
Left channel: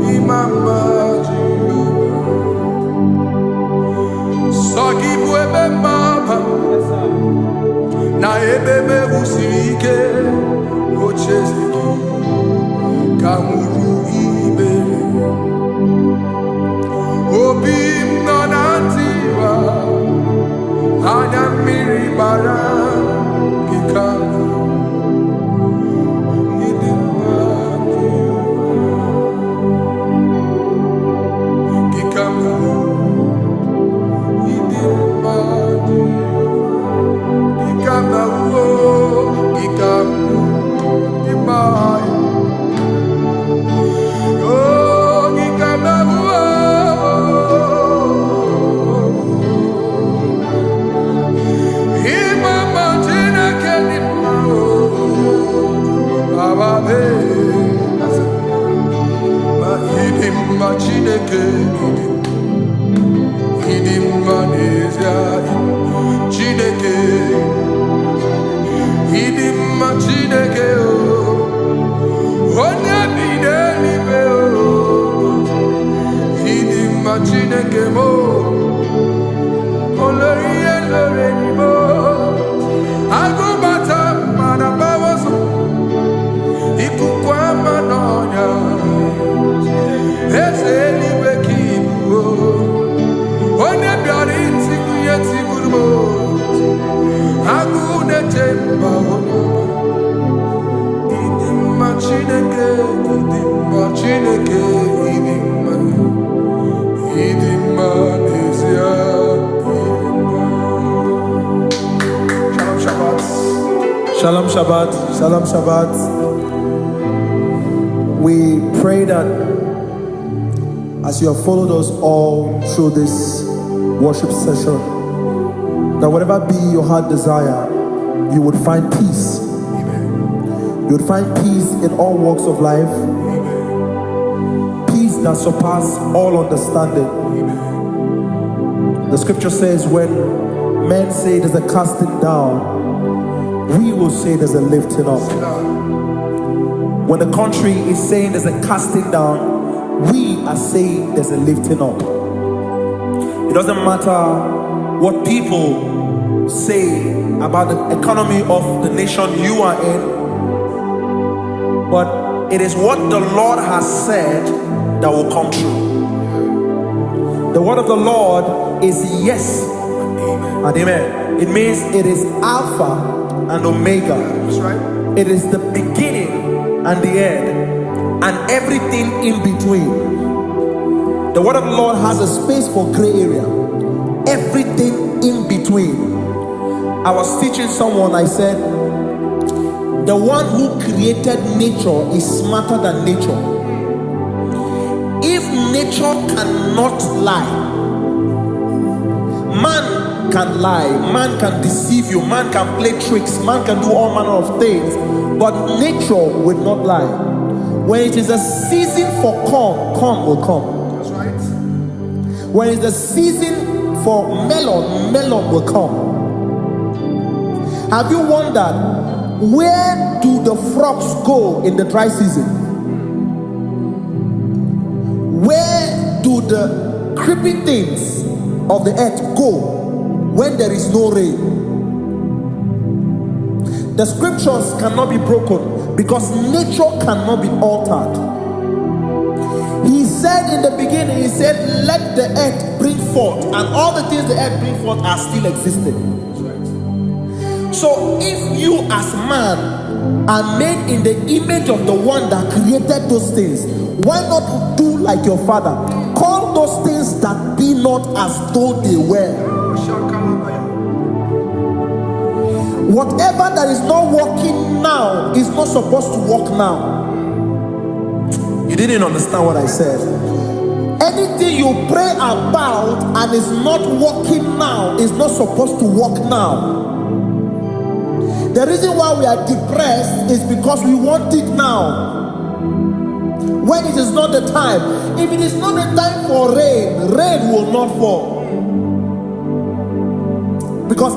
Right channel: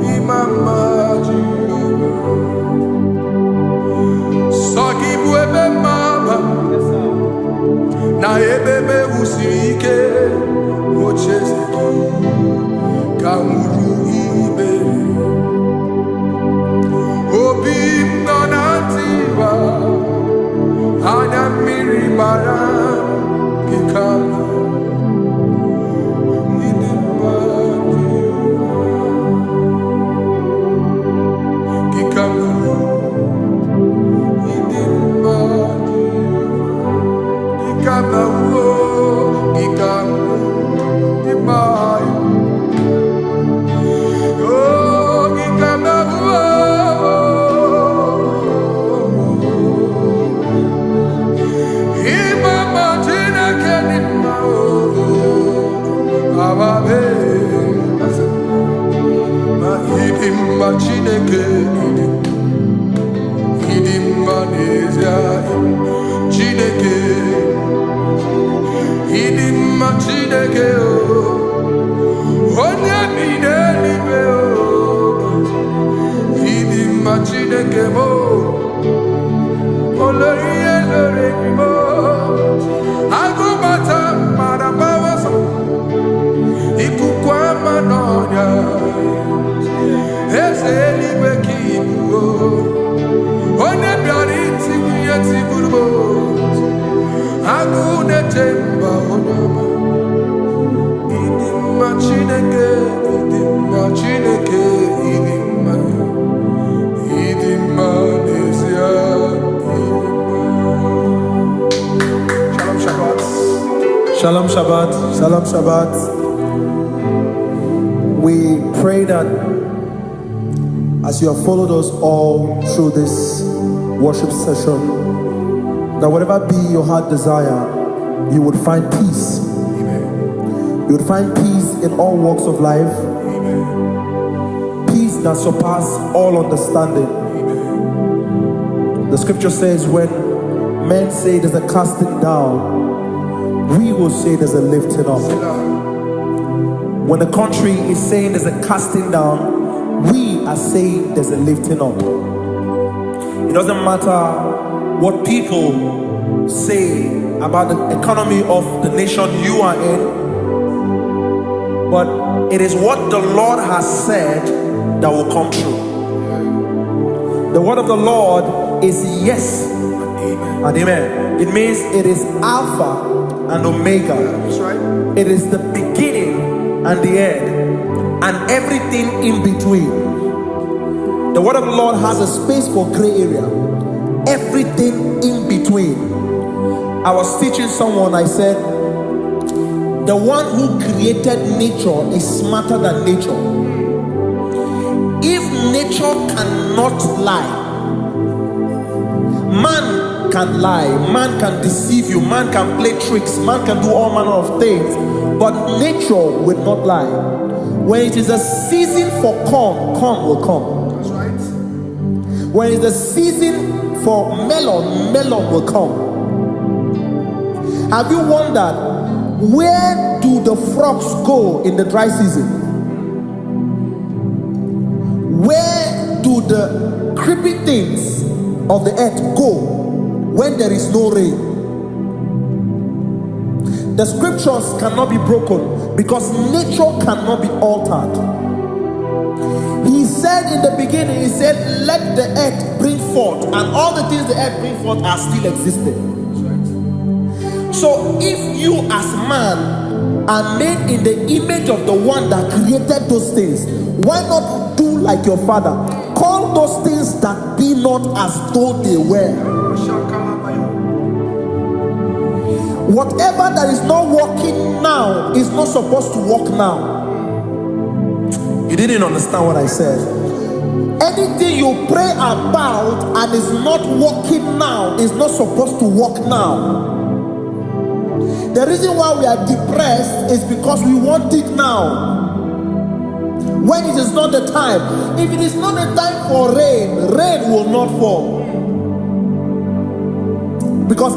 Imama Jehovah Sagibu ebe maba Na ebe me usirike Ochezeki Kamuru Iberi Obim no nantiwa Anya miri baram Gikama Gikama Idima Gikama Gikama Dimai Oh Gikama Imama Tina Kenima Ababe Ma idimma Chineke idimma Nezia Chineke idimma Chineke onye bi n'eluigwe idimma Chineke mo olori elore ni mo agụbata mara bawaso ikuku ama n'ọnya eze eluigwe ka ibu onye bịara itigbu ihe tigburu m agụ na-eche mba onye ọma ịdịmma Chineke ịdịmma Chineke ịdịmma n'ezie ịdịmma. Shalom Shabbat. Shalom Shabbat. Shalom Shabbat. We pray that as you have followed us all through this worship session, that whatever be your heart desire, you would find peace. Amen. You would find peace in all walks of life. Amen. Peace that surpasses all understanding. Amen. The scripture says, when men say there's a casting down, we will say there's a lifting up. When the country is saying there's a casting down, we are saying there's a lifting up. It doesn't matter what people say about the economy of the nation you are in, but it is what the Lord has said that will come true. The word of the Lord is yes and amen. It means it is Alpha and Omega. That's right. It is the beginning and the end, and everything in between. The word of the Lord has a space for gray area. Everything in between. I was teaching someone, I said, the one who created nature is smarter than nature. If nature cannot lie, man can lie, man can deceive you, man can play tricks, man can do all manner of things, but nature will not lie. When it is a season for corn, corn will come. That's right. When it's a season for melon, melon will come. Have you wondered, where do the frogs go in the dry season? Where do the creeping things of the earth go when there is no rain? The scriptures cannot be broken because nature cannot be altered. He said in the beginning, he said, let the earth bring forth, and all the things the earth brings forth are still existing. That's right. So if you as man are made in the image of the one that created those things, why not do like your father? Call those things that be not as though they were. Whatever that is not working now is not supposed to work now. You didn't understand what I said. Anything you pray about and is not working now is not supposed to work now. The reason why we are depressed is because we want it now, when it is not the time. If it is not the time for rain, rain will not fall, because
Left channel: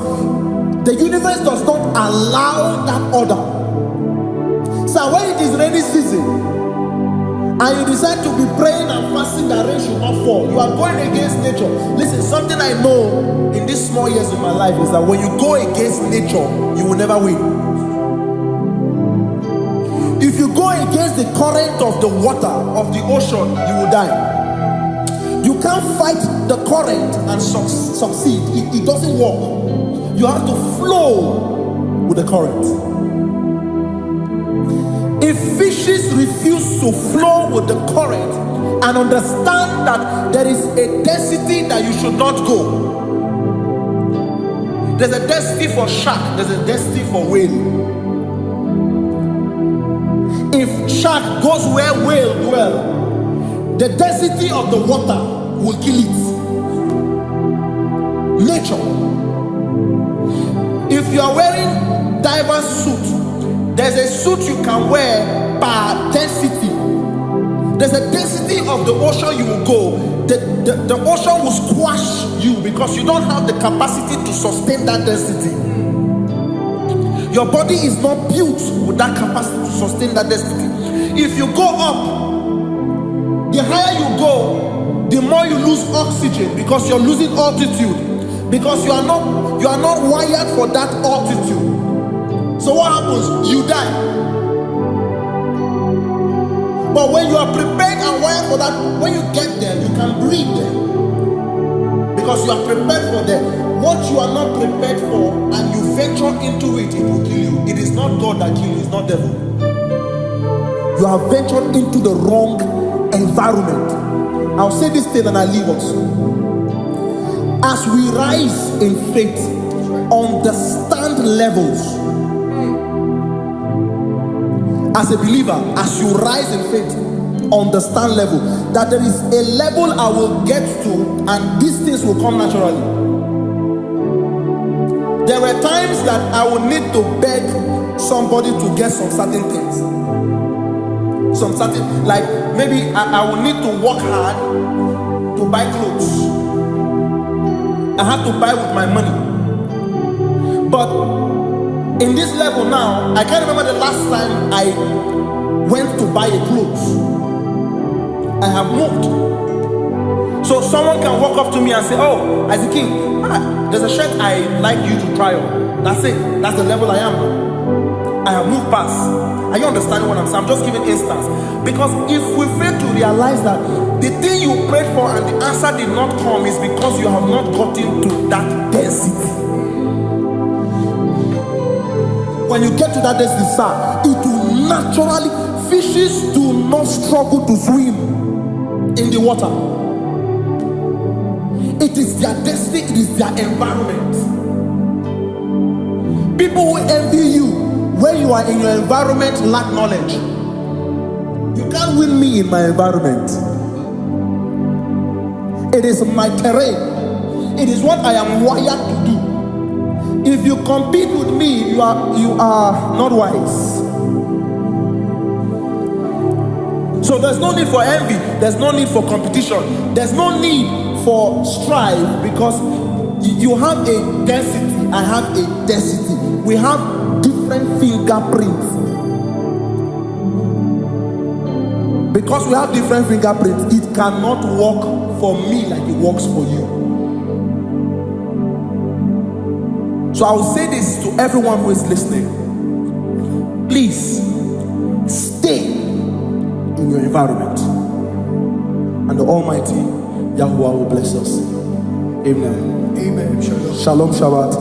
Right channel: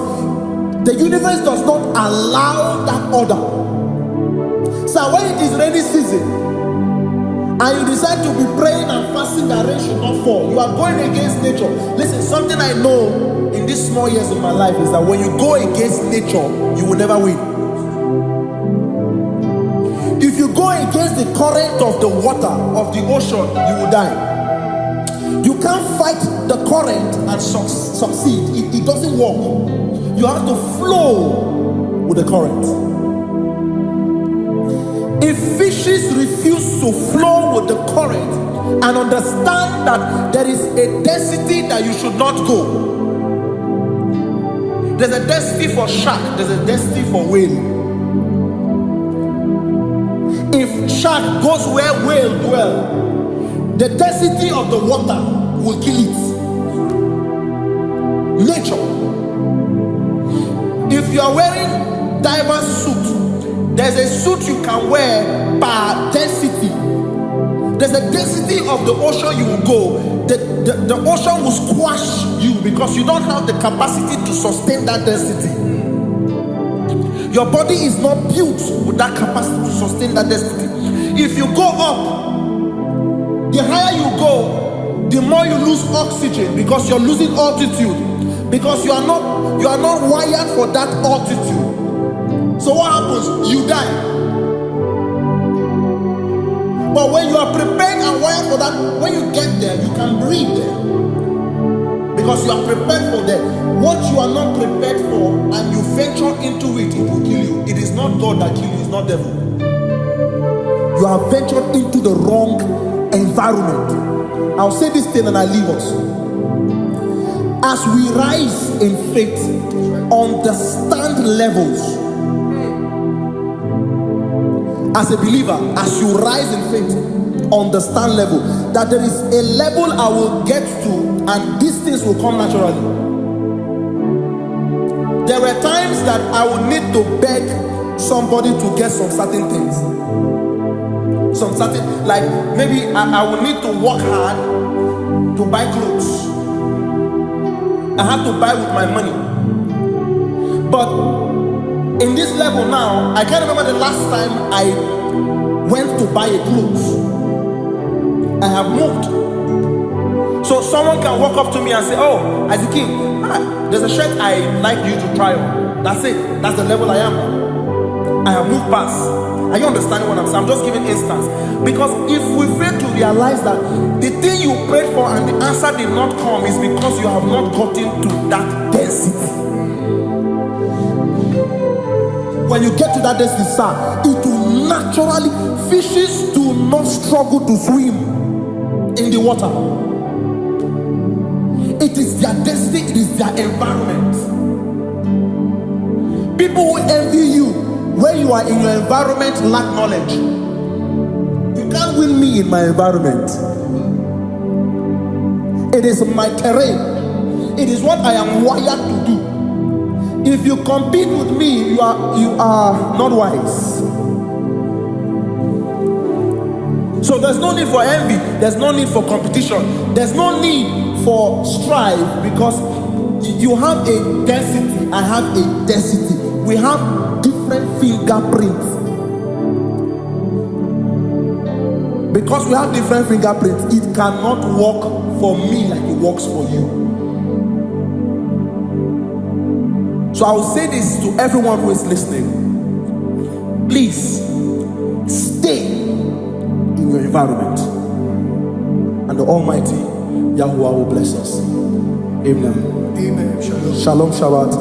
the universe does not allow that order. So when it is rainy season and you decide to be praying and fasting that rain should not fall, you are going against nature. Listen, something I know in these small years of my life is that when you go against nature, you will never win. If you go against the current of the water, of the ocean, you will die. You can't fight the current and succeed. It doesn't work. You have to flow with the current. If fishes refuse to flow with the current and understand that there is a density that you should not go, there's a density for shark, there's a density for whale. If shark goes where whale dwell, the density of the water will kill it. Nature. If you are wearing diverse suit, there's a suit you can wear per density. There's a density of the ocean you will go. The ocean will squash you because you don't have the capacity to sustain that density. Your body is not built with that capacity to sustain that density. If you go up, the higher you go, the more you lose oxygen because you're losing altitude, because you are not wired for that altitude. So what happens? You die. But when you are prepared and wired for that, when you get there, you can breathe there, because you are prepared for that. What you are not prepared for and you venture into it, it will kill you. It is not God that kills you, it's not devil. You have ventured into the wrong environment. I'll say this thing and I leave us. As we rise in faith, understand levels. As a believer, as you rise in faith, understand level. That there is a level I will get to and these things will come naturally. There were times that I would need to beg somebody to get some certain things. Some certain, like maybe I would need to work hard to buy clothes. I have to buy with my money. But in this level now, I can't remember the last time I went to buy a clothes. I have moved. So someone can walk up to me and say, "Oh, Isaac King, there's a shirt I'd like you to try on." That's it. That's the level I am now. I have moved past. Are you understanding what I'm saying? I'm just giving instance. Because if we fail to realize that the thing you prayed for and the answer did not come is because you have not gotten to that density. When you get to that density, sir, it will naturally, fishes do not struggle to swim in the water. It is their density, it is their environment. People who envy you when you are in your environment lack knowledge. You can't win me in my environment. It is my terrain. It is what I am wired to do. If you compete with me, you are not wise. So there's no need for envy. There's no need for competition. There's no need for strife, because you have a density. I have a density. We have different fingerprints. Because we have different fingerprints, it cannot work for me like it works for you. So I will say this to everyone who is listening. Please stay in your environment, and the Almighty Yahuwah will bless us. Amen. Amen. Shalom. Shalom, Shabbat.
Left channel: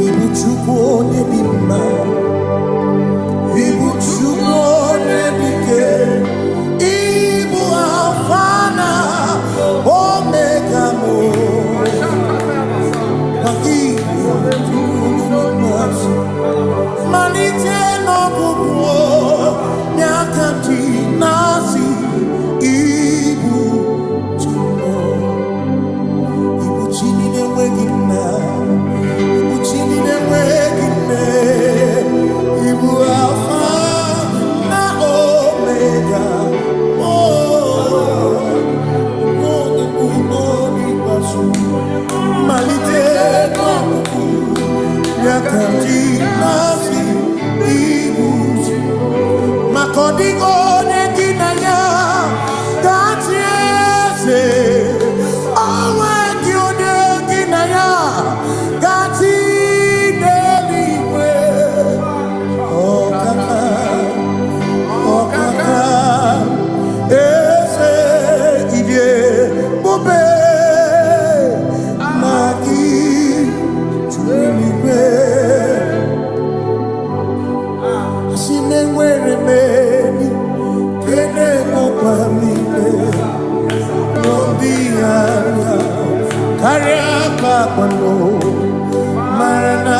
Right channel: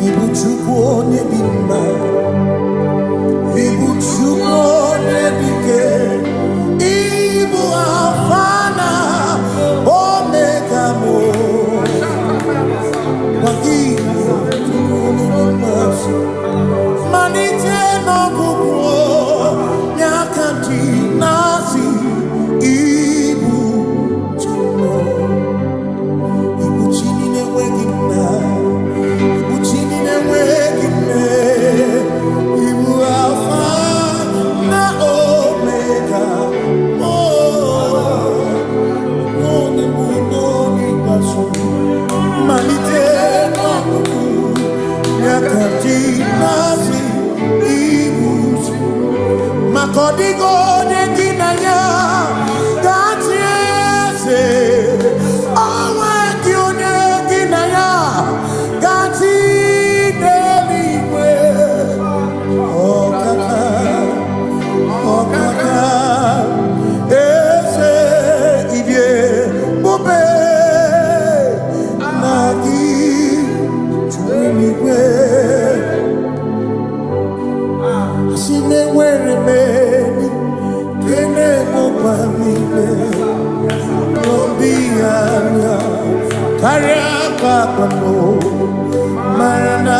Ibu Chukwu onye dị mma, Ibu Chukwu onye dị ike, Ibu Alfa na Omega mo. Ibu Chukwu onye dị mma, malite n'ọgwụgwụ n'aka ndị na-asị Ibu Chukwu, Ibu chi na-enweghị nna, Chini na-enweghị nne, Ibu Alfa na Omega, onye mbụ n'oge ikpeazụ, malite n'ọgwụgwụ n'aka ndị na-asị Ibu maka ọ dịghị onye gị na ya ga-achị eze, onwe gị onye gị na ya ga-achị n'eluigwe. Ọkaka eze ịdị ebube na gị juru n'igwe. Asị na enwere m enyi nke na-emekwa m niile n'obi anya karịa kpakpando, mara na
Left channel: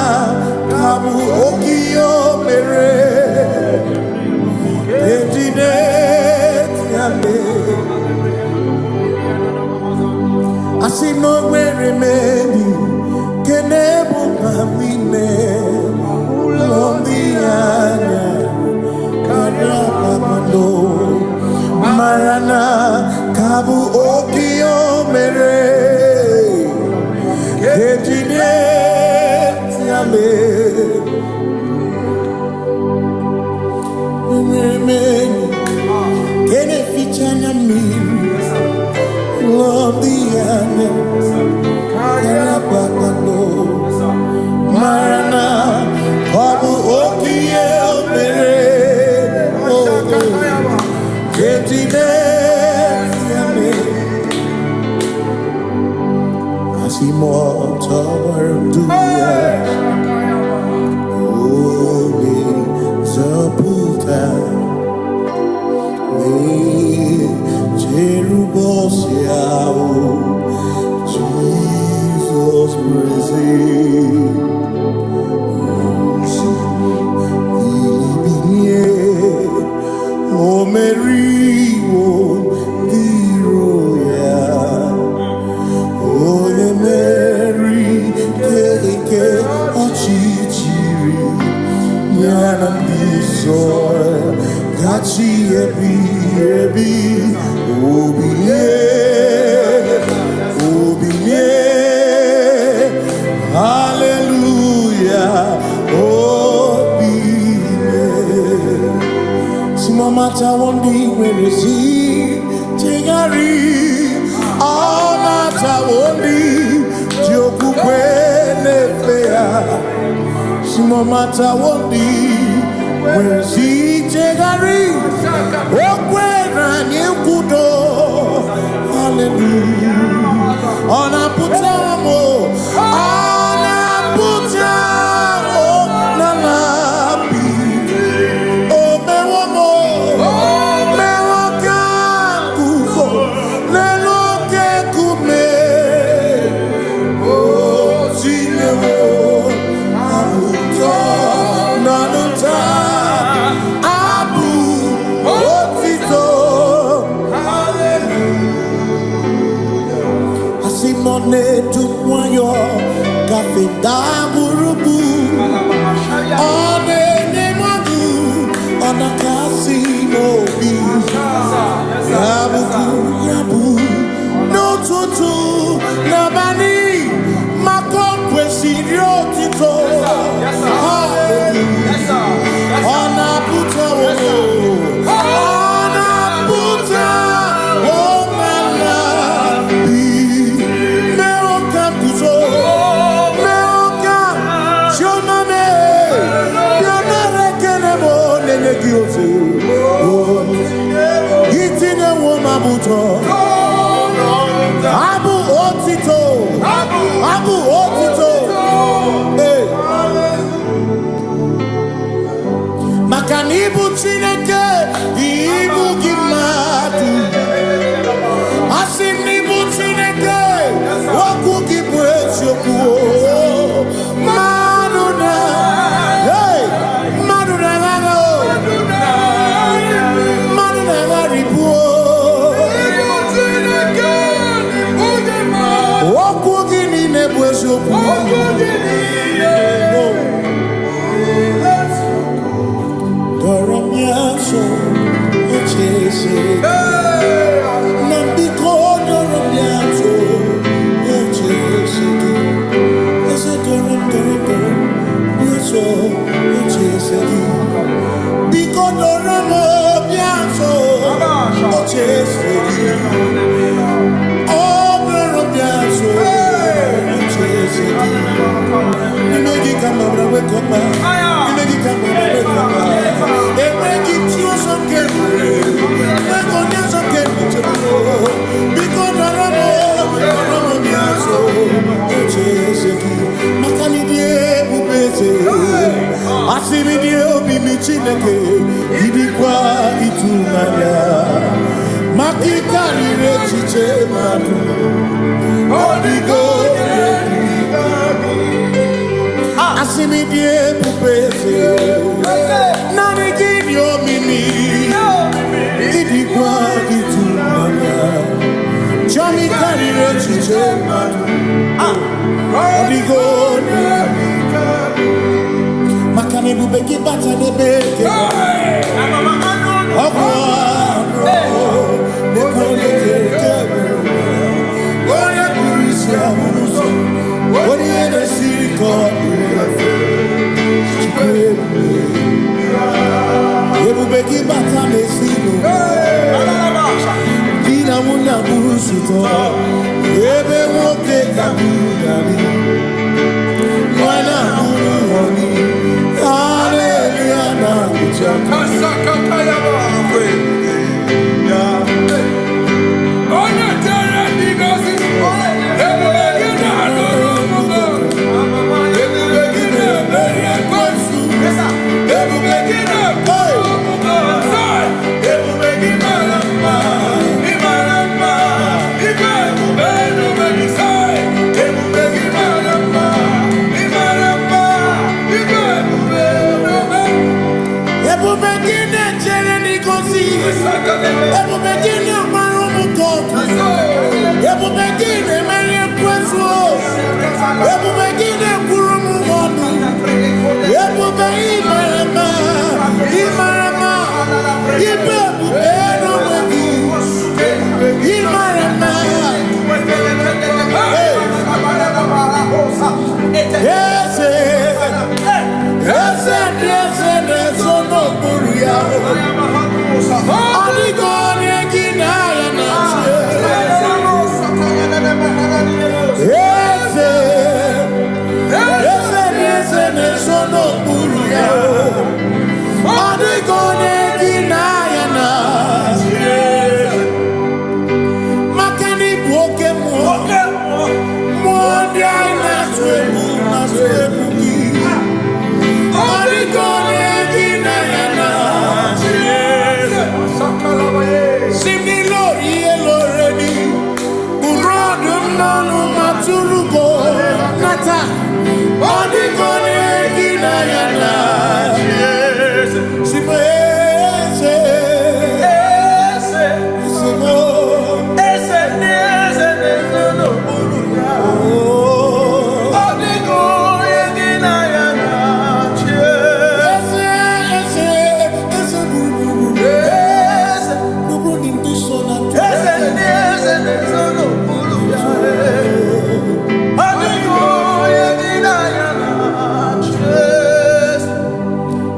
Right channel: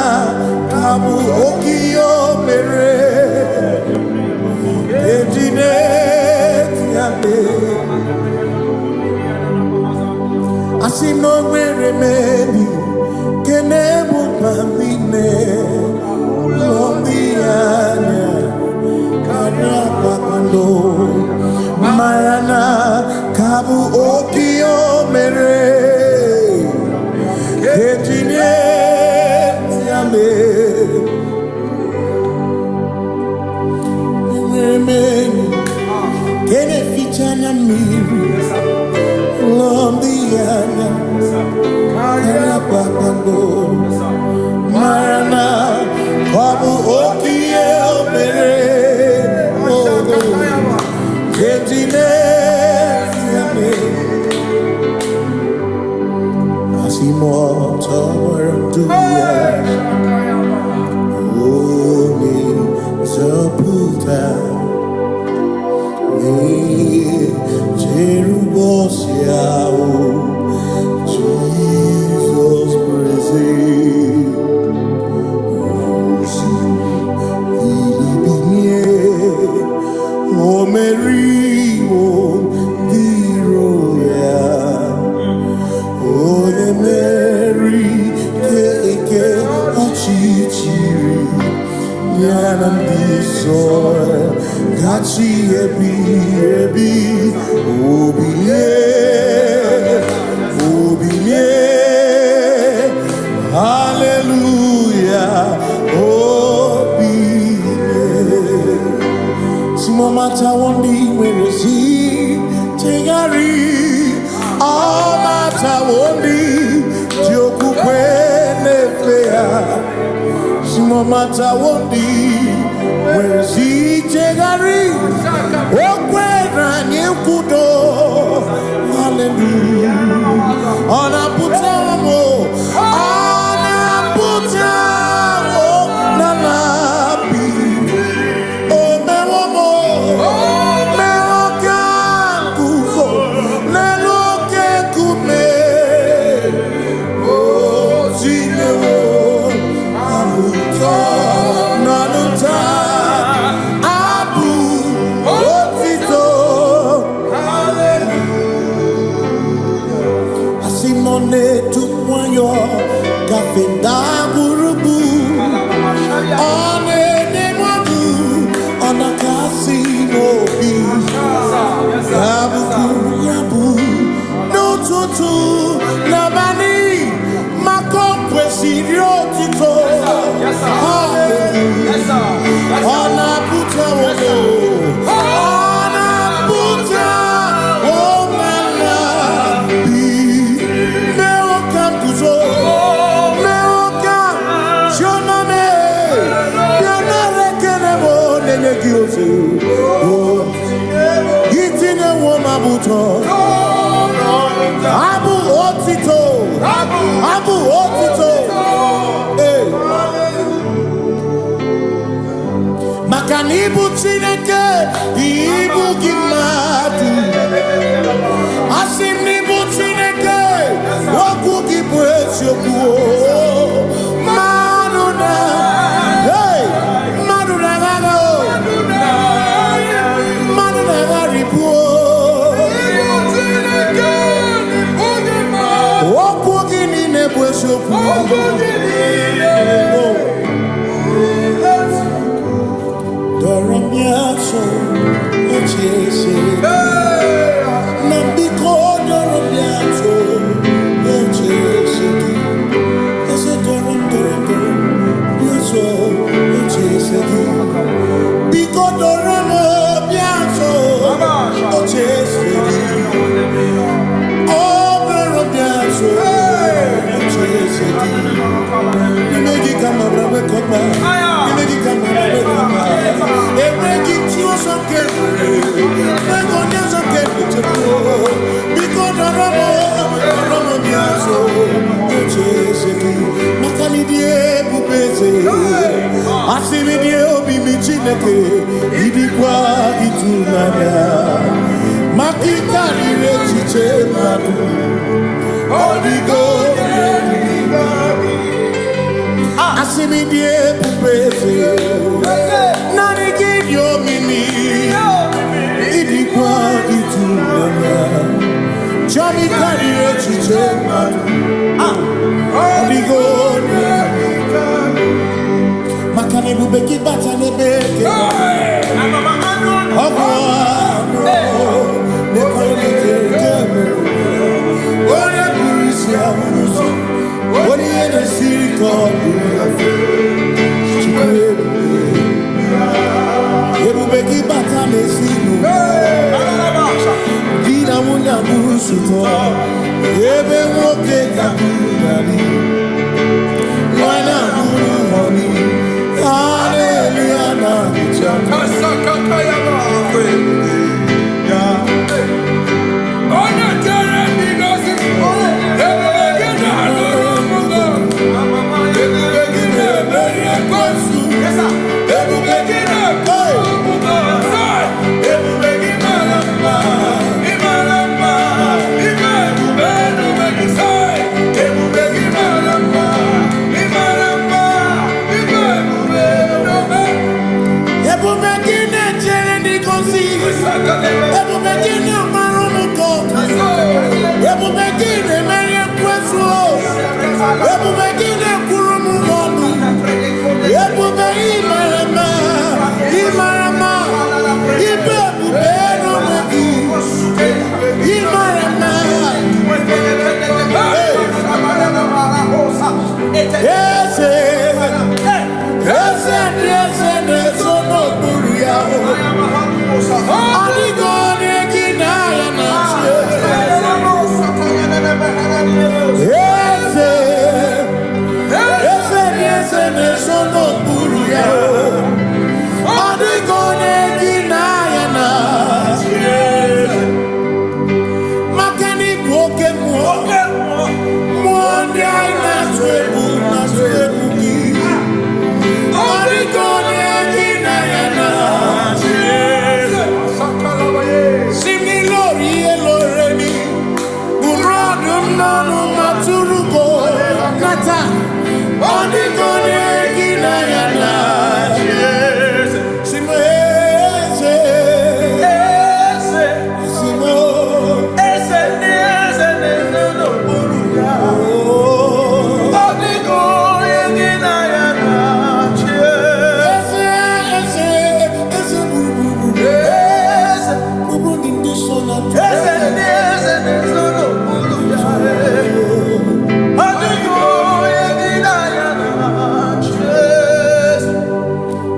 ka bụ oke ihe o mere eji na-eti ya mee. Asị na o nwere m enyi nke na-emekwa m niile n'obi anya karịa kpakpando, mara na ka bụ oke ihe o mere eji na-eti ya mee. Enwere m enyi nke na-eficha anya mmiri n'obi anya karịa kpakpando, mara na ọ bụ oke ihe o mere eji na-eti ya mee. Asị m ọtọgbara ndụ ya, onye nzọpụta na-echere ụbọchị ahụ Jizọs bụ eze. Bilibinye o meriwo ndị iro ya, onye meri nke ọchịchịrị ya na ndị nsọ gachi ebighị ebi. Obilie, obilie, hallelujah, obilie. Simomata wondi werezi tegari, amata wondi jokukwe nefea. Simomata wondi werezi tegari, okwena nyekudo, hallelujah. Ona putamo, ona putamo na labi. Simone tukwayo kafenda burubu, one nemadu ona kasi mobi, yabu yabu no tutu nabani makompwe sirio tito. Hallelujah. Ona puta wono, ona puta womala. Iti Chine Womabuto. Abu Otito. Abu Otito. Hey. Makanibu Chineke. Ibu Gimatu. Asinibu Chineke. Waku Gibwesyoku. Maduna. Hey. Maduna Gago. Maduna Garibu. Waku Gini Nebwesyoku. Doramiaso, Ochese. Nambiko Doramiaso, Ochese. Ese Doram, Biaso, Ochese. Biko Doramiaso, Ochese. Oh, Doramiaso, Ochese. You make it come up, wake up. You make it come up, wake up. They make it you some carefully. They go down some carefully. Because the Ramo Biaso, Ocheseki, Makanidie Bubese, Asimidie Obi Michineke, Idikwa Itunaya, Makikari Rechiche Madu, Odigo. Asimidie Bubese, Nani give your mimi, Idikwa Itunaya, Johnny Carrier Chichema, Odigo, Makane Bubeki Batanebe, Ogwano, Oya Burisia, Oya the City called Ebubeki Batane Sino, Dina Muna Busuto, Ebe Woke Kabudali, Wana Muni, Hallelujah,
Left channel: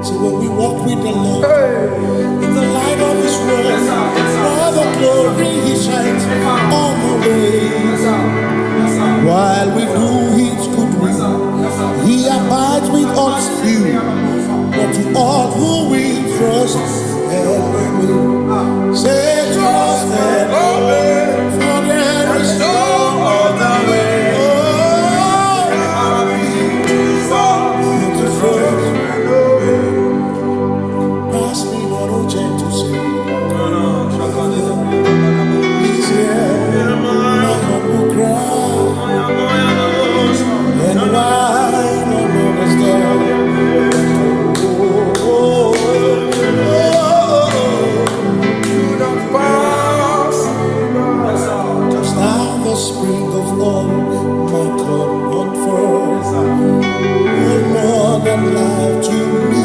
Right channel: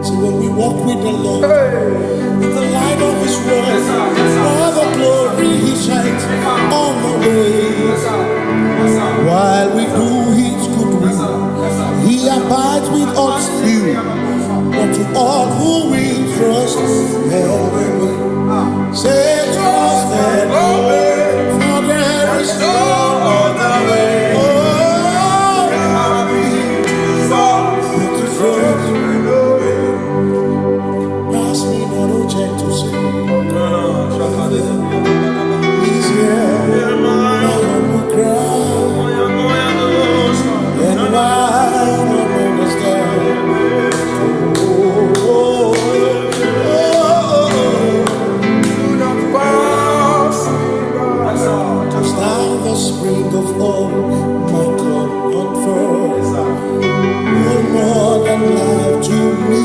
So when we walk with the Lord, in the light of His word, for the glory He shines on the way. While we do His good will, He abides with us few. But to all who will trust, say to all He's here, my humble cry. And why don't understand? Touch down the spring of all my comfort. You're more than life to me.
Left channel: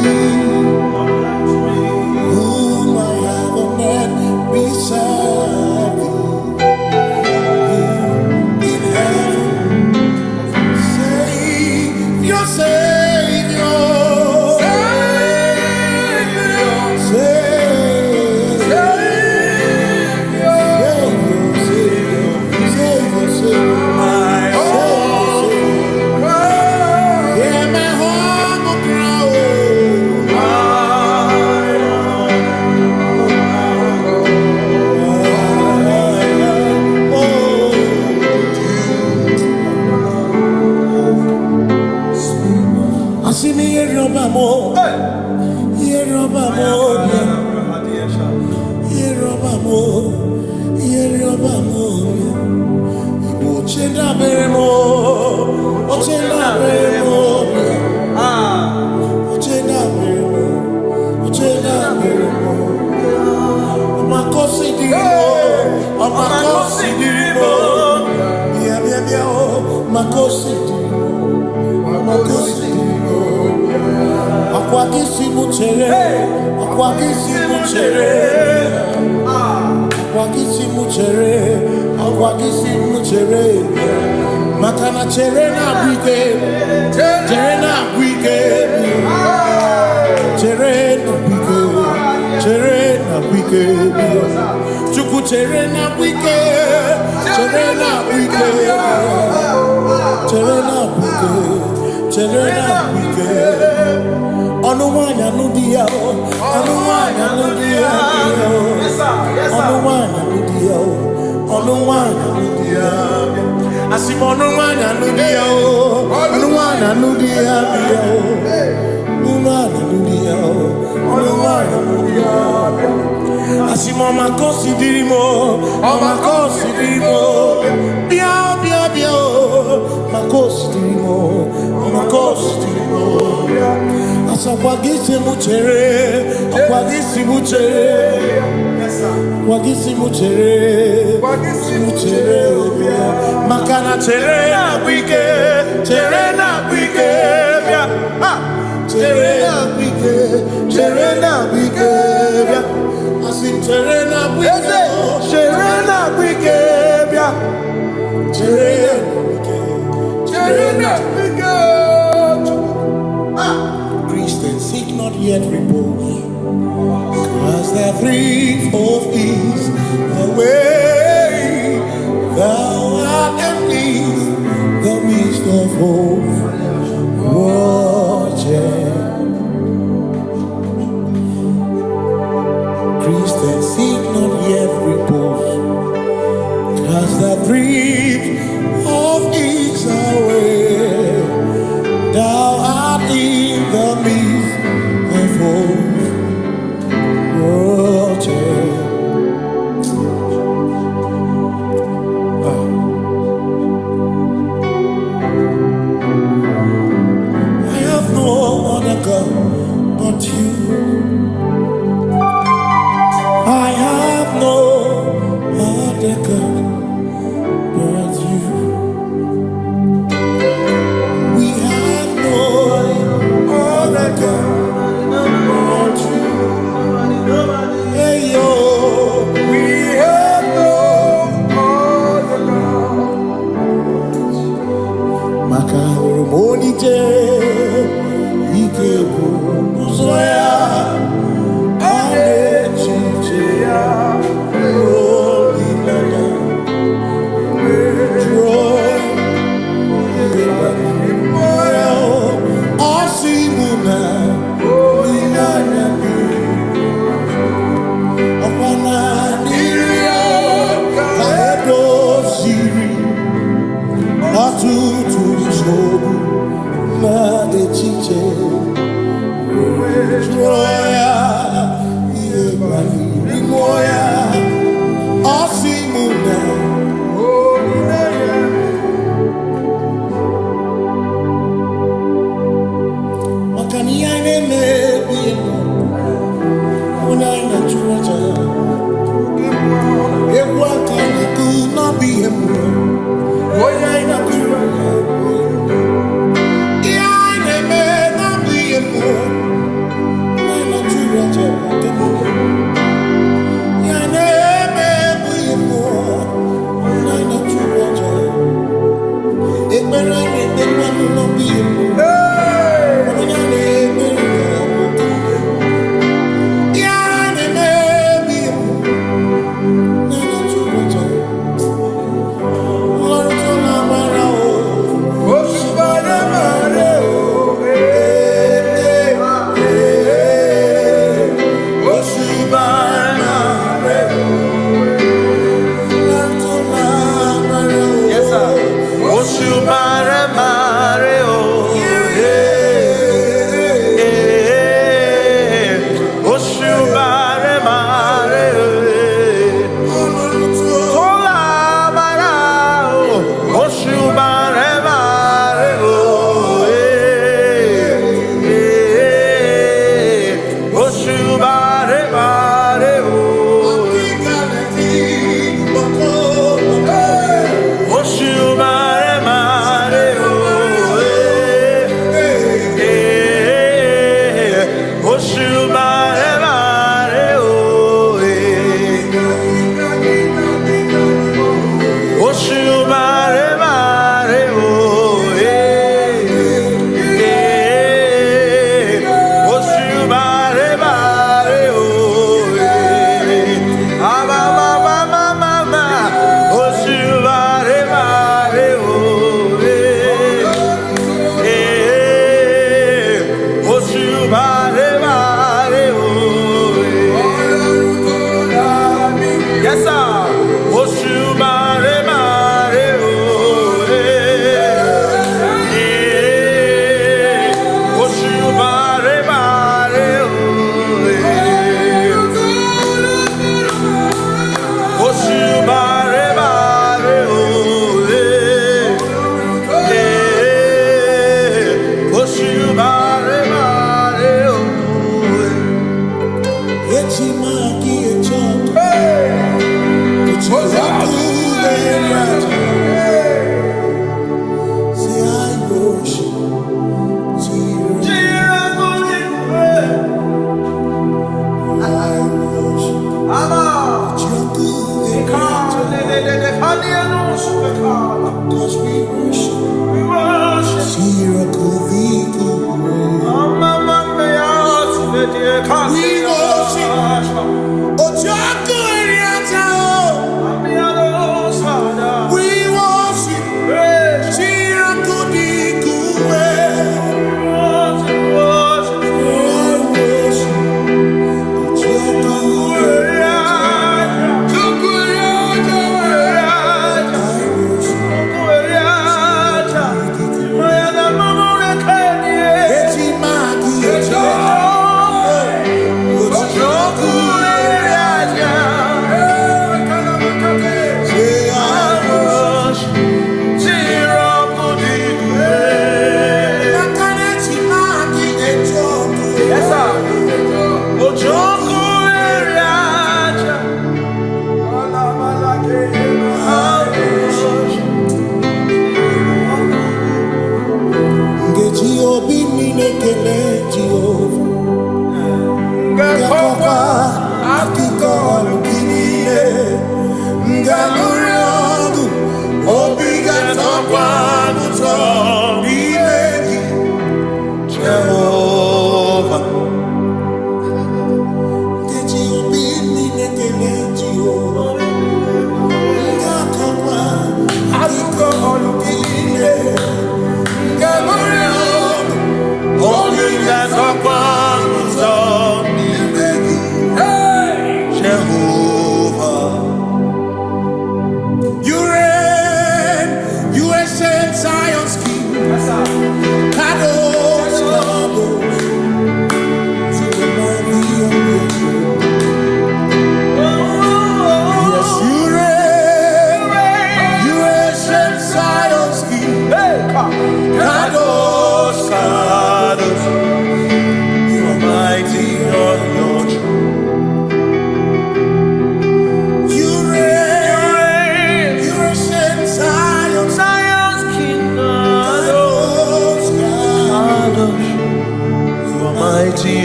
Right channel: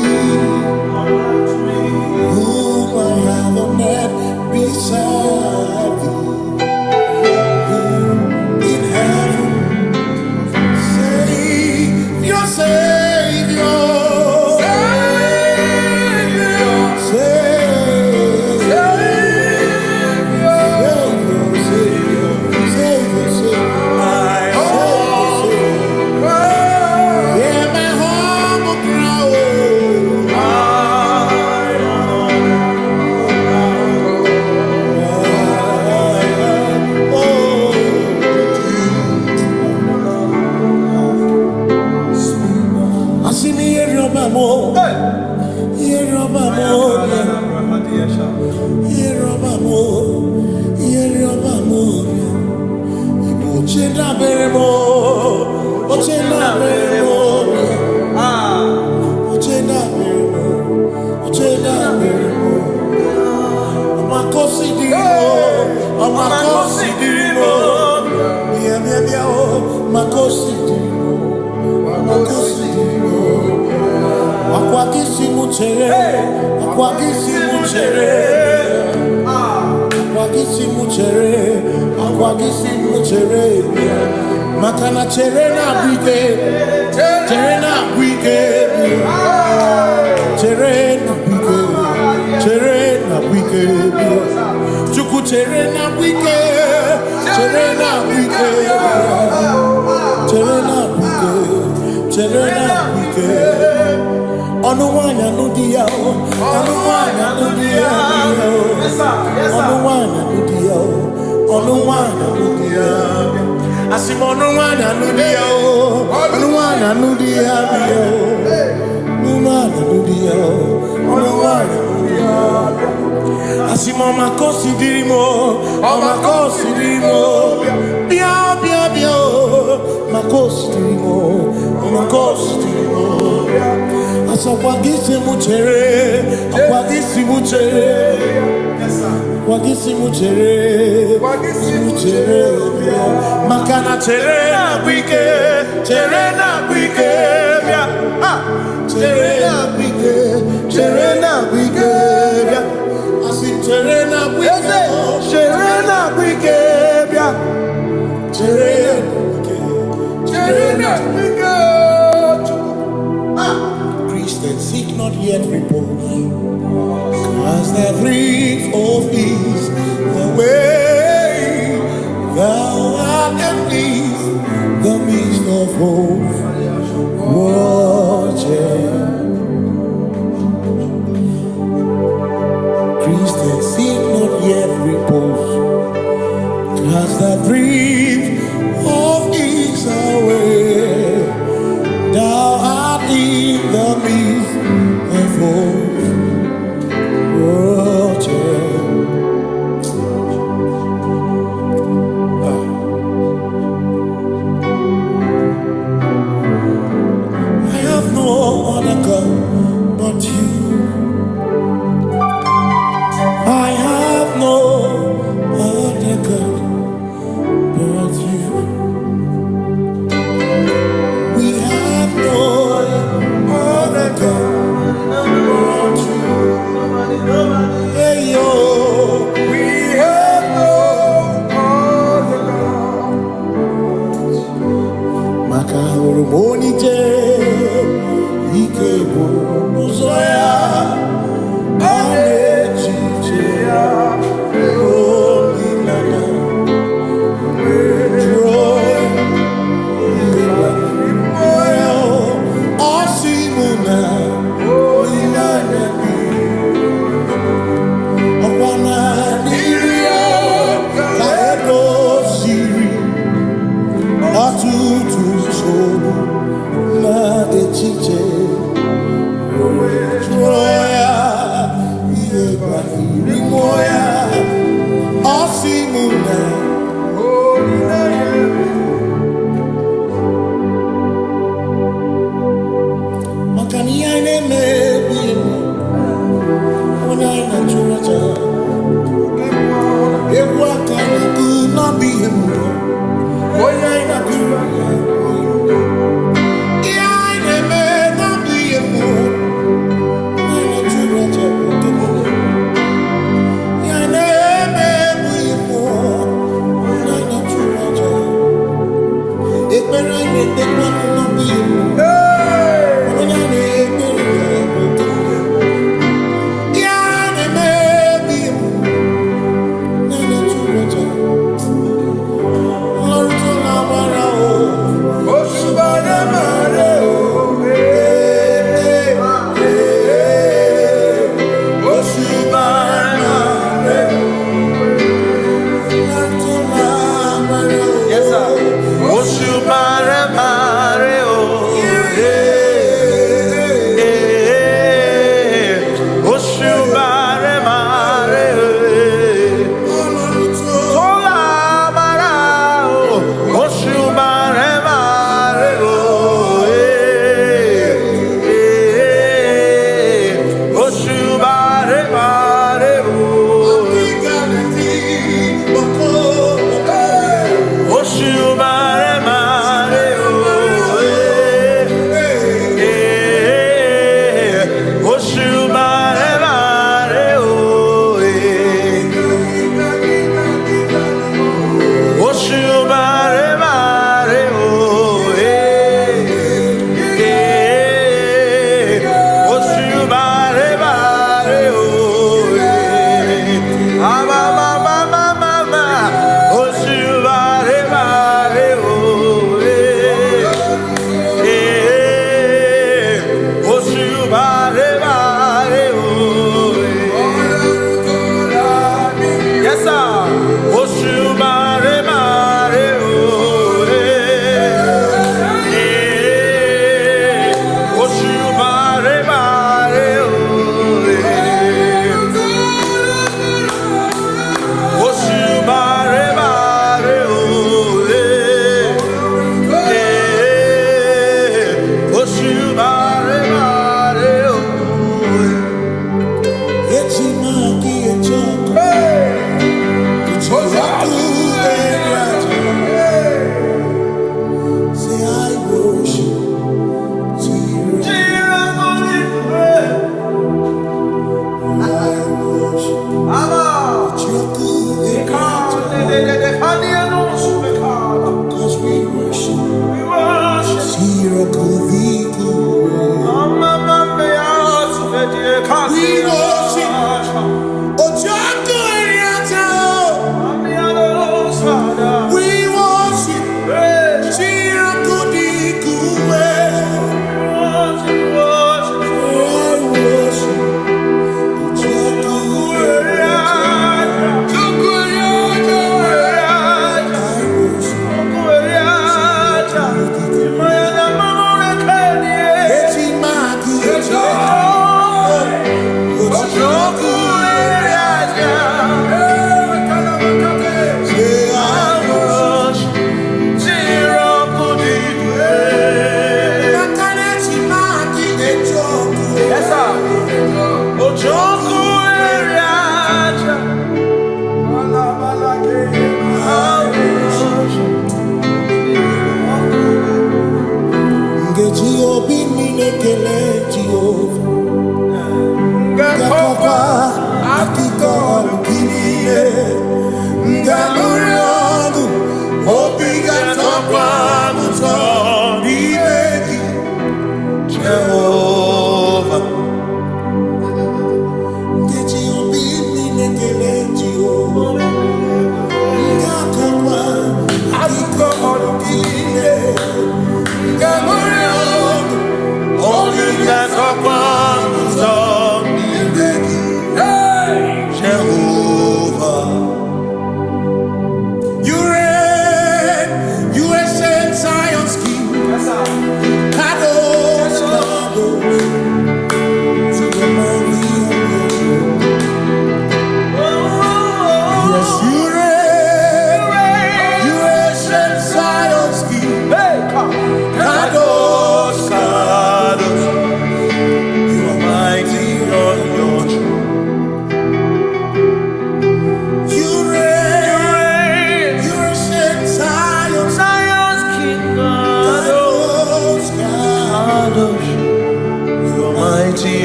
Whom I have on earth beside thee. In heaven, Savior, Savior. Igbo chenda beremo, ochenda beremo, ochenda beremo, ochenda beremo. Amakosi dirimo, amakosi dirimo, bia bia bia oh, makosi dirimo, amakosi dirimo. Akwagisi muchere, akwagisi muchere, akwagisi muchere, akwagisi muchere. Makana chere na bwike, chere na bwike, chere na bwike, chere na bwike. Chuku chere na bwike, chere na bwike, chere na bwike, chere na bwike. Onuwanya nudia o, onuwanya nudia o, onuwanya nudia o, onuwanya nudia. Asim onuwanya nudia o, onuwanya nudia o, onuwanya nudia o, onuwanya nudia. Asim omakosi dirimo, omakosi dirimo, bia bia bia o, makosi dirimo, omakosi dirimo. Asakwagisi muchere, akwagisi muchere, akwagisi muchere, muchere. Makana chere na bwike, chere na bwike, chere na bwike, chere na bwike. Asim chere na bwike, chere na bwike, chere na bwike, chere na bwike. Christians seek not yet repose, cause the brief of ease away. Thou art at peace, the midst of hope. Watching. Christians seek not yet repose, cause the brief of ease away. Thou art in the midst of hope, watching. I have no other God but you. I have no other God but you. We have no other God but you. Hey yo, we have no other God. Makahuru monije, ikebu muzoya, anechicheya, holy lana, joy. Osimuna, Oinana, Okwana, Niria, Kaedo, Siri, Atutu, Sobu, Ma, Echiche, Troya,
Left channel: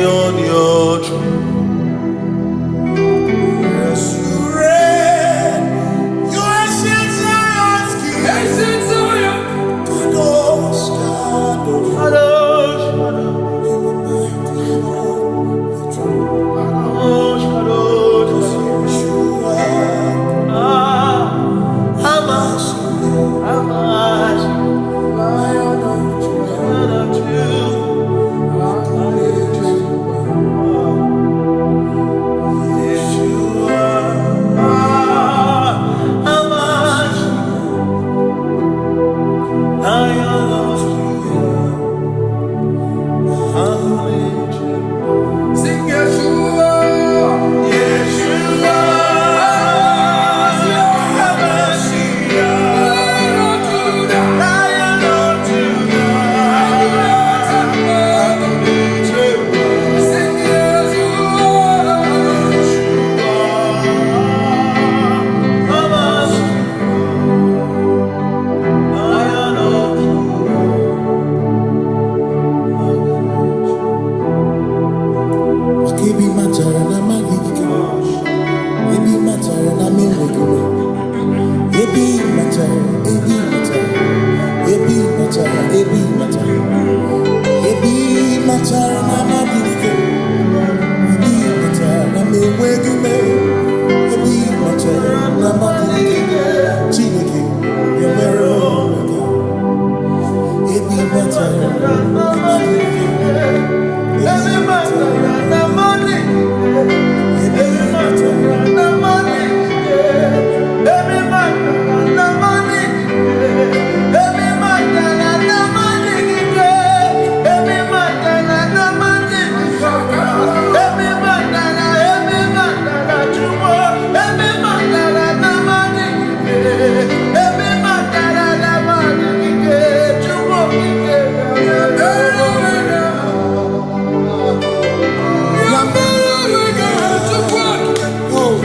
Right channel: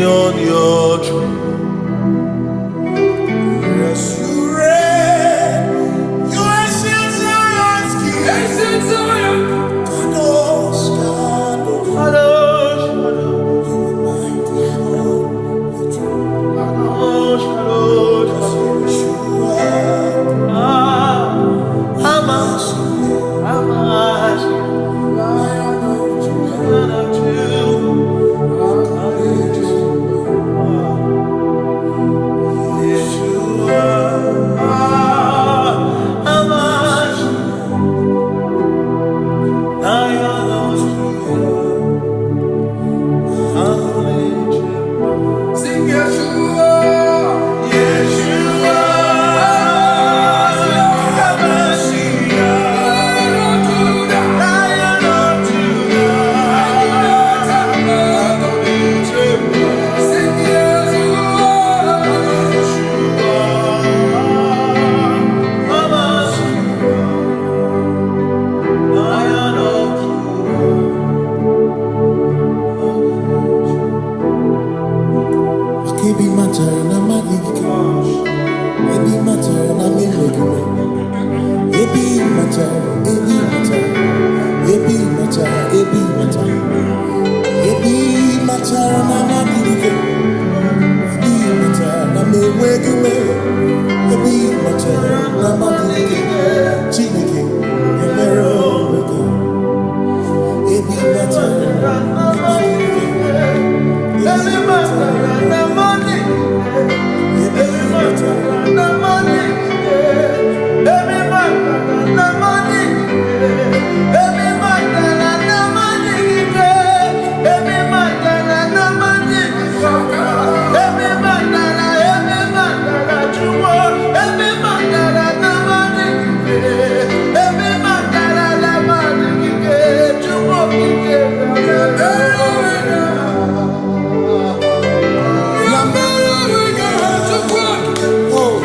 on your throne. Yes, you reign. You ancient Zion's king. Ancient Zion. Kadosh, Kadosh. Kadosh, Kadosh, You are mighty on your throne. Kadosh, Kadosh, Yes, Yeshua. Hamashiach, Hamashiach, Lion of Judah. Lion of Judah. Yeshua, Hamashiach, Lion of Judah. Anointed. Sing Yeshua. Yeshua, Hamashiach, Lion of Judah. Sing Yeshua. Lion of Judah. Kebi matara na magigike. Ebi matara na menwegume. Ebi matara, ebi matara. Ebi matara, ebi matara. Ebi matara na magigike. Ebi matara na menwegume. Ebi matara na magigike. Chineke, emere omega. Ebi matara na magigike. Every matter and the money, every matter and the money, every matter and the money, every matter and the money, every matter and the money, every matter you want, every matter and the money, every matter and the money, you want, Oh,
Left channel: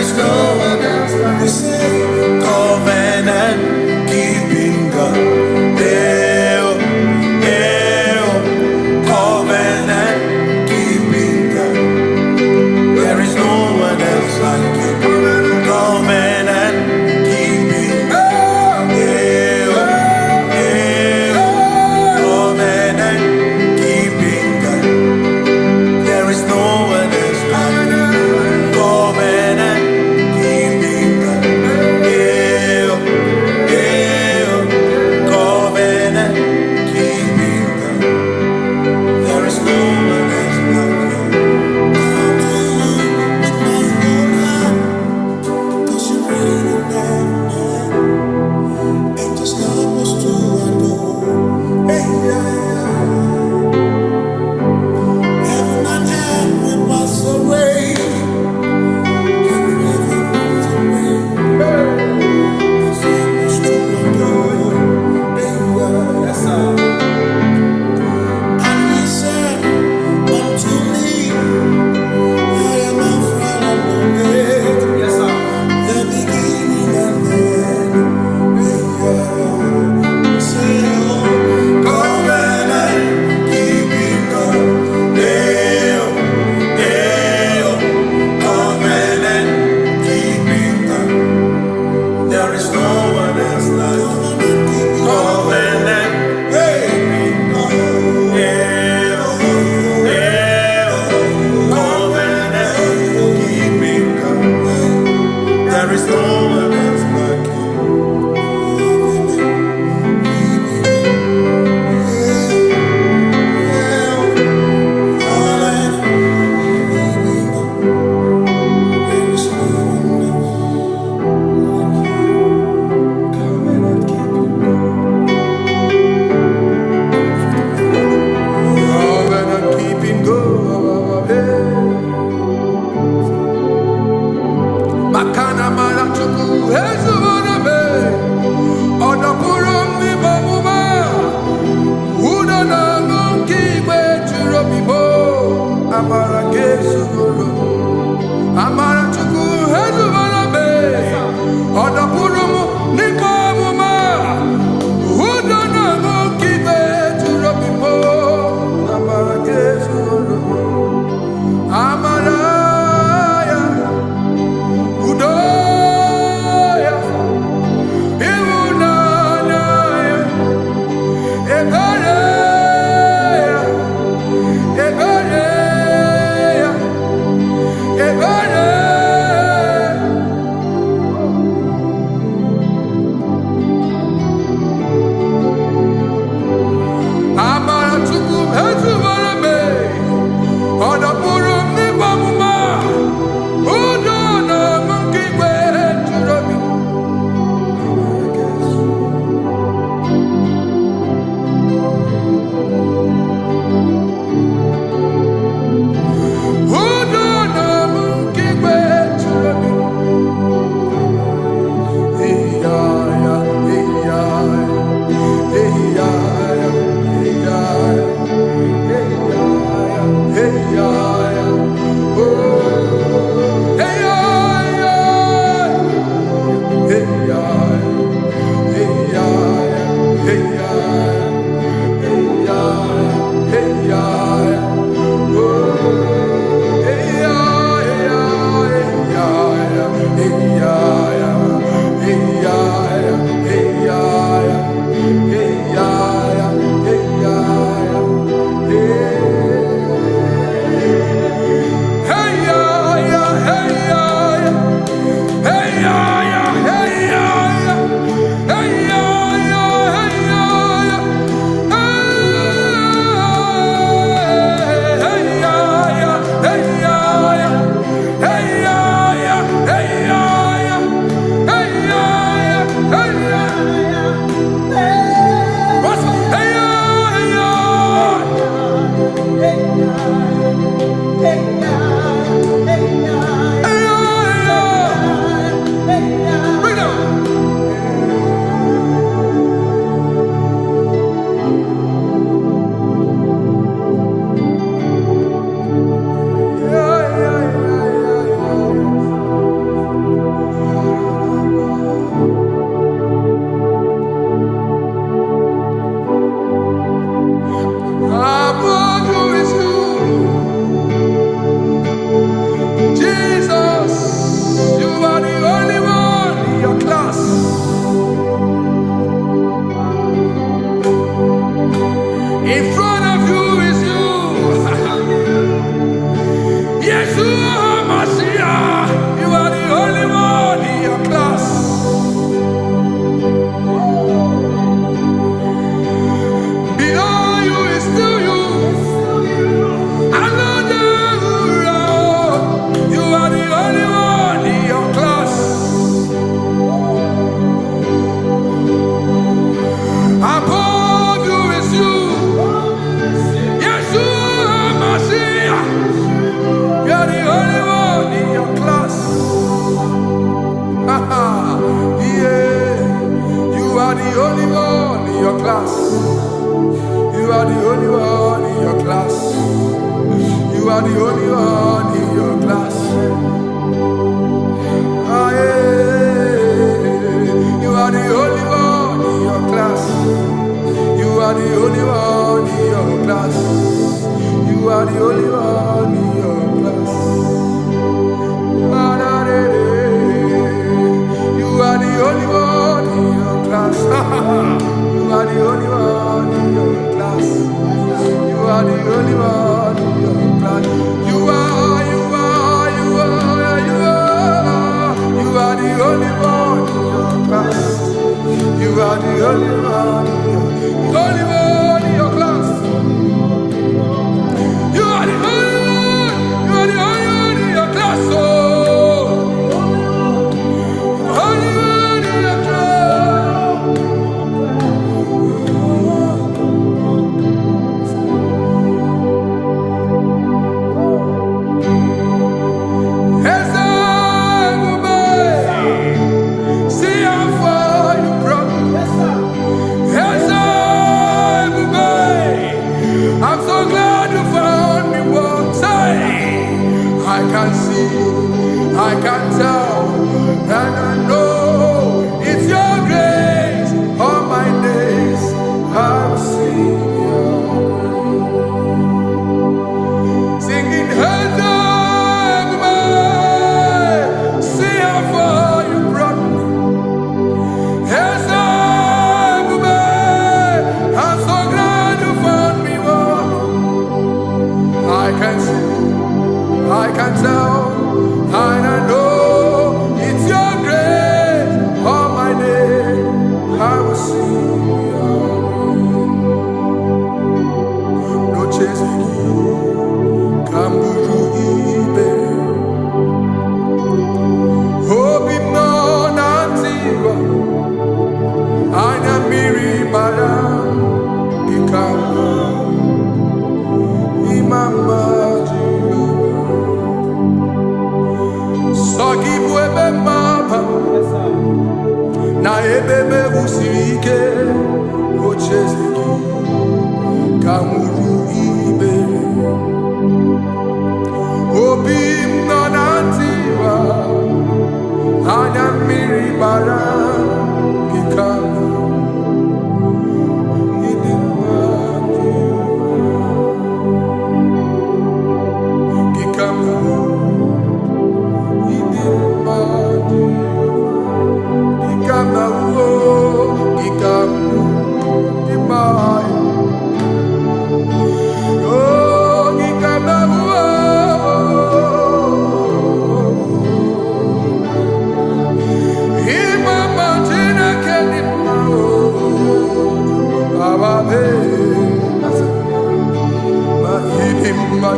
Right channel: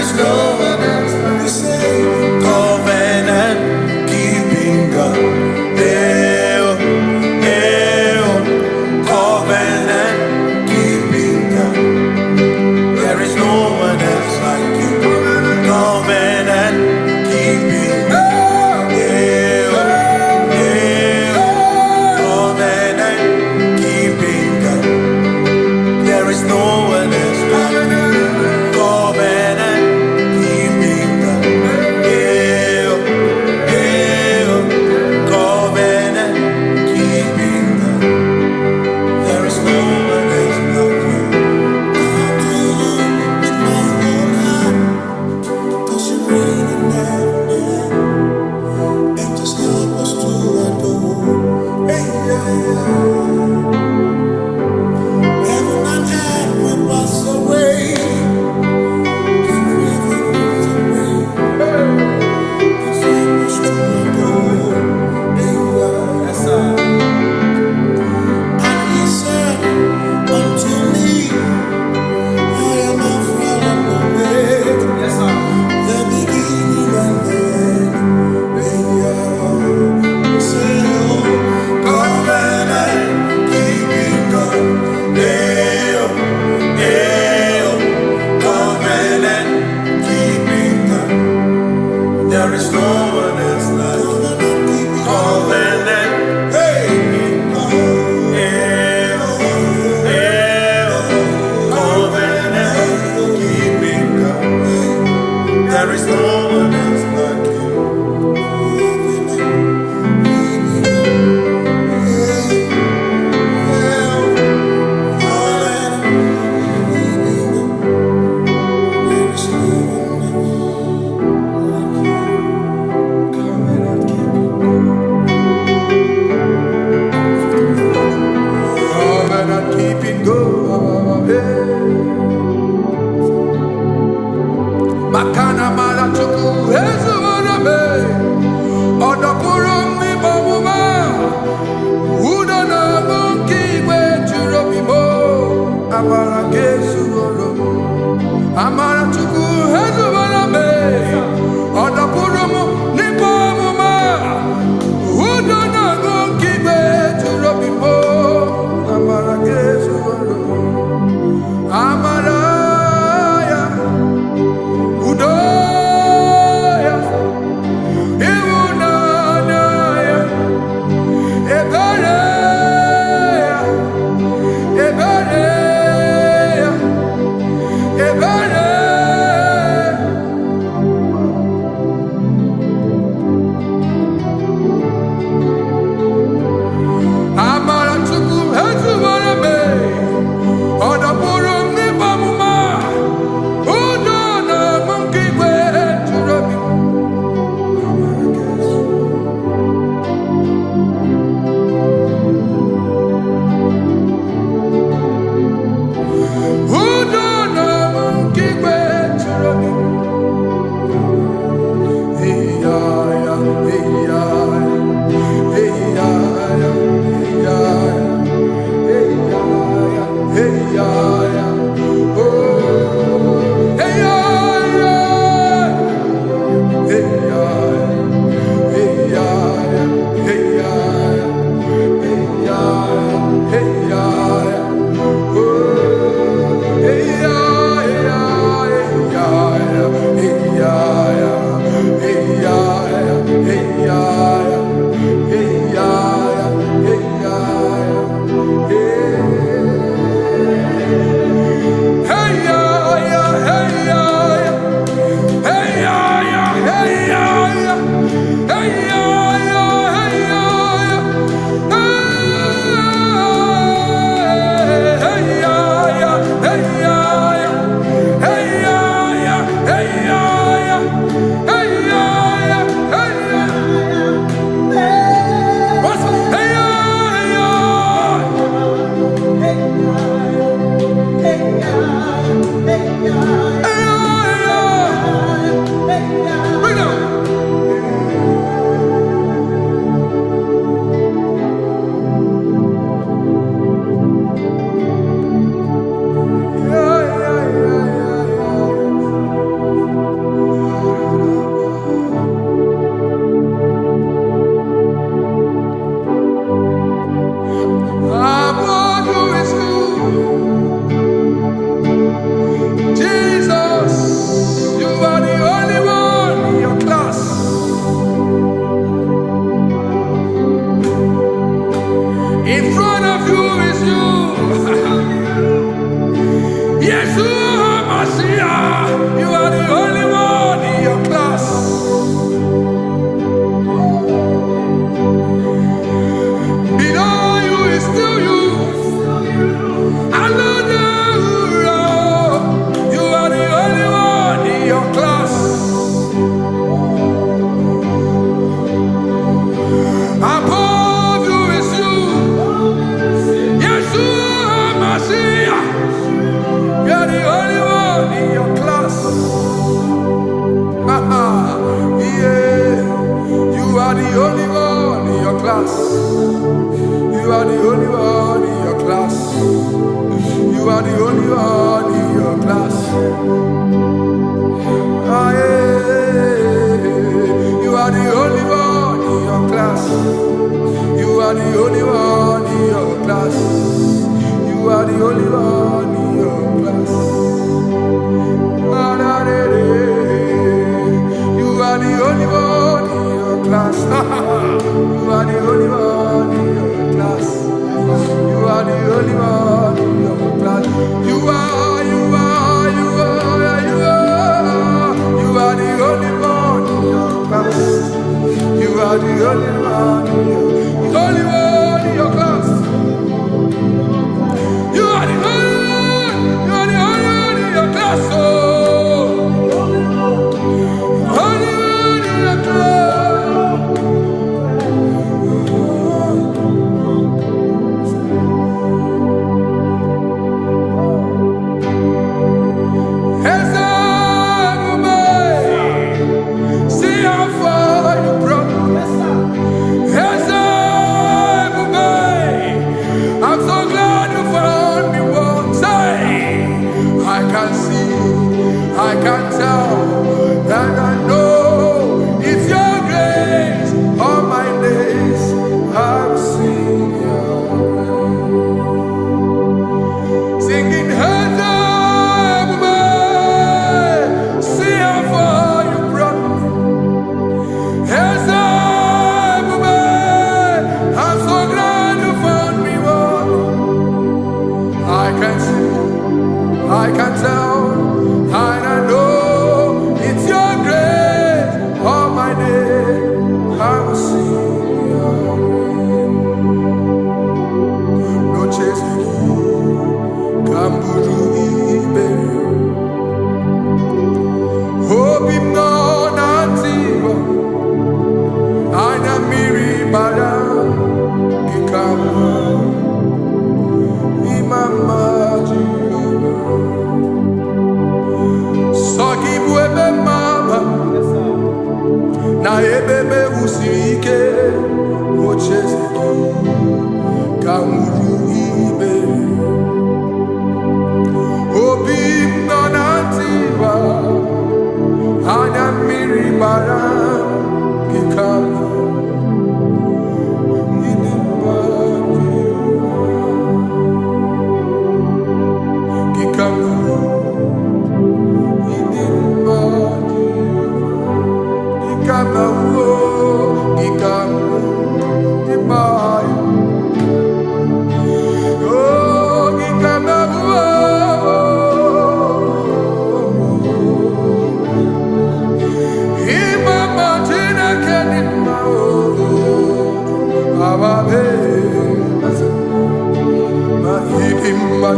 is no one else like. We say, covenant keeping God. Covenant keeping God. There is no one else like you. Covenant keeping God. Covenant keeping God. There is no one else like you. Covenant keeping God. Covenant keeping God. There is no one else like you. Come to you with my whole heart, 'cause you reign in heaven, and just help us to adore. Hey, heaven and earth will pass away. Forever pass away. Just help us to adore. Hey, yes, sir. And he said unto me, I am Alpha and Omega. Yes, sir. The beginning and the end. Say, oh, covenant keeping God. Covenant keeping God. There is no one else like covenant keeping God. Covenant keeping God. There is no one else like you. Covenant keeping God. Makana mara chuku hezu waname. Odapurum ni bamuma. Uda na ngunki kwe churobimo. Amara kesu gorum. Amara chuku hezu waname. Odapurum ni bamuma. Uda na ngunki kwe churobimo. Amara kesu gorum. Amara ya. Udoya. Iwunanaya. Ebereya. Ebereya. Ebereya. Amara chuku hezu warame. Odapurum ni bamuma. Udo na monkey kwe churobi. Amara kesu. Udo na monkey kwe churobi. Hey ya ya, hey ya ya, hey ya ya, hey ya ya, hey ya ya, hey ya ya. Oh, hey ya ya, hey ya ya, hey ya ya, hey ya ya, hey ya ya, hey ya ya. Oh, hey ya ya, hey ya ya, hey ya ya, hey ya ya, hey ya ya, hey ya ya, hey ya ya, hey. Hey ya ya, hey ya ya, hey ya ya, hey ya ya, hey ya ya, hey ya ya, hey ya ya, hey ya ya, hey ya ya, hey ya ya, hey ya ya, hey ya ya. Yeah, you are the only one in your class. You are the only one in your class. You are the only one in your class. Ah, yeah. You are the only one in your class. You are the only one in your class. You are the only one in your class. You are the only one in your class. You are the only one in your class. You are the only one in your class. You are the only one in your class. You are the only one in your class. You are the only one in your class. Oh, only one in your class. See how far you brought me. I'm so glad you found me once. I can see, I can tell, and I know it's your grace. All my days I will sing your grace. Singing, see how far you brought me. I'm so glad you found me one. I can see, I can tell, and I know it's your grace. All my day I will sing your grace. No chasing, Kamburu Iberi. Hope him no nantiwa. Anya miri baram dikama imama Jehovah. Sogi buebe maba na ebebe usirike ochezeki kamuru ibere. Obim no nantiwa anya miri baram dikama.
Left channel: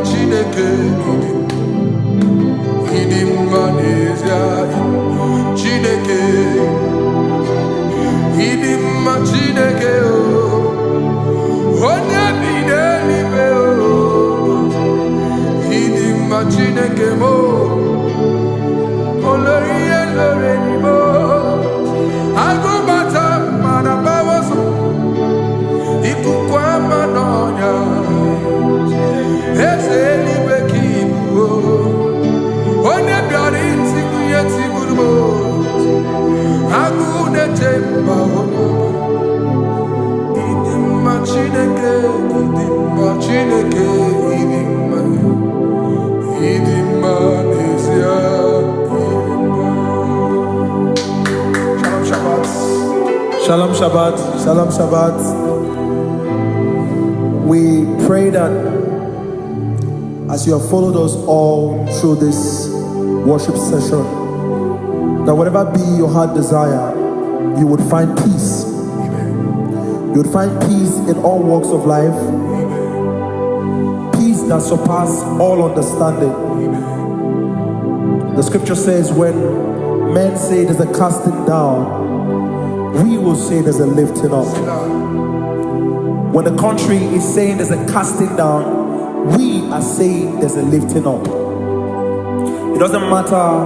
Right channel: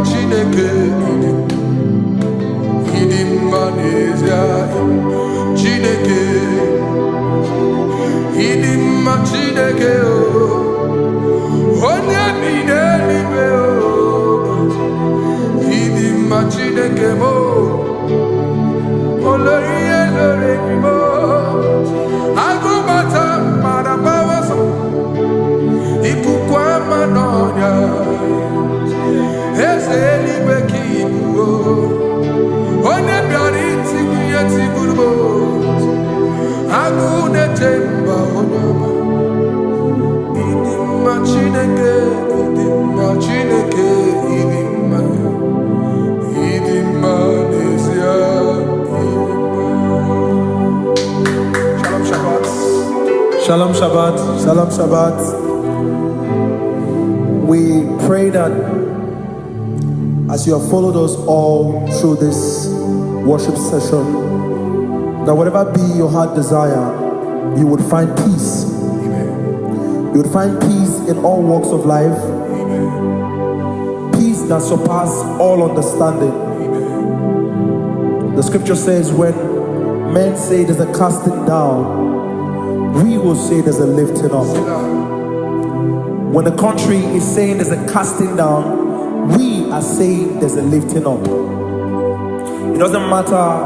Chineke idim manezia Chineke idim Chineke o onye bidelibe o idim Chineke mo oloriye loreni mo agubata marabawaso ikukwa manonya Ezelibe kibuo One biari tibuye tiburubo Agune temba onama Idimma Chineke Idimma nezia Idimma. Shalom Shabbat. Shalom Shabbat. Shalom Shabbat. We pray that as you have followed us all through this worship session, that whatever be your heart desire, you would find peace. Amen. You would find peace in all walks of life. Amen. Peace that surpasses all understanding. Amen. The scripture says, when men say there's a casting down, we will say there's a lifting up. When the country is saying there's a casting down, we are saying there's a lifting up. It doesn't matter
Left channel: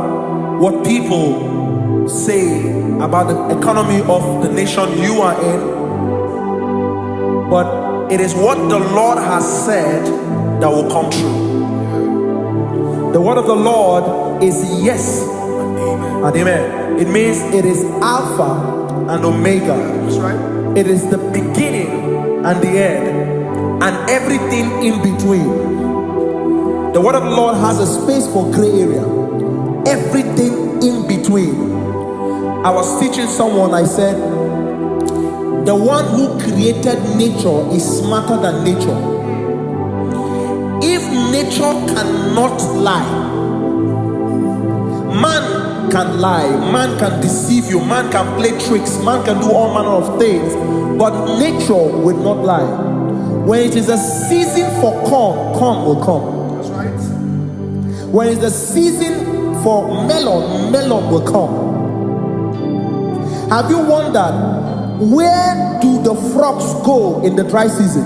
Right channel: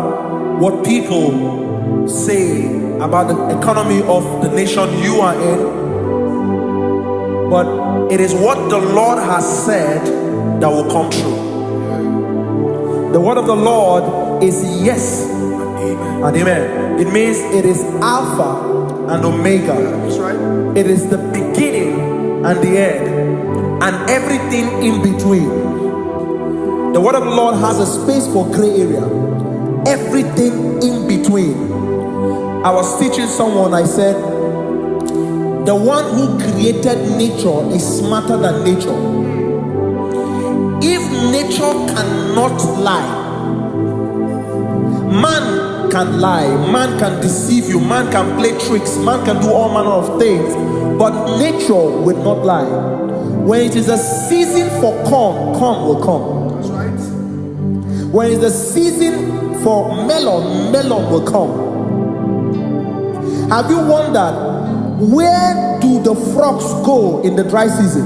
what people say about the economy of the nation you are in, but it is what the Lord has said that will come true. The word of the Lord is yes and amen. It means it is Alpha and Omega. That's right. It is the beginning and the end, and everything in between. The word of the Lord has a space for gray area. Everything in between. I was teaching someone, I said, the one who created nature is smarter than nature. If nature cannot lie, man can lie, man can deceive you, man can play tricks, man can do all manner of things, but nature will not lie. When it is a season for corn, corn will come. That's right. When it's the season for melon, melon will come. Have you wondered, where do the frogs go in the dry season?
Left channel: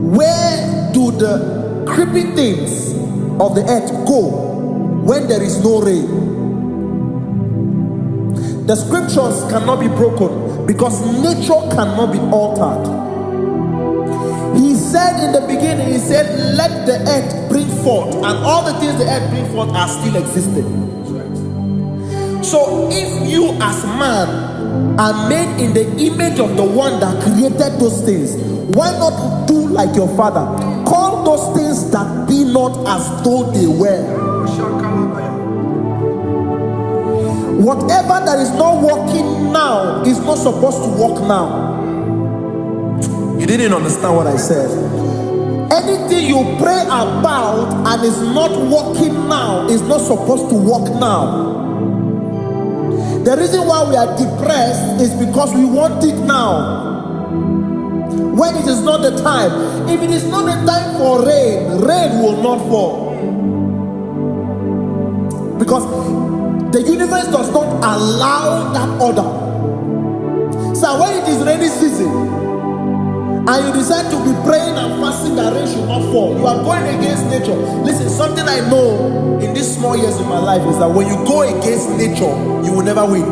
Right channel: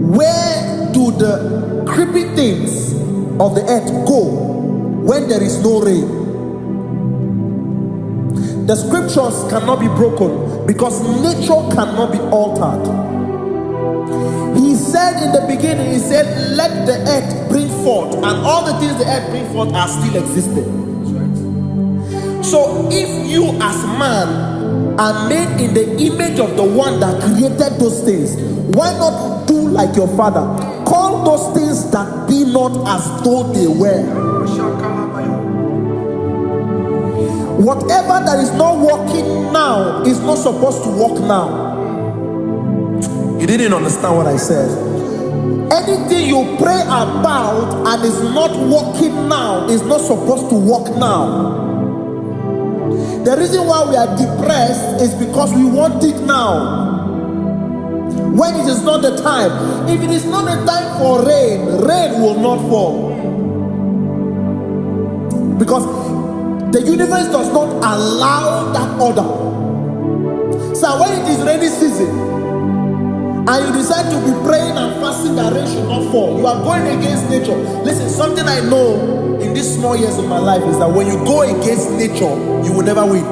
Where do the creepy things of the earth go when there is no rain? The scriptures cannot be broken because nature cannot be altered. He said in the beginning, he said, let the earth bring forth, and all the things the earth bring forth are still existing. That's right. So if you as man are made in the image of the one that created those things, why not do like your father? Call those things that be not as though they were. Whatever that is not working now is not supposed to work now. You didn't understand what I said. Anything you pray about and is not working now is not supposed to work now. The reason why we are depressed is because we want it now, when it is not the time. If it is not the time for rain, rain will not fall, because the universe does not allow that order. So when it is rainy season and you decide to be praying and fasting that rain should not fall, you are going against nature. Listen, something I know in these small years in my life is that when you go against nature, you will never win.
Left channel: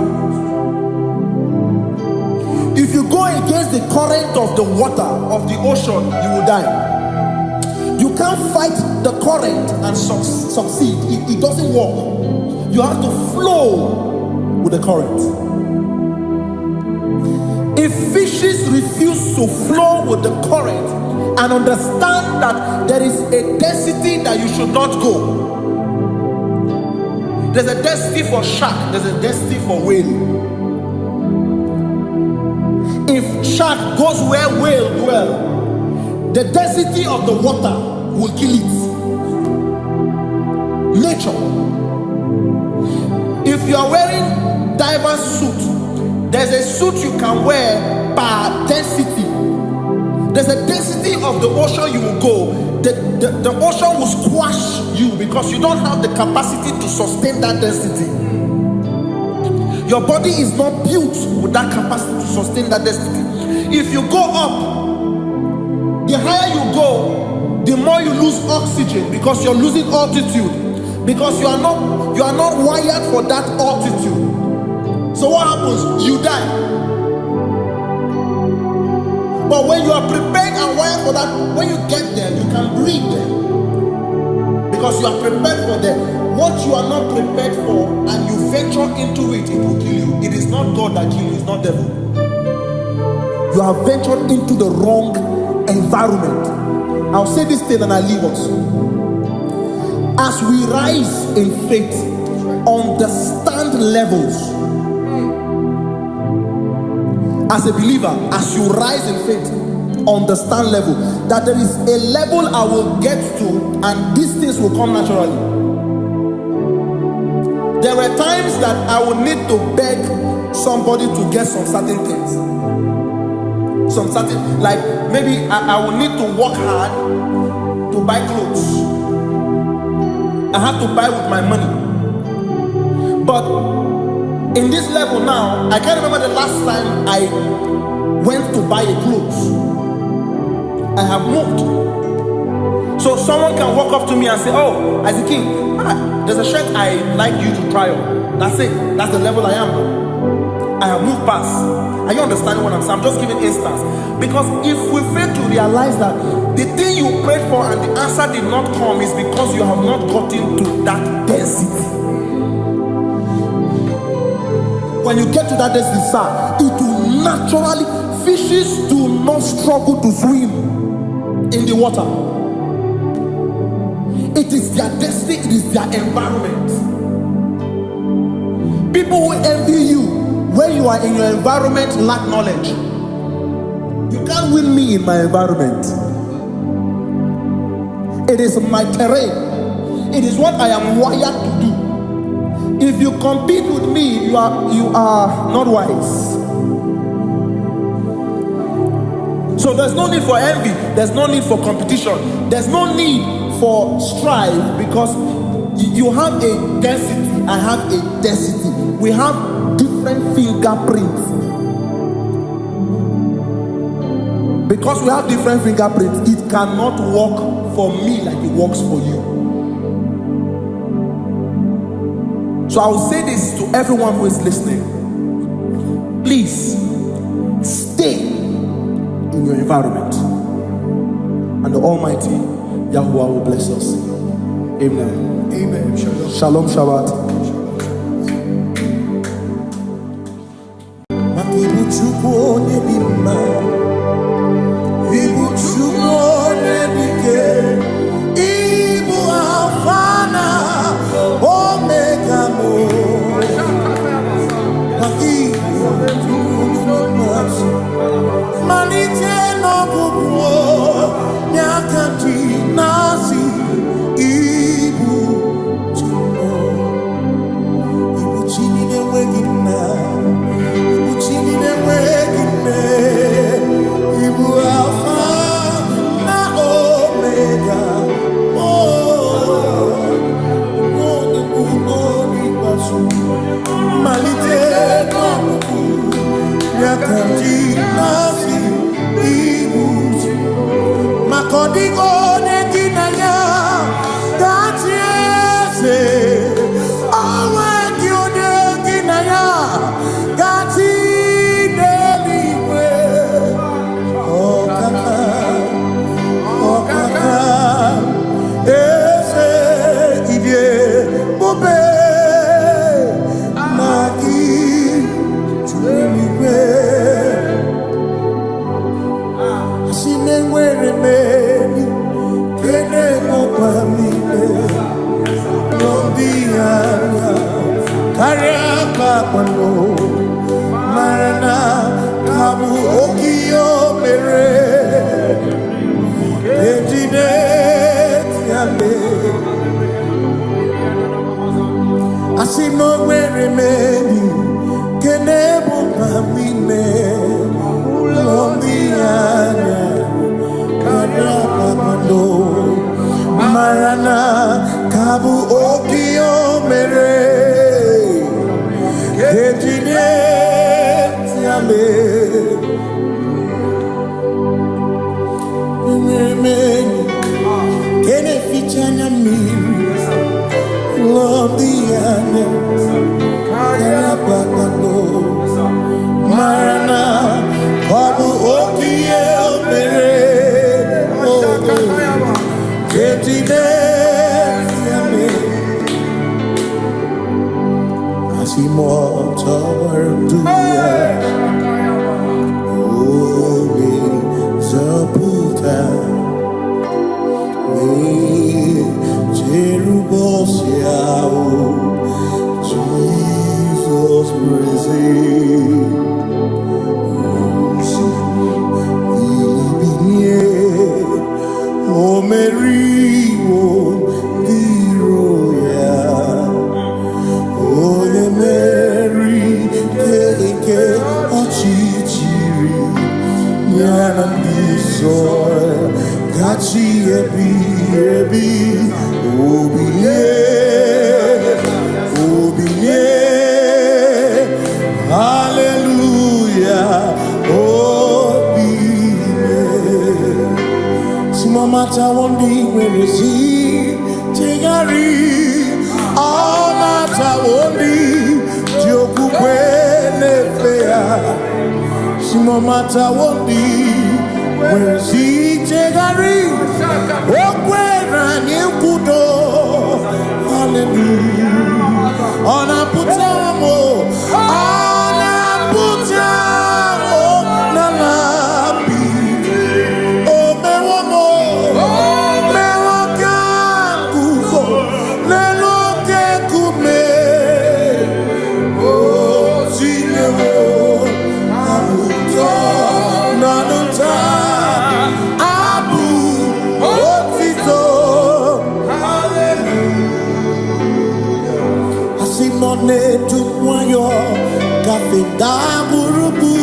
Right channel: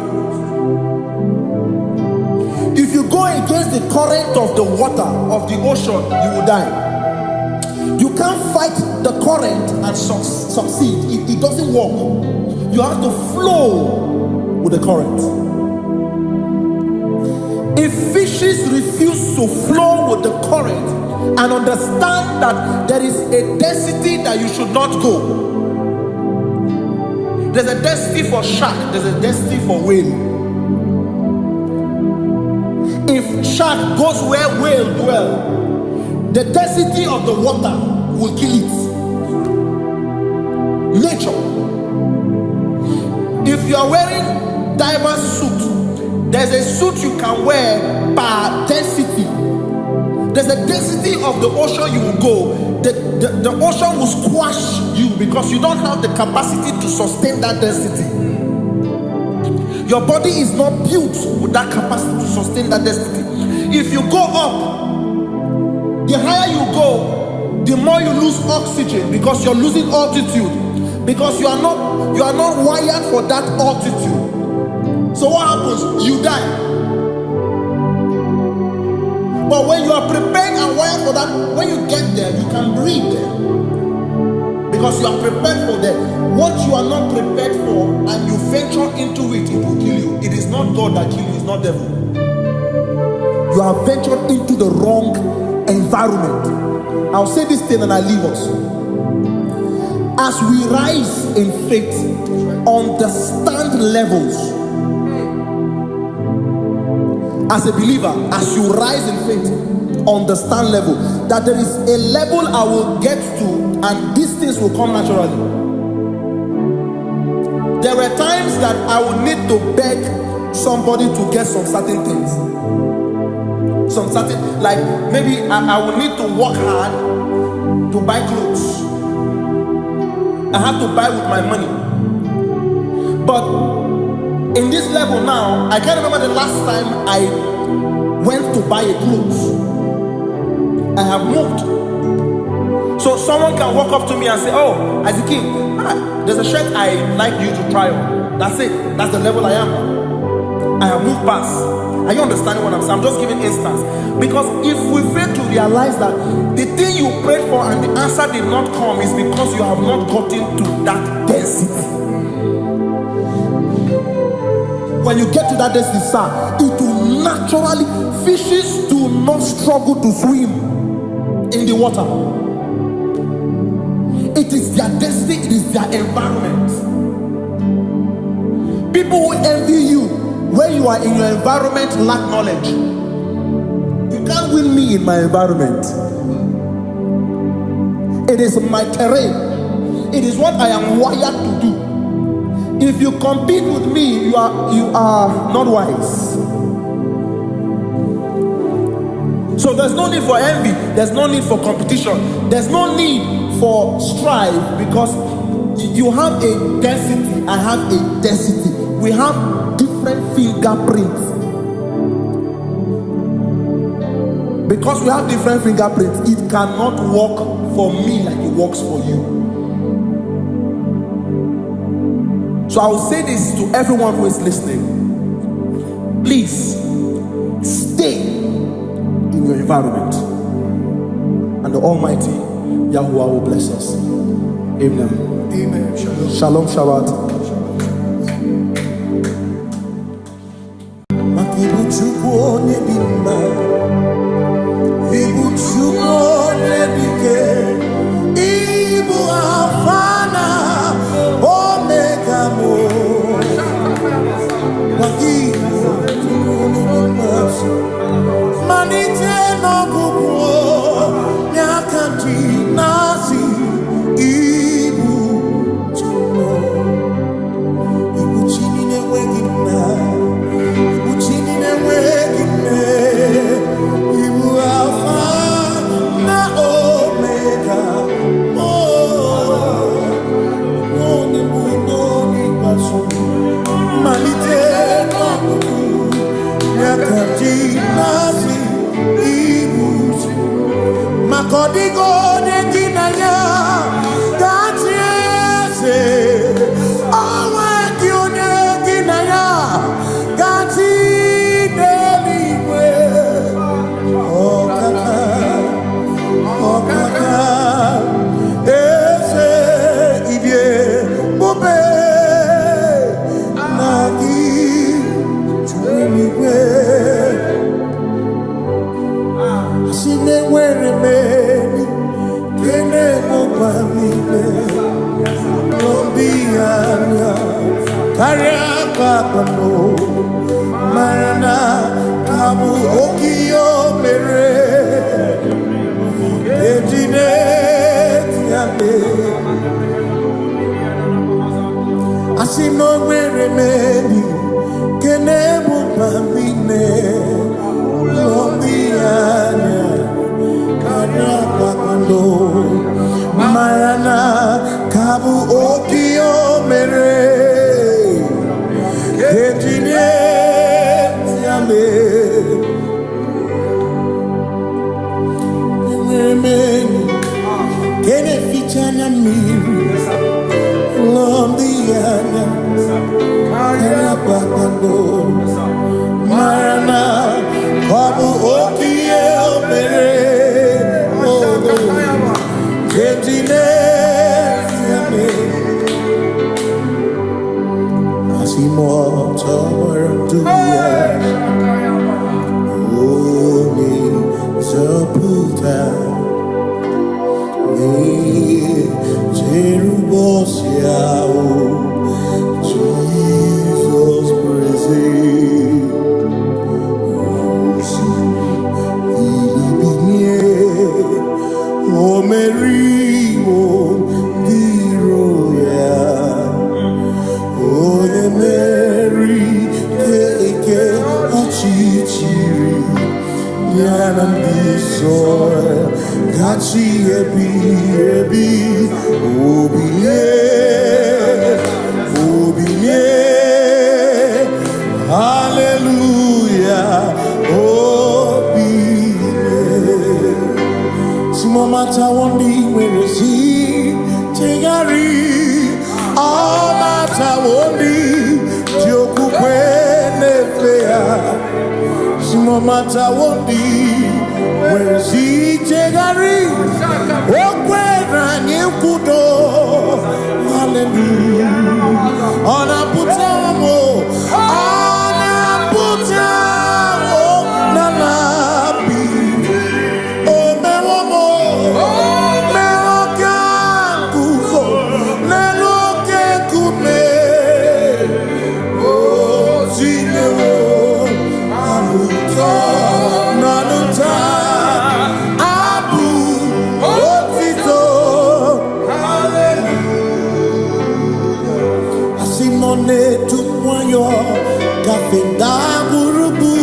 If you go against the current of the water of the ocean, you will die. You can't fight the current and succeed. It doesn't work. You have to flow with the current. If fishes refuse to flow with the current and understand that there is a density that you should not go, there's a density for shark, there's a density for whale. If shark goes where whale dwell, the density of the water will kill it. Nature. If you are wearing diver's suit, there's a suit you can wear per density. There's a density of the ocean you will go. The ocean will squash you because you don't have the capacity to sustain that density. Your body is not built with that capacity to sustain that density. If you go up, the higher you go, the more you lose oxygen because you're losing altitude, because you are not wired for that altitude. So what happens? You die. But when you are prepared and wired for that, when you get there, you can breathe there, because you are prepared for that. What you are not prepared for and you venture into it, it will kill you. It is not God that kills you, it's not devil. You have ventured into the wrong environment. I'll say this thing and I leave us. As we rise in faith, understand levels. As a believer, as you rise in faith, understand level. That there is a level I will get to and these things will come naturally. There were times that I would need to beg somebody to get some certain things. Some certain, like maybe I would need to work hard to buy clothes. I have to buy with my money. But in this level now, I can't remember the last time I went to buy a clothes. I have moved. So someone can walk up to me and say, oh, as a king, There's a shirt I like you to try on. That's it. That's the level I am now. I have moved past. Are you understanding what I'm saying? I'm just giving instance. Because if we fail to realize that the thing you prayed for and the answer did not come is because you have not gotten to that density. When you get to that density, sir, it will naturally, fishes do not struggle to swim in the water. It is their destiny, it is their environment. People who envy you when you are in your environment lack knowledge. You can't win me in my environment. It is my terrain. It is what I am wired to do. If you compete with me, you are not wise. So there's no need for envy. There's no need for competition. There's no need for strife, because you have a density. I have a density. We have different fingerprints. Because we have different fingerprints, it cannot work for me like it works for you. So I will say this to everyone who is listening. Please stay in your environment, and the Almighty Yahuwah will bless us. Amen. Amen. Shalom. Shalom Shabbat. Ibu Chukwu onye dị mma, Ibu Chukwu onye dike, Ibu Alpha na Omega mo. Ibu Chukwu onye dị mma, malite n'ọgwụgwụ n'akanti nasi. Ibu Chukwu, Ibu Chini na-enweghị nna. Chini na-enweghị nne, Ibu Alpha na Omega, onye mbụ n'oge ikpeazụ, malite n'ọgwụgwụ n'aka ndị na-asị Ibu. Maka ọ dịghị onye gị na ya ga-achị eze, onwe gị onye gị na ya ga-achị n'eluigwe. Ọkaka eze ibie bube na gị juru n'igwe. Asị na enwere m enyi kene mụkwa m niile, n'obi anya karịa kpakpando, mara na ka bụ oke ihe o mere. Ejide tiale asị na o nwere m enyi kene bụkwa m niile, ụlọ ndị anya karịa kpakpando, mara na ka bụ oke ihe o mere. Ejide tiale enwere m enyi kene ficha anya mmiri, ụlọ ndị anya karịa kpakpando, mara na ọ bụ oke ihe o mere. Ejide tiale asị m ọtọgbara ndụ ya, onye nzọpụta na-echere ụbọchị ahụ Jizọs breze. Osimiri bilie, o meriwo ndị iro ya, onye meri keke ọchịchịrị ya na ndị nsọ gachi ebi ebi. Obilie, obilie, hallelujah, obilie. Si mama ta wondi nwere si chegari all matter only Joku Kwenefea Shimo matter only where she jegari Okwera Nyekudo Hallelujah Ona putamo Ona putamo Nalabi O mewamo Mewokan kuzo Leloke kume O zinewo Abuto Nanuta Abu Otito Asimone Tumwayo Kafenda Burubu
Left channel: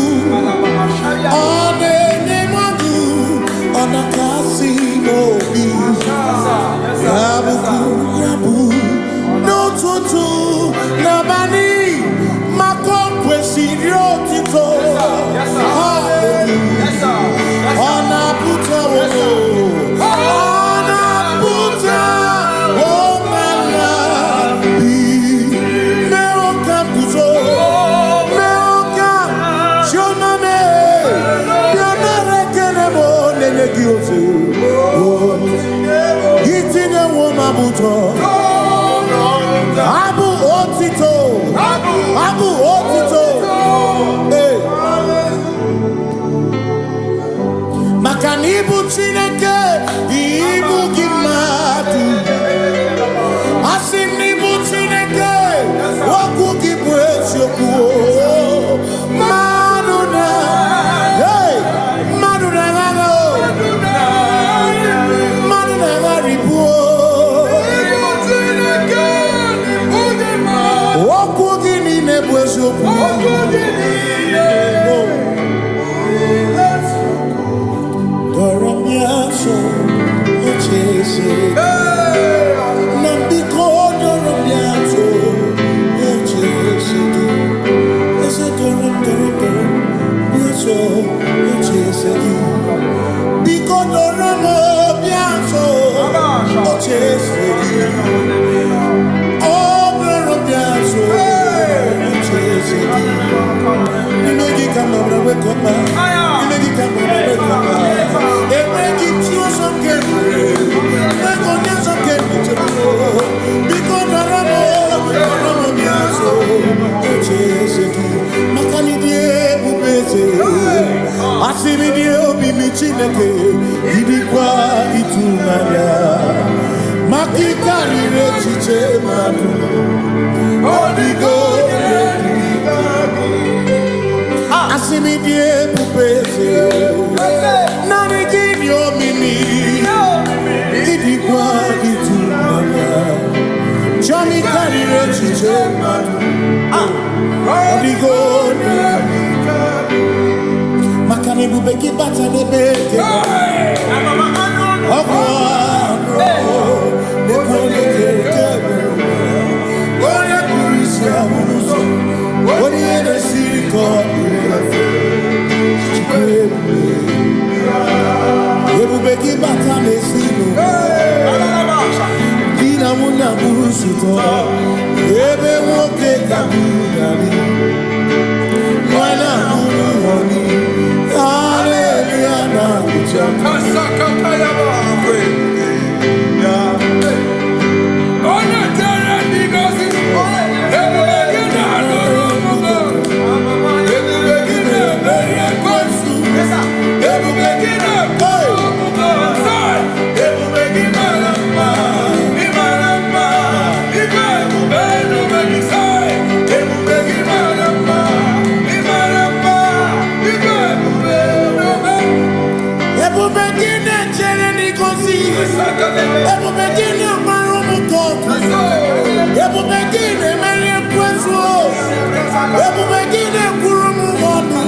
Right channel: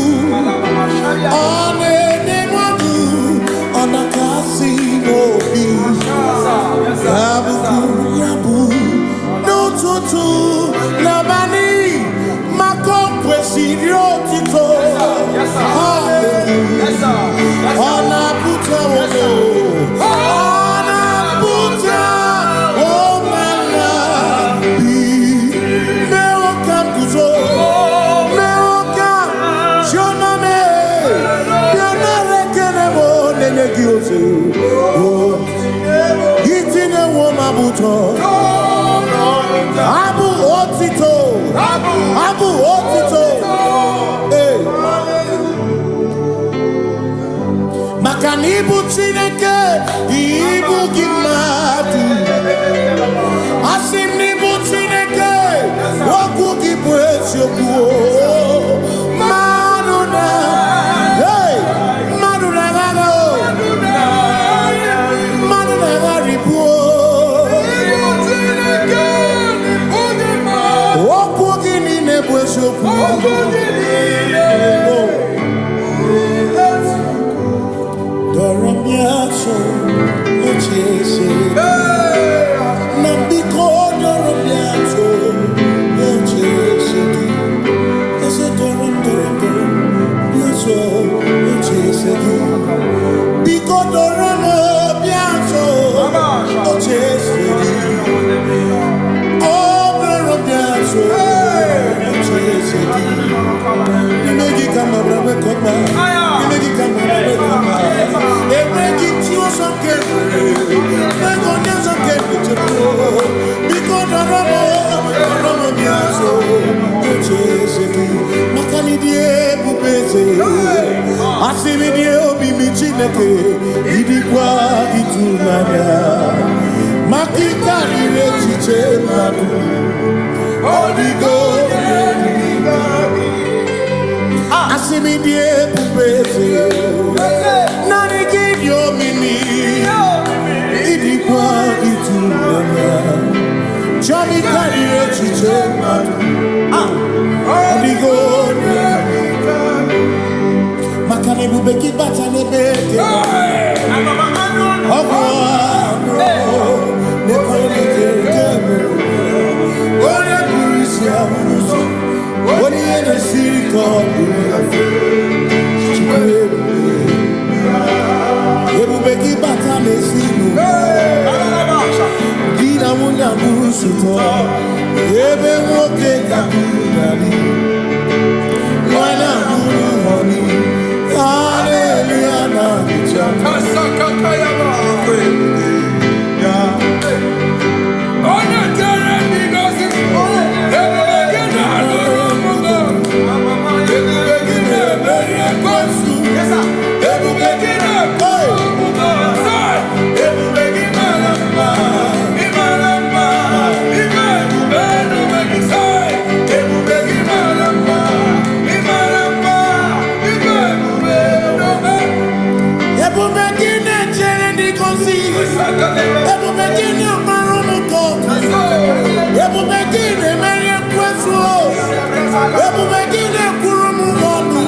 One Nemadu Onakasi Mobi Yabu Yabu No Tutu Nabani Makopwe Sirio Tito Hallelujah Ona Puta Wono Ona Puta Womala Bi Meokan Kuzo Meokan Shoname Biana Rekenemo Nenegioze Gitine Womabuto Abu Otito Abu Otito Hey Makanibu Chineke Ibu Gimatu Asinibu Chineke Waku Gibwesyoku Maduna Hey Maduna Gago Maduna Garibu Waku Gini Nebwesyoku Doramiaso Ochese Nambiko Doramiaso Ochese Ese Doram Biaso Ochese Biko Doramo Biaso Ochese Oh Doramiaso Ochese Nimegi kama brawe kopa Nimegi kama brawe kopa Emegi tiyo sonkemre Megonya sonkemre Biko Doramo biaso Ocheseki Makani die bubeze Asimi die obi michineke Idikwa itunanya Makikari rechiche madu Odigo Asimi die bubeze Nani gidio mimi Idikwa itunanya Chami karire chiche madu Odigo Makane bubeki bata nebeke Ogwano Nekone kekebe Oye kurisi ya unuso Oye ene siriko Chikwebe Ebubeki bata nesinu Dina muna busuto Ebe woke kabudali Wana muru honi Hallelujah na kuchaka Kasakatayaba Onya tere digosi Ebubegina Nurumugo Ebubegina Beria Kwansu Ebubegina Nurumugo Ebubegina Lamba Imaramba Ibebubeno Benisai Ebubegina Lamba Imaramba Ibebubeno Ebubegina chere digosi Ebubegina marumuko Ebubegina Beria Kwansu Ebubegina Kurumumonu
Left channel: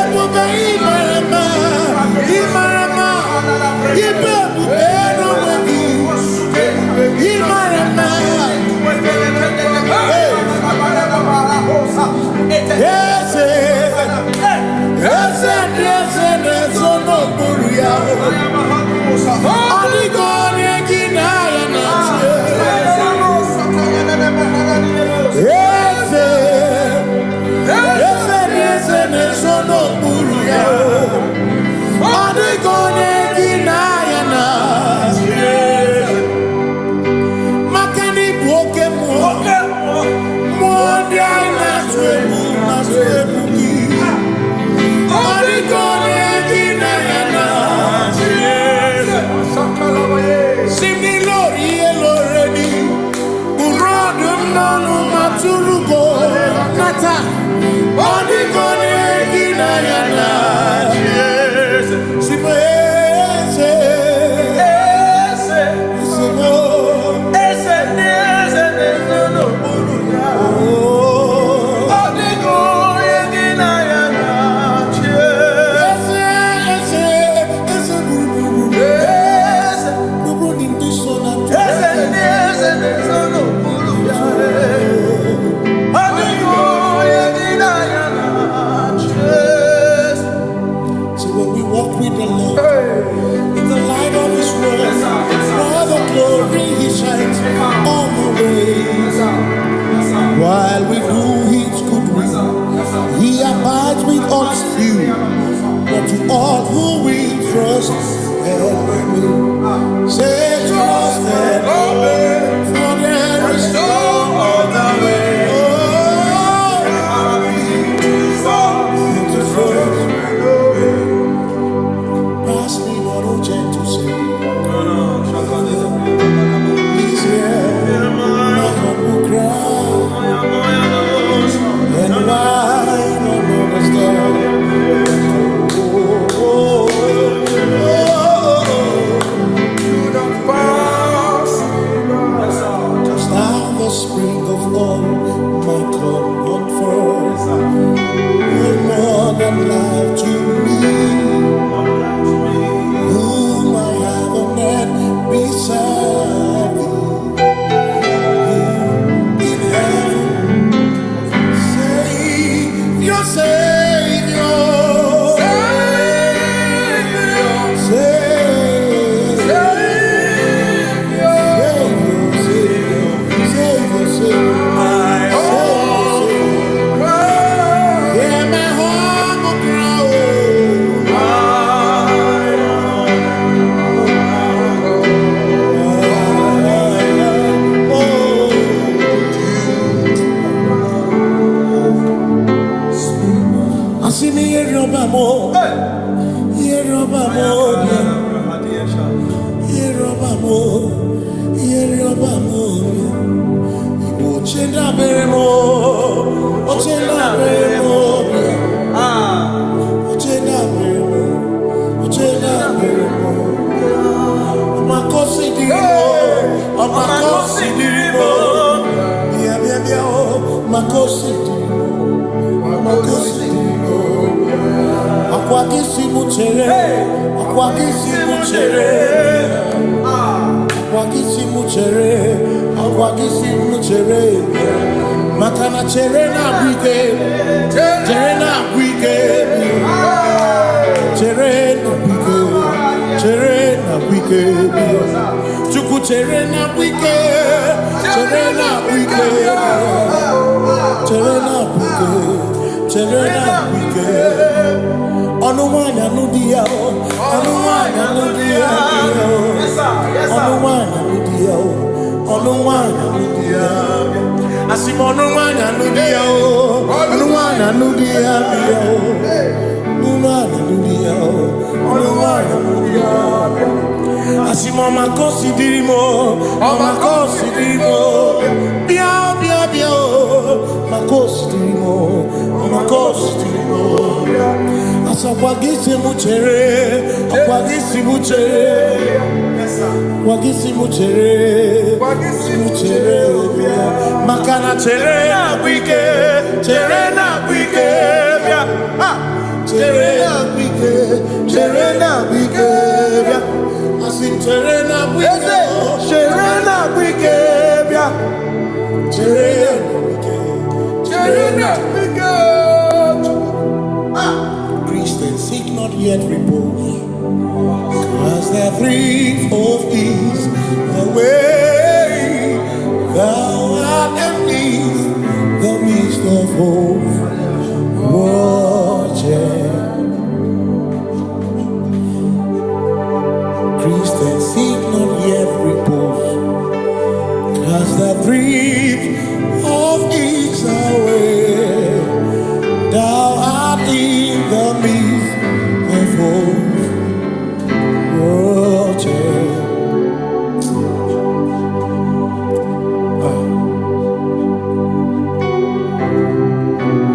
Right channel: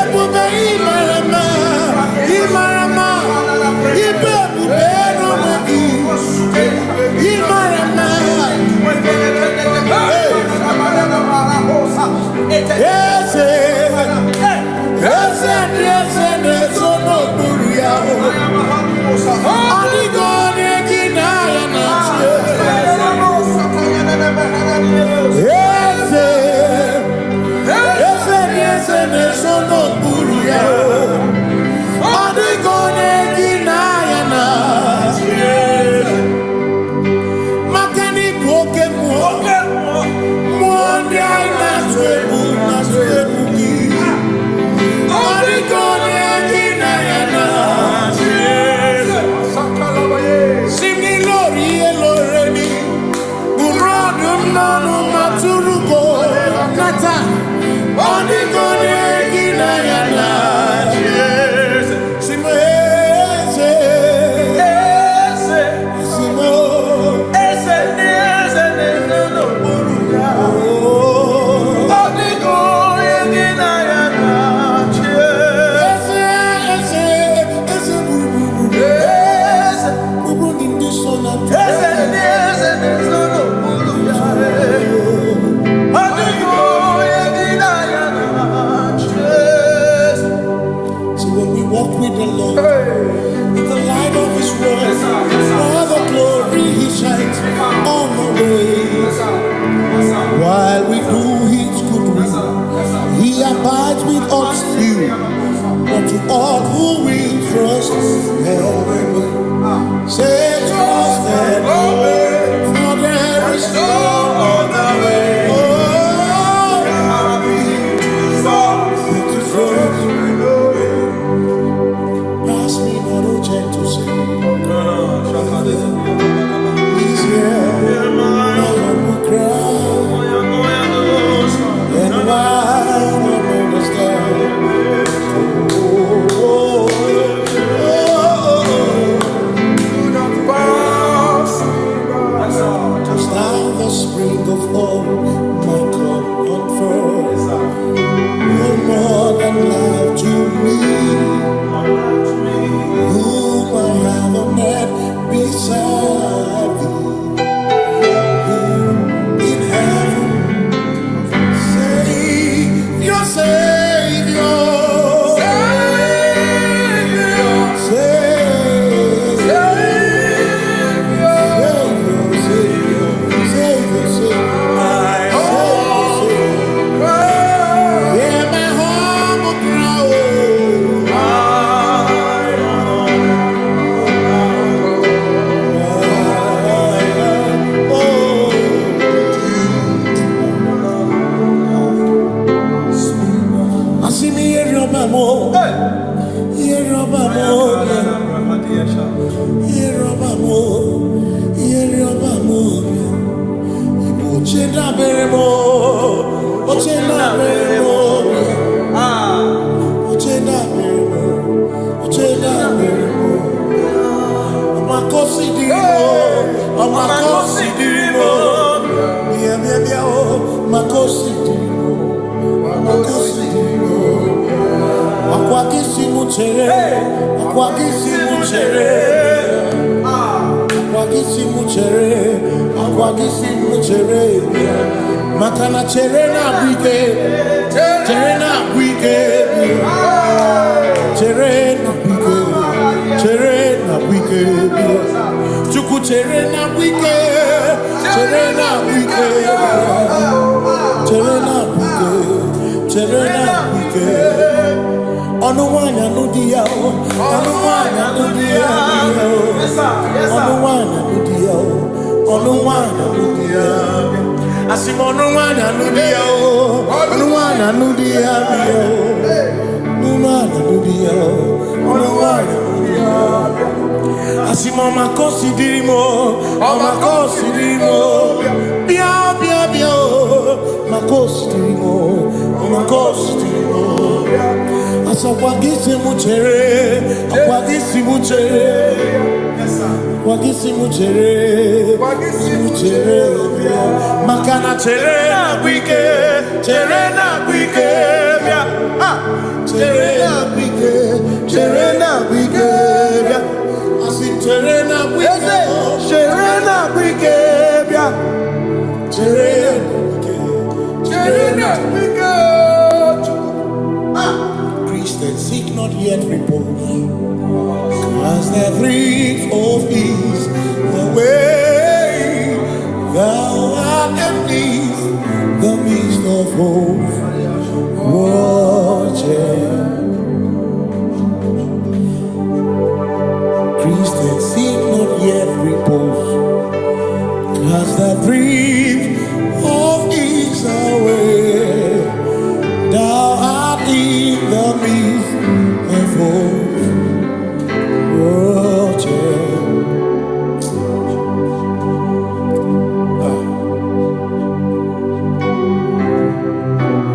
Ebubegina Imarama Ibebubeno Imarama Yes, When we walk with the Lord, in the light of His word, for the glory He shines on the way. While we do His good will, He abides with us still. But to all who will trust and obey, say trust and obey, for there is no other way. Oh, but to trust. Pass me not, oh gentle Savior. He's here, my humble cry. And why don't understand? Do not pass me by. Touch down the spring of all my comfort. You're more than life to me. Whom I have on earth beside thee. In heaven, Savior, Savior, Makana chere na bwike, chere na bwike, chere na bwike, chere na bwike, chuku chere na bwike, chere na bwike, chere na bwike, chere na bwike. Onuwanya nudia o, onuwanya nudia o, onuwanya nudia o, onuwanya nudia. Asimonuwanya nudia o, onuwanya nudia o, onuwanya nudia o, onuwanya nudia. Asimoma kosi dirimo, oma kosi dirimo, bia bia bia o, makosi dirimo, oma kosi dirimo. Asakwagisi muchere, akwagisi muchere, akwagisi muchere, muchere. Makana chere na bwike, chere na bwike, bia, chere na bwike, chere na bwike, bia. Asim chere na bwike, chere na bwike, bia, chere na bwike, chere na bwike. Christians seek not yet repose, cause the dreams of ease the way thou art. art amidst the midst of hosts, watching. Christians seek not yet repose, cast the dreams of Israel. Thou art in the midst of hosts, watching.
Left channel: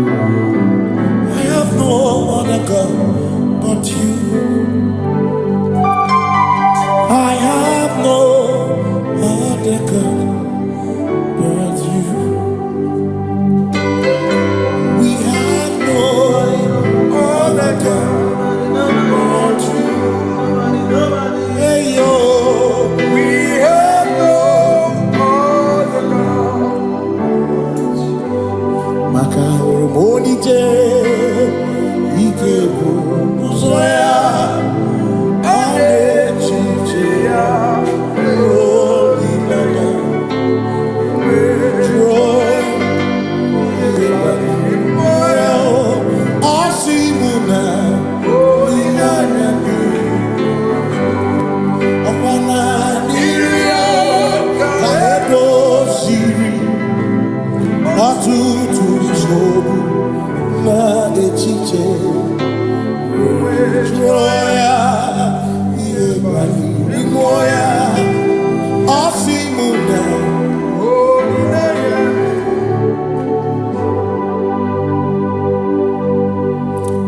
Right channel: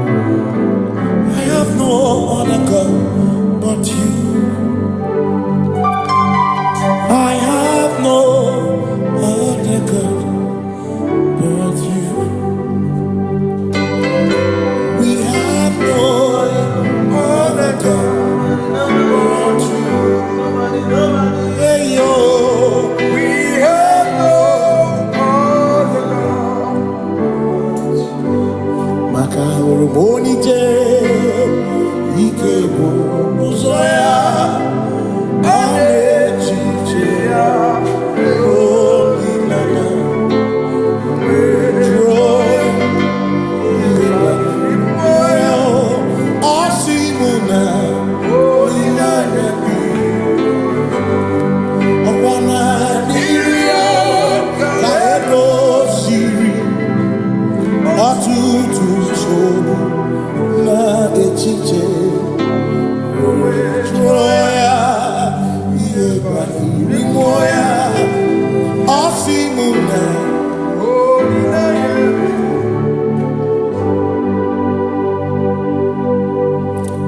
I have no other God but you. I have no other God but you. We have no other God but you. Hey yo, We have no other God. maka hormoni je ike buru uzoya anechiche ya holy nana joy osimuna holy nana okwana nirio kaedo siri atutu sobu na echiche joya iebani rimoya osimuna Holy name.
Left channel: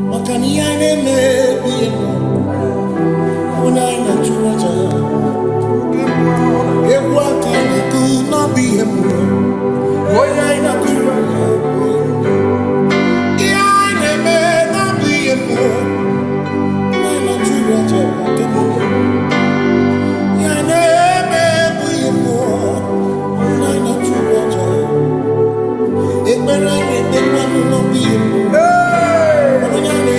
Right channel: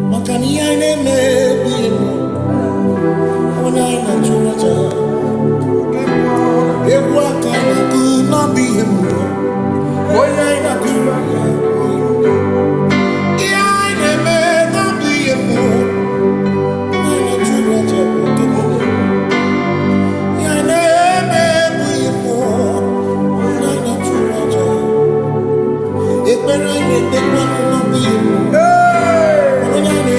makani aine me biemo ona ina churaja ewa kana ku na biemo ona ina churaja aine me na biemo ona ina churaja okemo aine me biemo ona ina churaja ekpera ine ekpera no biemo ona ina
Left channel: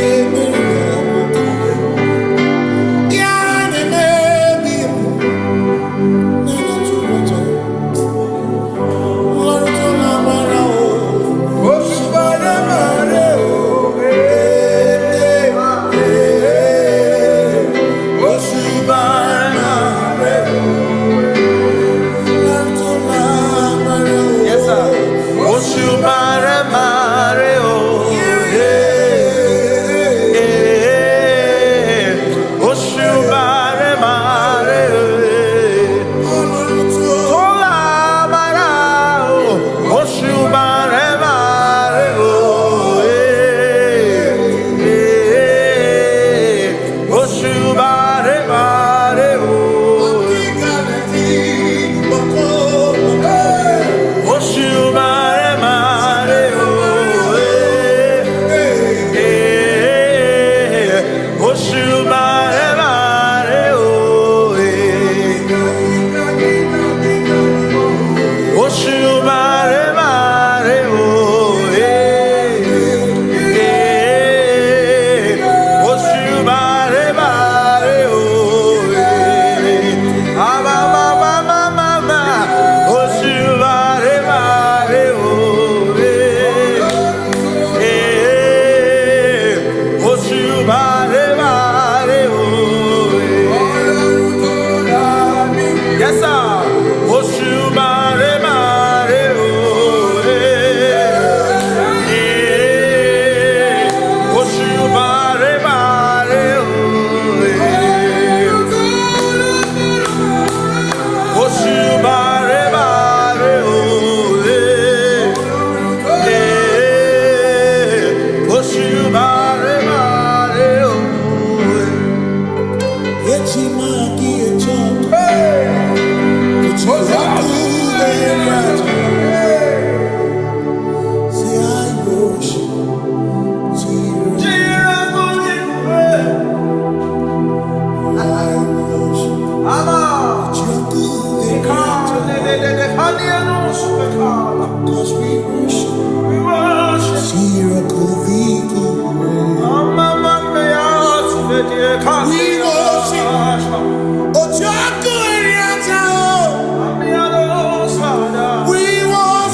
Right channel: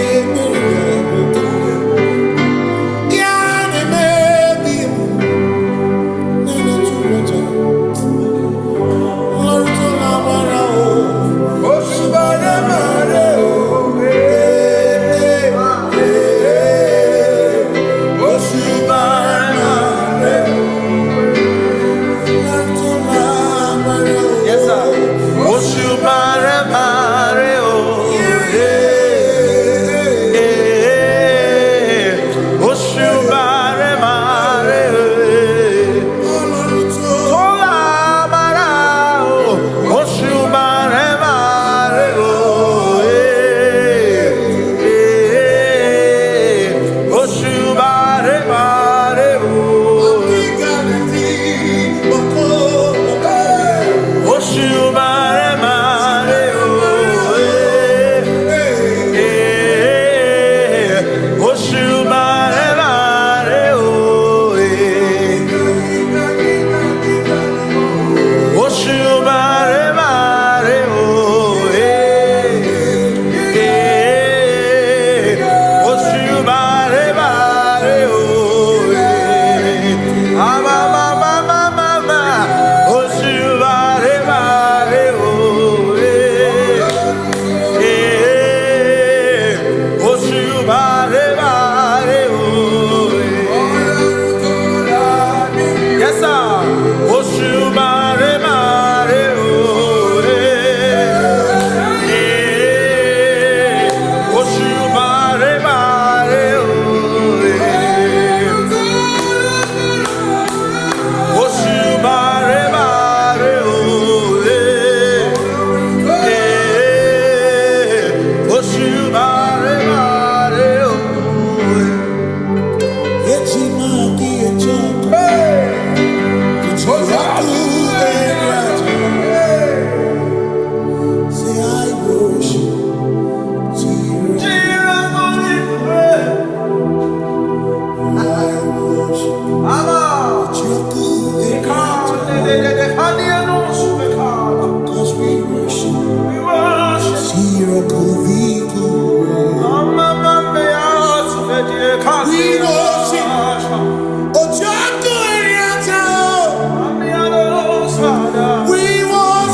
Cause we worship. We worship. We worship.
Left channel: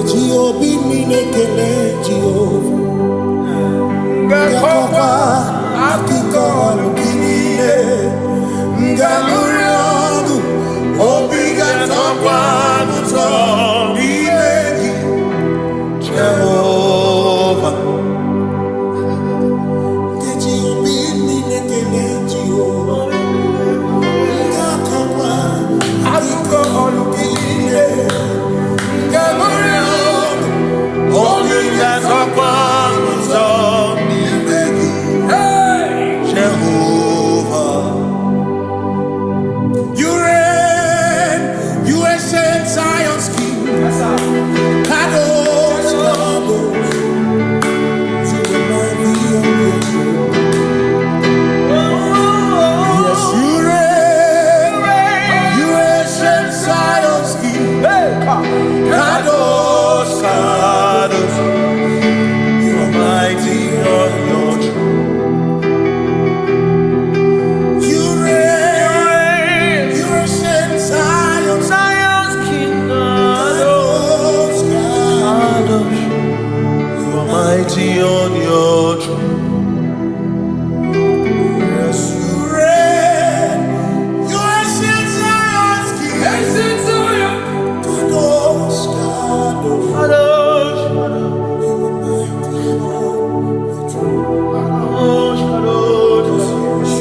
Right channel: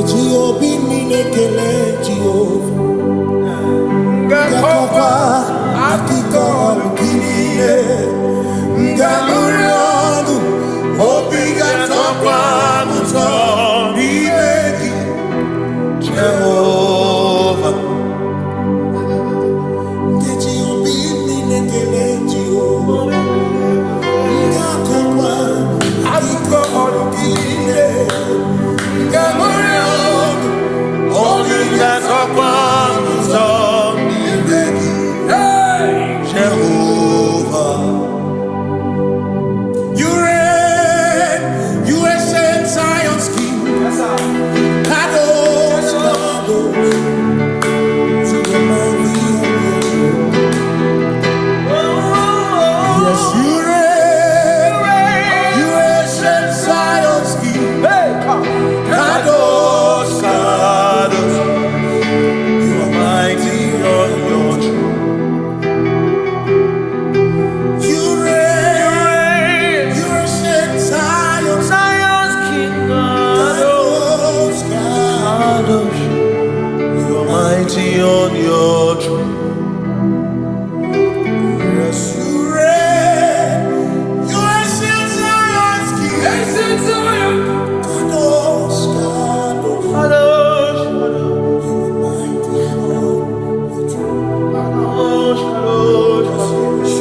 Ngeji obi mi nekele Jehovah. Ngakokwa akiko olukile. Ngaluri ogu obi gatokwa muto nimegi Jehovah. Ngeji obi mi nekele Jehovah. Ngakokwa akiko olukile. Ngaluri ogu obi gatokwa muto nimegi Jehovah. You reign, you ancient Zion's king. Kadosh, Kadosh, to the mighty on your throne. Yes, you reign, you ancient Zion's king. Kadosh, Kadosh, you are mighty on your throne. Mighty on your throne. Yes, you reign. You ancient Zion's king. Ancient Zion. Kadosh, Kadosh, Kadosh, Kadosh. You are mighty on your throne. Kadosh, Kadosh, Kadosh.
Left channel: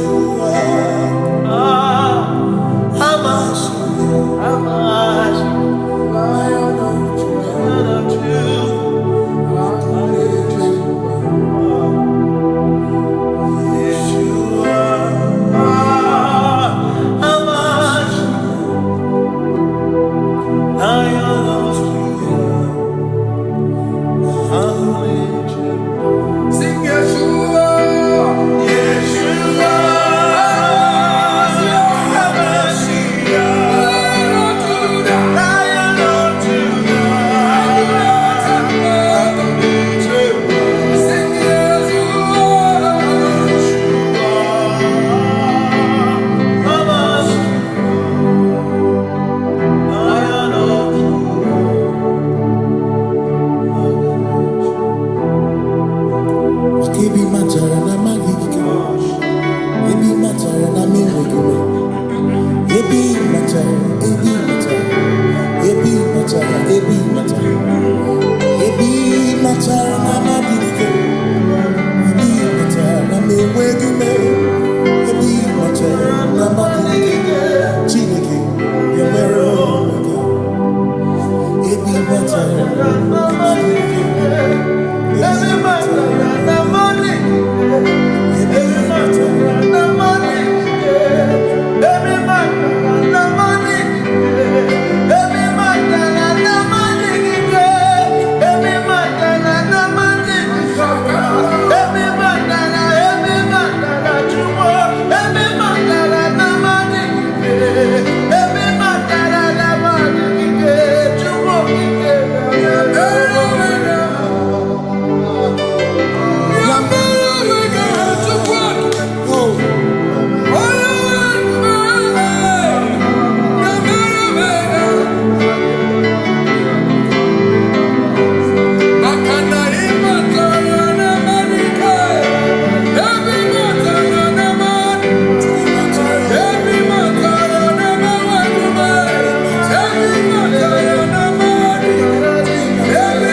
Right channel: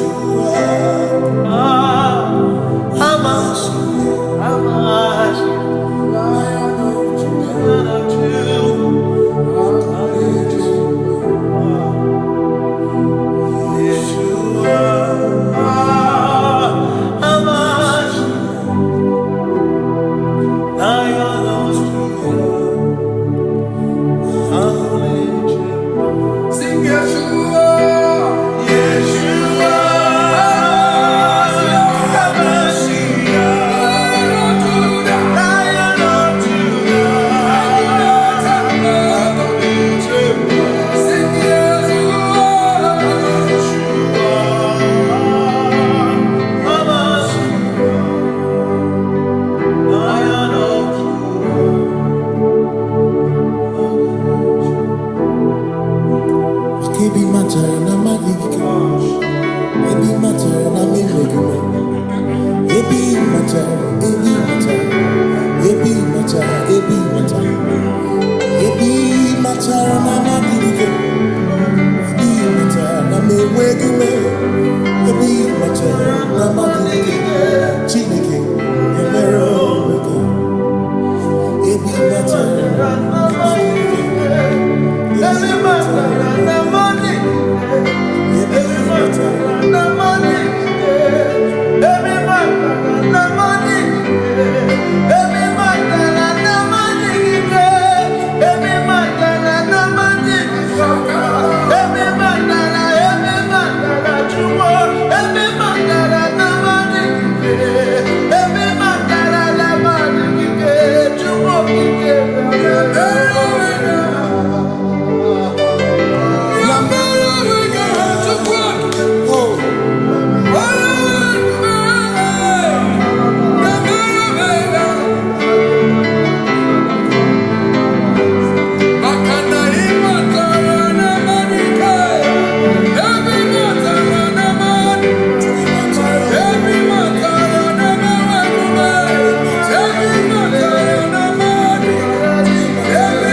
Hamashia, Hamashia, Lion of Judah, Lion of Judah. Sing Yeshua, Yeshua, Lion of Judah, sing Ebi matara na magigike, ebi matara na menwegume, ebi matara, ebi matara, ebi matara, ebi matara, ebi matara na magigike, ebi matara na menwegume, ebi matara na magigike, Chineke emero weke, ebi matara na magigike. Every matter and the money, every matter and the money, every matter and the money, every matter and the money, every matter and the money, every matter you want, every matter and the money, every matter and the money, you want, every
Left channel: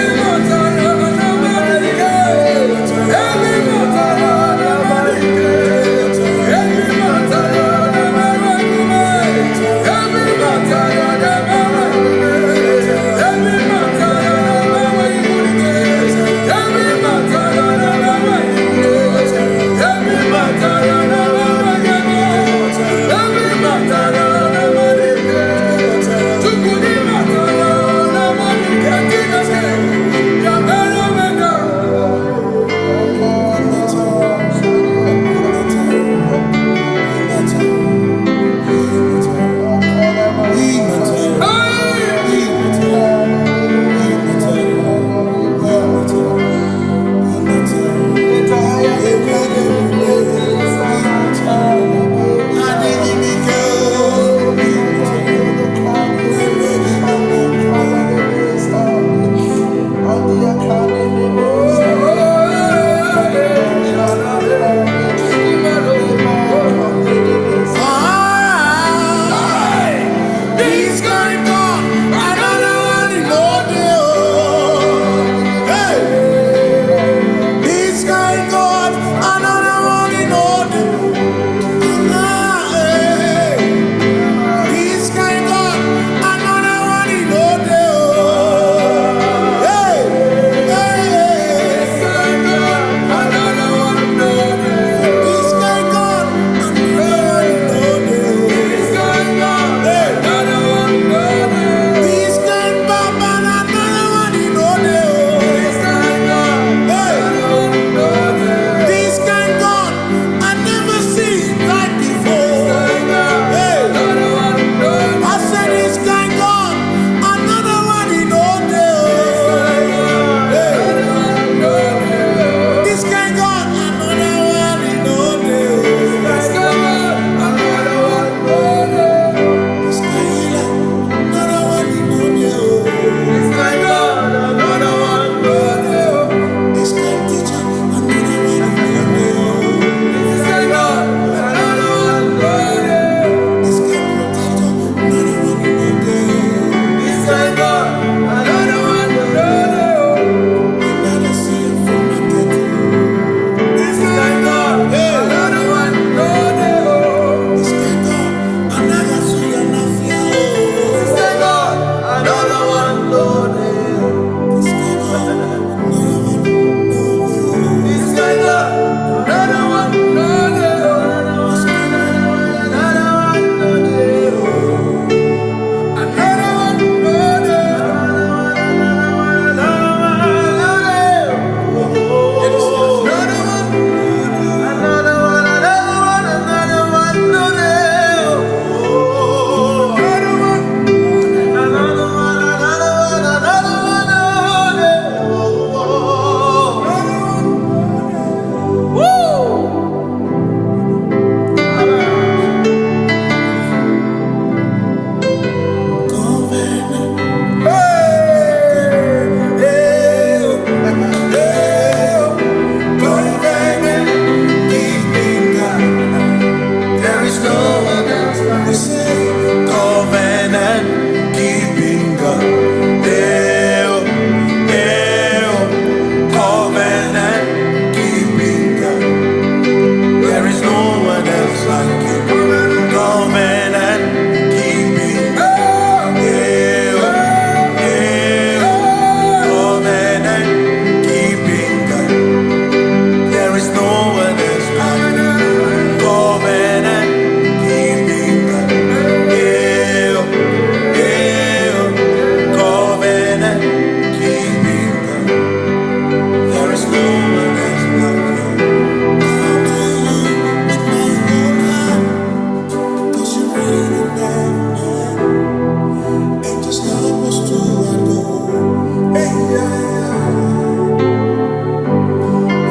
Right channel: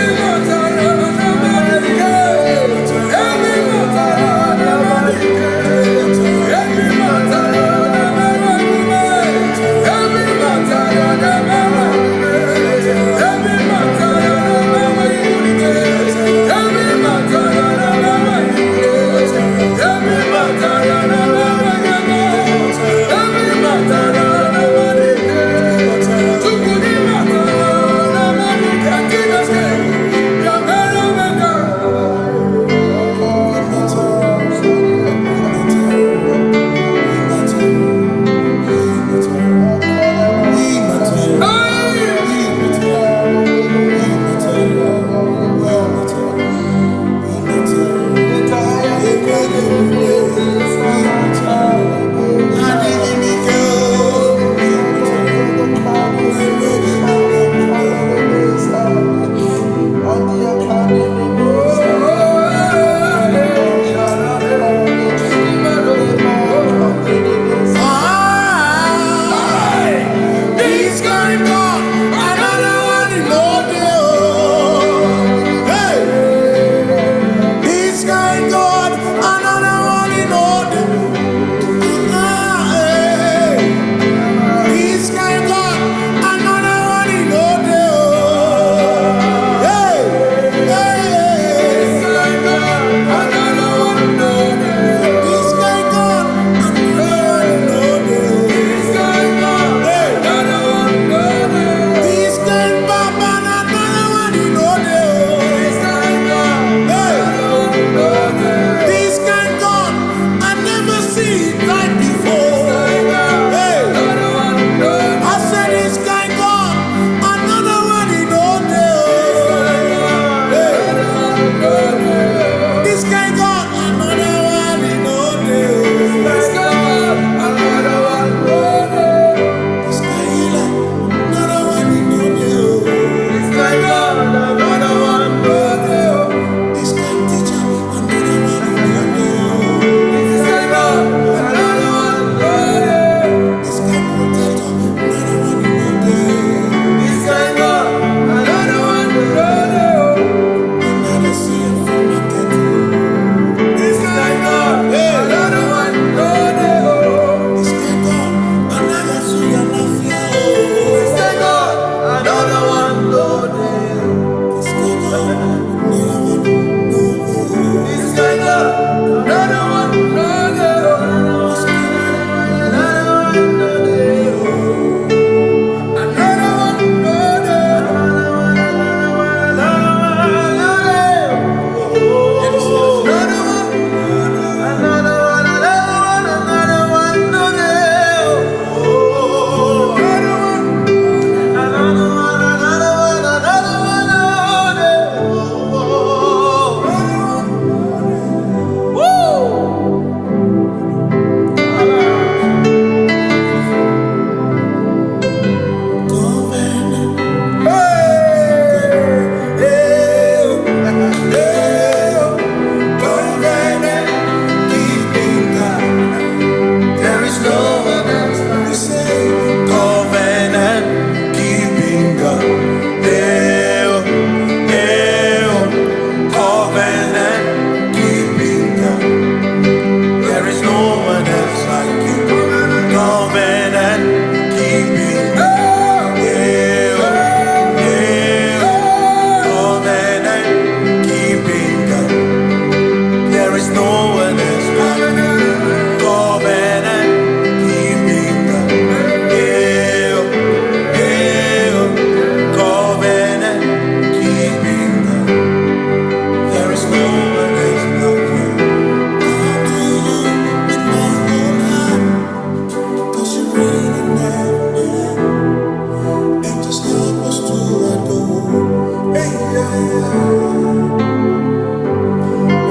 us to adore. Hey, yeah, yeah.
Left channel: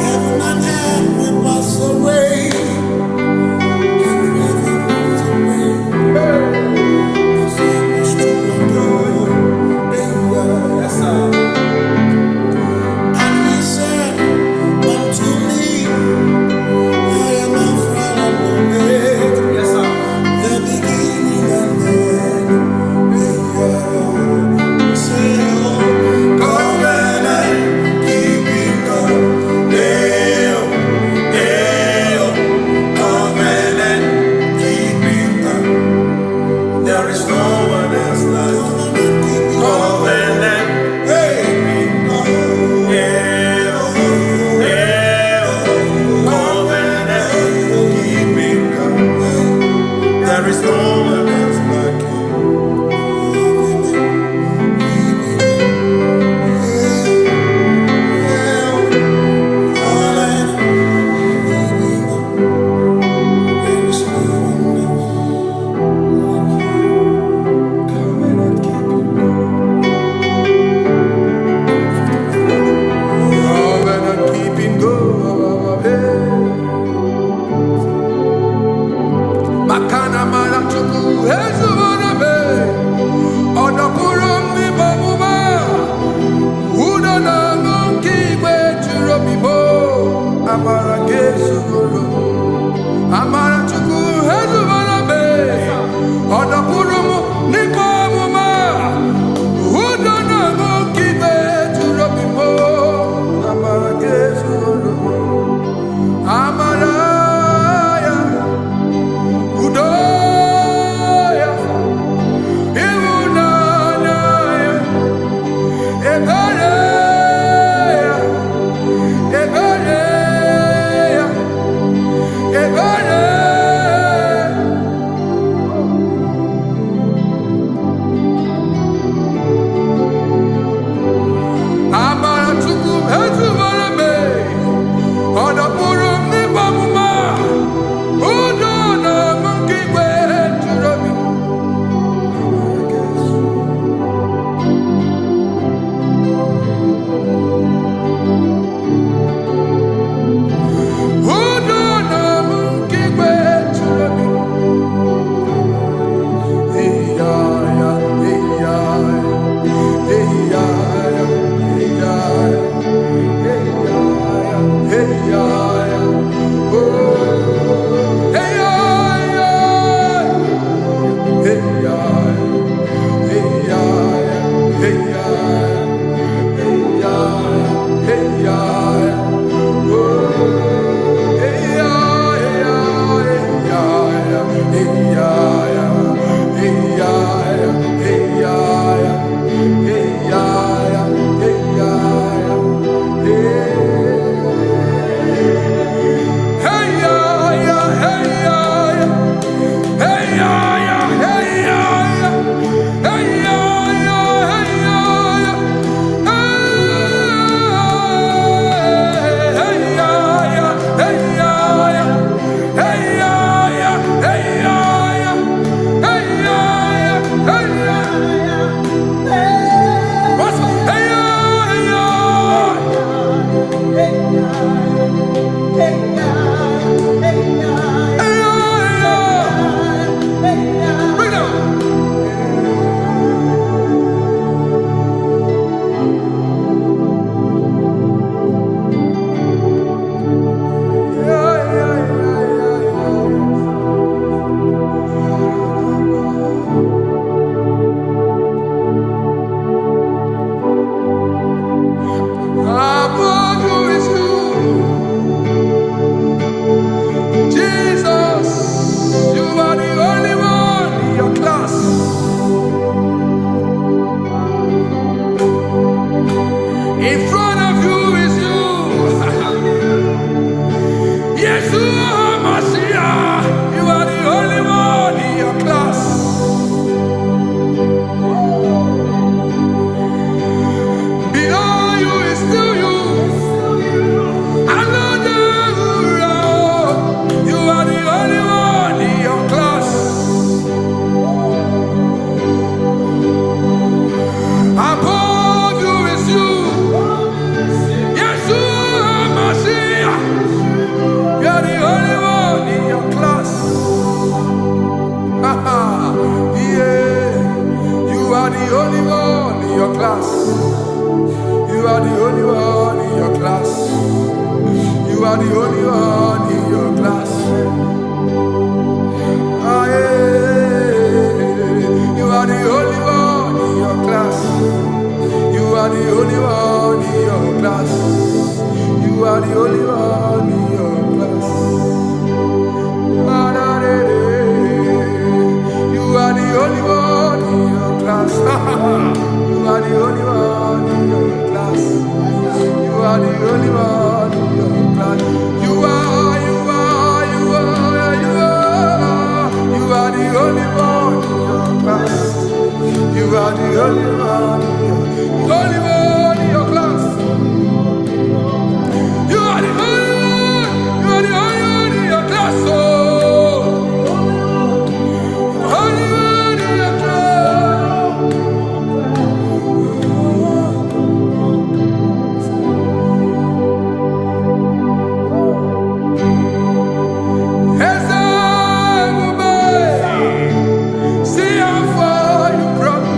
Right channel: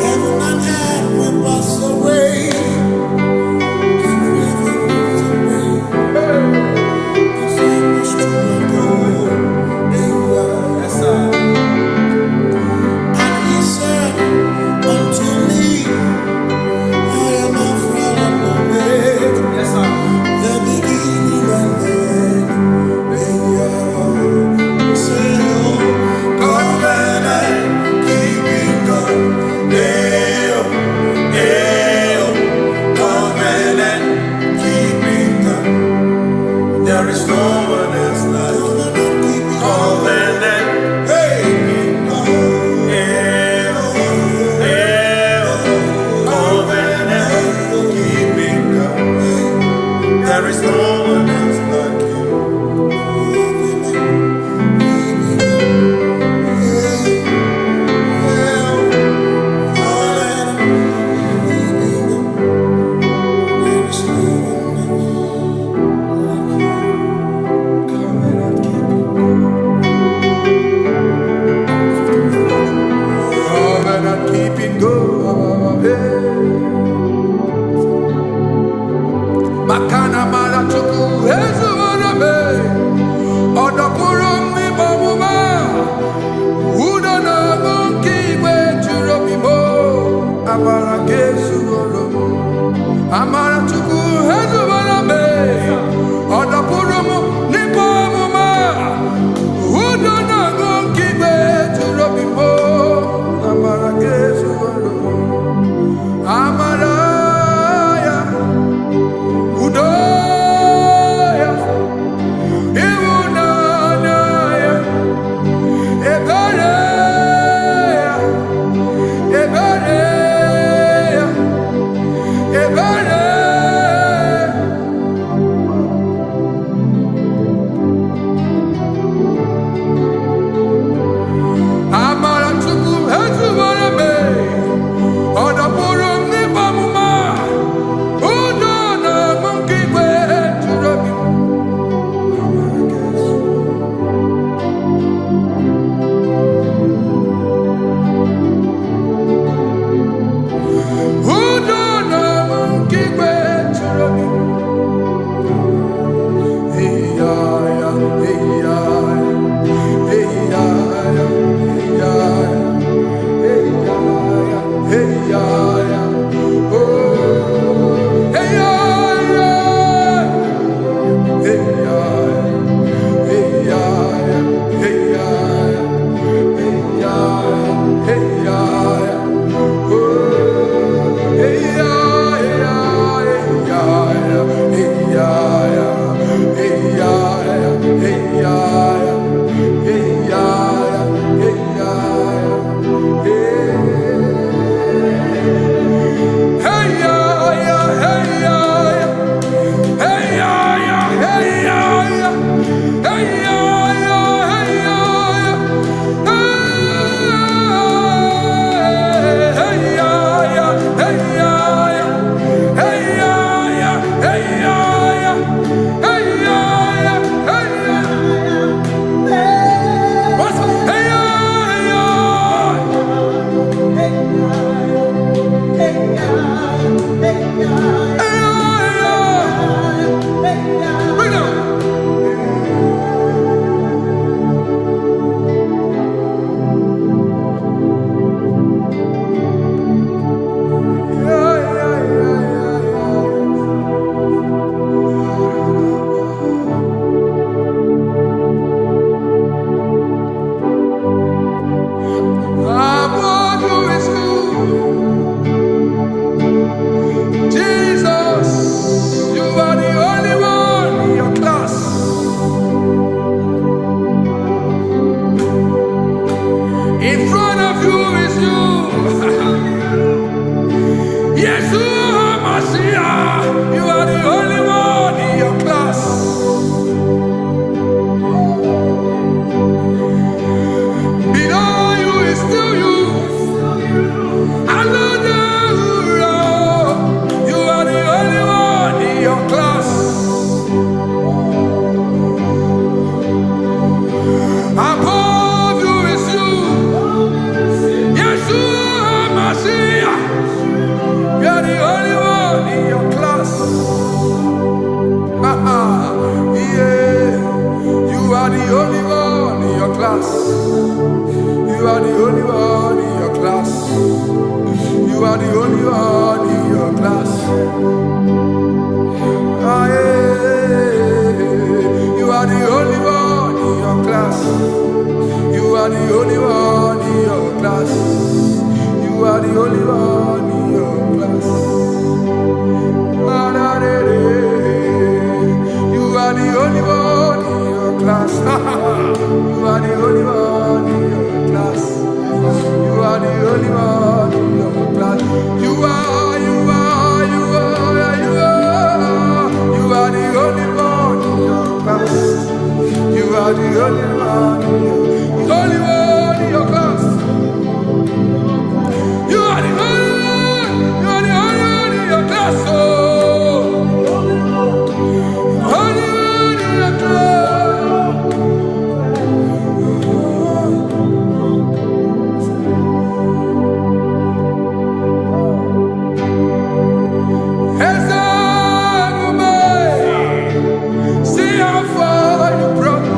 Heaven and earth will pass away. Forever pass away. Us to adore. Hey, yeah. Yes, sir. And he said unto me, I am Alpha and Omega. Yes, sir. The beginning and the end. Hey, yeah. Say, oh, covenant keeping God. Hey, oh, covenant keeping God. There is no one else like covenant. Hey, there is no one else like you. Covenant keeping go. Makana mara chuku hezu warame odapurum ni bamuma uda na ngonki gwe churobimo amara gesu worum amara chuku hezu warame odapurum ni bamuma uda na ngonki gwe churobimo amara gesu worum amara Udoya, Iwunanaya, Ebereya, Ebereya, Ebereya. Amara chuku hezu warame, odapurum ni bamuma. In front of you is you. Yeshua Mashiach, you are the only one in your class. Below you is still you. You are the only one in your class. Above you is you. Yeshua Mashiach. You are the only one in your class. Yeah. You are the only one in your class. You are the only one in your class. You are the only one in your class. Ah, yeah. You are the only one in your class. You are the only one in your class. You are the only one in your class. You are the only one in your class. You are the only one in your class. You are the only one in your class. You are the only one in your class. You are the only one in your class. You are the only one in your class. Oh, only one in your class. See how far you brought me.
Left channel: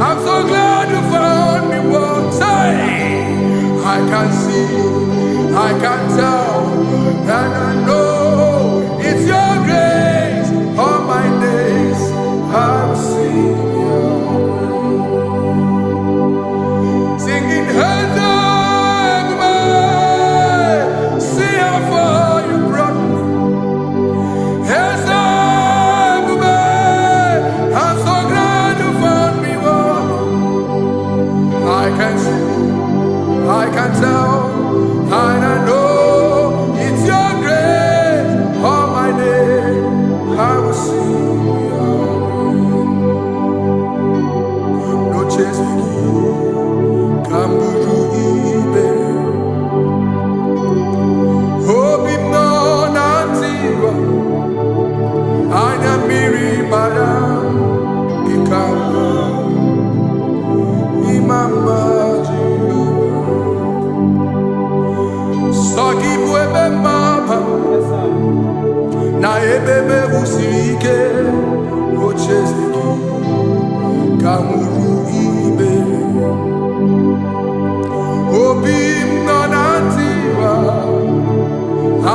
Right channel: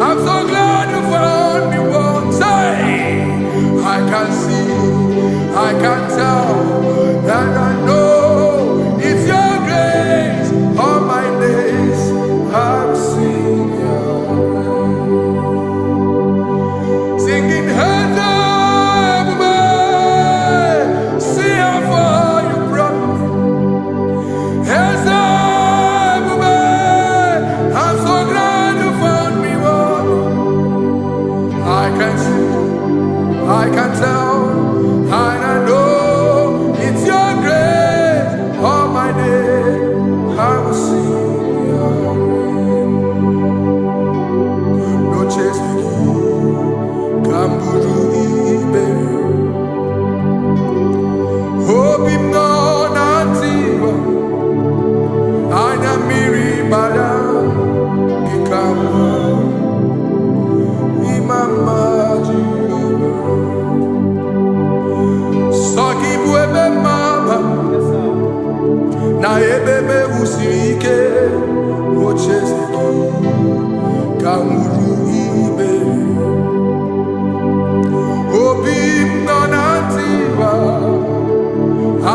I'm so glad you found me one day. I can see, I can tell, and I know it's your grace. All my days I will sing your grace. Singing hands up, see how far you brought me. Hands up, I'm so glad you found me one. I can see, I can tell, and I know it's your grace. All my day I will sing your grace. No chase again, Kamburu Iberi. Hobim no nantiwa, Anya Miri Baram, Ikamba. Mama Jehovah, Saki buebe maba, na ebebe usirike, ochezeki, kamuru ibere, obim nanantiwa,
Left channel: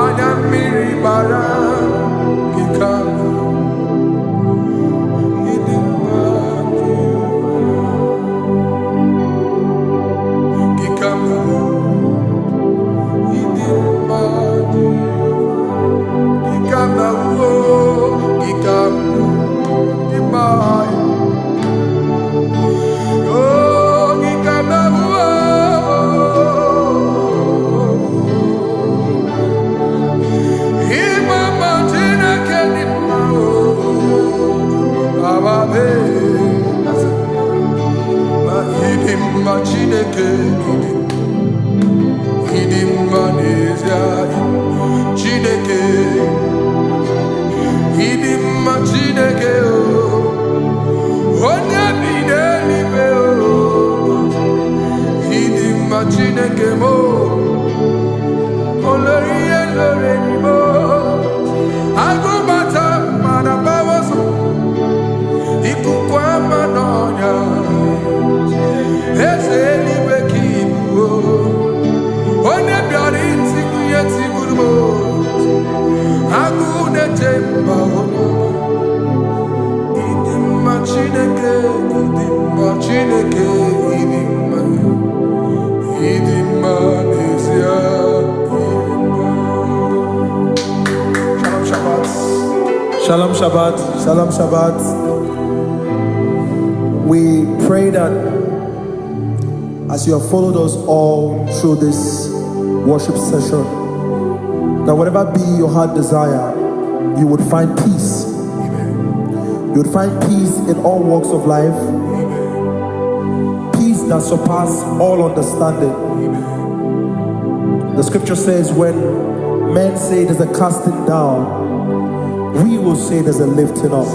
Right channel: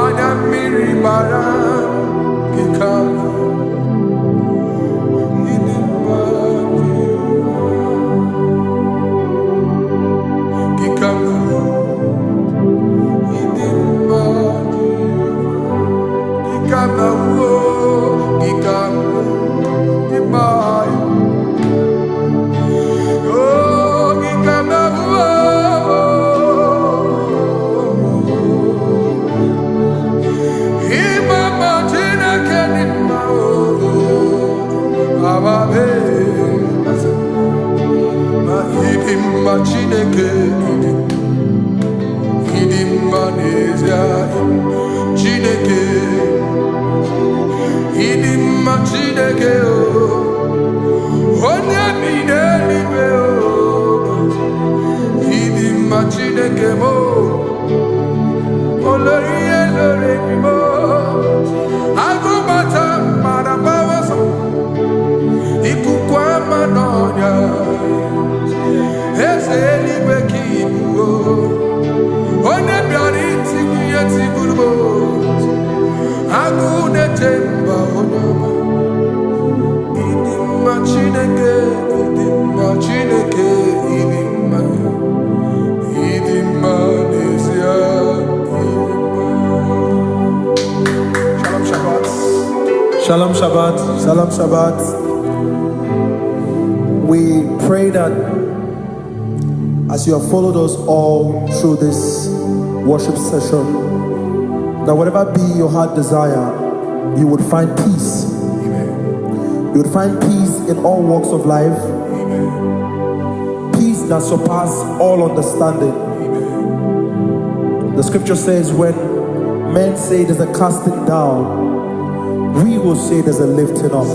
anya miri baram, gikama. Chineke idim manezia Chineke idim Chineke o onye bi n'eluigwe o idim Chineke mo olori elore ni mo agụbata mara gbawaso ikuku ama n'ọnya eze eluigwe ka ibu o onye bịara itigbu ihe tigburu m agụ na-eche mba onye ọma ịdị mma Chineke ịdị mma Chineke ịdị mma n'ezie ịdị mma. Shalom Shabbat. Shalom Shabbat. Shalom Shabbat. We pray that as you have followed us all through this worship session, that whatever be your heart desire, you would find peace. Amen. You would find peace in all walks of life. Amen. Peace that surpasses all understanding. Amen. The scripture says, when men say there's a casting down, we will say there's a lifting up.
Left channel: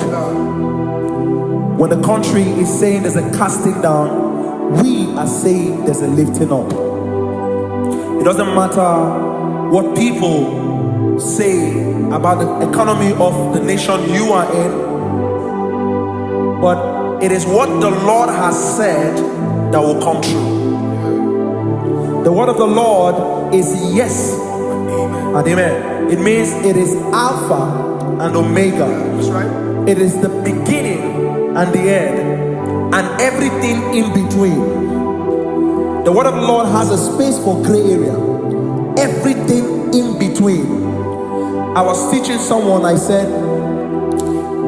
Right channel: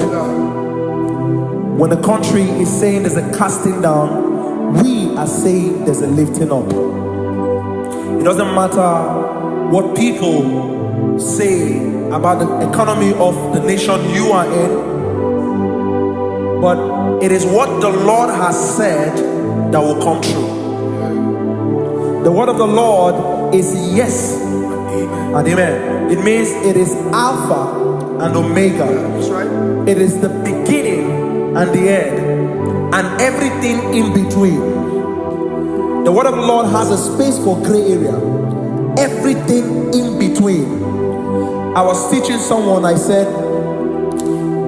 When the country is saying there's a casting down, we are saying there's a lifting up. It doesn't matter what people say about the economy of the nation you are in, but it is what the Lord has said that will come true. The word of the Lord is yes and amen. It means it is Alpha and Omega. That's right. It is the beginning and the end, and everything in between. The word of the Lord has a space for gray area. Everything in between. I was teaching someone, I said,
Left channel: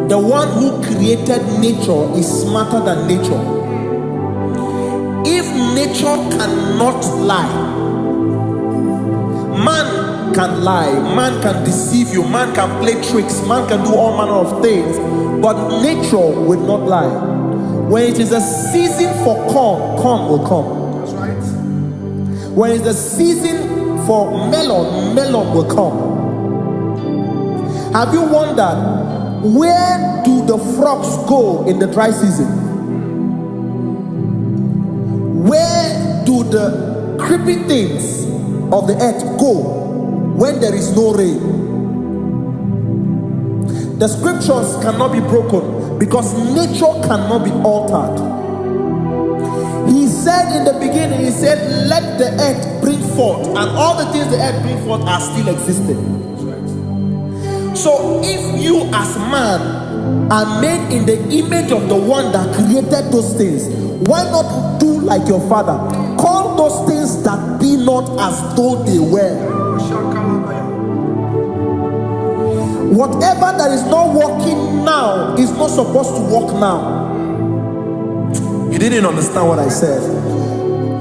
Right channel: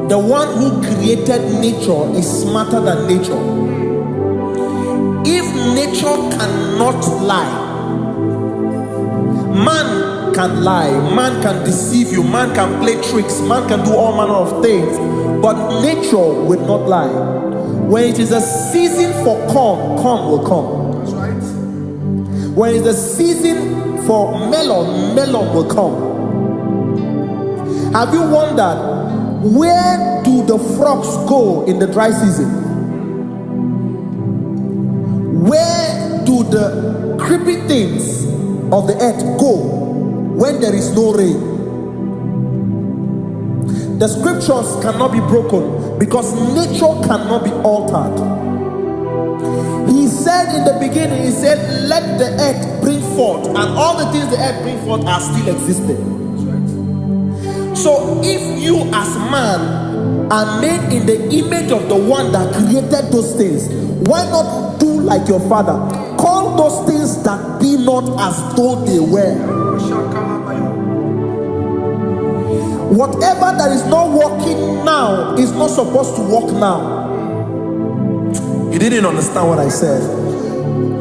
the one who created nature is smarter than nature. If nature cannot lie, man can lie, man can deceive you, man can play tricks, man can do all manner of things, but nature will not lie. When it is a season for corn, corn will come. That's right. When it's a season for melon, melon will come. Have you wondered, where do the frogs go in the dry season? Where do the creeping things of the earth go when there is no rain? The scriptures cannot be broken because nature cannot be altered. He said in the beginning, he said, let the earth bring forth, and all the things the earth bring forth are still existing. That's right. So if you as man are made in the image of the one that created those things, why not do like your father? Call those things that be not as though they were. Whatever that is not working now is not supposed to work now. You didn't understand what I said.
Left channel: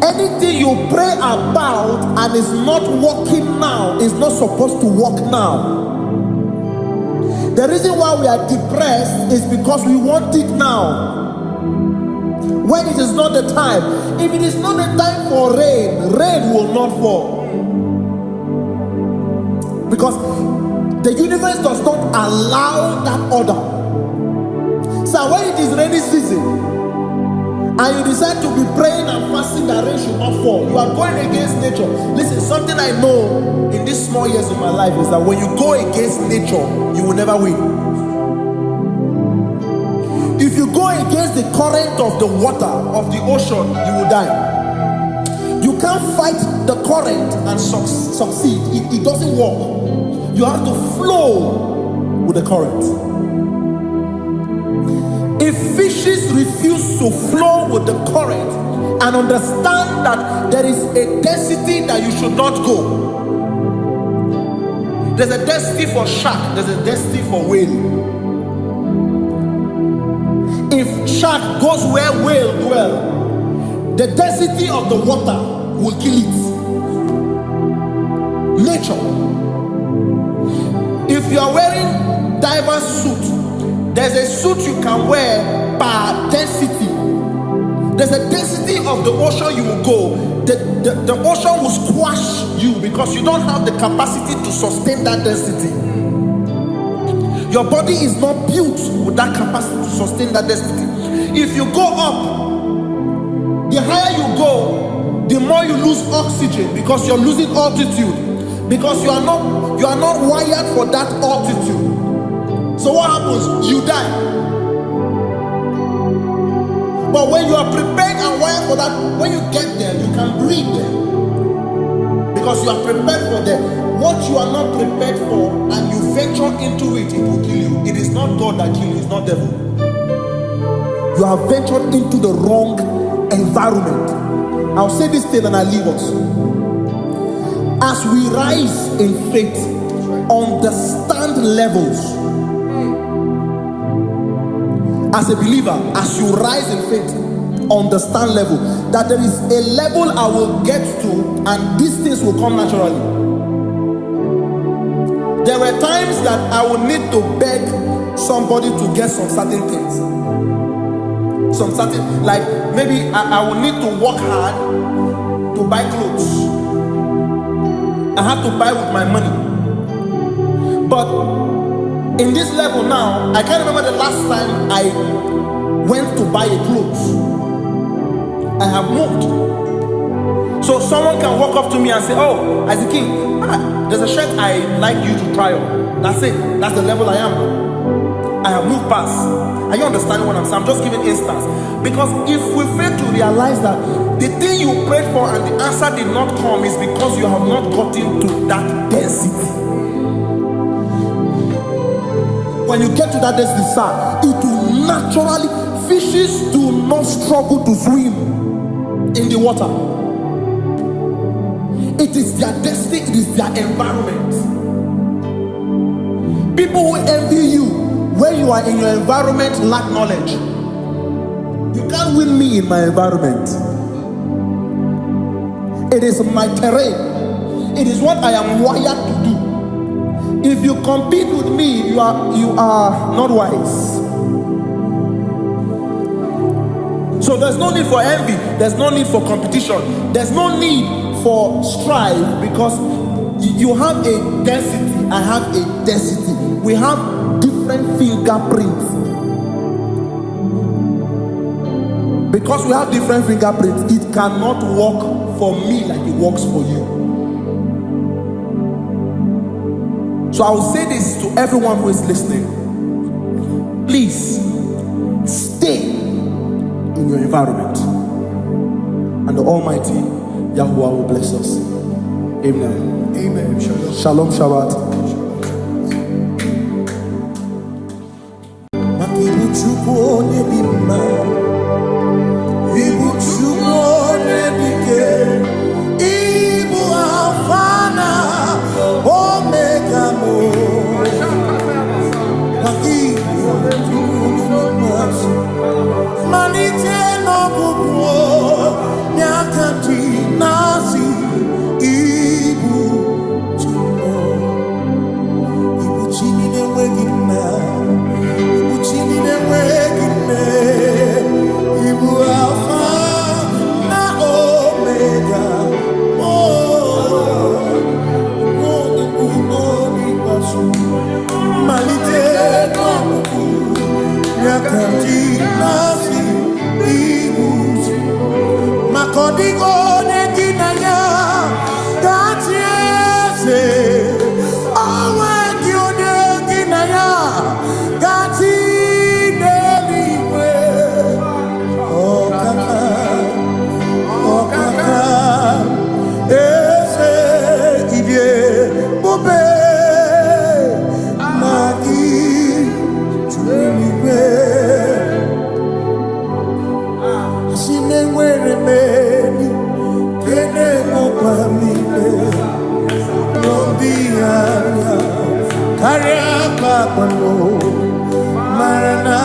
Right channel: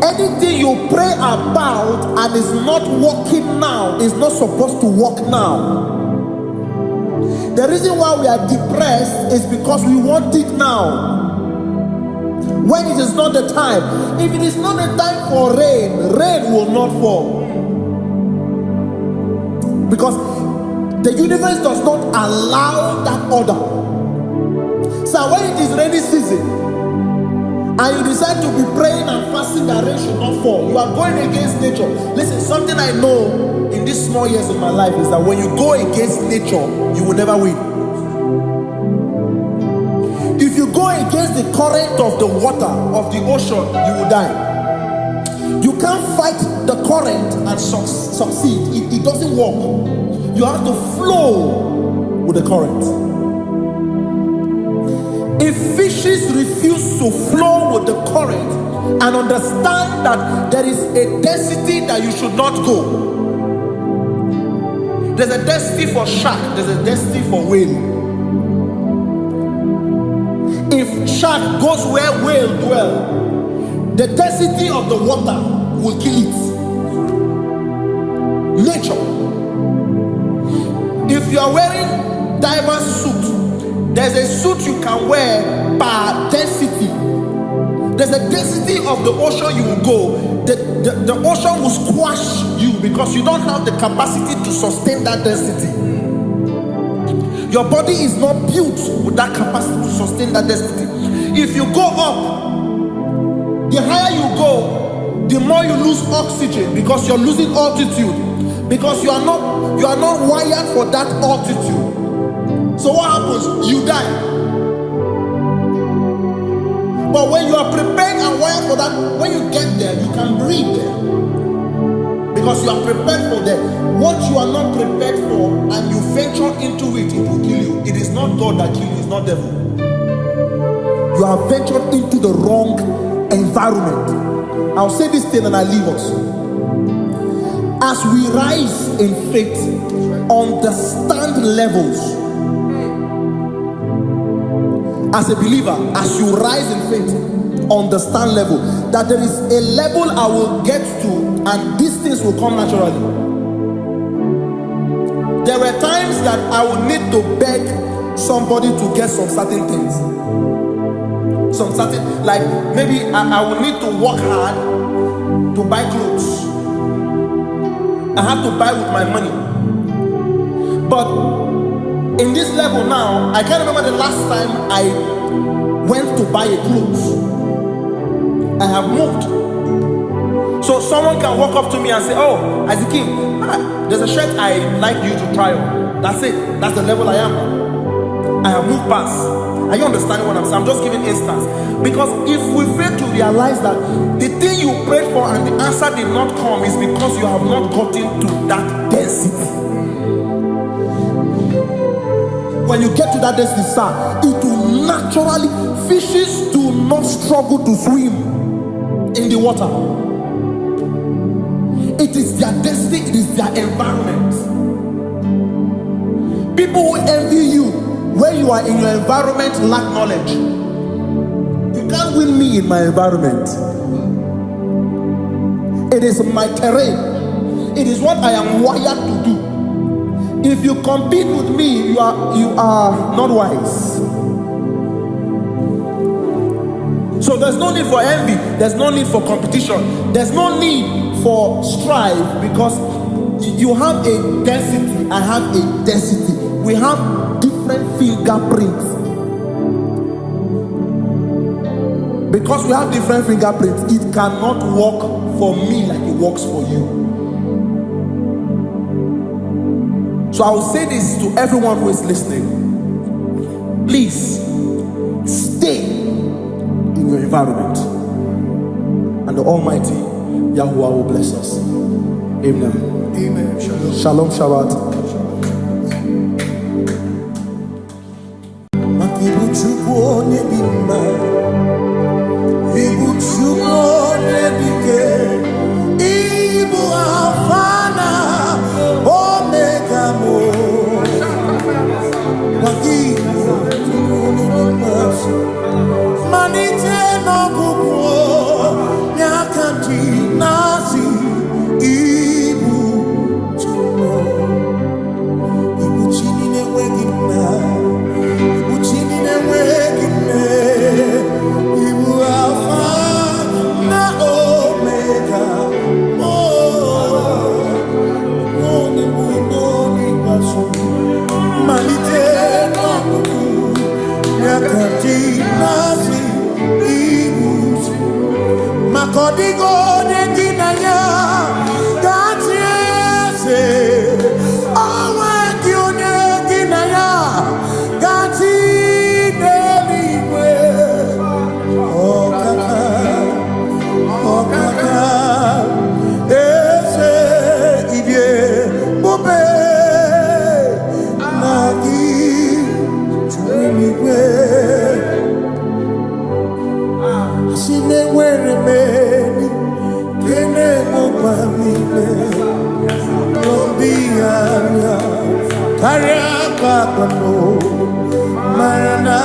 Anything you pray about and is not working now is not supposed to work now. The reason why we are depressed is because we want it now, when it is not the time. If it is not the time for rain, rain will not fall, because the universe does not allow that order. So when it is rainy season and you decide to be praying and fasting that rain should not fall, you are going against nature. Listen, something I know in these small years of my life is that when you go against nature, you will never win. If you go against the current of the water of the ocean, you will die. You can't fight the current and succeed. It doesn't work. You have to flow with the current. If fishes refuse to flow with the current and understand that there is a density that you should not go, there's a density for shark, there's a density for whale. If shark goes where whale dwell, the density of the water will kill it. Nature. If you are wearing diver's suit, there's a suit you can wear per density. There's a density of the ocean you will go. The ocean will squash you because you don't have the capacity to sustain that density. Your body is not built with that capacity to sustain that density. If you go up, the higher you go, the more you lose oxygen because you're losing altitude, because you are not wired for that altitude. So what happens? You die. But when you are prepared and wired for that, when you get there, you can breathe there, because you are prepared for that. What you are not prepared for and you venture into it, it will kill you. It is not God that kills you, it's not devil. You have ventured into the wrong environment. I'll say this thing and I leave us. As we rise in faith, understand levels. As a believer, as you rise in faith, understand level. That there is a level I will get to and these things will come naturally. There were times that I would need to beg somebody to get some certain things. Some certain, like maybe I would need to work hard to buy clothes. I have to buy with my money. But in this level now, I can't remember the last time I went to buy a clothes. I have moved. So someone can walk up to me and say, oh, as a king, there's a shirt I like you to try on. That's it. That's the level I am now. I have moved past. Are you understanding what I'm saying? I'm just giving instance. Because if we fail to realize that the thing you prayed for and the answer did not come is because you have not gotten to that density. When you get to that density, sir, it will naturally, fishes do not struggle to swim in the water. It is their density, it is their environment. People who envy you when you are in your environment lack knowledge. You can't win me in my environment. It is my terrain. It is what I am wired to do. If you compete with me, you are not wise. So there's no need for envy. There's no need for competition. There's no need for strife, because you have a density. I have a density. We have different fingerprints. Because we have different fingerprints, it cannot work for me like it works for you. So I will say this to everyone who is listening. Please stay in your environment, and the Almighty Yahuwah will bless us. Amen. Amen. Shalom. Shalom Shabbat. Ibu Chukwu onye dị mma, Ibu Chukwu onye dike, Ibu Alpha na Omega mo. Ibu Chukwu onye dị mma, malite n'ọgwụgwụ n'aka ndị na-asị Ibu Chukwu, Ibu chi na-enweghị nna, Ibu chi na-enweghị nne, Ibu Alpha na Omega, onye mbụ n'onye ikpeazụ, malite n'ọgwụgwụ n'aka ndị na-asị Ibu Chukwu. Maka ọ dịghị onye gị na ya ga-achị eze, onwe gị onye gị na ya ga-achị n'eluigwe. Ọkaka, ọkaka, eze idie bube na gị juru n'igwe. Asị na enwere m enyi nke na-emekwa m niile, n'obi anya karịa kpakpando, mara na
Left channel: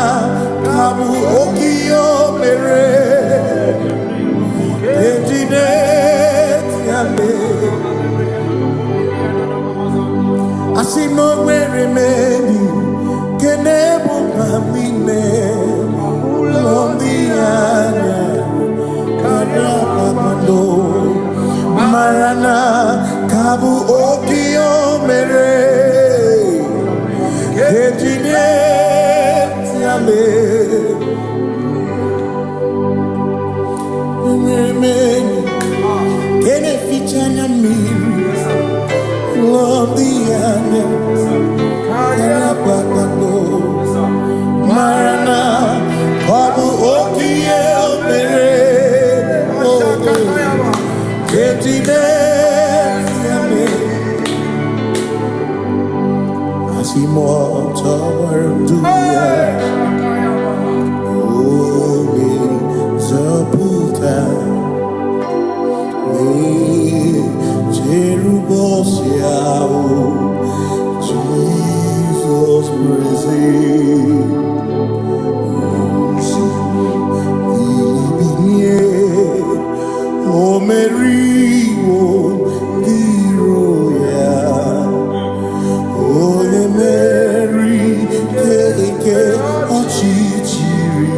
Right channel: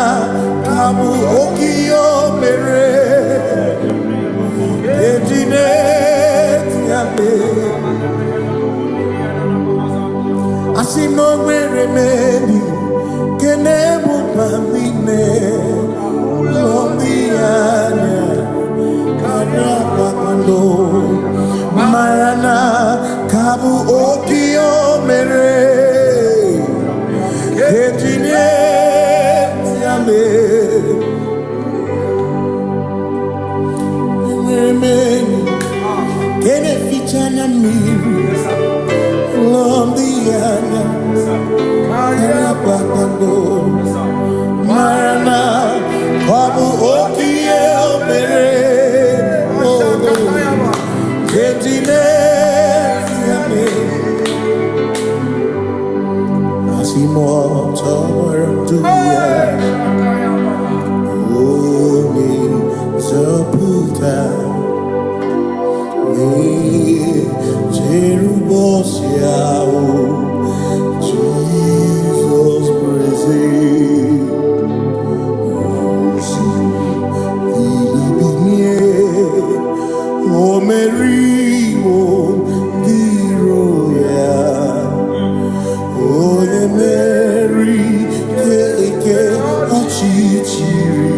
ka bụ oke ihe o mere eji na-eti ame. Asị na o nwere m enyi nke na-emekwa m niile, n'obi anya karịa kpakpando, mara na ka bụ oke ihe o mere eji na-eti ame. Enwere m enyi nke na-eficha anya mmiri, n'obi anya karịa kpakpando, mara na ọ bụ oke ihe o mere eji na-eti ame. Asị m ọtọ gbara ndụ ya, onye nzọpụta na-echere ụbọchị ahụ Jizọs bụ eze. Bilibinie, o meriwo ndị iro ya, onye meri ike ọchịchịrị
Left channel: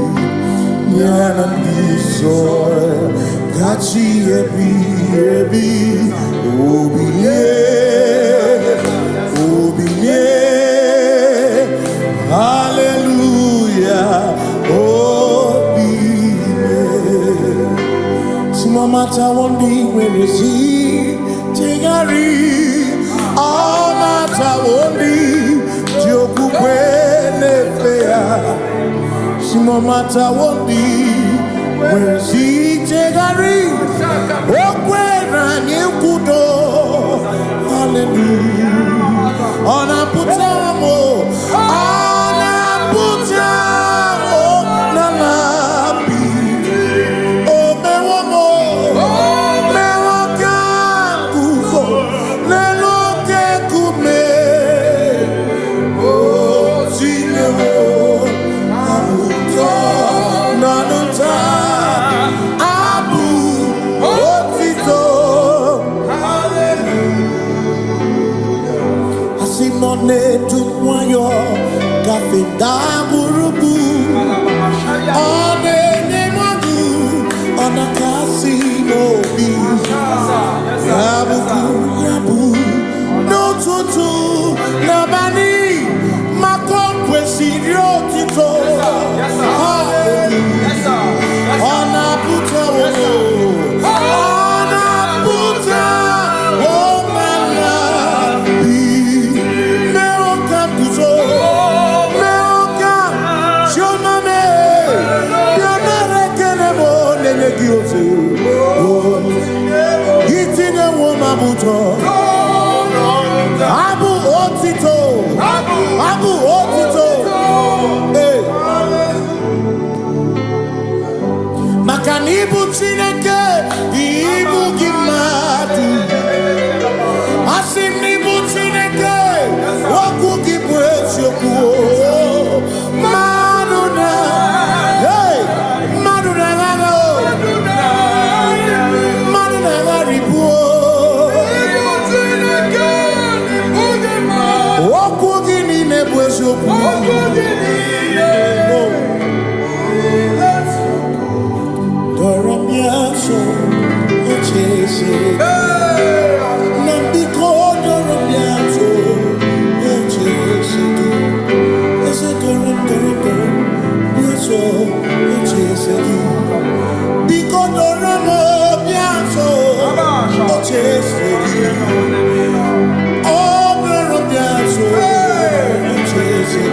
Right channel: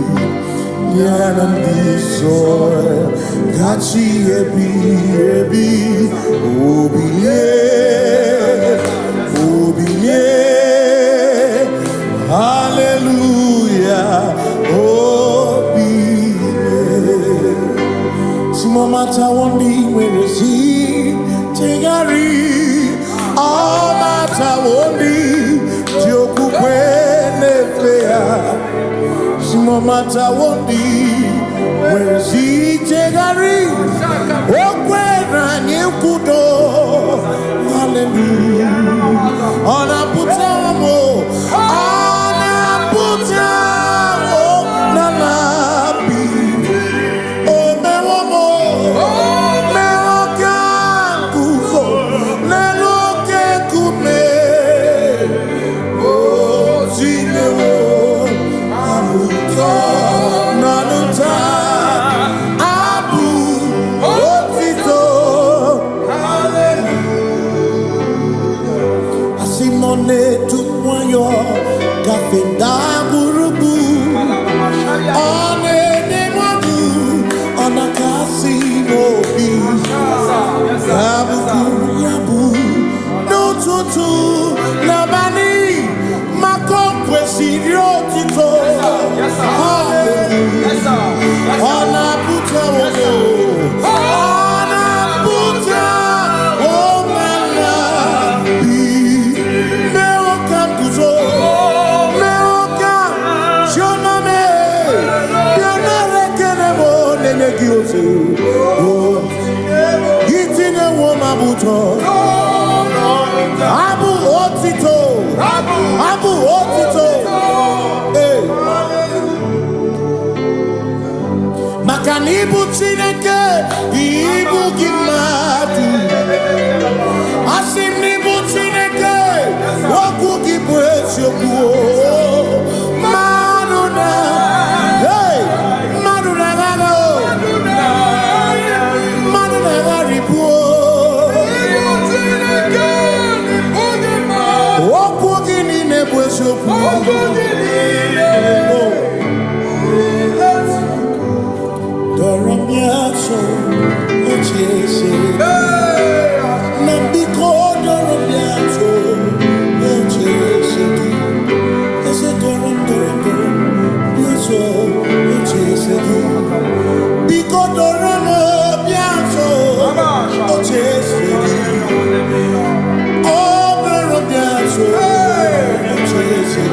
ya na ndị nsọ gachi ebighị ebi. Obilie, obilie, hallelujah, oh. Shimomata wondi werezi tegari Amata wondi joku kwene fea Shimomata wondi werezi tegari Okwena nyekudo Hallelujah Ona putamo Ona putamo Nalabi None to moyo kafenda gurubu one nemadu ona kasino bi yabu no tutu nabani makopwe sirio tito hallelujah ona puta wono ona puta Gitine woma buto Abu otito Hey Makanibu chineke Ibu gimatu Asinibu chineke Waku gibwesyoku Manuna Hey Manuna gago Doramiaso, ochese. Nambiko doramiaso, ochese. Ese doram, biaso, ochese. Biko doramiaso, ochese. Oh, doramiaso, ochese.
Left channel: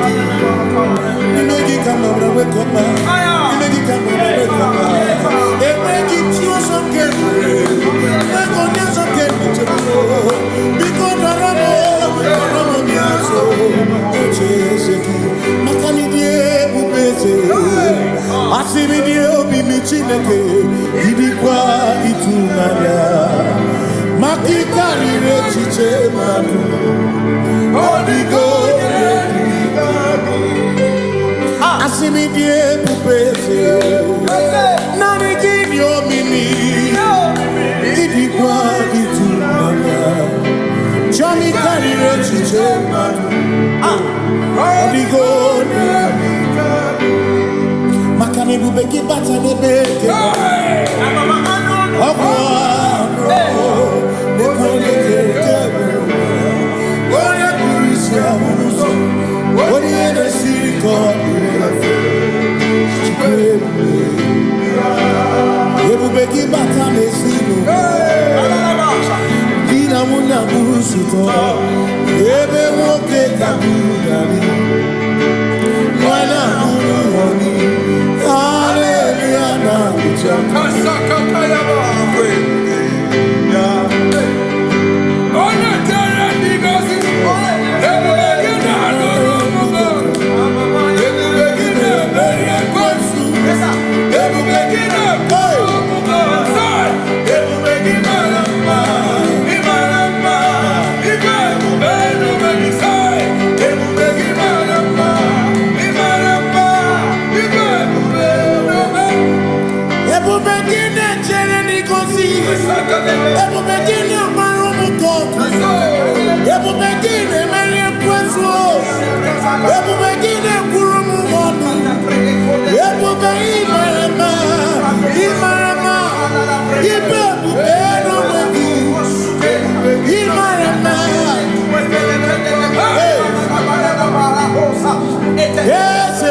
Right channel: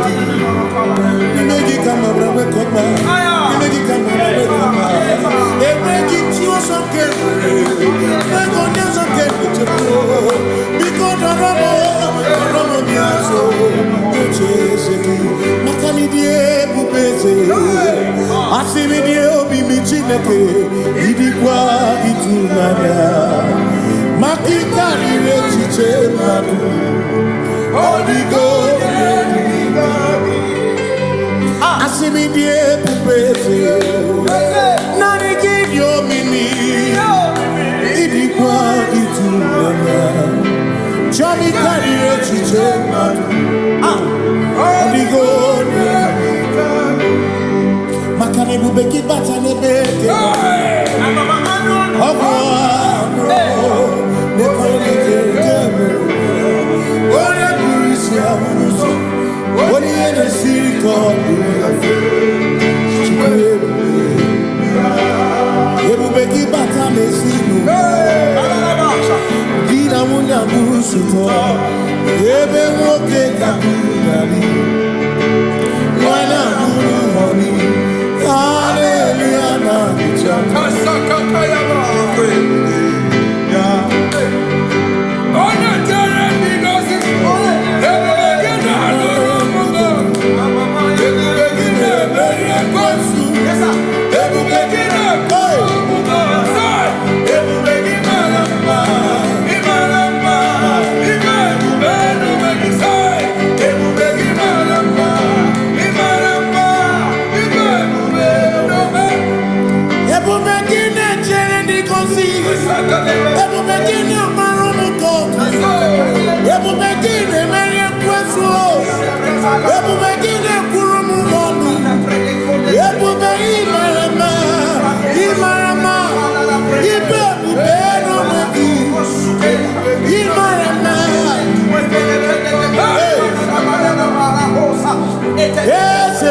You make it come up, wake up, you make it come up, wake up. They make it you some carefully. They go down some carefully. Because the Ramo Biaso, Ocheseki, Makani die Bubese, Asimi die Obi Michineke, Idikwa Itunaya, Makikari Rechiche Madu, Odigo, Asimi die Bubese, Nani give your mimi, Idikwa Itunaya, Chami Kari Rechiche Madu, Odigo, Makane Bubeki Batanebe, Ogwano, Nepone Kebe, Oya Kurisia Muso, Oya the Siriko, Ebubeki Batane Sinu, Dina Muna Musuto, Ebe Moke Kabudali, Wana Muru Honi, Hallelujah, Yes,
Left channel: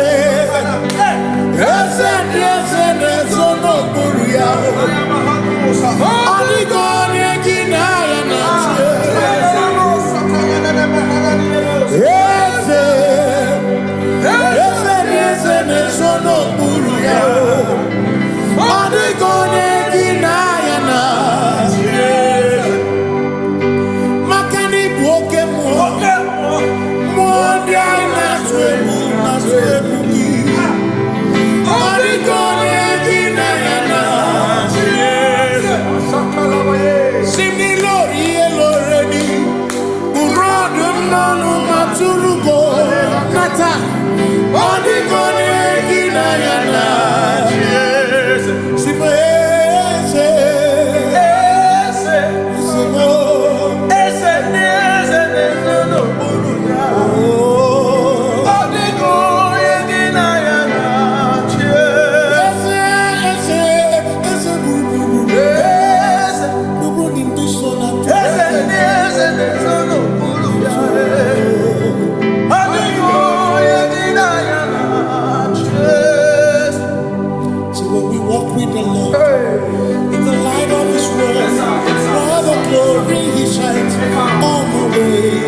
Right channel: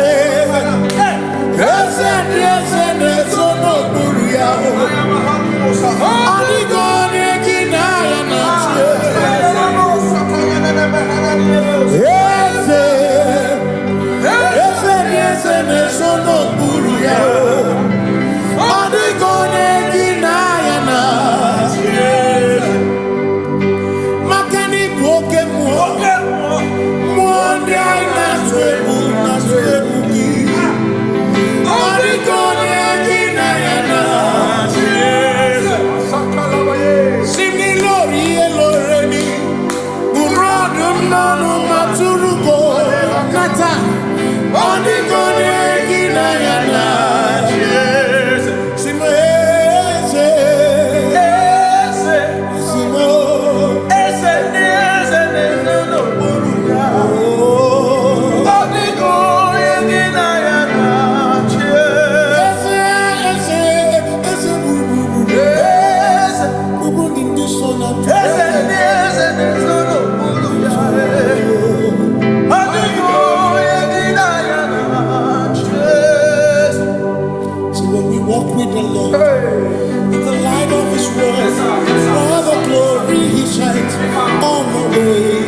When we walk with the Lord, in the light of His word, for the glory He shines on the way.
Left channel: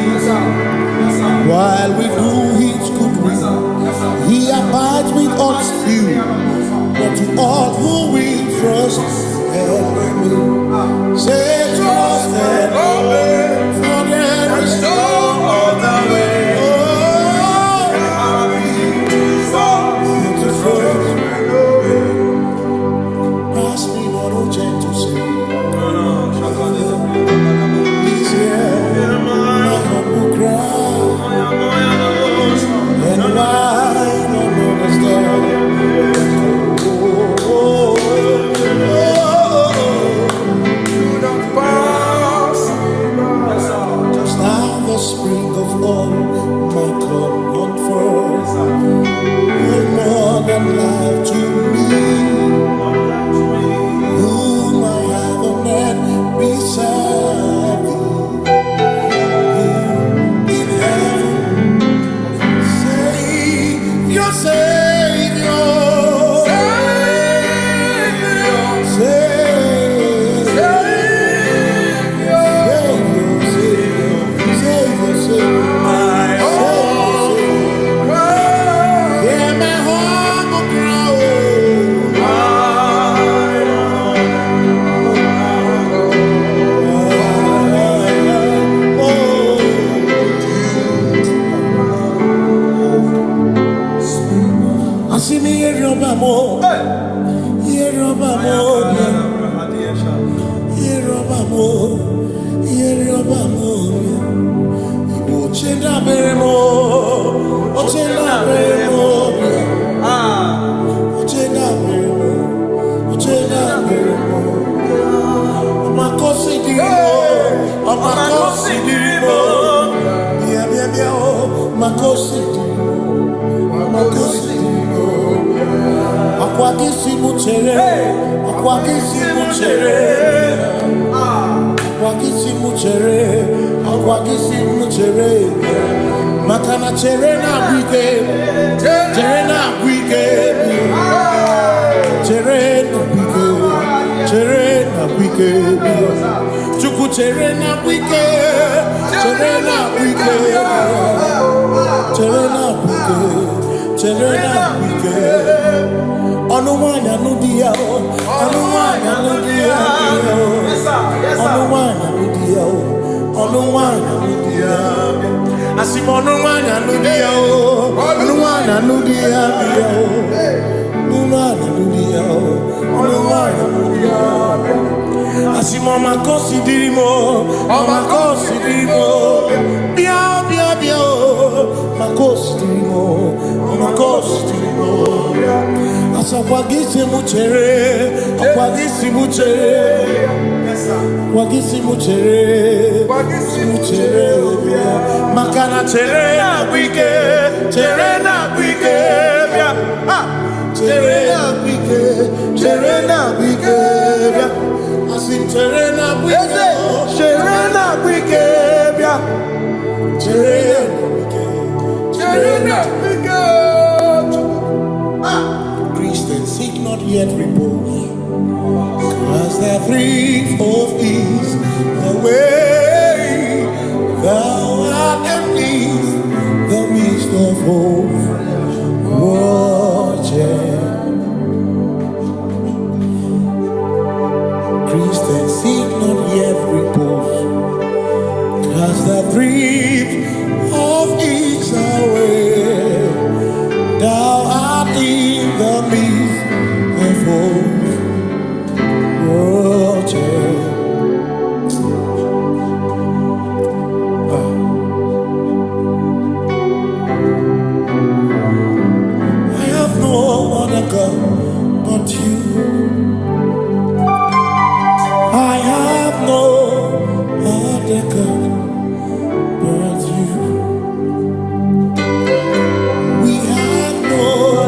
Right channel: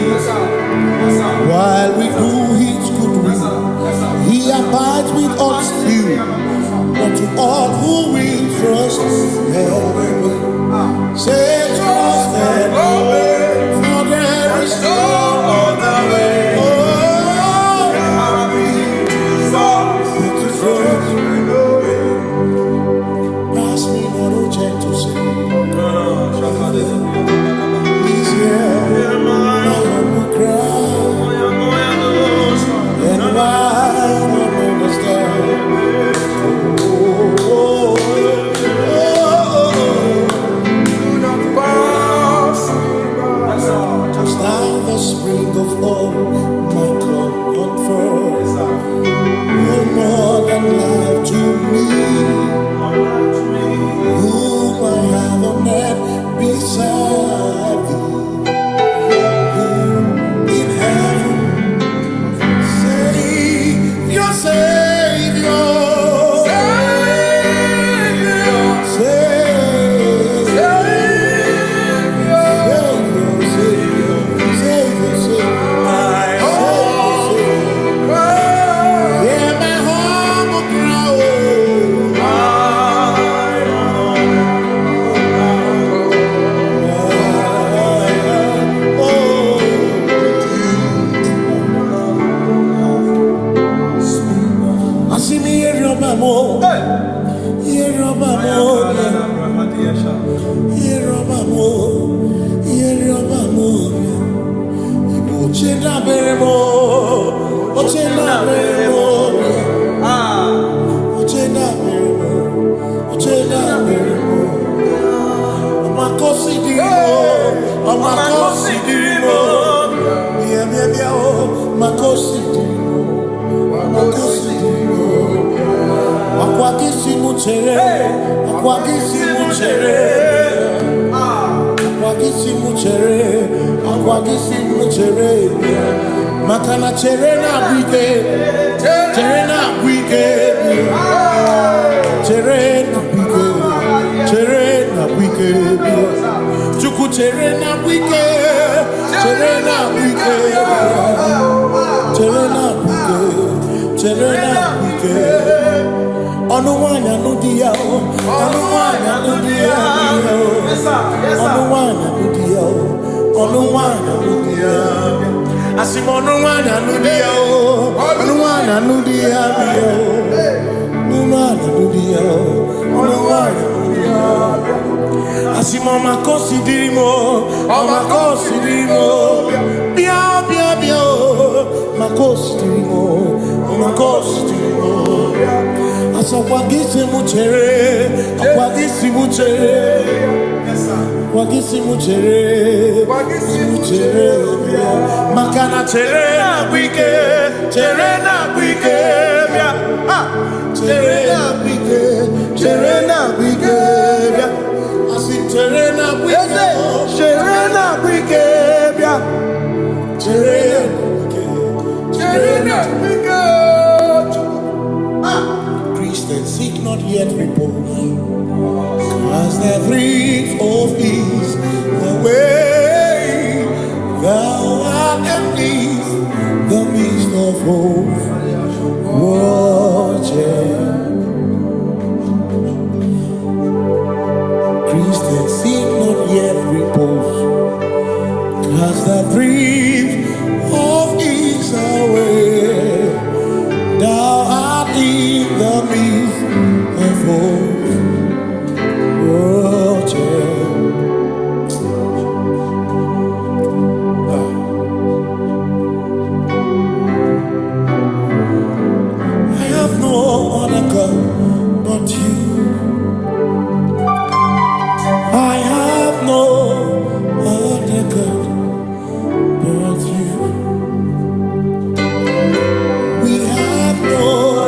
While we do His good will, He abides with us still. But to all who will trust and obey, say trust and obey, for there is no other way. Oh, but to trust. Pass me not, oh gentle Savior. He's here, my humble cry. And I don't understand. Do not pass me by. Just now the spring of all my comfort. You're more than life to me. Whom I have on earth beside thee. In heaven, Savior, Savior, Makana cherena wike, cherena wike, cherena wike, cherena wike, chuku cherena wike, cherena wike, cherena wike, cherena wike. Onuwanya nudia, onuwanya nudia, onuwanya nudia, onuwanya nudia. Asim onuwanya nudia, onuwanya nudia, onuwanya nudia, onuwanya nudia. Asim omakosi dirimo, omakosi dirimo, bia bia bia, makosi dirimo, omakosi dirimo. Asakwagisi muchere, akwagisi muchere, akwagisi muchere, muchere. Makana chere na wike, chere na wike, chere na wike, chere na wike. Asim chere na wike, chere na wike, chere na wike, chere na wike. Christians seek not yet repose, As the thrift of is away, thou art amidst the midst of hope, watching. Christians seek not yet repose, cast the thrift of is away, thou art in the midst of hope. I have no other God but you. I have no other God but you. We have no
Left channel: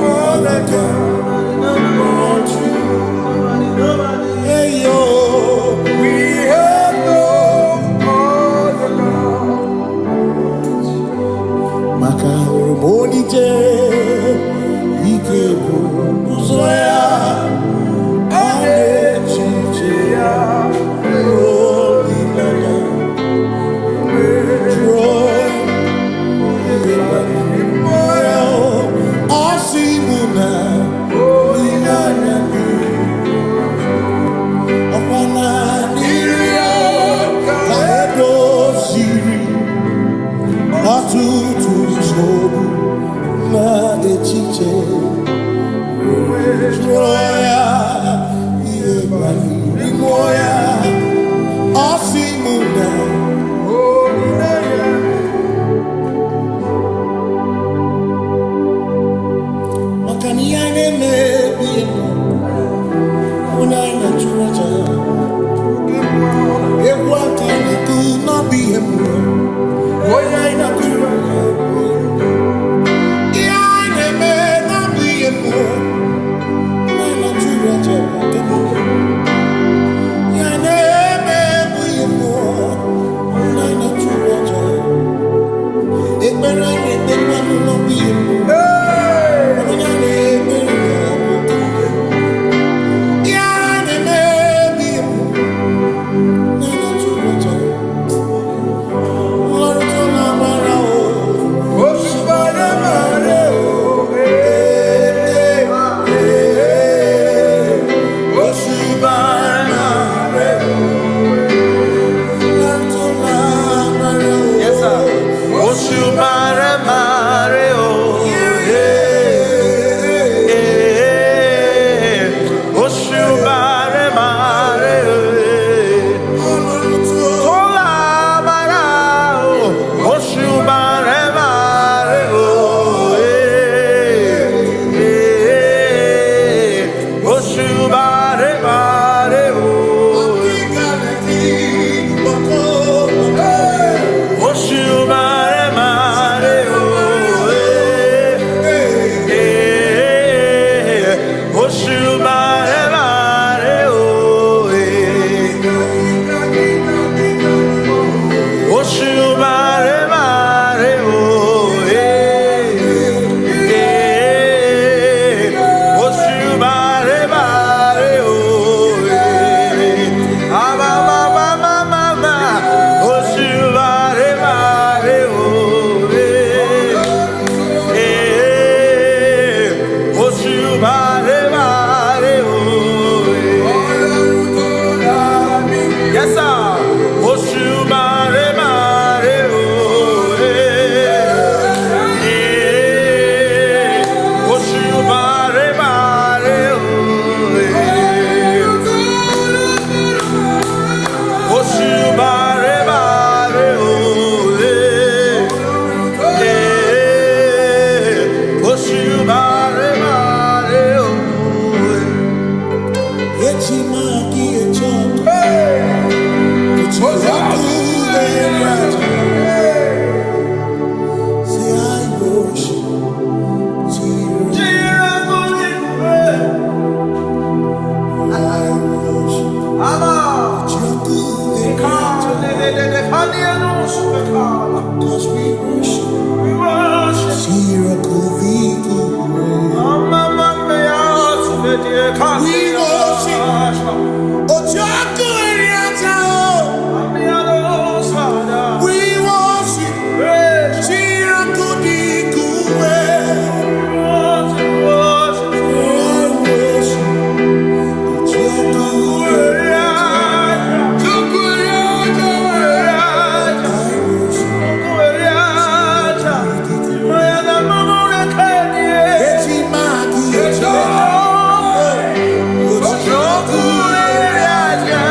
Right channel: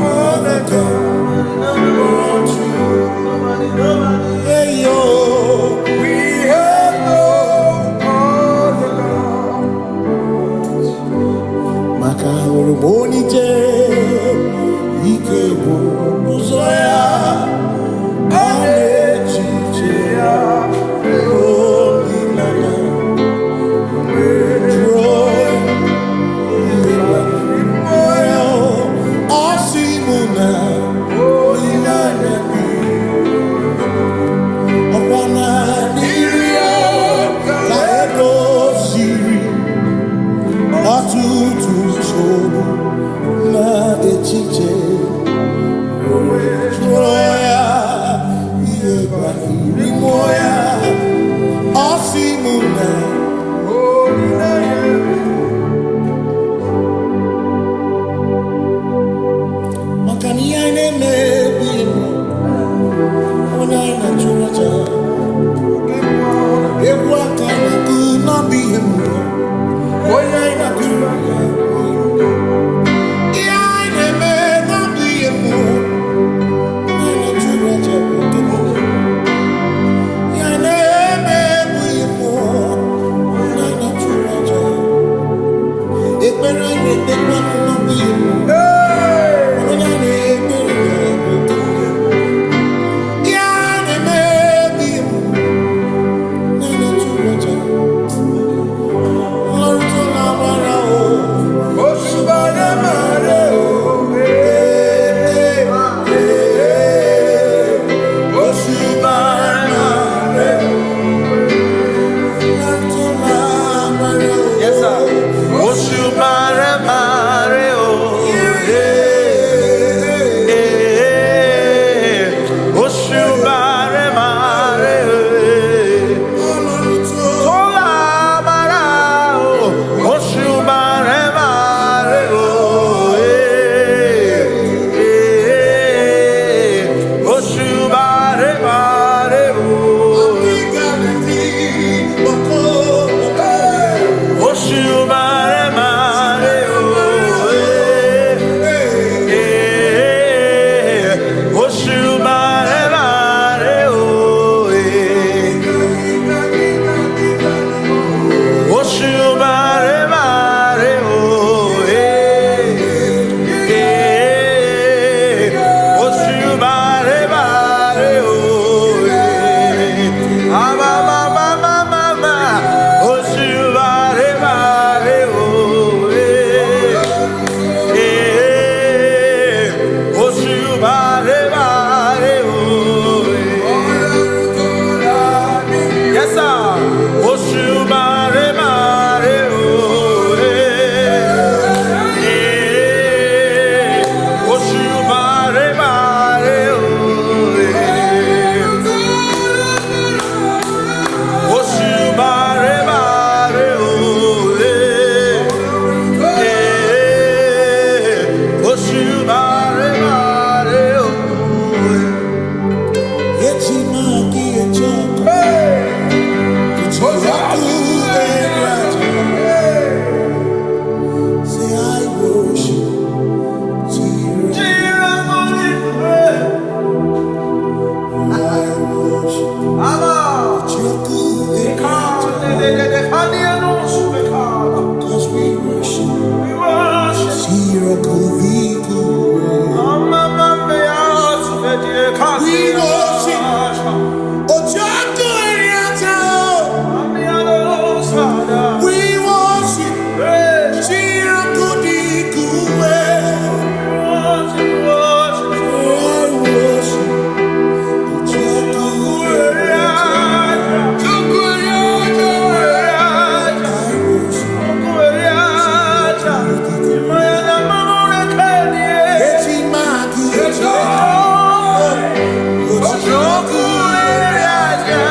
other God but you. Hey yo, We have no other God. Makahoro monije, ikebu uzoya, anechicheya, holy nana, joy, moyo, asimuna, holy nana. Wana niria kaedo siri atutu sobu na echiche joya iebani rimoya asimuna makani ine mebi emo ona ina churaja Eguantana could not be him. Boy, I not do. Yeah, I may not be him. I'm not too rich. Yeah, I may be him more. I'm not too rich. It better get the one who not be him. When I may be him. Yeah, I may be him. Cause we worship. We worship. We worship. Ojaku Eriata. We worship. Chirakudi Kuwe. I worship. Ojaku Eriata. I worship. Echimaki Ojaku Eriata.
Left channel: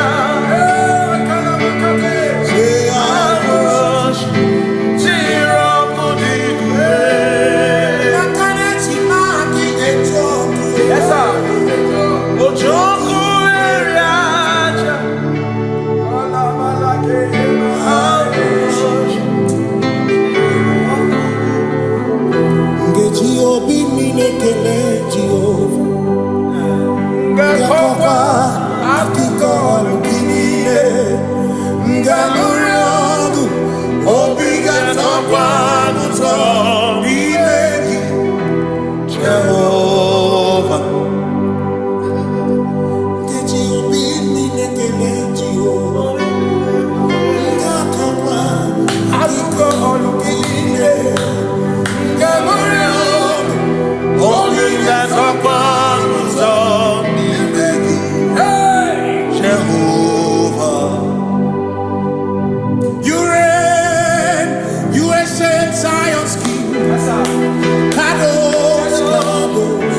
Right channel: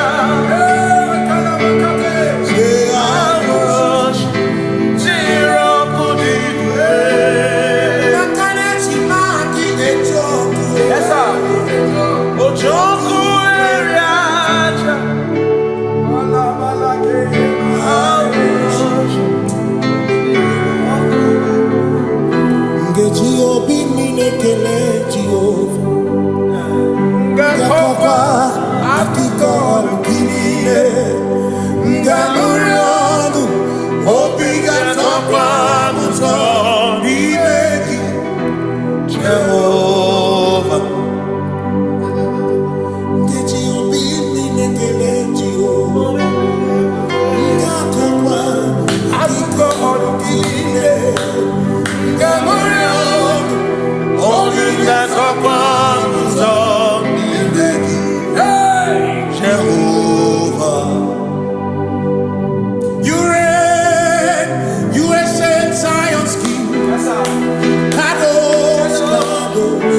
Obi minekele Jehova Ngakokwa akiko alukine Ngamuriangu Obi gatokwa muto Nimeki Jehova Ngeji obi minekele Jehova Ngakokwa akiko alukine Ngamuriangu Only that's a promise of Jehovah. You reign, you ancient Zion's king. Kadosh, Kadosh,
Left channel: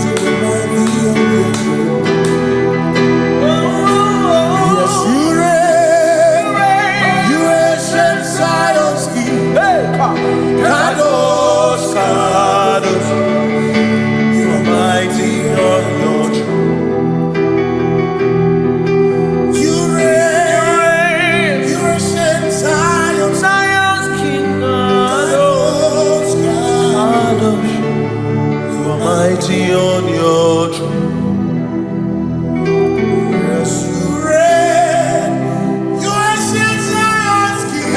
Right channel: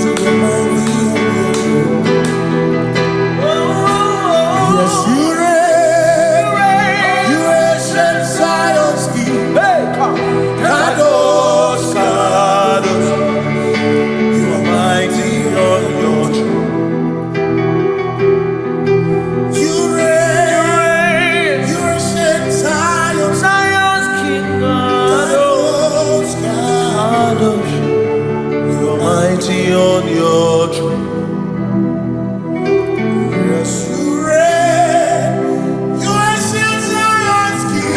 to the mighty on your throne. Yes, you reign, you ancient Zion's king. Kadosh, Kadosh, you are mighty on your throne. You reign, you are Zion's king. Kadosh, Kadosh, you are mighty on your throne. Yes, you reign, you are Zion's king.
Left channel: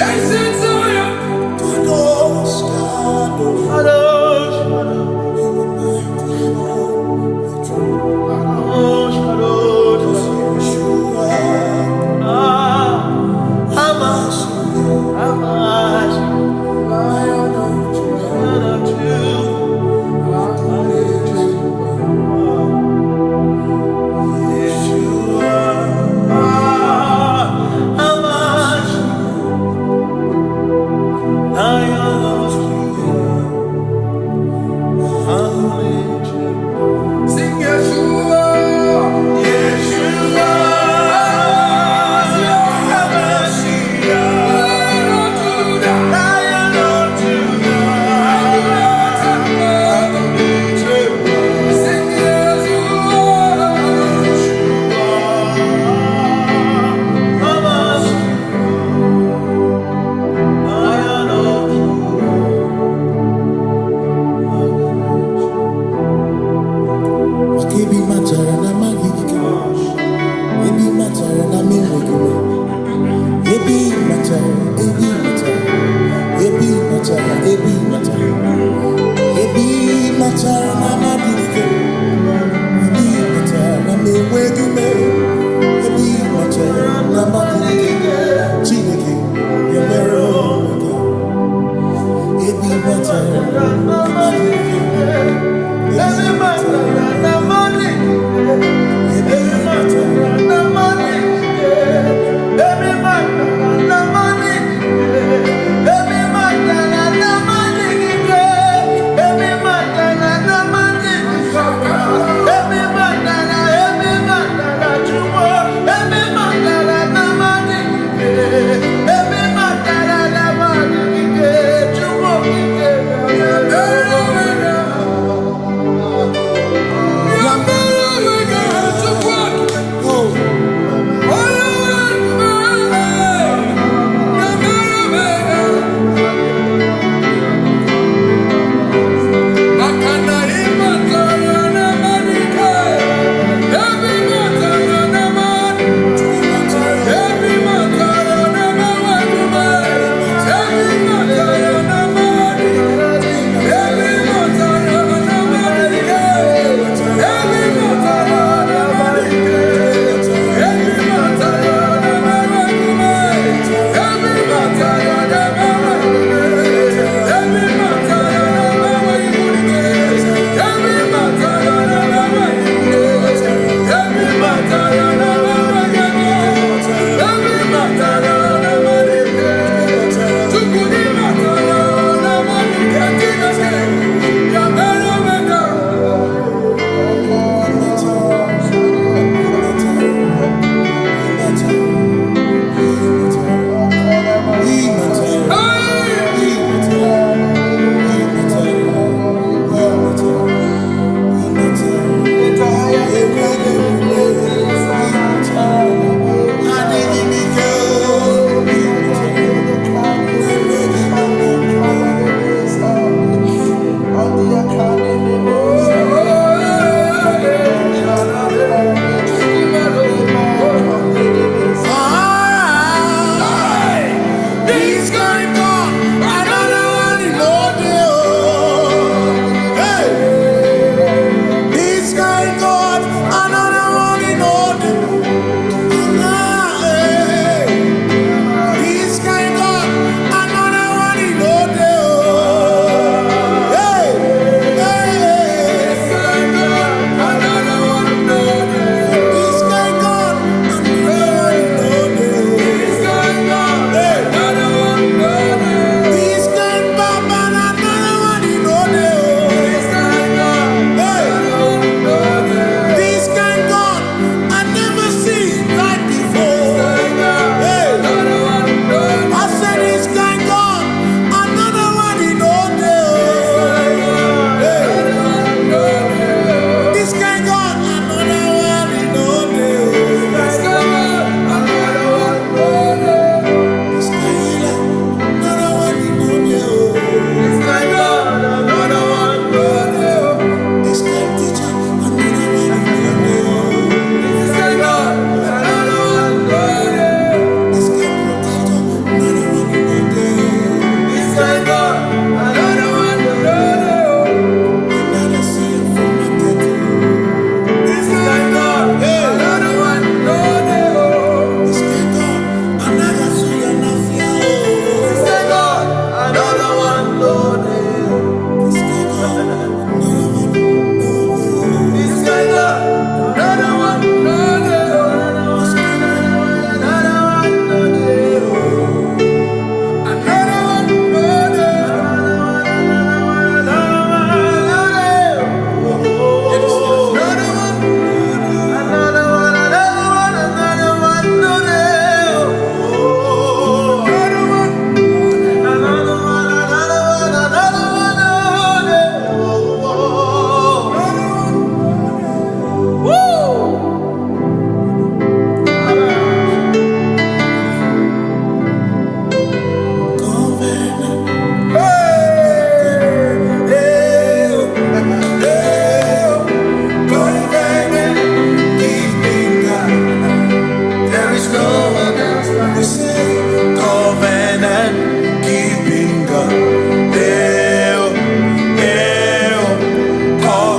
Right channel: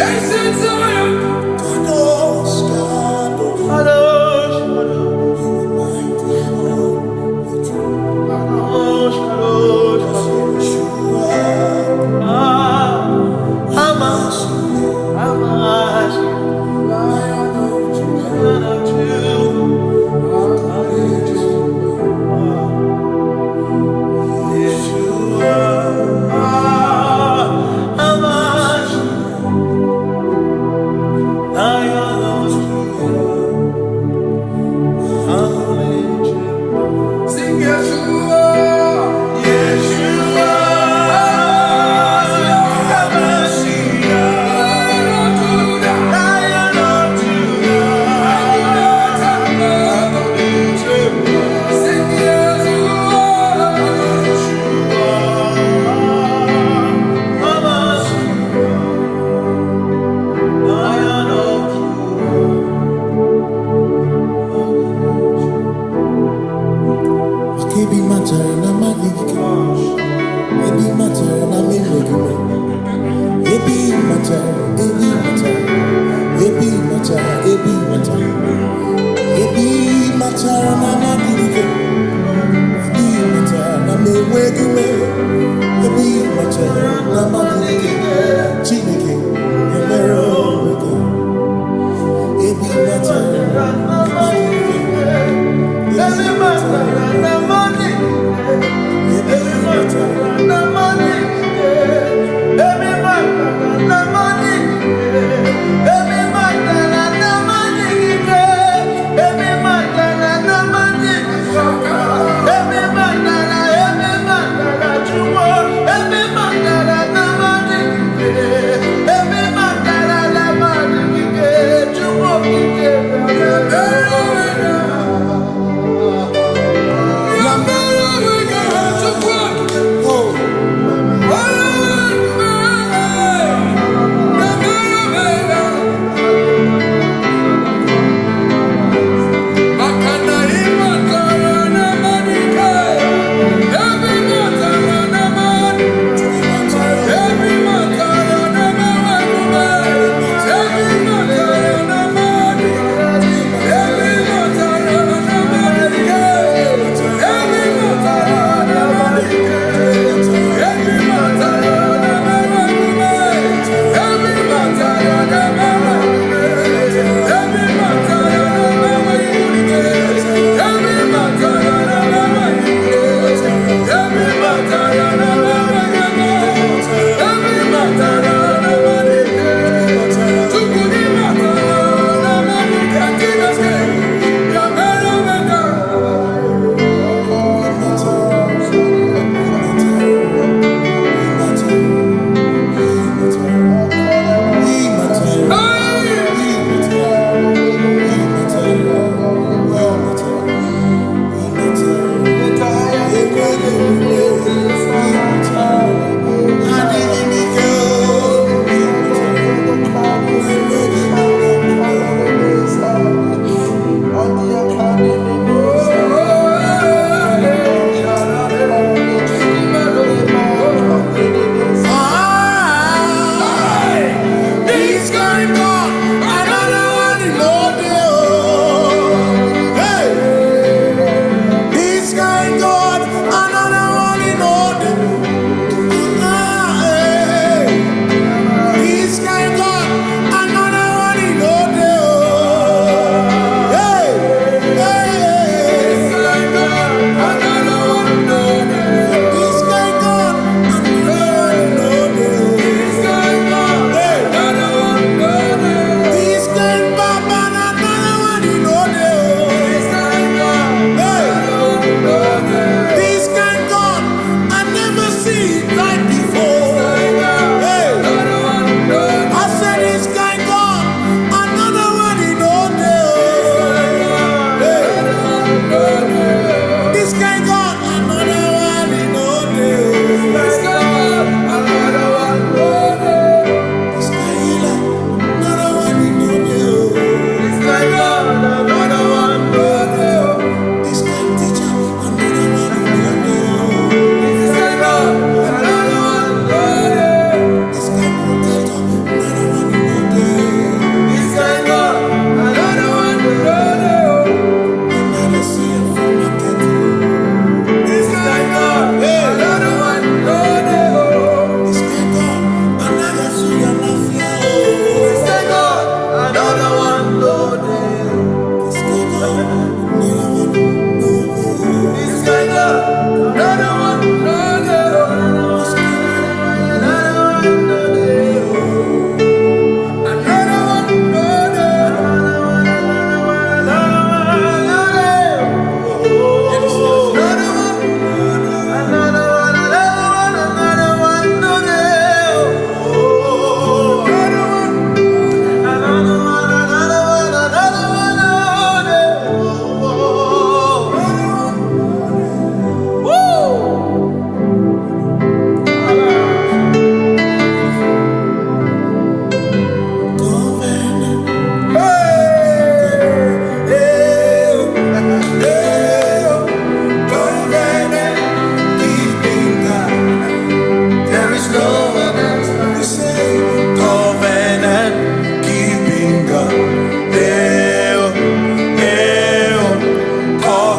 Kadosh, Kadosh, Kadosh, you are mighty on the throne. Kadosh, Kadosh, Yeshua, Hamashiach, Lion of Judah, Yeshua, Hamashiach, Lion of sing Yeshua, Yeshua, Hamashiach, Lion of Judah, sing Yeshua, Hamashiach, Lion of Judah. Ebi matara na magigike, ebi matara na menwegume, ebi matara, ebi matara, ebi matara, ebi matara, ebi matara na magigike, ebi matara na menwegume, ebi matara na magigike, Chineke yemero weke, ebi matara na magigike. Every matter and money, every matter and money, every matter and money, every matter and money, every matter and money, every matter you want, every matter and money, every matter and money, you want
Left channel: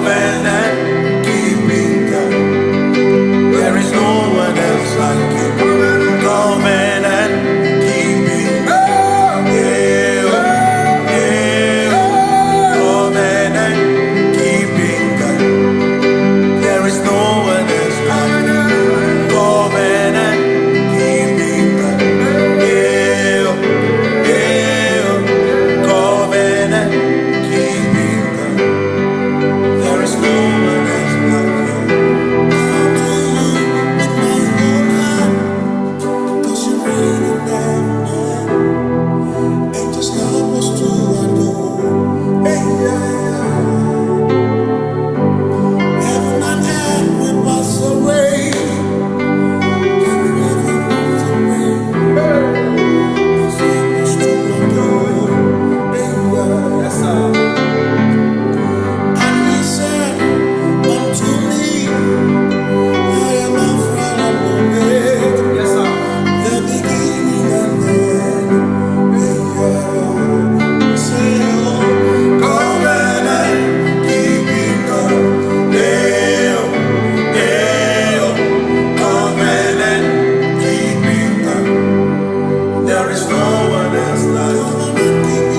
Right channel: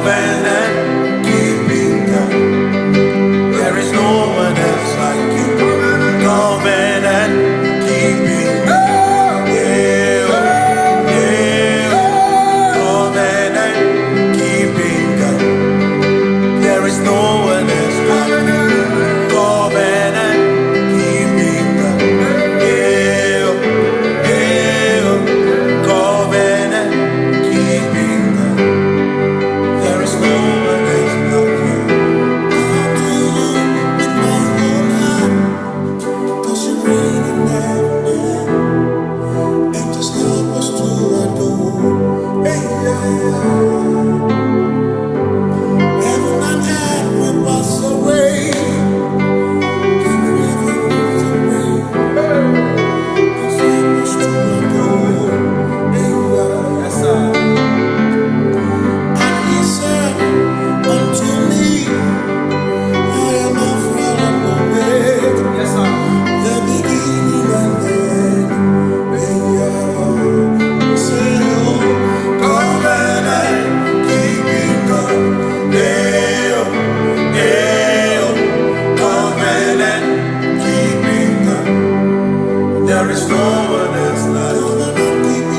covenant keeping God. There is no one else like you. Covenant keeping God. Yeah, yeah. Covenant keeping God. There is no one else like you. Covenant keeping God. Yeah, yeah. Covenant keeping God. There is no one else like you. Come to you with my whole heart, 'cause you reign in heaven, and just help us to adore. Hey, yeah, yeah. Heaven and earth will pass away, forever pass away. Just help us to adore. Hey, yeah. Yes, sir. And he said unto me, I am Alpha and Omega. Yes, sir. The beginning and the end. Hey, yeah. Say, oh, covenant keeping God. Yeah, yeah. Covenant keeping God. There is no one else like you.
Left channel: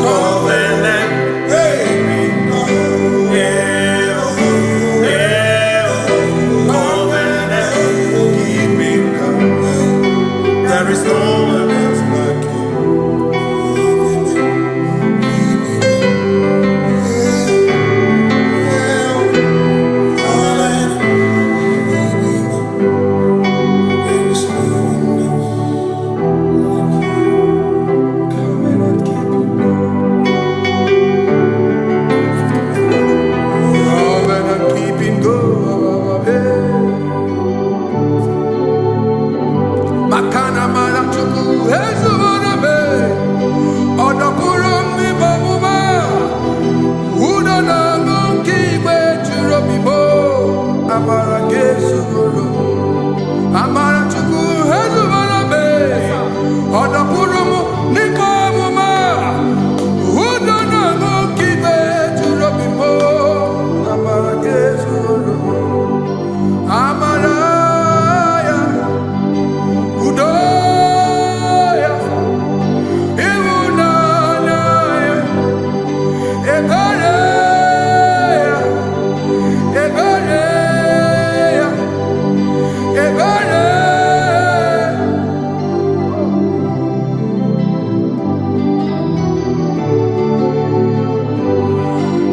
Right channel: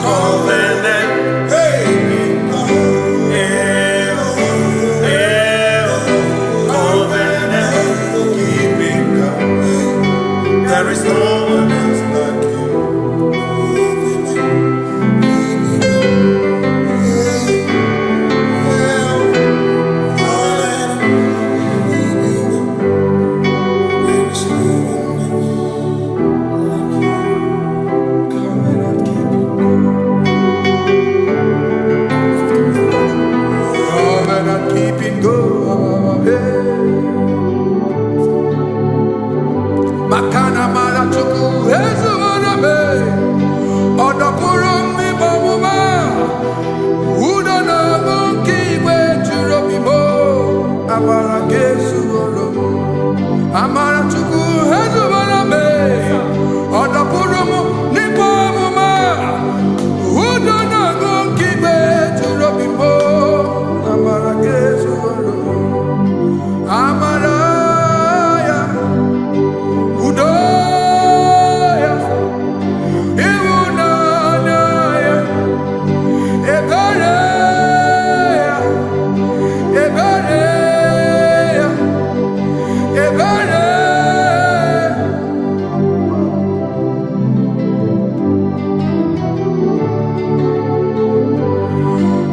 Covenant keeping God. Yeah, yeah. Covenant keeping God. There is no one else like you. Covenant keeping go. Makana mara chuku hezu waname. Odapurum ni bamuma. Uda na ngunki kwe churobimo. Amara gesu goro. Amara chuku hezu waname. Odapurum ni bamuma. Uda na ngunki kwe churobimo. Amara gesu goro. Amara ya. Udoya. Iwunanaya. Ebereya. Ebereya. Ebereya.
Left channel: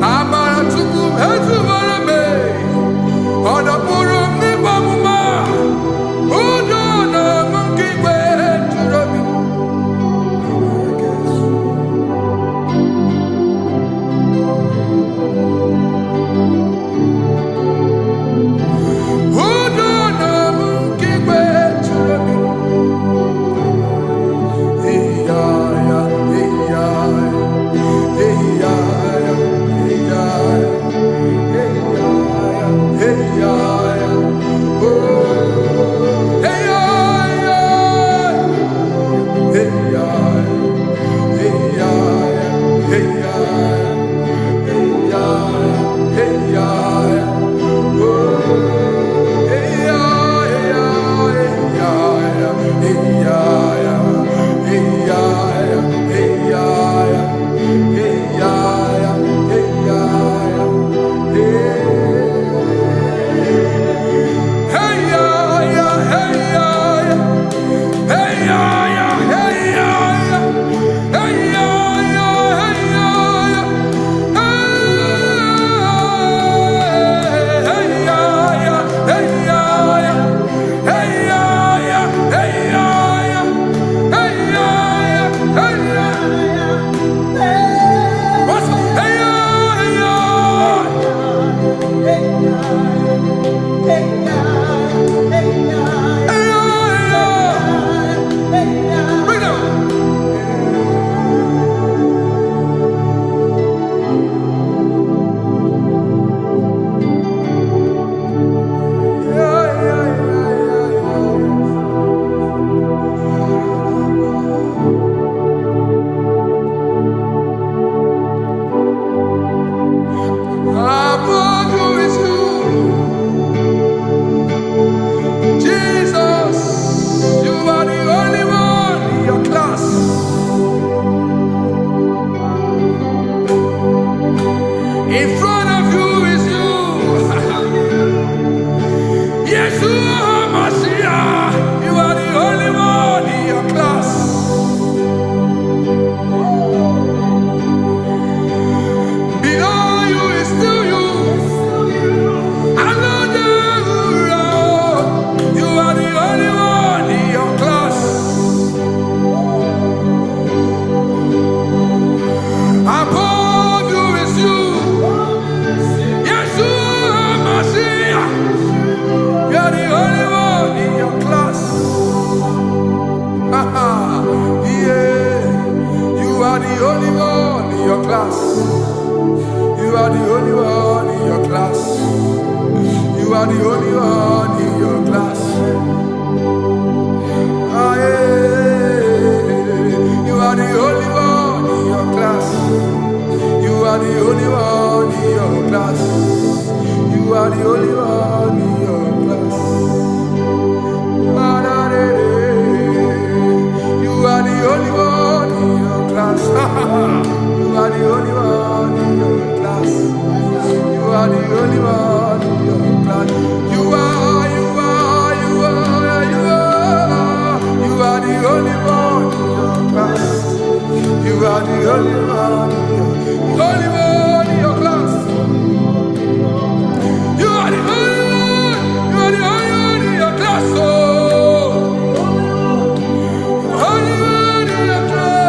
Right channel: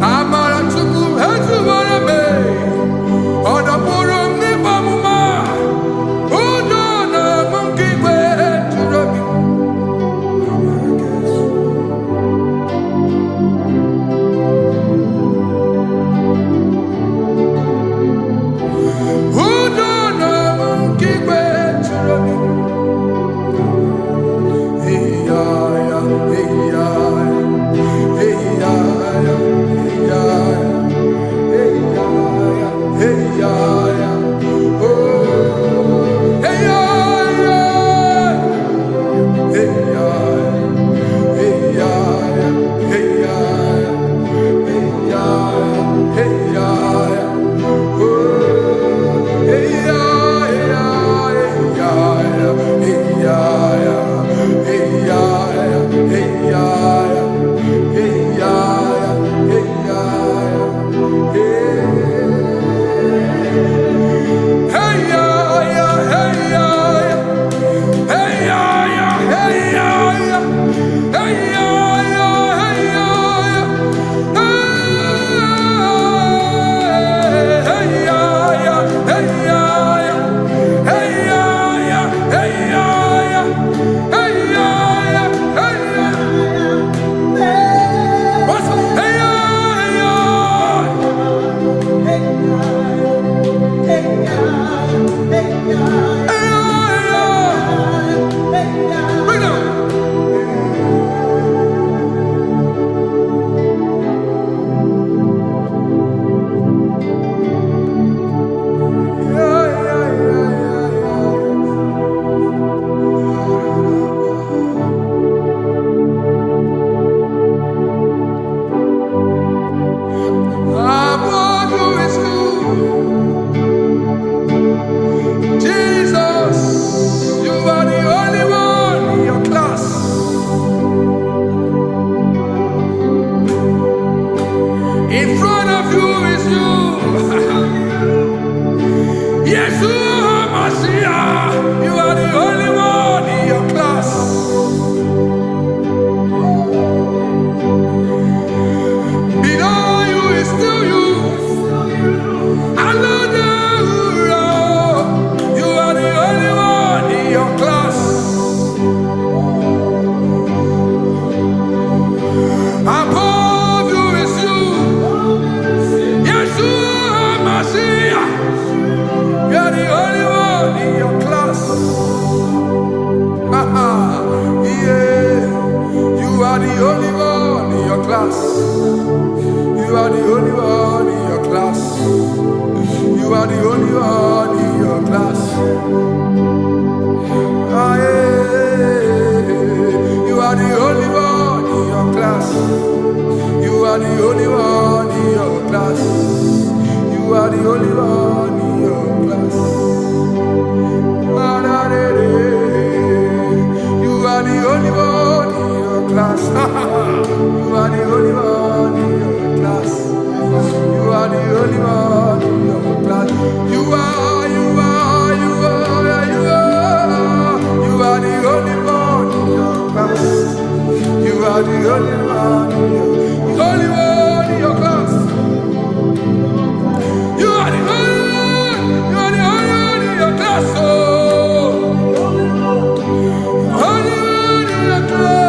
Amara chuku hezu warame. Odapurum ni bamuma. Udo na mungi kwe churobi. Amara gesu. Udo na mungi kwe churobi. Hey ya ya, hey ya ya, hey ya ya, hey ya ya, hey ya ya, hey ya ya. Oh, hey ya ya, hey ya ya, hey ya ya, hey ya ya, hey ya ya, hey ya ya. Oh, hey ya ya, hey ya ya, hey ya ya, hey ya ya, hey ya ya, hey ya ya, hey ya ya, hey. Hey ya ya, hey ya ya, hey ya ya, hey ya ya, hey ya ya, hey ya ya, hey ya ya, hey ya ya, hey ya ya, hey ya ya, hey ya ya, hey ya ya. What's up? Hey ya, hey ya. Bring it on. Yeah, yeah, yeah, yeah, yeah. Yeshua Mashiach, you are the only one in your class. Below you is still you. You are the only one in your class. Above you is you. Yeshua Mashiach. You are the only one in your class. Yeah. You are the only one in your class. You are the only one in your class. You are the only one in your class. Ah, yeah. You are the only one in your class. You are the only one in your class. You are the only one in your class. Ah, da, da, da. You are the only one in your class. You are the only one in your class. You are the only one in your class. You are the only one in your class. You are the only one in your class. You are the only one in your class. Oh, only one in your class.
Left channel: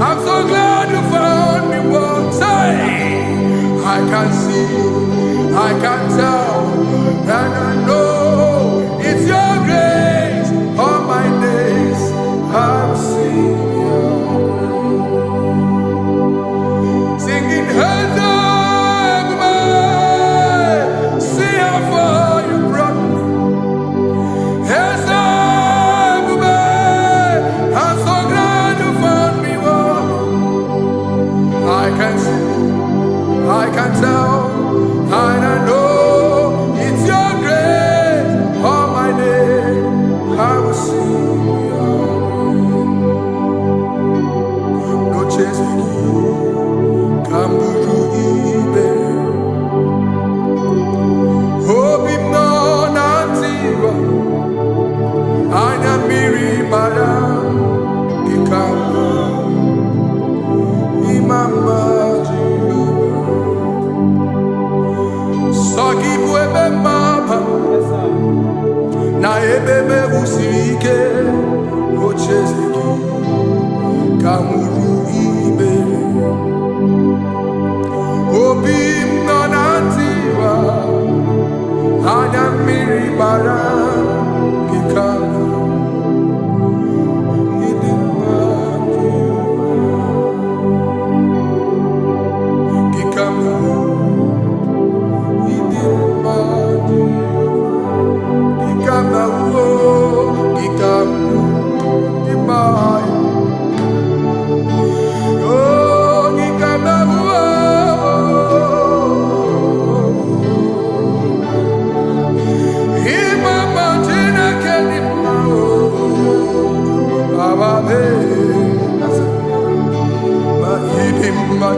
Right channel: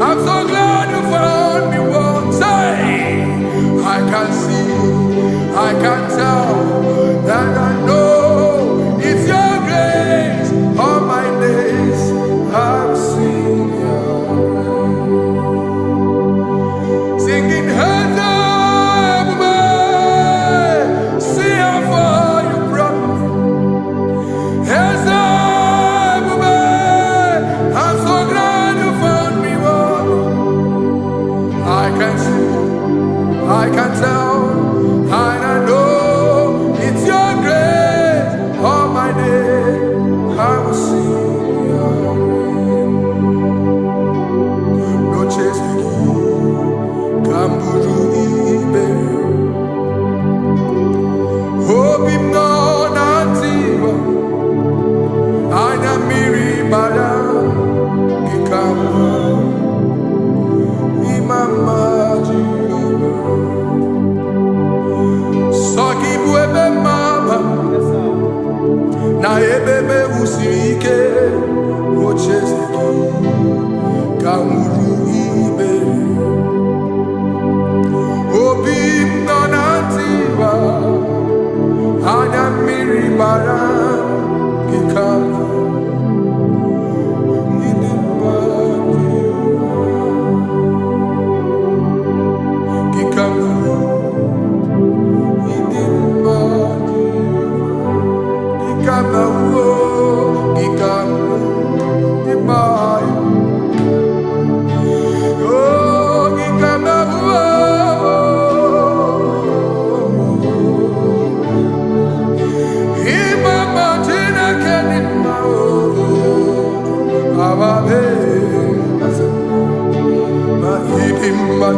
I'm so glad you found me once. I can see, I can tell, and I know it's your grace. All my days I will sing your grace. Singing, see how far you brought me. I'm so glad you found me. I can see, I can tell, and I know it's your grace. All my day I will sing your grace. No chasing, Kamburu Ibe, Hobim no Nantiwa, Anya Miri Baram, Ikamba. Mama Jehovah, Saki buebe maba, na ebebe usirike, ochezeki, kamuru ibere, obim nonantiwa, anya miri baram, gikama.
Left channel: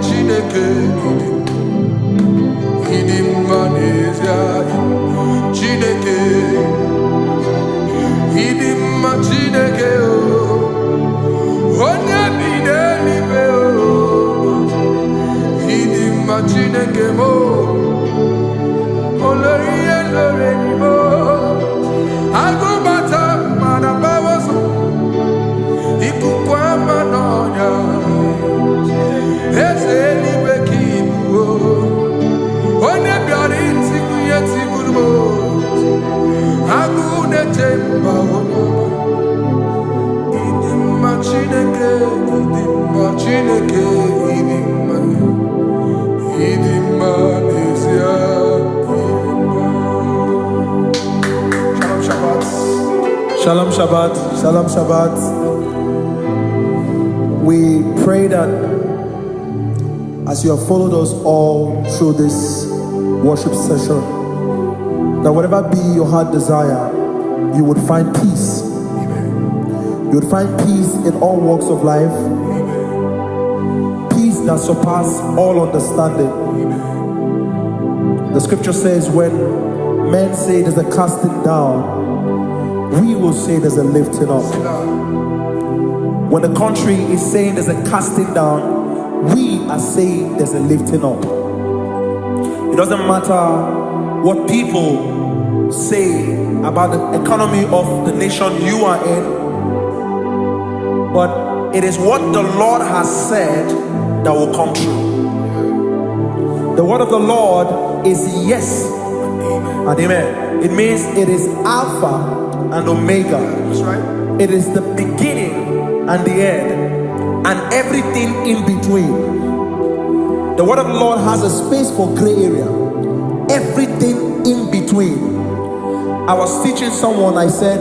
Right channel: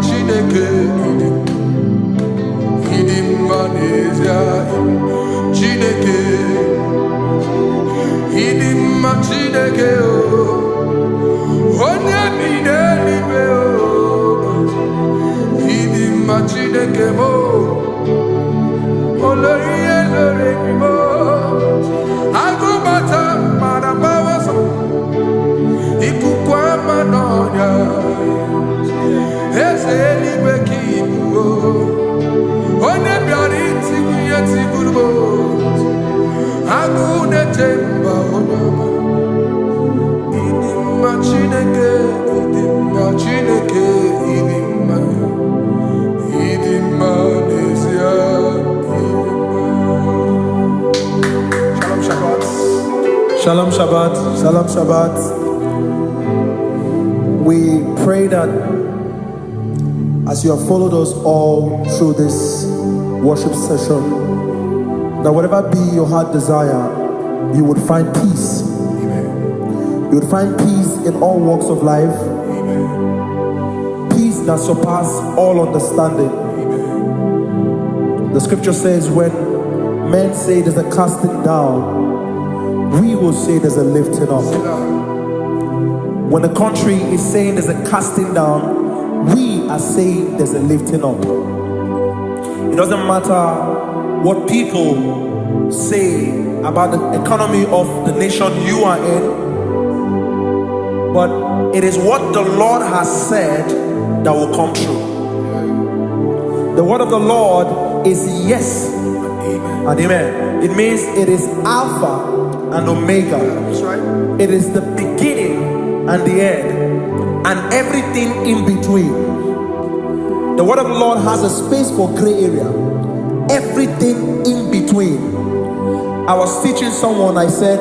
Chineke idim manezia Chineke idim Chineke o onye bidelibe o idim Chineke mo oloriye loreni mo agubata marabawaso ikukwa manonya Ezeligwe kibuo One biari tibuye tiburbo Agune temba onama Idimma Chineke Idimma nezia Idimma. Shalom Shabbat. Shalom Shabbat. Shalom Shabbat. We pray that as you have followed us all through this worship session, that whatever be your heart desire, you would find peace. Amen. You would find peace in all walks of life. Amen. Peace that surpasses all understanding. Amen. The scripture says, when men say there's a casting down, we will say there's a lifting up. When the country is saying there's a casting down, we are saying there's a lifting up. It doesn't matter what people say about the economy of the nation you are in, but it is what the Lord has said that will come true. The word of the Lord is yes and amen. It means it is Alpha and Omega. That's right. It is the beginning and the end, and everything in between. The word of the Lord has a space for gray area. Everything in between. I was teaching someone, I said,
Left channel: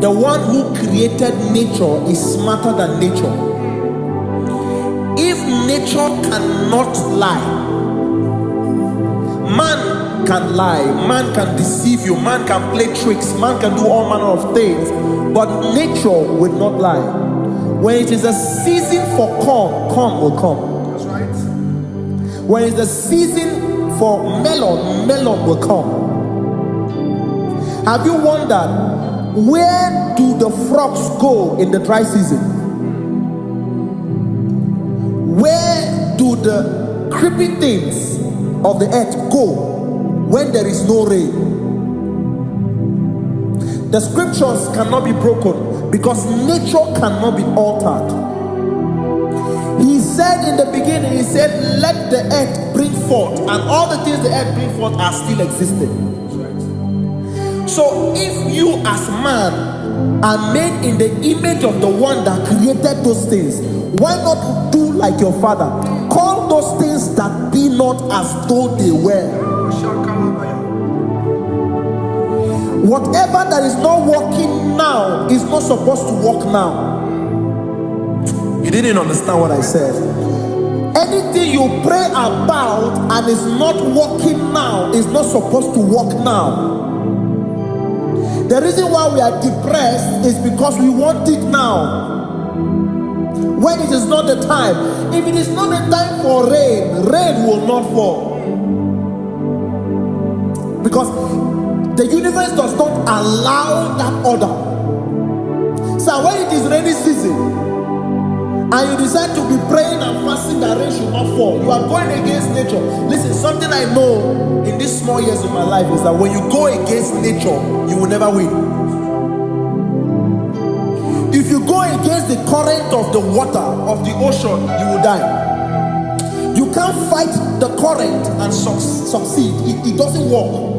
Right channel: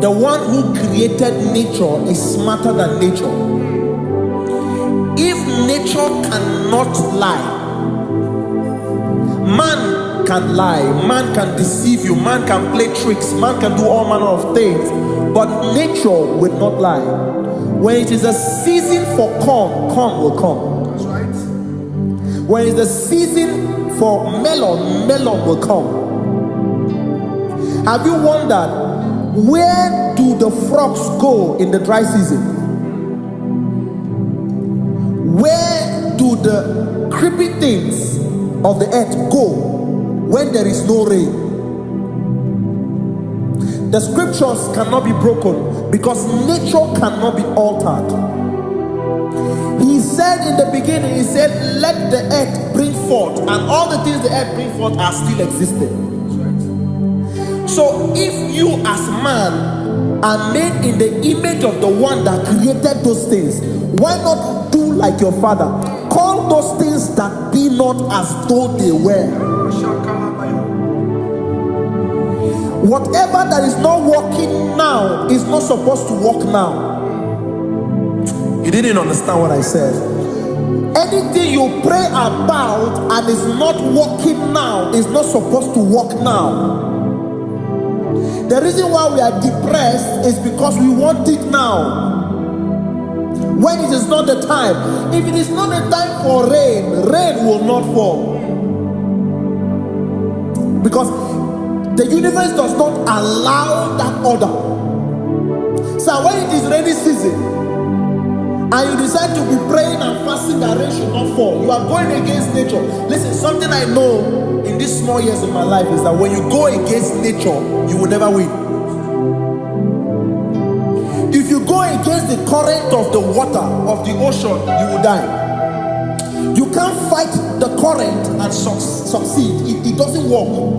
the one who created nature is smarter than nature. If nature cannot lie, man can lie, man can deceive you, man can play tricks, man can do all manner of things, but nature will not lie. When it is a season for corn, corn will come. That's right. When it's a season for melon, melon will come. Have you wondered, where do the frogs go in the dry season? Where do the creepy things of the earth go when there is no rain? The scriptures cannot be broken because nature cannot be altered. He said in the beginning, he said, let the earth bring forth, and all the things the earth bring forth are still existing. That's right. So if you as man are made in the image of the one that created those things, why not do like your father? Call those things that be not as though they were. Whatever that is not working now is not supposed to work now. You didn't understand what I said. Anything you pray about and is not working now is not supposed to work now. The reason why we are depressed is because we want it now, when it is not the time. If it is not the time for rain, rain will not fall, because the universe does not allow that order. So when it is rainy season and you decide to be praying and fasting that rain should not fall, you are going against nature. Listen, something I know in these small years of my life is that when you go against nature, you will never win. If you go against the current of the water of the ocean, you will die. You can't fight the current and succeed. It doesn't work.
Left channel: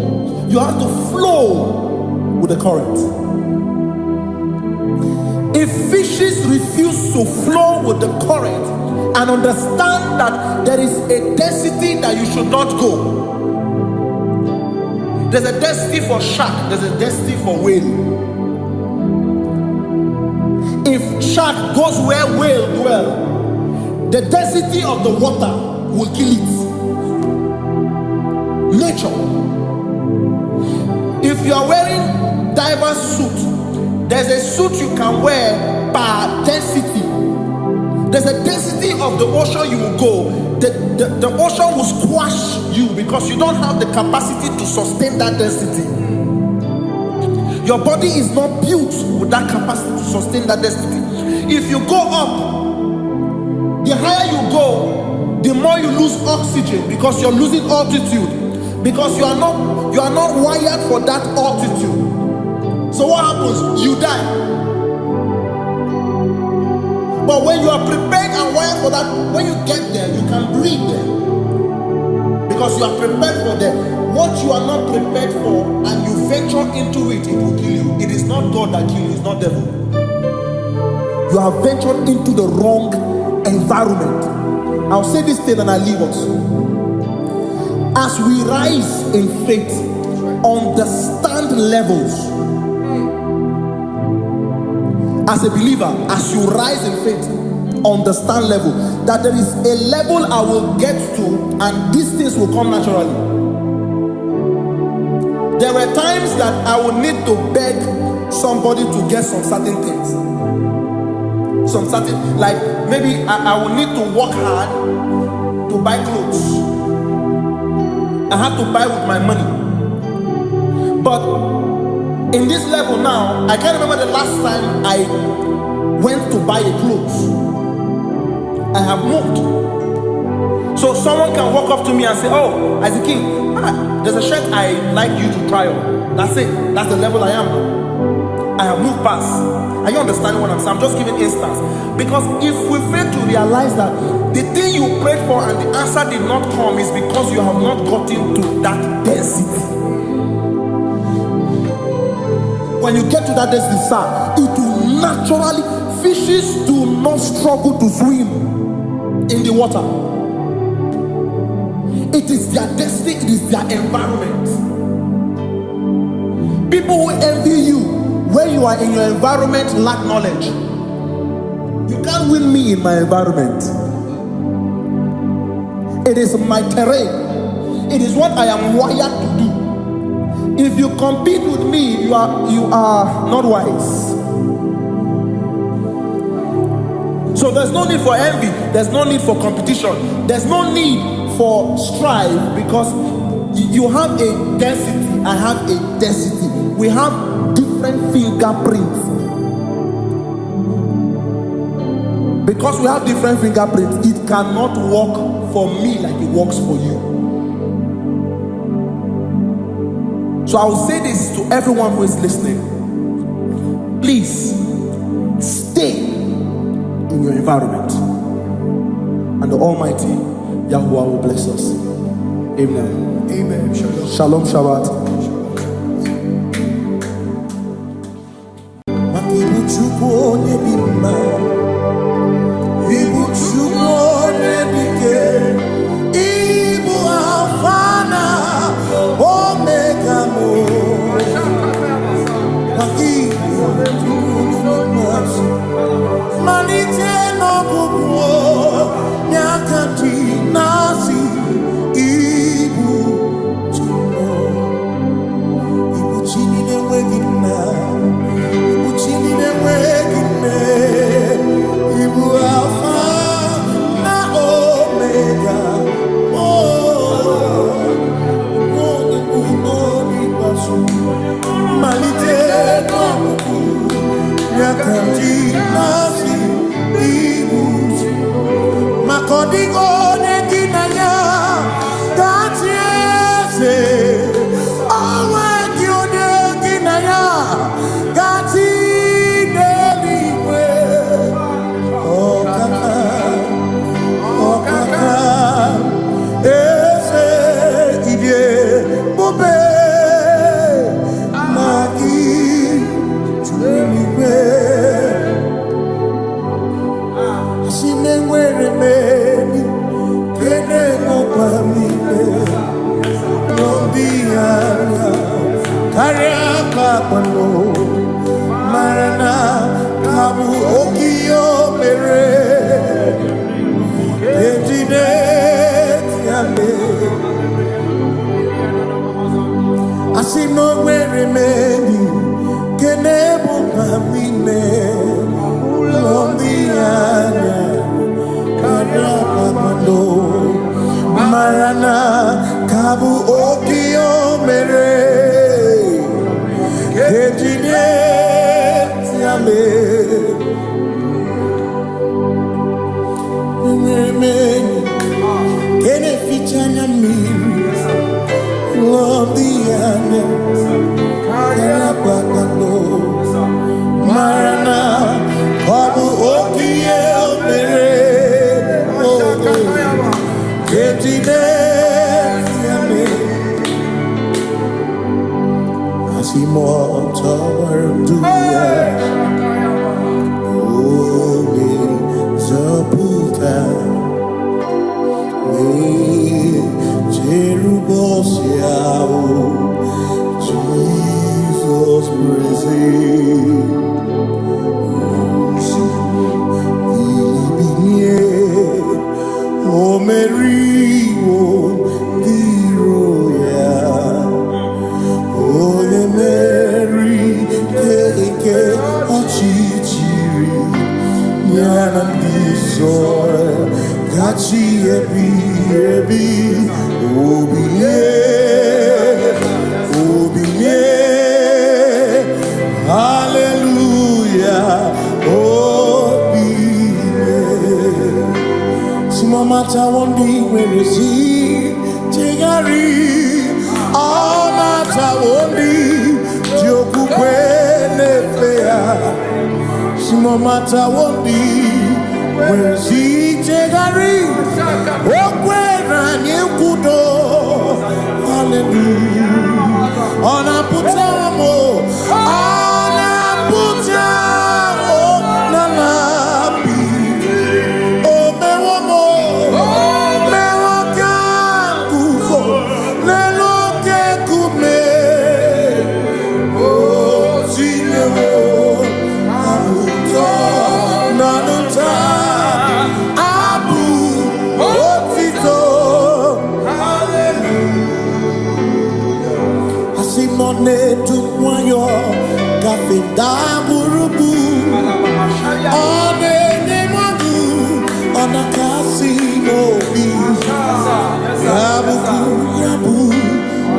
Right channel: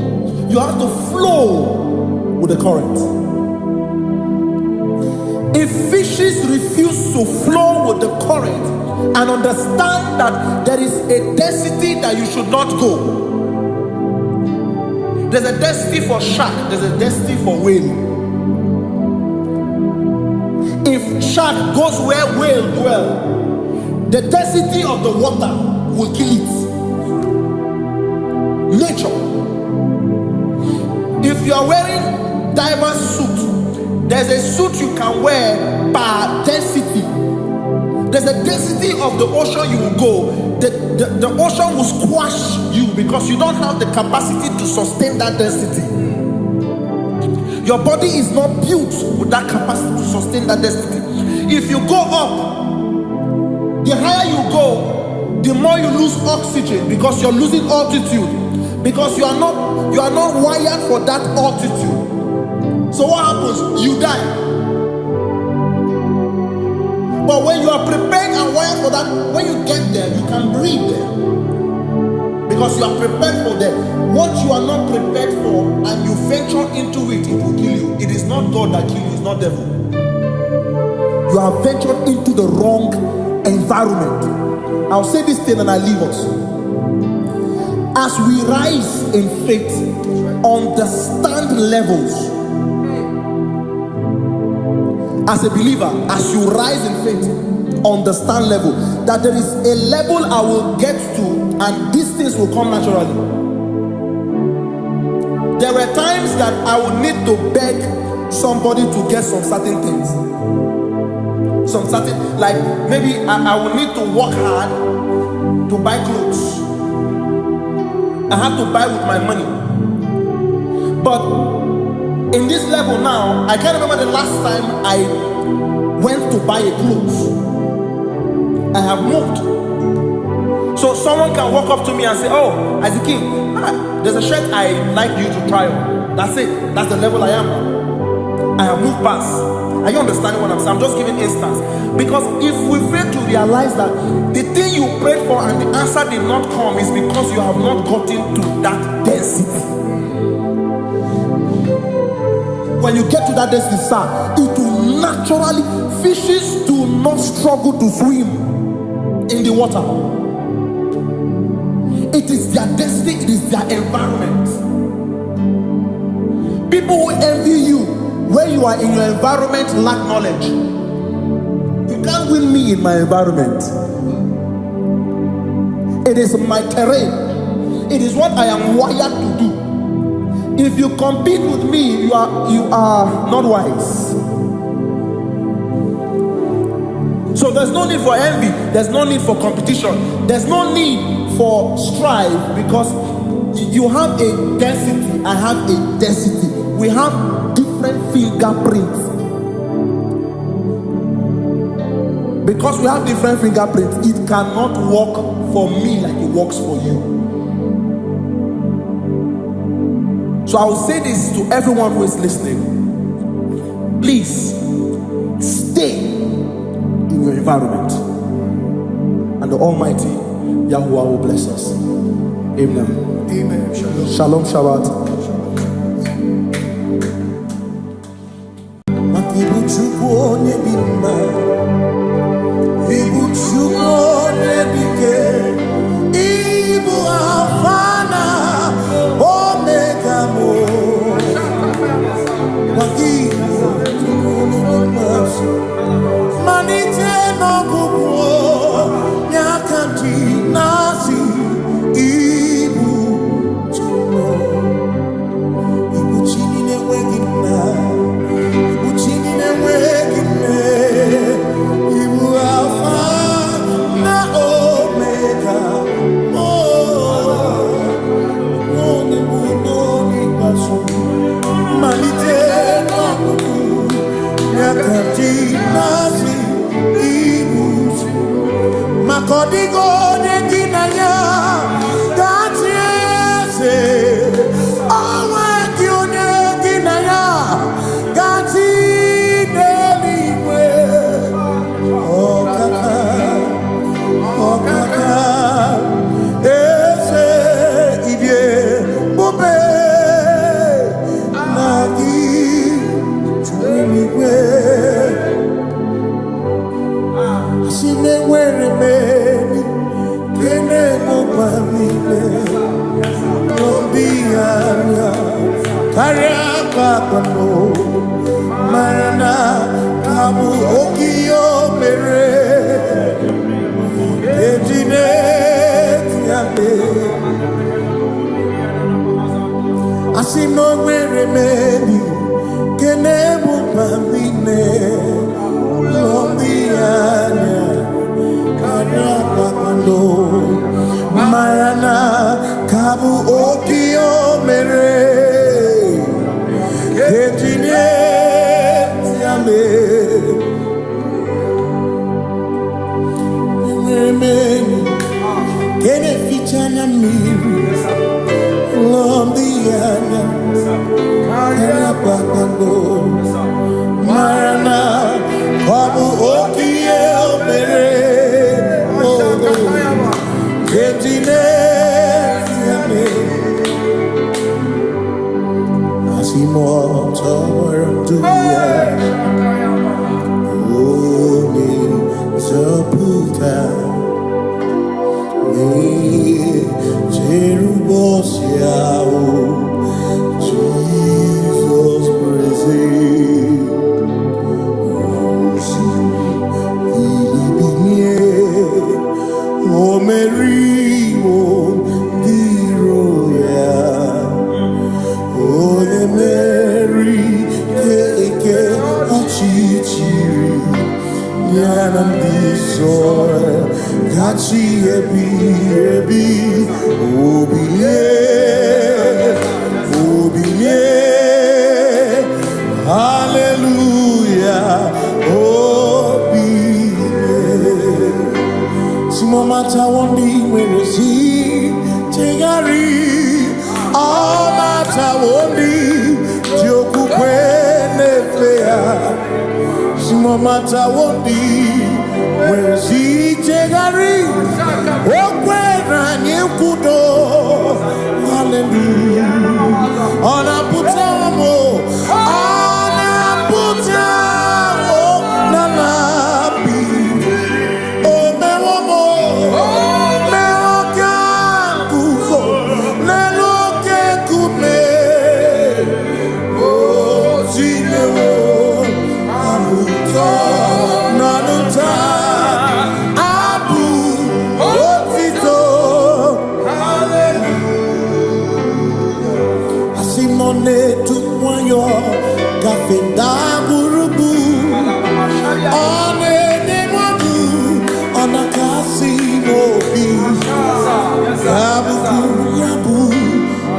You have to flow with the current. If fishes refuse to flow with the current and understand that there is a density that you should not go, there's a density for shark, there's a density for whale. If shark goes where whale dwell, the density of the water will kill it. Nature. If you are wearing diver's suit, there's a suit you can wear per density. There's a density of the ocean you will go. The ocean will squash you because you don't have the capacity to sustain that density. Your body is not built with that capacity to sustain that density. If you go up, the higher you go, the more you lose oxygen because you're losing altitude, because you are not wired for that altitude. So what happens? You die. But when you are prepared and wired for that, when you get there, you can breathe there, because you are prepared for that. What you are not prepared for and you venture into it, it will kill you. It is not God that kills you, it's not devil. You have ventured into the wrong environment. I'll say this thing and I leave us. As we rise in faith, understand levels. As a believer, as you rise in faith, understand level. That there is a level I will get to, and these things will come naturally. There were times that I would need to beg somebody to get some certain things. Some certain, like maybe I would need to work hard to buy clothes. I have to buy with my money. But in this level now, I can't remember the last time I went to buy a clothes. I have moved. So someone can walk up to me and say, oh, as a king, there's a shirt I like you to try on. That's it. That's the level I am now. I have moved past. Are you understanding what I'm saying? I'm just giving instance. Because if we fail to realize that the thing you prayed for and the answer did not come is because you have not gotten to that density. When you get to that density, sir, it will naturally, fishes do not struggle to swim in the water. It is their destiny, it is their environment. People who envy you when you are in your environment lack knowledge. You can't win me in my environment. It is my terrain. It is what I am wired to do. If you compete with me, you are not wise. So there's no need for envy. There's no need for competition. There's no need for strife, because you have a density, I have a density. We have different fingerprints. Because we have different fingerprints, it cannot work for me like it works for you. So I will say this to everyone who is listening. Please stay in your environment, and the Almighty Yahuwah will bless us. Amen. Amen. Shalom. Shalom Shabbat. Ibu Chukwu onye dị mma, Ibu Chukwu onye dike, Ibu Alpha na Omega mo. Ibu Chukwu onye dị mma, malite n'ọgwụgwụ n'aka ndị na-asị Ibu Chukwu, Ibu chi niile enweghị nna, Ibu chi niile enweghị nne, Ibu Alpha na Omega, onye mbụ n'oge ikpeazụ, malite n'ọgwụgwụ n'aka ndị na-asị Ibu Chukwu. Maka ọ dịghị onye gị na ya ga-achị eze, onweghị onye gị na ya ga-achị n'eluigwe. Ọkaka, ọkaka, eze ibie bube na gị juru n'igwe. Si na-enwere meni kene mụkwa niile n'obi anya karịa kpakpando, mara na ka bụ oke ihe o mere ejide tiale. Asị na o nwere meni kene mụkwa niile n'obi anya karịa kpakpando, mara na ka bụ oke ihe o mere ejide tiale. Enwere m enyi nke na-eficha anya mmiri n'obi anya karịa kpakpando, mara na ọ bụ oke ihe o mere ejide tiale. Asị m ọtọ gbara ndụ ya, onye nzọpụta na-echere ụbọchị ahụ Jizọs bụ eze. Osimiri binie. O Mary, o Roya. O le Mary, ke ochichiri. Nyanam disoy, gachi ebi, obiye, hallelujah, obiye. Simomata wondi werezi, tegari, amata wondi, joku kwenefea. Simomata wondi, werezi, tegari, okwera nyekudo, hallelujah. Ona putamo, nalabi. Simone tumwayo kafenda burubu one nemadu ona kasimobi yabu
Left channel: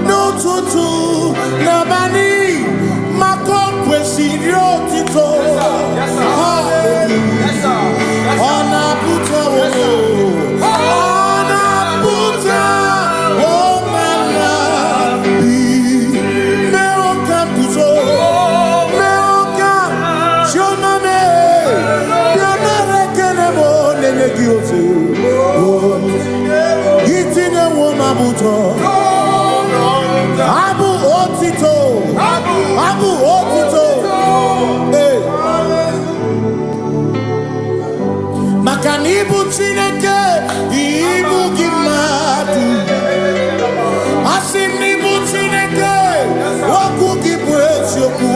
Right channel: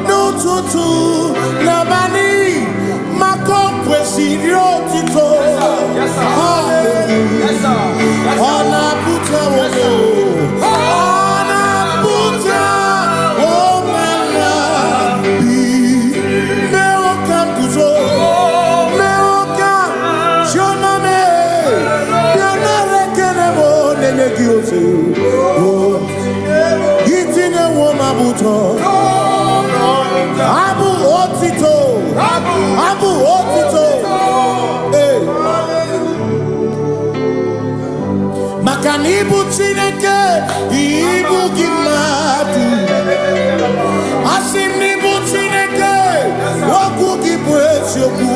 no tutu nabani makompwe sirio tito hallelujah ona puta wono Gitine woma buto Abu otito Hey Makanibu chineke Ibu gimatu Asinibu chineke Waku kipwesyoku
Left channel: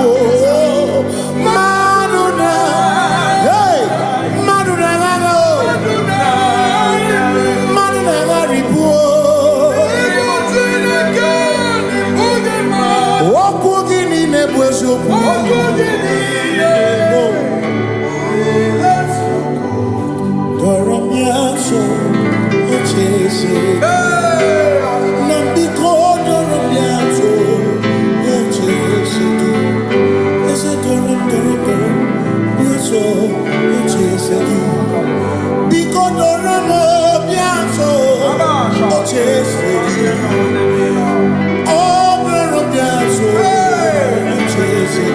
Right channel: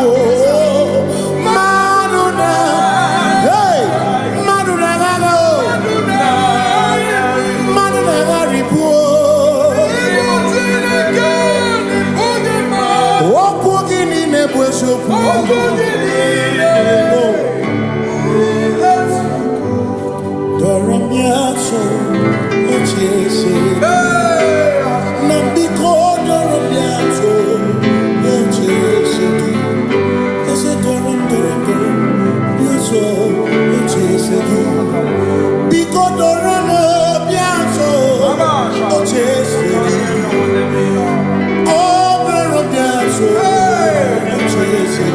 Maduna Hey Maduna gago Doramiaso, ochese. Nambiko doramiaso, ochese. Ese doram, biaso, ochese. Biko doramiaso, ochese. Oh, doramiaso, ochese.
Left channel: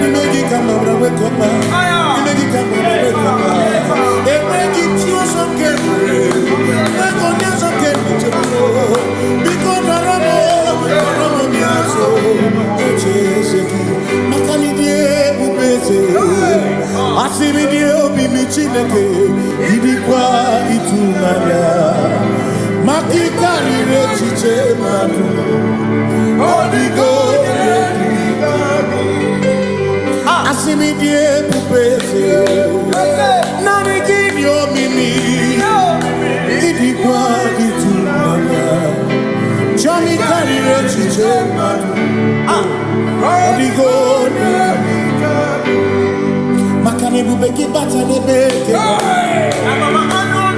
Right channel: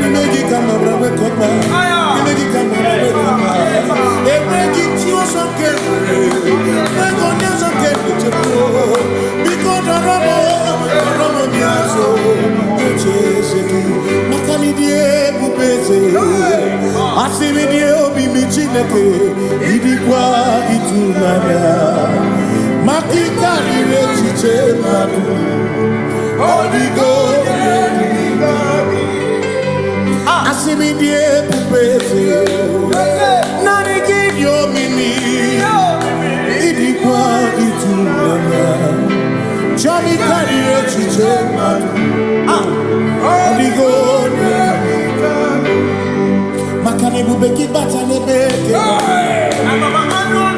Nimegi kama brawe kopa. Nimegi kama brawe kopa. Emegi tio son kemre. Ego nya son kemre chebo. Biko doramo biaso. Ochese ki. Makani die bubeze. Asimi die obi michineke. Idikwa itunanya. Makikari rechiche madu. Odigo Asimi die pupese Nani gidio mimi Idikwa itunanya Chami karire chiche madu Odigo Makane bubeki bata nebeke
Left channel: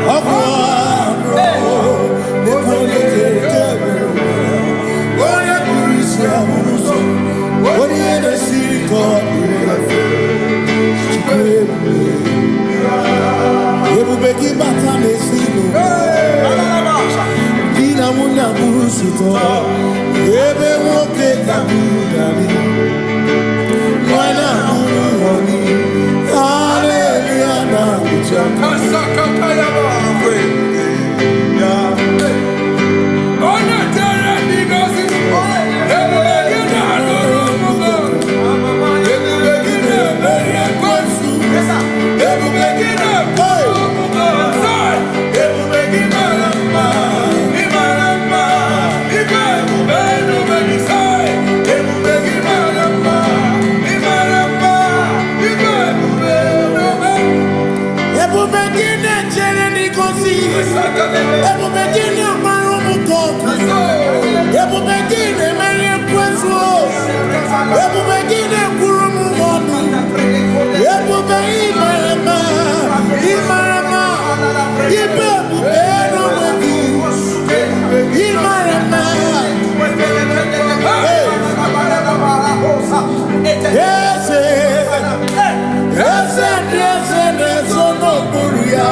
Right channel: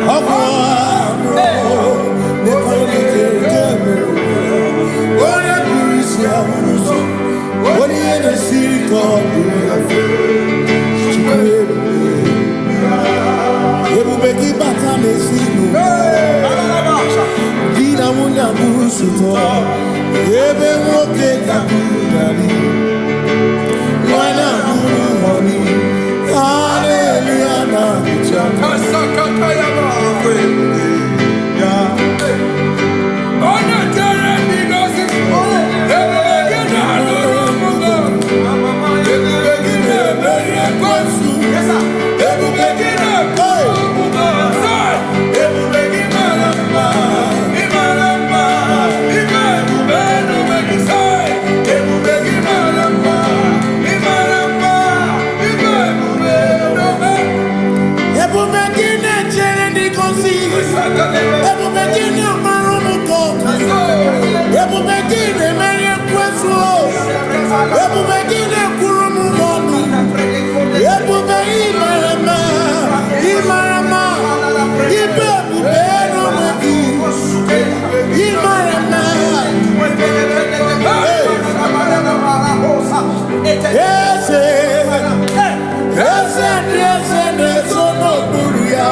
Ogwa Nekone kere Oye kurisia unuso Oye ene siriko Chikwebu Ebubeki bata mesinu Dina munya musuto Ebe woke kabudali Mwana muru honi Hallelujah na kuchaka Kasakatayaba Ebu begini amarumu koku. Ebu begini menye kwesu. Ebu begini kurumu monu. Ebu begini marama. Imarama. Ibebu beno mweku. Imarama. Yes, no buruya.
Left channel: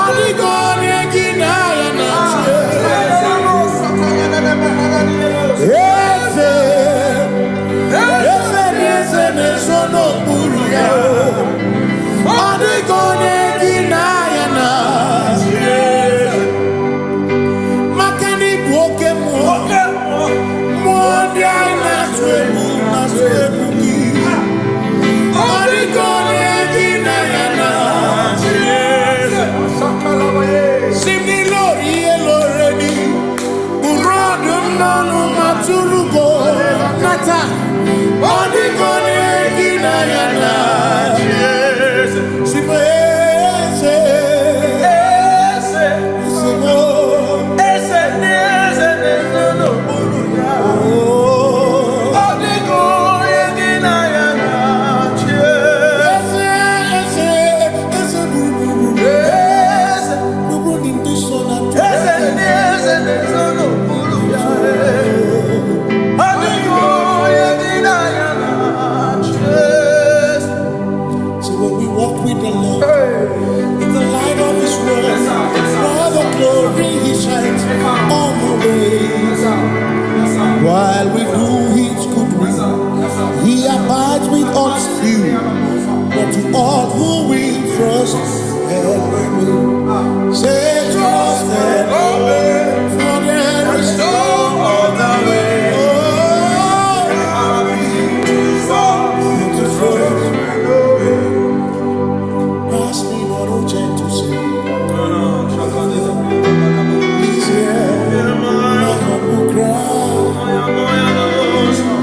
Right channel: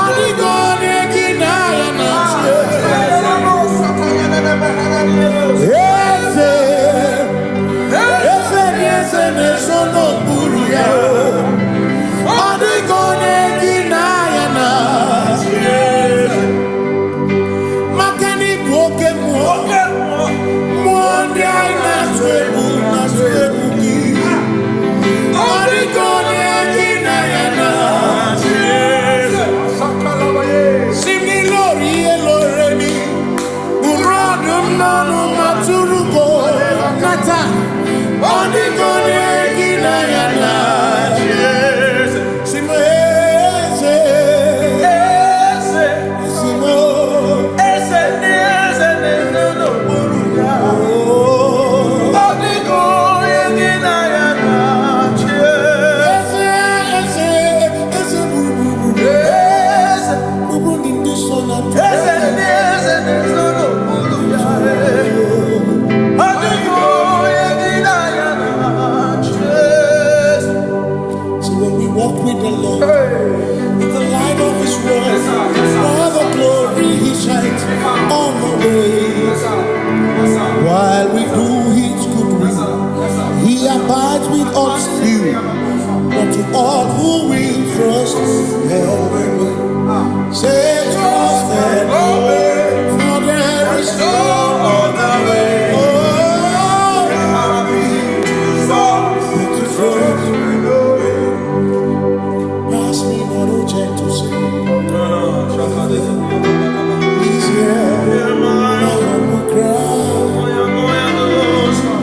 Adigone kinaya na. Yes, no buruya. Adigone kinaya na. Makani buoke mo. Mwandi na swebu ki. Adigone kinaya na. Simni lori eloreni. Burodum nanu maturugo. Nata. Adigone kinaya na. Simese. Simo. Ese no buruya. Adigone kinaya na. So when we walk with the Lord, in the light of His word, while the glory He shines on the way, while we do His good will, He abides with us still. But to all who will trust and obey, say trust and obey, for there is no other way. Oh, but to trust and obey. Pass me not, O gentle Savior. He's here, my humble cry, and why not understand?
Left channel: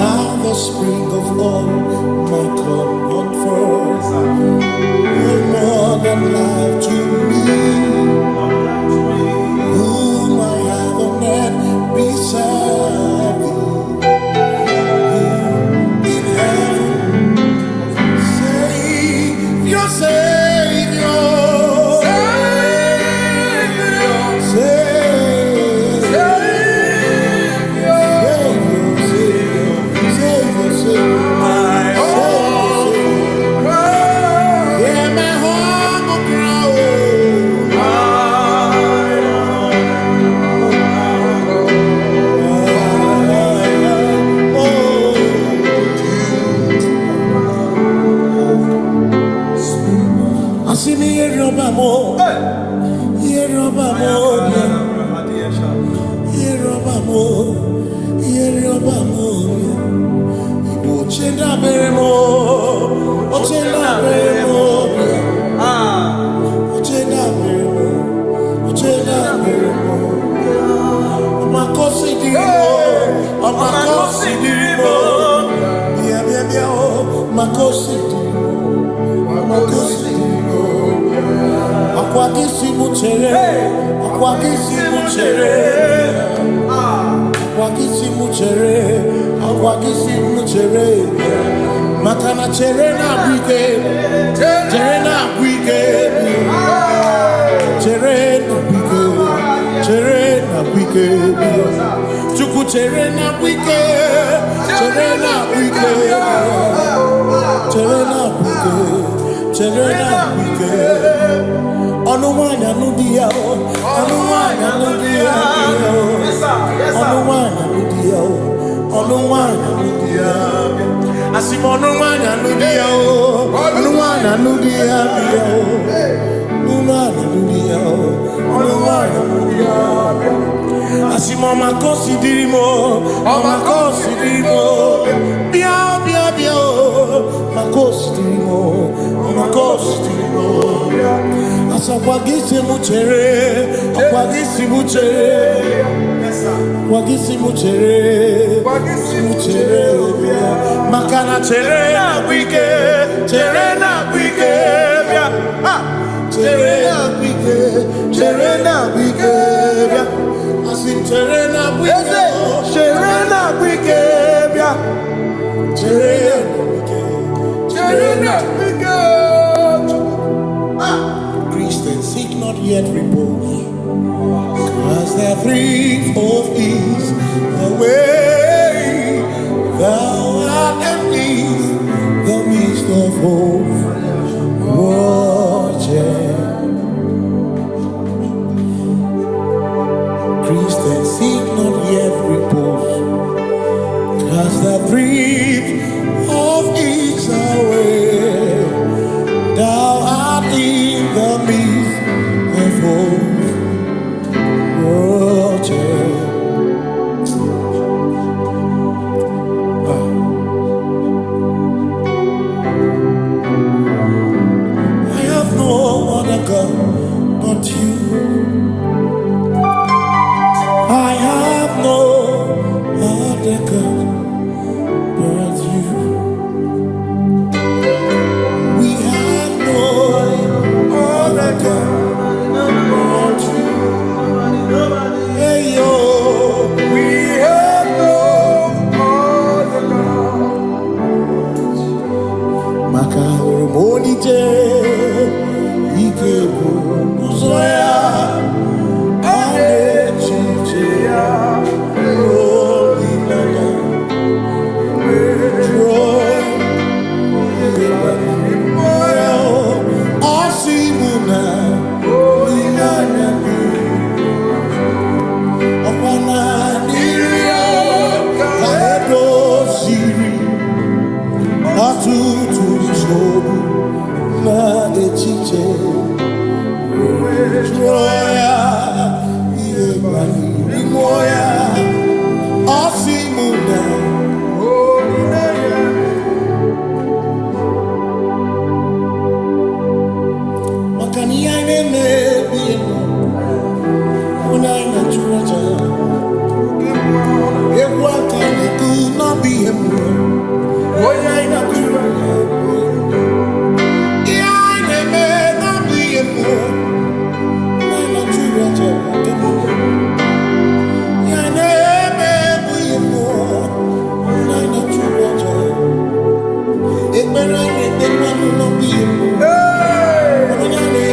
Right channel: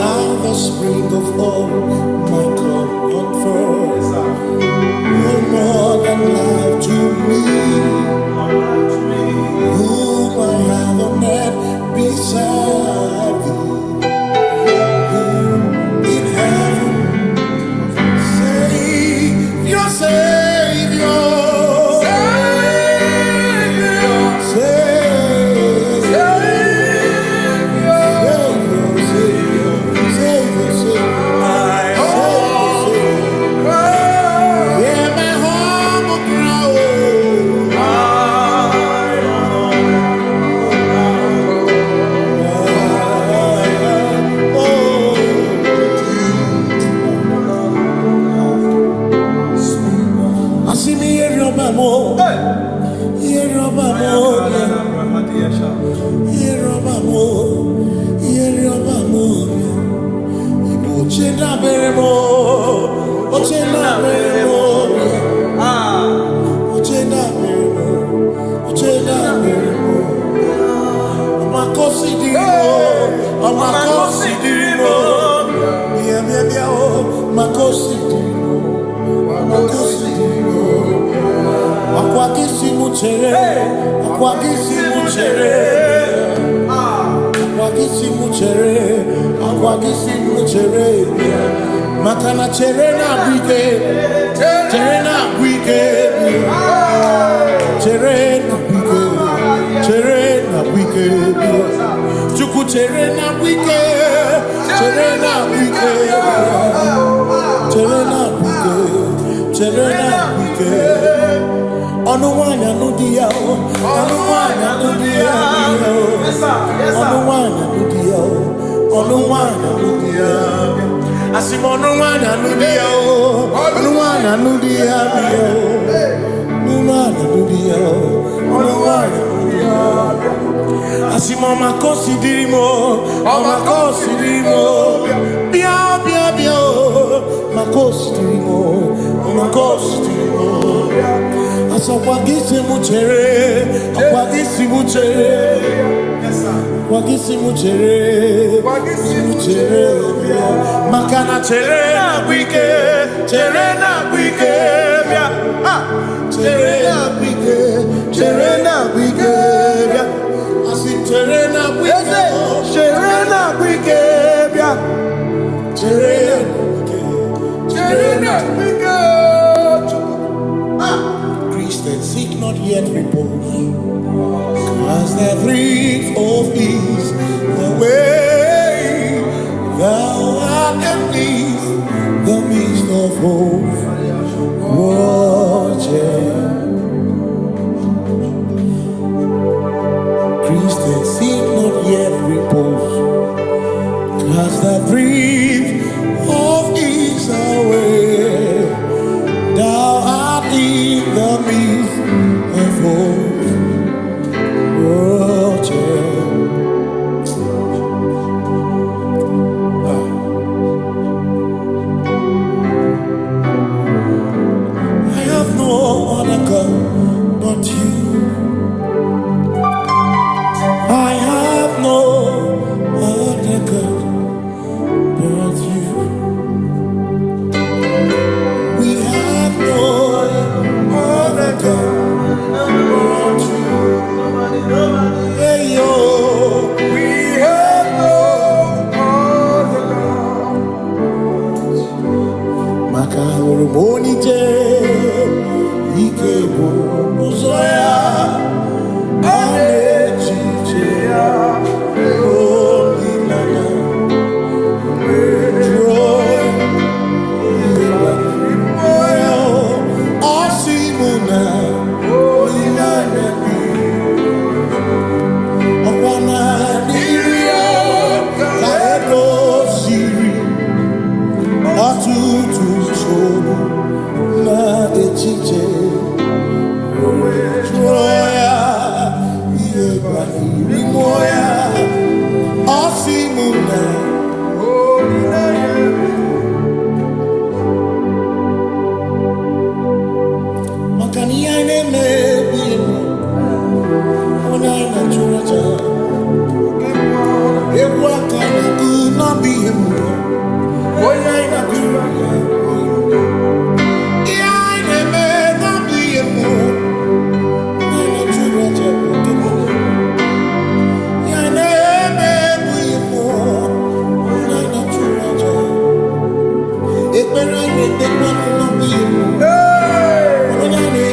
Now the spring of all my comfort, no more than life to me, whom I have on earth beside thee, whom in heaven, Savior, Savior. Ochenda beremo, ochenda beremo, ochenda beremo, ochenda beremo. Amakosi dirimo, bia oh, makosi dirimo. Akwagisi muchere, makana chere na bwike, chuku chere na bwike. Onuwanya nudia, Asimonuwanya nudia, Asimoma considerimo, bia, maconsiderimo, Asakwagisi muchere, Wagisimu chere bia. Makana chere na wike bia. Chere na wike bia. Asim chere na wike bia. Chere na wike. Christians seek not yet repose, as the dreams of ease, the way thou art at ease, the midst of hope, watching. Christians seek not yet repose, as the dreams of ease, the way thou art in the midst of hope. I have no other God but you. I have no other God but you. We have no other God but you. Hey yo, we have no other God. Makahoro monije, ikebo uzoya, anechicheya, holy nana, joy, moyo, asimuna, holy nana. Okwana niria kaedo siri atutu sobu na echiche joya iebani rimoya asimuna olina yemi makani aine mebi emo Onaina churaja, Eguatana could not be him. Onaina churaja, Yaina may not be him. Onaina churaja, Yaina may be him. Onaina churaja, it may not be him. Onaina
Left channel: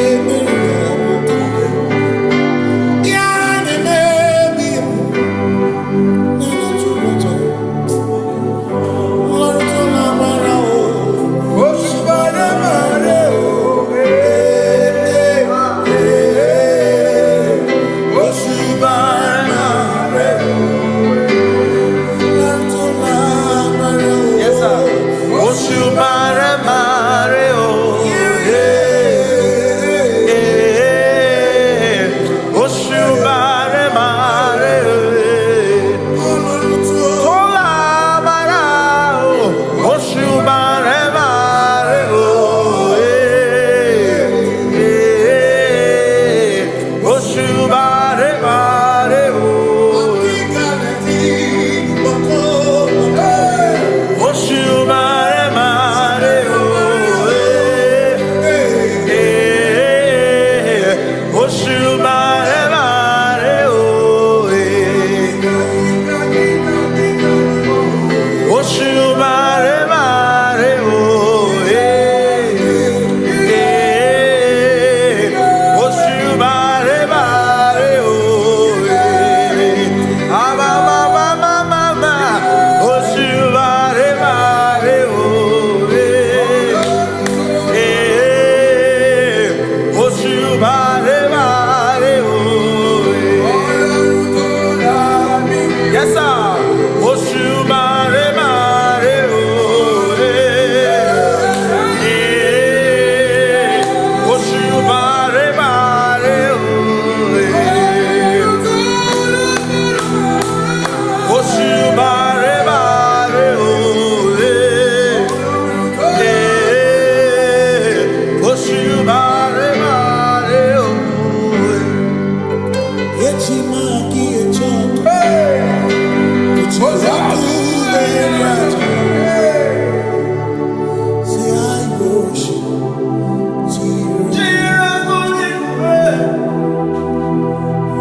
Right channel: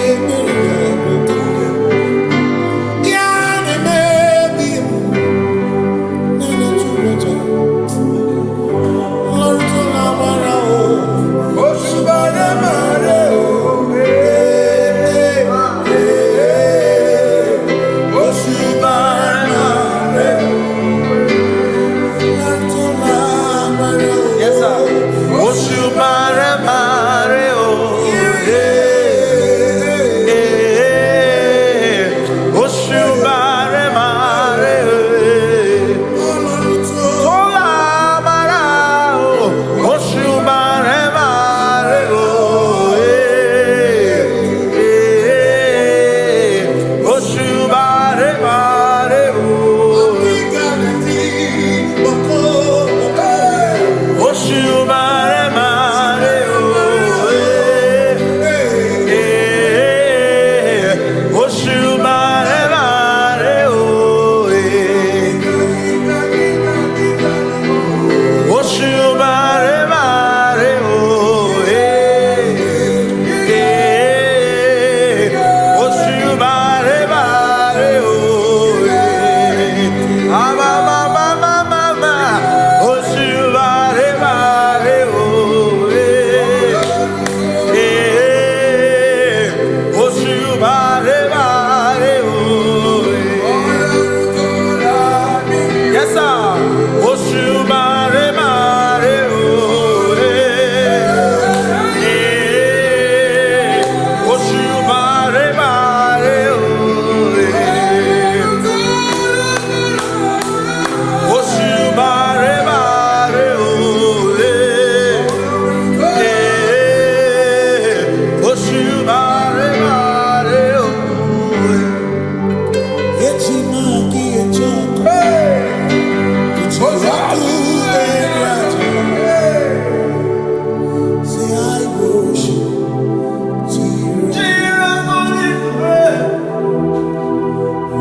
Yes, sir. Say I worship.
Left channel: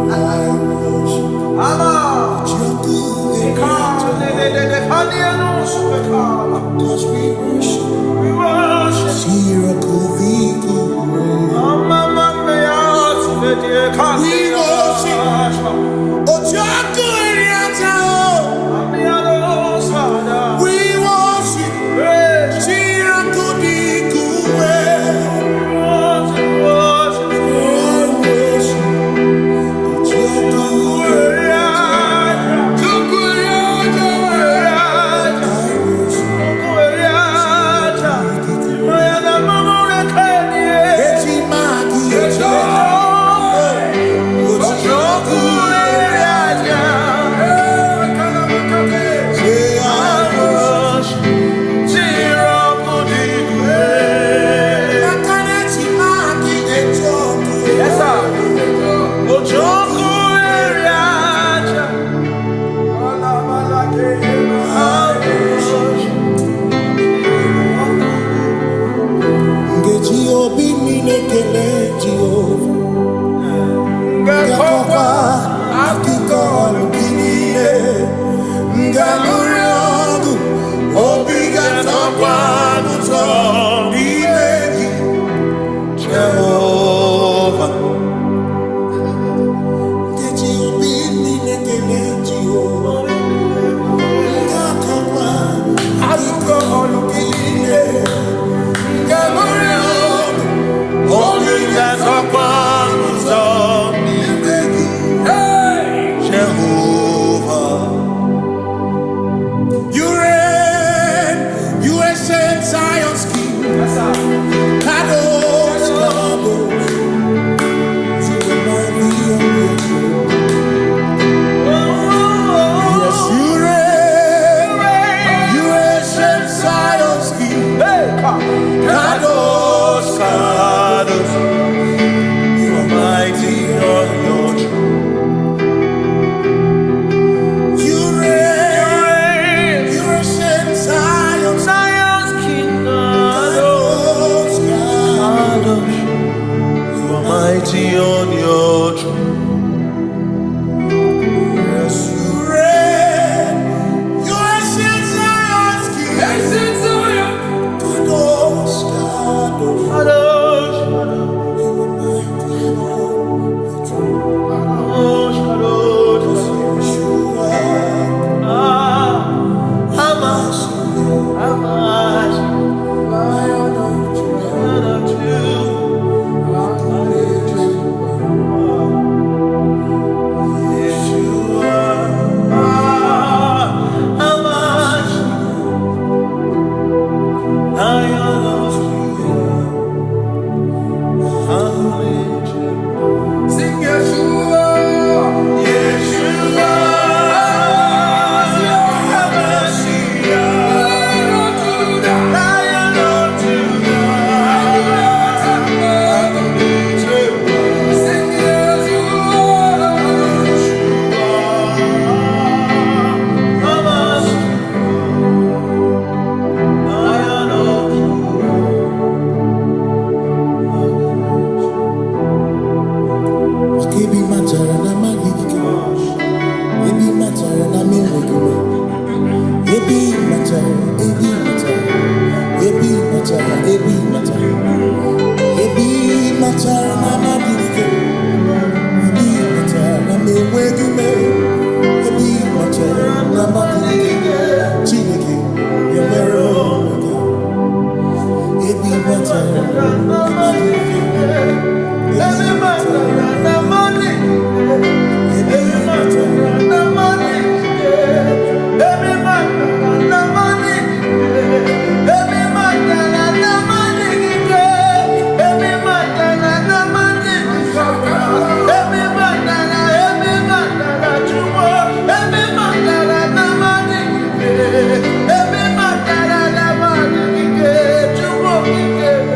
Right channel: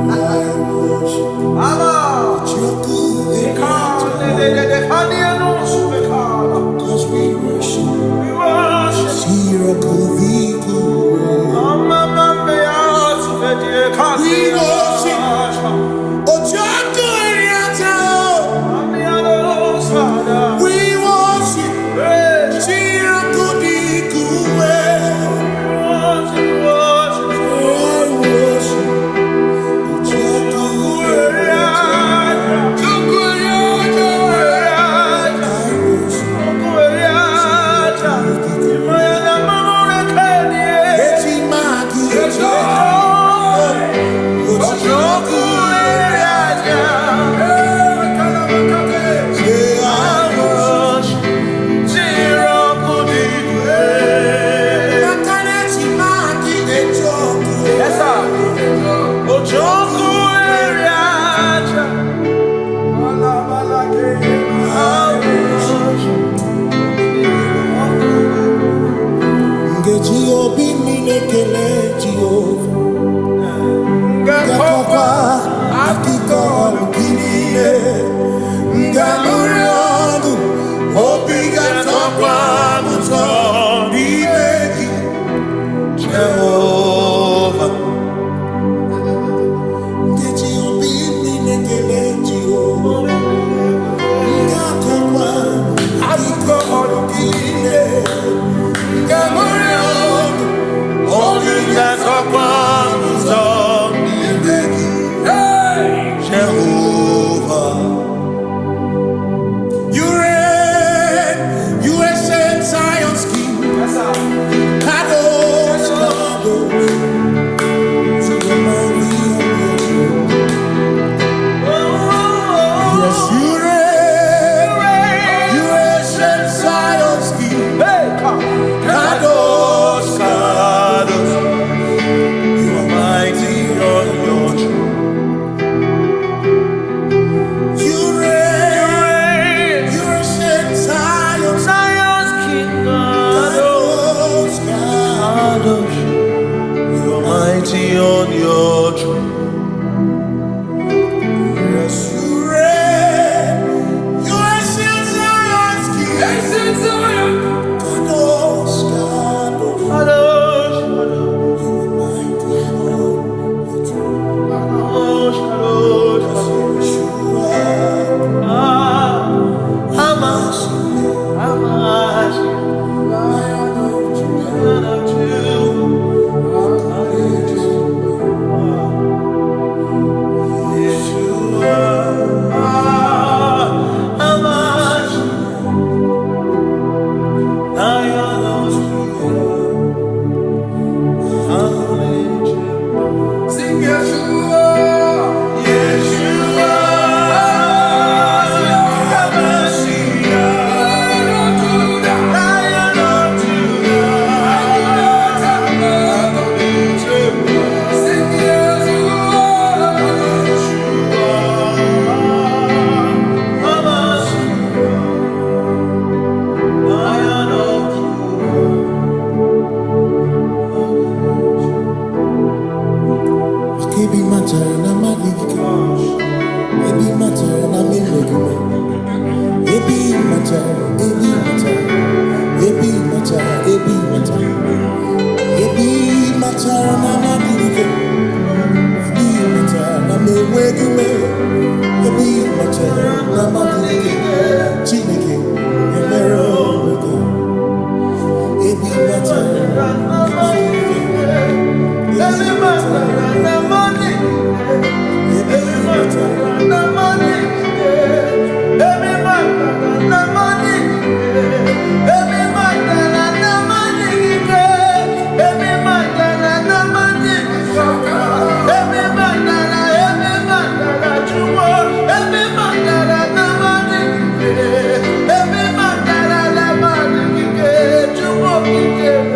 I worship. Cause we worship. We worship. We worship. Obi minekele Jehovah Ngakokwa akiko olukile Ngamuriogu Obi gatokwa muto Nimegi Jehovah Ngeji Obi minekele Jehovah Ngakokwa akiko olukile Ngamuriogu Jehovah, you reign, you ancient Zion's King. Kadosh, Kadosh, to the mighty on your throne. Yes, you reign, you ancient Zion's King. Kadosh, Kadosh, you are mighty on your throne. You reign, you ancient Zion's King. Kadosh, Kadosh, you are mighty on your throne. Yes, you reign, you ancient Zion's King. Ancient Zion. Kadosh, Kadosh, Kadosh, Kadosh, you are mighty on your throne. Kadosh, Kadosh, Kadosh, Hamashiach, Lion of Yeshua, Hamashiach, Lion of Judah, sing Yeshua, Yeshua, Hamashiach, Lion of Judah, sing Yeshua, Hamashiach, Lion of Ebi matara na magigike, ebi matara na mewegume, ebi matara, ebi matara, ebi matara, ebi matara, ebi matara na magigike, ebi matara na mewegume, ebi matara na magigike, Chineke yemero wege, ebi matara na magigike. Every matter and the money, every matter and the money, every matter and the money, every matter and the money, every matter and the money, every matter that you want, every matter and the money, every matter and the money, you want to give.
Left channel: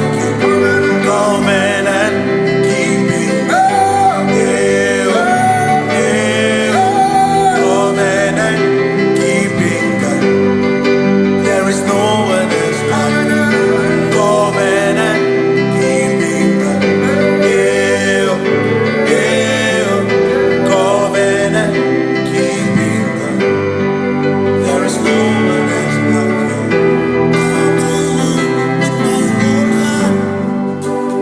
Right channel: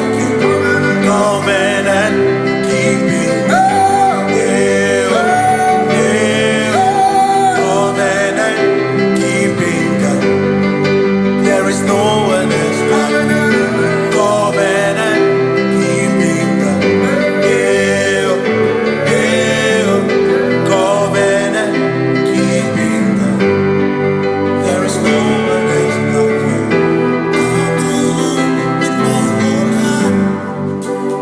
like you. Covenant keeping God. Covenant keeping God. There is no one else like you. Covenant keeping God. Covenant keeping God. There is no one else like you. Come to you with my whole heart,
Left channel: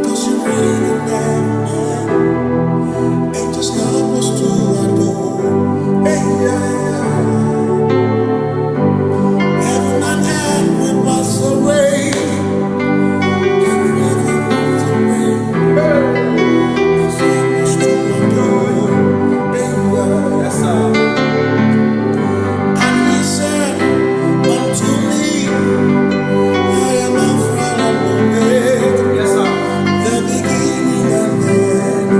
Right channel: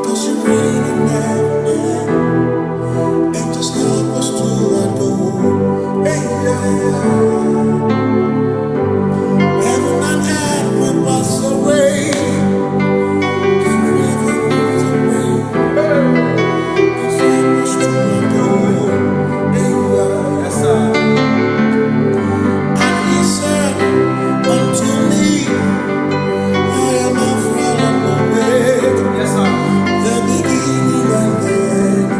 'cause you reign in heaven, and just help us to adore. Hey, heaven and earth will pass away. Forever pass away. Just help us to adore. Hey, yes, sir. And he said unto me, I am Alpha and Omega. Yes, sir. The beginning and the end.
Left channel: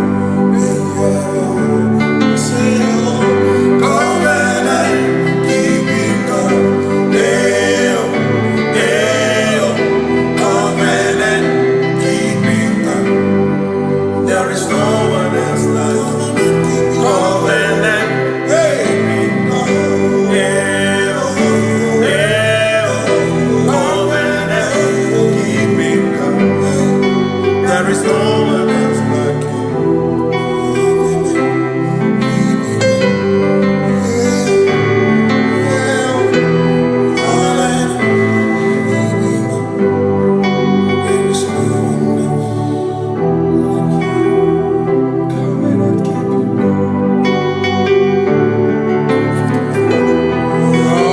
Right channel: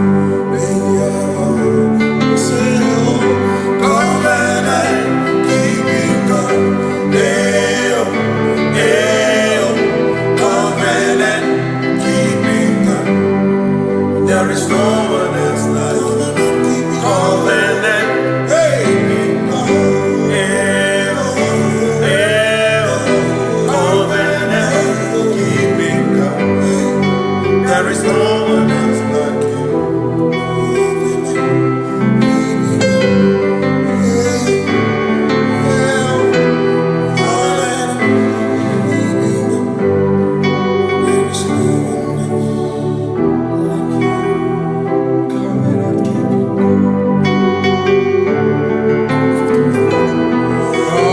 Say, oh, covenant keeping God. Covenant keeping God. There is no one else like you. Covenant keeping God. Covenant keeping God. There is no one else like you.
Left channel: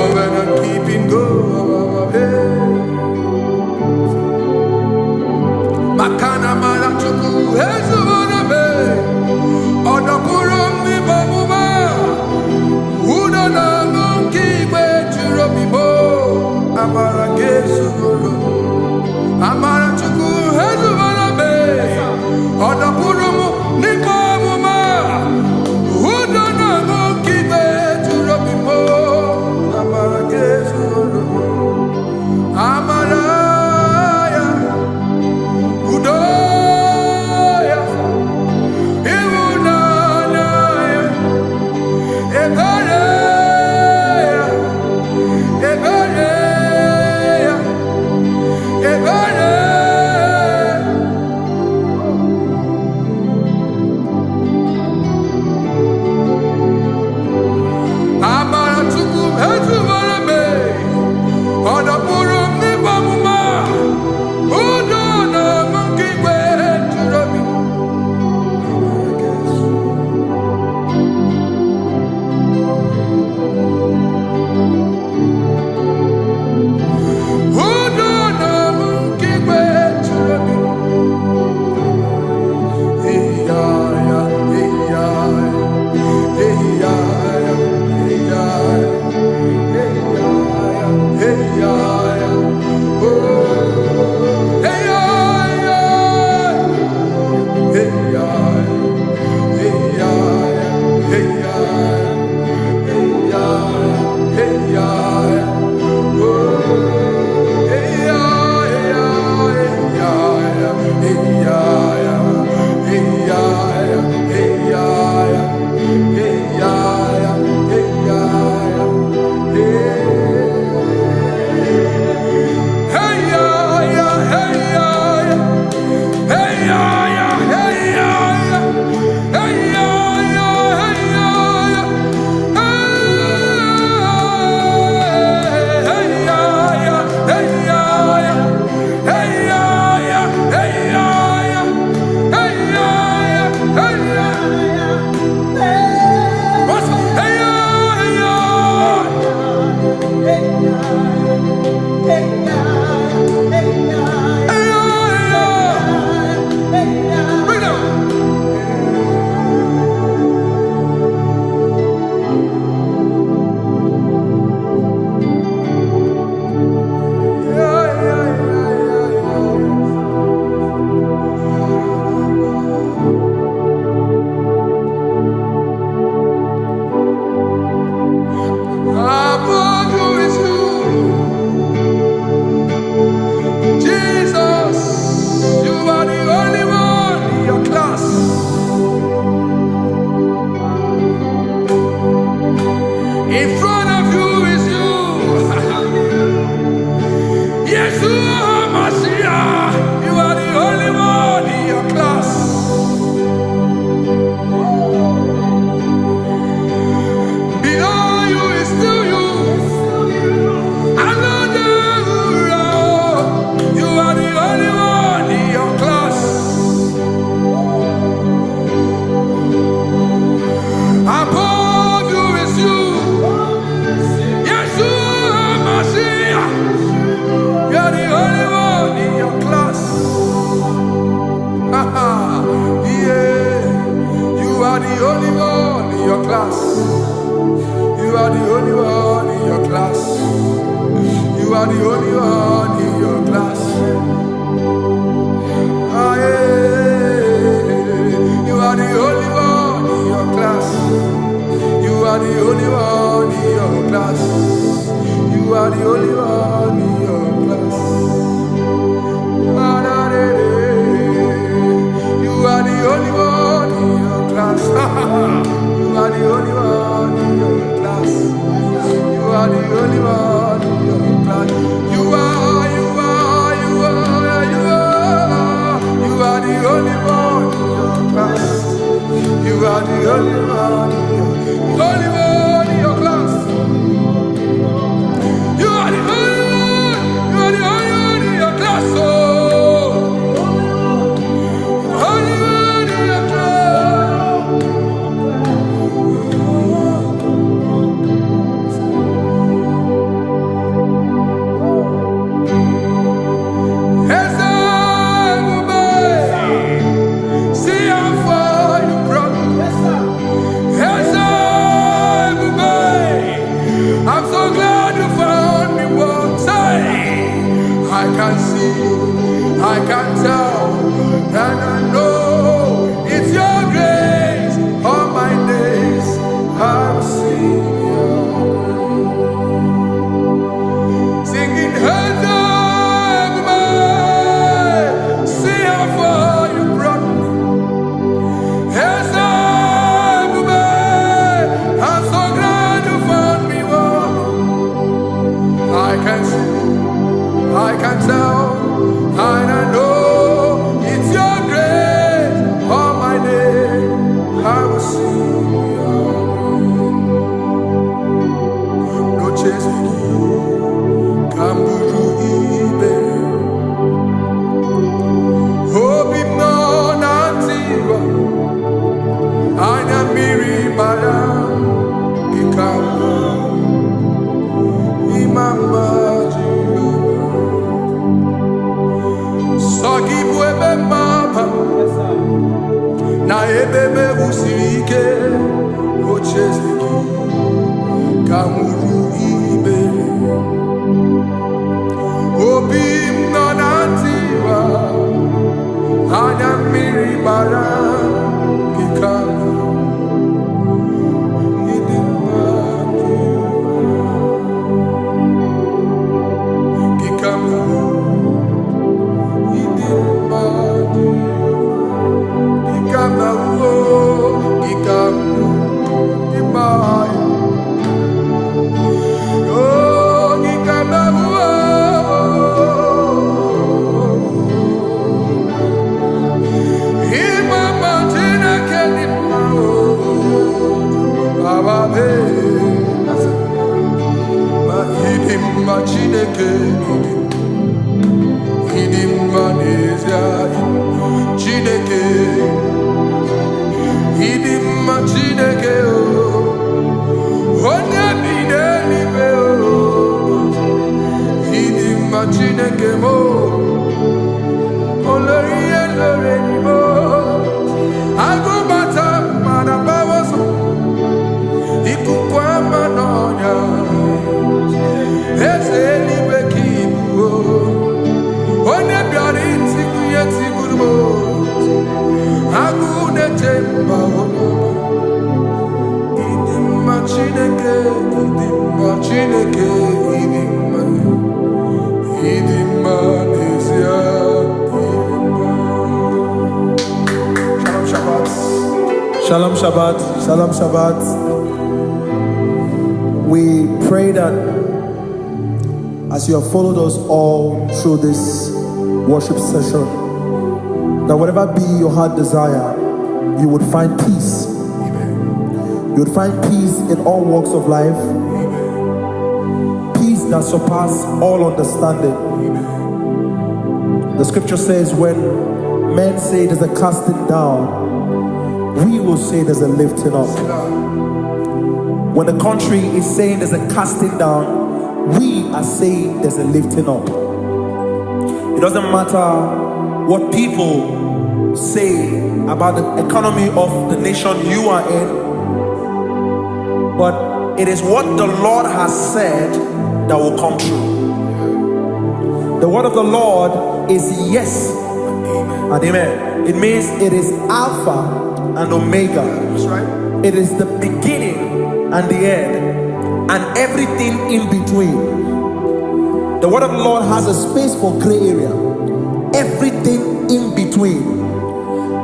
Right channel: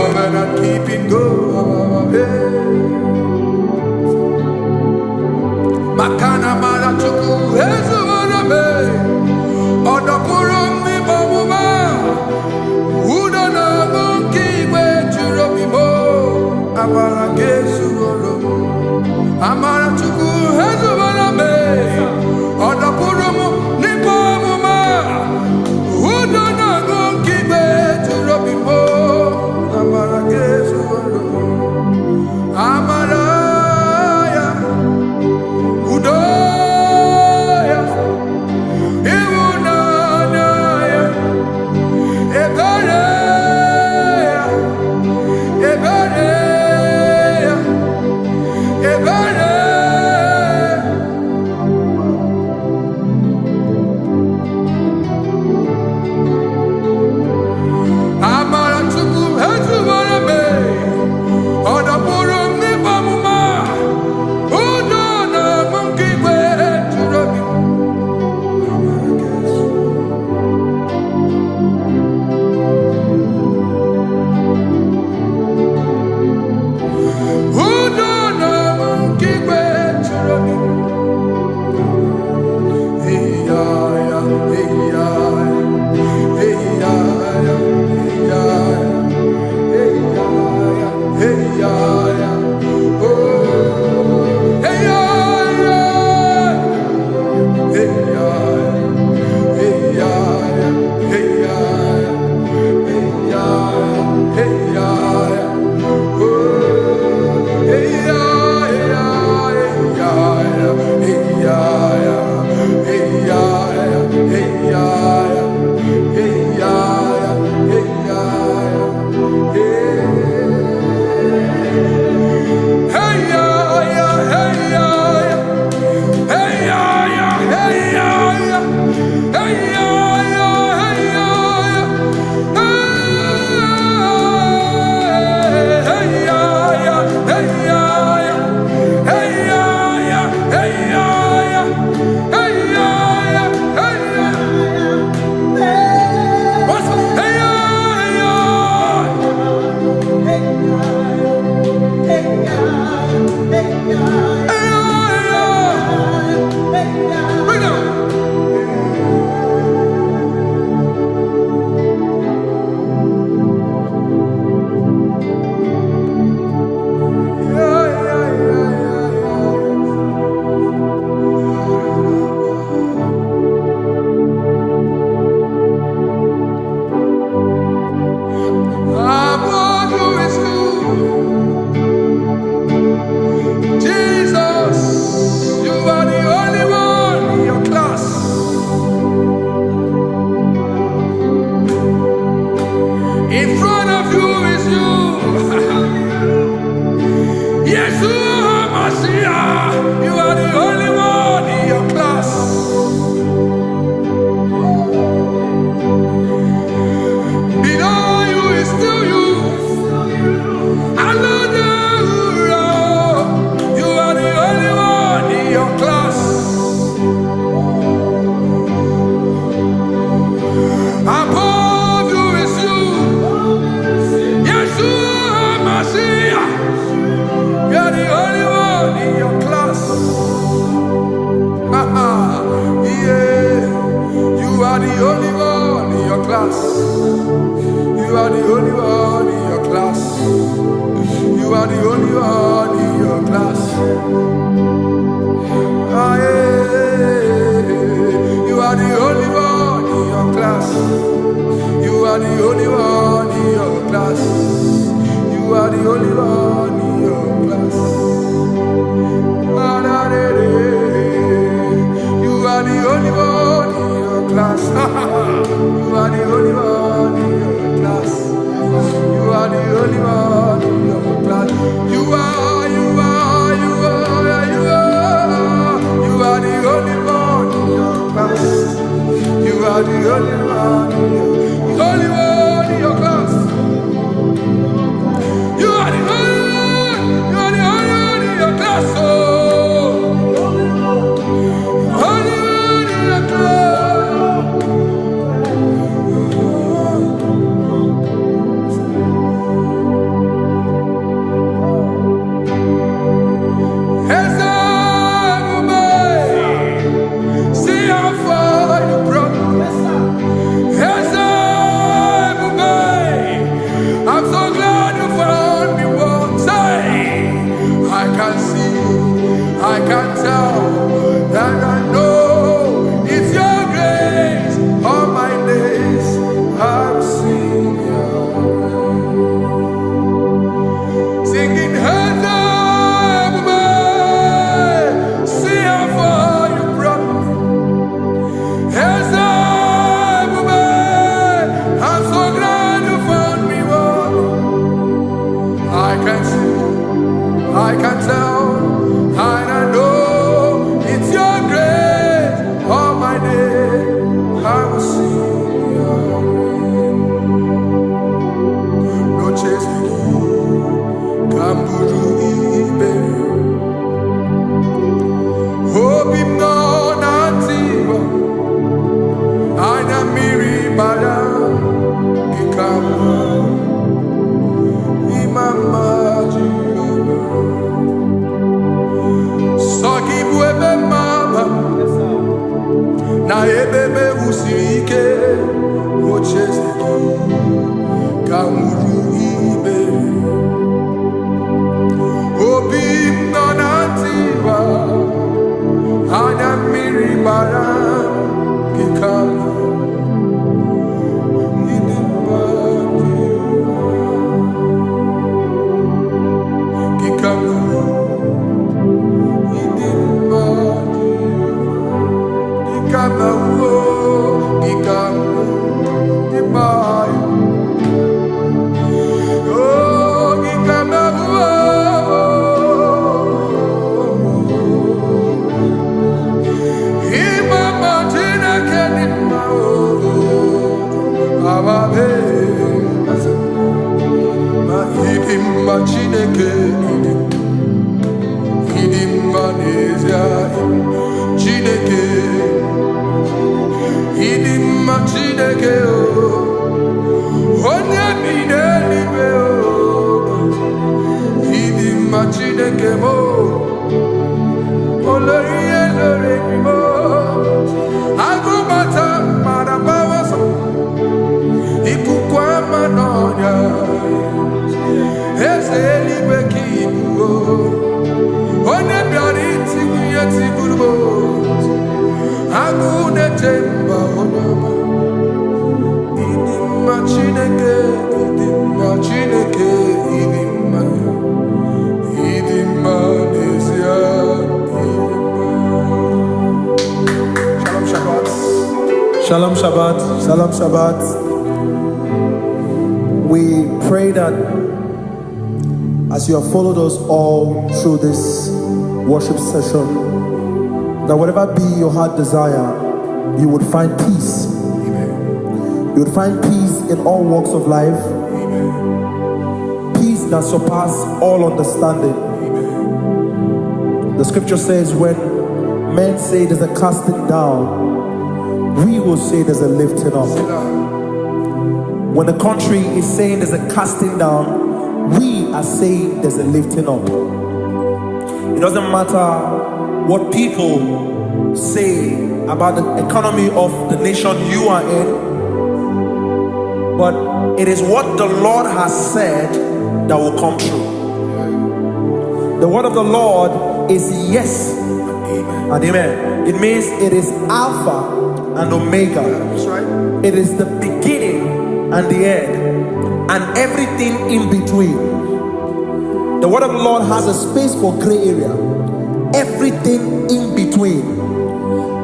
Covenant keeping go. Makana mara chuku hezu waname. Odapurum ni bamuma. Uda na ngunki kwe churobimo. Amara gesu woro. Amara chuku hezu waname. Odapurum ni bamuma. Uda na ngunki kwe churobimo. Amara gesu woro. Amara ya. Udoya. Iwunanaya. Ebereya. Ebereya. Ebereya. Amara chuku hezu warame. Odapurum ni bamuma. Udo na mungi kwe churobi. Amara gesu. Udo na mungi kwe churobi. Hey ya ya, hey ya ya, hey ya ya, hey ya ya, hey ya ya, hey ya ya. Oh, hey ya ya, hey ya ya, hey ya ya, hey ya ya, hey ya ya, hey ya ya. Oh, hey ya ya, hey ya ya, hey ya ya, hey ya ya, hey ya ya, hey ya ya, hey ya ya, hey. Hey ya ya, hey ya ya, hey ya ya, hey ya ya, hey ya ya, hey ya ya, hey ya ya, hey ya ya, hey ya ya, hey ya ya, hey ya ya, hey You are the only one in your class. Below you is still you. You are the only one in your class. Above you is you. Yeshua Mashiach. You are the only one in your class. Yeah. You are the only one in your class. You are the only one in your class. You are the only one in your class. Ah, yeah. You are the only one in your class. You are the only one in your class. You are the only one in your class. Ah, da, da, da. You are the only one in your class. You are the only one in your class. You are the only one in your class. You are the only one in your class. You are the only one in your class. You are the only one in your class. Oh, only one in your class. I'm so glad you found me once. I can see, I can tell, and I know it's your grace. All my days I will sing your grace. Singing, hands up, see how far you brought me. Hands up, I'm so glad you found me. I can see, I can tell, and I know it's your grace. All my day I will sing your grace. No chase again, Kamburu Iberi. Hope no Nantiwa, Anya Miri Baram, Ikamba. Mama Jehovah, Saki buebe mama, na ebebe usirike, ochezeki, kamuru ibere, obim nonantiwa, anya miri baram, gikama. Chineke idim manezia Chineke idim Chineke o onye bi n'eluigwe o idim Chineke mo oloriye lore ni mo agụbata mara bawaso ikuku ama n'ọnya eze eluigwe ka ibu o onye bịara itigbu ihe tigburu m agụ na-eche mba onye ọma ịdị mma Chineke ịdị mma Chineke ịdị mma n'ezie ịdị mma. Shalom Shabbat. Shalom Shabbat. Shalom Shabbat. We pray that as you have followed us all through this worship session, that whatever be your heart desire, you would find peace. Amen. You would find peace in all walks of life. Amen. Peace that surpasses all understanding. Amen. The scripture says, when men say there's a casting down, we will say there's a lifting up. When the country is saying there's a casting down, we are saying there's a lifting up. It doesn't matter what people say about the economy of the nation you are in, but it is what the Lord has said that will come true. The word of the Lord is yes and amen. It means it is Alpha and Omega. That's right. It is the beginning and the end, and everything in between. The word of the Lord has a space for gray area. Everything in between.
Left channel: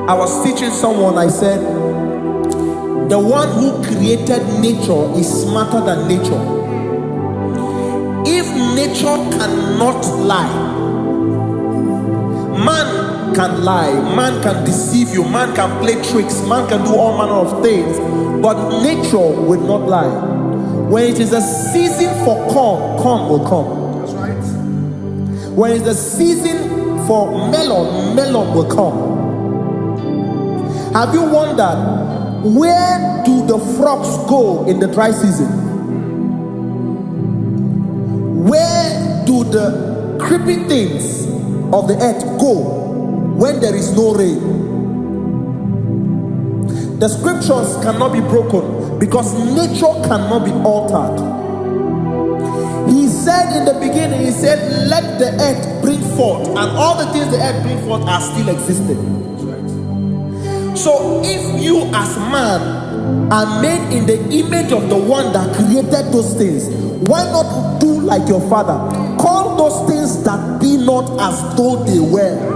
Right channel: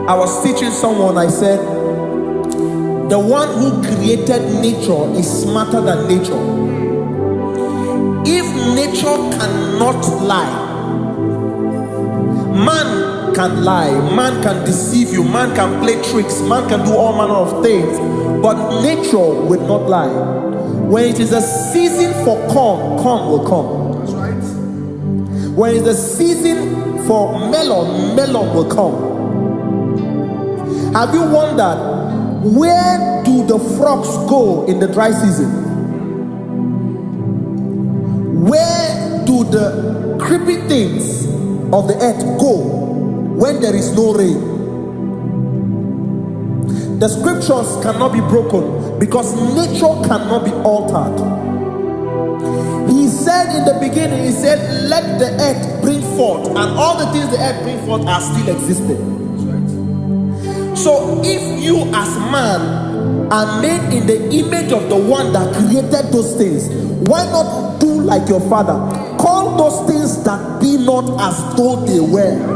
I was teaching someone, I said, the one who created nature is smarter than nature. If nature cannot lie, man can lie, man can deceive you, man can play tricks, man can do all manner of things, but nature will not lie. When it is a season for corn, corn will come. That's right. When it's a season for melon, melon will come. Have you wondered, where do the frogs go in the dry season? Where do the creeping things of the earth go when there is no rain? The scriptures cannot be broken because nature cannot be altered. He said in the beginning, he said, let the earth bring forth, and all the things the earth bring forth are still existing. That's right. So if you as man are made in the image of the one that created those things, why not do like your father? Call those things that be not as though they were.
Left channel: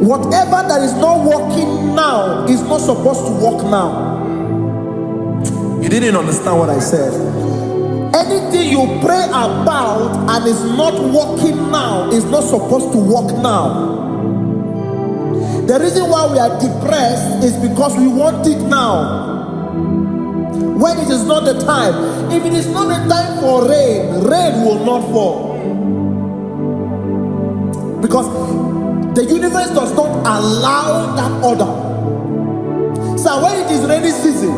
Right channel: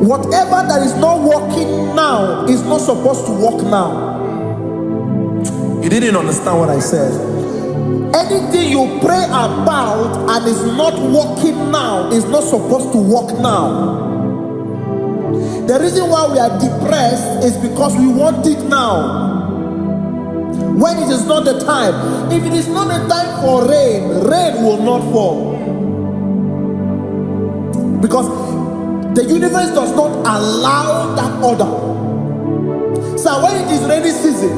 Whatever that is not working now is not supposed to work now. You didn't understand what I said. Anything you pray about and is not working now is not supposed to work now. The reason why we are depressed is because we want it now, when it is not the time. If it is not the time for rain, rain will not fall, because the universe does not allow that order. So when it is rainy season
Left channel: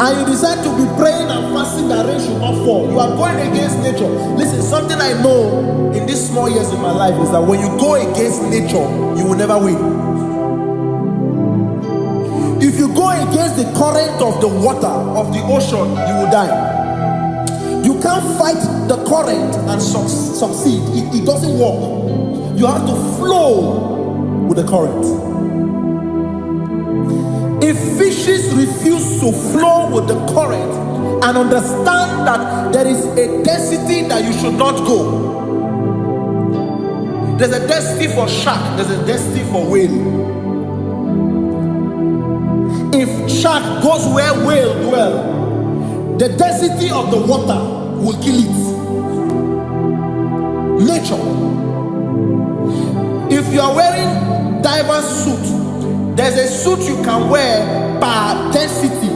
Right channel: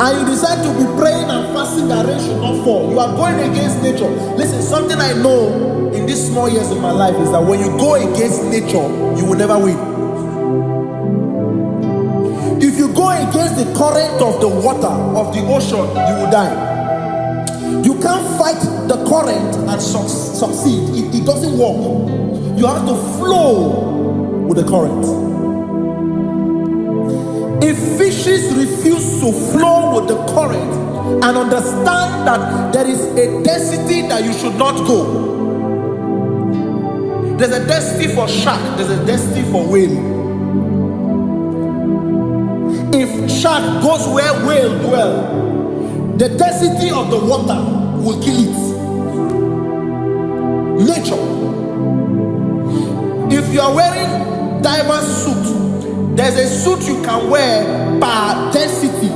and you decide to be praying and fasting that rain should not fall, you are going against nature. Listen, something I know in these small years in my life is that when you go against nature, you will never win. If you go against the current of the water of the ocean, you will die. You can't fight the current and succeed. It doesn't work. You have to flow with the current. If fishes refuse to flow with the current and understand that there is a density that you should not go, there's a density for shark, there's a density for whale. If shark goes where whale dwell, the density of the water will kill it. Nature. If you are wearing diver's suit, there's a suit you can wear per density.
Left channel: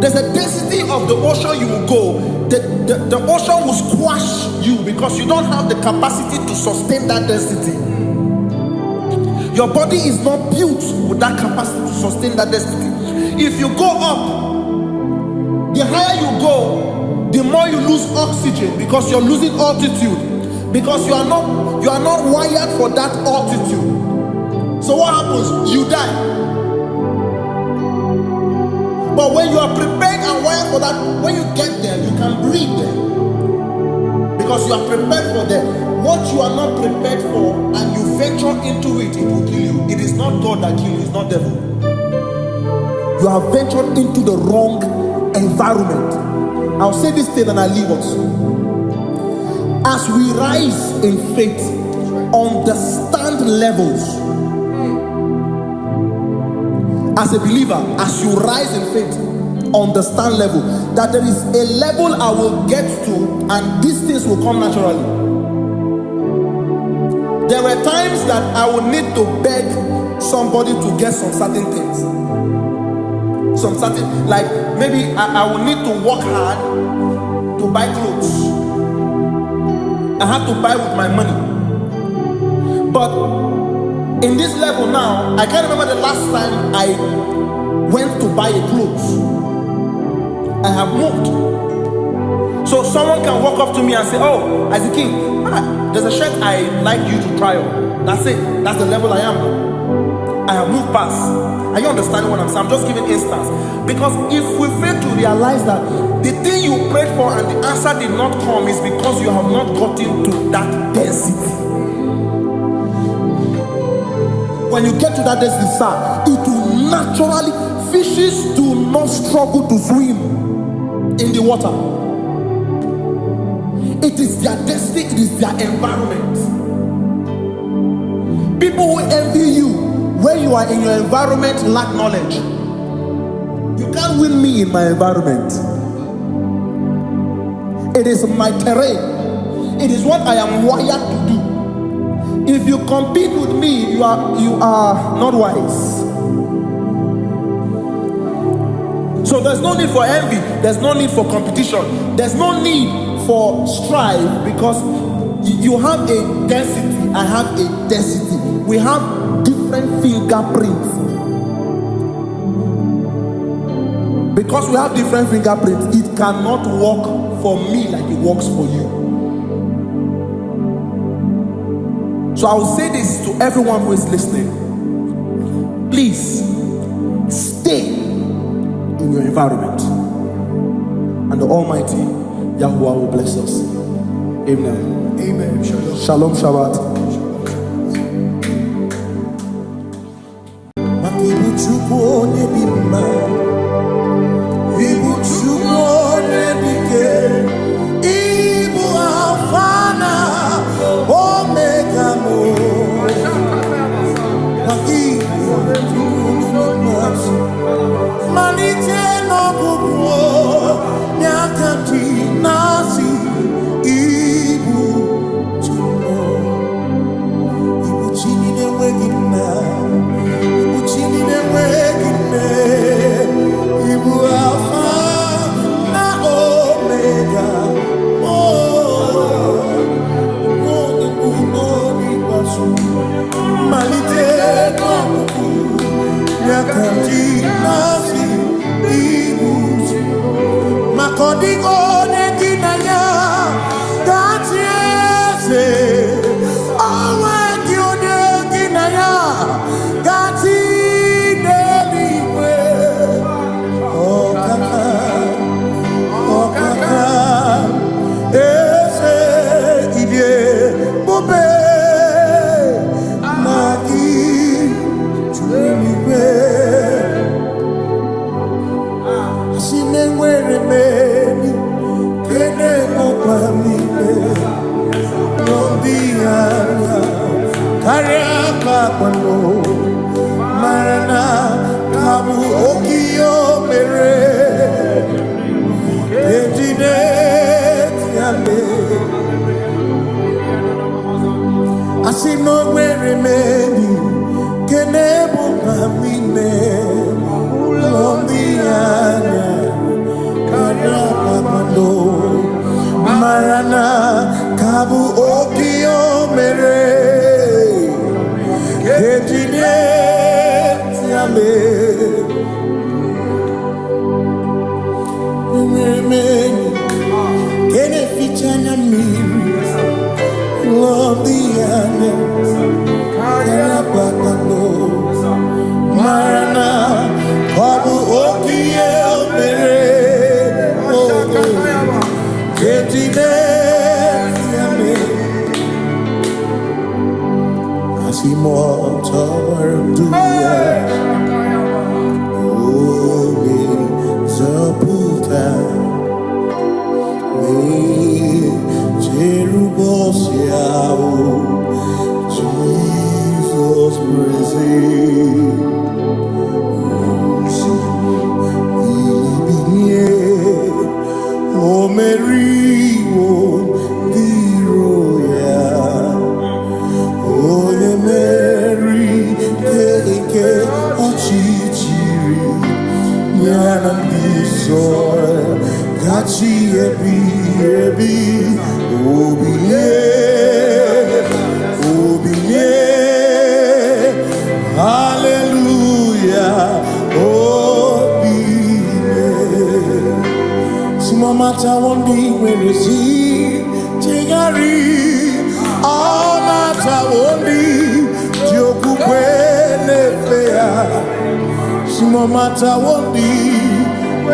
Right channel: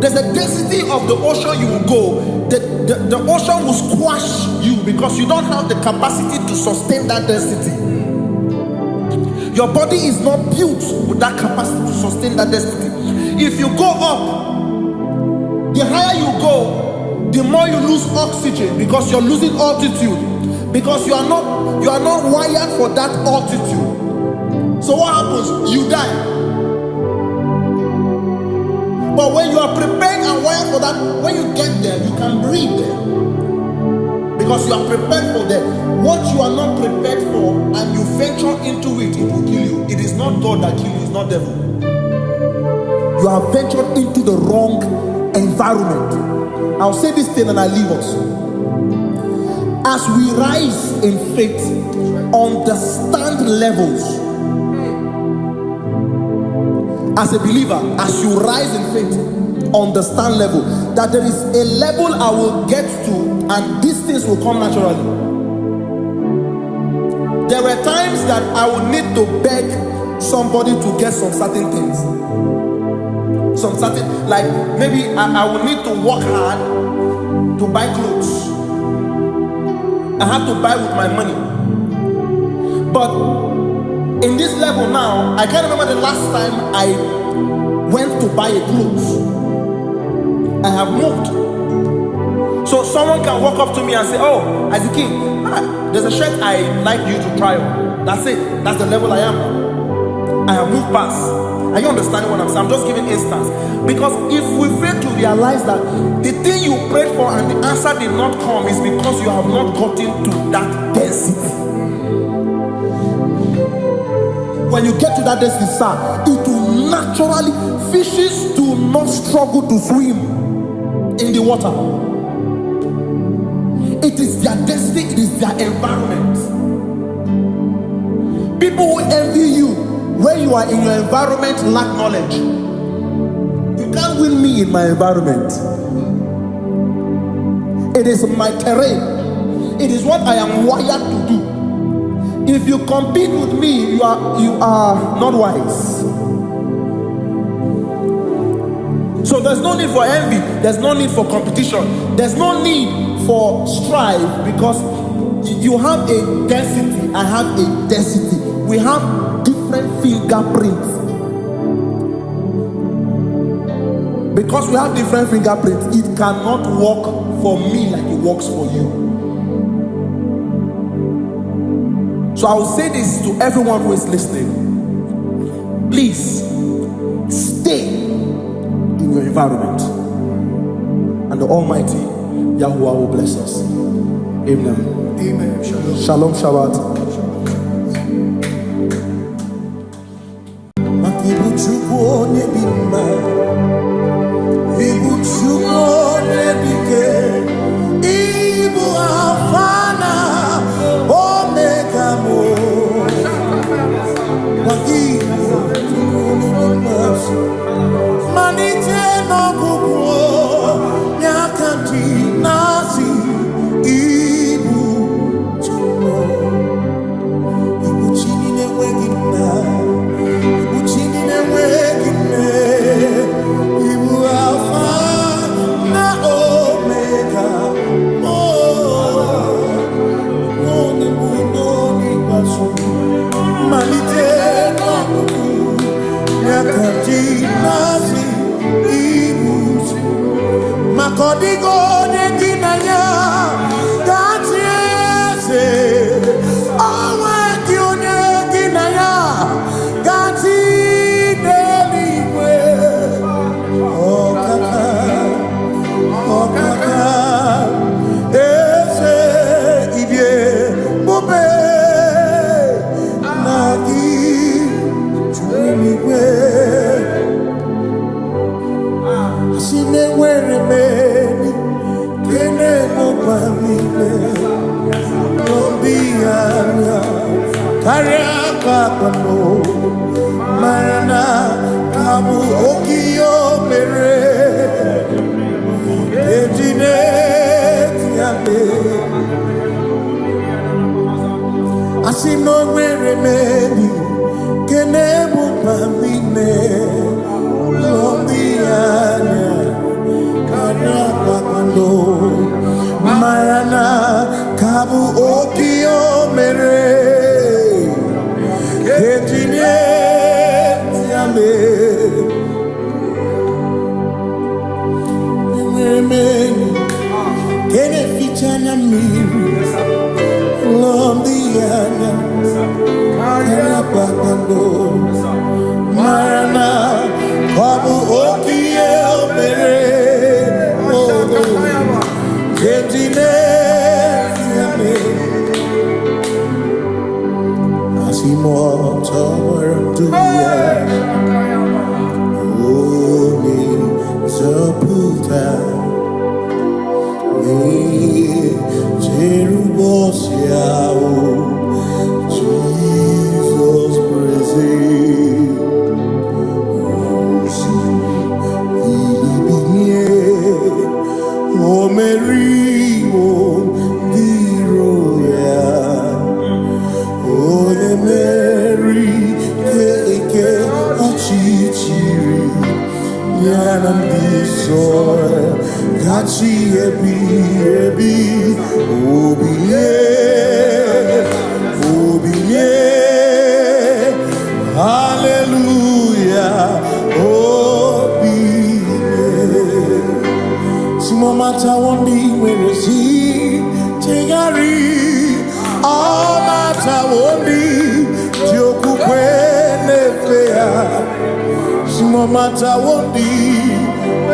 There's a density of the ocean you will go. The ocean will squash you because you don't have the capacity to sustain that density. Your body is not built with that capacity to sustain that density. If you go up, the higher you go, the more you lose oxygen because you're losing altitude, because you are not wired for that altitude. So what happens? You die. But when you are prepared and wired for that, when you get there, you can breathe there, because you are prepared for that. What you are not prepared for and you venture into it, it will kill you. It is not God that kills you, it's not devil. You have ventured into the wrong environment. I'll say this thing and I leave us. As we rise in faith, understand levels. As a believer, as you rise in faith, understand level, that there is a level I will get to and these things will come naturally. There were times that I would need to beg somebody to get some certain things. Some certain, like maybe I would need to work hard to buy clothes. I have to buy with my money. But in this level now, I can't remember the last time I went to buy a clothes. I have moved. So someone can walk up to me and say, oh, as a king, there's a shirt I like you to try on. That's it. That's the level I am now. I have moved past. Are you understanding what I'm saying? I'm just giving instance. Because if we fail to realize that the thing you prayed for and the answer did not come is because you have not gotten to that density. When you get to that density, sir, it will naturally, fishes do not struggle to swim in the water. It is their destiny, it is their environment. People who envy you when you are in your environment lack knowledge. You can't win me in my environment. It is my terrain. It is what I am wired to do. If you compete with me, you are not wise. So there's no need for envy. There's no need for competition. There's no need for strife, because you have a density. I have a density. We have different fingerprints. Because we have different fingerprints, it cannot work for me like it works for you. So I will say this to everyone who is listening. Please stay in your environment, and the Almighty Yahuwah will bless us. Amen. Amen. Shalom. Shalom Shabbat. Ibu Chukwu onye dị mma, Ibu Chukwu onye dike, Ibu Alpha na Omega mo. Ibu Chukwu onye dị mma, malite n'ọgwụgwụ n'akanti nasi. Ibu Chukwu, Ibu Chini na-enweghị nna. Chini na-enweghị nne, Ibu Alpha na Omega, onye mbụ n'oge ikpeazụ, malite n'ọgwụgwụ n'aka ndị na-asị Ibu. Maka ọ dịghị onye gị na ya ga-achị eze, onwe gị onye gị na ya ga-achị n'eluigwe. Ọkaka eze ibie bube na gị juru n'igwe. Asị na enwere m enyi kene mụkwa niile n'obi anya karịa kpakpando, mara na ka bụ okiyo mere ejide tiale. Asị na onwere m enyi kene bụkwa niile ụlọ ndị anya karịa kpakpando, mara na ka bụ okiyo mere ejide tiale. Enwere m enyi kene ficha anya mmiri ụlọ ndị anya karịa kpakpando, mara na ọ bụ oke ihe o mere ejide tiale. Asị m ọtọ gbara ndụ ya, onye nzọpụta na-echere ụbọchị ahụ Jizọs praise. Oh, see, Mary, oh, the royal. Oh, the Mary, Keke, Ochichiri, Yanam Disoy, Gachi, Ebi, Obiye, Hallelujah, Obiye. Simomata wondi, where is he? Tegari. All mata wondi joku kwene fea simo mata wondi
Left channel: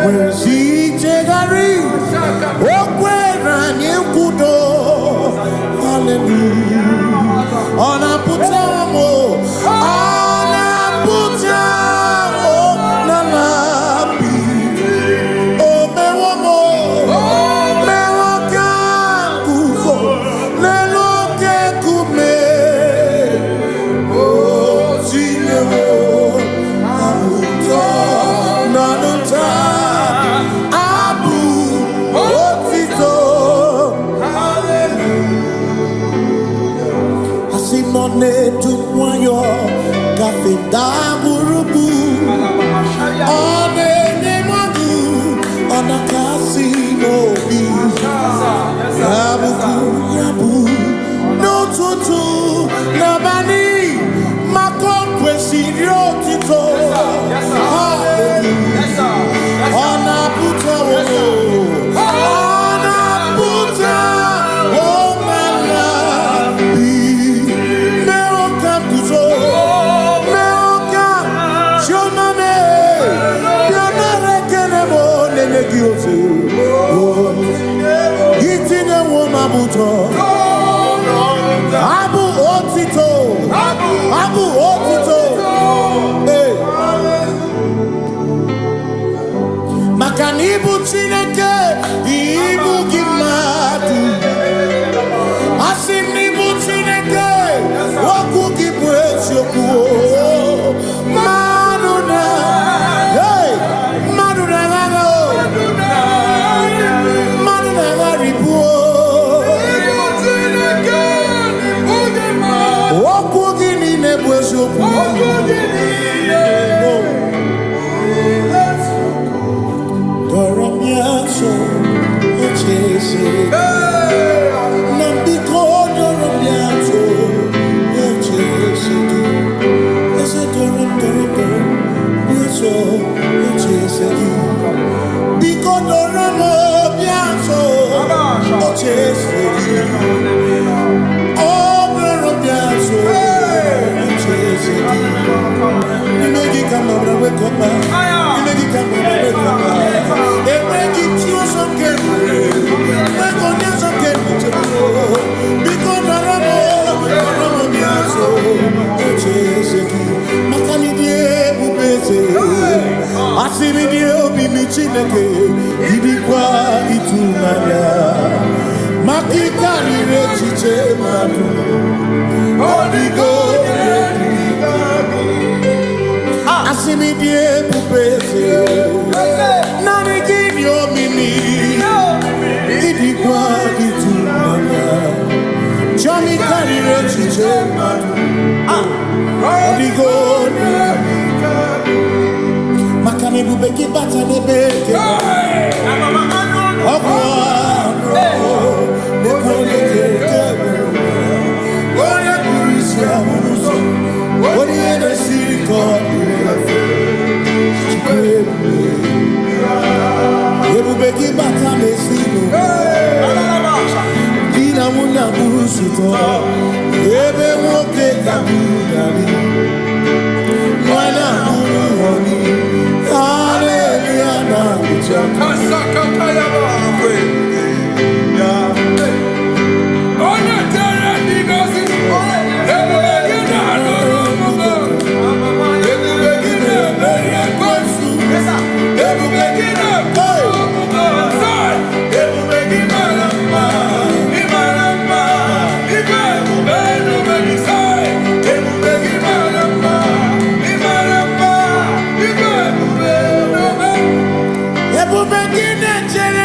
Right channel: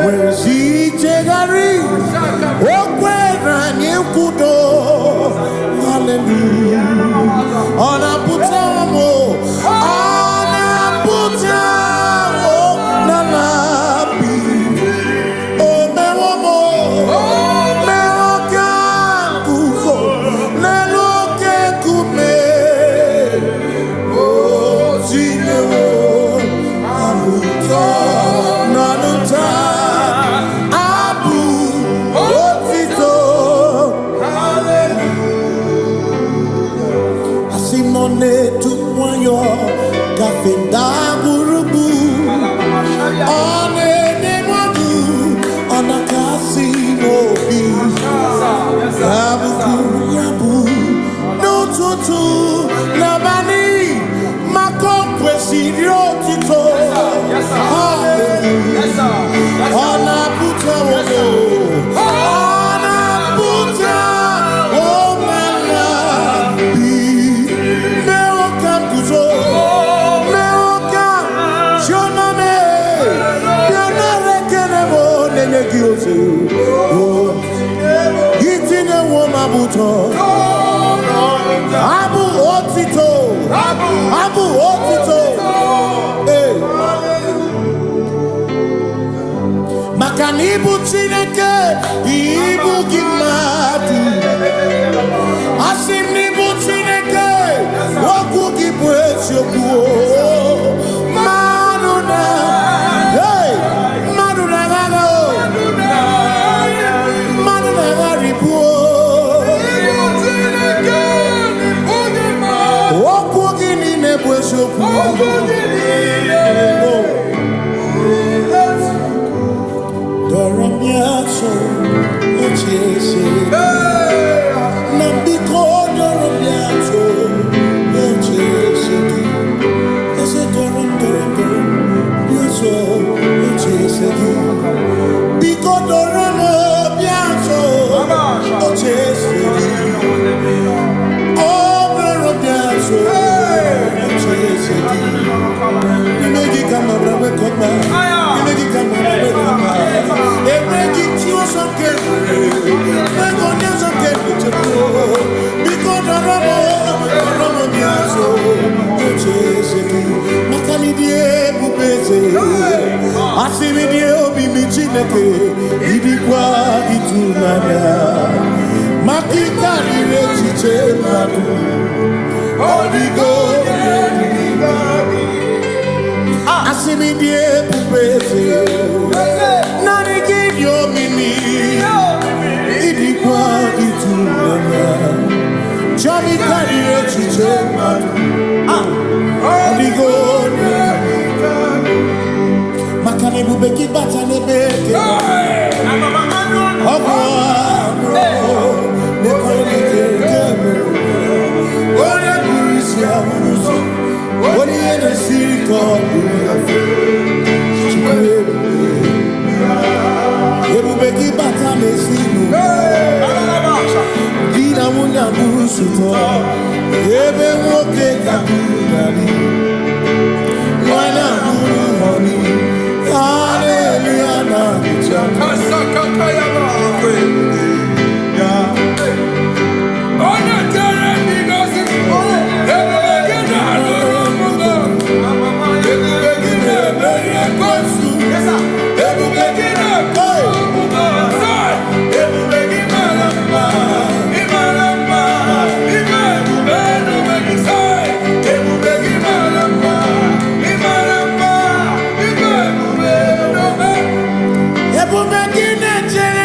where si jegari okwera nyekudo hallelujah ona putamo na labi o mewomo mewo kanguzo lelo Simone tumwayo kafenda burubu one nemadu ona kasimobi yabu no tutu nabani makompwe sirio tito hallelujah ona puta wono ona puta Gitine woma buto Abu otito Hey Makanibu chineke Ibu gimatu Asinibu chineke Woku kibwesyoku Maduna Hey Maduna gago Doramiaso, Ochese, Nambiko, Doramiaso, Ochese, Ese Doram, Yaso, Ochese, Biko Doramiaso, Ochese, Oh, Doramiaso, Ochese, you make it come over with Copa, you make it come over with Copa, they make it you some carefully, they go down some carefully, because the Ramo Biaso, Ochese, Macanidie, Bubese, Asividie, Bimichineke, Idikwa, Itunaya, Makikari, Rechiche, Madu, Odigo, Asimidie pupese Nani give your mimi Idikwa itunanya Chami karire chiche matu Odigo Makane bubeki bata nebeke Ogwano Nekone kekebe Ode kurisi ya unuso Ode yene siriko Ebubeki bata mesino Dina muna burusuto Ebe woke kabudali Wana muru honi Hallelujah na kuchaka Kasaka kayaba Onya tere digosi Ebubeki na adorumungo Ebubeki na ebeye kwansu Ebubeki na adorumungo Ebubeki maramba Imaramba Ibe ebubeno benisai Ebubeki maramba Imaramba Ibe ebubeno Ebubeki na jere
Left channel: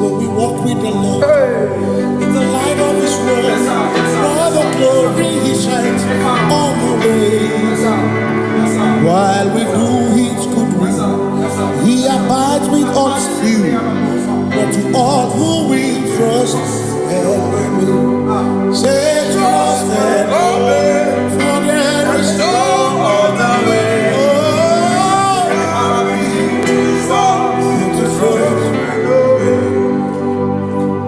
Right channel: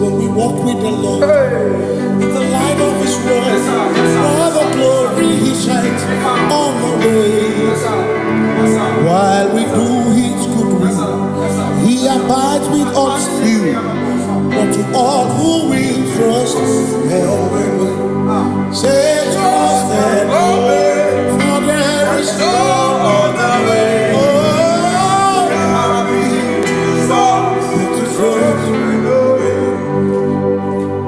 When we walk with the Lord, in the light of His word, for the glory He shines on the way. While we do His good will, He abides with us still. But to all who will trust and obey, say trust and obey, for there is no other way. Oh, to trust.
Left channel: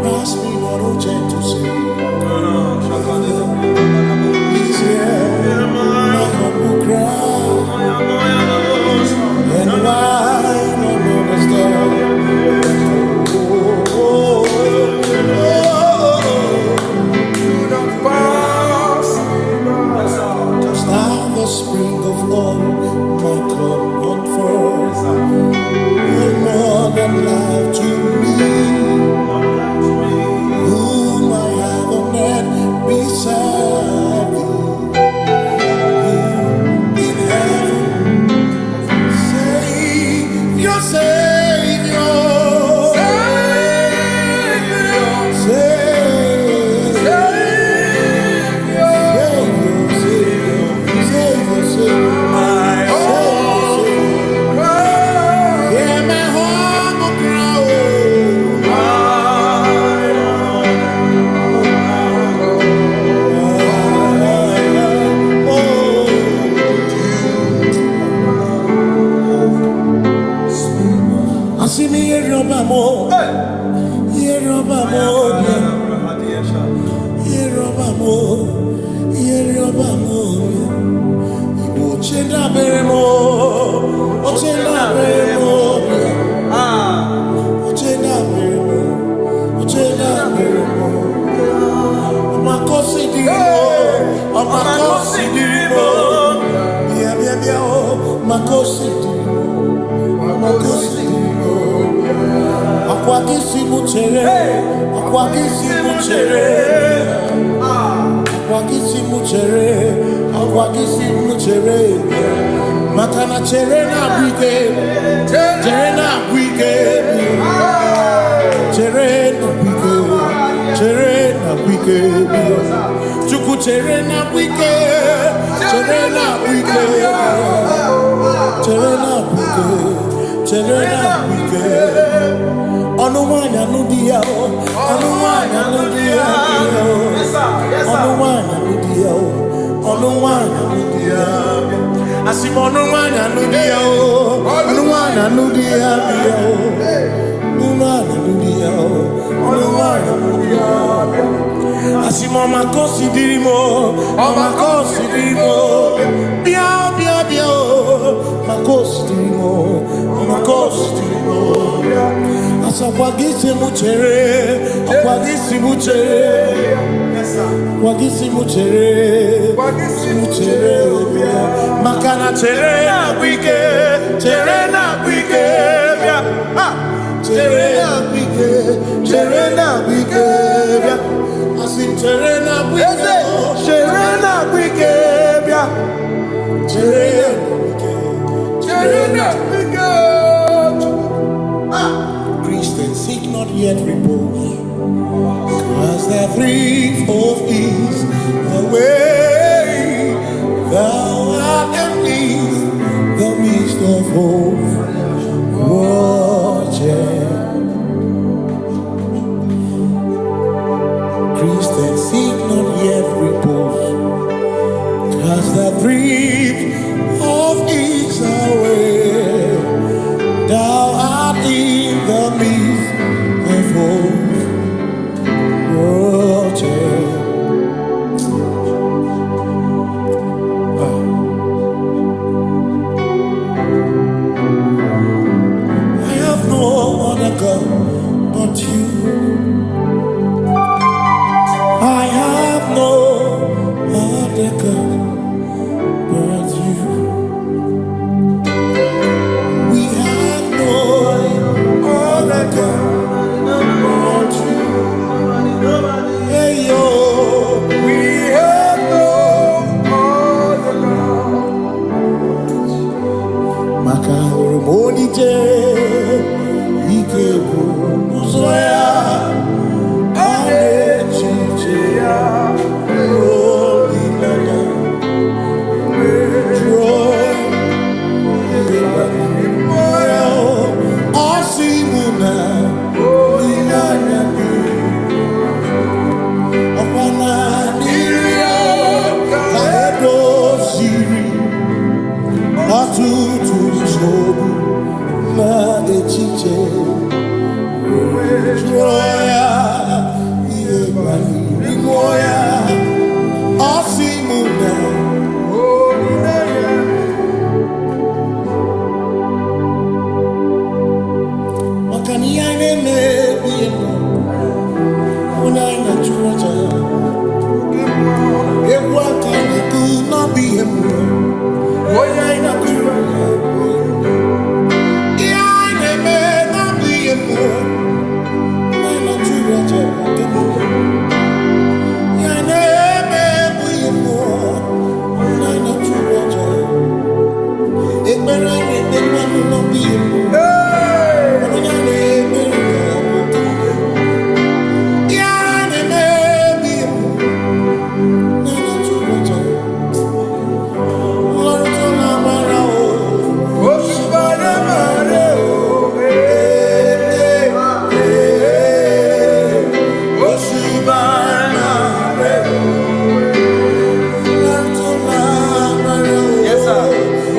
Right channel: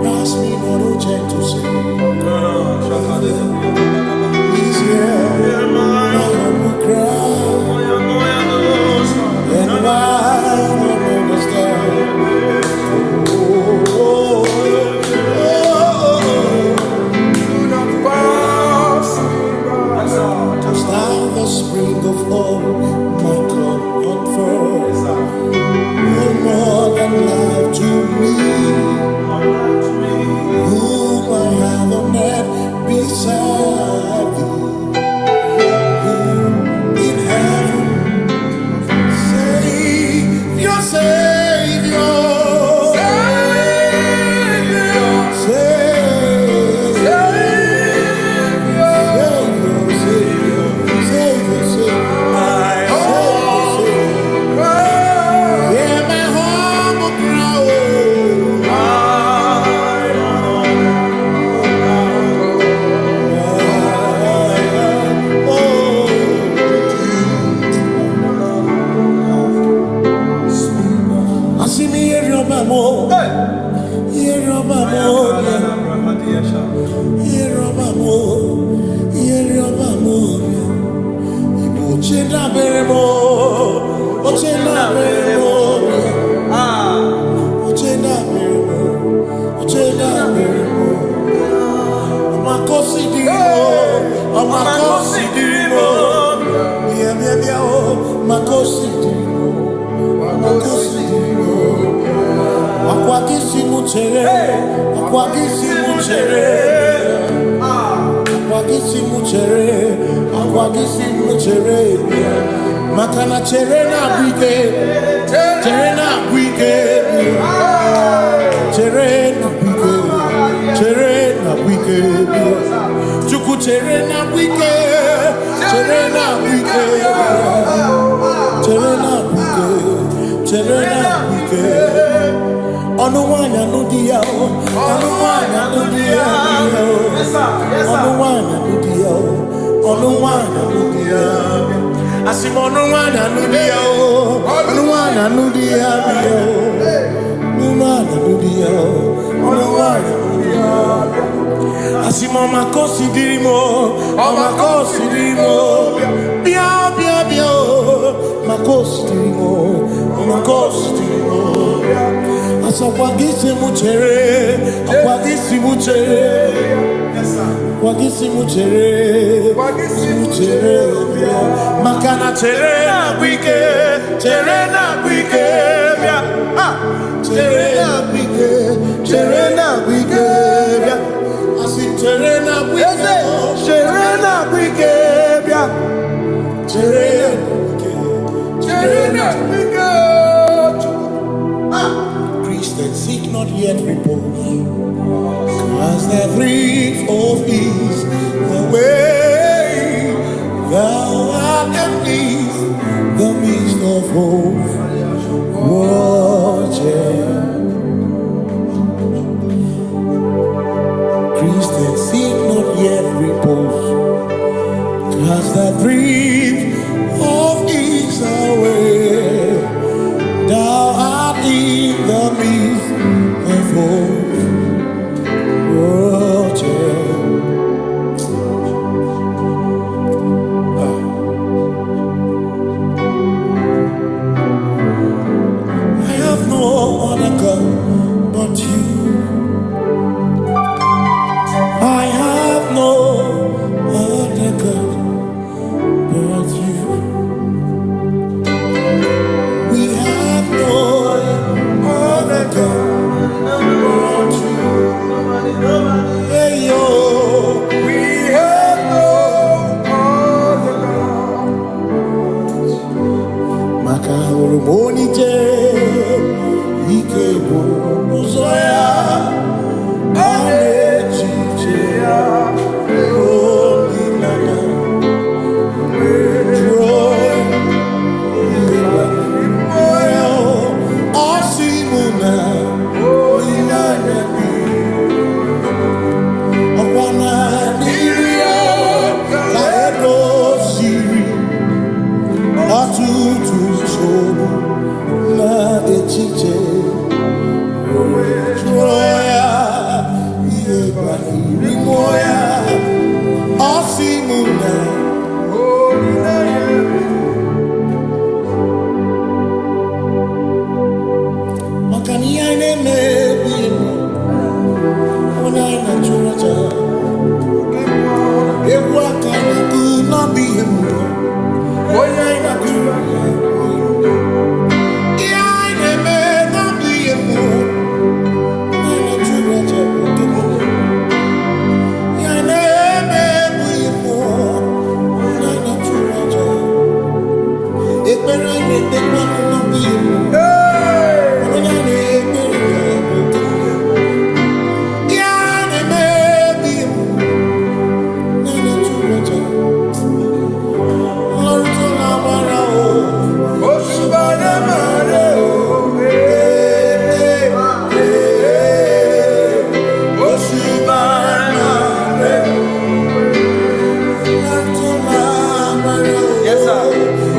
Pass me not, oh gentle Savior. He's here, my humble cry. And why don't understand? Do not pass touch down the spring of all my comfort. You're more than life to me. Whom I have on earth beside thee. In heaven, Savior, Savior, Makana cherena bwike, cherena bwike, cherena bwike, cherena bwike, chuku cherena bwike, cherena bwike, cherena bwike, cherena bwike. Onuwanya nudia, onuwanya nudia, onuwanya nudia, onuwanya nudia. Asim onuwanya nudia, onuwanya nudia, onuwanya nudia, onuwanya nudia. Asim omakosi dirimo, omakosi dirimo, bia bia bia, makosi dirimo, omakosi dirimo. Asakwagisi muchere, akwagisi muchere. Wagisimu chere bia. Makana chere na gwike bia. Chere na gwike bia. Asim chere na gwike bia. Chere na gwike. Christians seek not yet repose, as the thrift of ease, the way thou art amidst the midst of hope, watching. Christians seek not yet repose, as the thrift of ease, the way thou art in the midst of hope, watching. I have no other God but you. I have no other God but you. We have no other God but you. Hey yo, we have no other God. Maka hormoni je, ike uzoya, anechiche ya, holy nana, joy, Asimuna, holy nana. Okwana niria kaedo siri atutu sobu na echiche joya iebani rimoya asimuna makani aine mebi emo onai na churaja Ewaka na do not be him. Onai na churaja Iai me not be him. Onai na churaja Iai me be him. Onai na churaja Ekbera ne one not be him. Onai ne Yes, sir.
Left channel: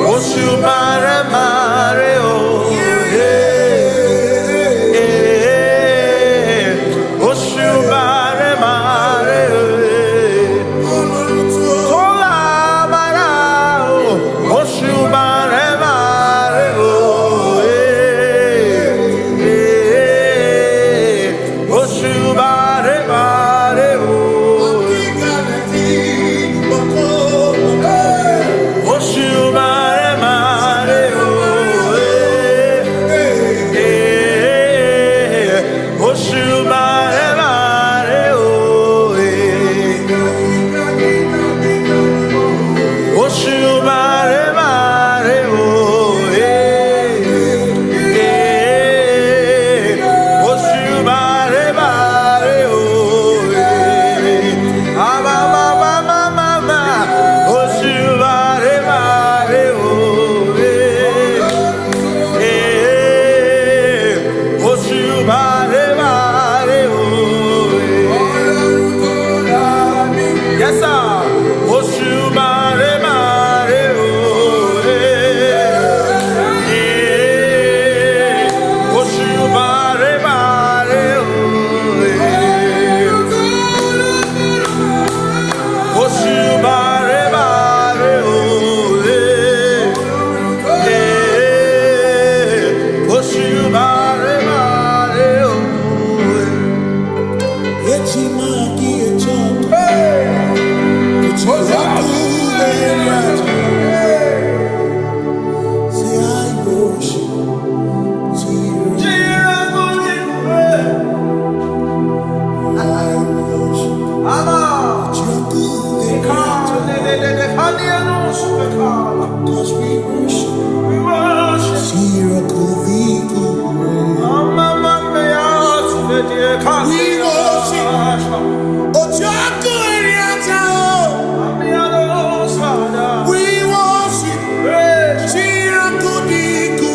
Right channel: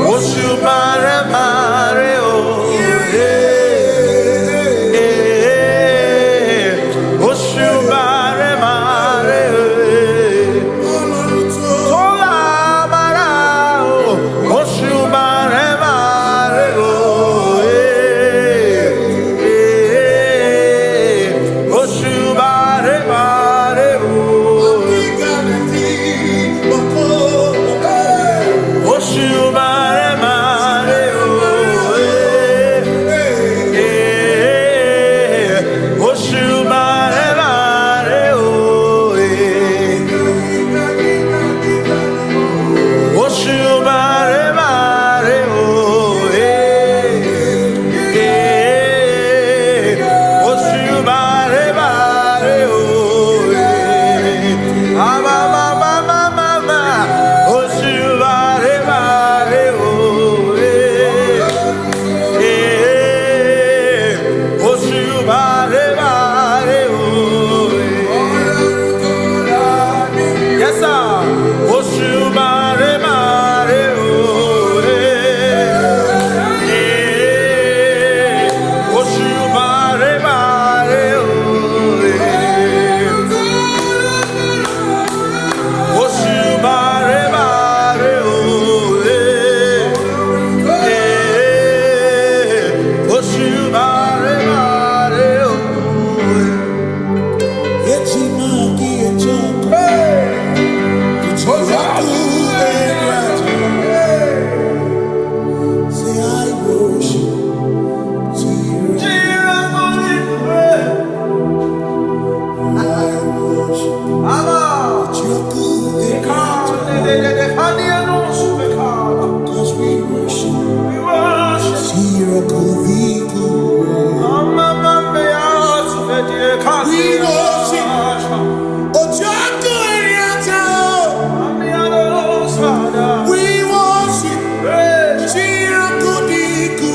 Cause we worship. Sirakuviku. We worship. Ojaku Eriata. We worship. Sirakudiku.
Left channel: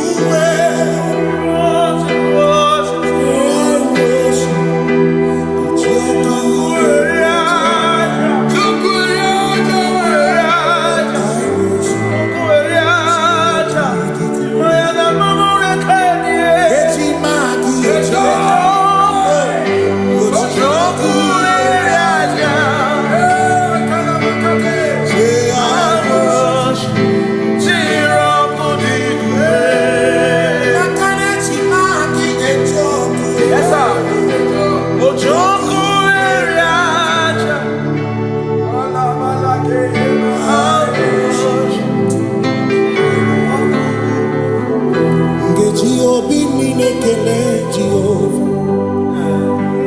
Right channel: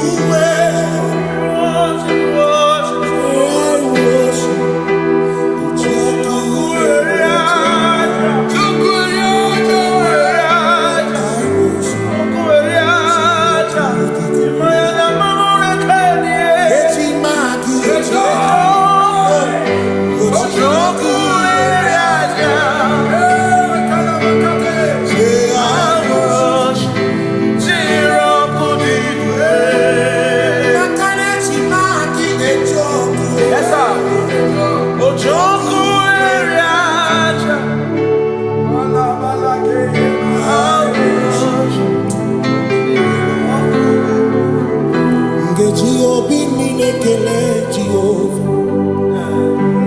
Obi minekele Jehovah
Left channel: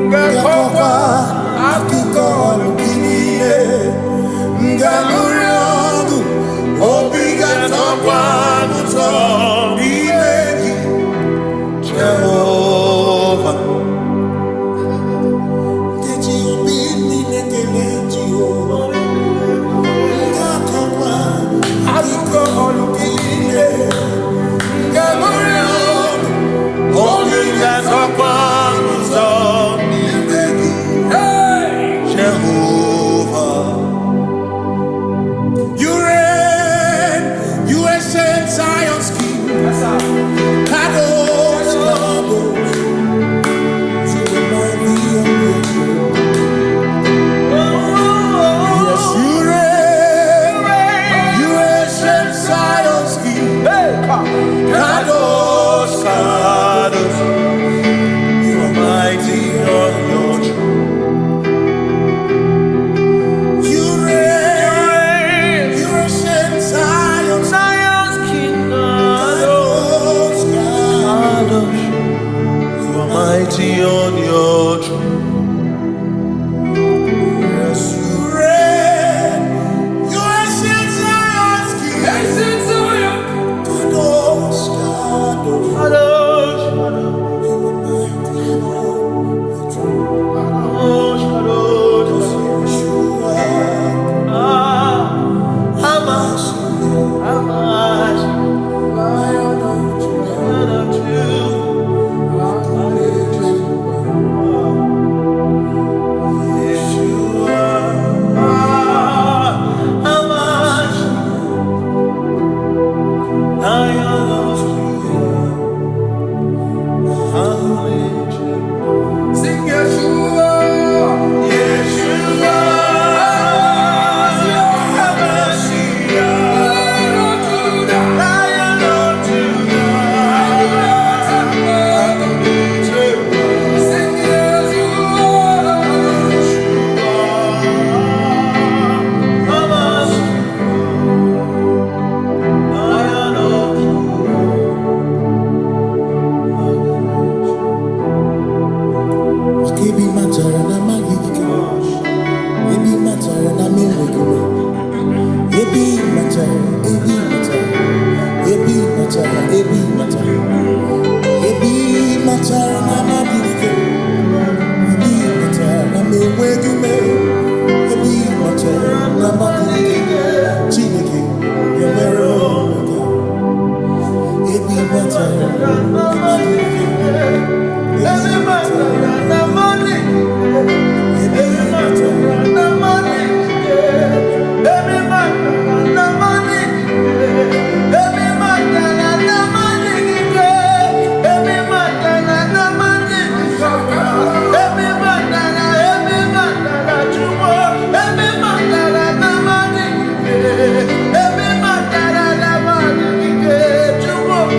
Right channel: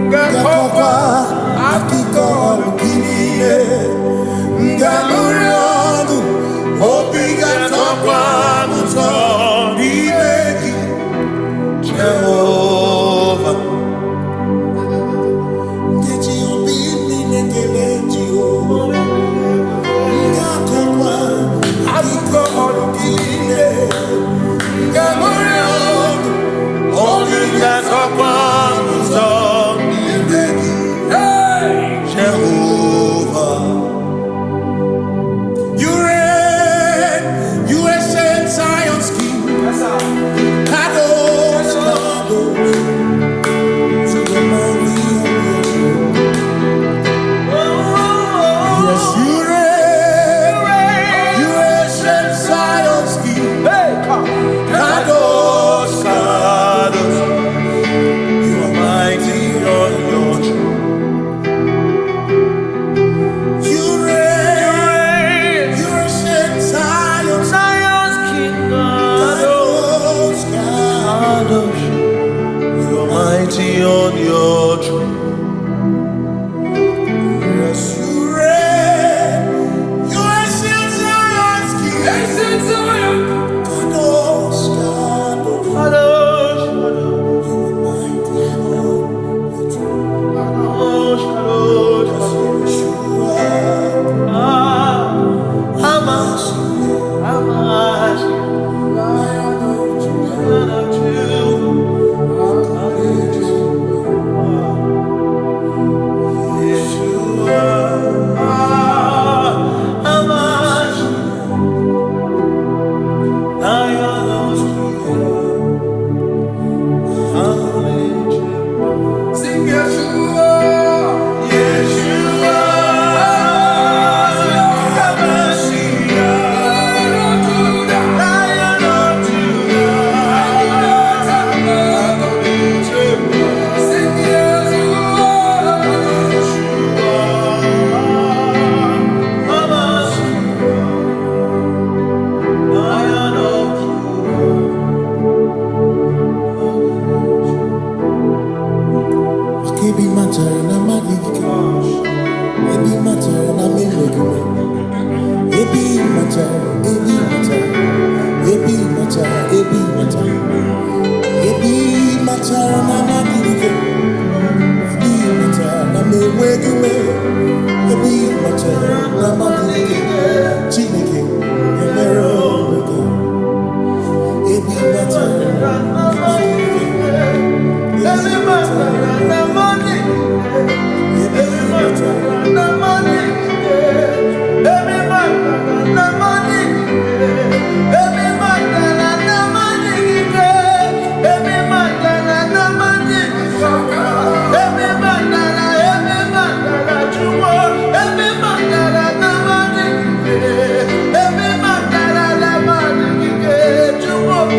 Ngakokwa akiko olukile Ngamuriogu Obi gatokwa muto Nimegi Jehovah Ngeji obi minekele Jehovah Ngakokwa akiko olukile Ngamuriogu Jehovah, you reign, you ancient Zion's King. Kadosh, Kadosh, you remind me of your throne. Yes, you reign, you ancient Zion's King. Kadosh, Kadosh, you are mighty on your throne. You reign, you ancient Zion's King. Kadosh, Kadosh, you are mighty on your throne. Yes, you reign, you ancient Zion's King. Ancient Zion. Kadosh, Kadosh, Kadosh, Kadosh, you are mighty on the throne. Kadosh, Kadosh, Kadosh, Hamashi, Lion of Judah, Yeshua, Hamashi, Lion of Judah, sing Yeshua, Yeshua, Hamashiach, Lion of Judah, sing Yeshua, Hamashiach, Lion of Judah. Ebi matara na magika, ebi matara na menwegume, ebi matara, ebi matara, ebi matara, ebi matara, ebi matara na magika, ebi matara na menwegume, ebi matara na magika, Chineke, Yemero Omega, ebi matara na magika. Every matter and the money, every matter and the money, every matter and the money, every matter and the money, every matter and the money, every matter you want, every matter and the money, every matter and the money, you want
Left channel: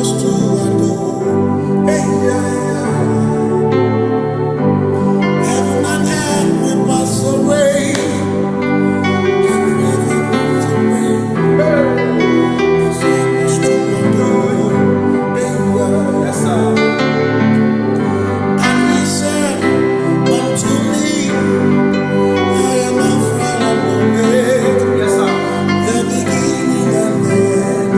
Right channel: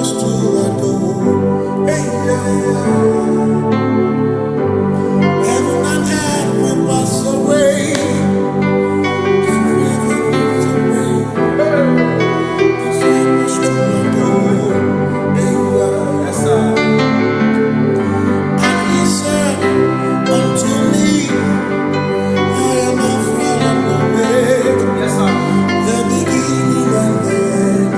us to adore. Hey, heaven and earth will pass away. Forever pass away. Just help us to adore. Hey, yes, sir. And he said unto me, I am Alpha and Omega. Yes, sir. The beginning and the end.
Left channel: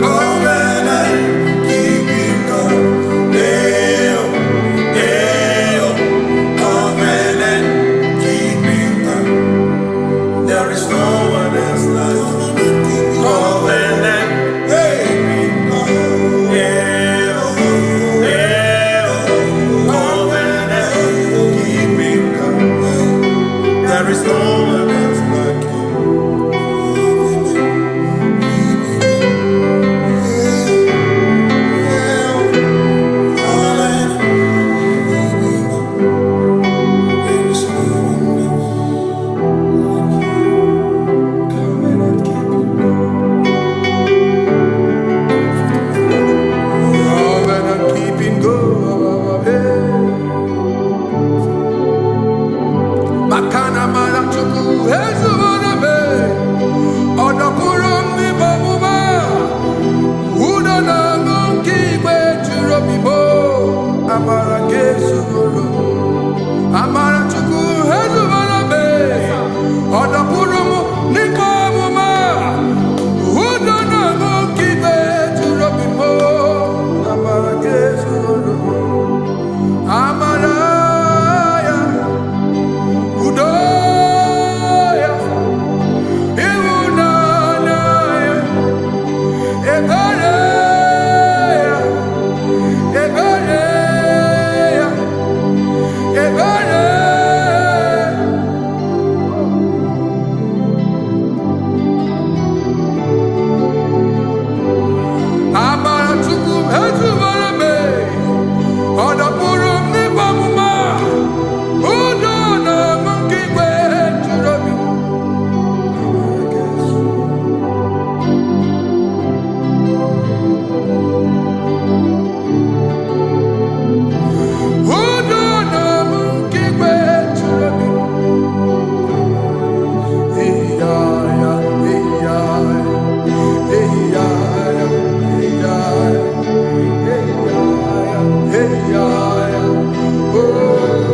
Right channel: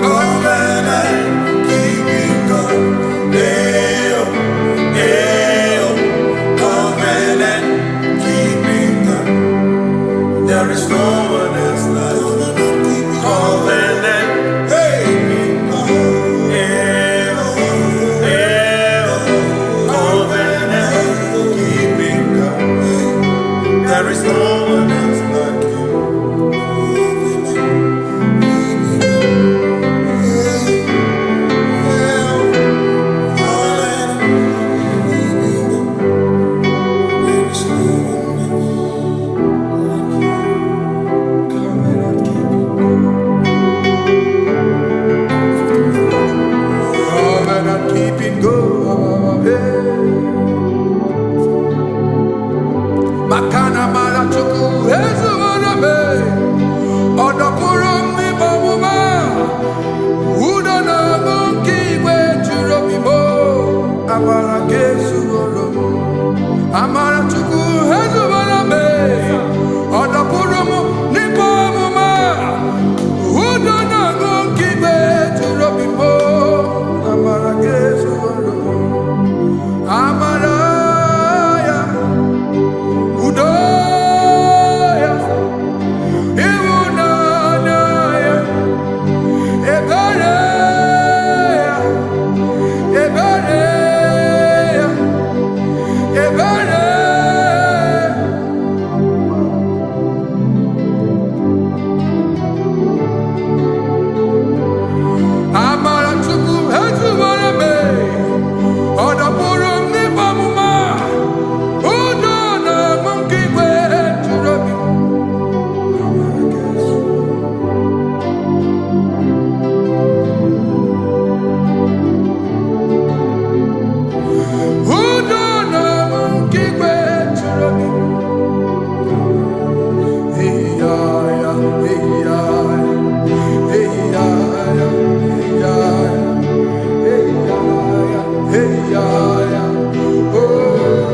Covenant keeping God. Covenant keeping God. There is no one else like covenant keeping God. Covenant keeping God. There is no one else like you. Makana marachuku ezuwaname odapurum ni bamuma udana ngunki kwe churobimo amara kesugorum amarachuku ezuwaname odapurum ni bamuma udana ngunki kwe churobimo amara kesugorum amara Udoya, Iwunanaya, Ebereya, Ebereya, Ebereya. Amaratuku ezumarame, Odapurum nibamuma, Udona monkey kwe churobim. Udona monkey kwe churobim. Hey ya ya, hey ya ya, hey ya ya, hey ya ya, hey ya ya, hey ya ya. Oh.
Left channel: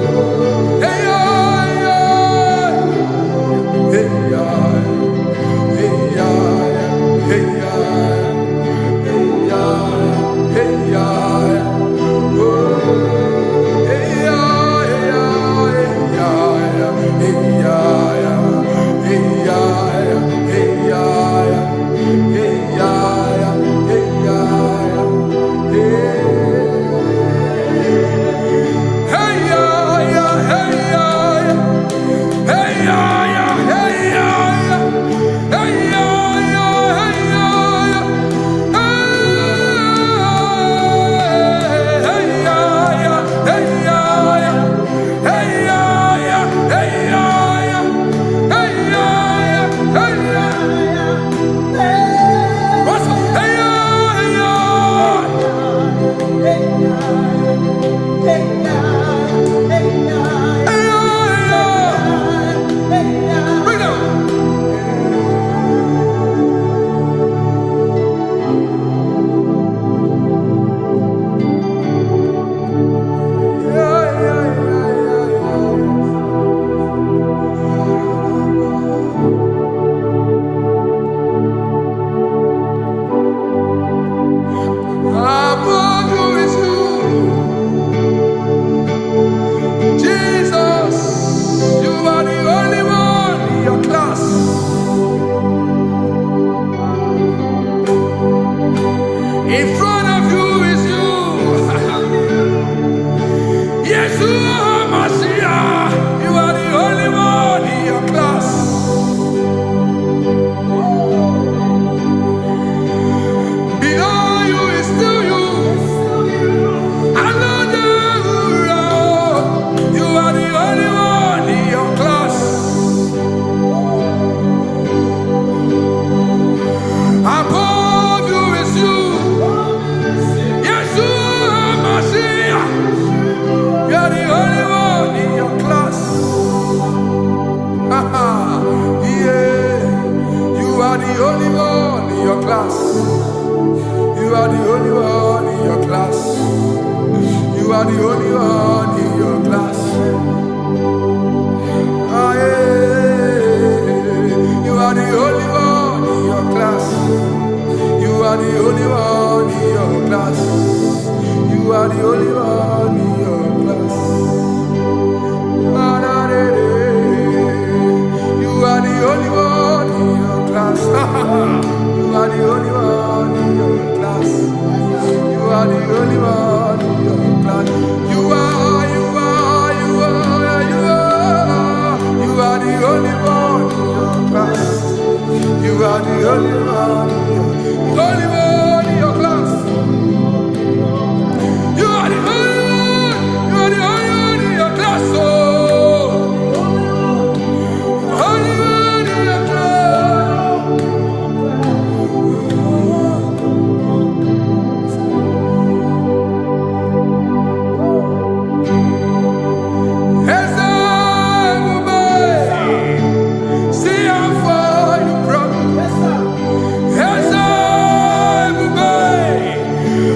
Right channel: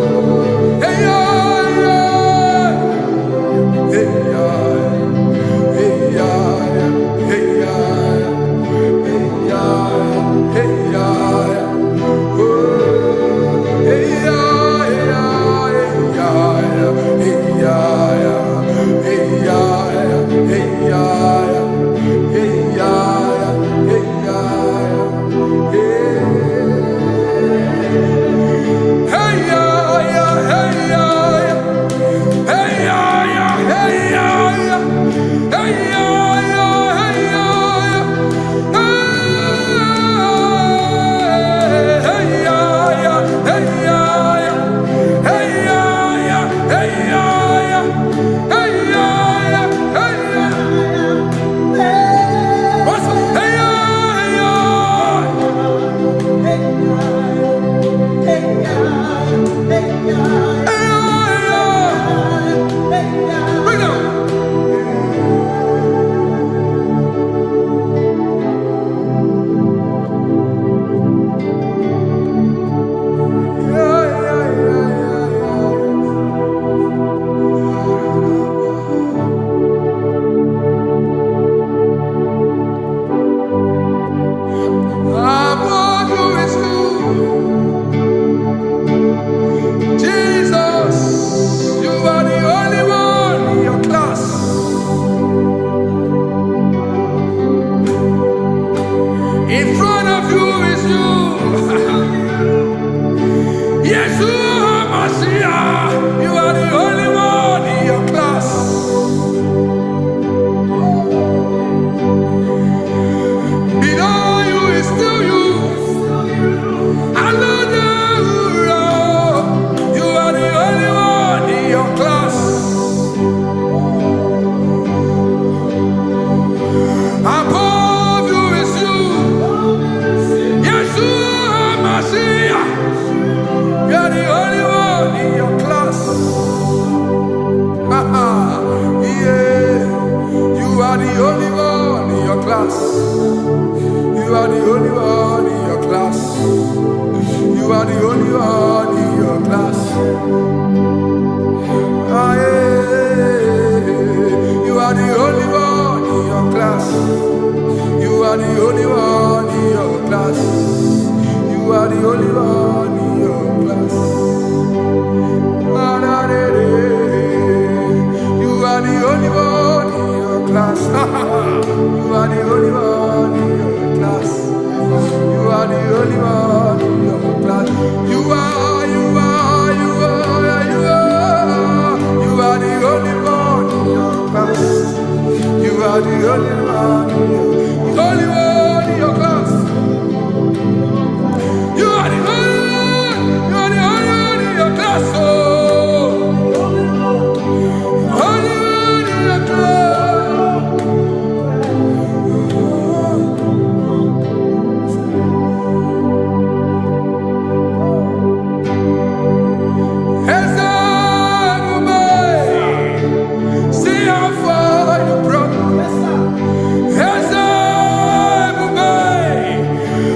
In front of you is you. Yeshua Mashiach, you are the only one in your class. Below you is still you. You are the only one in your class. Above you is you. Yeshua Mashiach. You are the only one in your class. Yeah. You are the only one in your class. You are the only one in your class. You are the only one in your class. Ah, yeah. You are the only one in your class. You are the only one in your class. You are the only one in your class. You are the only one in your class. You are the only one in your class. You are the only one in your class. You are the only one in your class. You are the only one in your class. You are the only one in your class. Oh, only one in your class. See how far you brought me.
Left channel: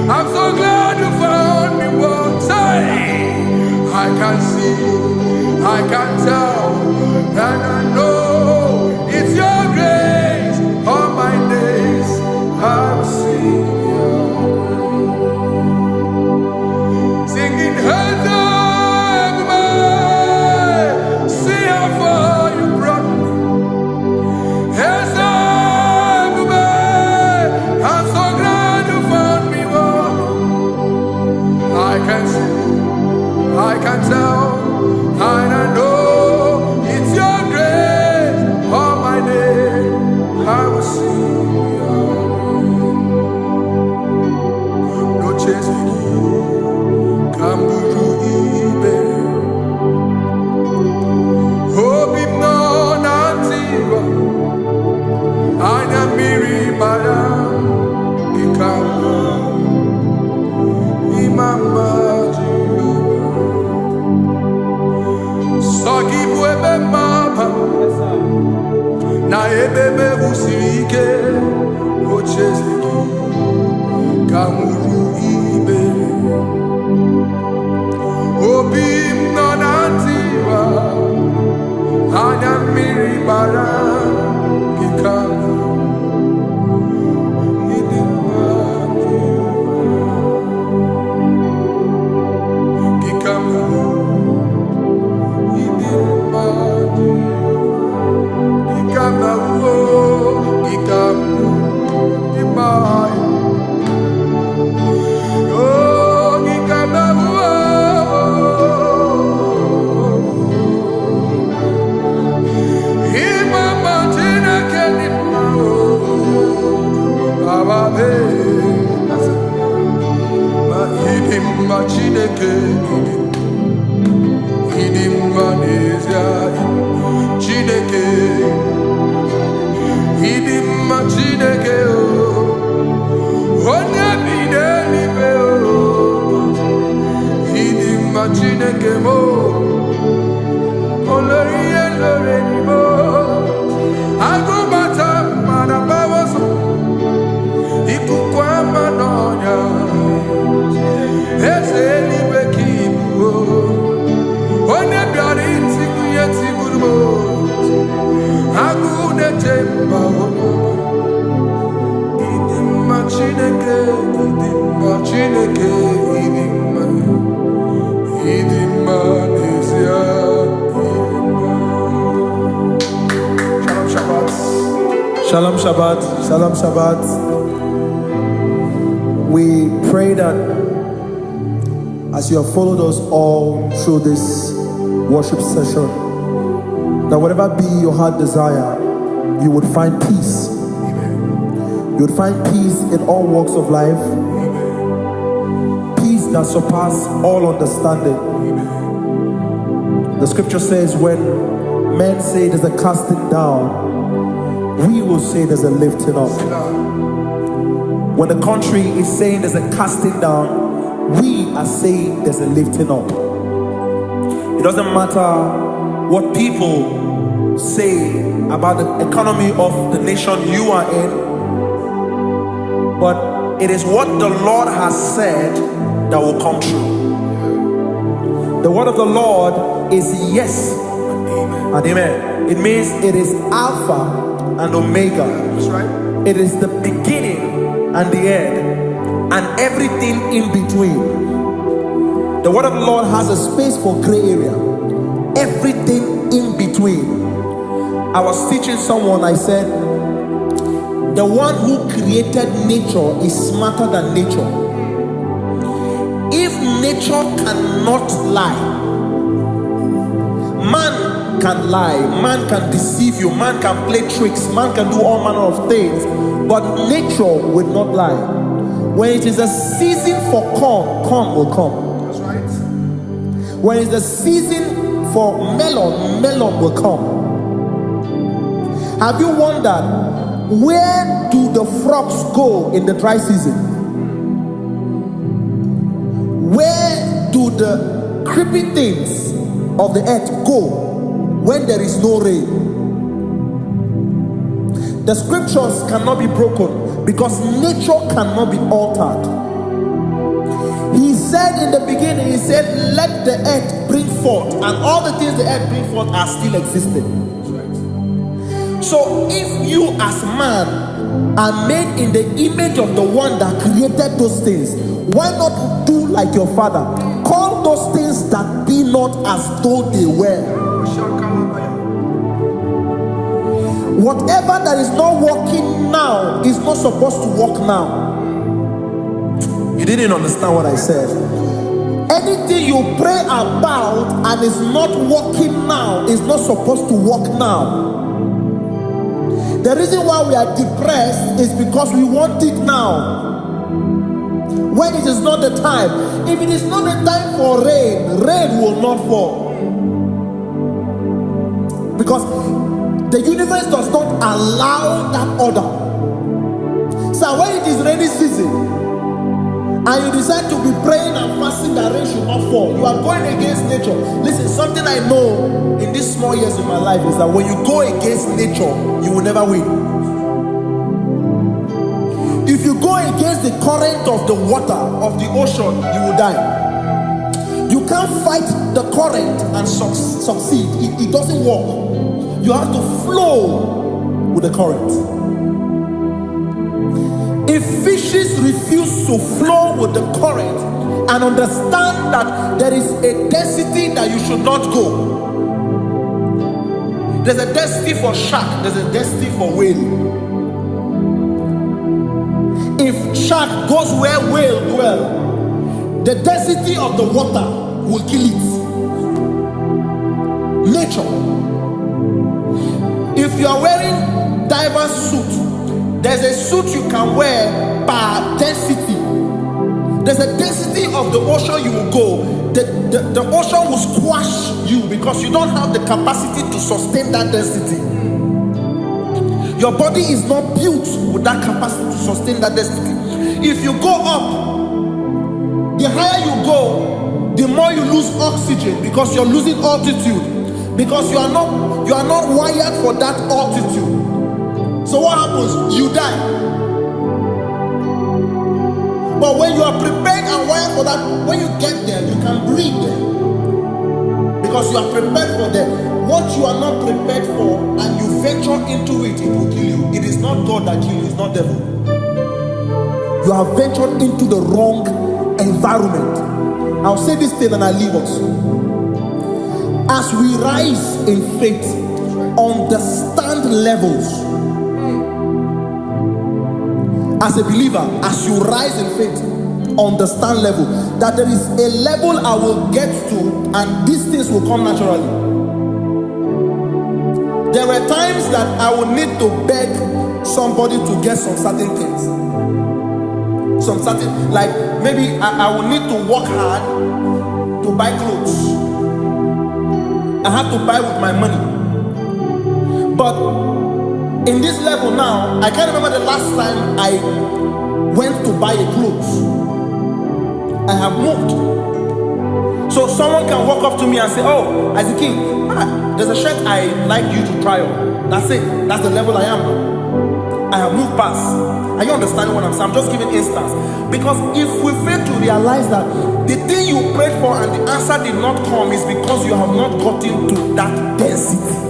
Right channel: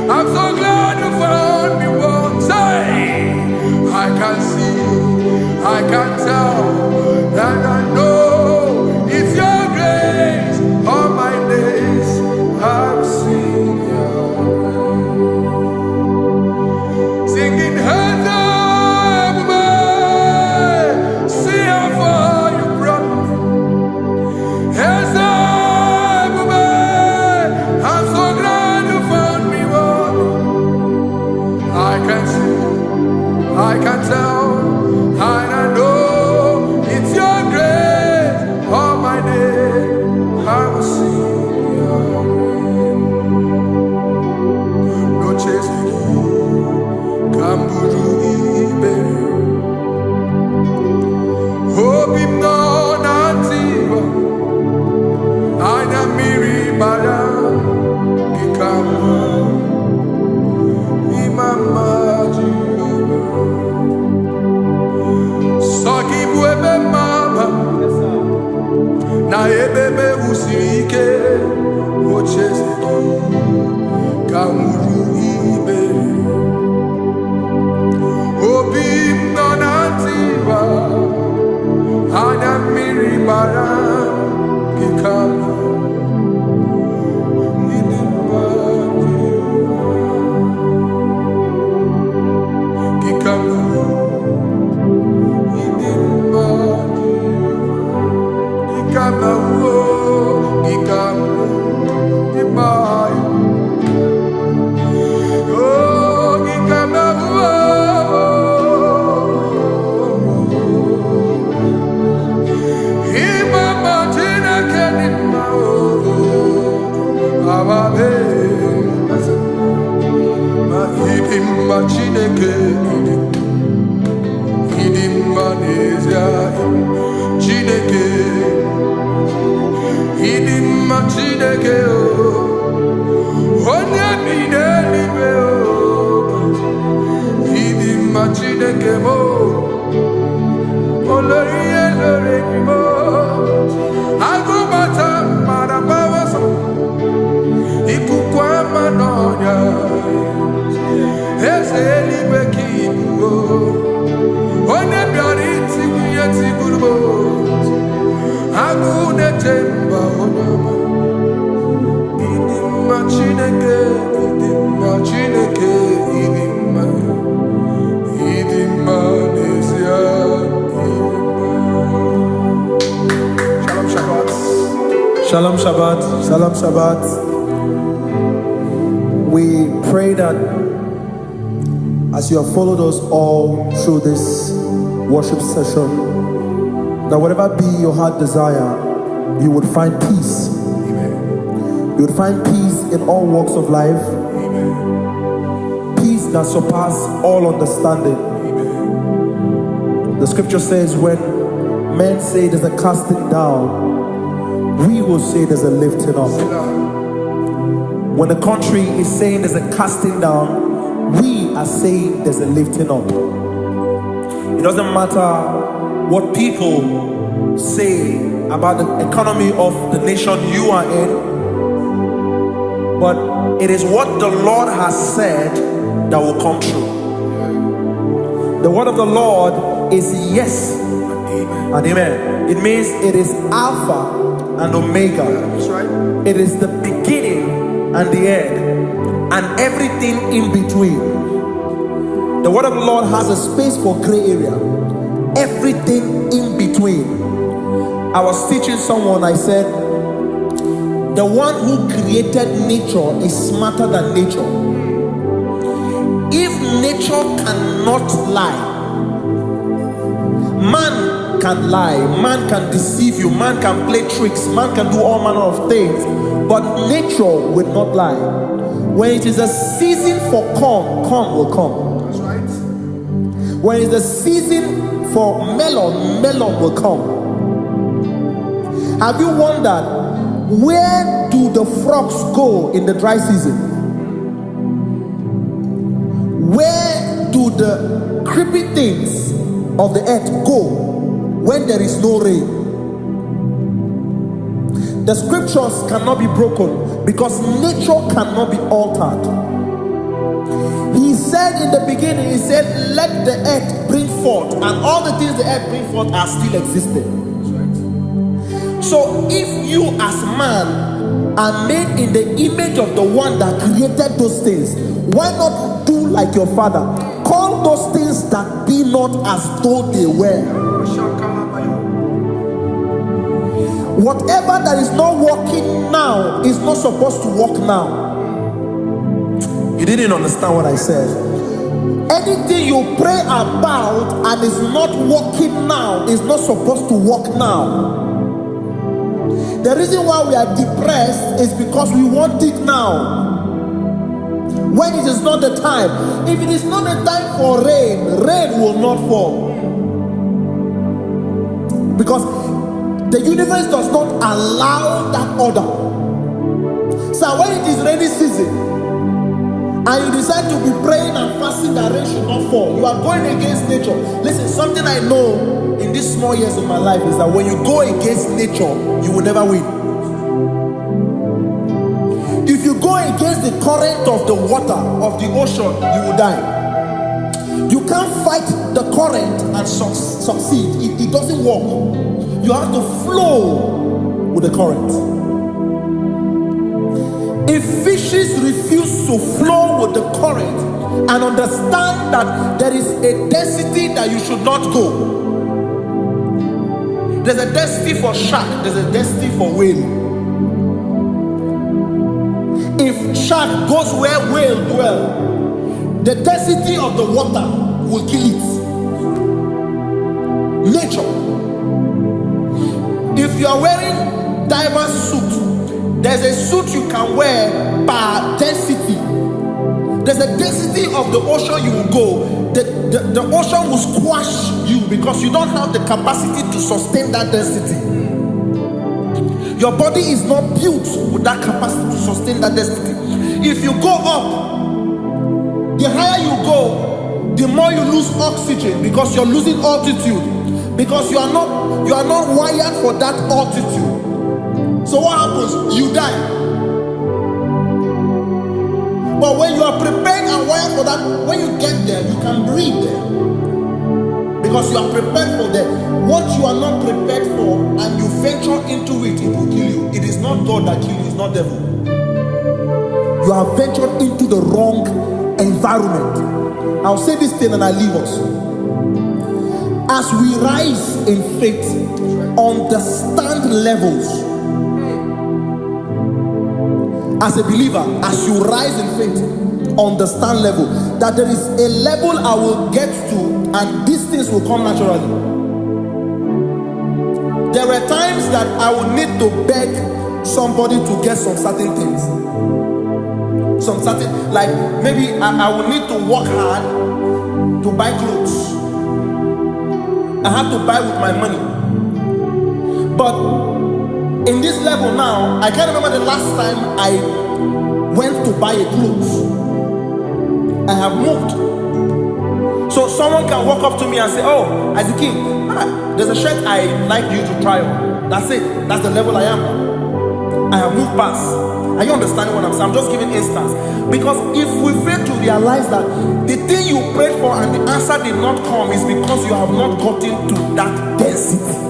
I'm so glad you found me one day. I can see, I can tell, and I know it's your grace. All my days I will sing your grace. Singing, see how far you brought me. I'm so glad you found me one. I can see, I can tell, and I know it's your grace. All my day I will sing your grace. No chase again, Kamburu Iberi. Hope him no nantiwa. Anya miri baram Gikama Imama Jehovah Sagi buebe maba Na ebebe usirike Ochezeki Kamuru Ibere Obim nonantiwa Anya miri baram Gikama Gikama Idima Gikama Gikama Idima Oh Gikama Imama Tina Kenima Ababe Ma idim ma chineke idim ma n'ezie chineke idim ma chineke o onye bi n'eluigwe o idim ma chineke mo olori ihe lori mo agụbata mara gbawaso ikuku ama n'ọnya eze eluigwe ka ibu o onye bịara itigbu ihe tigburu m agụ na-eche mba onye ọma ịdị mma Chineke ịdị mma Chineke ịdị mma n'ezie ịdị mma. Shalom Shabbat. Shalom Shabbat. Shalom Shabbat. We pray that as you have followed us all through this worship session, that whatever be your heart desire, you would find peace. Amen. You would find peace in all walks of life. Amen. Peace that surpasses all understanding. Amen. The scripture says, when men say there's a casting down, we will say there's a lifting up. When the country is saying there's a casting down, we are saying there's a lifting up. It doesn't matter what people say about the economy of the nation you are in, but it is what the Lord has said that will come true. The word of the Lord is yes and amen. It means it is Alpha and Omega. That's right. It is the beginning and the end, and everything in between. The word of the Lord has a space for gray area. Everything in between. I was teaching someone, I said, the one who created nature is smarter than nature. If nature cannot lie, man can lie, man can deceive you, man can play tricks, man can do all manner of things, but nature will not lie. When it is a season for corn, corn will come. That's right. When it's a season for melon, melon will come. Have you wondered, where do the frogs go in the dry season? Where do the creepy things of the earth go when there is no rain? The scriptures cannot be broken because nature cannot be altered. He said in the beginning, he said, let the earth bring forth, and all the things the earth bring forth are still existing. That's right. So if you as man are made in the image of the one that created those things, why not do like your father? Call those things that be not as though they were. Whatever that is not working now is not supposed to work now. You didn't understand what I said. Anything you pray about and is not working now is not supposed to work now. The reason why we are depressed is because we want it now, when it is not the time. If it is not the time for rain, rain will not fall, because the universe does not allow that order. So when it is rainy season and you decide to be praying and fasting that rain should not fall, you are going against nature. Listen, something I know in these small years in my life is that when you go against nature, you will never win. If you go against the current of the water of the ocean, you will die. You can't fight the current and succeed. It doesn't work. You have to flow with the current. If fishes refuse to flow with the current and understand that there is a density that you should not go, there's a density for shark, there's a density for whale. If shark goes where whale dwell, the density of the water will kill it. Nature. If you are wearing diver's suit, there's a suit you can wear per density. There's a density of the ocean you will go. The ocean will squash you because you don't have the capacity to sustain that density. Your body is not built with that capacity to sustain that density. If you go up, the higher you go, the more you lose oxygen because you're losing altitude, because you are not wired for that altitude. So what happens? You die. But when you are prepared and wired for that, when you get there, you can breathe there, because you are prepared for that. What you are not prepared for and you venture into it, it will kill you. It is not God that kills you, it's not devil. You have ventured into the wrong environment. I'll say this thing and I leave us. As we rise in faith, understand levels. As a believer, as you rise in faith, understand level. That there is a level I will get to and these things will come naturally. There were times that I would need to beg somebody to get some certain things. Some certain, like maybe I would need to work hard to buy clothes. I had to buy with my money. But in this level now, I can't remember the last time I went to buy a clothes. I have moved. So someone can walk up to me and say, oh, as a king, there's a shirt I like you to try on. That's it. That's the level I am now. I have moved past. Are you understanding what I'm saying? I'm just giving instance. Because if we fail to realize that the thing you prayed for and the answer did not come is because you have not gotten to that density.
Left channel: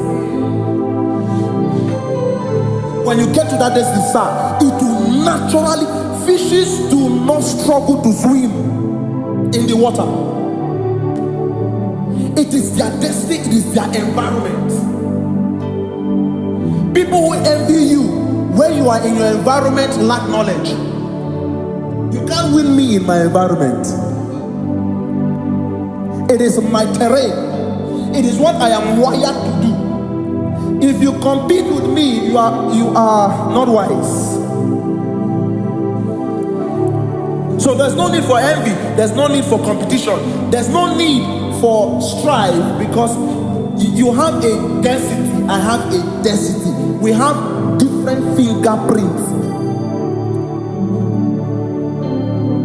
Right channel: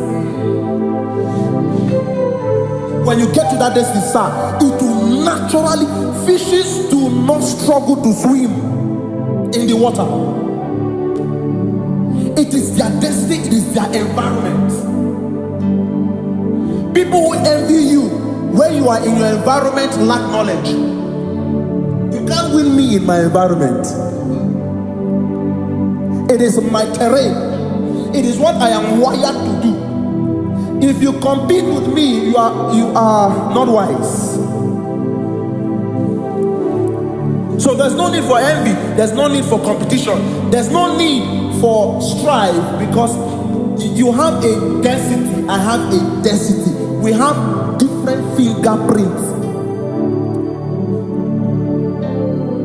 When you get to that density, sir, it will naturally, fishes do not struggle to swim in the water. It is their destiny, it is their environment. People who envy you when you are in your environment lack knowledge. You can't win me in my environment. It is my terrain. It is what I am wired to do. If you compete with me, you are not wise. So there's no need for envy. There's no need for competition. There's no need for strife, because you have a density. I have a density. We have different fingerprints.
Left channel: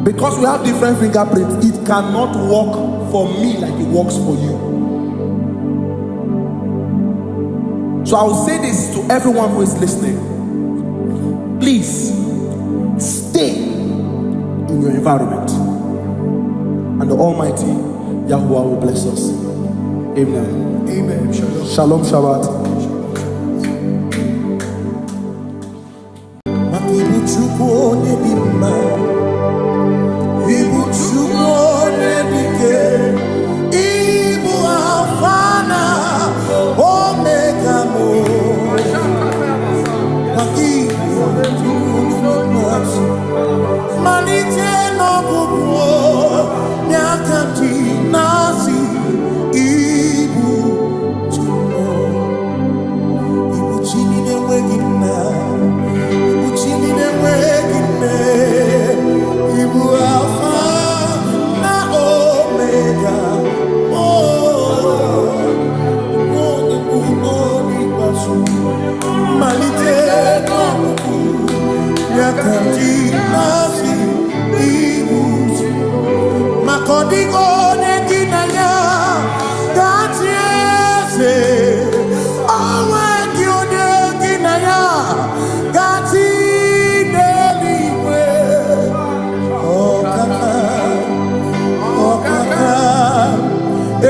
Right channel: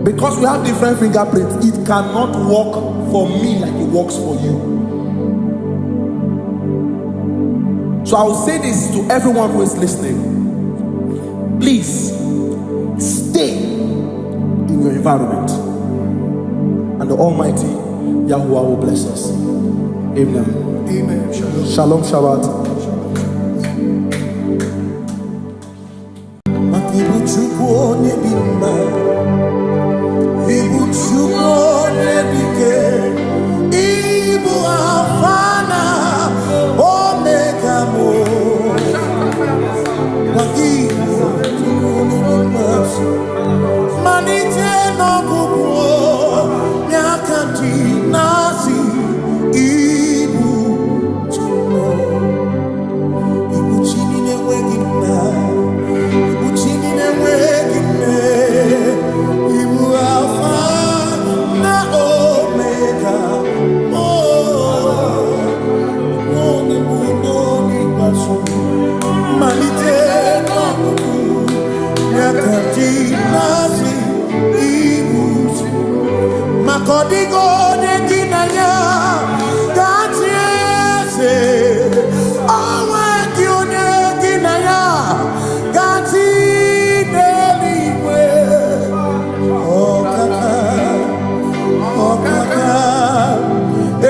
Because we have different fingerprints, it cannot work for me like it works for you. So I will say this to everyone who is listening. Please stay in your environment, and the Almighty Yahuwah will bless us. Amen. Amen. Shalom. Shalom Shabbat. Makibu chukwu onye dị mma, ibu chukwu onye dike, ibu Alpha na Omega mo. Makibu chukwu onye dị mma, manite n'ọgwụgwụ nyakanti nasi, ibu chukwu, ibu chini n'enweghị nna, ibu chini n'enweghị nne, ibu Alpha na Omega. Oh, onye bụ n'ikpeazụ, malite n'ọgwụgwụ nyakanti nasi, ibu maka ọ dịghị onye gị na ya ga-achị eze, onwe gị onye gị na ya ga-achị n'eluigwe. Ọkaka, ọkaka,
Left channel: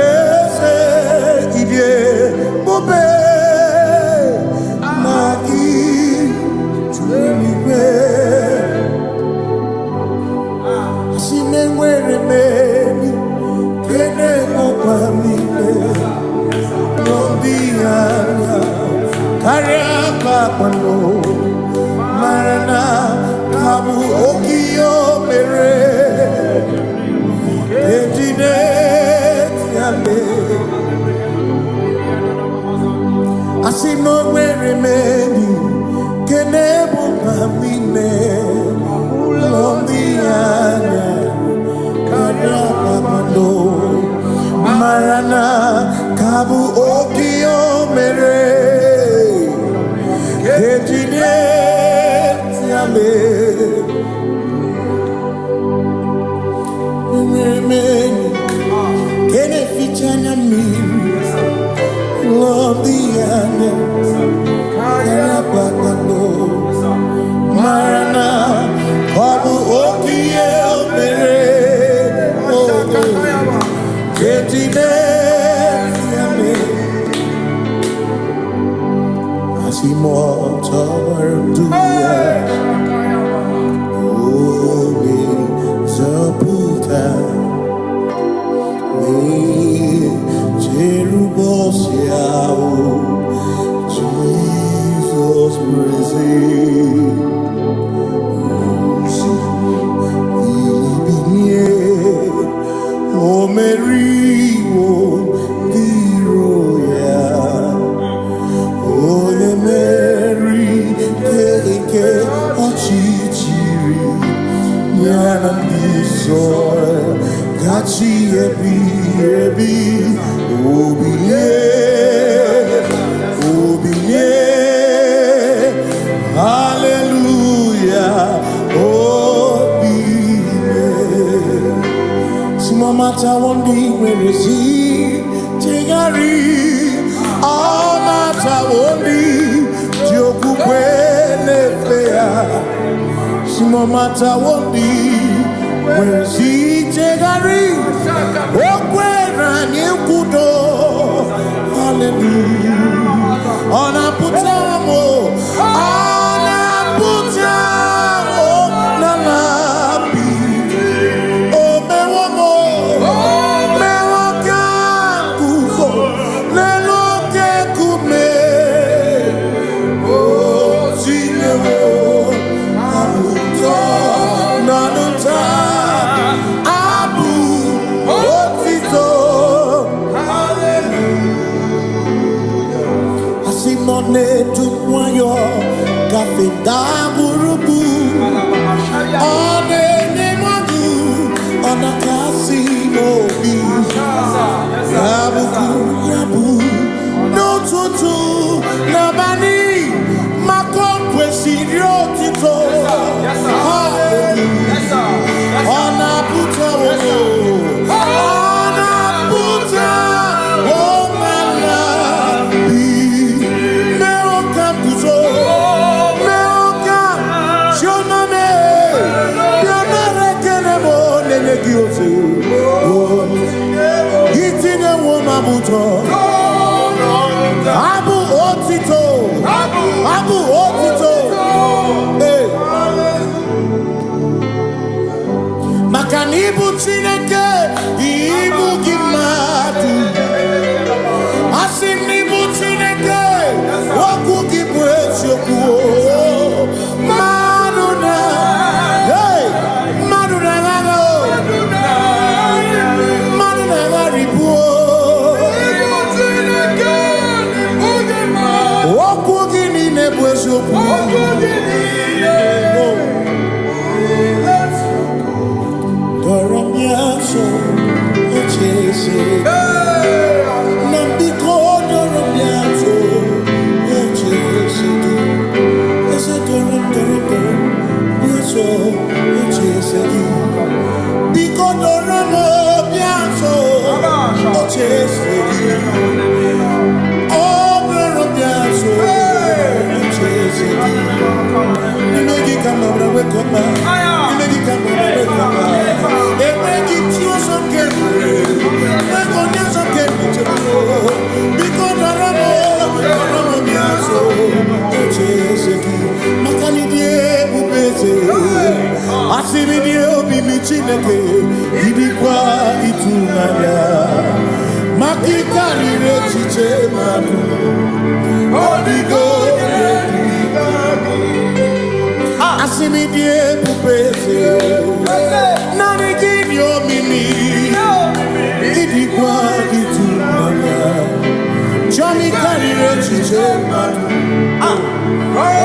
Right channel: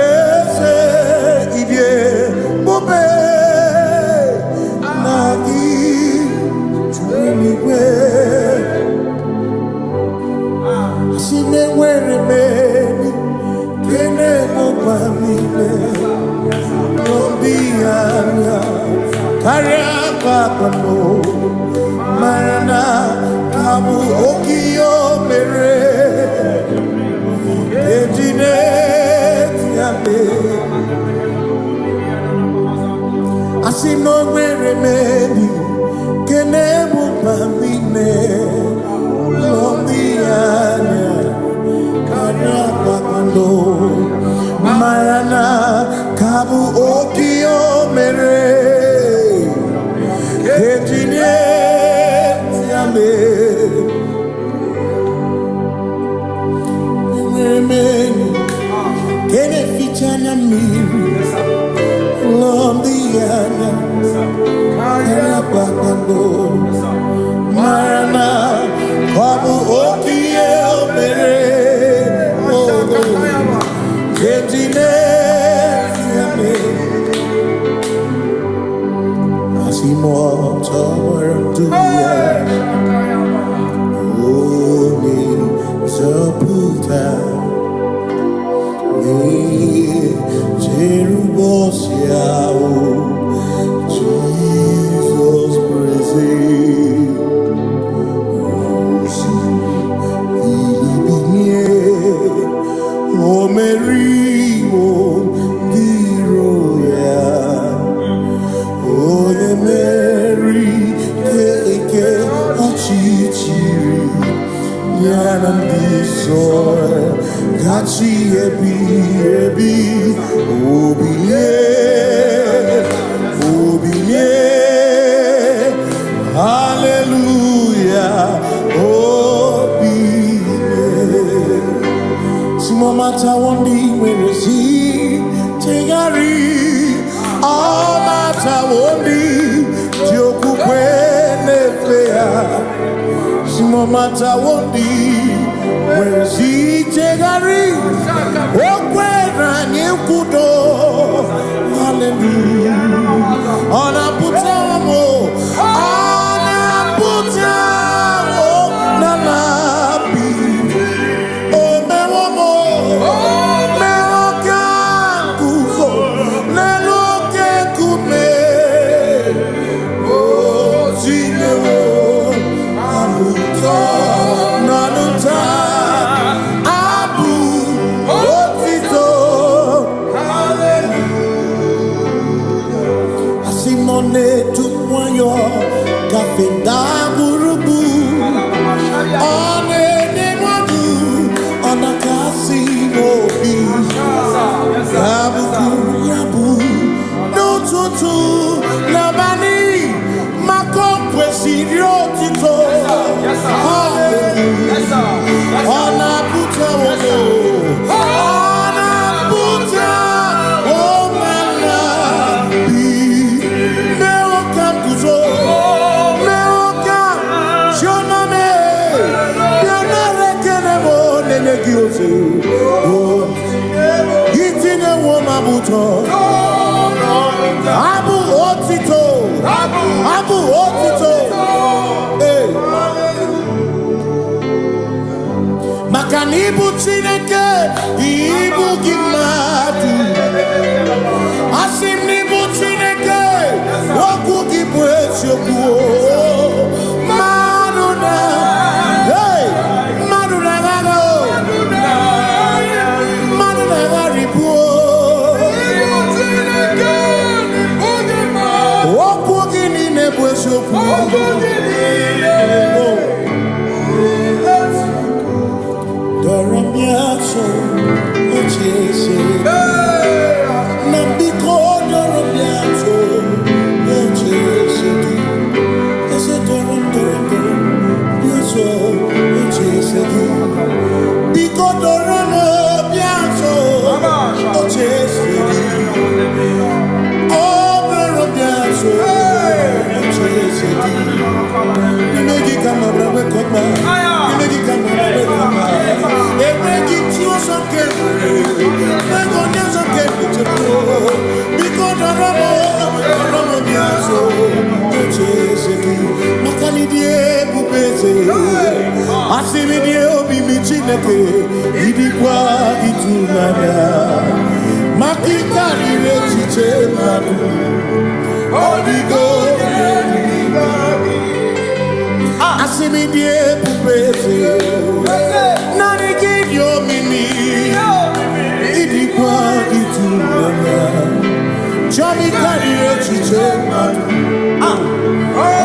eze ibie bube na gị n'eluigwe. Si me nwere meni kene mokwa mine nombi anya karịa kwakpando marana kabu okio mere ejine tiale. Asi no nwere meni kene mokwa mine nombi anya karịa kwakpando marana kabu okio mere ejine tiale. Mweni kene fichanya miri lomdianya karịa kwakpando marana kabu okio mere ejine tiale. Asimo tabaranduya Oni zaputa Me Jerubosia Jesus praise O Mary, O Viroya, O the Mary, Keke, Ochichiri, Yanam Bisoy, Gachi Ebi, Obiye, Hallelujah, oh. Simomata wondi werezi tegari amata wondi joku kwene fea Simomata wondi werezi tegari okwena nyekudo hallelujah ona putamo nalabi Simone tumwayo kafenda burubu one nemadu ona kasimobi yabu no tutu nabani makompwe sirio tito hallelujah ona puta wono ona puta Gitine woma buto Abu otito Hey Makanibu chineke Ibu gimatu Asimnibu chineke Woku gibwesyoku Maduna Hey Maduna Doramiaso ochese Nambiko doramiaso ochese Ese doram biaso ochese Biko doramiaso ochese Oh doramiaso You make it come up, wake up, you make it come up, wake up. They make it you some carefully. They go down some carefully to go. Because the Ramo Biaso, Cheseki, Makani die Bubese, Asimi die Obi Michineke, Idikwa Itunaya, Makikari Rechiche Madu, Odigo. Asimi die pupese Nani kidio mimi Idikwa itunanya Chami karire chiche matu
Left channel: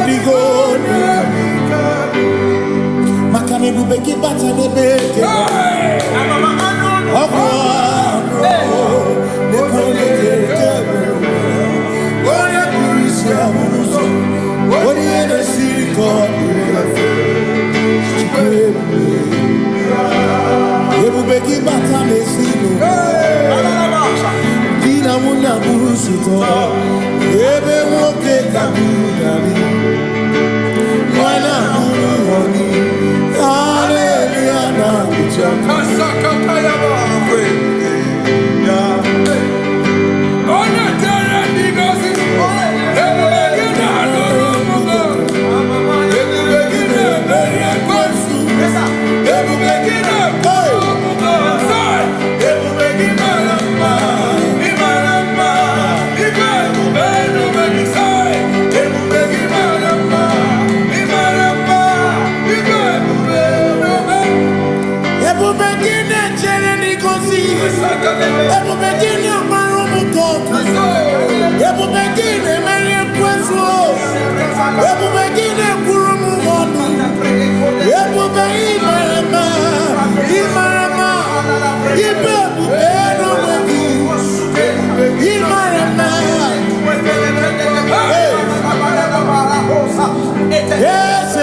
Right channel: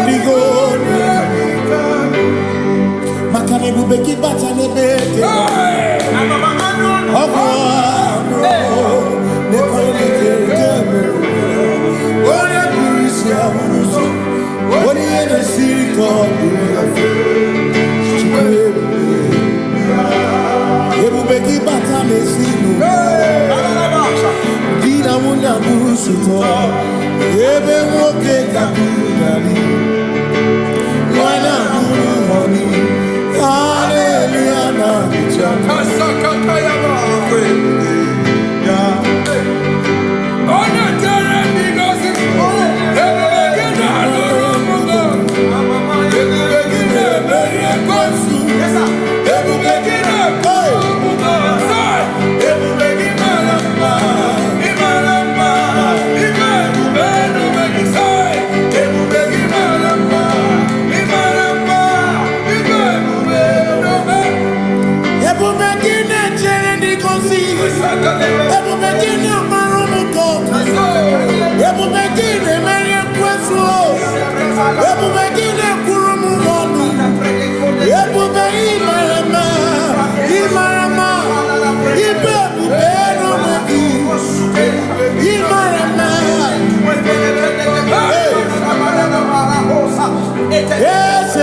Odigo Makane bubeki bata nebeke Ogwano Nekone kekebe Ore kurisi ya uruzo What you in the city called Ebubeki bata mesino Dina muna burusuto Ebe woke kabunali Wana muru honi Hallelujah na kuchama Kasaka kayaba Ona tere bigosi Yes,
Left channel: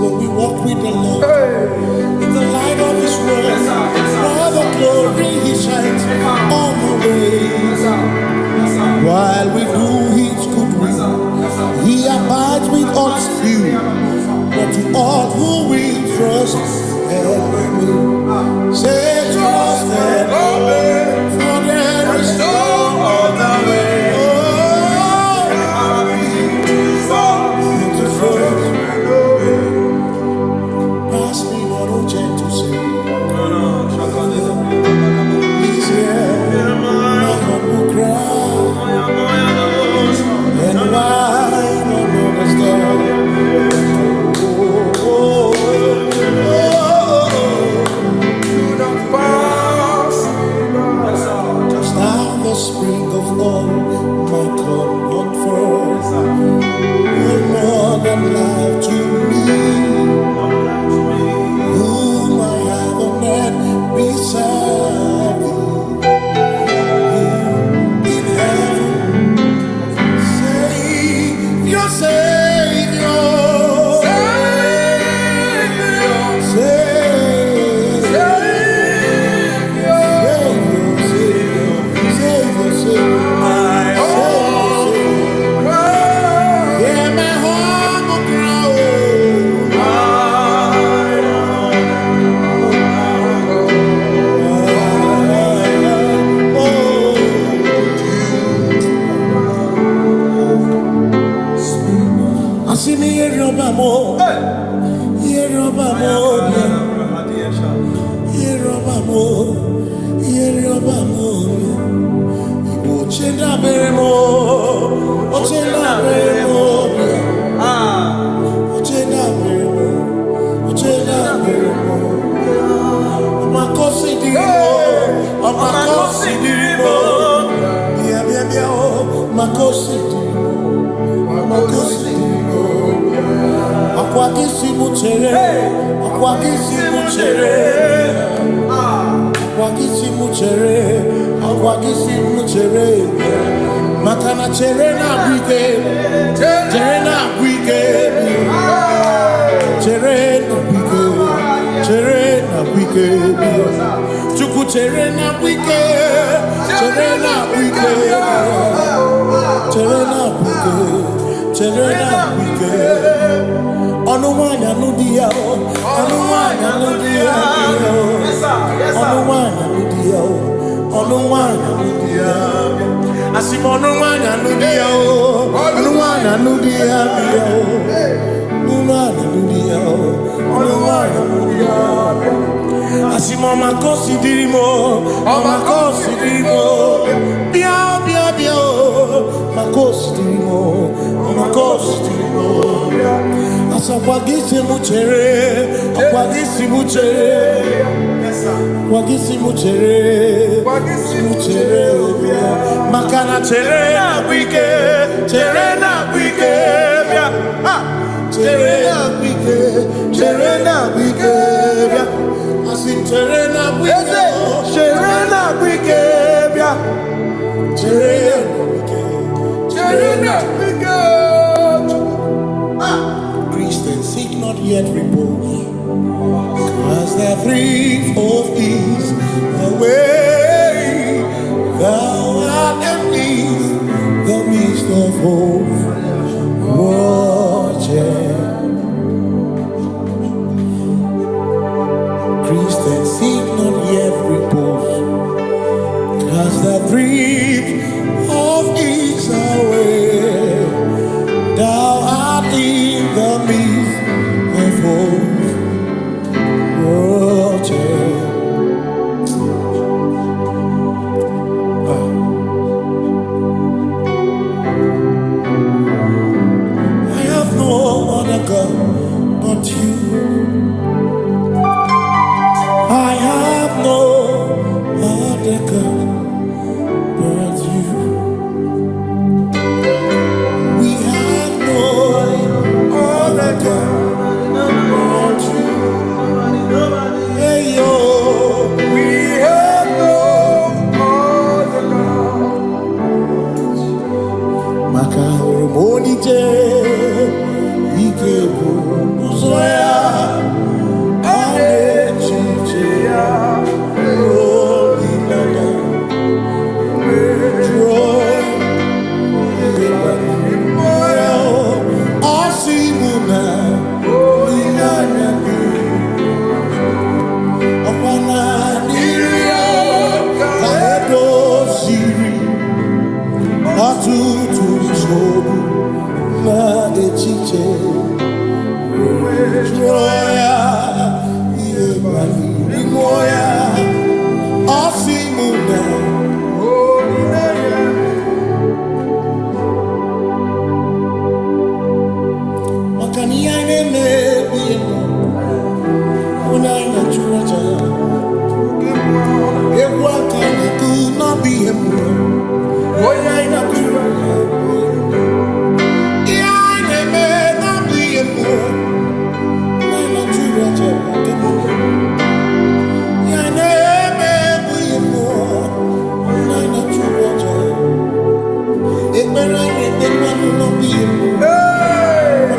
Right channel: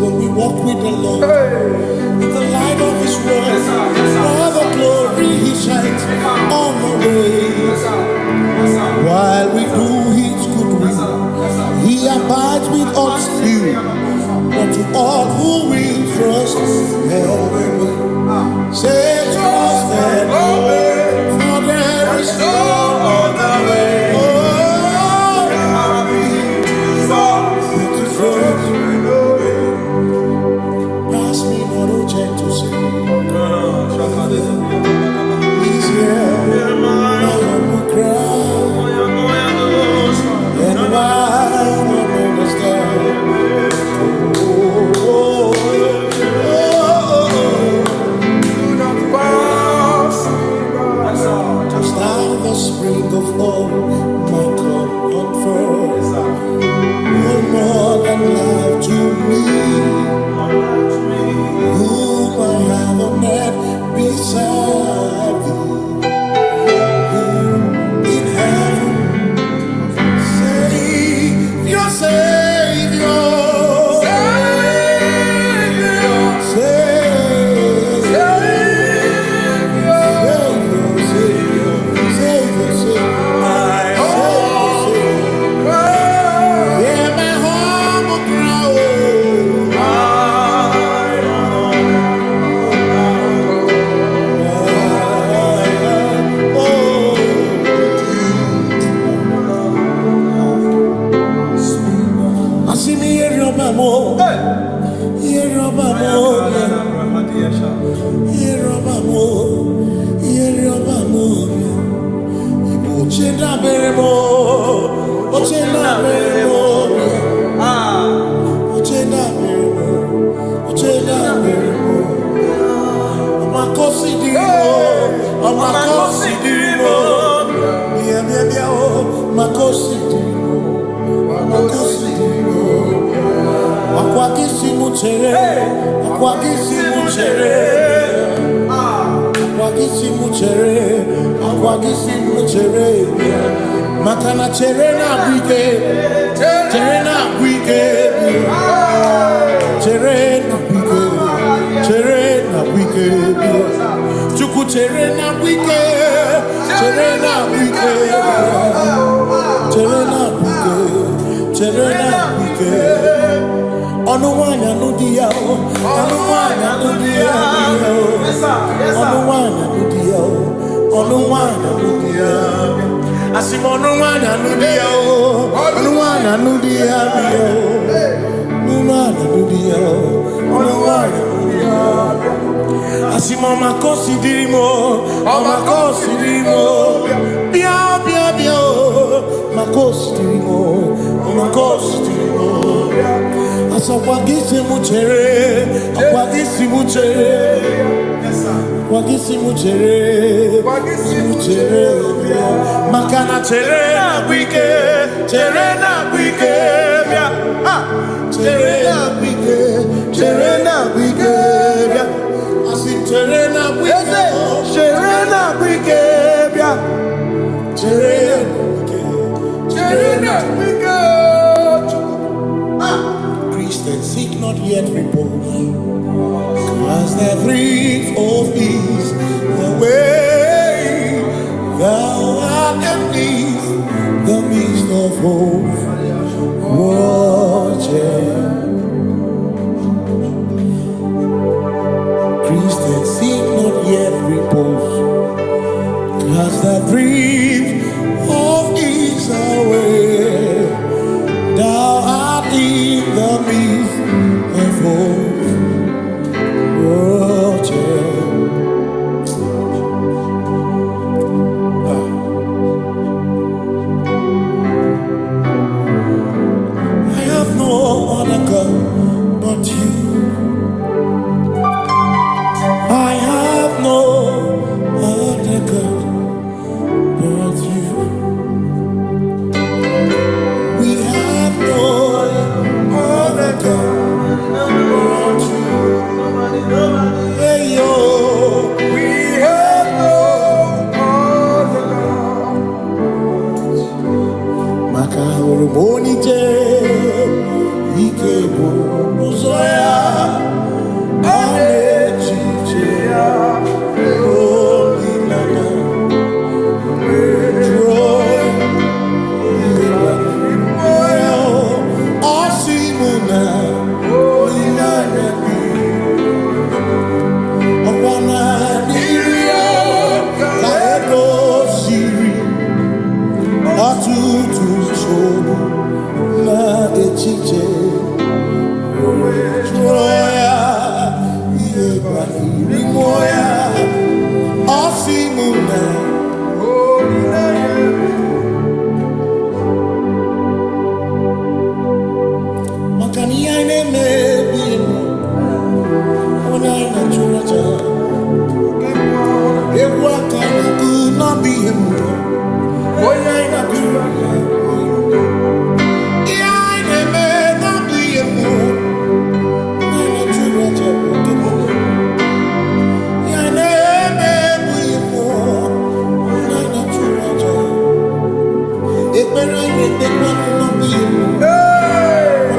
When we walk with the Lord, in the light of His word, for the glory He shines on the way. While we do His good will, He abides with us still. But to all who will trust and obey, say trust and obey, for there is no other way. Oh, to trust. Pass me not, oh gentle Savior. He's here, my humble cry, and why not understand? Do not pass me by. Touch down the spring of all my comfort. You're more than life to me. Whom I have on earth beside thee. Who in heaven, Savior, Savior, Makana cherena bwike, cherena bwike, cherena bwike, cherena bwike, chuku cherena bwike, cherena bwike, cherena bwike, cherena bwike. Onuwanya nudia, onuwanya nudia, onuwanya nudia, onuwanya nudia. Asim onuwanya nudia, onuwanya nudia, onuwanya nudia, onuwanya nudia. Asim omakosi dirimo, omakosi dirimo, bia bia bia, makosi dirimo, omakosi dirimo. Asakwagisi muchere, akwagisi muchere, akwagisi muchere, muchere. Makana chere na bwike, chere na bwike, chere na bwike, chere na bwike. Asim chere na bwike, chere na bwike, chere na bwike, chere na bwike. Christians seek not yet repose. as the breeze of east away, thou art amidst the midst of hope, watching. Christians seek not yet repose, as the breeze of east away, thou art in the midst of hope, watching. I have no other God but you. I have no other God but you. We have no other God but you. Hey yo, We have no other God. Maka hormoni je ike buru uzoya anechiche ya holy lana joy asimuna holy lana okwana niria kaedo siri atutu sobu na echiche joya iebani rimoya asimuna makani aine mebi emo ona ina churaja ewa kana ku na bi emo ona ina churaja aine me na bi emo ona ina churaja okemo aine me bu emo ona ina churaja ekpere ine pe kwanu na bi emo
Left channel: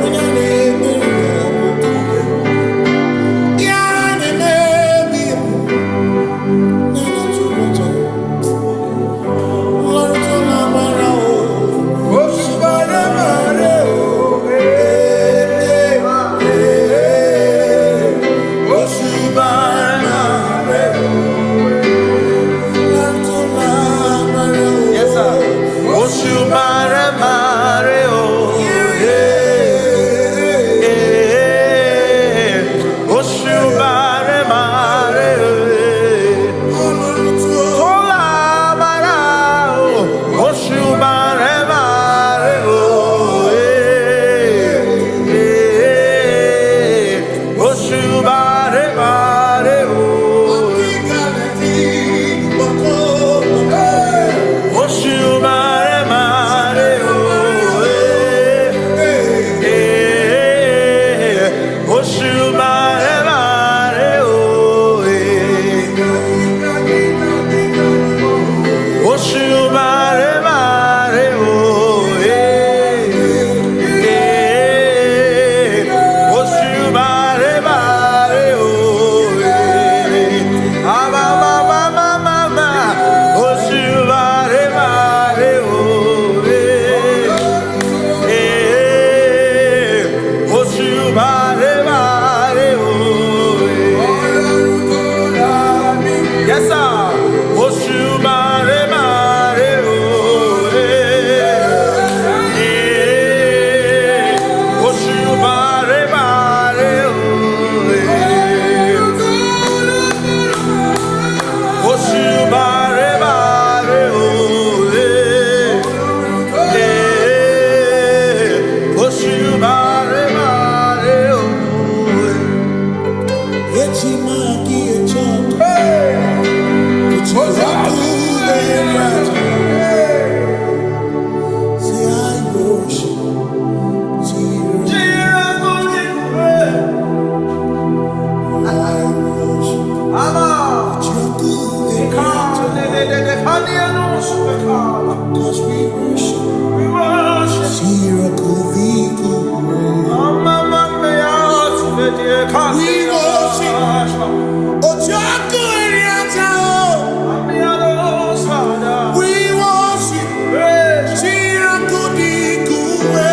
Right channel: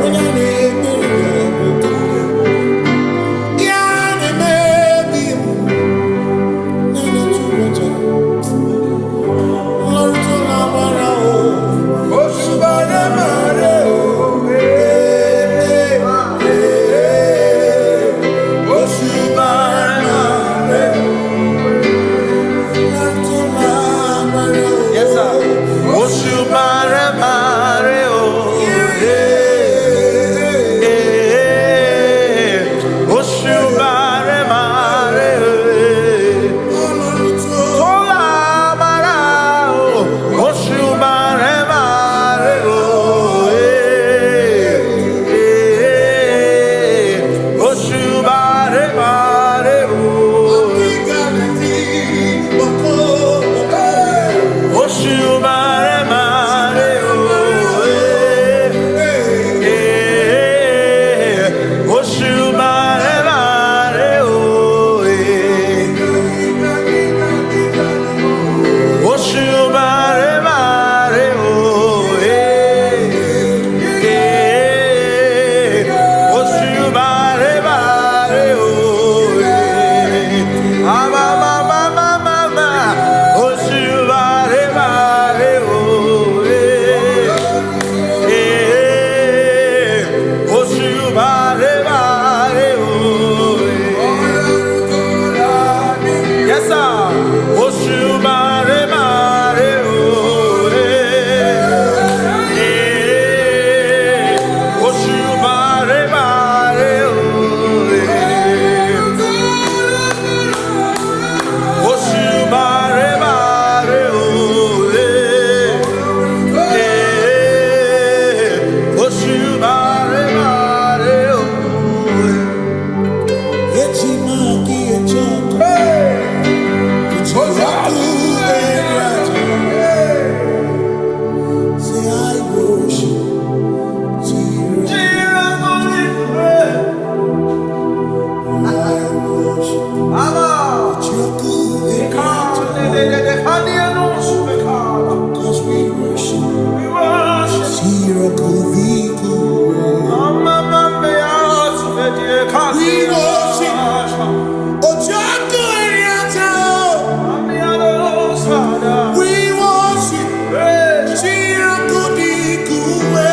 ona ina Cause we worship. We worship. Ojaku Eriata. We worship. Chirakudi Kuwe.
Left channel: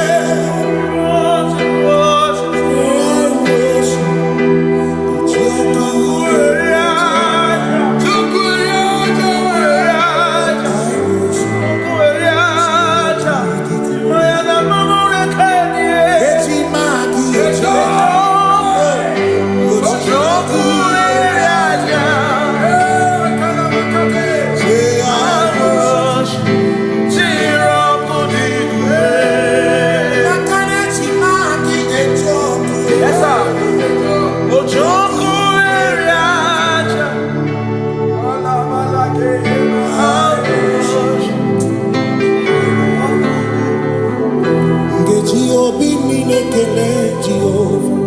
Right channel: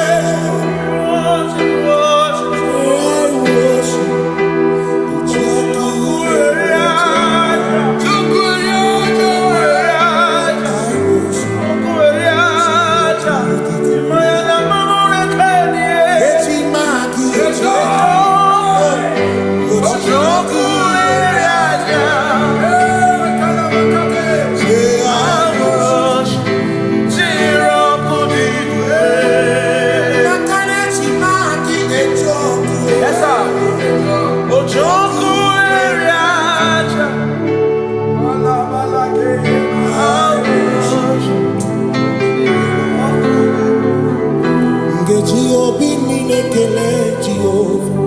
Jehovah minekele Jehovah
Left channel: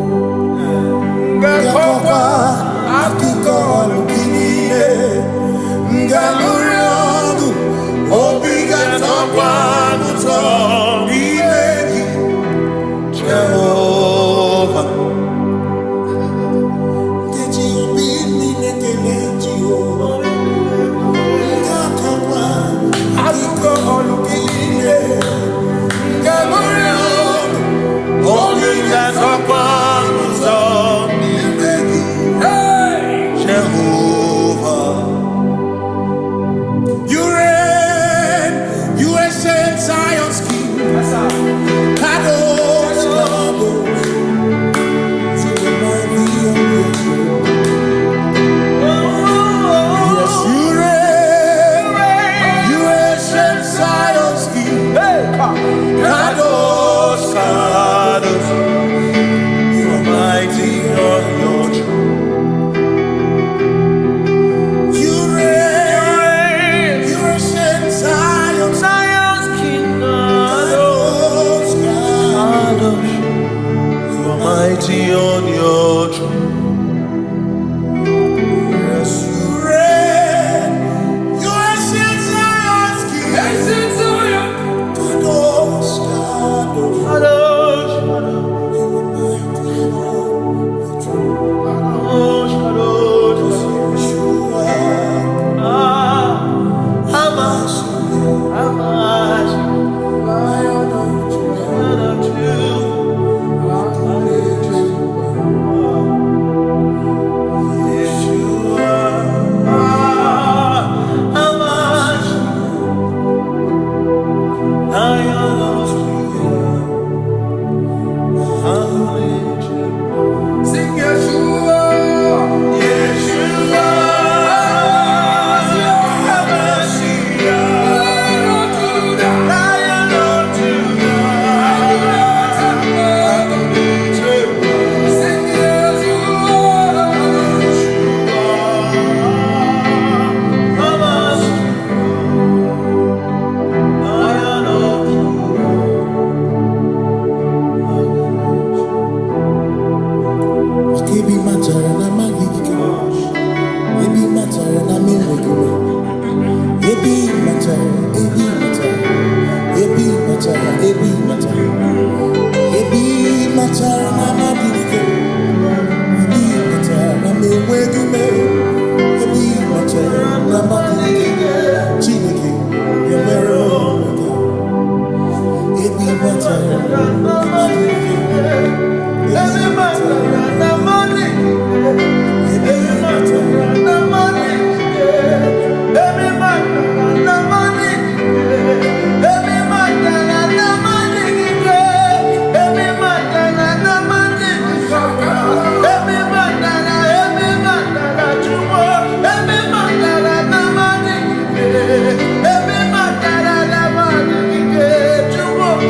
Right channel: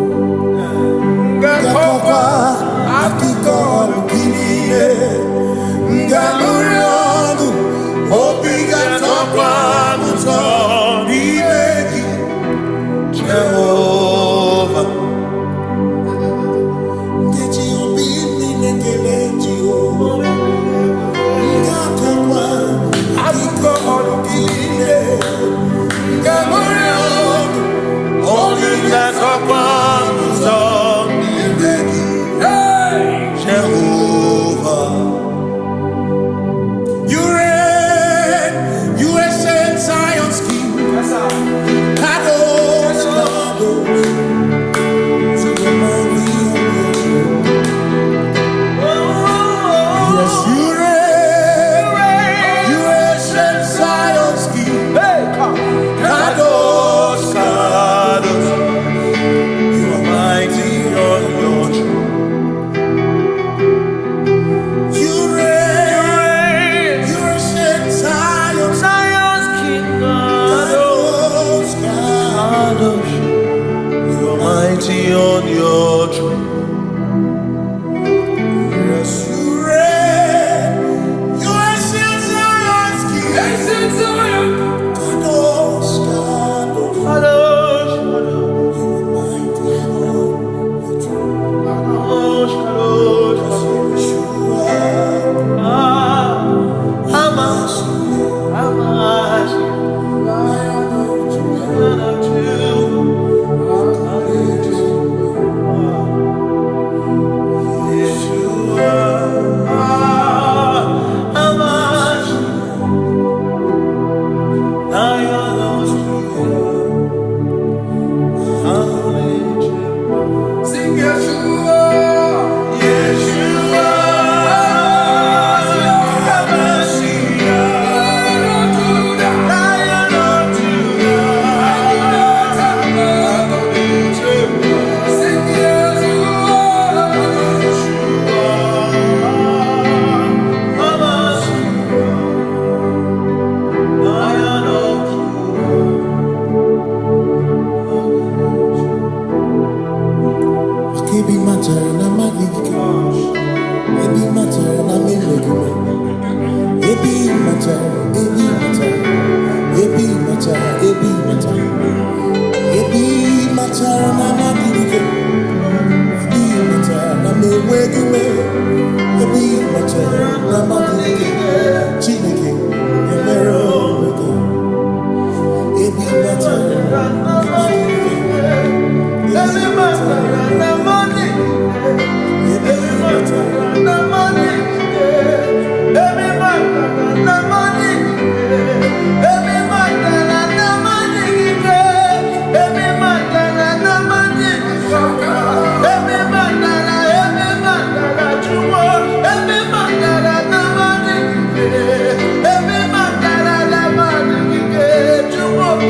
Ngakokwa akiko alukine Ngaluriangu Obiga tokwa muto Nimeki Jehovah Jehovah minekele Jehovah Ngakokwa akiko alukine Jehovah, you reign, you ancient Zion's King. Kadosh, Kadosh, you remind me of your throne. Yes, you reign, you ancient Zion's King. Kadosh, Kadosh, you are mighty on your throne. You reign, you ancient Zion's King. Kadosh, Kadosh, you are mighty on your throne. Yes, you reign, you ancient Zion's King. Ancient Zion. Kadosh, Kadosh, Kadosh, Kadosh, you are mighty on your throne. Kadosh, Kadosh, Yeshua, Hamashiach, Lion of Judah, Yeshua, Hamashiach, Lion of Judah, sing Yeshua, Yeshua, Hamashiach, Lion of Judah, sing Yeshua, Hamashiach, Lion of Judah. Ebi matara na magigike, ebi matara na mewegume, ebi matara, ebi matara, ebi matara, ebi matara, ebi matara na magigike, ebi matara na mewegume, ebi matara na magigike, Chineke yemero wega, ebi matara na magigike. Every matter and the money, every matter and the money, every matter and the money, every matter and the money, every matter and the money, every matter you want, every matter and the money, every matter and the money, you want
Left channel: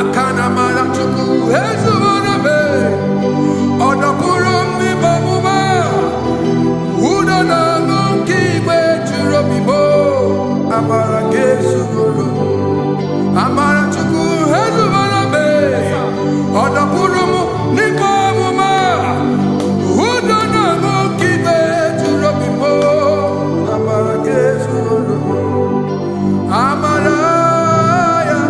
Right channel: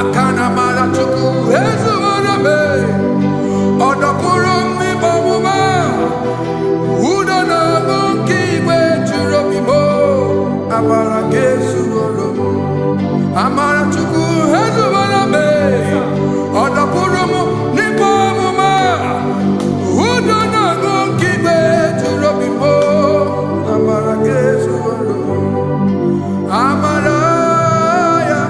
Akana Marachuku, Hezuaname, Odapurum ni Bamuma, Udana Nunki, Wechurobimo, Amara Gesuoro, Amara Chuku, Hezuaname, Odapurum ni Bamuma, Udana Nunki, Wechurobimo, Amara Gesuoro, Amaraya,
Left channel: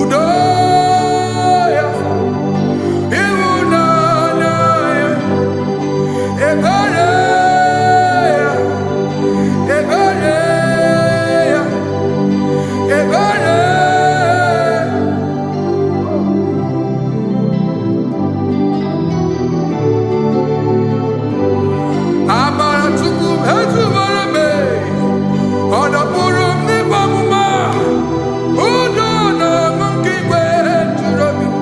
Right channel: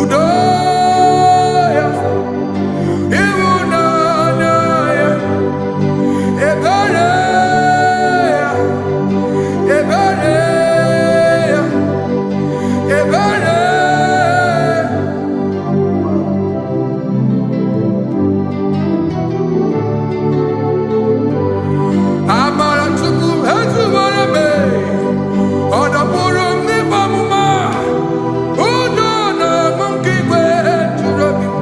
Udoya, Iwunanaya, Ebereya, Ebereya, Ebereya. Amara Chuku, Hezumarame, Odapurum ni Bamuma, Udona Monkey Wechurobim.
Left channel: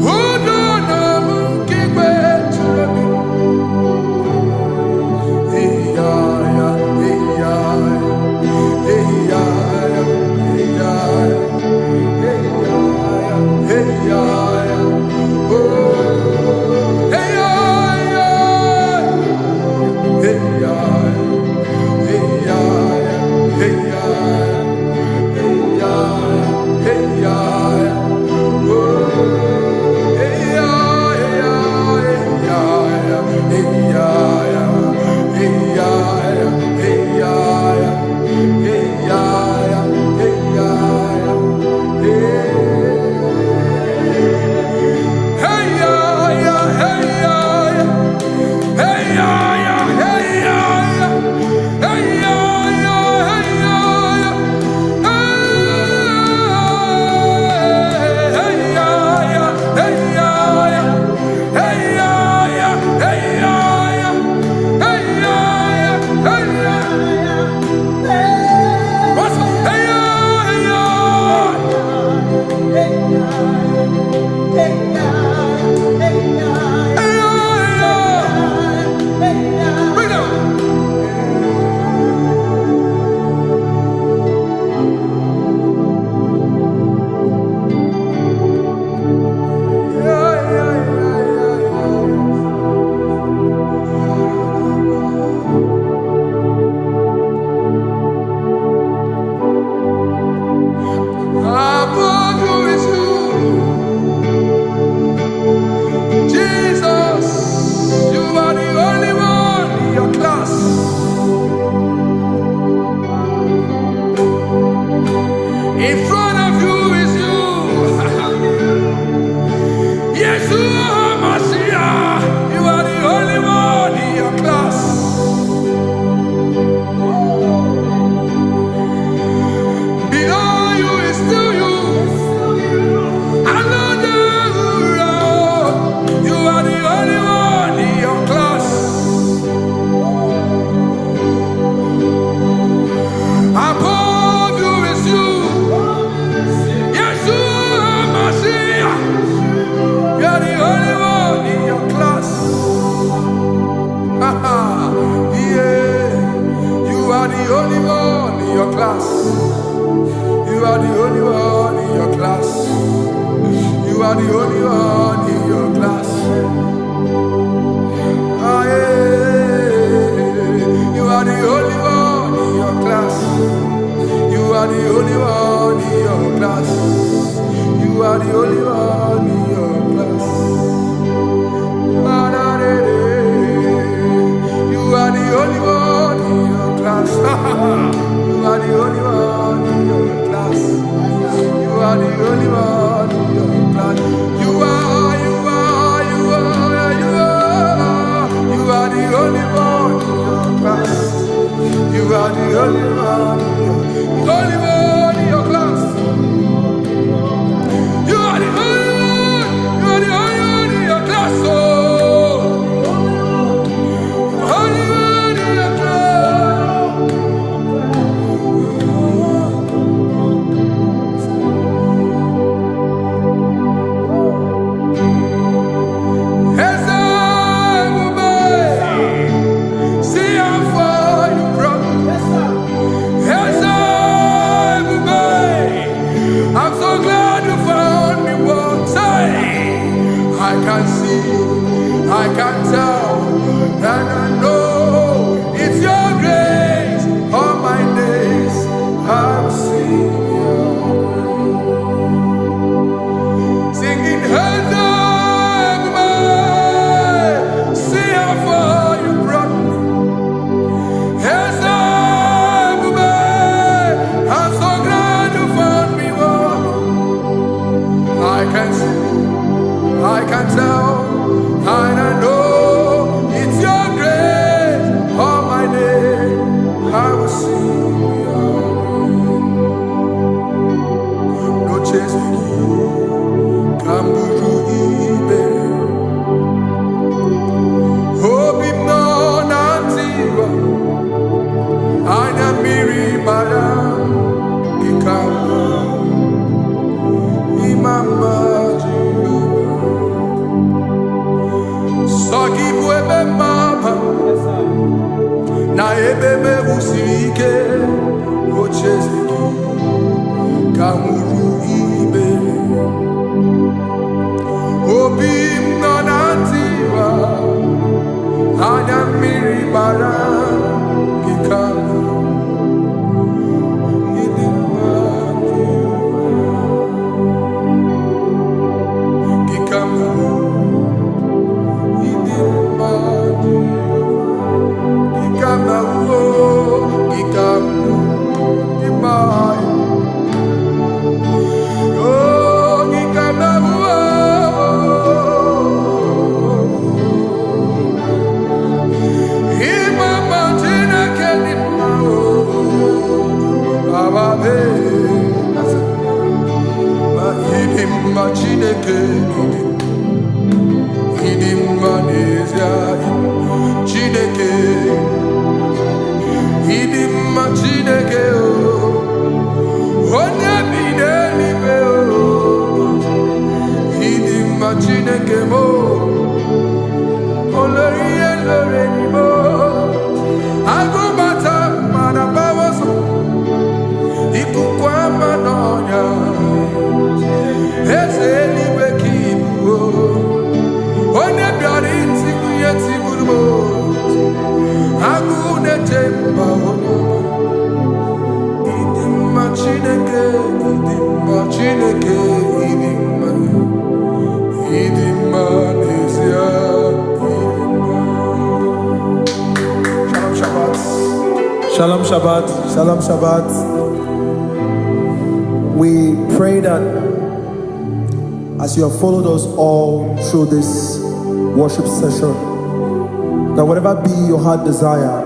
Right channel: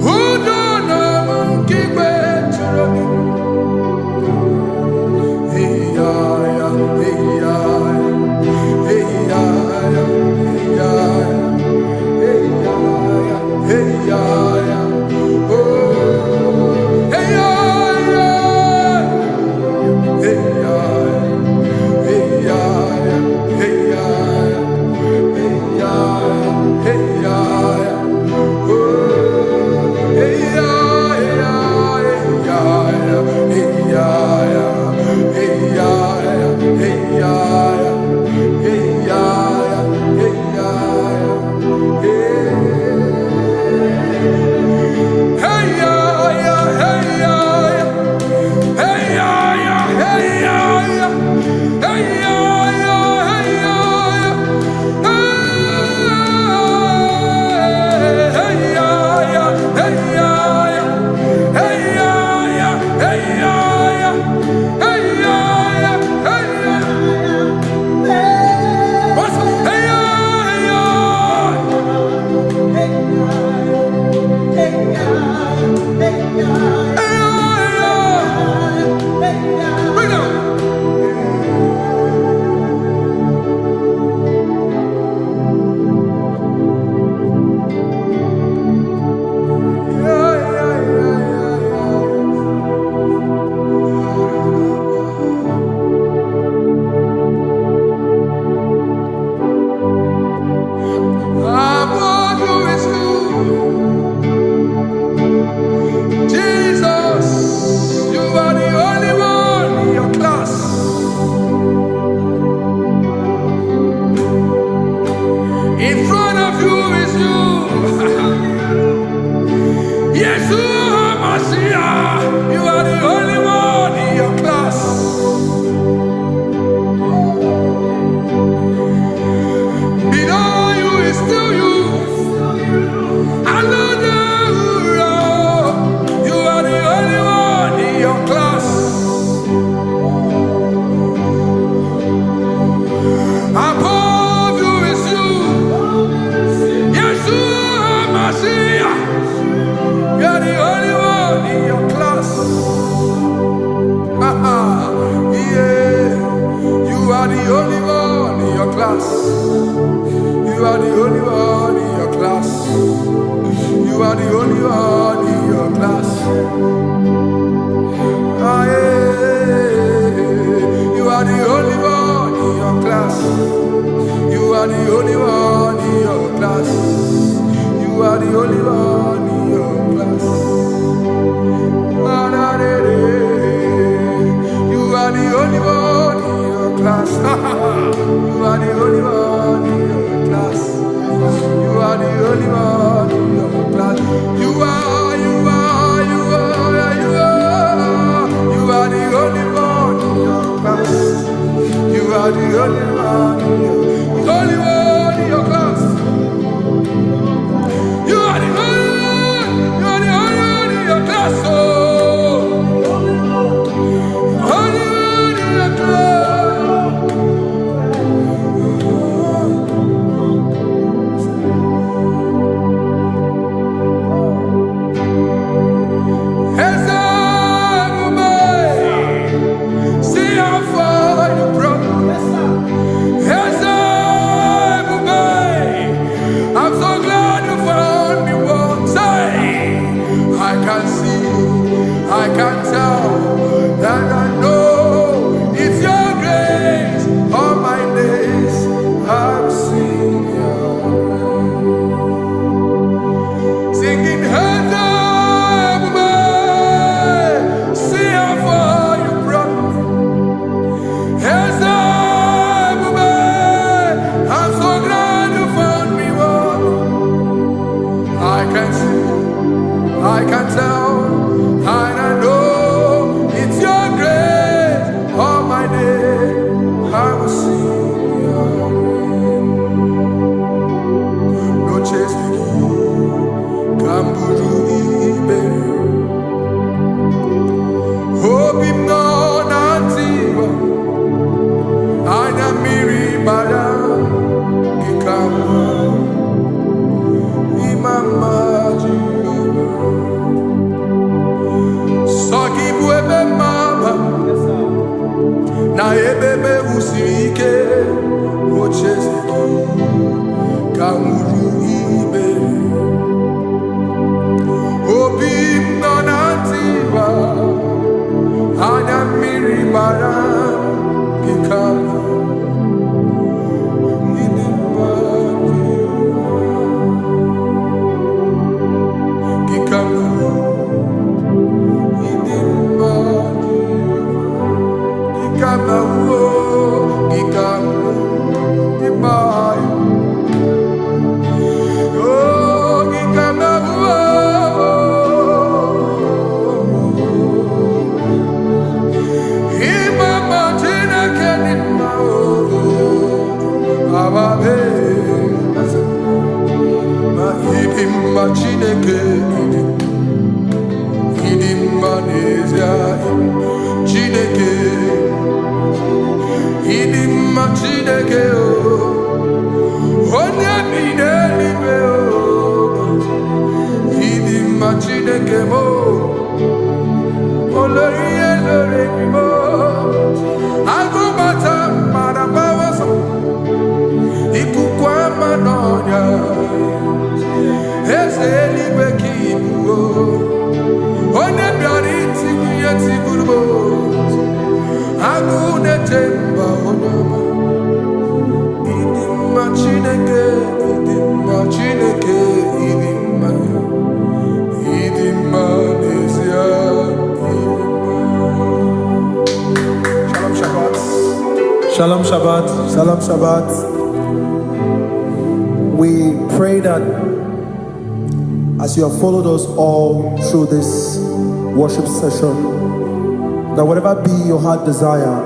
Udona Monkey Wechurobim. Hey ya ya, hey ya ya, hey ya ya, hey ya ya, hey ya ya, hey ya ya. Oh, hey ya ya, hey ya ya, hey ya ya, hey ya ya, hey ya ya, hey ya ya. Oh, hey ya ya, hey ya ya, hey ya ya, hey ya ya, hey ya ya, hey ya ya, hey ya ya, hey. Hey ya ya, hey ya ya, hey ya ya, hey ya ya, hey ya ya, hey ya ya, hey ya ya, hey ya ya, hey ya ya, hey ya ya, hey ya ya, hey ya ya. What's hey ya, hey ya? Bring it on. Above you is you, Jesus. You are the only one in your class. In front of you is you. Yes, you are Messiah. You are the only one in your class. Below you is still you. You are the only one in your class. Above you is you. Yes, you are Messiah. You are the only one in your class. Yeah. You are the only one in your class. You are the only one in your class. You are the only one in your class. Ah, yeah. You are the only one in your class. You are the only one in your class. You are the only one in your class. Ah, da, da, da. You are the only one in your class. You are the only one in your class. You are the only one in your class. You are, you are, you are, you are. You are the only one in your class. You are the only one in your, the only one in your class. You are the only one. You are the only one in your class. Oh, only one in your class. Ezebube. I can tell, and I know it's your grace. All my days I will sing your grace. Singing hands up, see how far you brought me. Hands up, I'm so glad you found me. I can see, I can tell, and I know it's your grace. All my day I will sing your grace. No chase again, Kamburu Iberi. Hope him no nantiwa, Anya Miri Baram, Gikamba. Mama Jehovah, Saki buebe maba, na ebe me usirike, ochezeki, kamuru ibere, obim nonantiwa, anya miri baram, gikama. Gikama, Chineke, onye bi n'eluigwe, idimma Chineke mo, olori ihe lore ni mo, agụbata mara bawaso, ikuku ama n'ọnya, eze eluigwe ka ibu, onye bịara itigbu ihe tigburu mo. Agune temba onama, idimma Chineke, idimma nezia, idimma. Shalom Shabbat. Shalom Shabbat. Shalom Shabbat. We pray that as you have followed us all through this worship session, that whatever be your heart desire,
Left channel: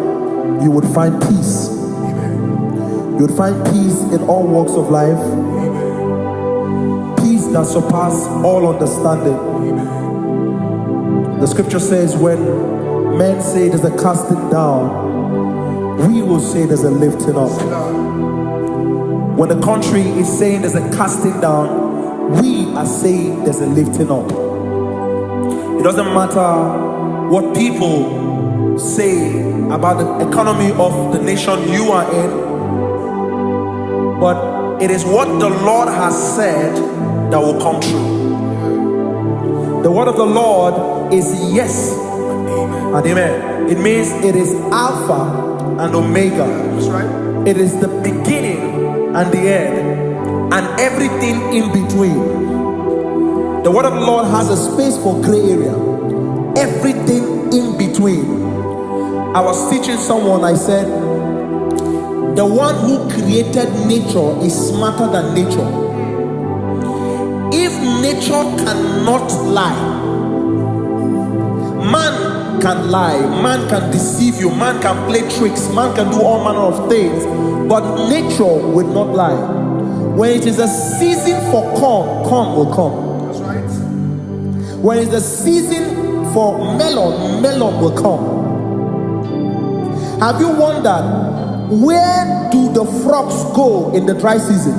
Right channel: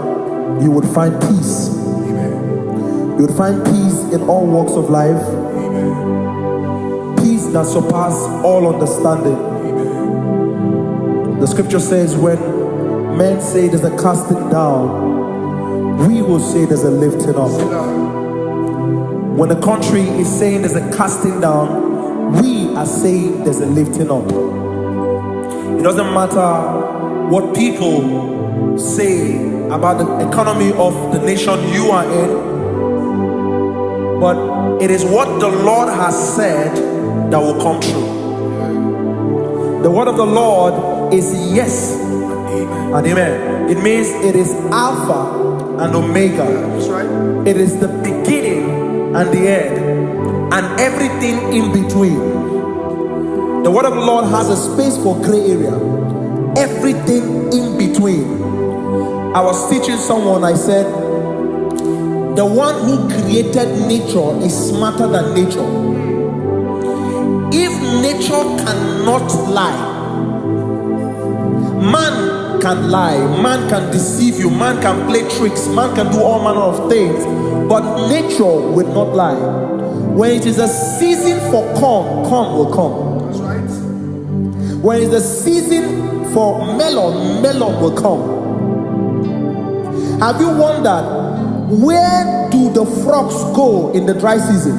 you would find peace. Amen. You would find peace in all walks of life. Amen. Peace that surpasses all understanding. Amen. The scripture says, when men say there's a casting down, we will say there's a lifting up. When the country is saying there's a casting down, we are saying there's a lifting up. It doesn't matter what people say about the economy of the nation you are in, but it is what the Lord has said that will come true. The word of the Lord is yes and amen. It means it is Alpha and Omega. That's right. It is the beginning and the end, and everything in between. The word of the Lord has a space for gray area. Everything in between. I was teaching someone, I said, the one who created nature is smarter than nature. If nature cannot lie, man can lie, man can deceive you, man can play tricks, man can do all manner of things, but nature will not lie. When it is a season for corn, corn will come. That's right. When it's the season for melon, melon will come. Have you wondered, where do the frogs go in the dry season?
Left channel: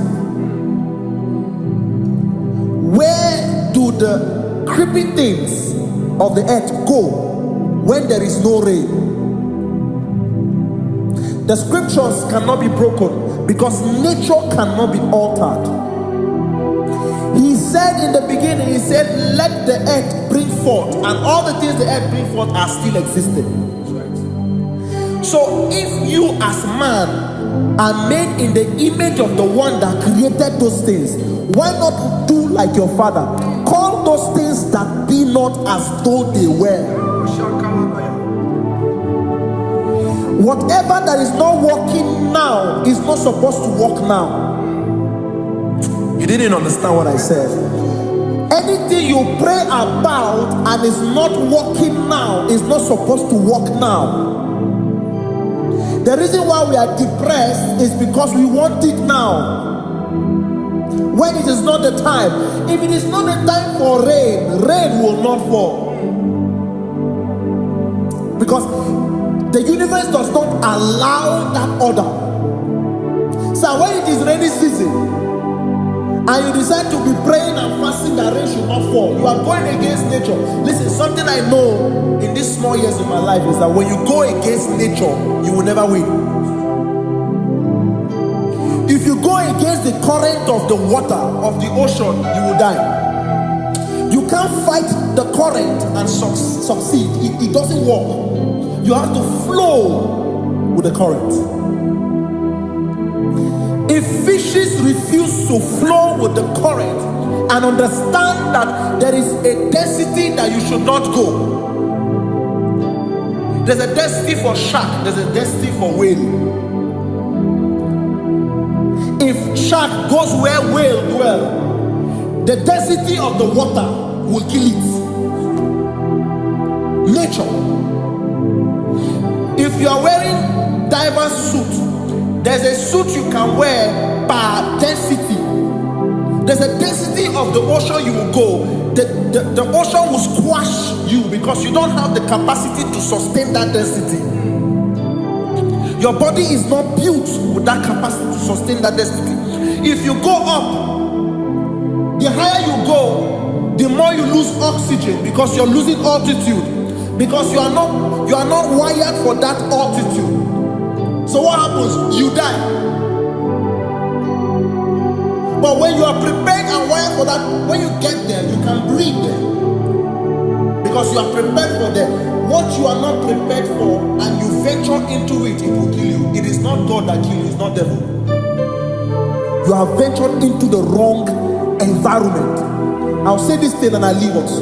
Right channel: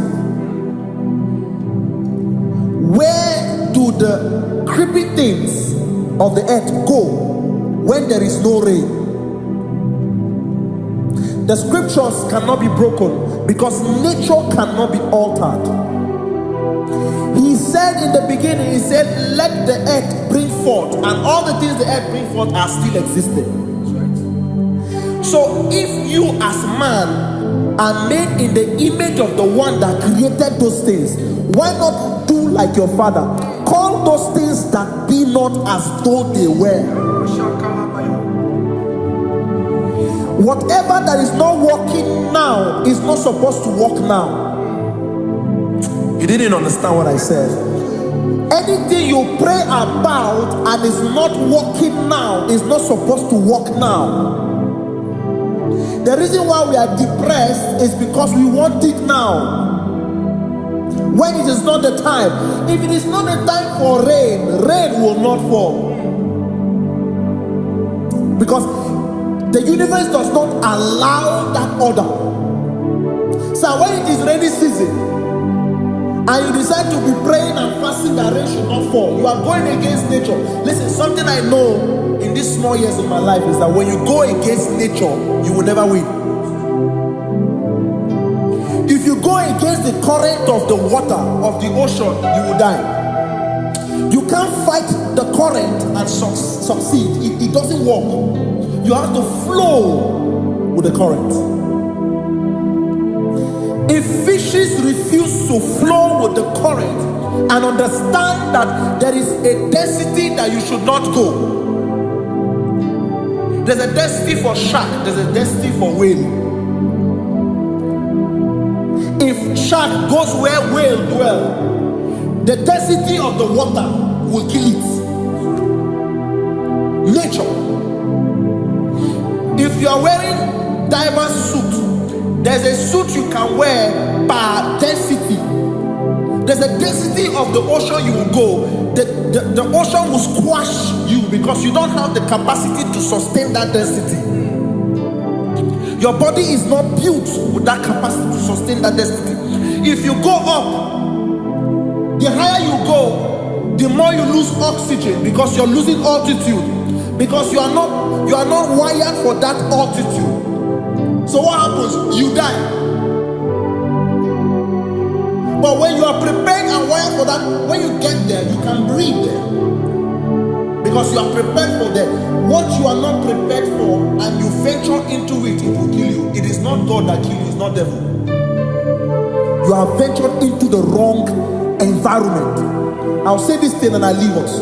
Where do the creepy things of the earth go when there is no rain? The scriptures cannot be broken because nature cannot be altered. He said said in the beginning, he said, let the earth bring forth, and all the things the earth bring forth are still existing. That's right. So if you as man are made in the image of the one that created those things, why not do like your father? Call those things that be not as though they were. Whatever that is not working now is not supposed to work now. You didn't understand what I said. Anything you pray about and is not working now is not supposed to work now. The reason why we are depressed is because we want it now, when it is not the time. If it is not the time for rain, rain will not fall, because the universe does not allow that order. So when it is rainy season and you decide to be praying and fasting that rain should not fall, you are going against nature. Listen, something I know in these small years in my life is that when you go against nature, you will never win. If you go against the current of the water of the ocean, you will die. You can't fight the current and succeed. It doesn't work. You have to flow with the current. If fishes refuse to flow with the current and understand that there is a density that you should not go, there's a density for shark, there's a density for whale. If shark goes where whale dwell, the density of the water will kill it. Nature. If you are wearing diverse suit, there's a suit you can wear per density. There's a density of the ocean you will go. The ocean will squash you because you don't have the capacity to sustain that density. Your body is not built with that capacity to sustain that density. If you go up, the higher you go, the more you lose oxygen because you're losing altitude, because you are not wired for that altitude. So what happens? You die. But when you are prepared and wired for that, when you get there, you can breathe there, because you are prepared for that. What you are not prepared for and you venture into it, it will kill you. It is not God that kills you, it's not devil. You have ventured into the wrong environment. I'll say this thing and I leave us.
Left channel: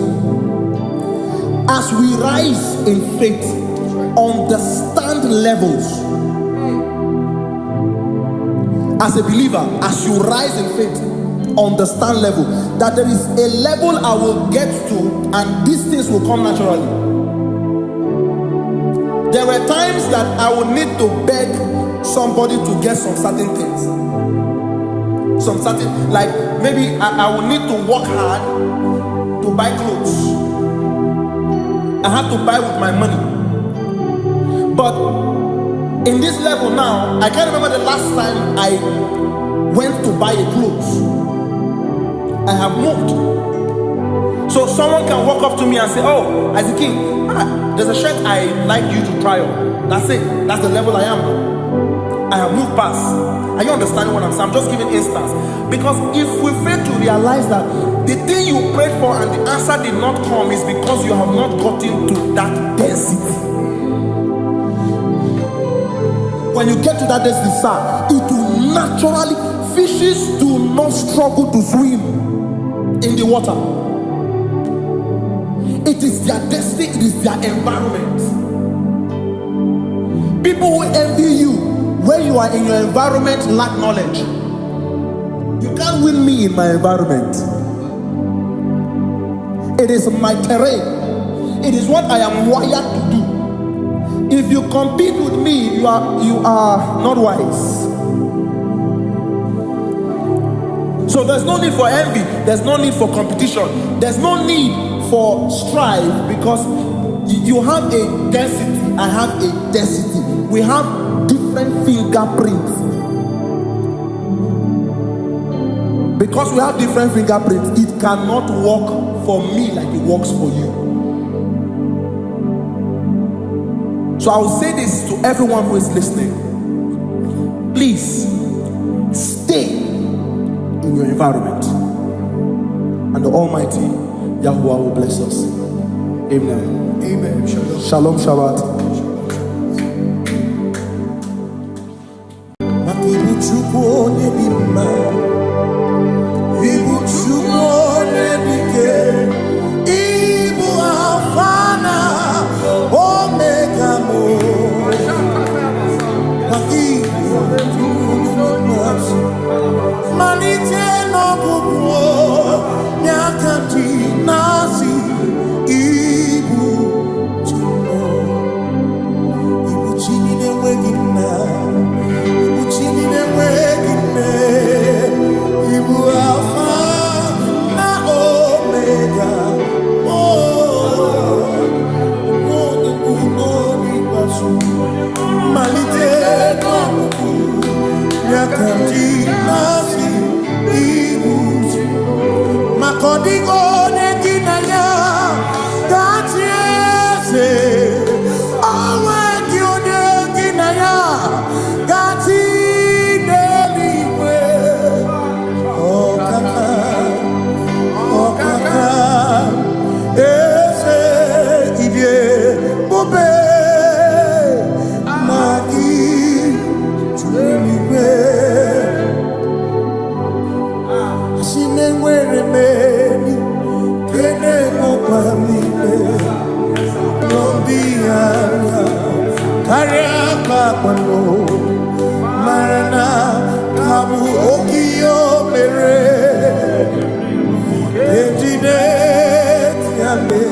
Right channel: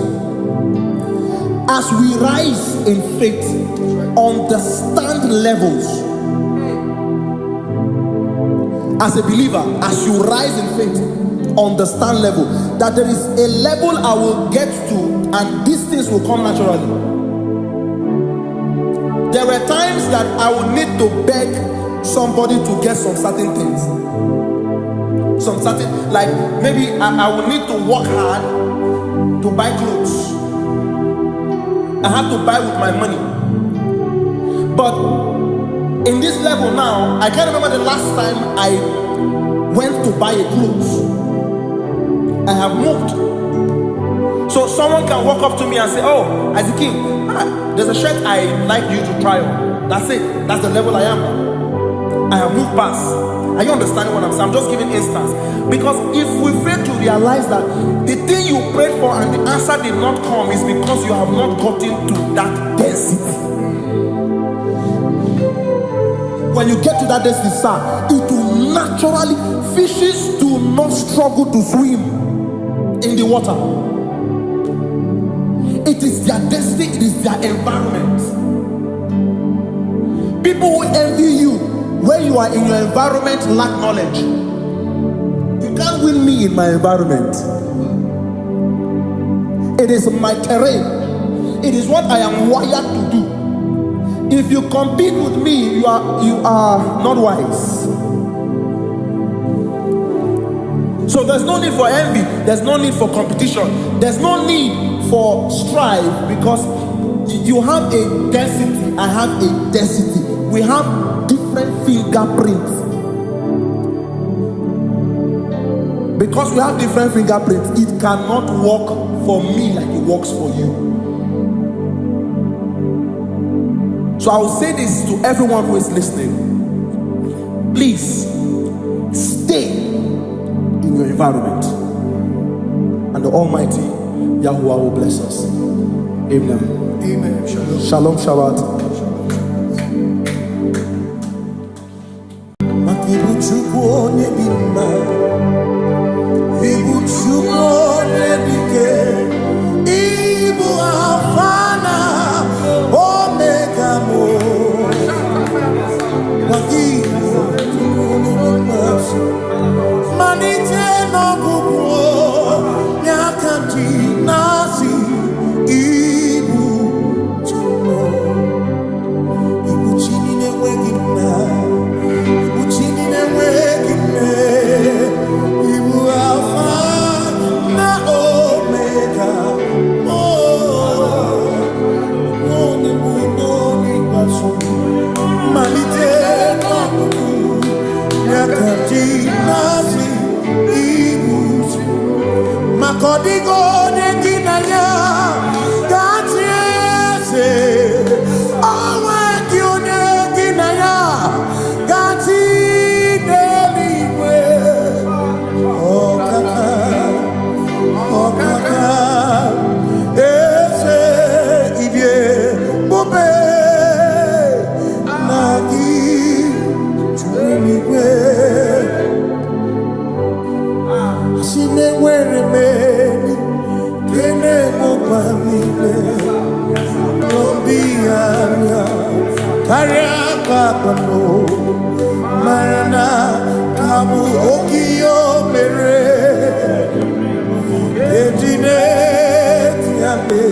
As we rise in faith, understand levels. As a believer, as you rise in faith, understand level. That there is a level I will get to and these things will come naturally. There were times that I would need to beg somebody to get some certain things. Some certain, like maybe I would need to work hard to buy clothes. I had to buy with my money. But in this level now, I can't remember the last time I went to buy a clothes. I have moved. So someone can walk up to me and say, oh, Isaac King, there's a shirt I like you to try on. That's it. That's the level I am now. I have moved past. Are you understanding what I'm saying? I'm just giving instance. Because if we fail to realize that the thing you prayed for and the answer did not come is because you have not gotten to that density. When you get to that density, sir, it will naturally, fishes do not struggle to swim in the water. It is their destiny, it is their environment. People who envy you when you are in your environment lack knowledge. You can't win me in my environment. It is my terrain. It is what I am wired to do. If you compete with me, you are not wise. So there's no need for envy. There's no need for competition. There's no need for strife, because you have a density, I have a density. We have different fingerprints. Because we have different fingerprints, it cannot work for me like it works for you. So I will say this to everyone who is listening. Please stay in your environment. and the Almighty Yahuwah will bless us. Amen. Amen. Shalom. Shalom Shabbat. Makibu chukwu onye dị mma, ibu chukwu onye dike, ibu Alpha na Omega mo. Makibu chukwu onye dị mma, malite n'ọgwụgwụ nyakanti nasi, ibu chukwu, ibu chini n'enweghị nna. Chini n'enweghị nne, ibu Alpha na Omega, onye mbụ n'ikpeazụ, malite n'ọgwụgwụ ya ka ndị na-asị ibu maka ọ dịghị onye gị na ya ga-achị eze, onwe gị onye gị na ya ga-achị n'eluigwe. Ọkaka eze ibie bube na gị juru eluigwe. Asị m enwere m enyi kene mụkwa m niile n'obi anya karịa kpakpando, mara na ka bụ oke ihe o mere ejide tiale.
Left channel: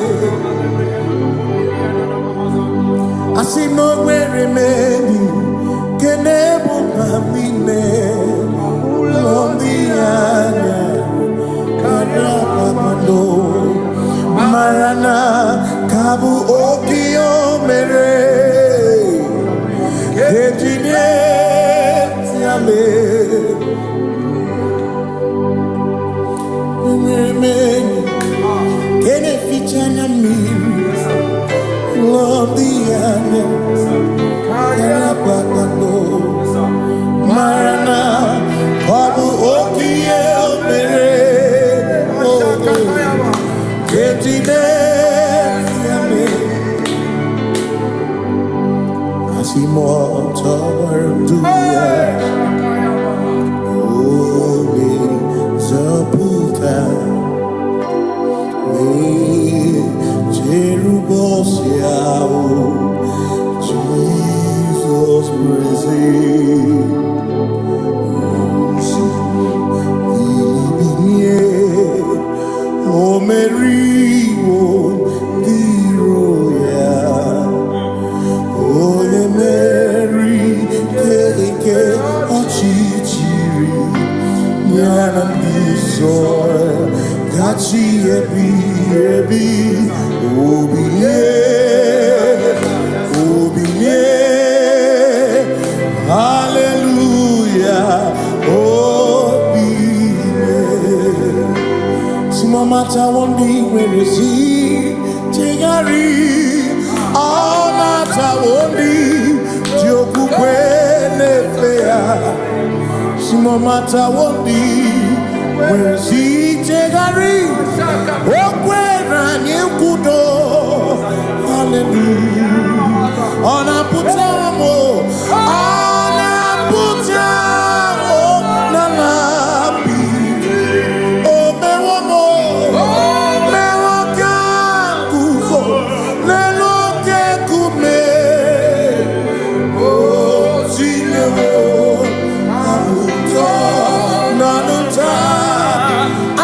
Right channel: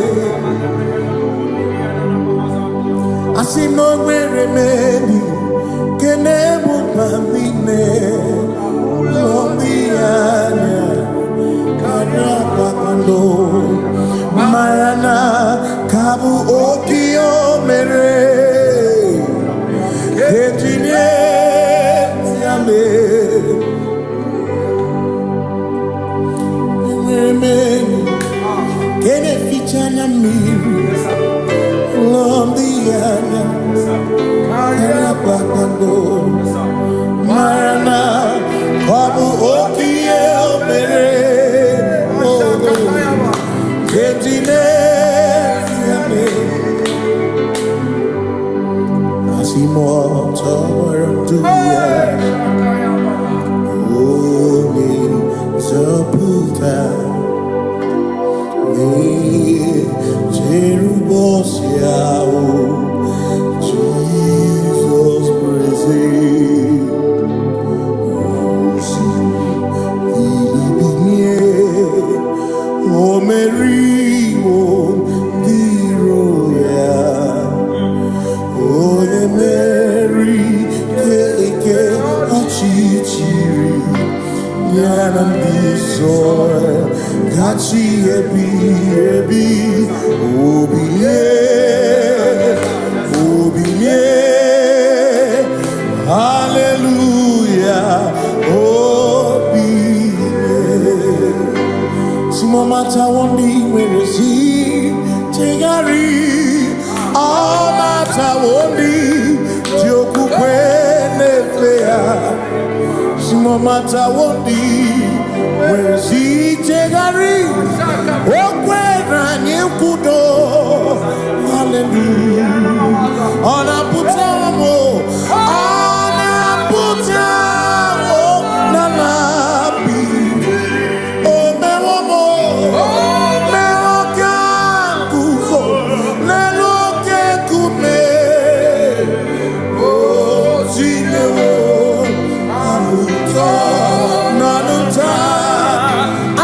Asị na o nwere m enyi kene mụkwa m niile n'obi anya karịa kpakpando, mara na ka bụ oke ihe o mere ejide tiale. Enwere m enyi kene ficha anya mmiri n'obi anya karịa kpakpando, mara na ọ bụ oke ihe o mere ejide tiale. Asị m ọtọ gbara ndụ ya, onye nzọpụta na-echere ụbọchị ahụ Jizọs bụ eze. Bilibinie o meriwo ndị iro ya, onye meri ike ọchịchịrị ya na ndị nsọ gachi ebi ebi. Obilie obilie, hallelujah, obilie. Simomata wondi nwere si chegharị, ọmata wondi ji okwukwe na-efe ya. Simomata wondi nwere si chegharị, o kwere anyị nkwudo, hallelujah. Ọ na-apụta m, ọ na-apụta n'ala bi, o mewo m, mewo ka nguzo n'elu oke nkume, o tinyewo abụtọ n'ọnụta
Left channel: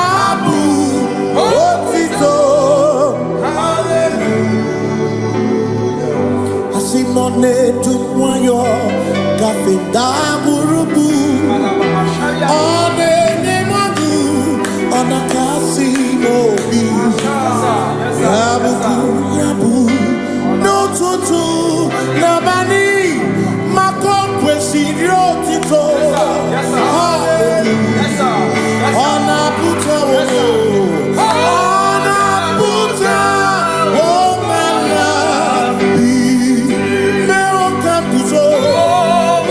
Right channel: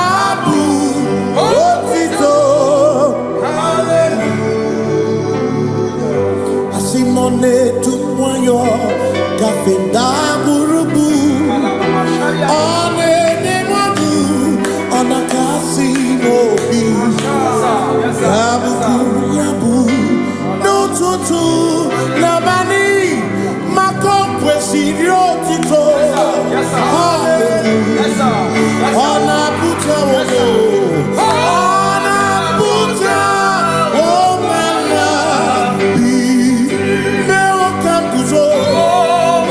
abụ otito. Asị m nọ na-etu nwayọ gafe ndagwurugwu, ọ na-enye mmadụ, ọ na-akasị m obi. Ya bụkwuru ya bụ n'ụtụtụ n'abalị, maka o kwesịrị otito. Hallelujah. Ọ na-apụta onye, ọ na-apụta omela bi, mewo ka nguzo,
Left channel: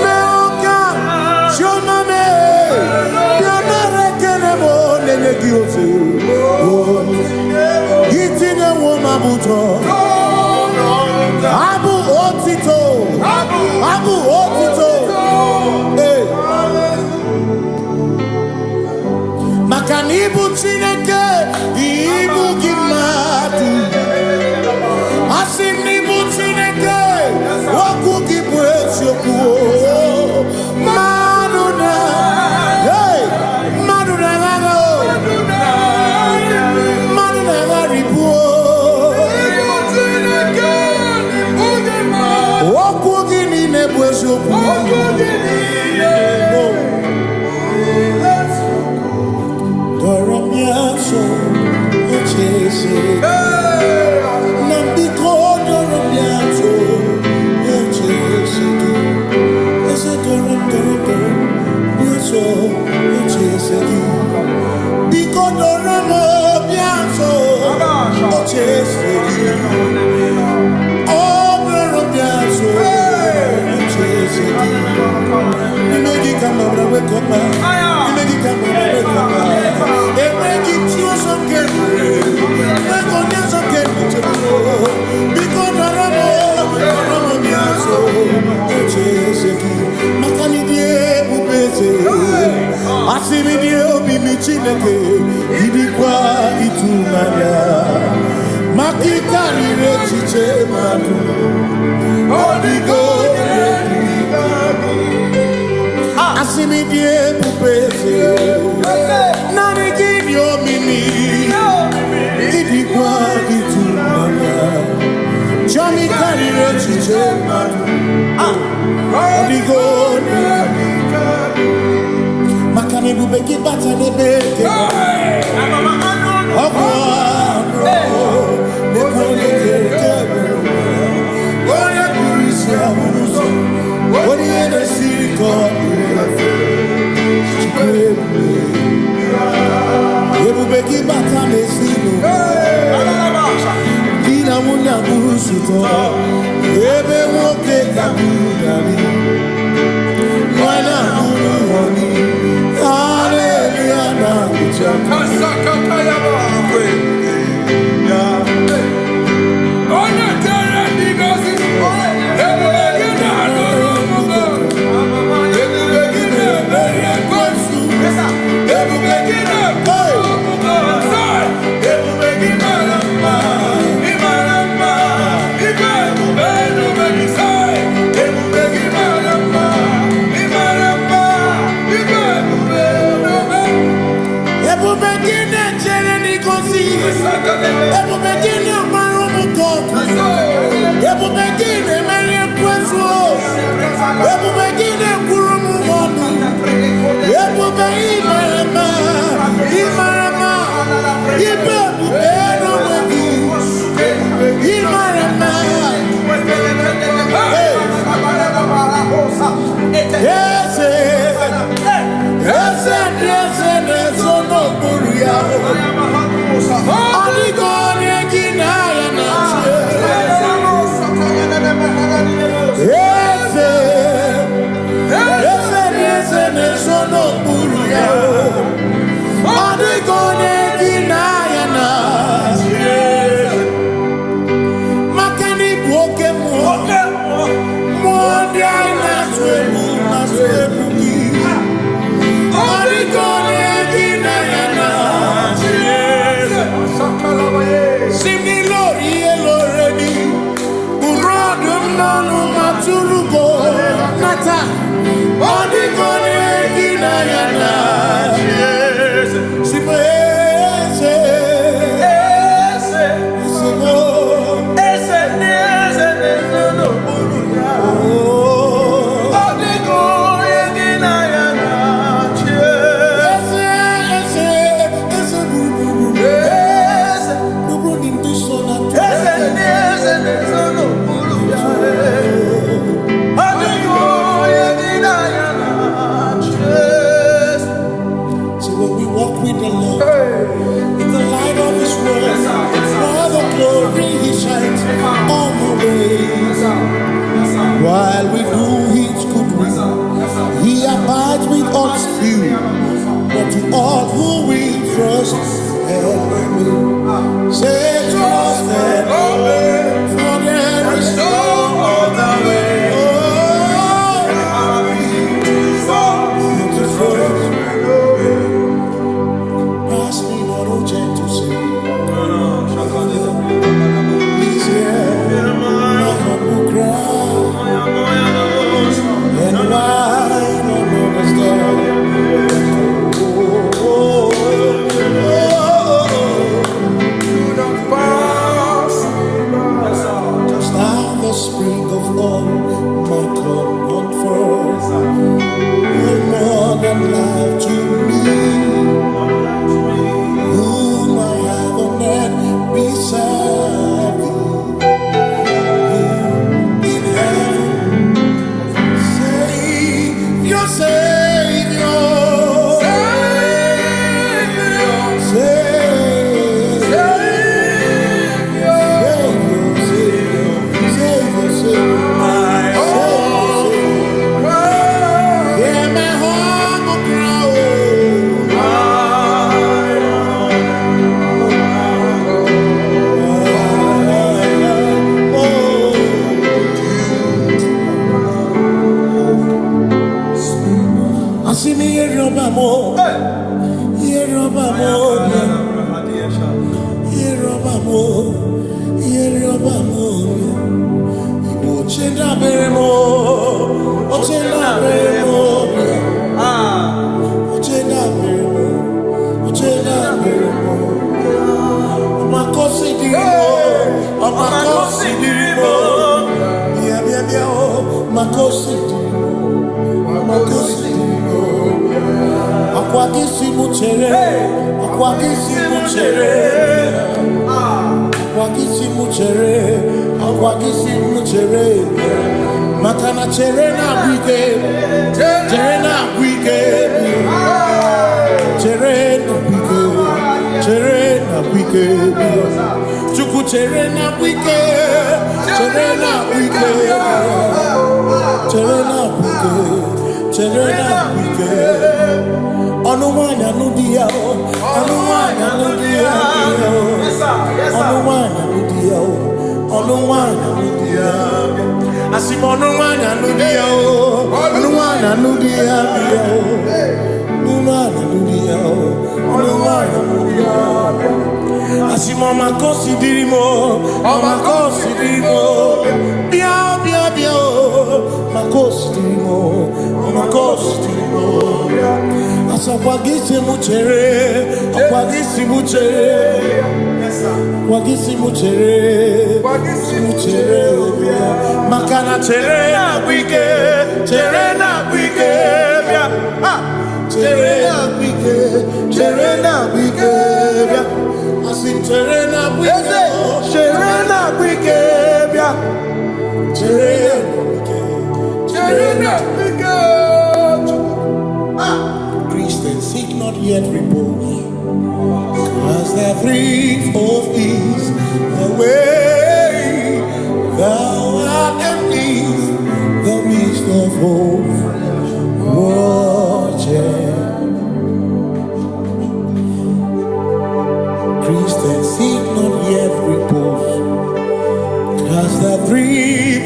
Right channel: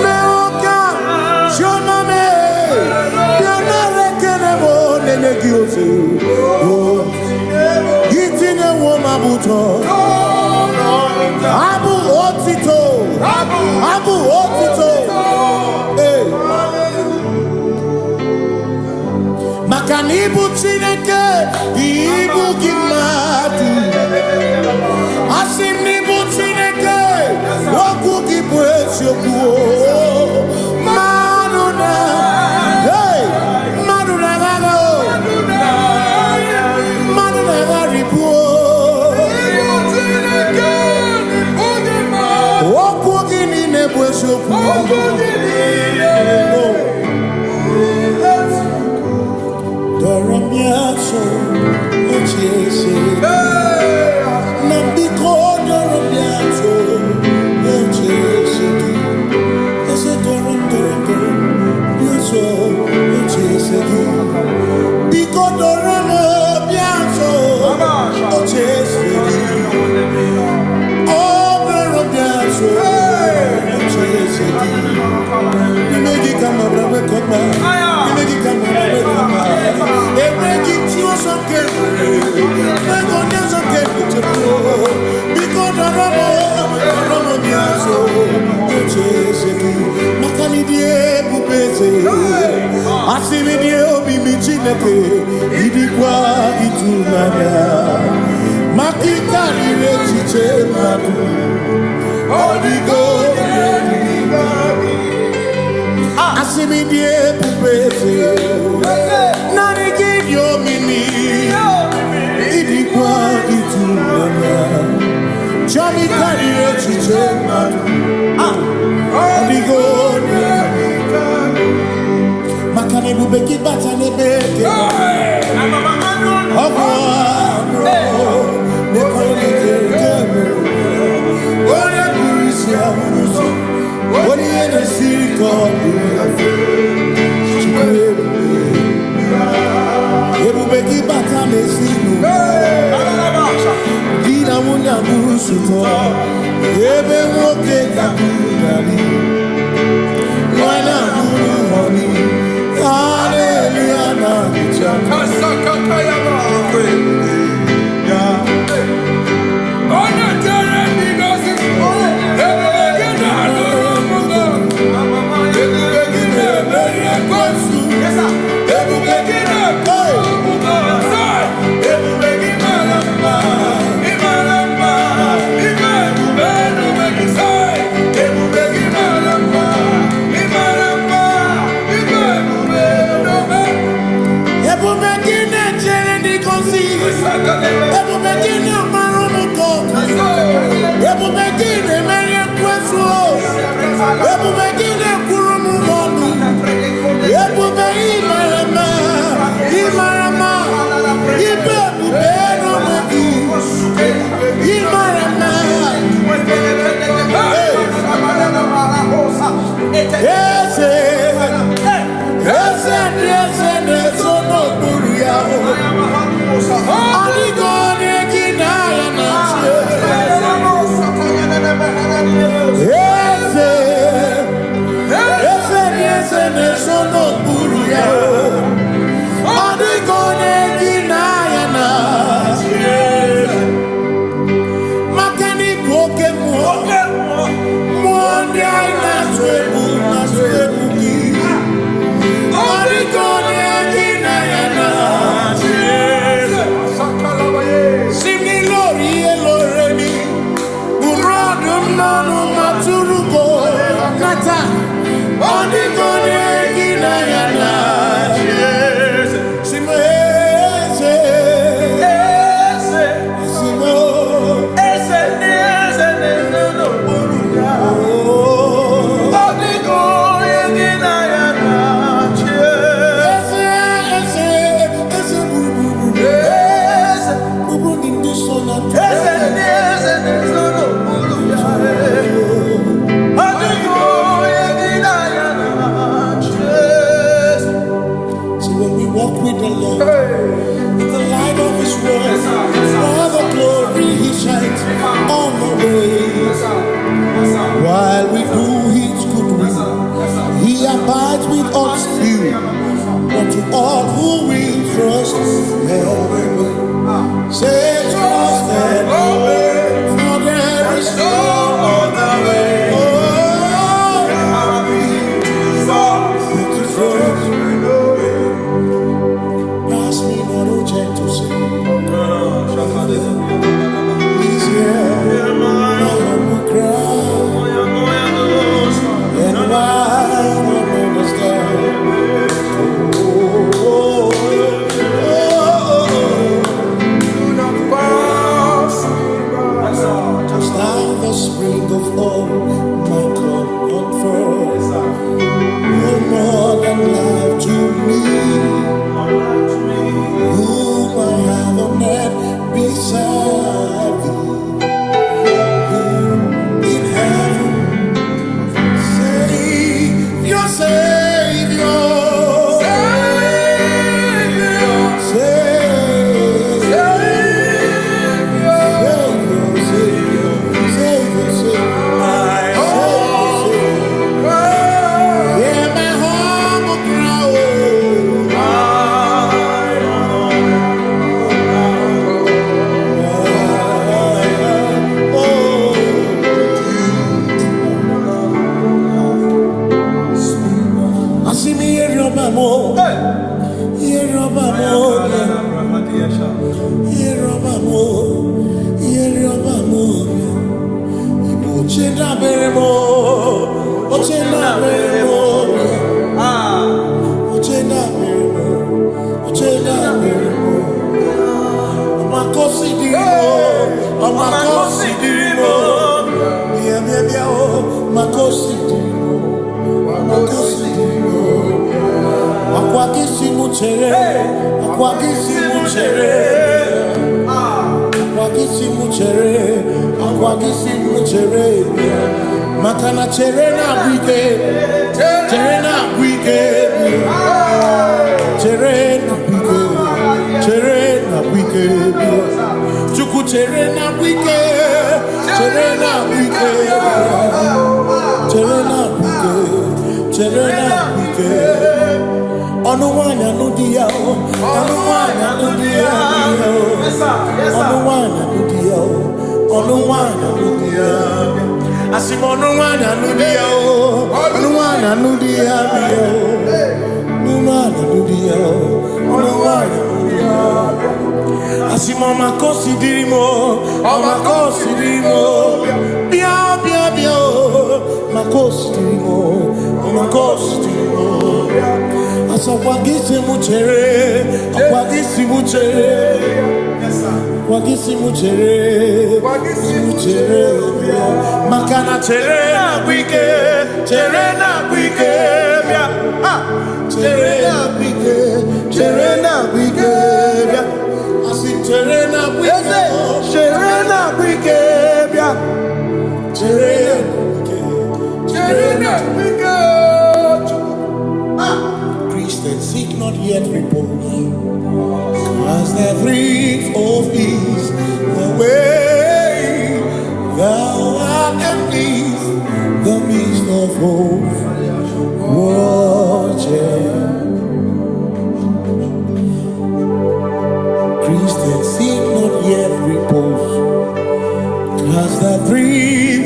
mewo ka chioname, bịanara ekele m nenye gị Kyoto. Eating a woman buto. Abu Otito. Abu Otito. Hey. Makanibu Chineke. Ibu Gimatu. Asinibu Chineke. Waku Gibwes Yoku. Maduna. Hey. Maduna. Maduna Ribu. Doramiaso, Ochese, Nambiko, Doramiaso, Ochese, Ese Doram, Biaso, Ochese, Biko Doramiaso, Ochese, Oh, Doramiaso. You make it come up, wake up, you make it come up, wake up, and make it you some game, make on them some game to blow, because the Ramo Biaso, Cheseki, Macanidie, Bubese, Asimidio, Bimichineke, Idikwa, Itunaya, Makikari, Rechiche, Madu. Odigo, Asimidie Pupese, Nani give your mimi, Idikwa Itunanya, Chami Karire Chiche Matu, Odigo, Makane Bubeki Batanebe, Ogwa, what you in the city called Ebubeki Batame Sinu Dina Muna Busuto Ebe Woke Kabudali Wana Muru Honi Hallelujah Kasaka Kayaba When we walk with the Lord, in the light of His word, for the glory He shines on the way. While we do His good will, He abides with us still. But to all who will trust and obey. Say trust and obey, for there is no other way. Oh, to trust and obey. Pass me not, oh gentle Savior. Please hear my humble cry. And why not understand? Do not pass just now the spring of all my cup unfurls. You're more than life to me, whom I have on net beside thee. In heaven, Savior, Savior, Ochenda beremo, ochenda beremo, ochenda beremo, ochenda beremo. Amakosi dirimo, amakosi dirimo. Bia bia bia oh, makosi dirimo, amakosi dirimo. Akwagisi muchere, akwagisi muchere, akwagisi muchere. Akwagisi muchere, makana chere na bwike, chere na bwike, chere na bwike, chere na bwike, chuku chere na bwike, chere na bwike, chere na bwike, chere na bwike. Onuwanya nudia o, onuwanya nudia o, onuwanya nudia o. Onuwana nudia, asim onuwana nudia o, onuwana nudia bio, onuwana nudia o, onuwana nudia. Asim omakosi dirimo, omakosi dirimo, bia bia bia o, makosi dirimo, omakosi dirimo. Asakwagisi muchere, akwagisi muchere. Wagisi muchere, makana chere na bwike, chere na bwike, chere na bwike, chere na bwike, asim chere na bwike, chere na bwike, chere na bwike. Christians seek not yet repose, as the brief of ease, the way thou art amidst the midst of hope, watching. Christians seek not yet repose, cast the brief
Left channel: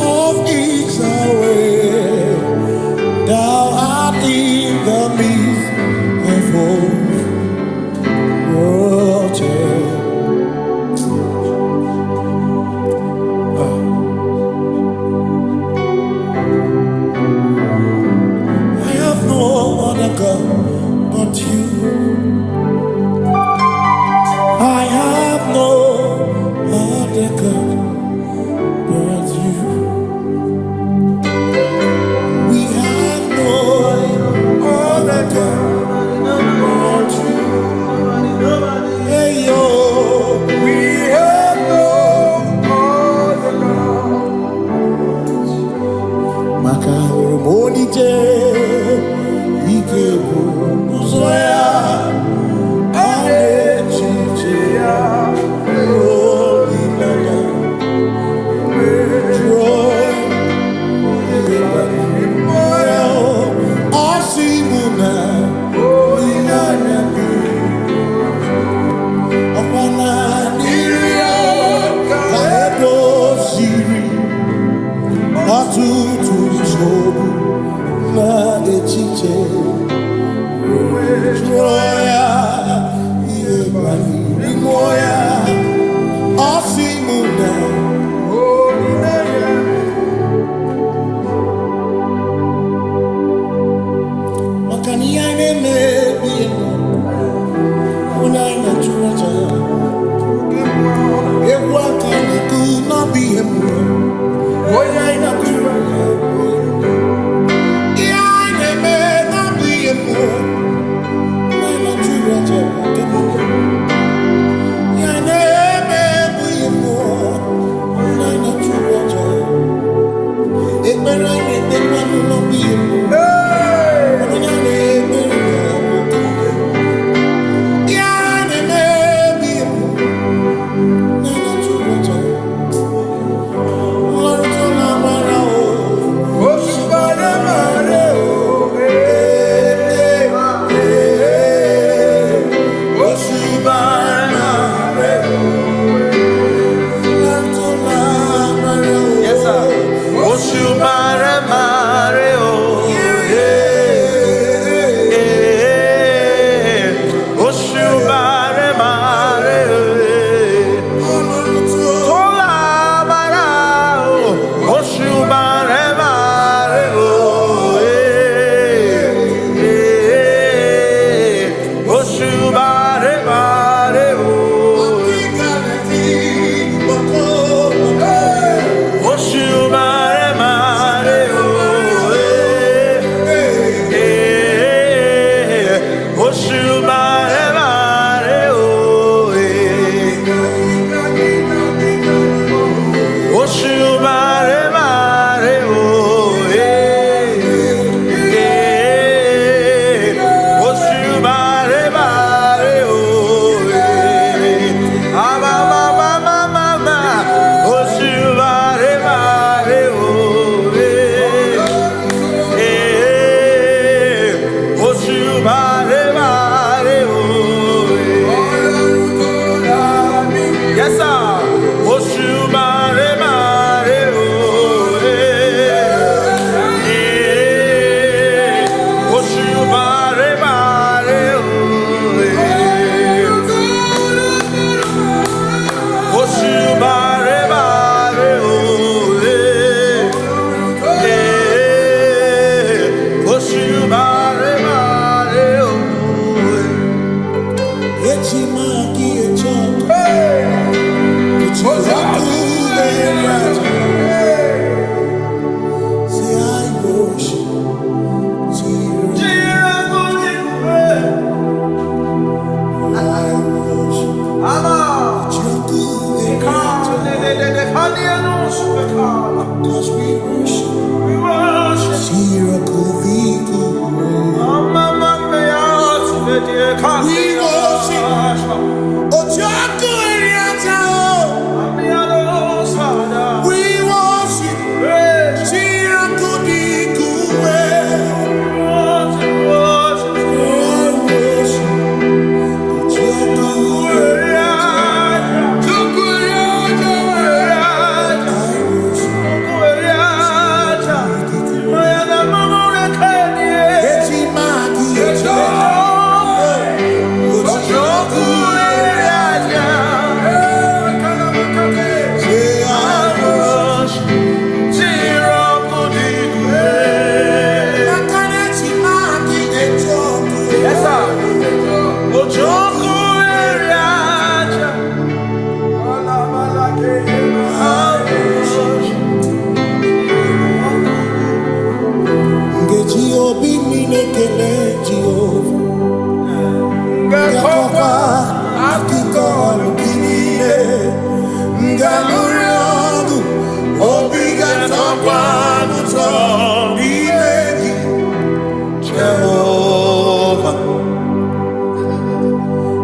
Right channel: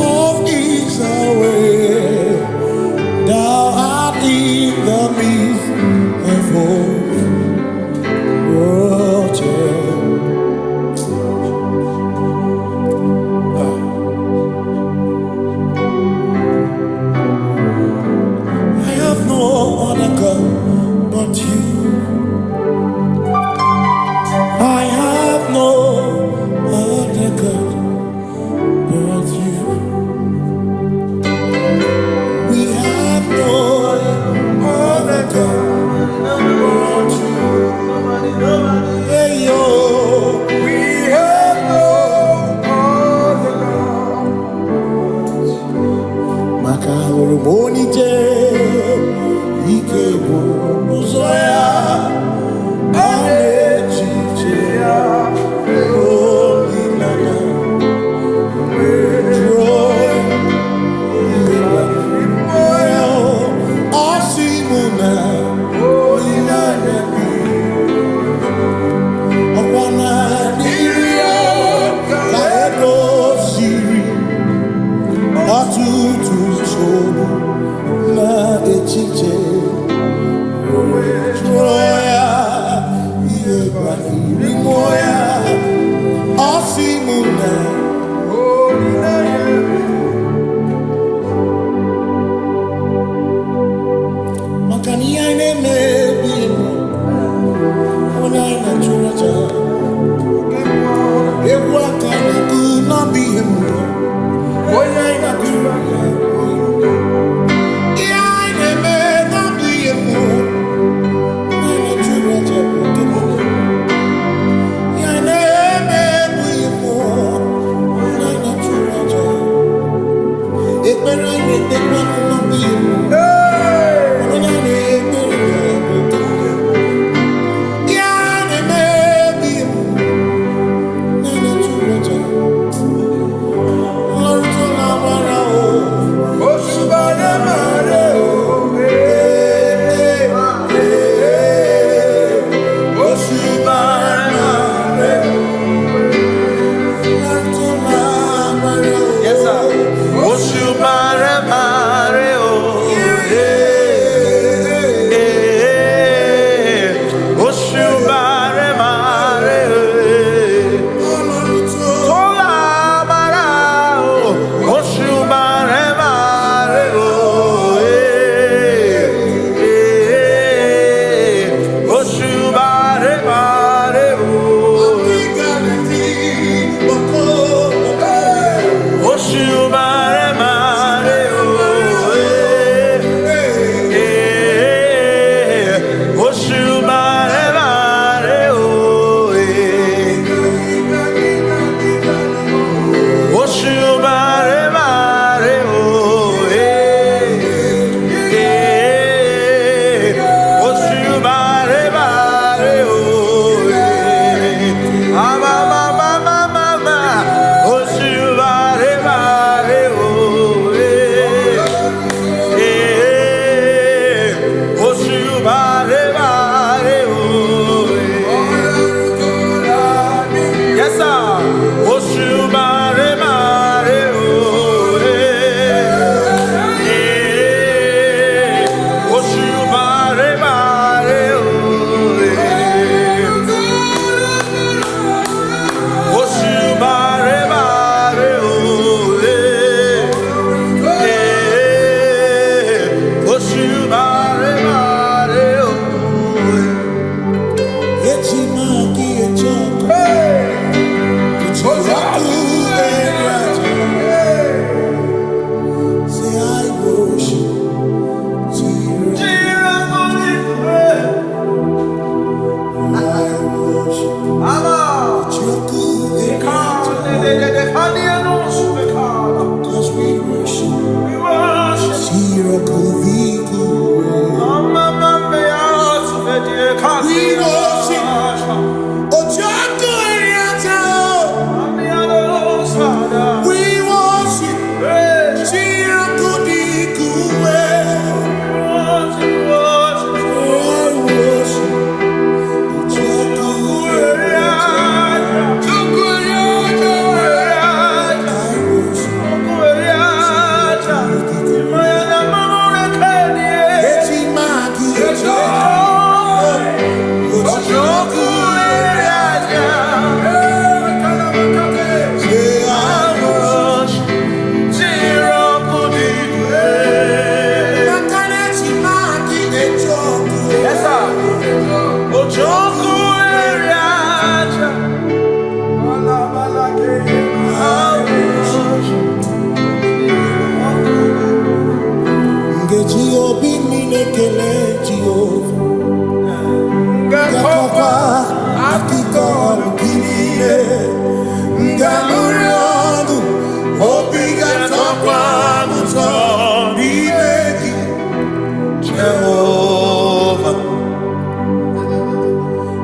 of ease away. Thou art in the midst of hope. I have no other God but you. I have no other God but you. We have no other God but you. Hey yo, we have no other God. Maka hormoni je, ike buzoya, ane chicheya, roli nana, joy, osimuna, Ekwana nirio kaedo siri atutu sobu na echiche joya iebani rimoya asimuna makani ine mebi emo onya ina churaja egwa kana ku na bi emo onya ina churaja ya ine me na bi emo na ina churaja okemo ya ine me bu emo na ina churaja ekpera ine te kwanu na bi emo onya ine ekpera Cause we worship. We worship. Ojaku Eriata. We worship. Chirakudikuwe. Obi minekele Jehova Ngakokwa akiko alukine Ngalurionu Obi gatokwa muto Nimegi Jehova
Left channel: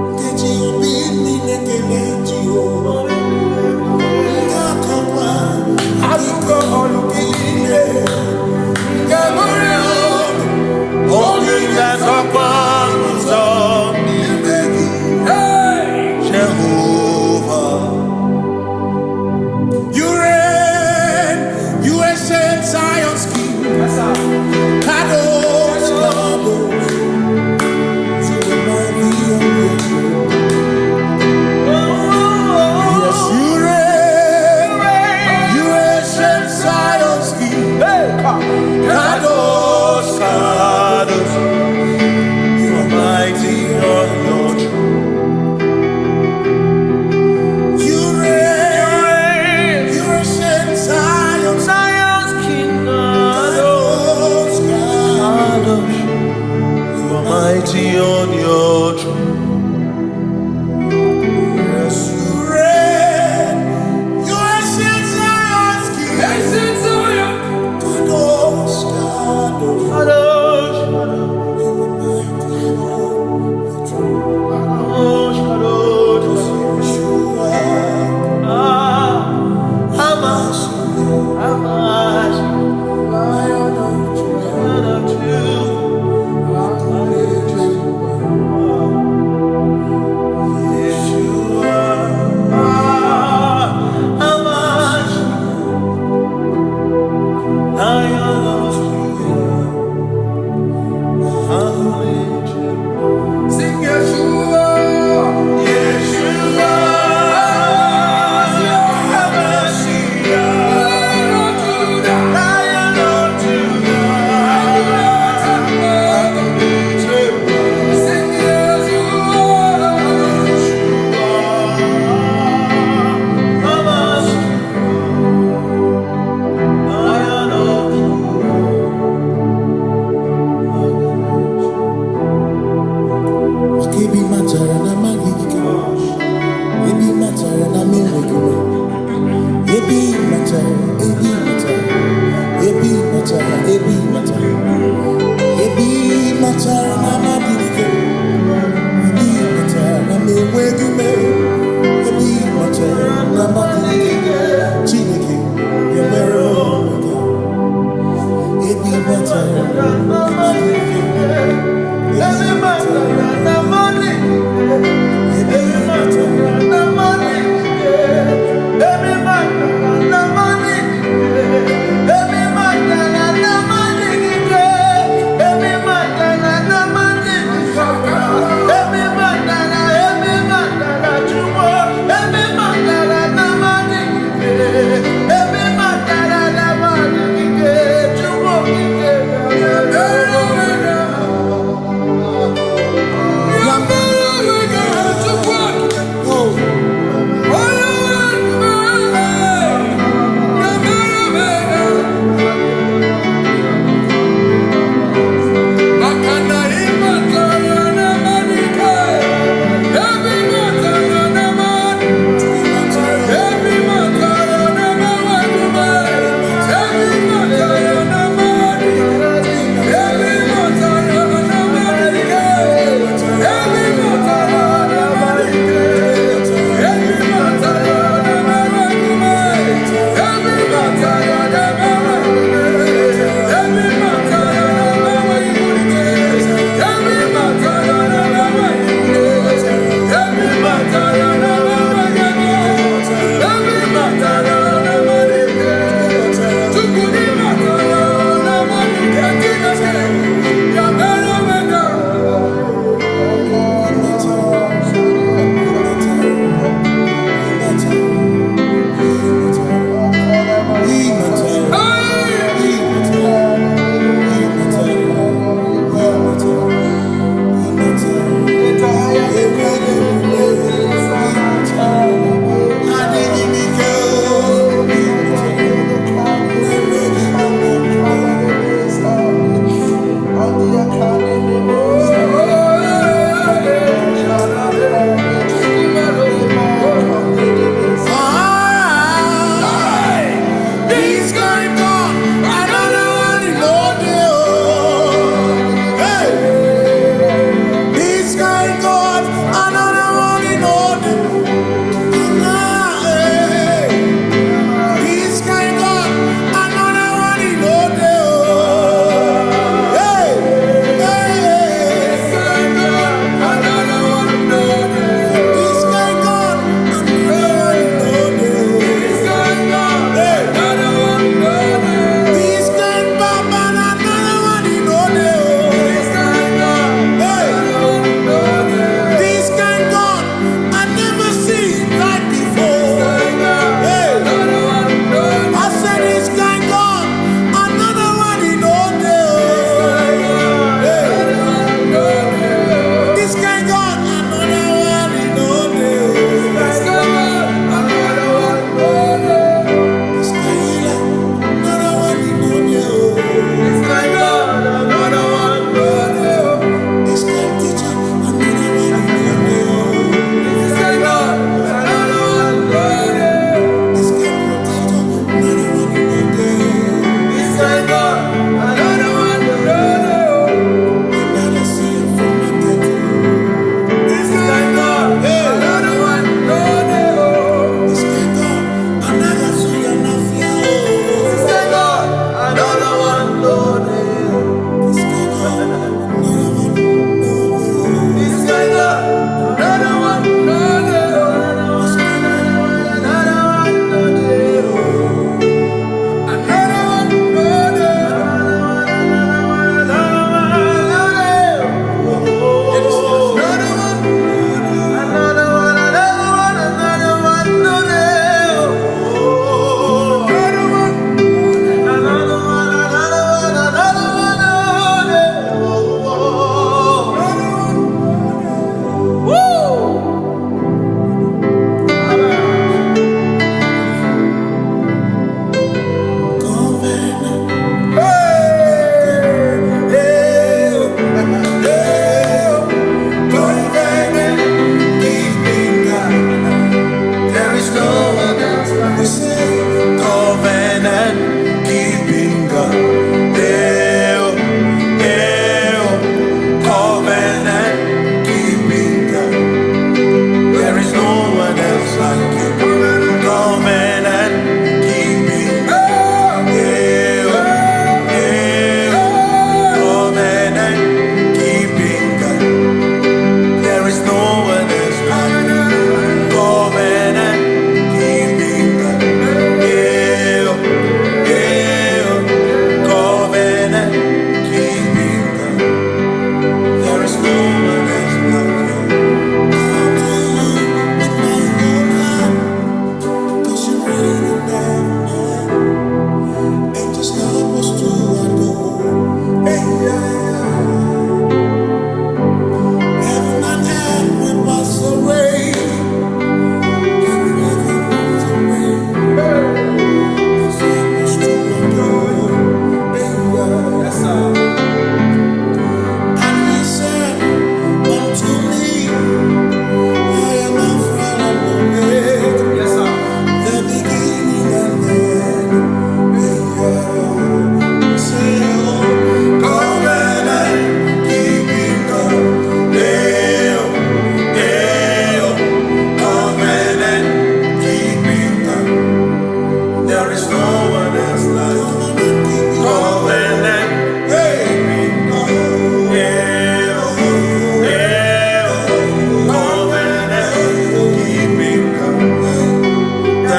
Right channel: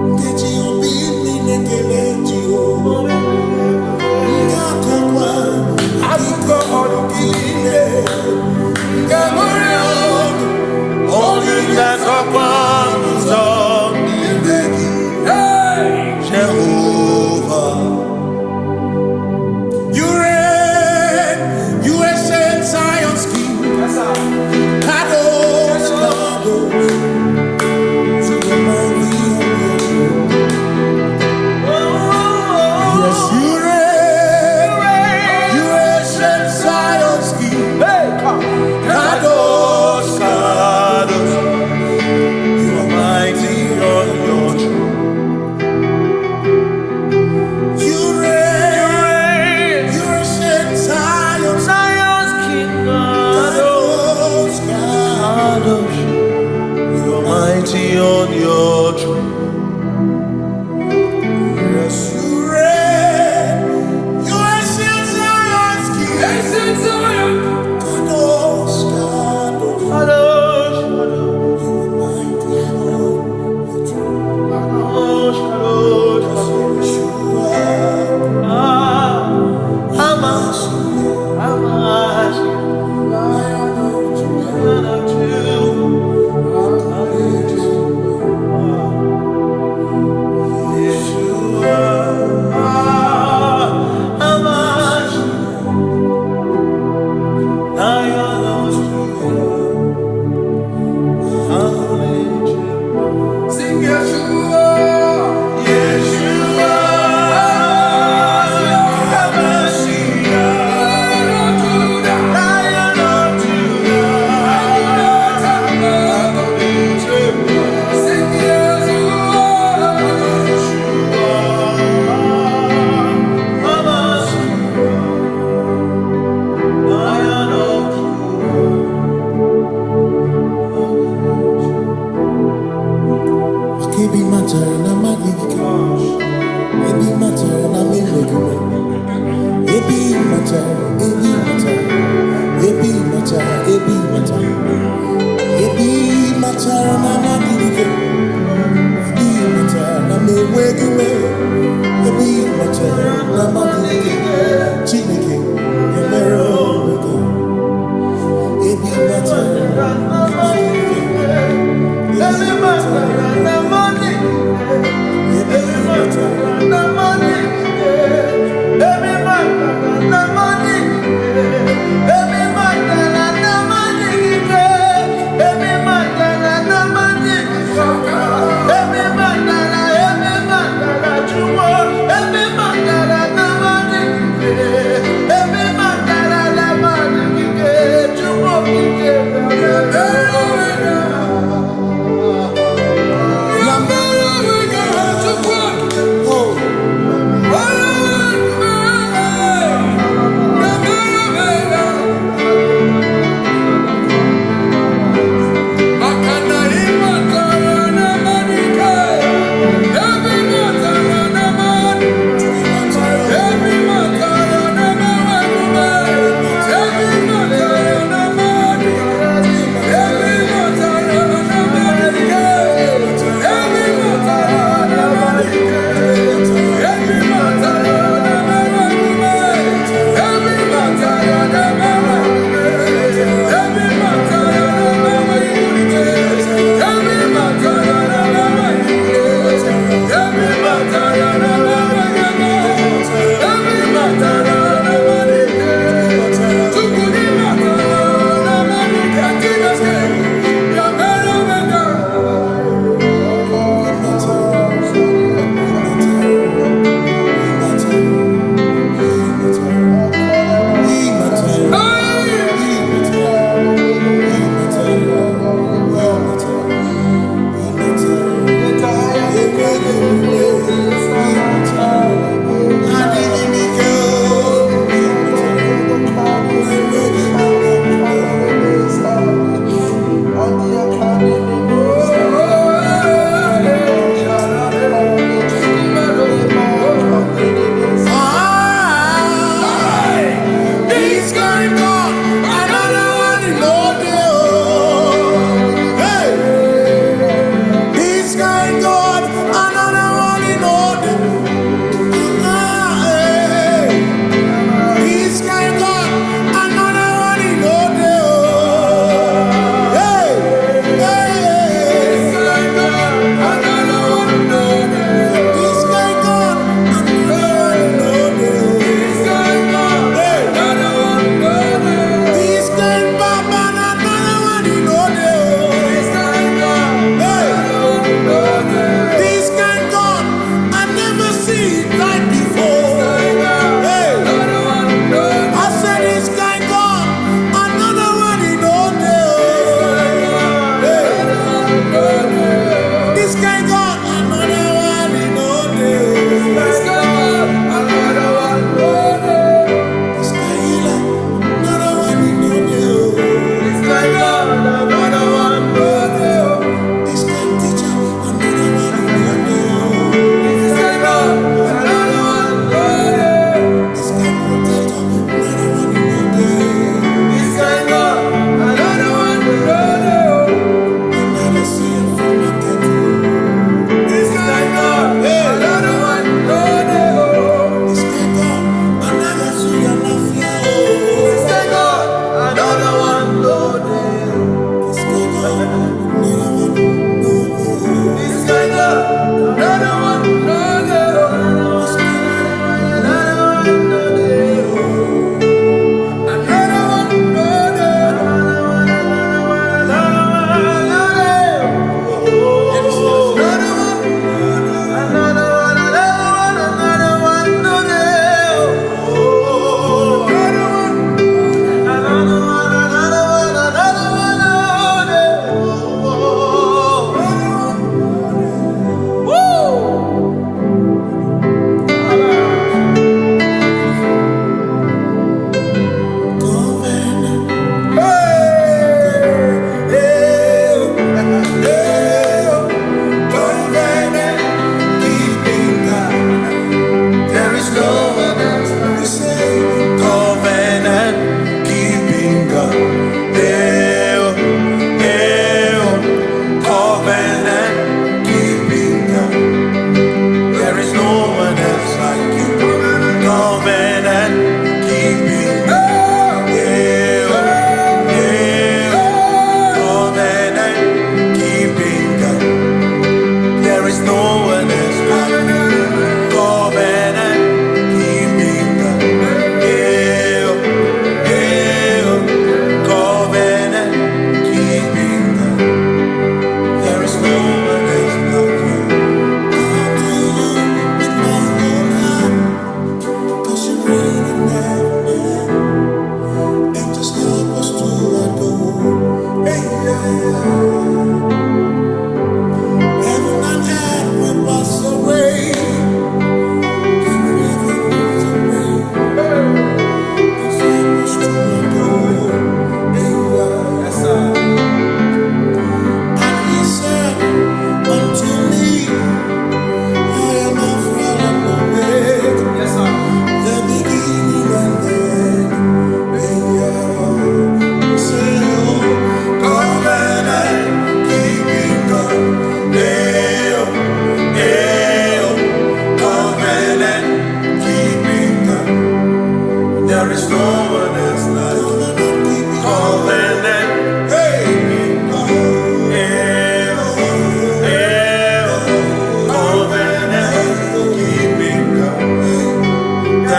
Ngeji obi minekele Jehova Ngakokwa akiko alukine Ngalurionu Only that's a one song. Hey, Jehovah. You reign, you ancient Zion's King. Kadosh, Kadosh, you remind me of your throne. Yes, you reign, you ancient Zion's King. Kadosh, Kadosh, you are mighty on your throne. You reign, you ancient Zion's King. Kadosh, Kadosh, you are mighty on your throne. Yes, you reign, you ancient Zion's King. Ancient Zion. Kadosh, Kadosh, Kadosh, Kadosh, you are mighty on your throne. Kadosh, Kadosh, Kadosh, you are Hamashiach, Lion of Judah, Yeshua, Hamashiach, Lion of Judah, sing Yeshua, Yeshua, Ebi matara na magigika, ebi matara na menwegume, ebi matara, ebi matara, ebi matara, ebi matara, ebi matara na magigika, ebi matara na menwegume, ebi matara na magigika, Chineke yemero wega, ebi matara na magigika. Every matter na money, every matter na money, every matter na money, every matter na money, every matter na money, every matter na jumo, every matter na money, every matter na money, jumo,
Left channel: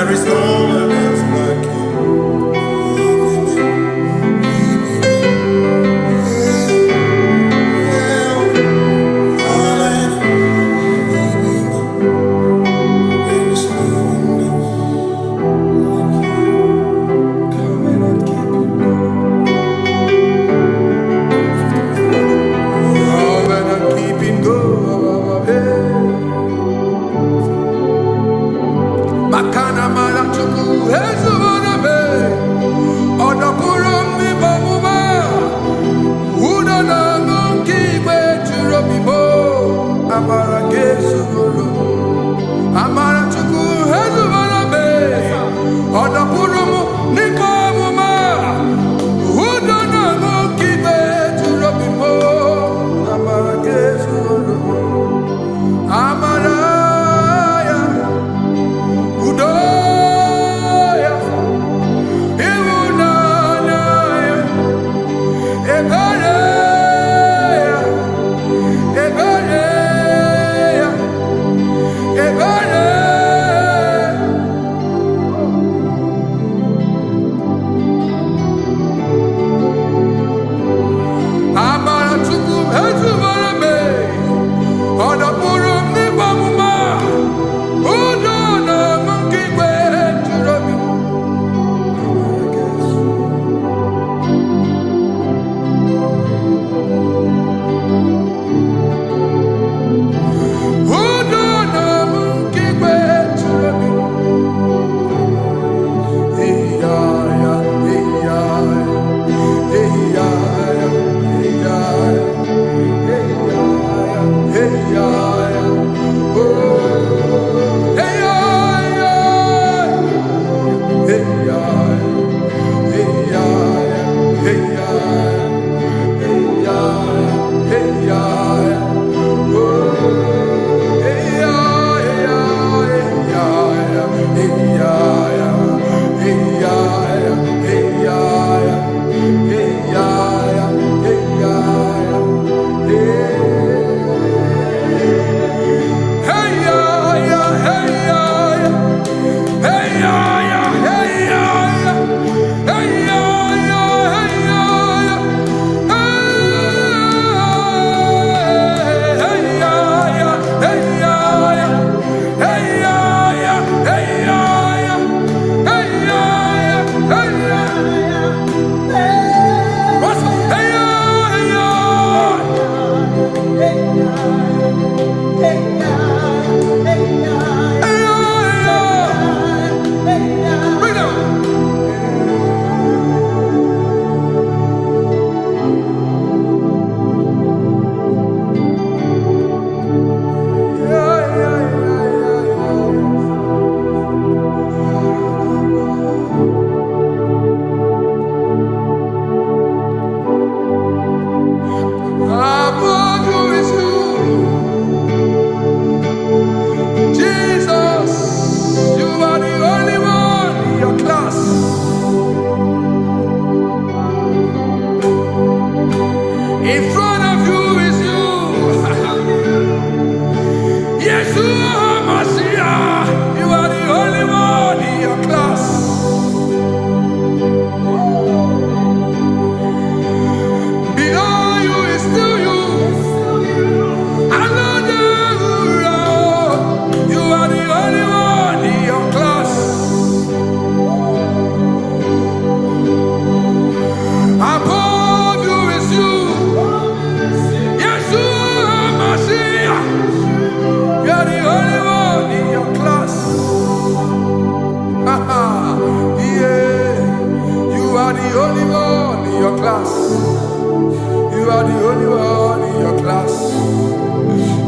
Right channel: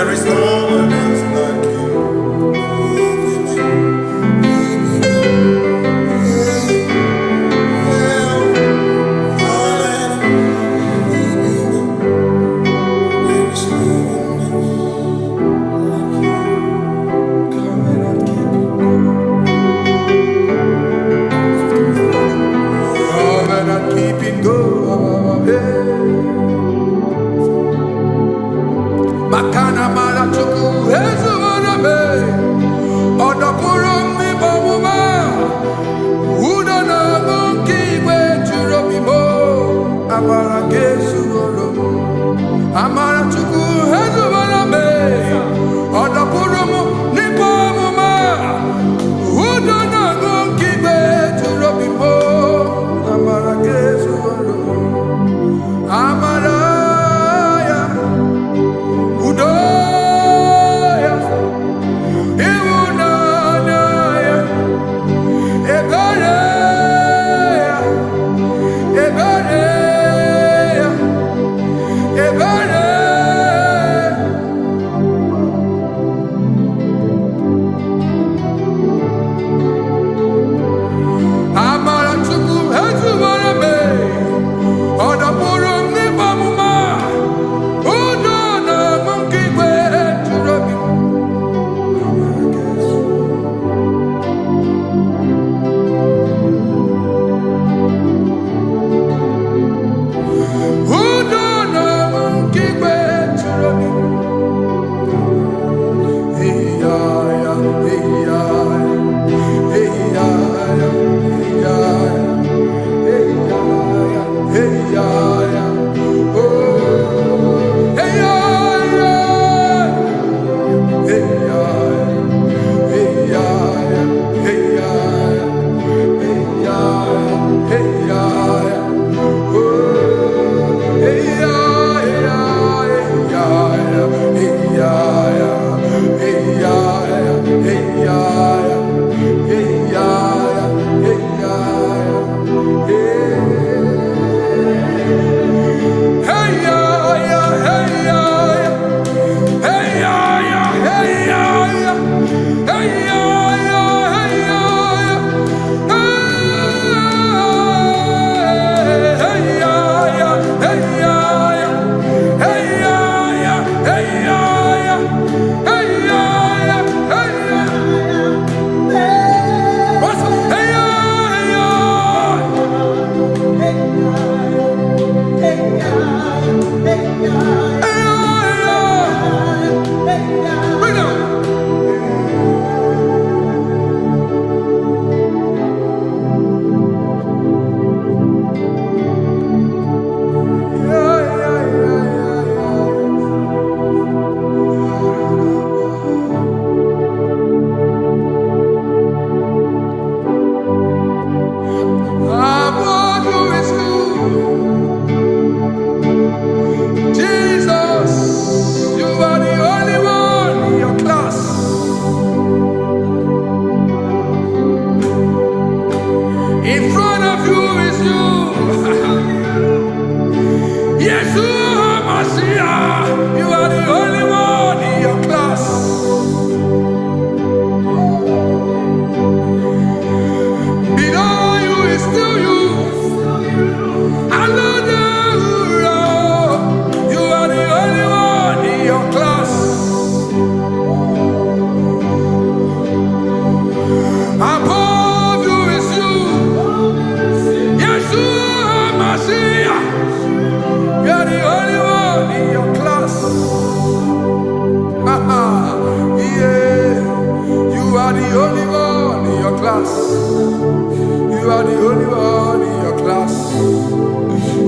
There is no one else like you. Makana marachuku hezuwaname odapurum ni bamuma udana ngunki gwechurobimo amara gesuworum amarachuku hezuwaname odapurum ni bamuma udana ngunki gwechurobimo amara gesuworum amara Udoya, Iwunanaya, Ebereya, Ebereya, Ebereya. Amaratuku hezuwarame, Odapurum nibamuma, Udona monkey gwe churobi. Udona monkey gwe churobi. Hey ya ya, hey ya ya, hey ya ya, hey ya ya, hey ya ya, hey ya ya. Oh. In front of you is you. Yeshua Mashiach, you are the only one in your class. Below you is still you. You are the only one in your class. Above you is you. Yeshua Mashiach, you are the only one in your class. Yeah, you are the only one in your class. You are the only one in your class.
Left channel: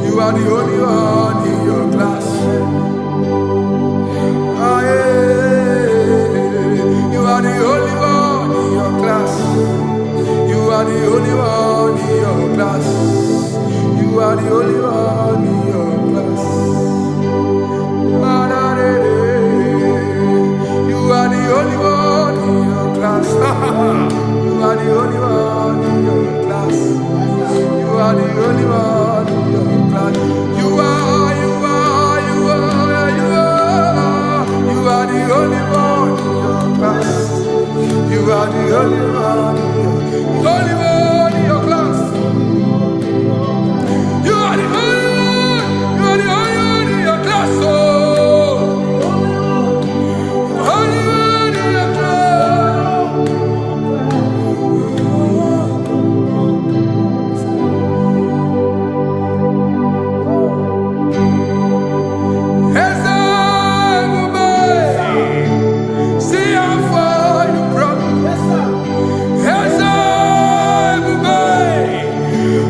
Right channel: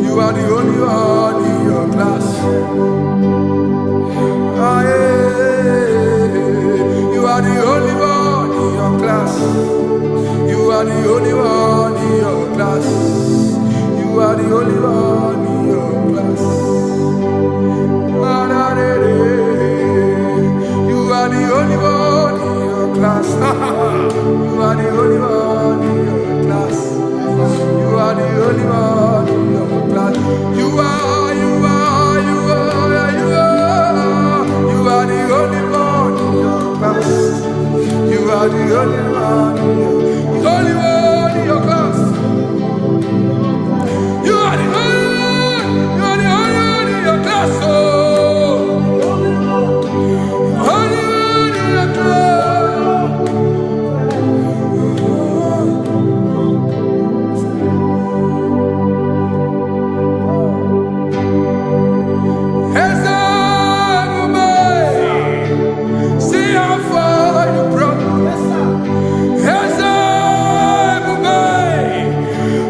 You are the only one in your class. Ah, yeah. You are the only one in your class. You are the only one in your class. You are the only one in your class. You are the only one in your class. You are the only one in your class. You are the only one in your class. You are the are the only one in your class. You are the only one in your class. Oh, only one in your class. See how far you brought me.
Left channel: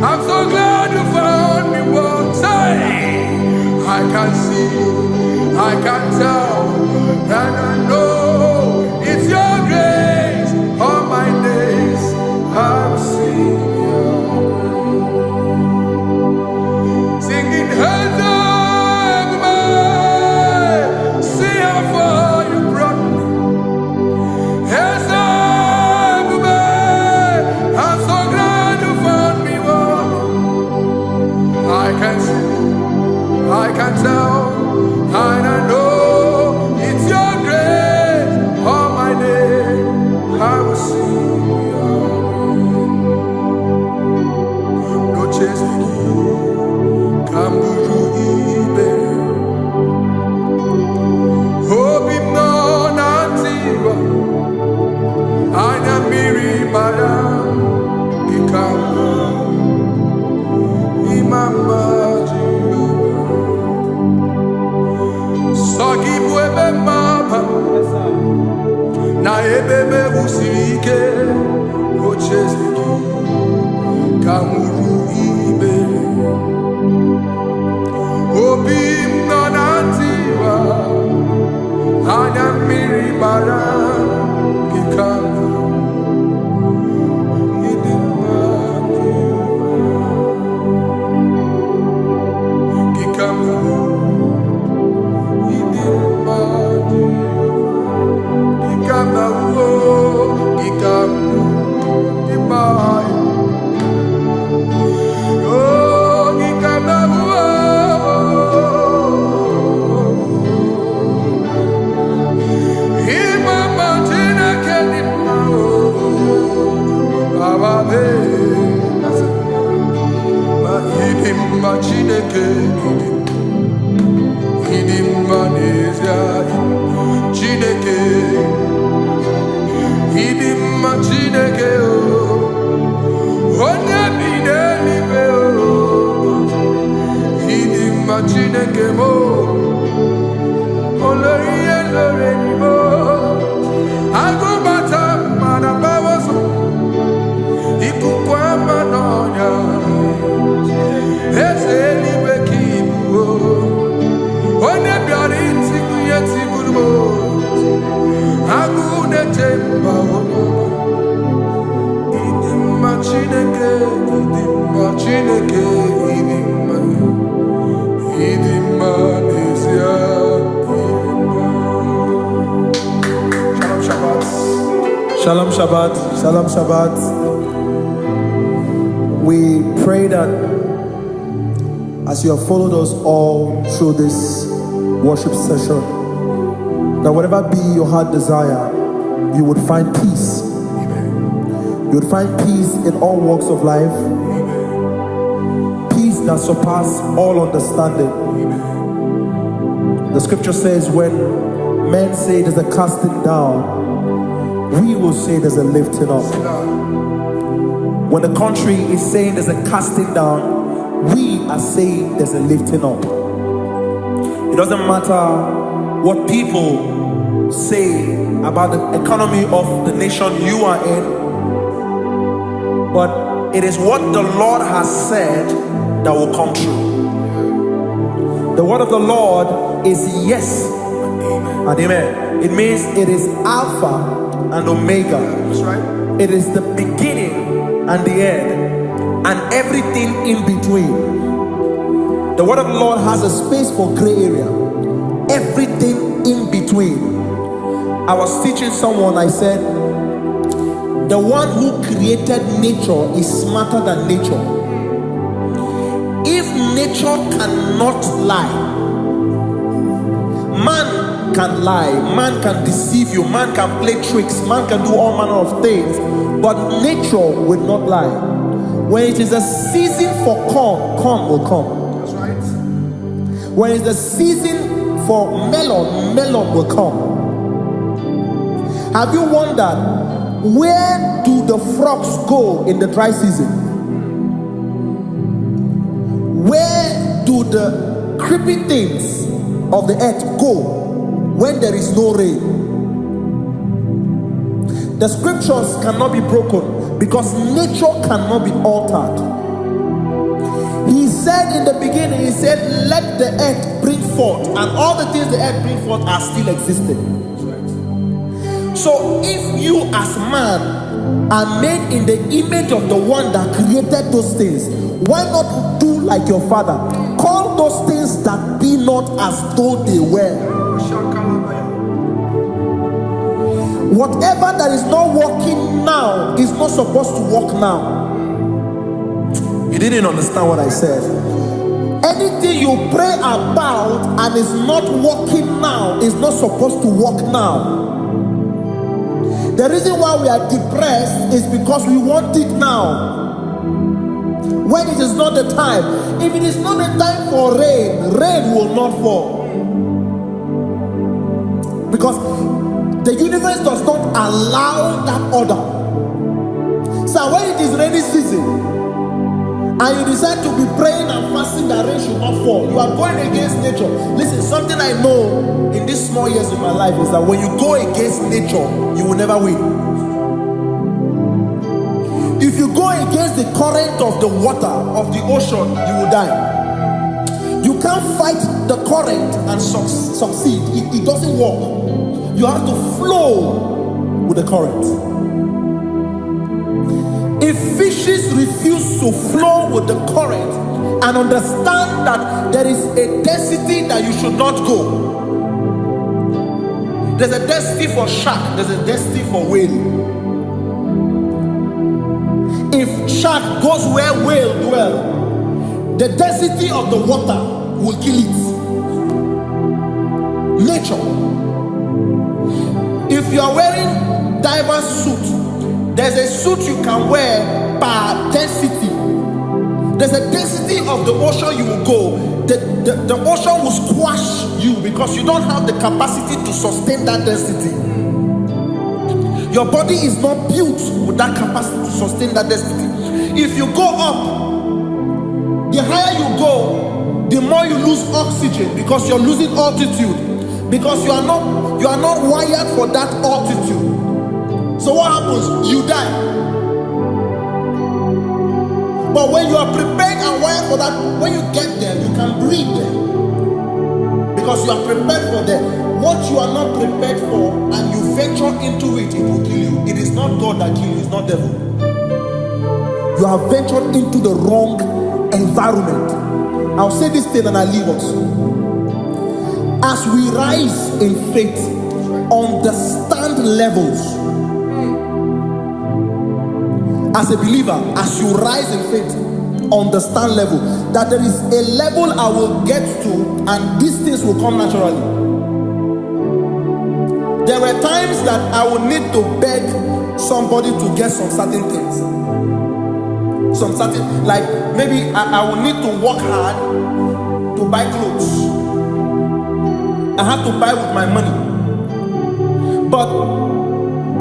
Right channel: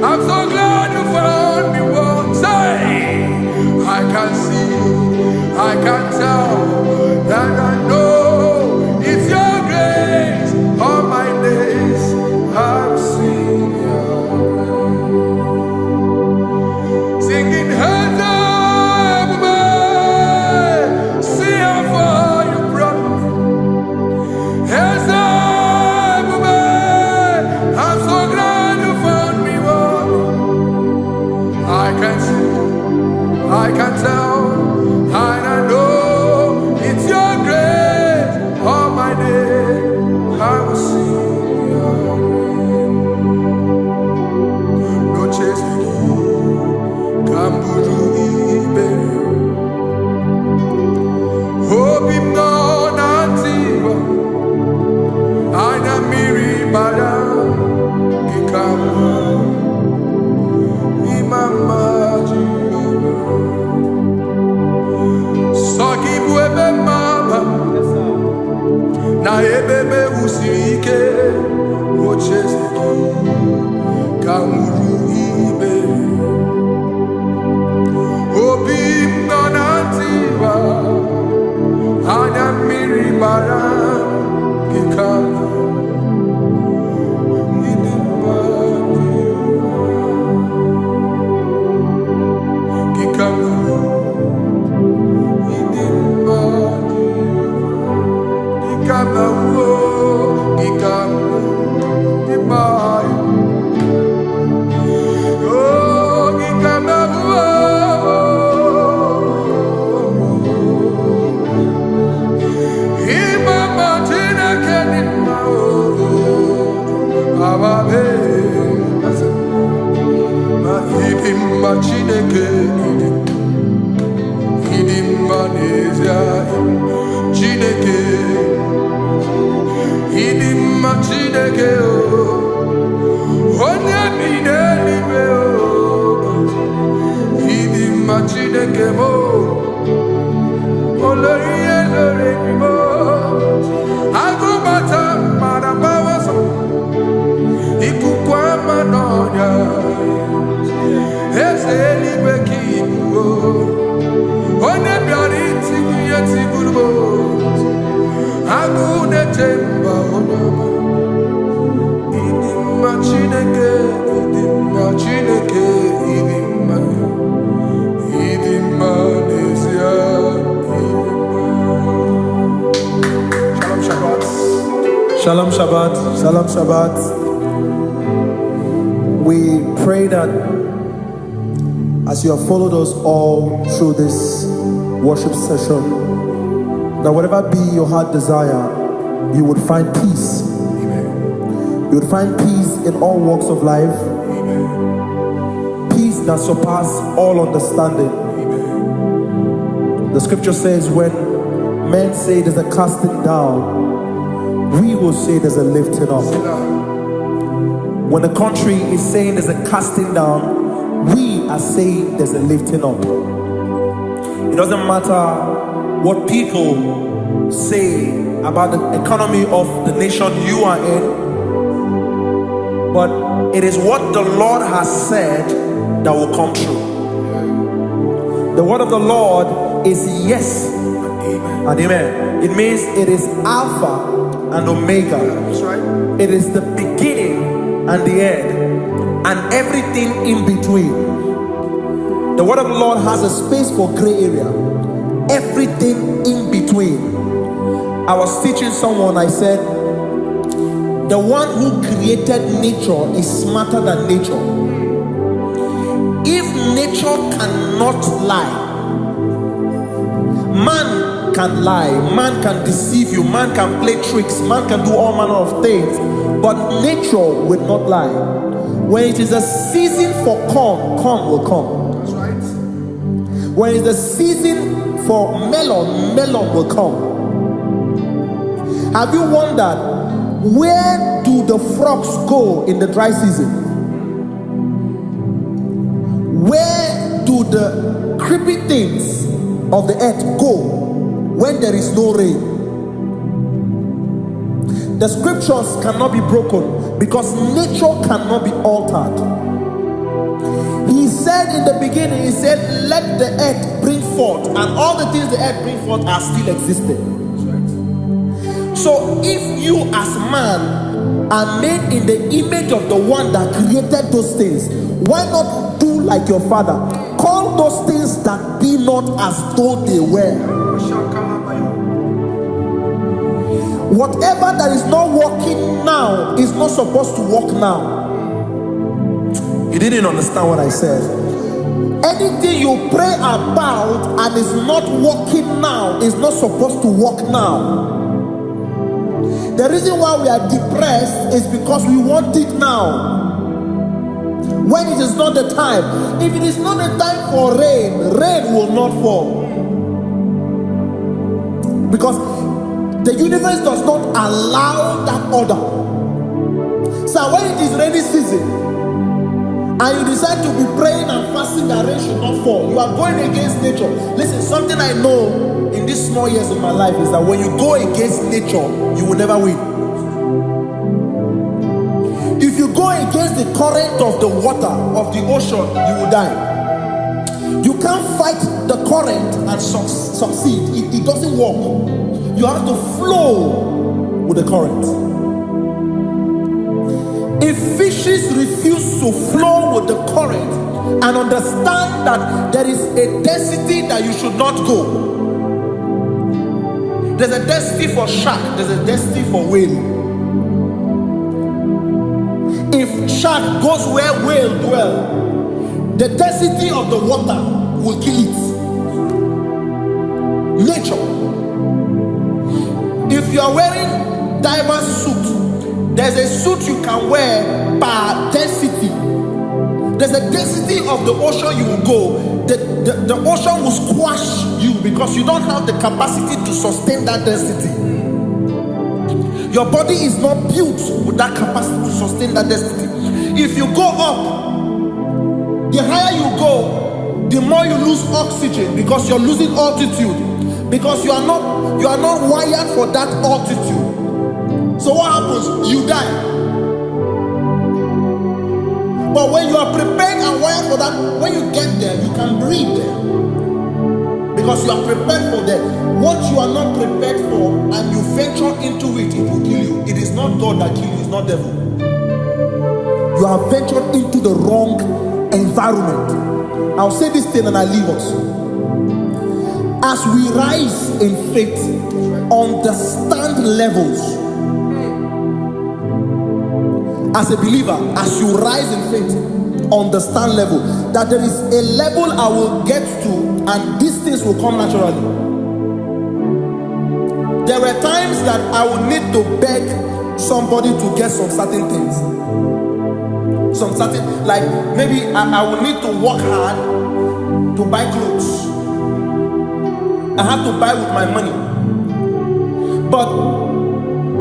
I'm so glad you found me once. I can see, I can tell, and I know it's your grace. All my days I will sing your grace. Singing hands up, see how far you brought me. Hands up, I'm so glad you found me. I can see, I can tell, and I know it's your grace. All my day I will sing your grace. No chase again, Kamburu Iberi. Hope him no nantiwa, Anya Miri Balam, Ikamba. Mama Jehovah, Sagi buebe maba, na ebebe usirike, ochezeki, kamuru ibere, obim nanantiwa, anya miri baram, gikama. Gikama, Chineke, onye bi n'eluigwe, idimma Chineke mo, olori ihe lore ni mo, agụbata mmadụ gbawaso, ikuku ama n'ọnya, eze eluigwe ka ibu, onye bịara itigbu ihe tigburu mo. Agune temba onama, idimma Chineke, idimma nezia, idimma. Shalom Shabbat. Shalom Shabbat. Shalom Shabbat. We pray that as you have followed us all through this worship session, that whatever be your heart desire, you would find peace. Amen. You would find peace in all walks of life. Amen. Peace that surpasses all understanding. Amen. The scripture says, when men say there's a casting down, we will say there's a lifting up. When the country is saying there's a casting down, we are saying there's a lifting up. It doesn't matter what people say about the economy of the nation you are in, but it is what the Lord has said that will come true. The word of the Lord is yes and amen. It means it is Alpha and Omega. That's right. It is the beginning and the end, and everything in between. The word of the Lord has a space for gray area. Everything in between. I was teaching someone, I said, the one who created nature is smarter than nature. If nature cannot lie, man can lie, man can deceive you, man can play tricks, man can do all manner of things, but nature will not lie. When it is a season for corn, corn will come. That's right. When it's the season for melon, melon will come. Have you wondered, where do the frogs go in the dry season? Where do the creepy things of the earth go when there is no rain? The scriptures cannot be broken because nature cannot be altered. He said in the beginning, he said, let the earth bring forth, and all the things the earth bring forth are still existing. That's right. So if you as man are made in the image of the one that created those things, why not do like your father? Call those things that be not as though they were. Whatever that is not working now is not supposed to work now. You didn't understand what I said. Anything you pray about and is not working now is not supposed to work now. The reason why we are depressed is because we want it now, when it is not the time. If it is not the time for rain, rain will not fall, because the universe does not allow that order. So when it is rainy season and you decide to be praying and fasting that rain should not fall, you are going against nature. Listen, something I know in these small years in my life is that when you go against nature, you will never win. If you go against the current of the water of the ocean, you will die. You can't fight the current and succeed. It doesn't work. You have to flow with the current. If fishes refuse to flow with the current and understand that there is a density that you should not go, there's a density for shark, there's a density for whale. If shark goes where whale dwell, the density of the water will kill it. Nature. If you are wearing diver's suit, there's a suit you can wear per density. There's a density of the ocean you will go. The ocean will squash you because you don't have the capacity to sustain that density. Your body is not built with that capacity to sustain that density. If you go up, the higher you go, the more you lose oxygen because you're losing altitude, because you are not wired for that altitude. So what happens? You die. But when you are prepared and wired for that, when you get there, you can breathe there, because you are prepared for that. What you are not prepared for and you venture into it, it will kill you. It is not God that kills you, it's not devil. You have ventured into the wrong environment. I'll say this thing and I leave us. As we rise in faith, understand levels. As a believer, as you rise in faith, understand level. That there is a level I will get to and these things will come naturally. There were times that I would need to beg somebody to get some certain things. Some certain, like maybe I would need to work hard to buy clothes. I had to buy with my money. But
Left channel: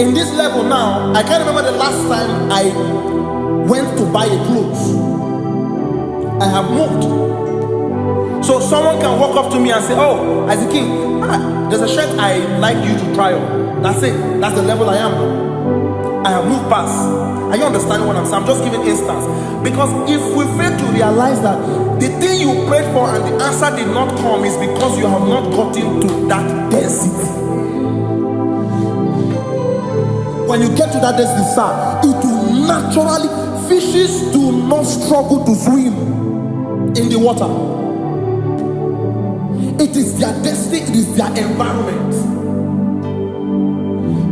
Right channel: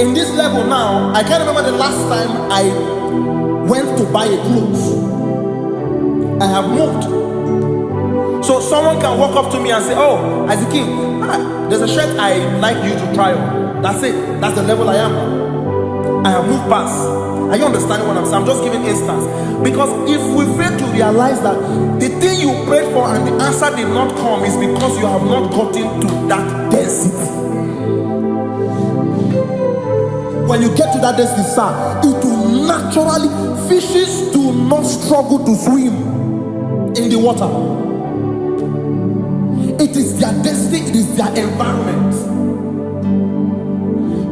in this level now, I can't remember the last time I went to buy a clothes. I have moved. So someone can walk up to me and say, oh, Isaac King, there's a shirt I like you to try on. That's it. That's the level I am now. I have moved past. Are you understanding what I'm saying? I'm just giving instance. Because if we fail to realize that the thing you prayed for and the answer did not come is because you have not gotten to that density. When you get to that density, sir, it will naturally, fishes do not struggle to swim in the water. It is their destiny, it is their environment.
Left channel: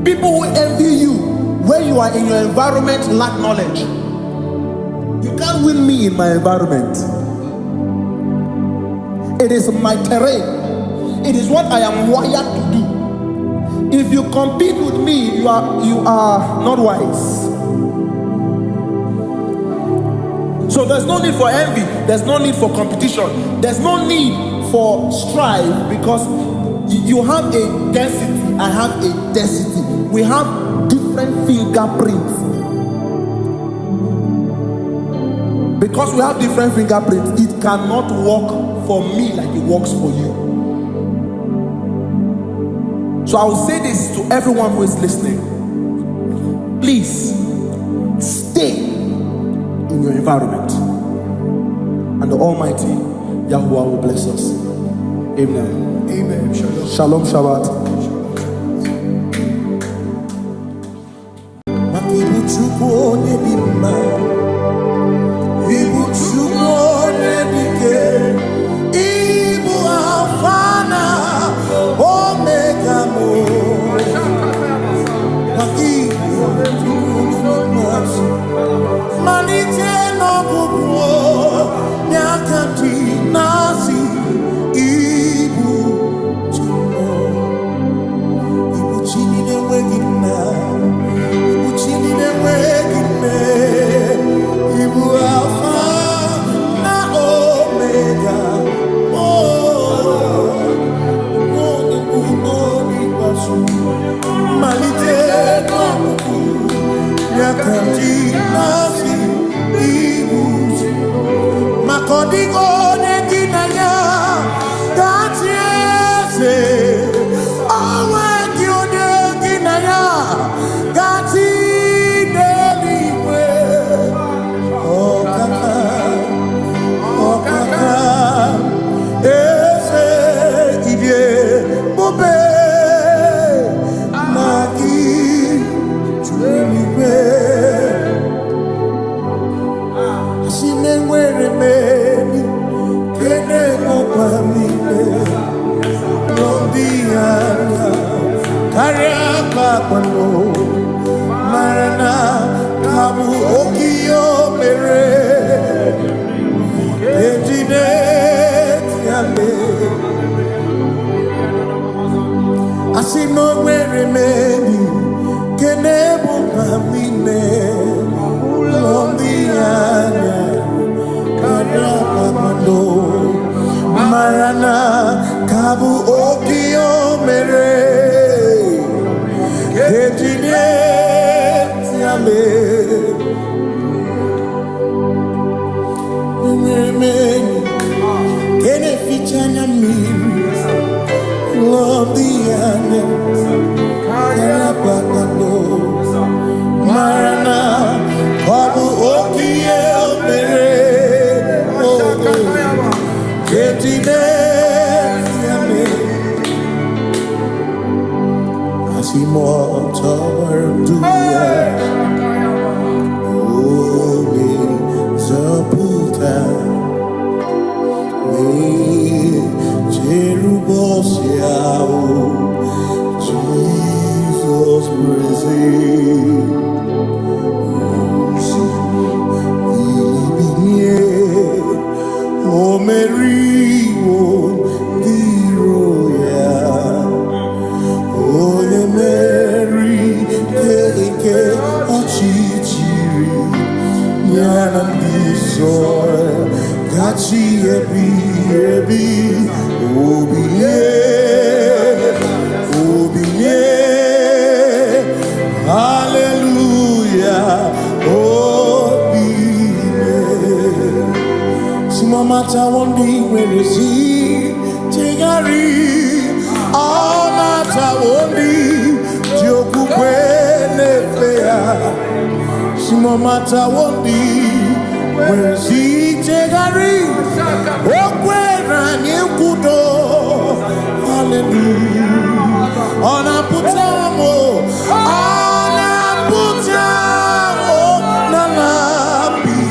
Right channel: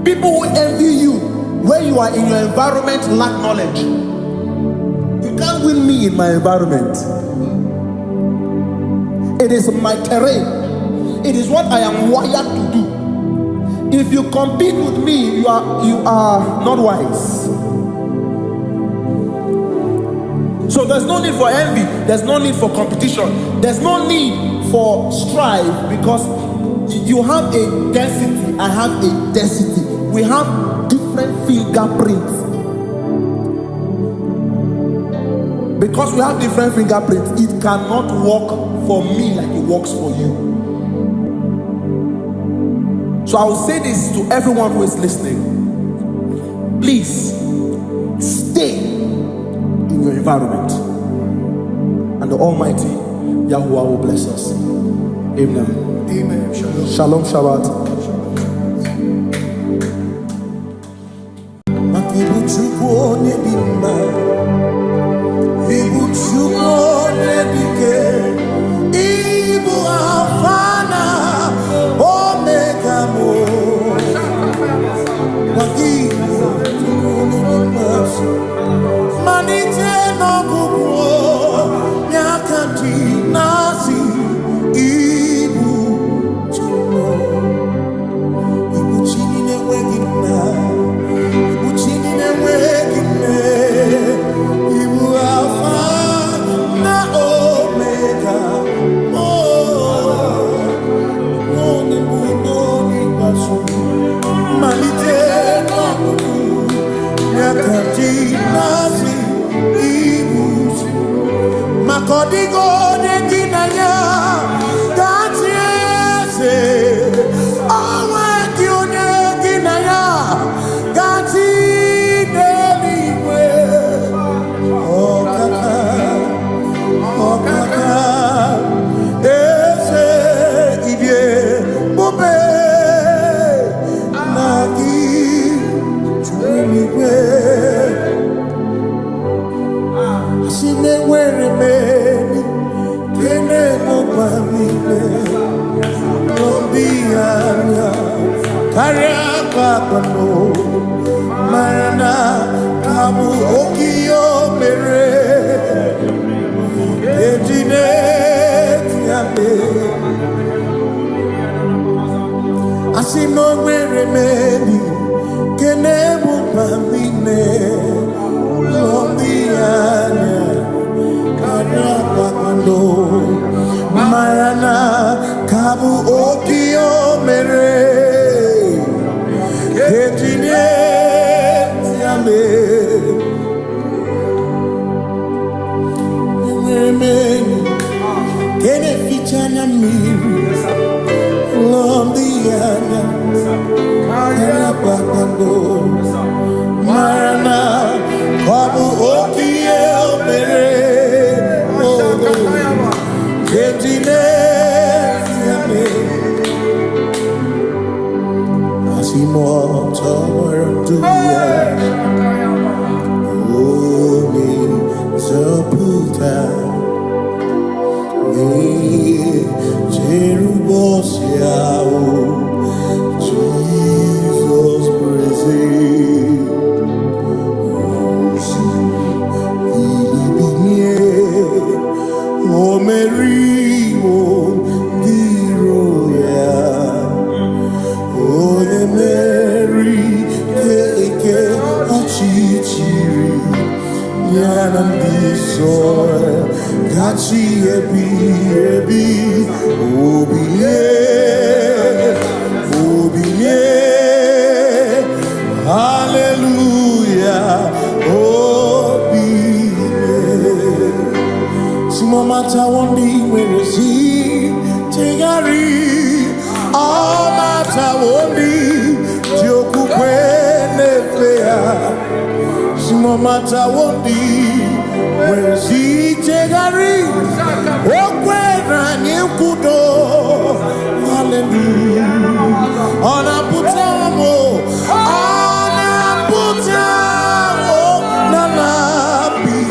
People who envy you when you are in your environment lack knowledge. You can't win me in my environment. It is my terrain. It is what I am wired to do. If you compete with me, you are not wise. So there's no need for envy. There's no need for competition. There's no need for strife, because you have a density. I have a density. We have different fingerprints. Because we have different fingerprints, it cannot work for me like it works for you. So I will say this to everyone who is listening. Please stay in your environment, and the Almighty Yahuwah will bless us. Amen. Amen. Shalom. Shalom Shabbat. Ibu Chukwu Nedike, Ibu Alfana, Omega Mo. Wakibu Chukwu Nedimasu, Manite no Gugu, Nyakanti Nasi, Ibu Chukwu, Ibu Chini Newegina, Ibu Chini Newegine. Ibu Alpha na Omega, oh, Noni Noni Basu, Malite no Kuku, Nyakanti Nasi, Ibu Makodigo Neginaya, Gatiese, Awakio Neginaya, Gati Neligwe. Oh kaka, ese idie bobe naki chuniwe. Simewere meni kene mopamile lombianya karia kwano marana. Abu Okio Mere Ejinet Yale Asino Weremeni Kenebu Pamine Ulombianya Karapapando Marana Kabu Okio Mere Ejinet Yale Mweni Kene Fichana Miri Lombiana Karapakando Marana Kabu Okie Mere Ejinet Yale Asimo Tawaranduya Oni Zaputa Me Cherubosiao Jesus praise Osi Ilibinye O Mary won't be royal. Oh, the Mary, Keke, Achichiri, Yanam Bisoy, Gachi, Ebi, Obiye, Hallelujah, Obiye. Simomata wondi, where is he? Tegari, all mata wondi, Joku kwene fea. Simomata wondi, where is he? Tegari, okwera nyekudo. Hallelujah. Ona putamo, nalabi.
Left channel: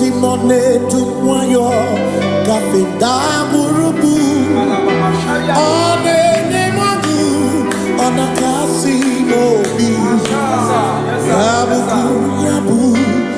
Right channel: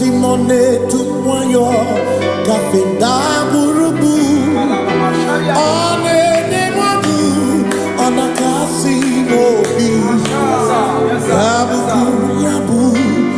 Simone Tumwayo, Kafenda Gurubu, One Nemadu, Onakasi Mobi, Yabu Yabu.